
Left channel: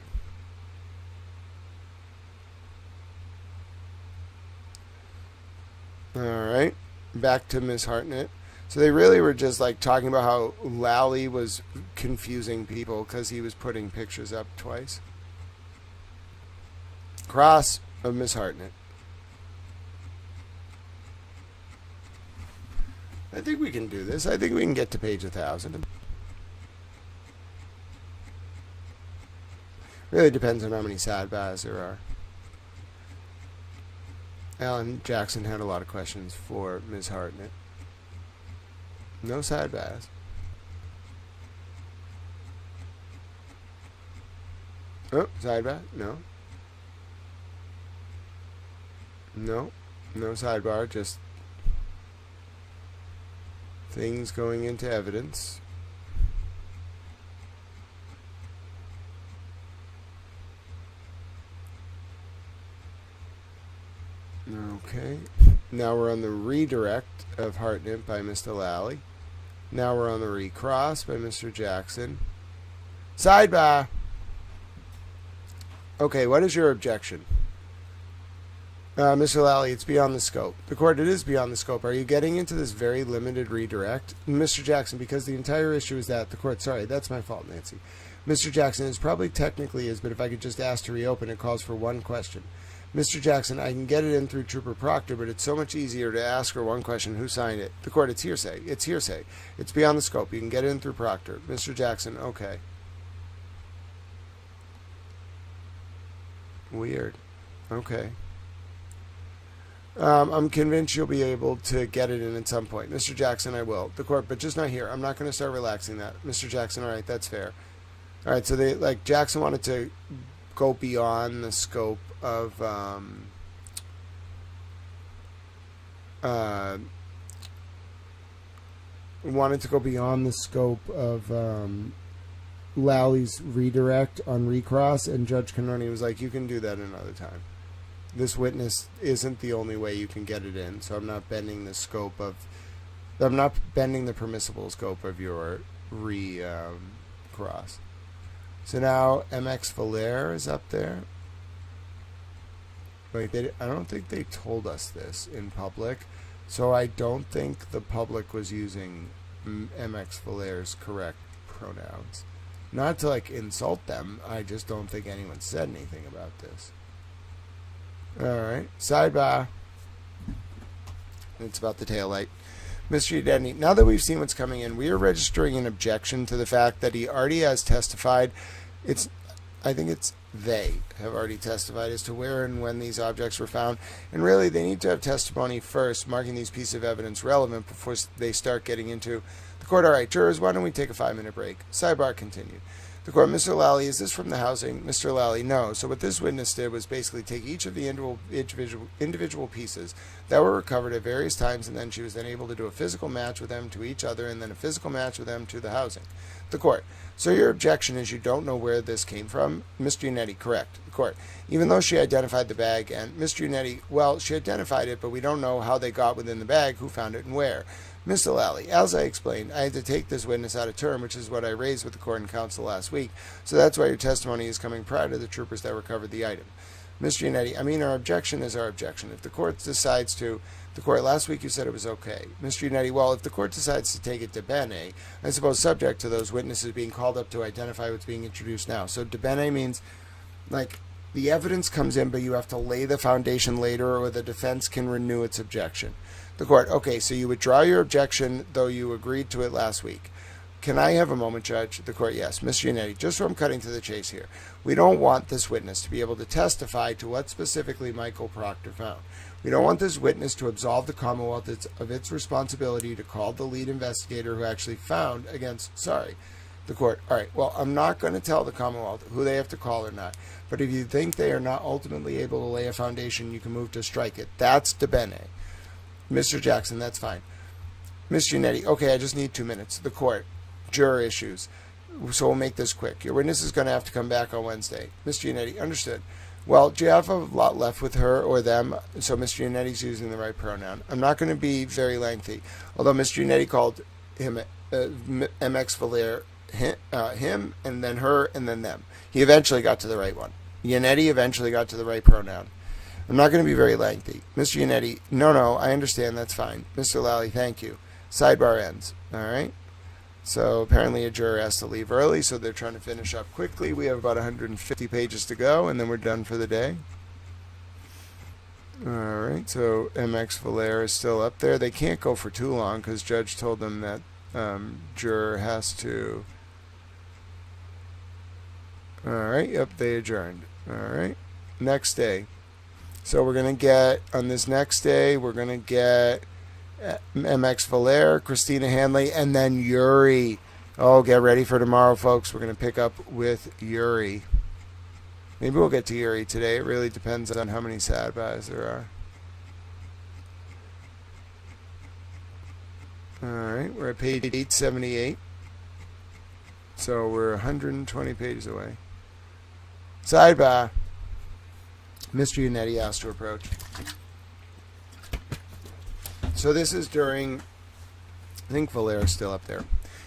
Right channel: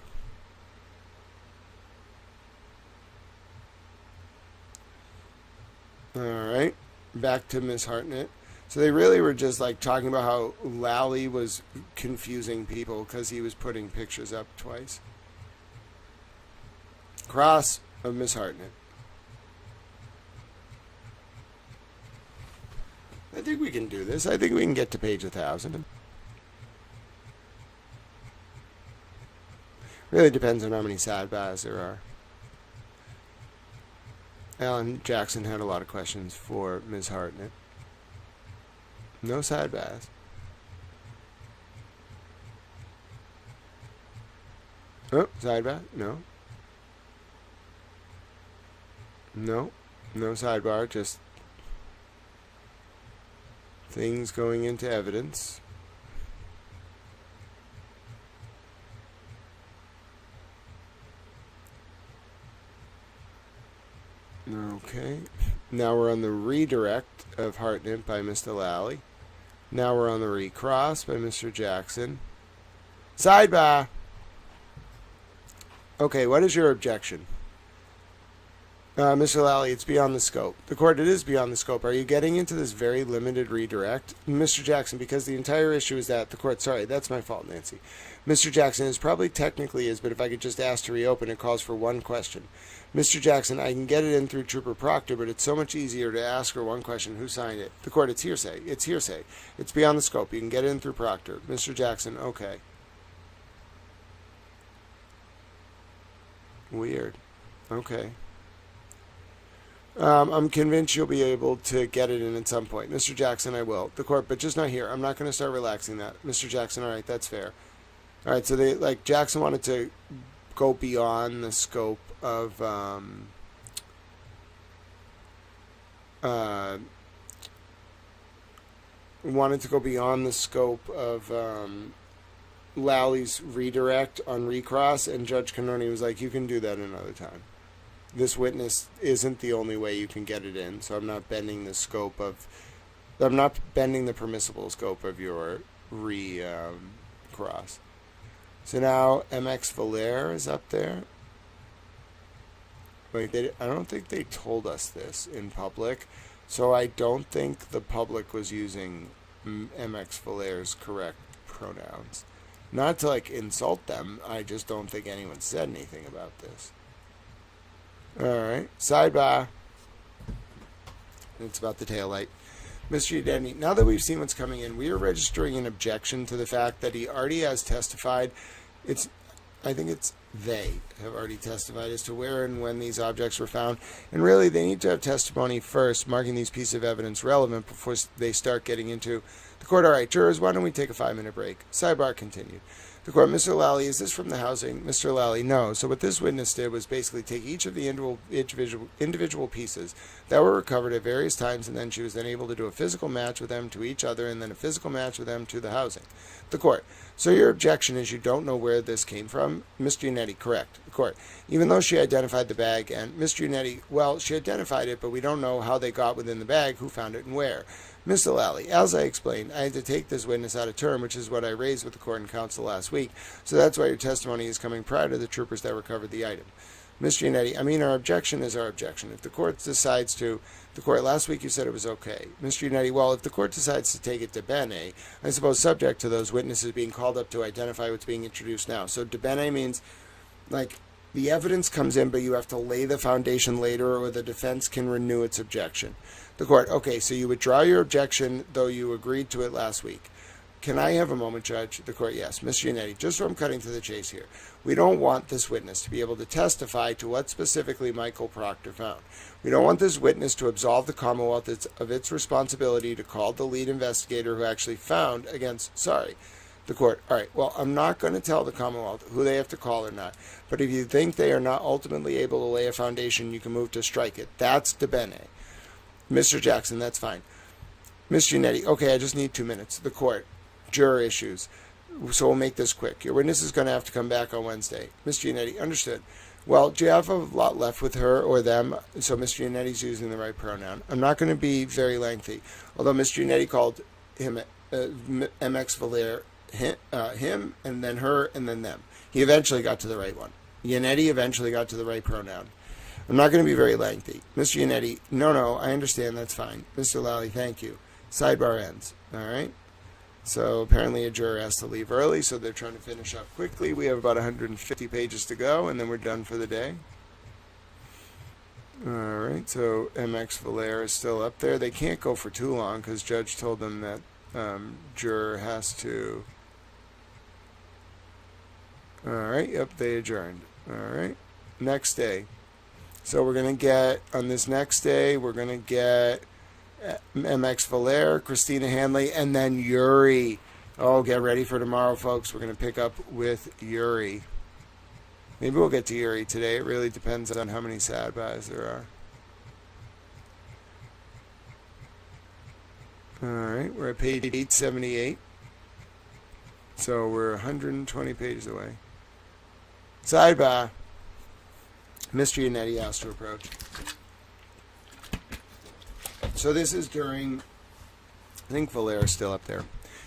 All right, back to Ms. Hartnett. So they really were just like talking about how Lally was confusing people because he was putting pictures up twice. Cross of Ms. Hartnett. I think we can do this. I think we can get to page 1,000. Really depends on how many sidebars there are. Alan Jackson had a lot of questions for Ms. Hartnett. No sidebars. Oh, sidebar? No. No. No sidebar, just things going into evidence. Okay. Now we're on the redirect of Hartnett by Mr. Lally. Now we're on the recross by Mr. Jackson. Sidebar. Okay, what is your objection? Mr. Lally, it's beyond the scope. The court, it is beyond the scope. Are you getting into this very limited redirect? Mr. Jackson, because the entire issue is that the court, sorry, that's my fault, Nancy. Mr. Jackson, it probably technically is, but if I could just ask to reopen, it calls for one question. Mr. Jackson, I can get it in through Trooper Proctor, but it's so much easier to ask her one question, who signed it? The court, it's hearsay. It's hearsay. It's beyond the scope. You can get it in through Proctor. Mr. Jackson, okay. Weird. Okay. I'm convinced you'll be able to get it in at some point. Mr. Jackson, I will. The court, but just not here. I'm not going to start relaxing that. Mr. Jackson, all right, that's fair. All right, so they, like, Jackson wanted to go beyond the scope of Lally's redirect on recross, and Judge Canoni was like, you can do that another time. This witness isn't the only way you can get it in, so I'm not bending the permissible scope of your cross. So now MX Valaire is up there. Wait, I don't think they told us this in public, so I don't think the public was using MX Valaire's correct pronouns. Not to like insult them, I just don't think anyone said anything about this. Alright, sidebar. It's about the taillight. Mystery identity. Now that we've seen what's coming in, we are registering an objection to the fact that he already has testified. I think they have already testified as to where and when these objects were found. And really, they need to have testimony first, marking these pieces of evidence relevant before they start getting into the court. All right, jurors, why don't we take a 5-minute break? Sidebar continued. The court, Mr. Lally, is this from the housing? Mr. Lally, no. So what this witness did was basically take each of the individual pieces that were recovered at various times, and then she was then able to do a physical match with them to each other, and then a physical match with them to the housing. The court, so your objection is you don't know where this came from? Mr. Unetti, correct. The court, even though she identified the bag, and Mr. Unetti, well, she identified it, but we don't know how they got within the bag, who found it, and where. Mr. Lally, as I explained, I had to take this witness out of term, which is what I raised with the court and counsel last week, so that's why your testimony is coming prior to the troopers that recovered the item. Mr. Unetti, I mean, our objection is our objection. If the court decides to, the court, last week you said it was okay. Mr. Unetti, well, if the court decides to take it to bene, I suppose subject to those witnesses being called up to identify what's being introduced now. So de bene means, like, the evidence comes in, but you have to lay the foundation later, or the defense can renew its objection. The court, okay, so you withdraw your objection, though you agreed to it last week. Can I have a moment, Judge? The court, yes. Mr. Unetti, just so I'm cutting to the chase here, we don't want this witness to be able to testify to what specifically Michael Proctor found. We don't want this witness to absolve the Commonwealth of its responsibility to call the lead investigator who actually found against, sorry. The court, all right, well, I'm not going to tell the Commonwealth who they have to call or not, but if you think they are not ultimately able to lay a foundation, you can move to strike it. That's de bene. Mr. Jackson, that's fine. Mr. Unetti, okay, I just need 2 minutes. The court, juror issues. So we'll make this quick. Your witness is going to have to come back on Wednesday. Mr. Unetti, understood. Well, do you have a lot left with her or them? So Mr. Unetti's using the right pronoun. I'm not going to be very lengthy, although Mr. Unetti called him MX Valere him, and then her, and then them. He eventually got to the right one. Unetti eventually got to the right pronoun. I'm not going to be very lengthy. Mr. Unetti, no, I understand, that's fine. Mr. Lally, thank you. Sidebar ends. All right? So apparently a juror has to leave early, so they're trying to finish up quickly. We have about 150 pages to go, and then we're done for the day. All right, so MX Valera is still up there. They can't go for too long because Judge told them that juror has to... All right, yep, they adjourned. All right, next day. So we're going to get, on this next day, we're going to get MX Valera, Christina Hanley, and then Yuri. Oh, get ready for tomorrow, folks. We're going to pick up with Yuri. Maybe we'll get to Yuri today. It really depends on how many sad buys there are. All right, we're at page 878. So we're 120 pages away. Sidebar. Mr. Unetti asked to approach. So this is during, I think Valera's still up there.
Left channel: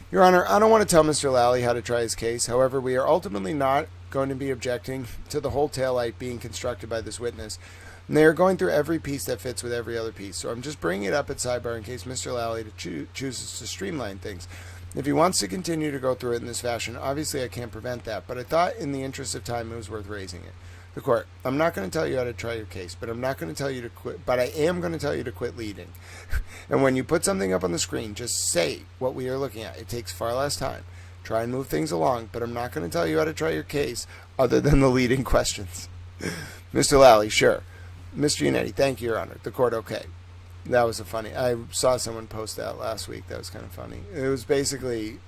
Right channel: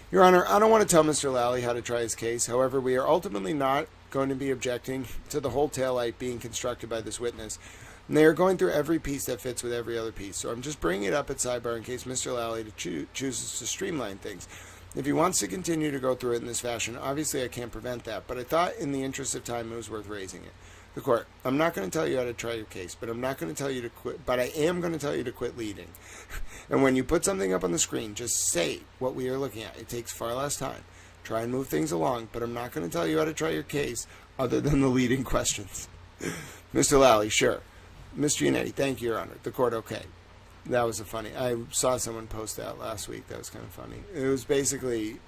Your Honor, I don't want to tell Mr. Lally how to try his case. However, we are ultimately not going to be objecting to the whole taillight being constructed by this witness. And they are going through every piece that fits with every other piece. So I'm just bringing it up at sidebar in case Mr. Lally chooses to streamline things. If he wants to continue to go through it in this fashion, obviously I can't prevent that. But I thought in the interest of time it was worth raising it. The court, I'm not going to tell you how to try your case, but I'm not going to tell you to quit, but I am going to tell you to quit leading. And when you put something up on the screen, just say what we are looking at. It takes far less time. Try and move things along, but I'm not going to tell you how to try your case other than the leading questions. Mr. Lally, sure. Mr. Unetti, thank you, Your Honor. The court, okay. That was I saw someone post that last week. That was kind of funny. It was basically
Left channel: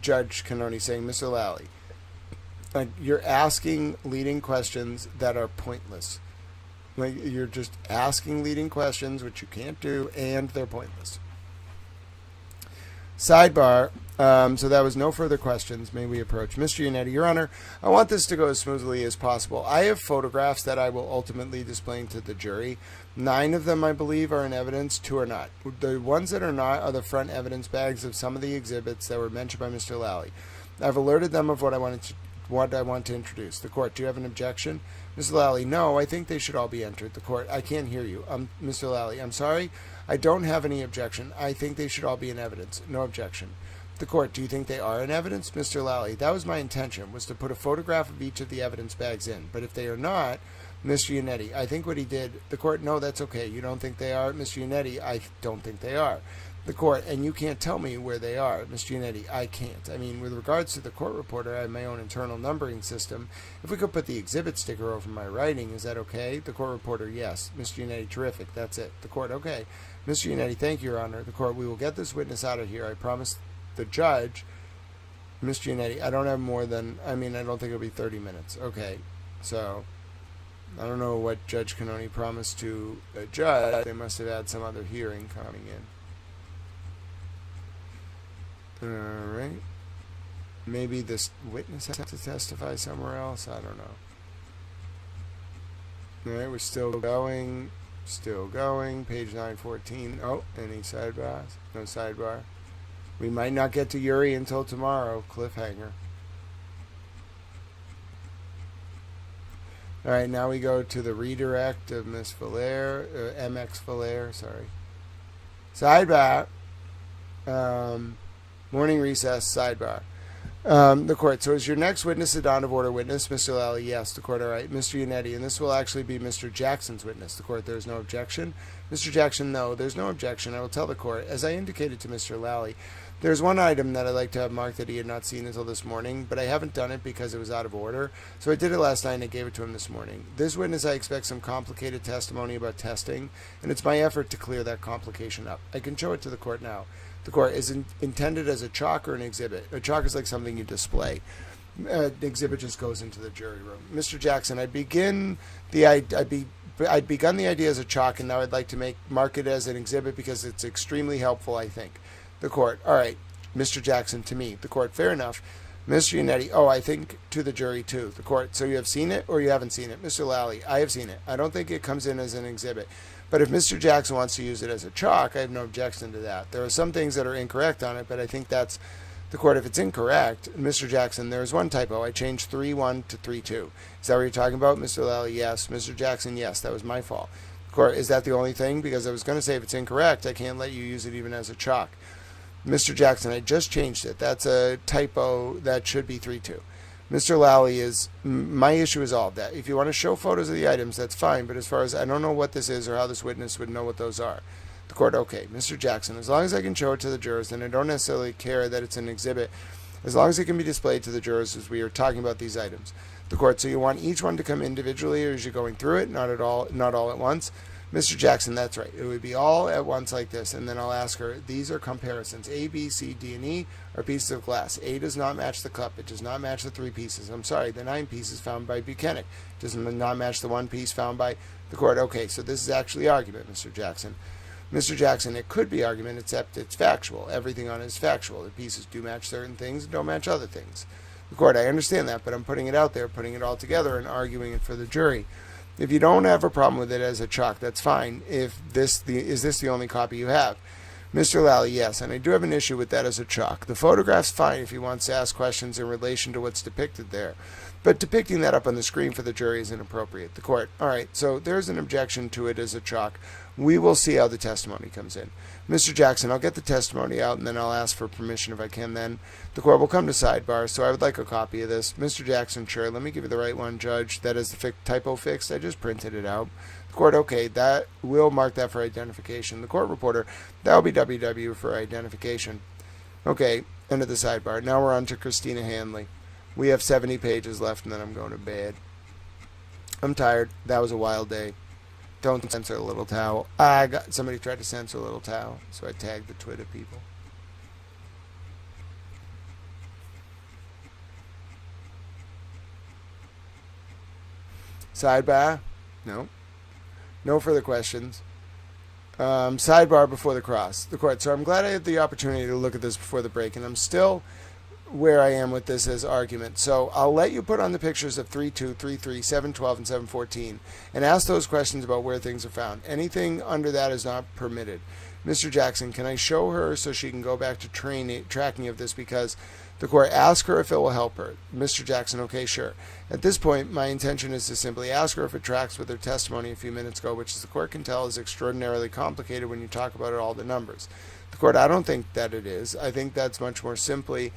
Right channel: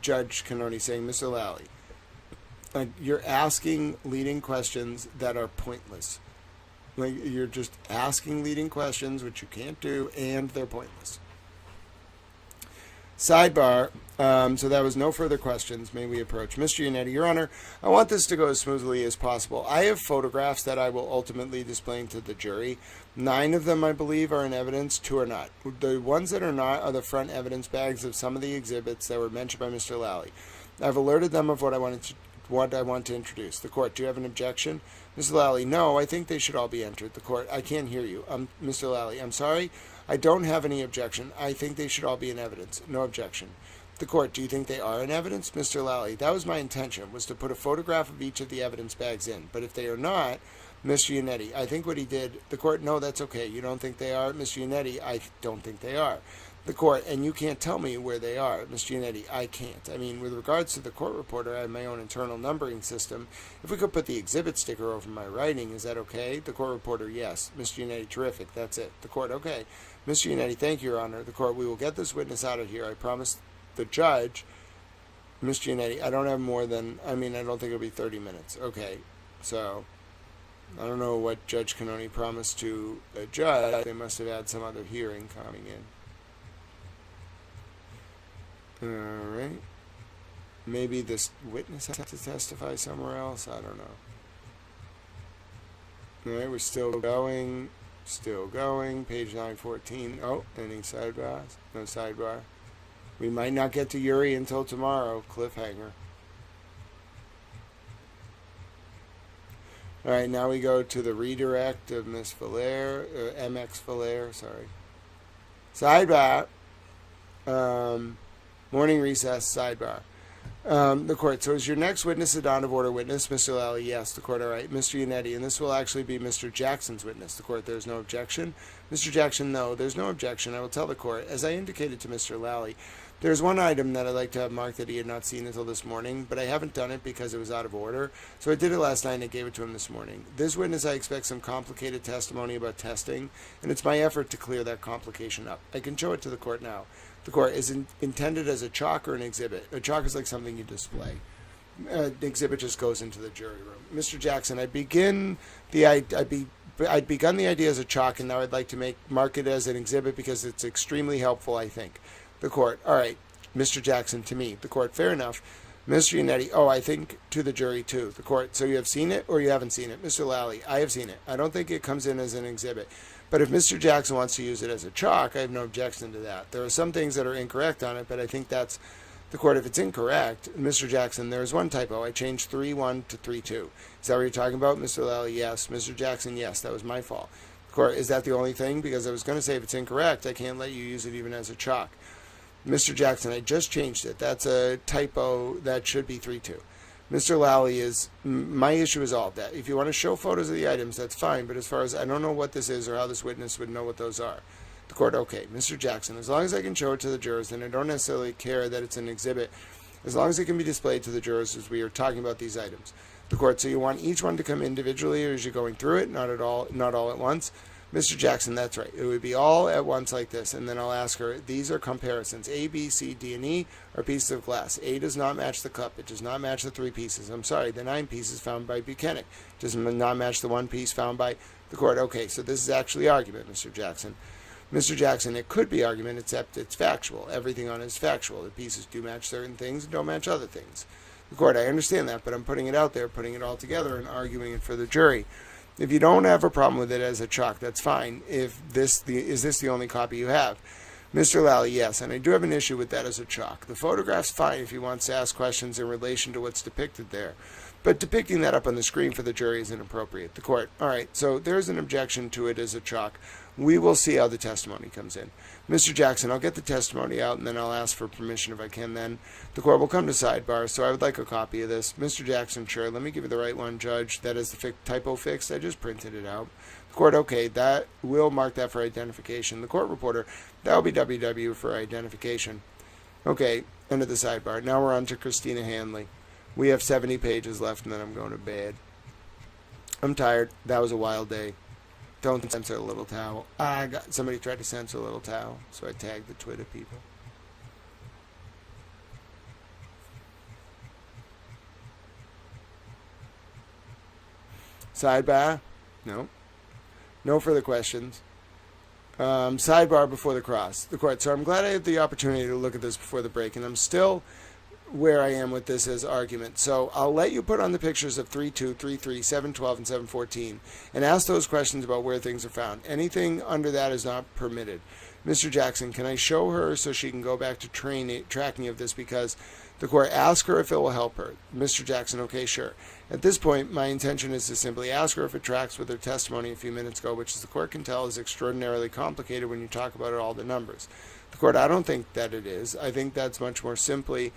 Judge Canoni saying, Mr. Lally, you're asking leading questions that are pointless. Like, you're just asking leading questions, which you can't do, and they're pointless. Sidebar. So that was no further questions. May we approach? Mr. Unetti, Your Honor, I want this to go as smoothly as possible. I have photographs that I will ultimately display to the jury. 9 of them, I believe, are in evidence. 2 are not. The ones that are not are the front evidence bags of some of the exhibits that were mentioned by Mr. Lally. I've alerted them of what I want to introduce. The court, do you have an objection? Mr. Lally, no, I think they should all be entered. The court, I can't hear you. Mr. Lally, I'm sorry. I don't have any objection. I think they should all be in evidence. No objection. The court, do you think they are in evidence? Mr. Lally, that was my intention, was to put a photograph of each of the evidence bags in. But if they are not, Mr. Unetti, I think what he did, the court, no, that's okay. You don't think they are? Mr. Unetti, I don't think they are. The court, and you can't tell me where they are. Mr. Unetti, I can't. I mean, with regards to the court reporter, I have my own internal numbering system. If we could put the exhibit sticker over my writing, is that okay? The court reporter, yes. Mr. Unetti, terrific. That's it. The court, okay. Mr. Unetti, thank you, Your Honor. The court, we will get this witness out of here. I promise the judge Mr. Unetti, I don't have more than, I don't think it'll be 30 minutes. Okay, so I don't know what Judge Cannoni promised to a judge. They must have had some other hearing coming in. All right. Maybe this witness has to testify somewhere else. I don't know. All right, we're still going. Still going. Page 914. Oh, any sidebars? No sidebar. We might not get to Yuri until tomorrow. Cliffhanger. All right, now we go to the redirect of Miss Valaire, MX Valaire, sorry. Sidebar. Morning recess, sidebar. The court. So is your next witness a Dawn of Order witness? Mr. Lally, yes. The court, all right. Mr. Unetti, and this will actually be Mr. Jackson's witness. The court, there's no objection. Mr. Jackson, no, there's no objection. I will tell the court, as I indicated to Mr. Lally, there's one item that I'd like to have marked that he had not seen until this morning, but I haven't done it because it was out of order. So I did it last night and I gave it to him this morning. This witness, I expect some complicated testimony about testing, and it's my effort to clear that complication up. I can show it to the court now. The court is intended as a chalk or an exhibit. A chalk is like something you display. The exhibit just goes into the jury room. Mr. Jackson, I'd begun the idea as a chalk, and now I'd like to mark it as an exhibit because it's extremely helpful, I think. The court, all right. Mr. Jackson, to me. The court, fair enough. Mr. Unetti, oh, I think to the jury too. The court, so you have seen it or you haven't seen it? Mr. Lally, I have seen it. I don't think it comes in as an exhibit. But if Mr. Jackson wants to use it as a chalk, I have no objection to that. There are some things that are incorrect on it, but I think that's the court. If it's incorrect, Mr. Jackson, there's one typo. I changed 3-1 to 3-2. Is that what you're talking about? Mr. Lally, yes. Mr. Jackson, yes. That was my fault. The court, is that the only thing? Because I was going to say if it's incorrect, I can't let you use it even as a chalk. Mr. Jackson, I just changed it. That's a typo. That should be 3-2. Mr. Lally, my issue is all of that. If you want to show photos of the items, that's fine. But as far as I don't know what this is or how this witness would know what those are. The court, okay. Mr. Jackson, as long as I can show it to the jurors, then I don't necessarily care that it's an exhibit. As long as it can be displayed to the jurors as we are talking about these items. The court, so you want each one to come individually or is you going through it? Not all at once. Mr. Jackson, that's right. It would be all at once like this, and then I'll ask her, these are comparisons. A, B, C, D, and E are pieces of glass. A does not match the cup. It does not match the 3 pieces. I'm sorry, the 9 pieces found by Buchanan. It does not match the 1 piece found by the court. Okay, so this is actually argument, Mr. Jackson. Mr. Jackson, it could be argument, except it's factual. Everything on it is factual. The pieces do match certain things and don't match other things. The court, I understand that, but I'm putting it out there, putting it all together and arguing it for the jury. If you don't have a problem with it as a chalk, that's fine. Is this the only copy you have? Mr. Lally, yes, and I do have an issue with that as a chalk. The photograph's fine if he wants to ask questions in relation to what's depicted there. But depicting that up on the screen for the jury is inappropriate. The court, all right, so there's an objection to it as a chalk. We will see how the testimony comes in. Mr. Jackson, I'll get the testimony out, and then I'll ask for permission if I can then. The court will come to sidebar, so I would like a copy of this. Mr. Jackson, sure, let me give you the right one, Judge. That is the typo fixed. I just printed it out. The court, okay, that will mark that for identification. The court reporter, that will be WW for identification. Okay, end of the sidebar. Now we're on to Christina Hanley. We have 70 pages left, and then I'm going to bed. I'm tired. That was a wild day. Don't censor a little towel. Somebody tried to censor a little towel, so I tagged the Twitter people. Sidebar? No. No further questions. Sidebar before the cross. The court. So I'm glad I had the opportunity to look at this before the break, and I'm still where I am with this as argument. So I'll let you put on the pictures of 3-2, 3-3, 7-12, and 7-14 and ask those questions about where things are found. Anything under that is not permitted. Mr. Jackson, can I show her so she can go back to tracking of this because the court ask her if it will help her? Mr. Jackson, okay, sure. At this point, my intention is to simply ask her if it tracks with her testimony a few minutes ago, which as the court can tell is extraordinarily complicated when you talk about all the numbers. The court, I don't think that it is. I think that's much more simply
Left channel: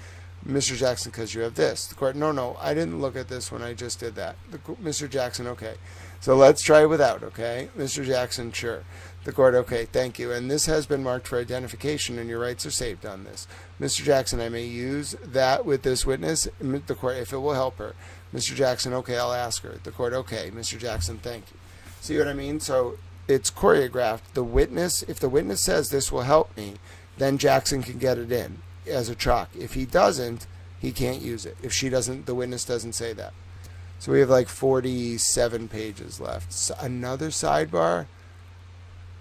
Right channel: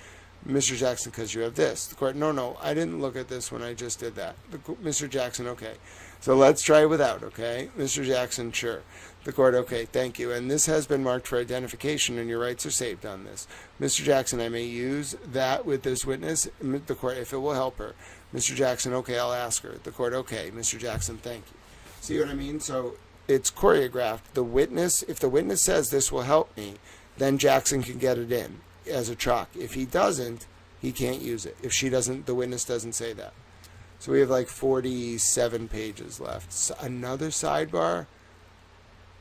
Mr. Jackson, because you have this. The court, no, I didn't look at this when I just did that. Mr. Jackson, okay. So let's try without, okay? Mr. Jackson, sure. The court, okay, thank you. And this has been marked for identification, and your rights are saved on this. Mr. Jackson, I may use that with this witness. The court, if it will help her. Mr. Jackson, okay, I'll ask her. The court, okay. Mr. Jackson, thank you. See what I mean? So it's choreographed. The witness, if the witness says this will help me, then Jackson can get it in as a chalk. If he doesn't, he can't use it if the witness doesn't say that. So we have like 47 pages left. So another sidebar?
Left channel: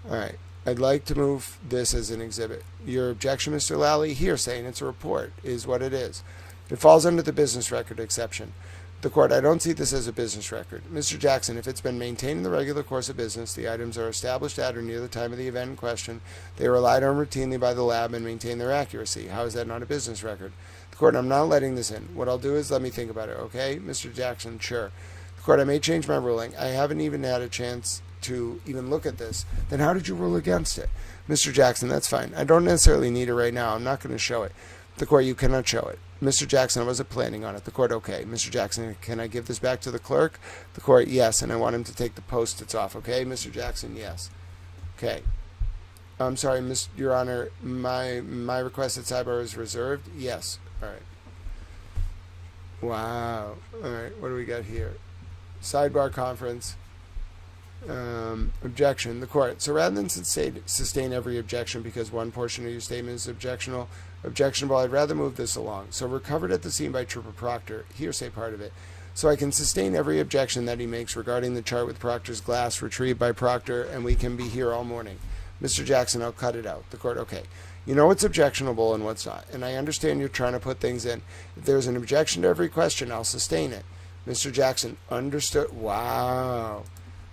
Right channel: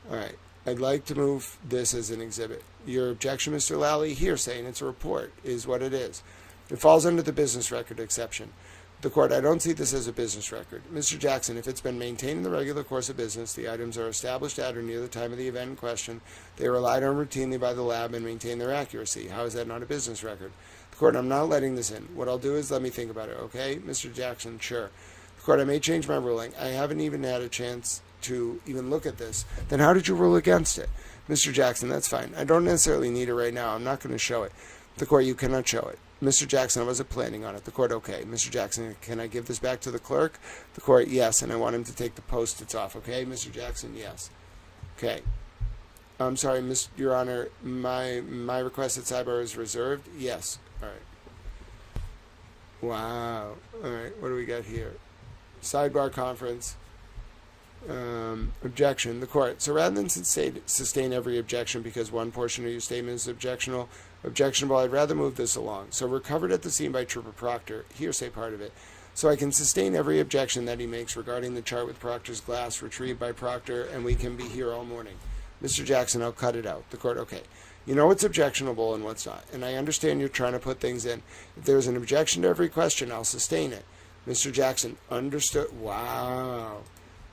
All right. I'd like to move this as an exhibit. Your objection, Mr. Lally, hearsay, and it's a report, is what it is. It falls under the business record exception. The court, I don't see this as a business record. Mr. Jackson, if it's been maintained in the regular course of business, the items are established at or near the time of the event in question, they are relied on routinely by the lab and maintain their accuracy. How is that not a business record? The court, I'm not letting this in. What I'll do is let me think about it, okay? Mr. Jackson, sure. The court, I may change my ruling. I haven't even had a chance to even look at this. Then how did you rule against it? Mr. Jackson, that's fine. I don't necessarily need it right now. I'm not going to show it. The court, you cannot show it. Mr. Jackson, I wasn't planning on it. The court, okay. Mr. Jackson, can I give this back to the clerk? The court, yes, and I want him to take the post-its off, okay? Mr. Jackson, yes. Okay. I'm sorry, Your Honor, my request at sidebar is reserved? Yes. All right. Wow. All right, what do we got here? Sidebar conference. Objection. The court. So rather than sustain every objection because one portion of your statement is objectionable, I'd rather move this along. So recovered at the scene by Trooper Proctor, hearsay part of it. So I can sustain every objection that he makes regarding the chart with Proctor's glass retrieved by Proctor, and we can be here all morning. Mr. Jackson, I'll cut it out. The court, okay. You know what's objectionable and what's not, and I understand you're trying to put things in. If there's an objection to every question, I'll sustain it. Mr. Jackson, understood. Wow.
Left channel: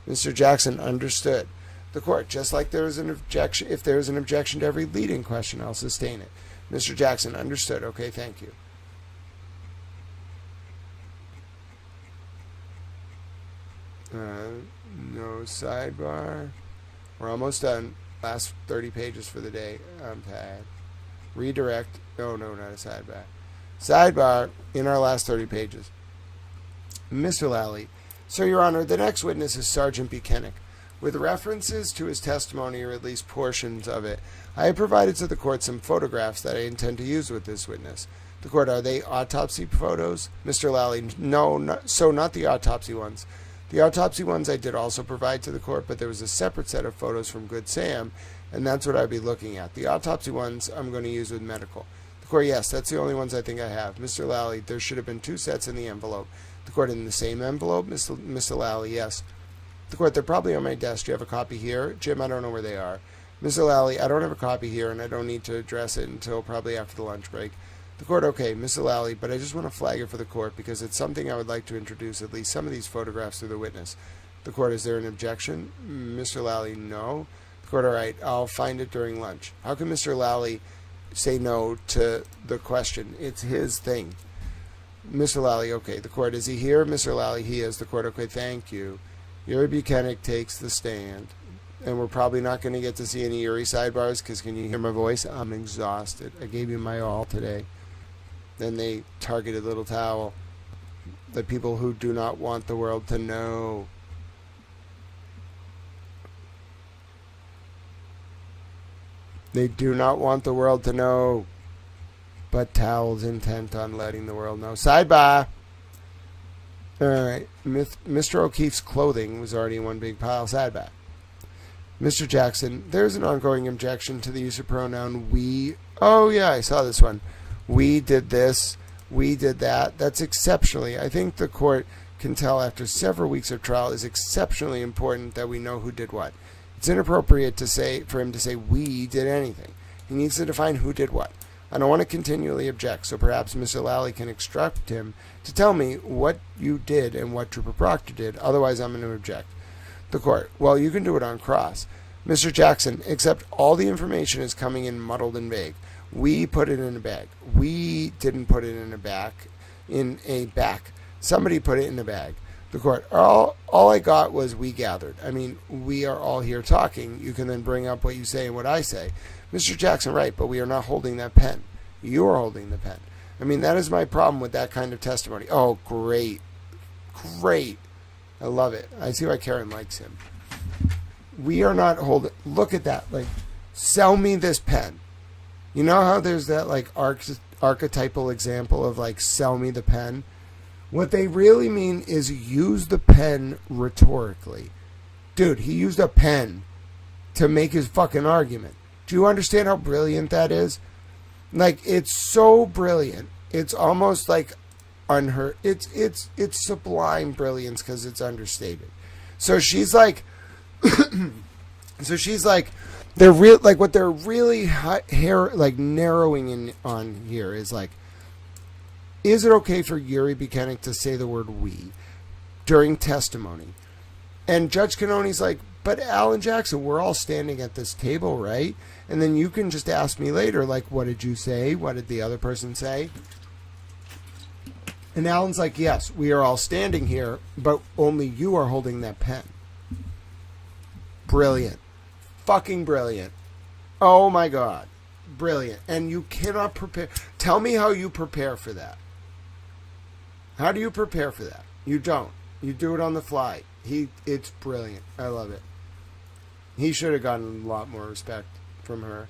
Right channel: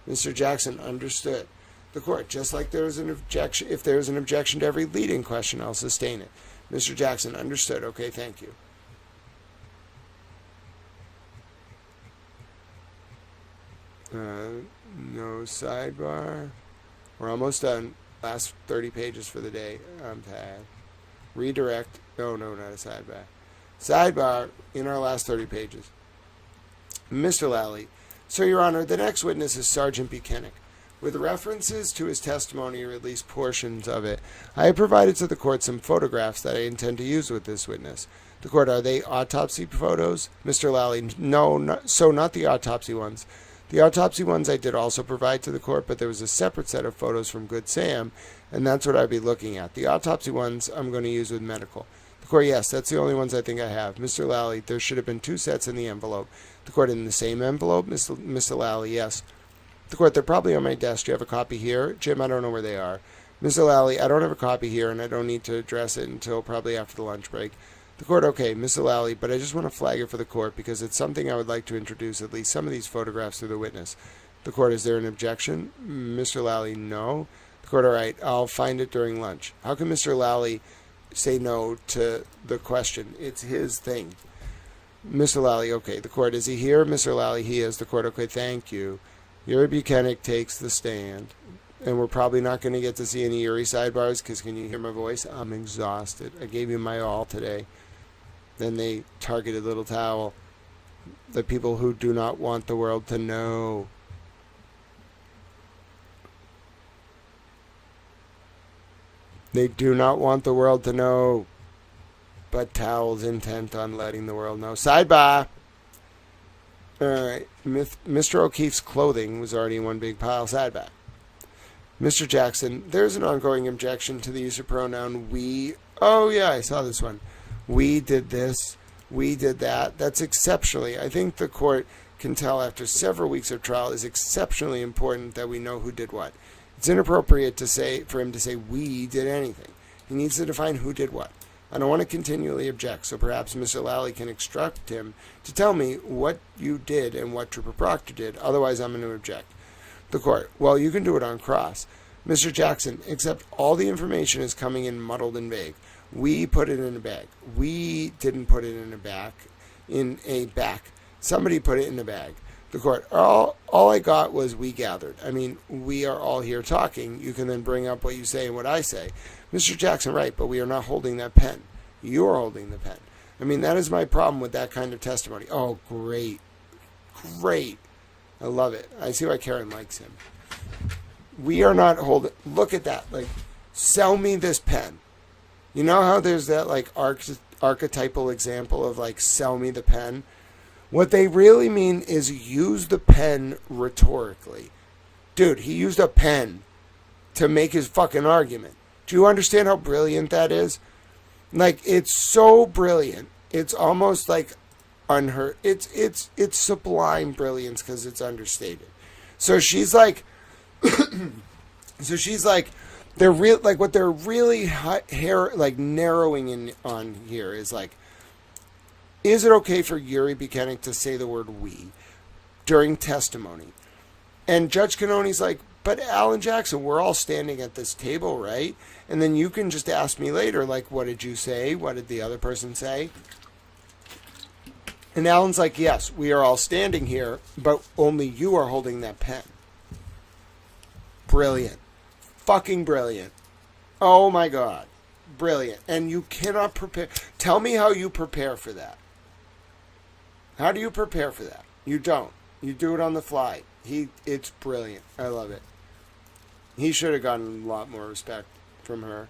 Mr. Jackson, understood. The court, just like there is an objection, if there is an objection to every leading question, I'll sustain it. Mr. Jackson, understood. Okay, thank you. No sidebar. We're almost done. Last 30 pages for the day. I'm tired. Redirect. No, not a sidebar. Sidebar in our last 30 pages. Mr. Lally. So, Your Honor, the next witness is Sergeant Buchanan. With references to his testimony, or at least portions of it, I have provided to the court some photographs that I intend to use with this witness. The court, are they autopsy photos? Mr. Lally, no, not the autopsy ones. The autopsy ones I did also provide to the court, but there was a separate set of photos from Good Sam, and that's what I'd be looking at. The autopsy ones I'm going to use with medical. The court, yes, that's the only ones I think I have. Mr. Lally, there should have been 2 sets in the envelope. The court, in the same envelope? Mr. Lally, yes. The court, they're probably on my desk. Do you have a copy here? Jim, I don't know where they are. Mr. Lally, I don't have a copy here, and I don't need to address it until probably after the lunch break. The court, okay, Mr. Lally, but I just want to flag it for the court because it's something I would like to introduce at least some of these photographs to the witness. The court, is there an objection? Mr. Lally, no. The court, all right, I'll find it during lunch. How can Mr. Lally say no to the question? It's his thing. Mr. Lally, okay. The court, is he here? Mr. Lally, he is. The court, okay, thank you. Yuri Buchanan takes the stand. And we're probably not going to get to see any Yuri sidebars because can you hear my voice? I'm exhausted. I gave you my all today. Then they targeted Little Towel. The people who do not want the world to know. They do not want the world to know. But Towel's intent on letting the world know. Sidebar! Alright. Mr. O'Keefe's clothing was already in one big pile. Sidebar. Mr. Jackson, there's an ongoing objection to the use of pronoun we. Oh, yeah, I saw this one. We did this. We did that. That's exceptionally. I think the court can tell after several weeks of trial is exceptionally important that we know who did what. It's inappropriate for him to say we did anything. He needs to define who did what. I don't want to continually object, so perhaps Mr. Lally can instruct him to tell me what you did and what Trooper Proctor did. Otherwise, I'm going to object. The court, well, you can do it on cross. Mr. Jackson, except all the information is coming in muddled and vague. We put it in a bag. We didn't put it in a back. Somebody put it in a bag. The court, all I got was we gathered. I mean, we are all here talking. You can then bring up what you say and what I say. Mr. Jackson, right, but we are not holding that pen. You are holding the pen. I mean, that is my problem with that kind of testimony. Oh, great. Great. I love it. I see why Karen likes him. We are not holding. Look at that. Like, sell me this pen. You know how there's that, like, archetypal example of, like, sell me the pen? What they really mean is use the pen rhetorically. Dude, he used a pen to make his fucking argument. Do you understand how brilliant that is? Like, it's so brilliant. It's almost like unheard. It's sublime brilliance because it's understated. So she's like, they're real. Like what they're really narrowing in on here is like, is it okay for Yuri Buchanan to say the word "we" during testimony? And Judge Cannoni's like, but Alan Jackson, we're all standing at this table, right? And then you can just ask me later, like, what did you say? What did the other person say? And Alan's like, yes, we are all standing here, but only you are holding that pen. Brilliant. Fucking brilliant. Oh my God. Brilliant. And you cannot prepare. Tell me how you prepare for that. How do you prepare for that? You don't. You do it on the fly. It's brilliant. I love it. He should have gotten a lot more respect from her.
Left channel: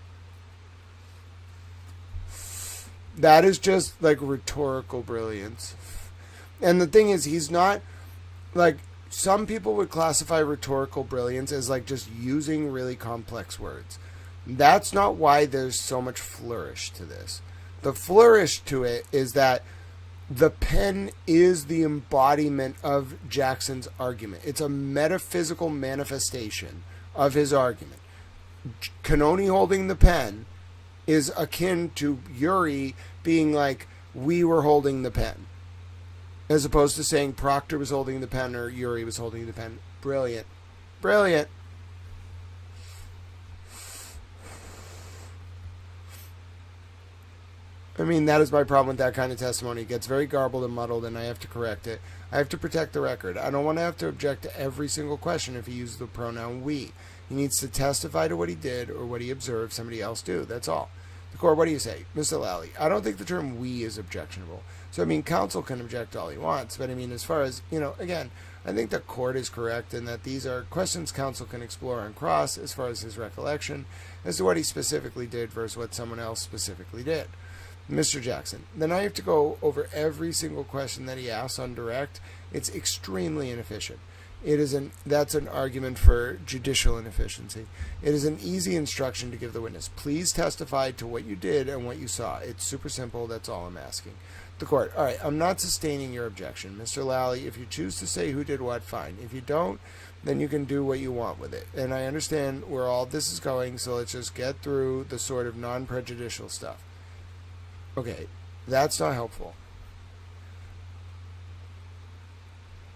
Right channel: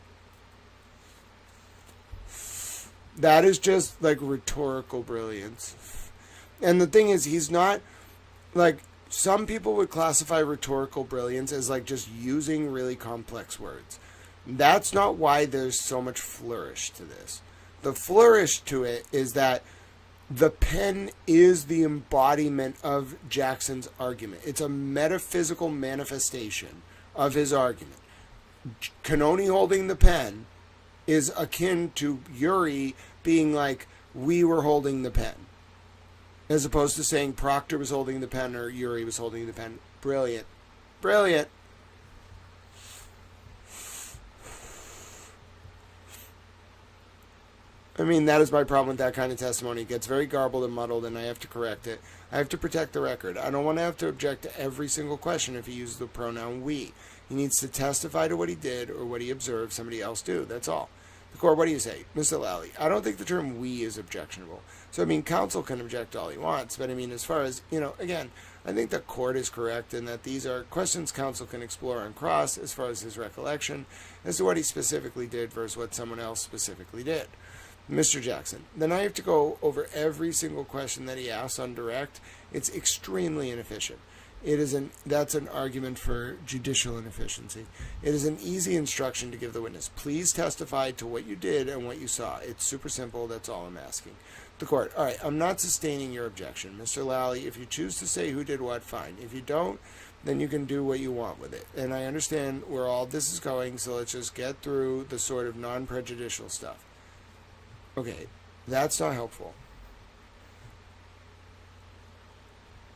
That is just like rhetorical brilliance. And the thing is, he's not like, some people would classify rhetorical brilliance as like just using really complex words. That's not why there's so much flourish to this. The flourish to it is that the pen is the embodiment of Jackson's argument. It's a metaphysical manifestation of his argument. Cannoni holding the pen is akin to Yuri being like, we were holding the pen. As opposed to saying Proctor was holding the pen or Yuri was holding the pen. Brilliant. Brilliant. I mean, that is my problem with that kind of testimony. It gets very garbled and muddled, and I have to correct it. I have to protect the record. I don't want to have to object to every single question if he uses the pronoun we. He needs to testify to what he did or what he observed somebody else do. That's all. The court, what do you say? Mr. Lally, I don't think the term we is objectionable. So, I mean, counsel can object all he wants, but I mean, as far as, again, I think the court is correct in that these are questions counsel can explore on cross as far as his recollection as to what he specifically did versus what someone else specifically did. Mr. Jackson, then I have to go over every single question that he asks on direct. It's extremely inefficient. That's an argument for judicial inefficiency. It is an easy instruction to give the witness. Please testify to what you did and what you saw. It's super simple. That's all I'm asking. The court, all right, I'm not sustaining your objection. Mr. Lally, if you choose to say who did what, fine. If you don't, then you can do what you want with it. And I understand where all this is going, so let's just get through the sort of non-prejudicial stuff. Okay, that's not helpful.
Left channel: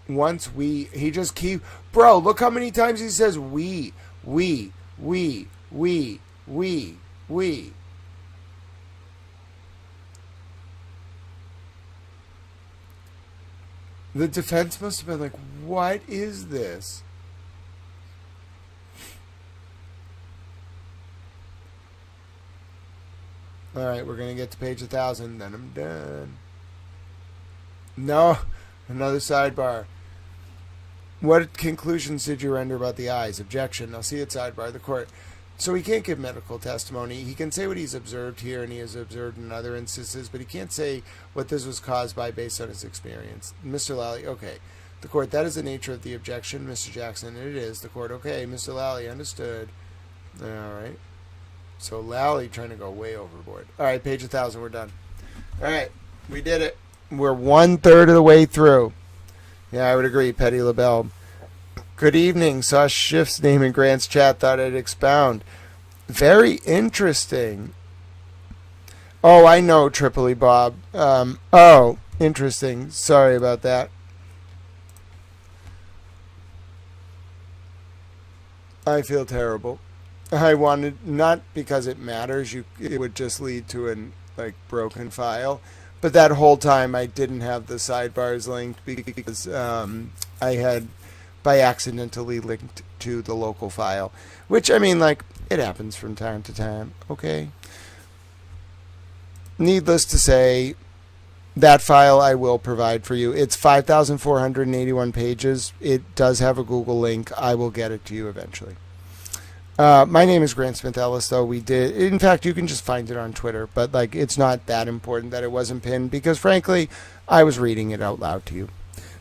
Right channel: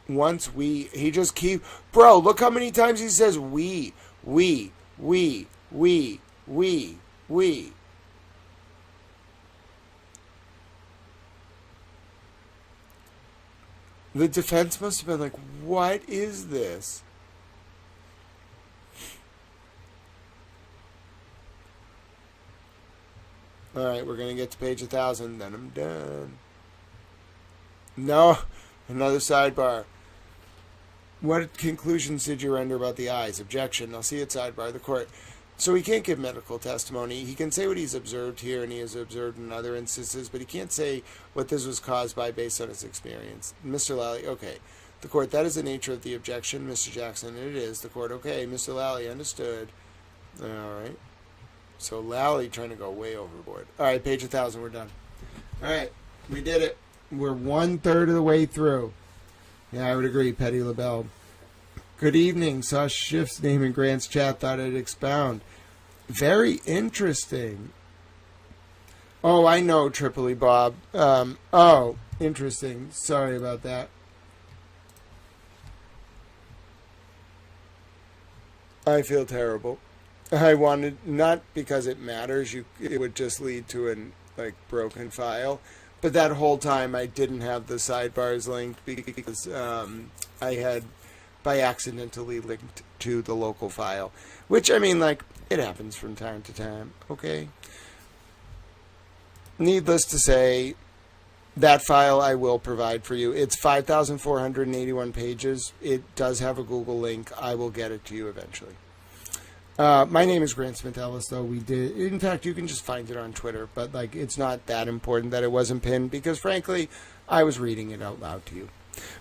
He just keep, bro, look how many times he says we. The defense must have been like, what is this? All right, we're going to get to page 1,000, then I'm done. No, another sidebar. What conclusions did you render about the eyes? Objection. I'll see it sidebar. The court. So he can't give medical testimony. He can say what he's observed here and he has observed in other instances, but he can't say what this was caused by based on his experience. Mr. Lally, okay. The court, that is the nature of the objection, Mr. Jackson. It is. The court, okay. Mr. Lally, understood. All right. So Lally trying to go way overboard. All right, page 1,000, we're done. All right, we did it. We're 1/3 of the way through. Yeah, I would agree, Petty LaBelle. Good evening. Saw Schiff's name in Grant's chat. Thought I'd expound. Very interesting. Oh, I know, Tripoli Bob. Oh, interesting. Sorry about that. I feel terrible. I wanted, not because it matters, it would just lead to an broken file, but that whole time I didn't have the sidebars linked because I had by accidentally linked to the local file, which I mean, it happens from time to time. Okay. Needless to say, that file I will provide for you. It's 5,481 pages. It does have a Google link. I will get it to you eventually. My name is Grant Smith Ellis, though. In fact, you can just find it on Twitter, but it's not that important that it wasn't pinned because, frankly, I was reading it out loud to you.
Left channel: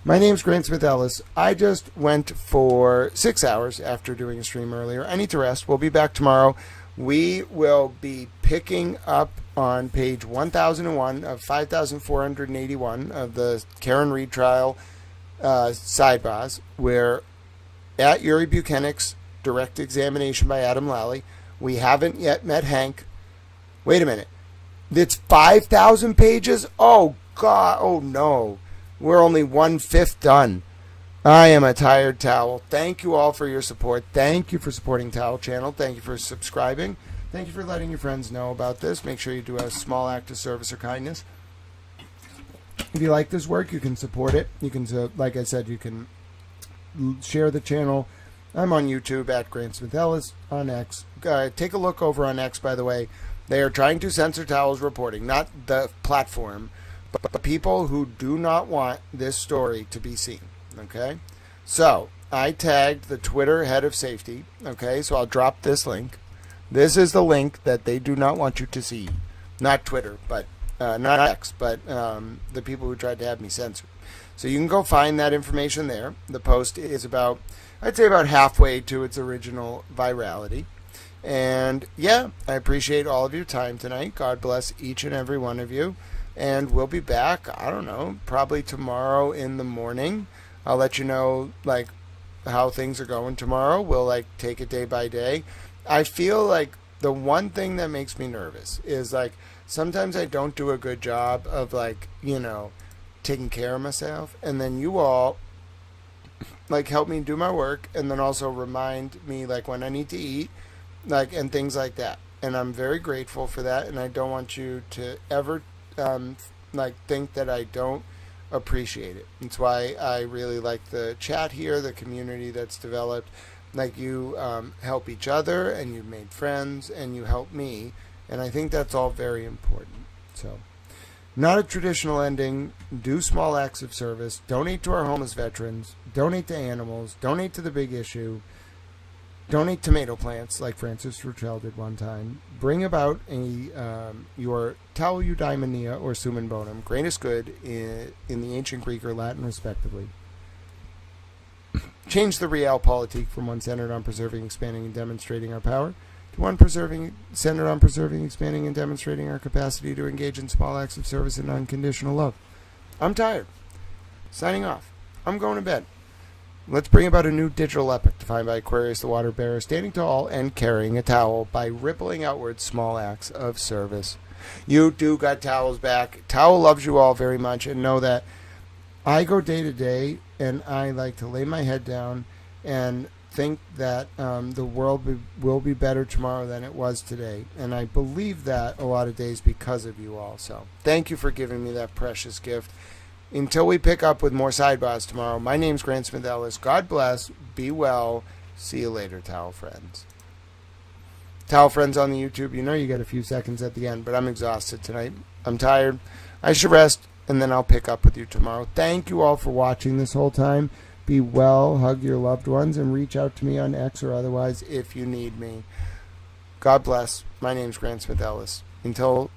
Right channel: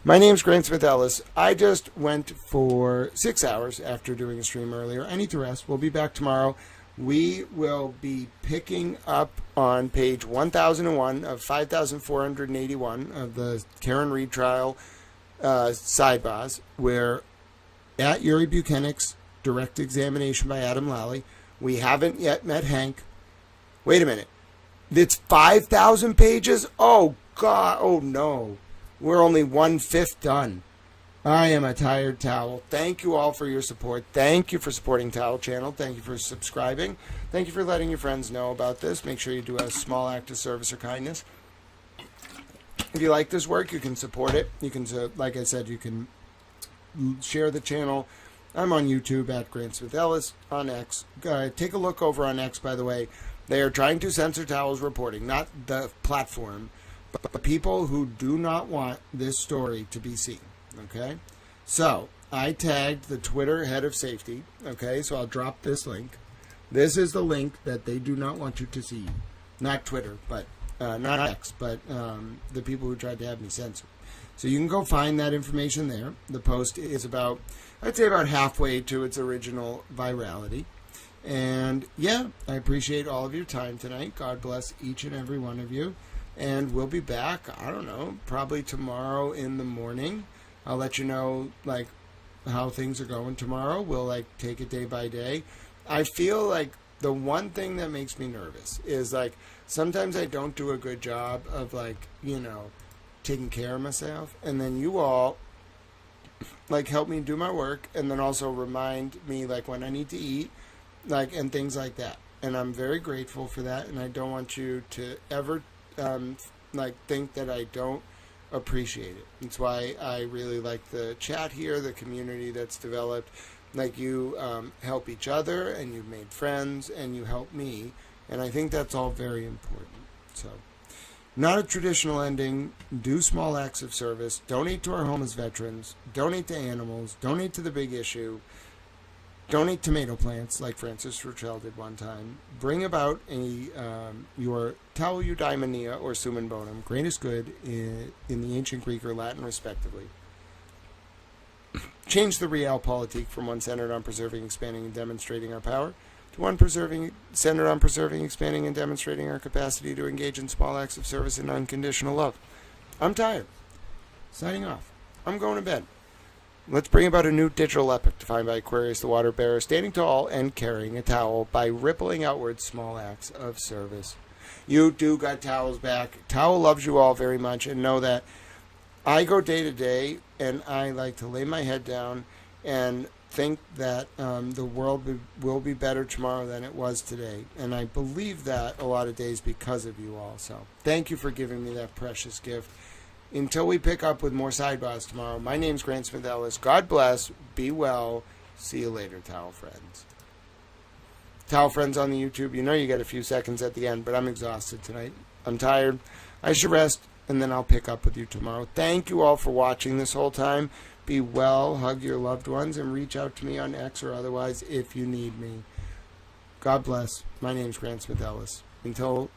My name is Grant Smith Ellis. I just went for 6 hours after doing a stream earlier. I need to rest. We'll be back tomorrow. We will be picking up on page 1001 of 5481 of the Karen Reed trial sidebars, where at Yuri Buchanan's direct examination by Adam Lally, we haven't yet met Hank. Wait a minute. It's 5,000 pages? Oh, God. Oh, no. We're only 1/5 done. I am a tired towel. Thank you all for your support. Thank you for supporting Towel Channel. Thank you for subscribing. Thank you for letting your friends know about this. Make sure you do a small act of service or kindness. If you like this work, you can support it. You can, like I said, you can share the channel. I'm on YouTube at Grant Smith Ellis, on X. Take a look over on X, by the way. They are trying to censor Towel's reporting, not the platform, but people who do not want this story to be seen. Okay? So, I tagged the Twitter head of safety. Okay? So I'll drop this link. This is the link that they do not want you to see. Not Twitter, but not X, but the people who tried to have me censored. So you can go find that information there. The post is about, I'd say, about halfway to its original virality. And yeah, I appreciate all of your time tonight. God bless each and every one of you. And we'll be back, I don't know, probably tomorrow in the morning. I'll let you know, like, how things are going tomorrow. We'll, like, take it day by day. I feel like the one thing that makes me nervous is, like, sometimes I don't do a good job of, like, you know, taking care of myself. And then you all, like, help me do my work and then also remind me, like, when I need to eat, like, and things like that. And I'm very grateful for that. And I don't want you to ever, like, think that I don't appreciate it. That's why I really like the chat here, the community that's developed. Like, you help each other, and you've made friends, and you help me, and I think that's all very important. So, not a traditional ending. Do small acts of service. Donate to our homeless veterans. Donate to animals. Donate to the big issue. Donate tomato plants, like Francis Ruchel did one time. Bring about your Tau Eudaimonia or Summum Bonum, greatest good in the ancient Greek or Latin, respectively. Change the realpolitik from one centered on preserving, expanding, and demonstrating our power to one centered on preserving, expanding, and demonstrating our capacity to engage in small acts of service and unconditional love. I'm tired. Signing off. I'm going to bed. Let's bring about a new digital epic defined by Aquarius the Water Bearer, standing tall and carrying a towel by rippling outward small acts of service. You do got Towel's back. Towel loves you all very much, and know that I go day to day, and I like to lay my head down and think that the world will be better tomorrow than it was today. And I believe that a lot of days because of you all. So thank you for giving me that precious gift. Until we pick up with more sidebars tomorrow, my name's Grant Smith Ellis. God bless. Be well. See you later, Towel friends. Towel friends on the YouTube, you know you get a few seconds at the end, but I'm exhausted tonight. I'm tired. I should rest, and then I'll pick up with you tomorrow. Thank you all for watching this whole time. Be well, hug your loved ones, and reach out to me on X or otherwise if you need me. God bless. My name's Grant Smith Ellis. Until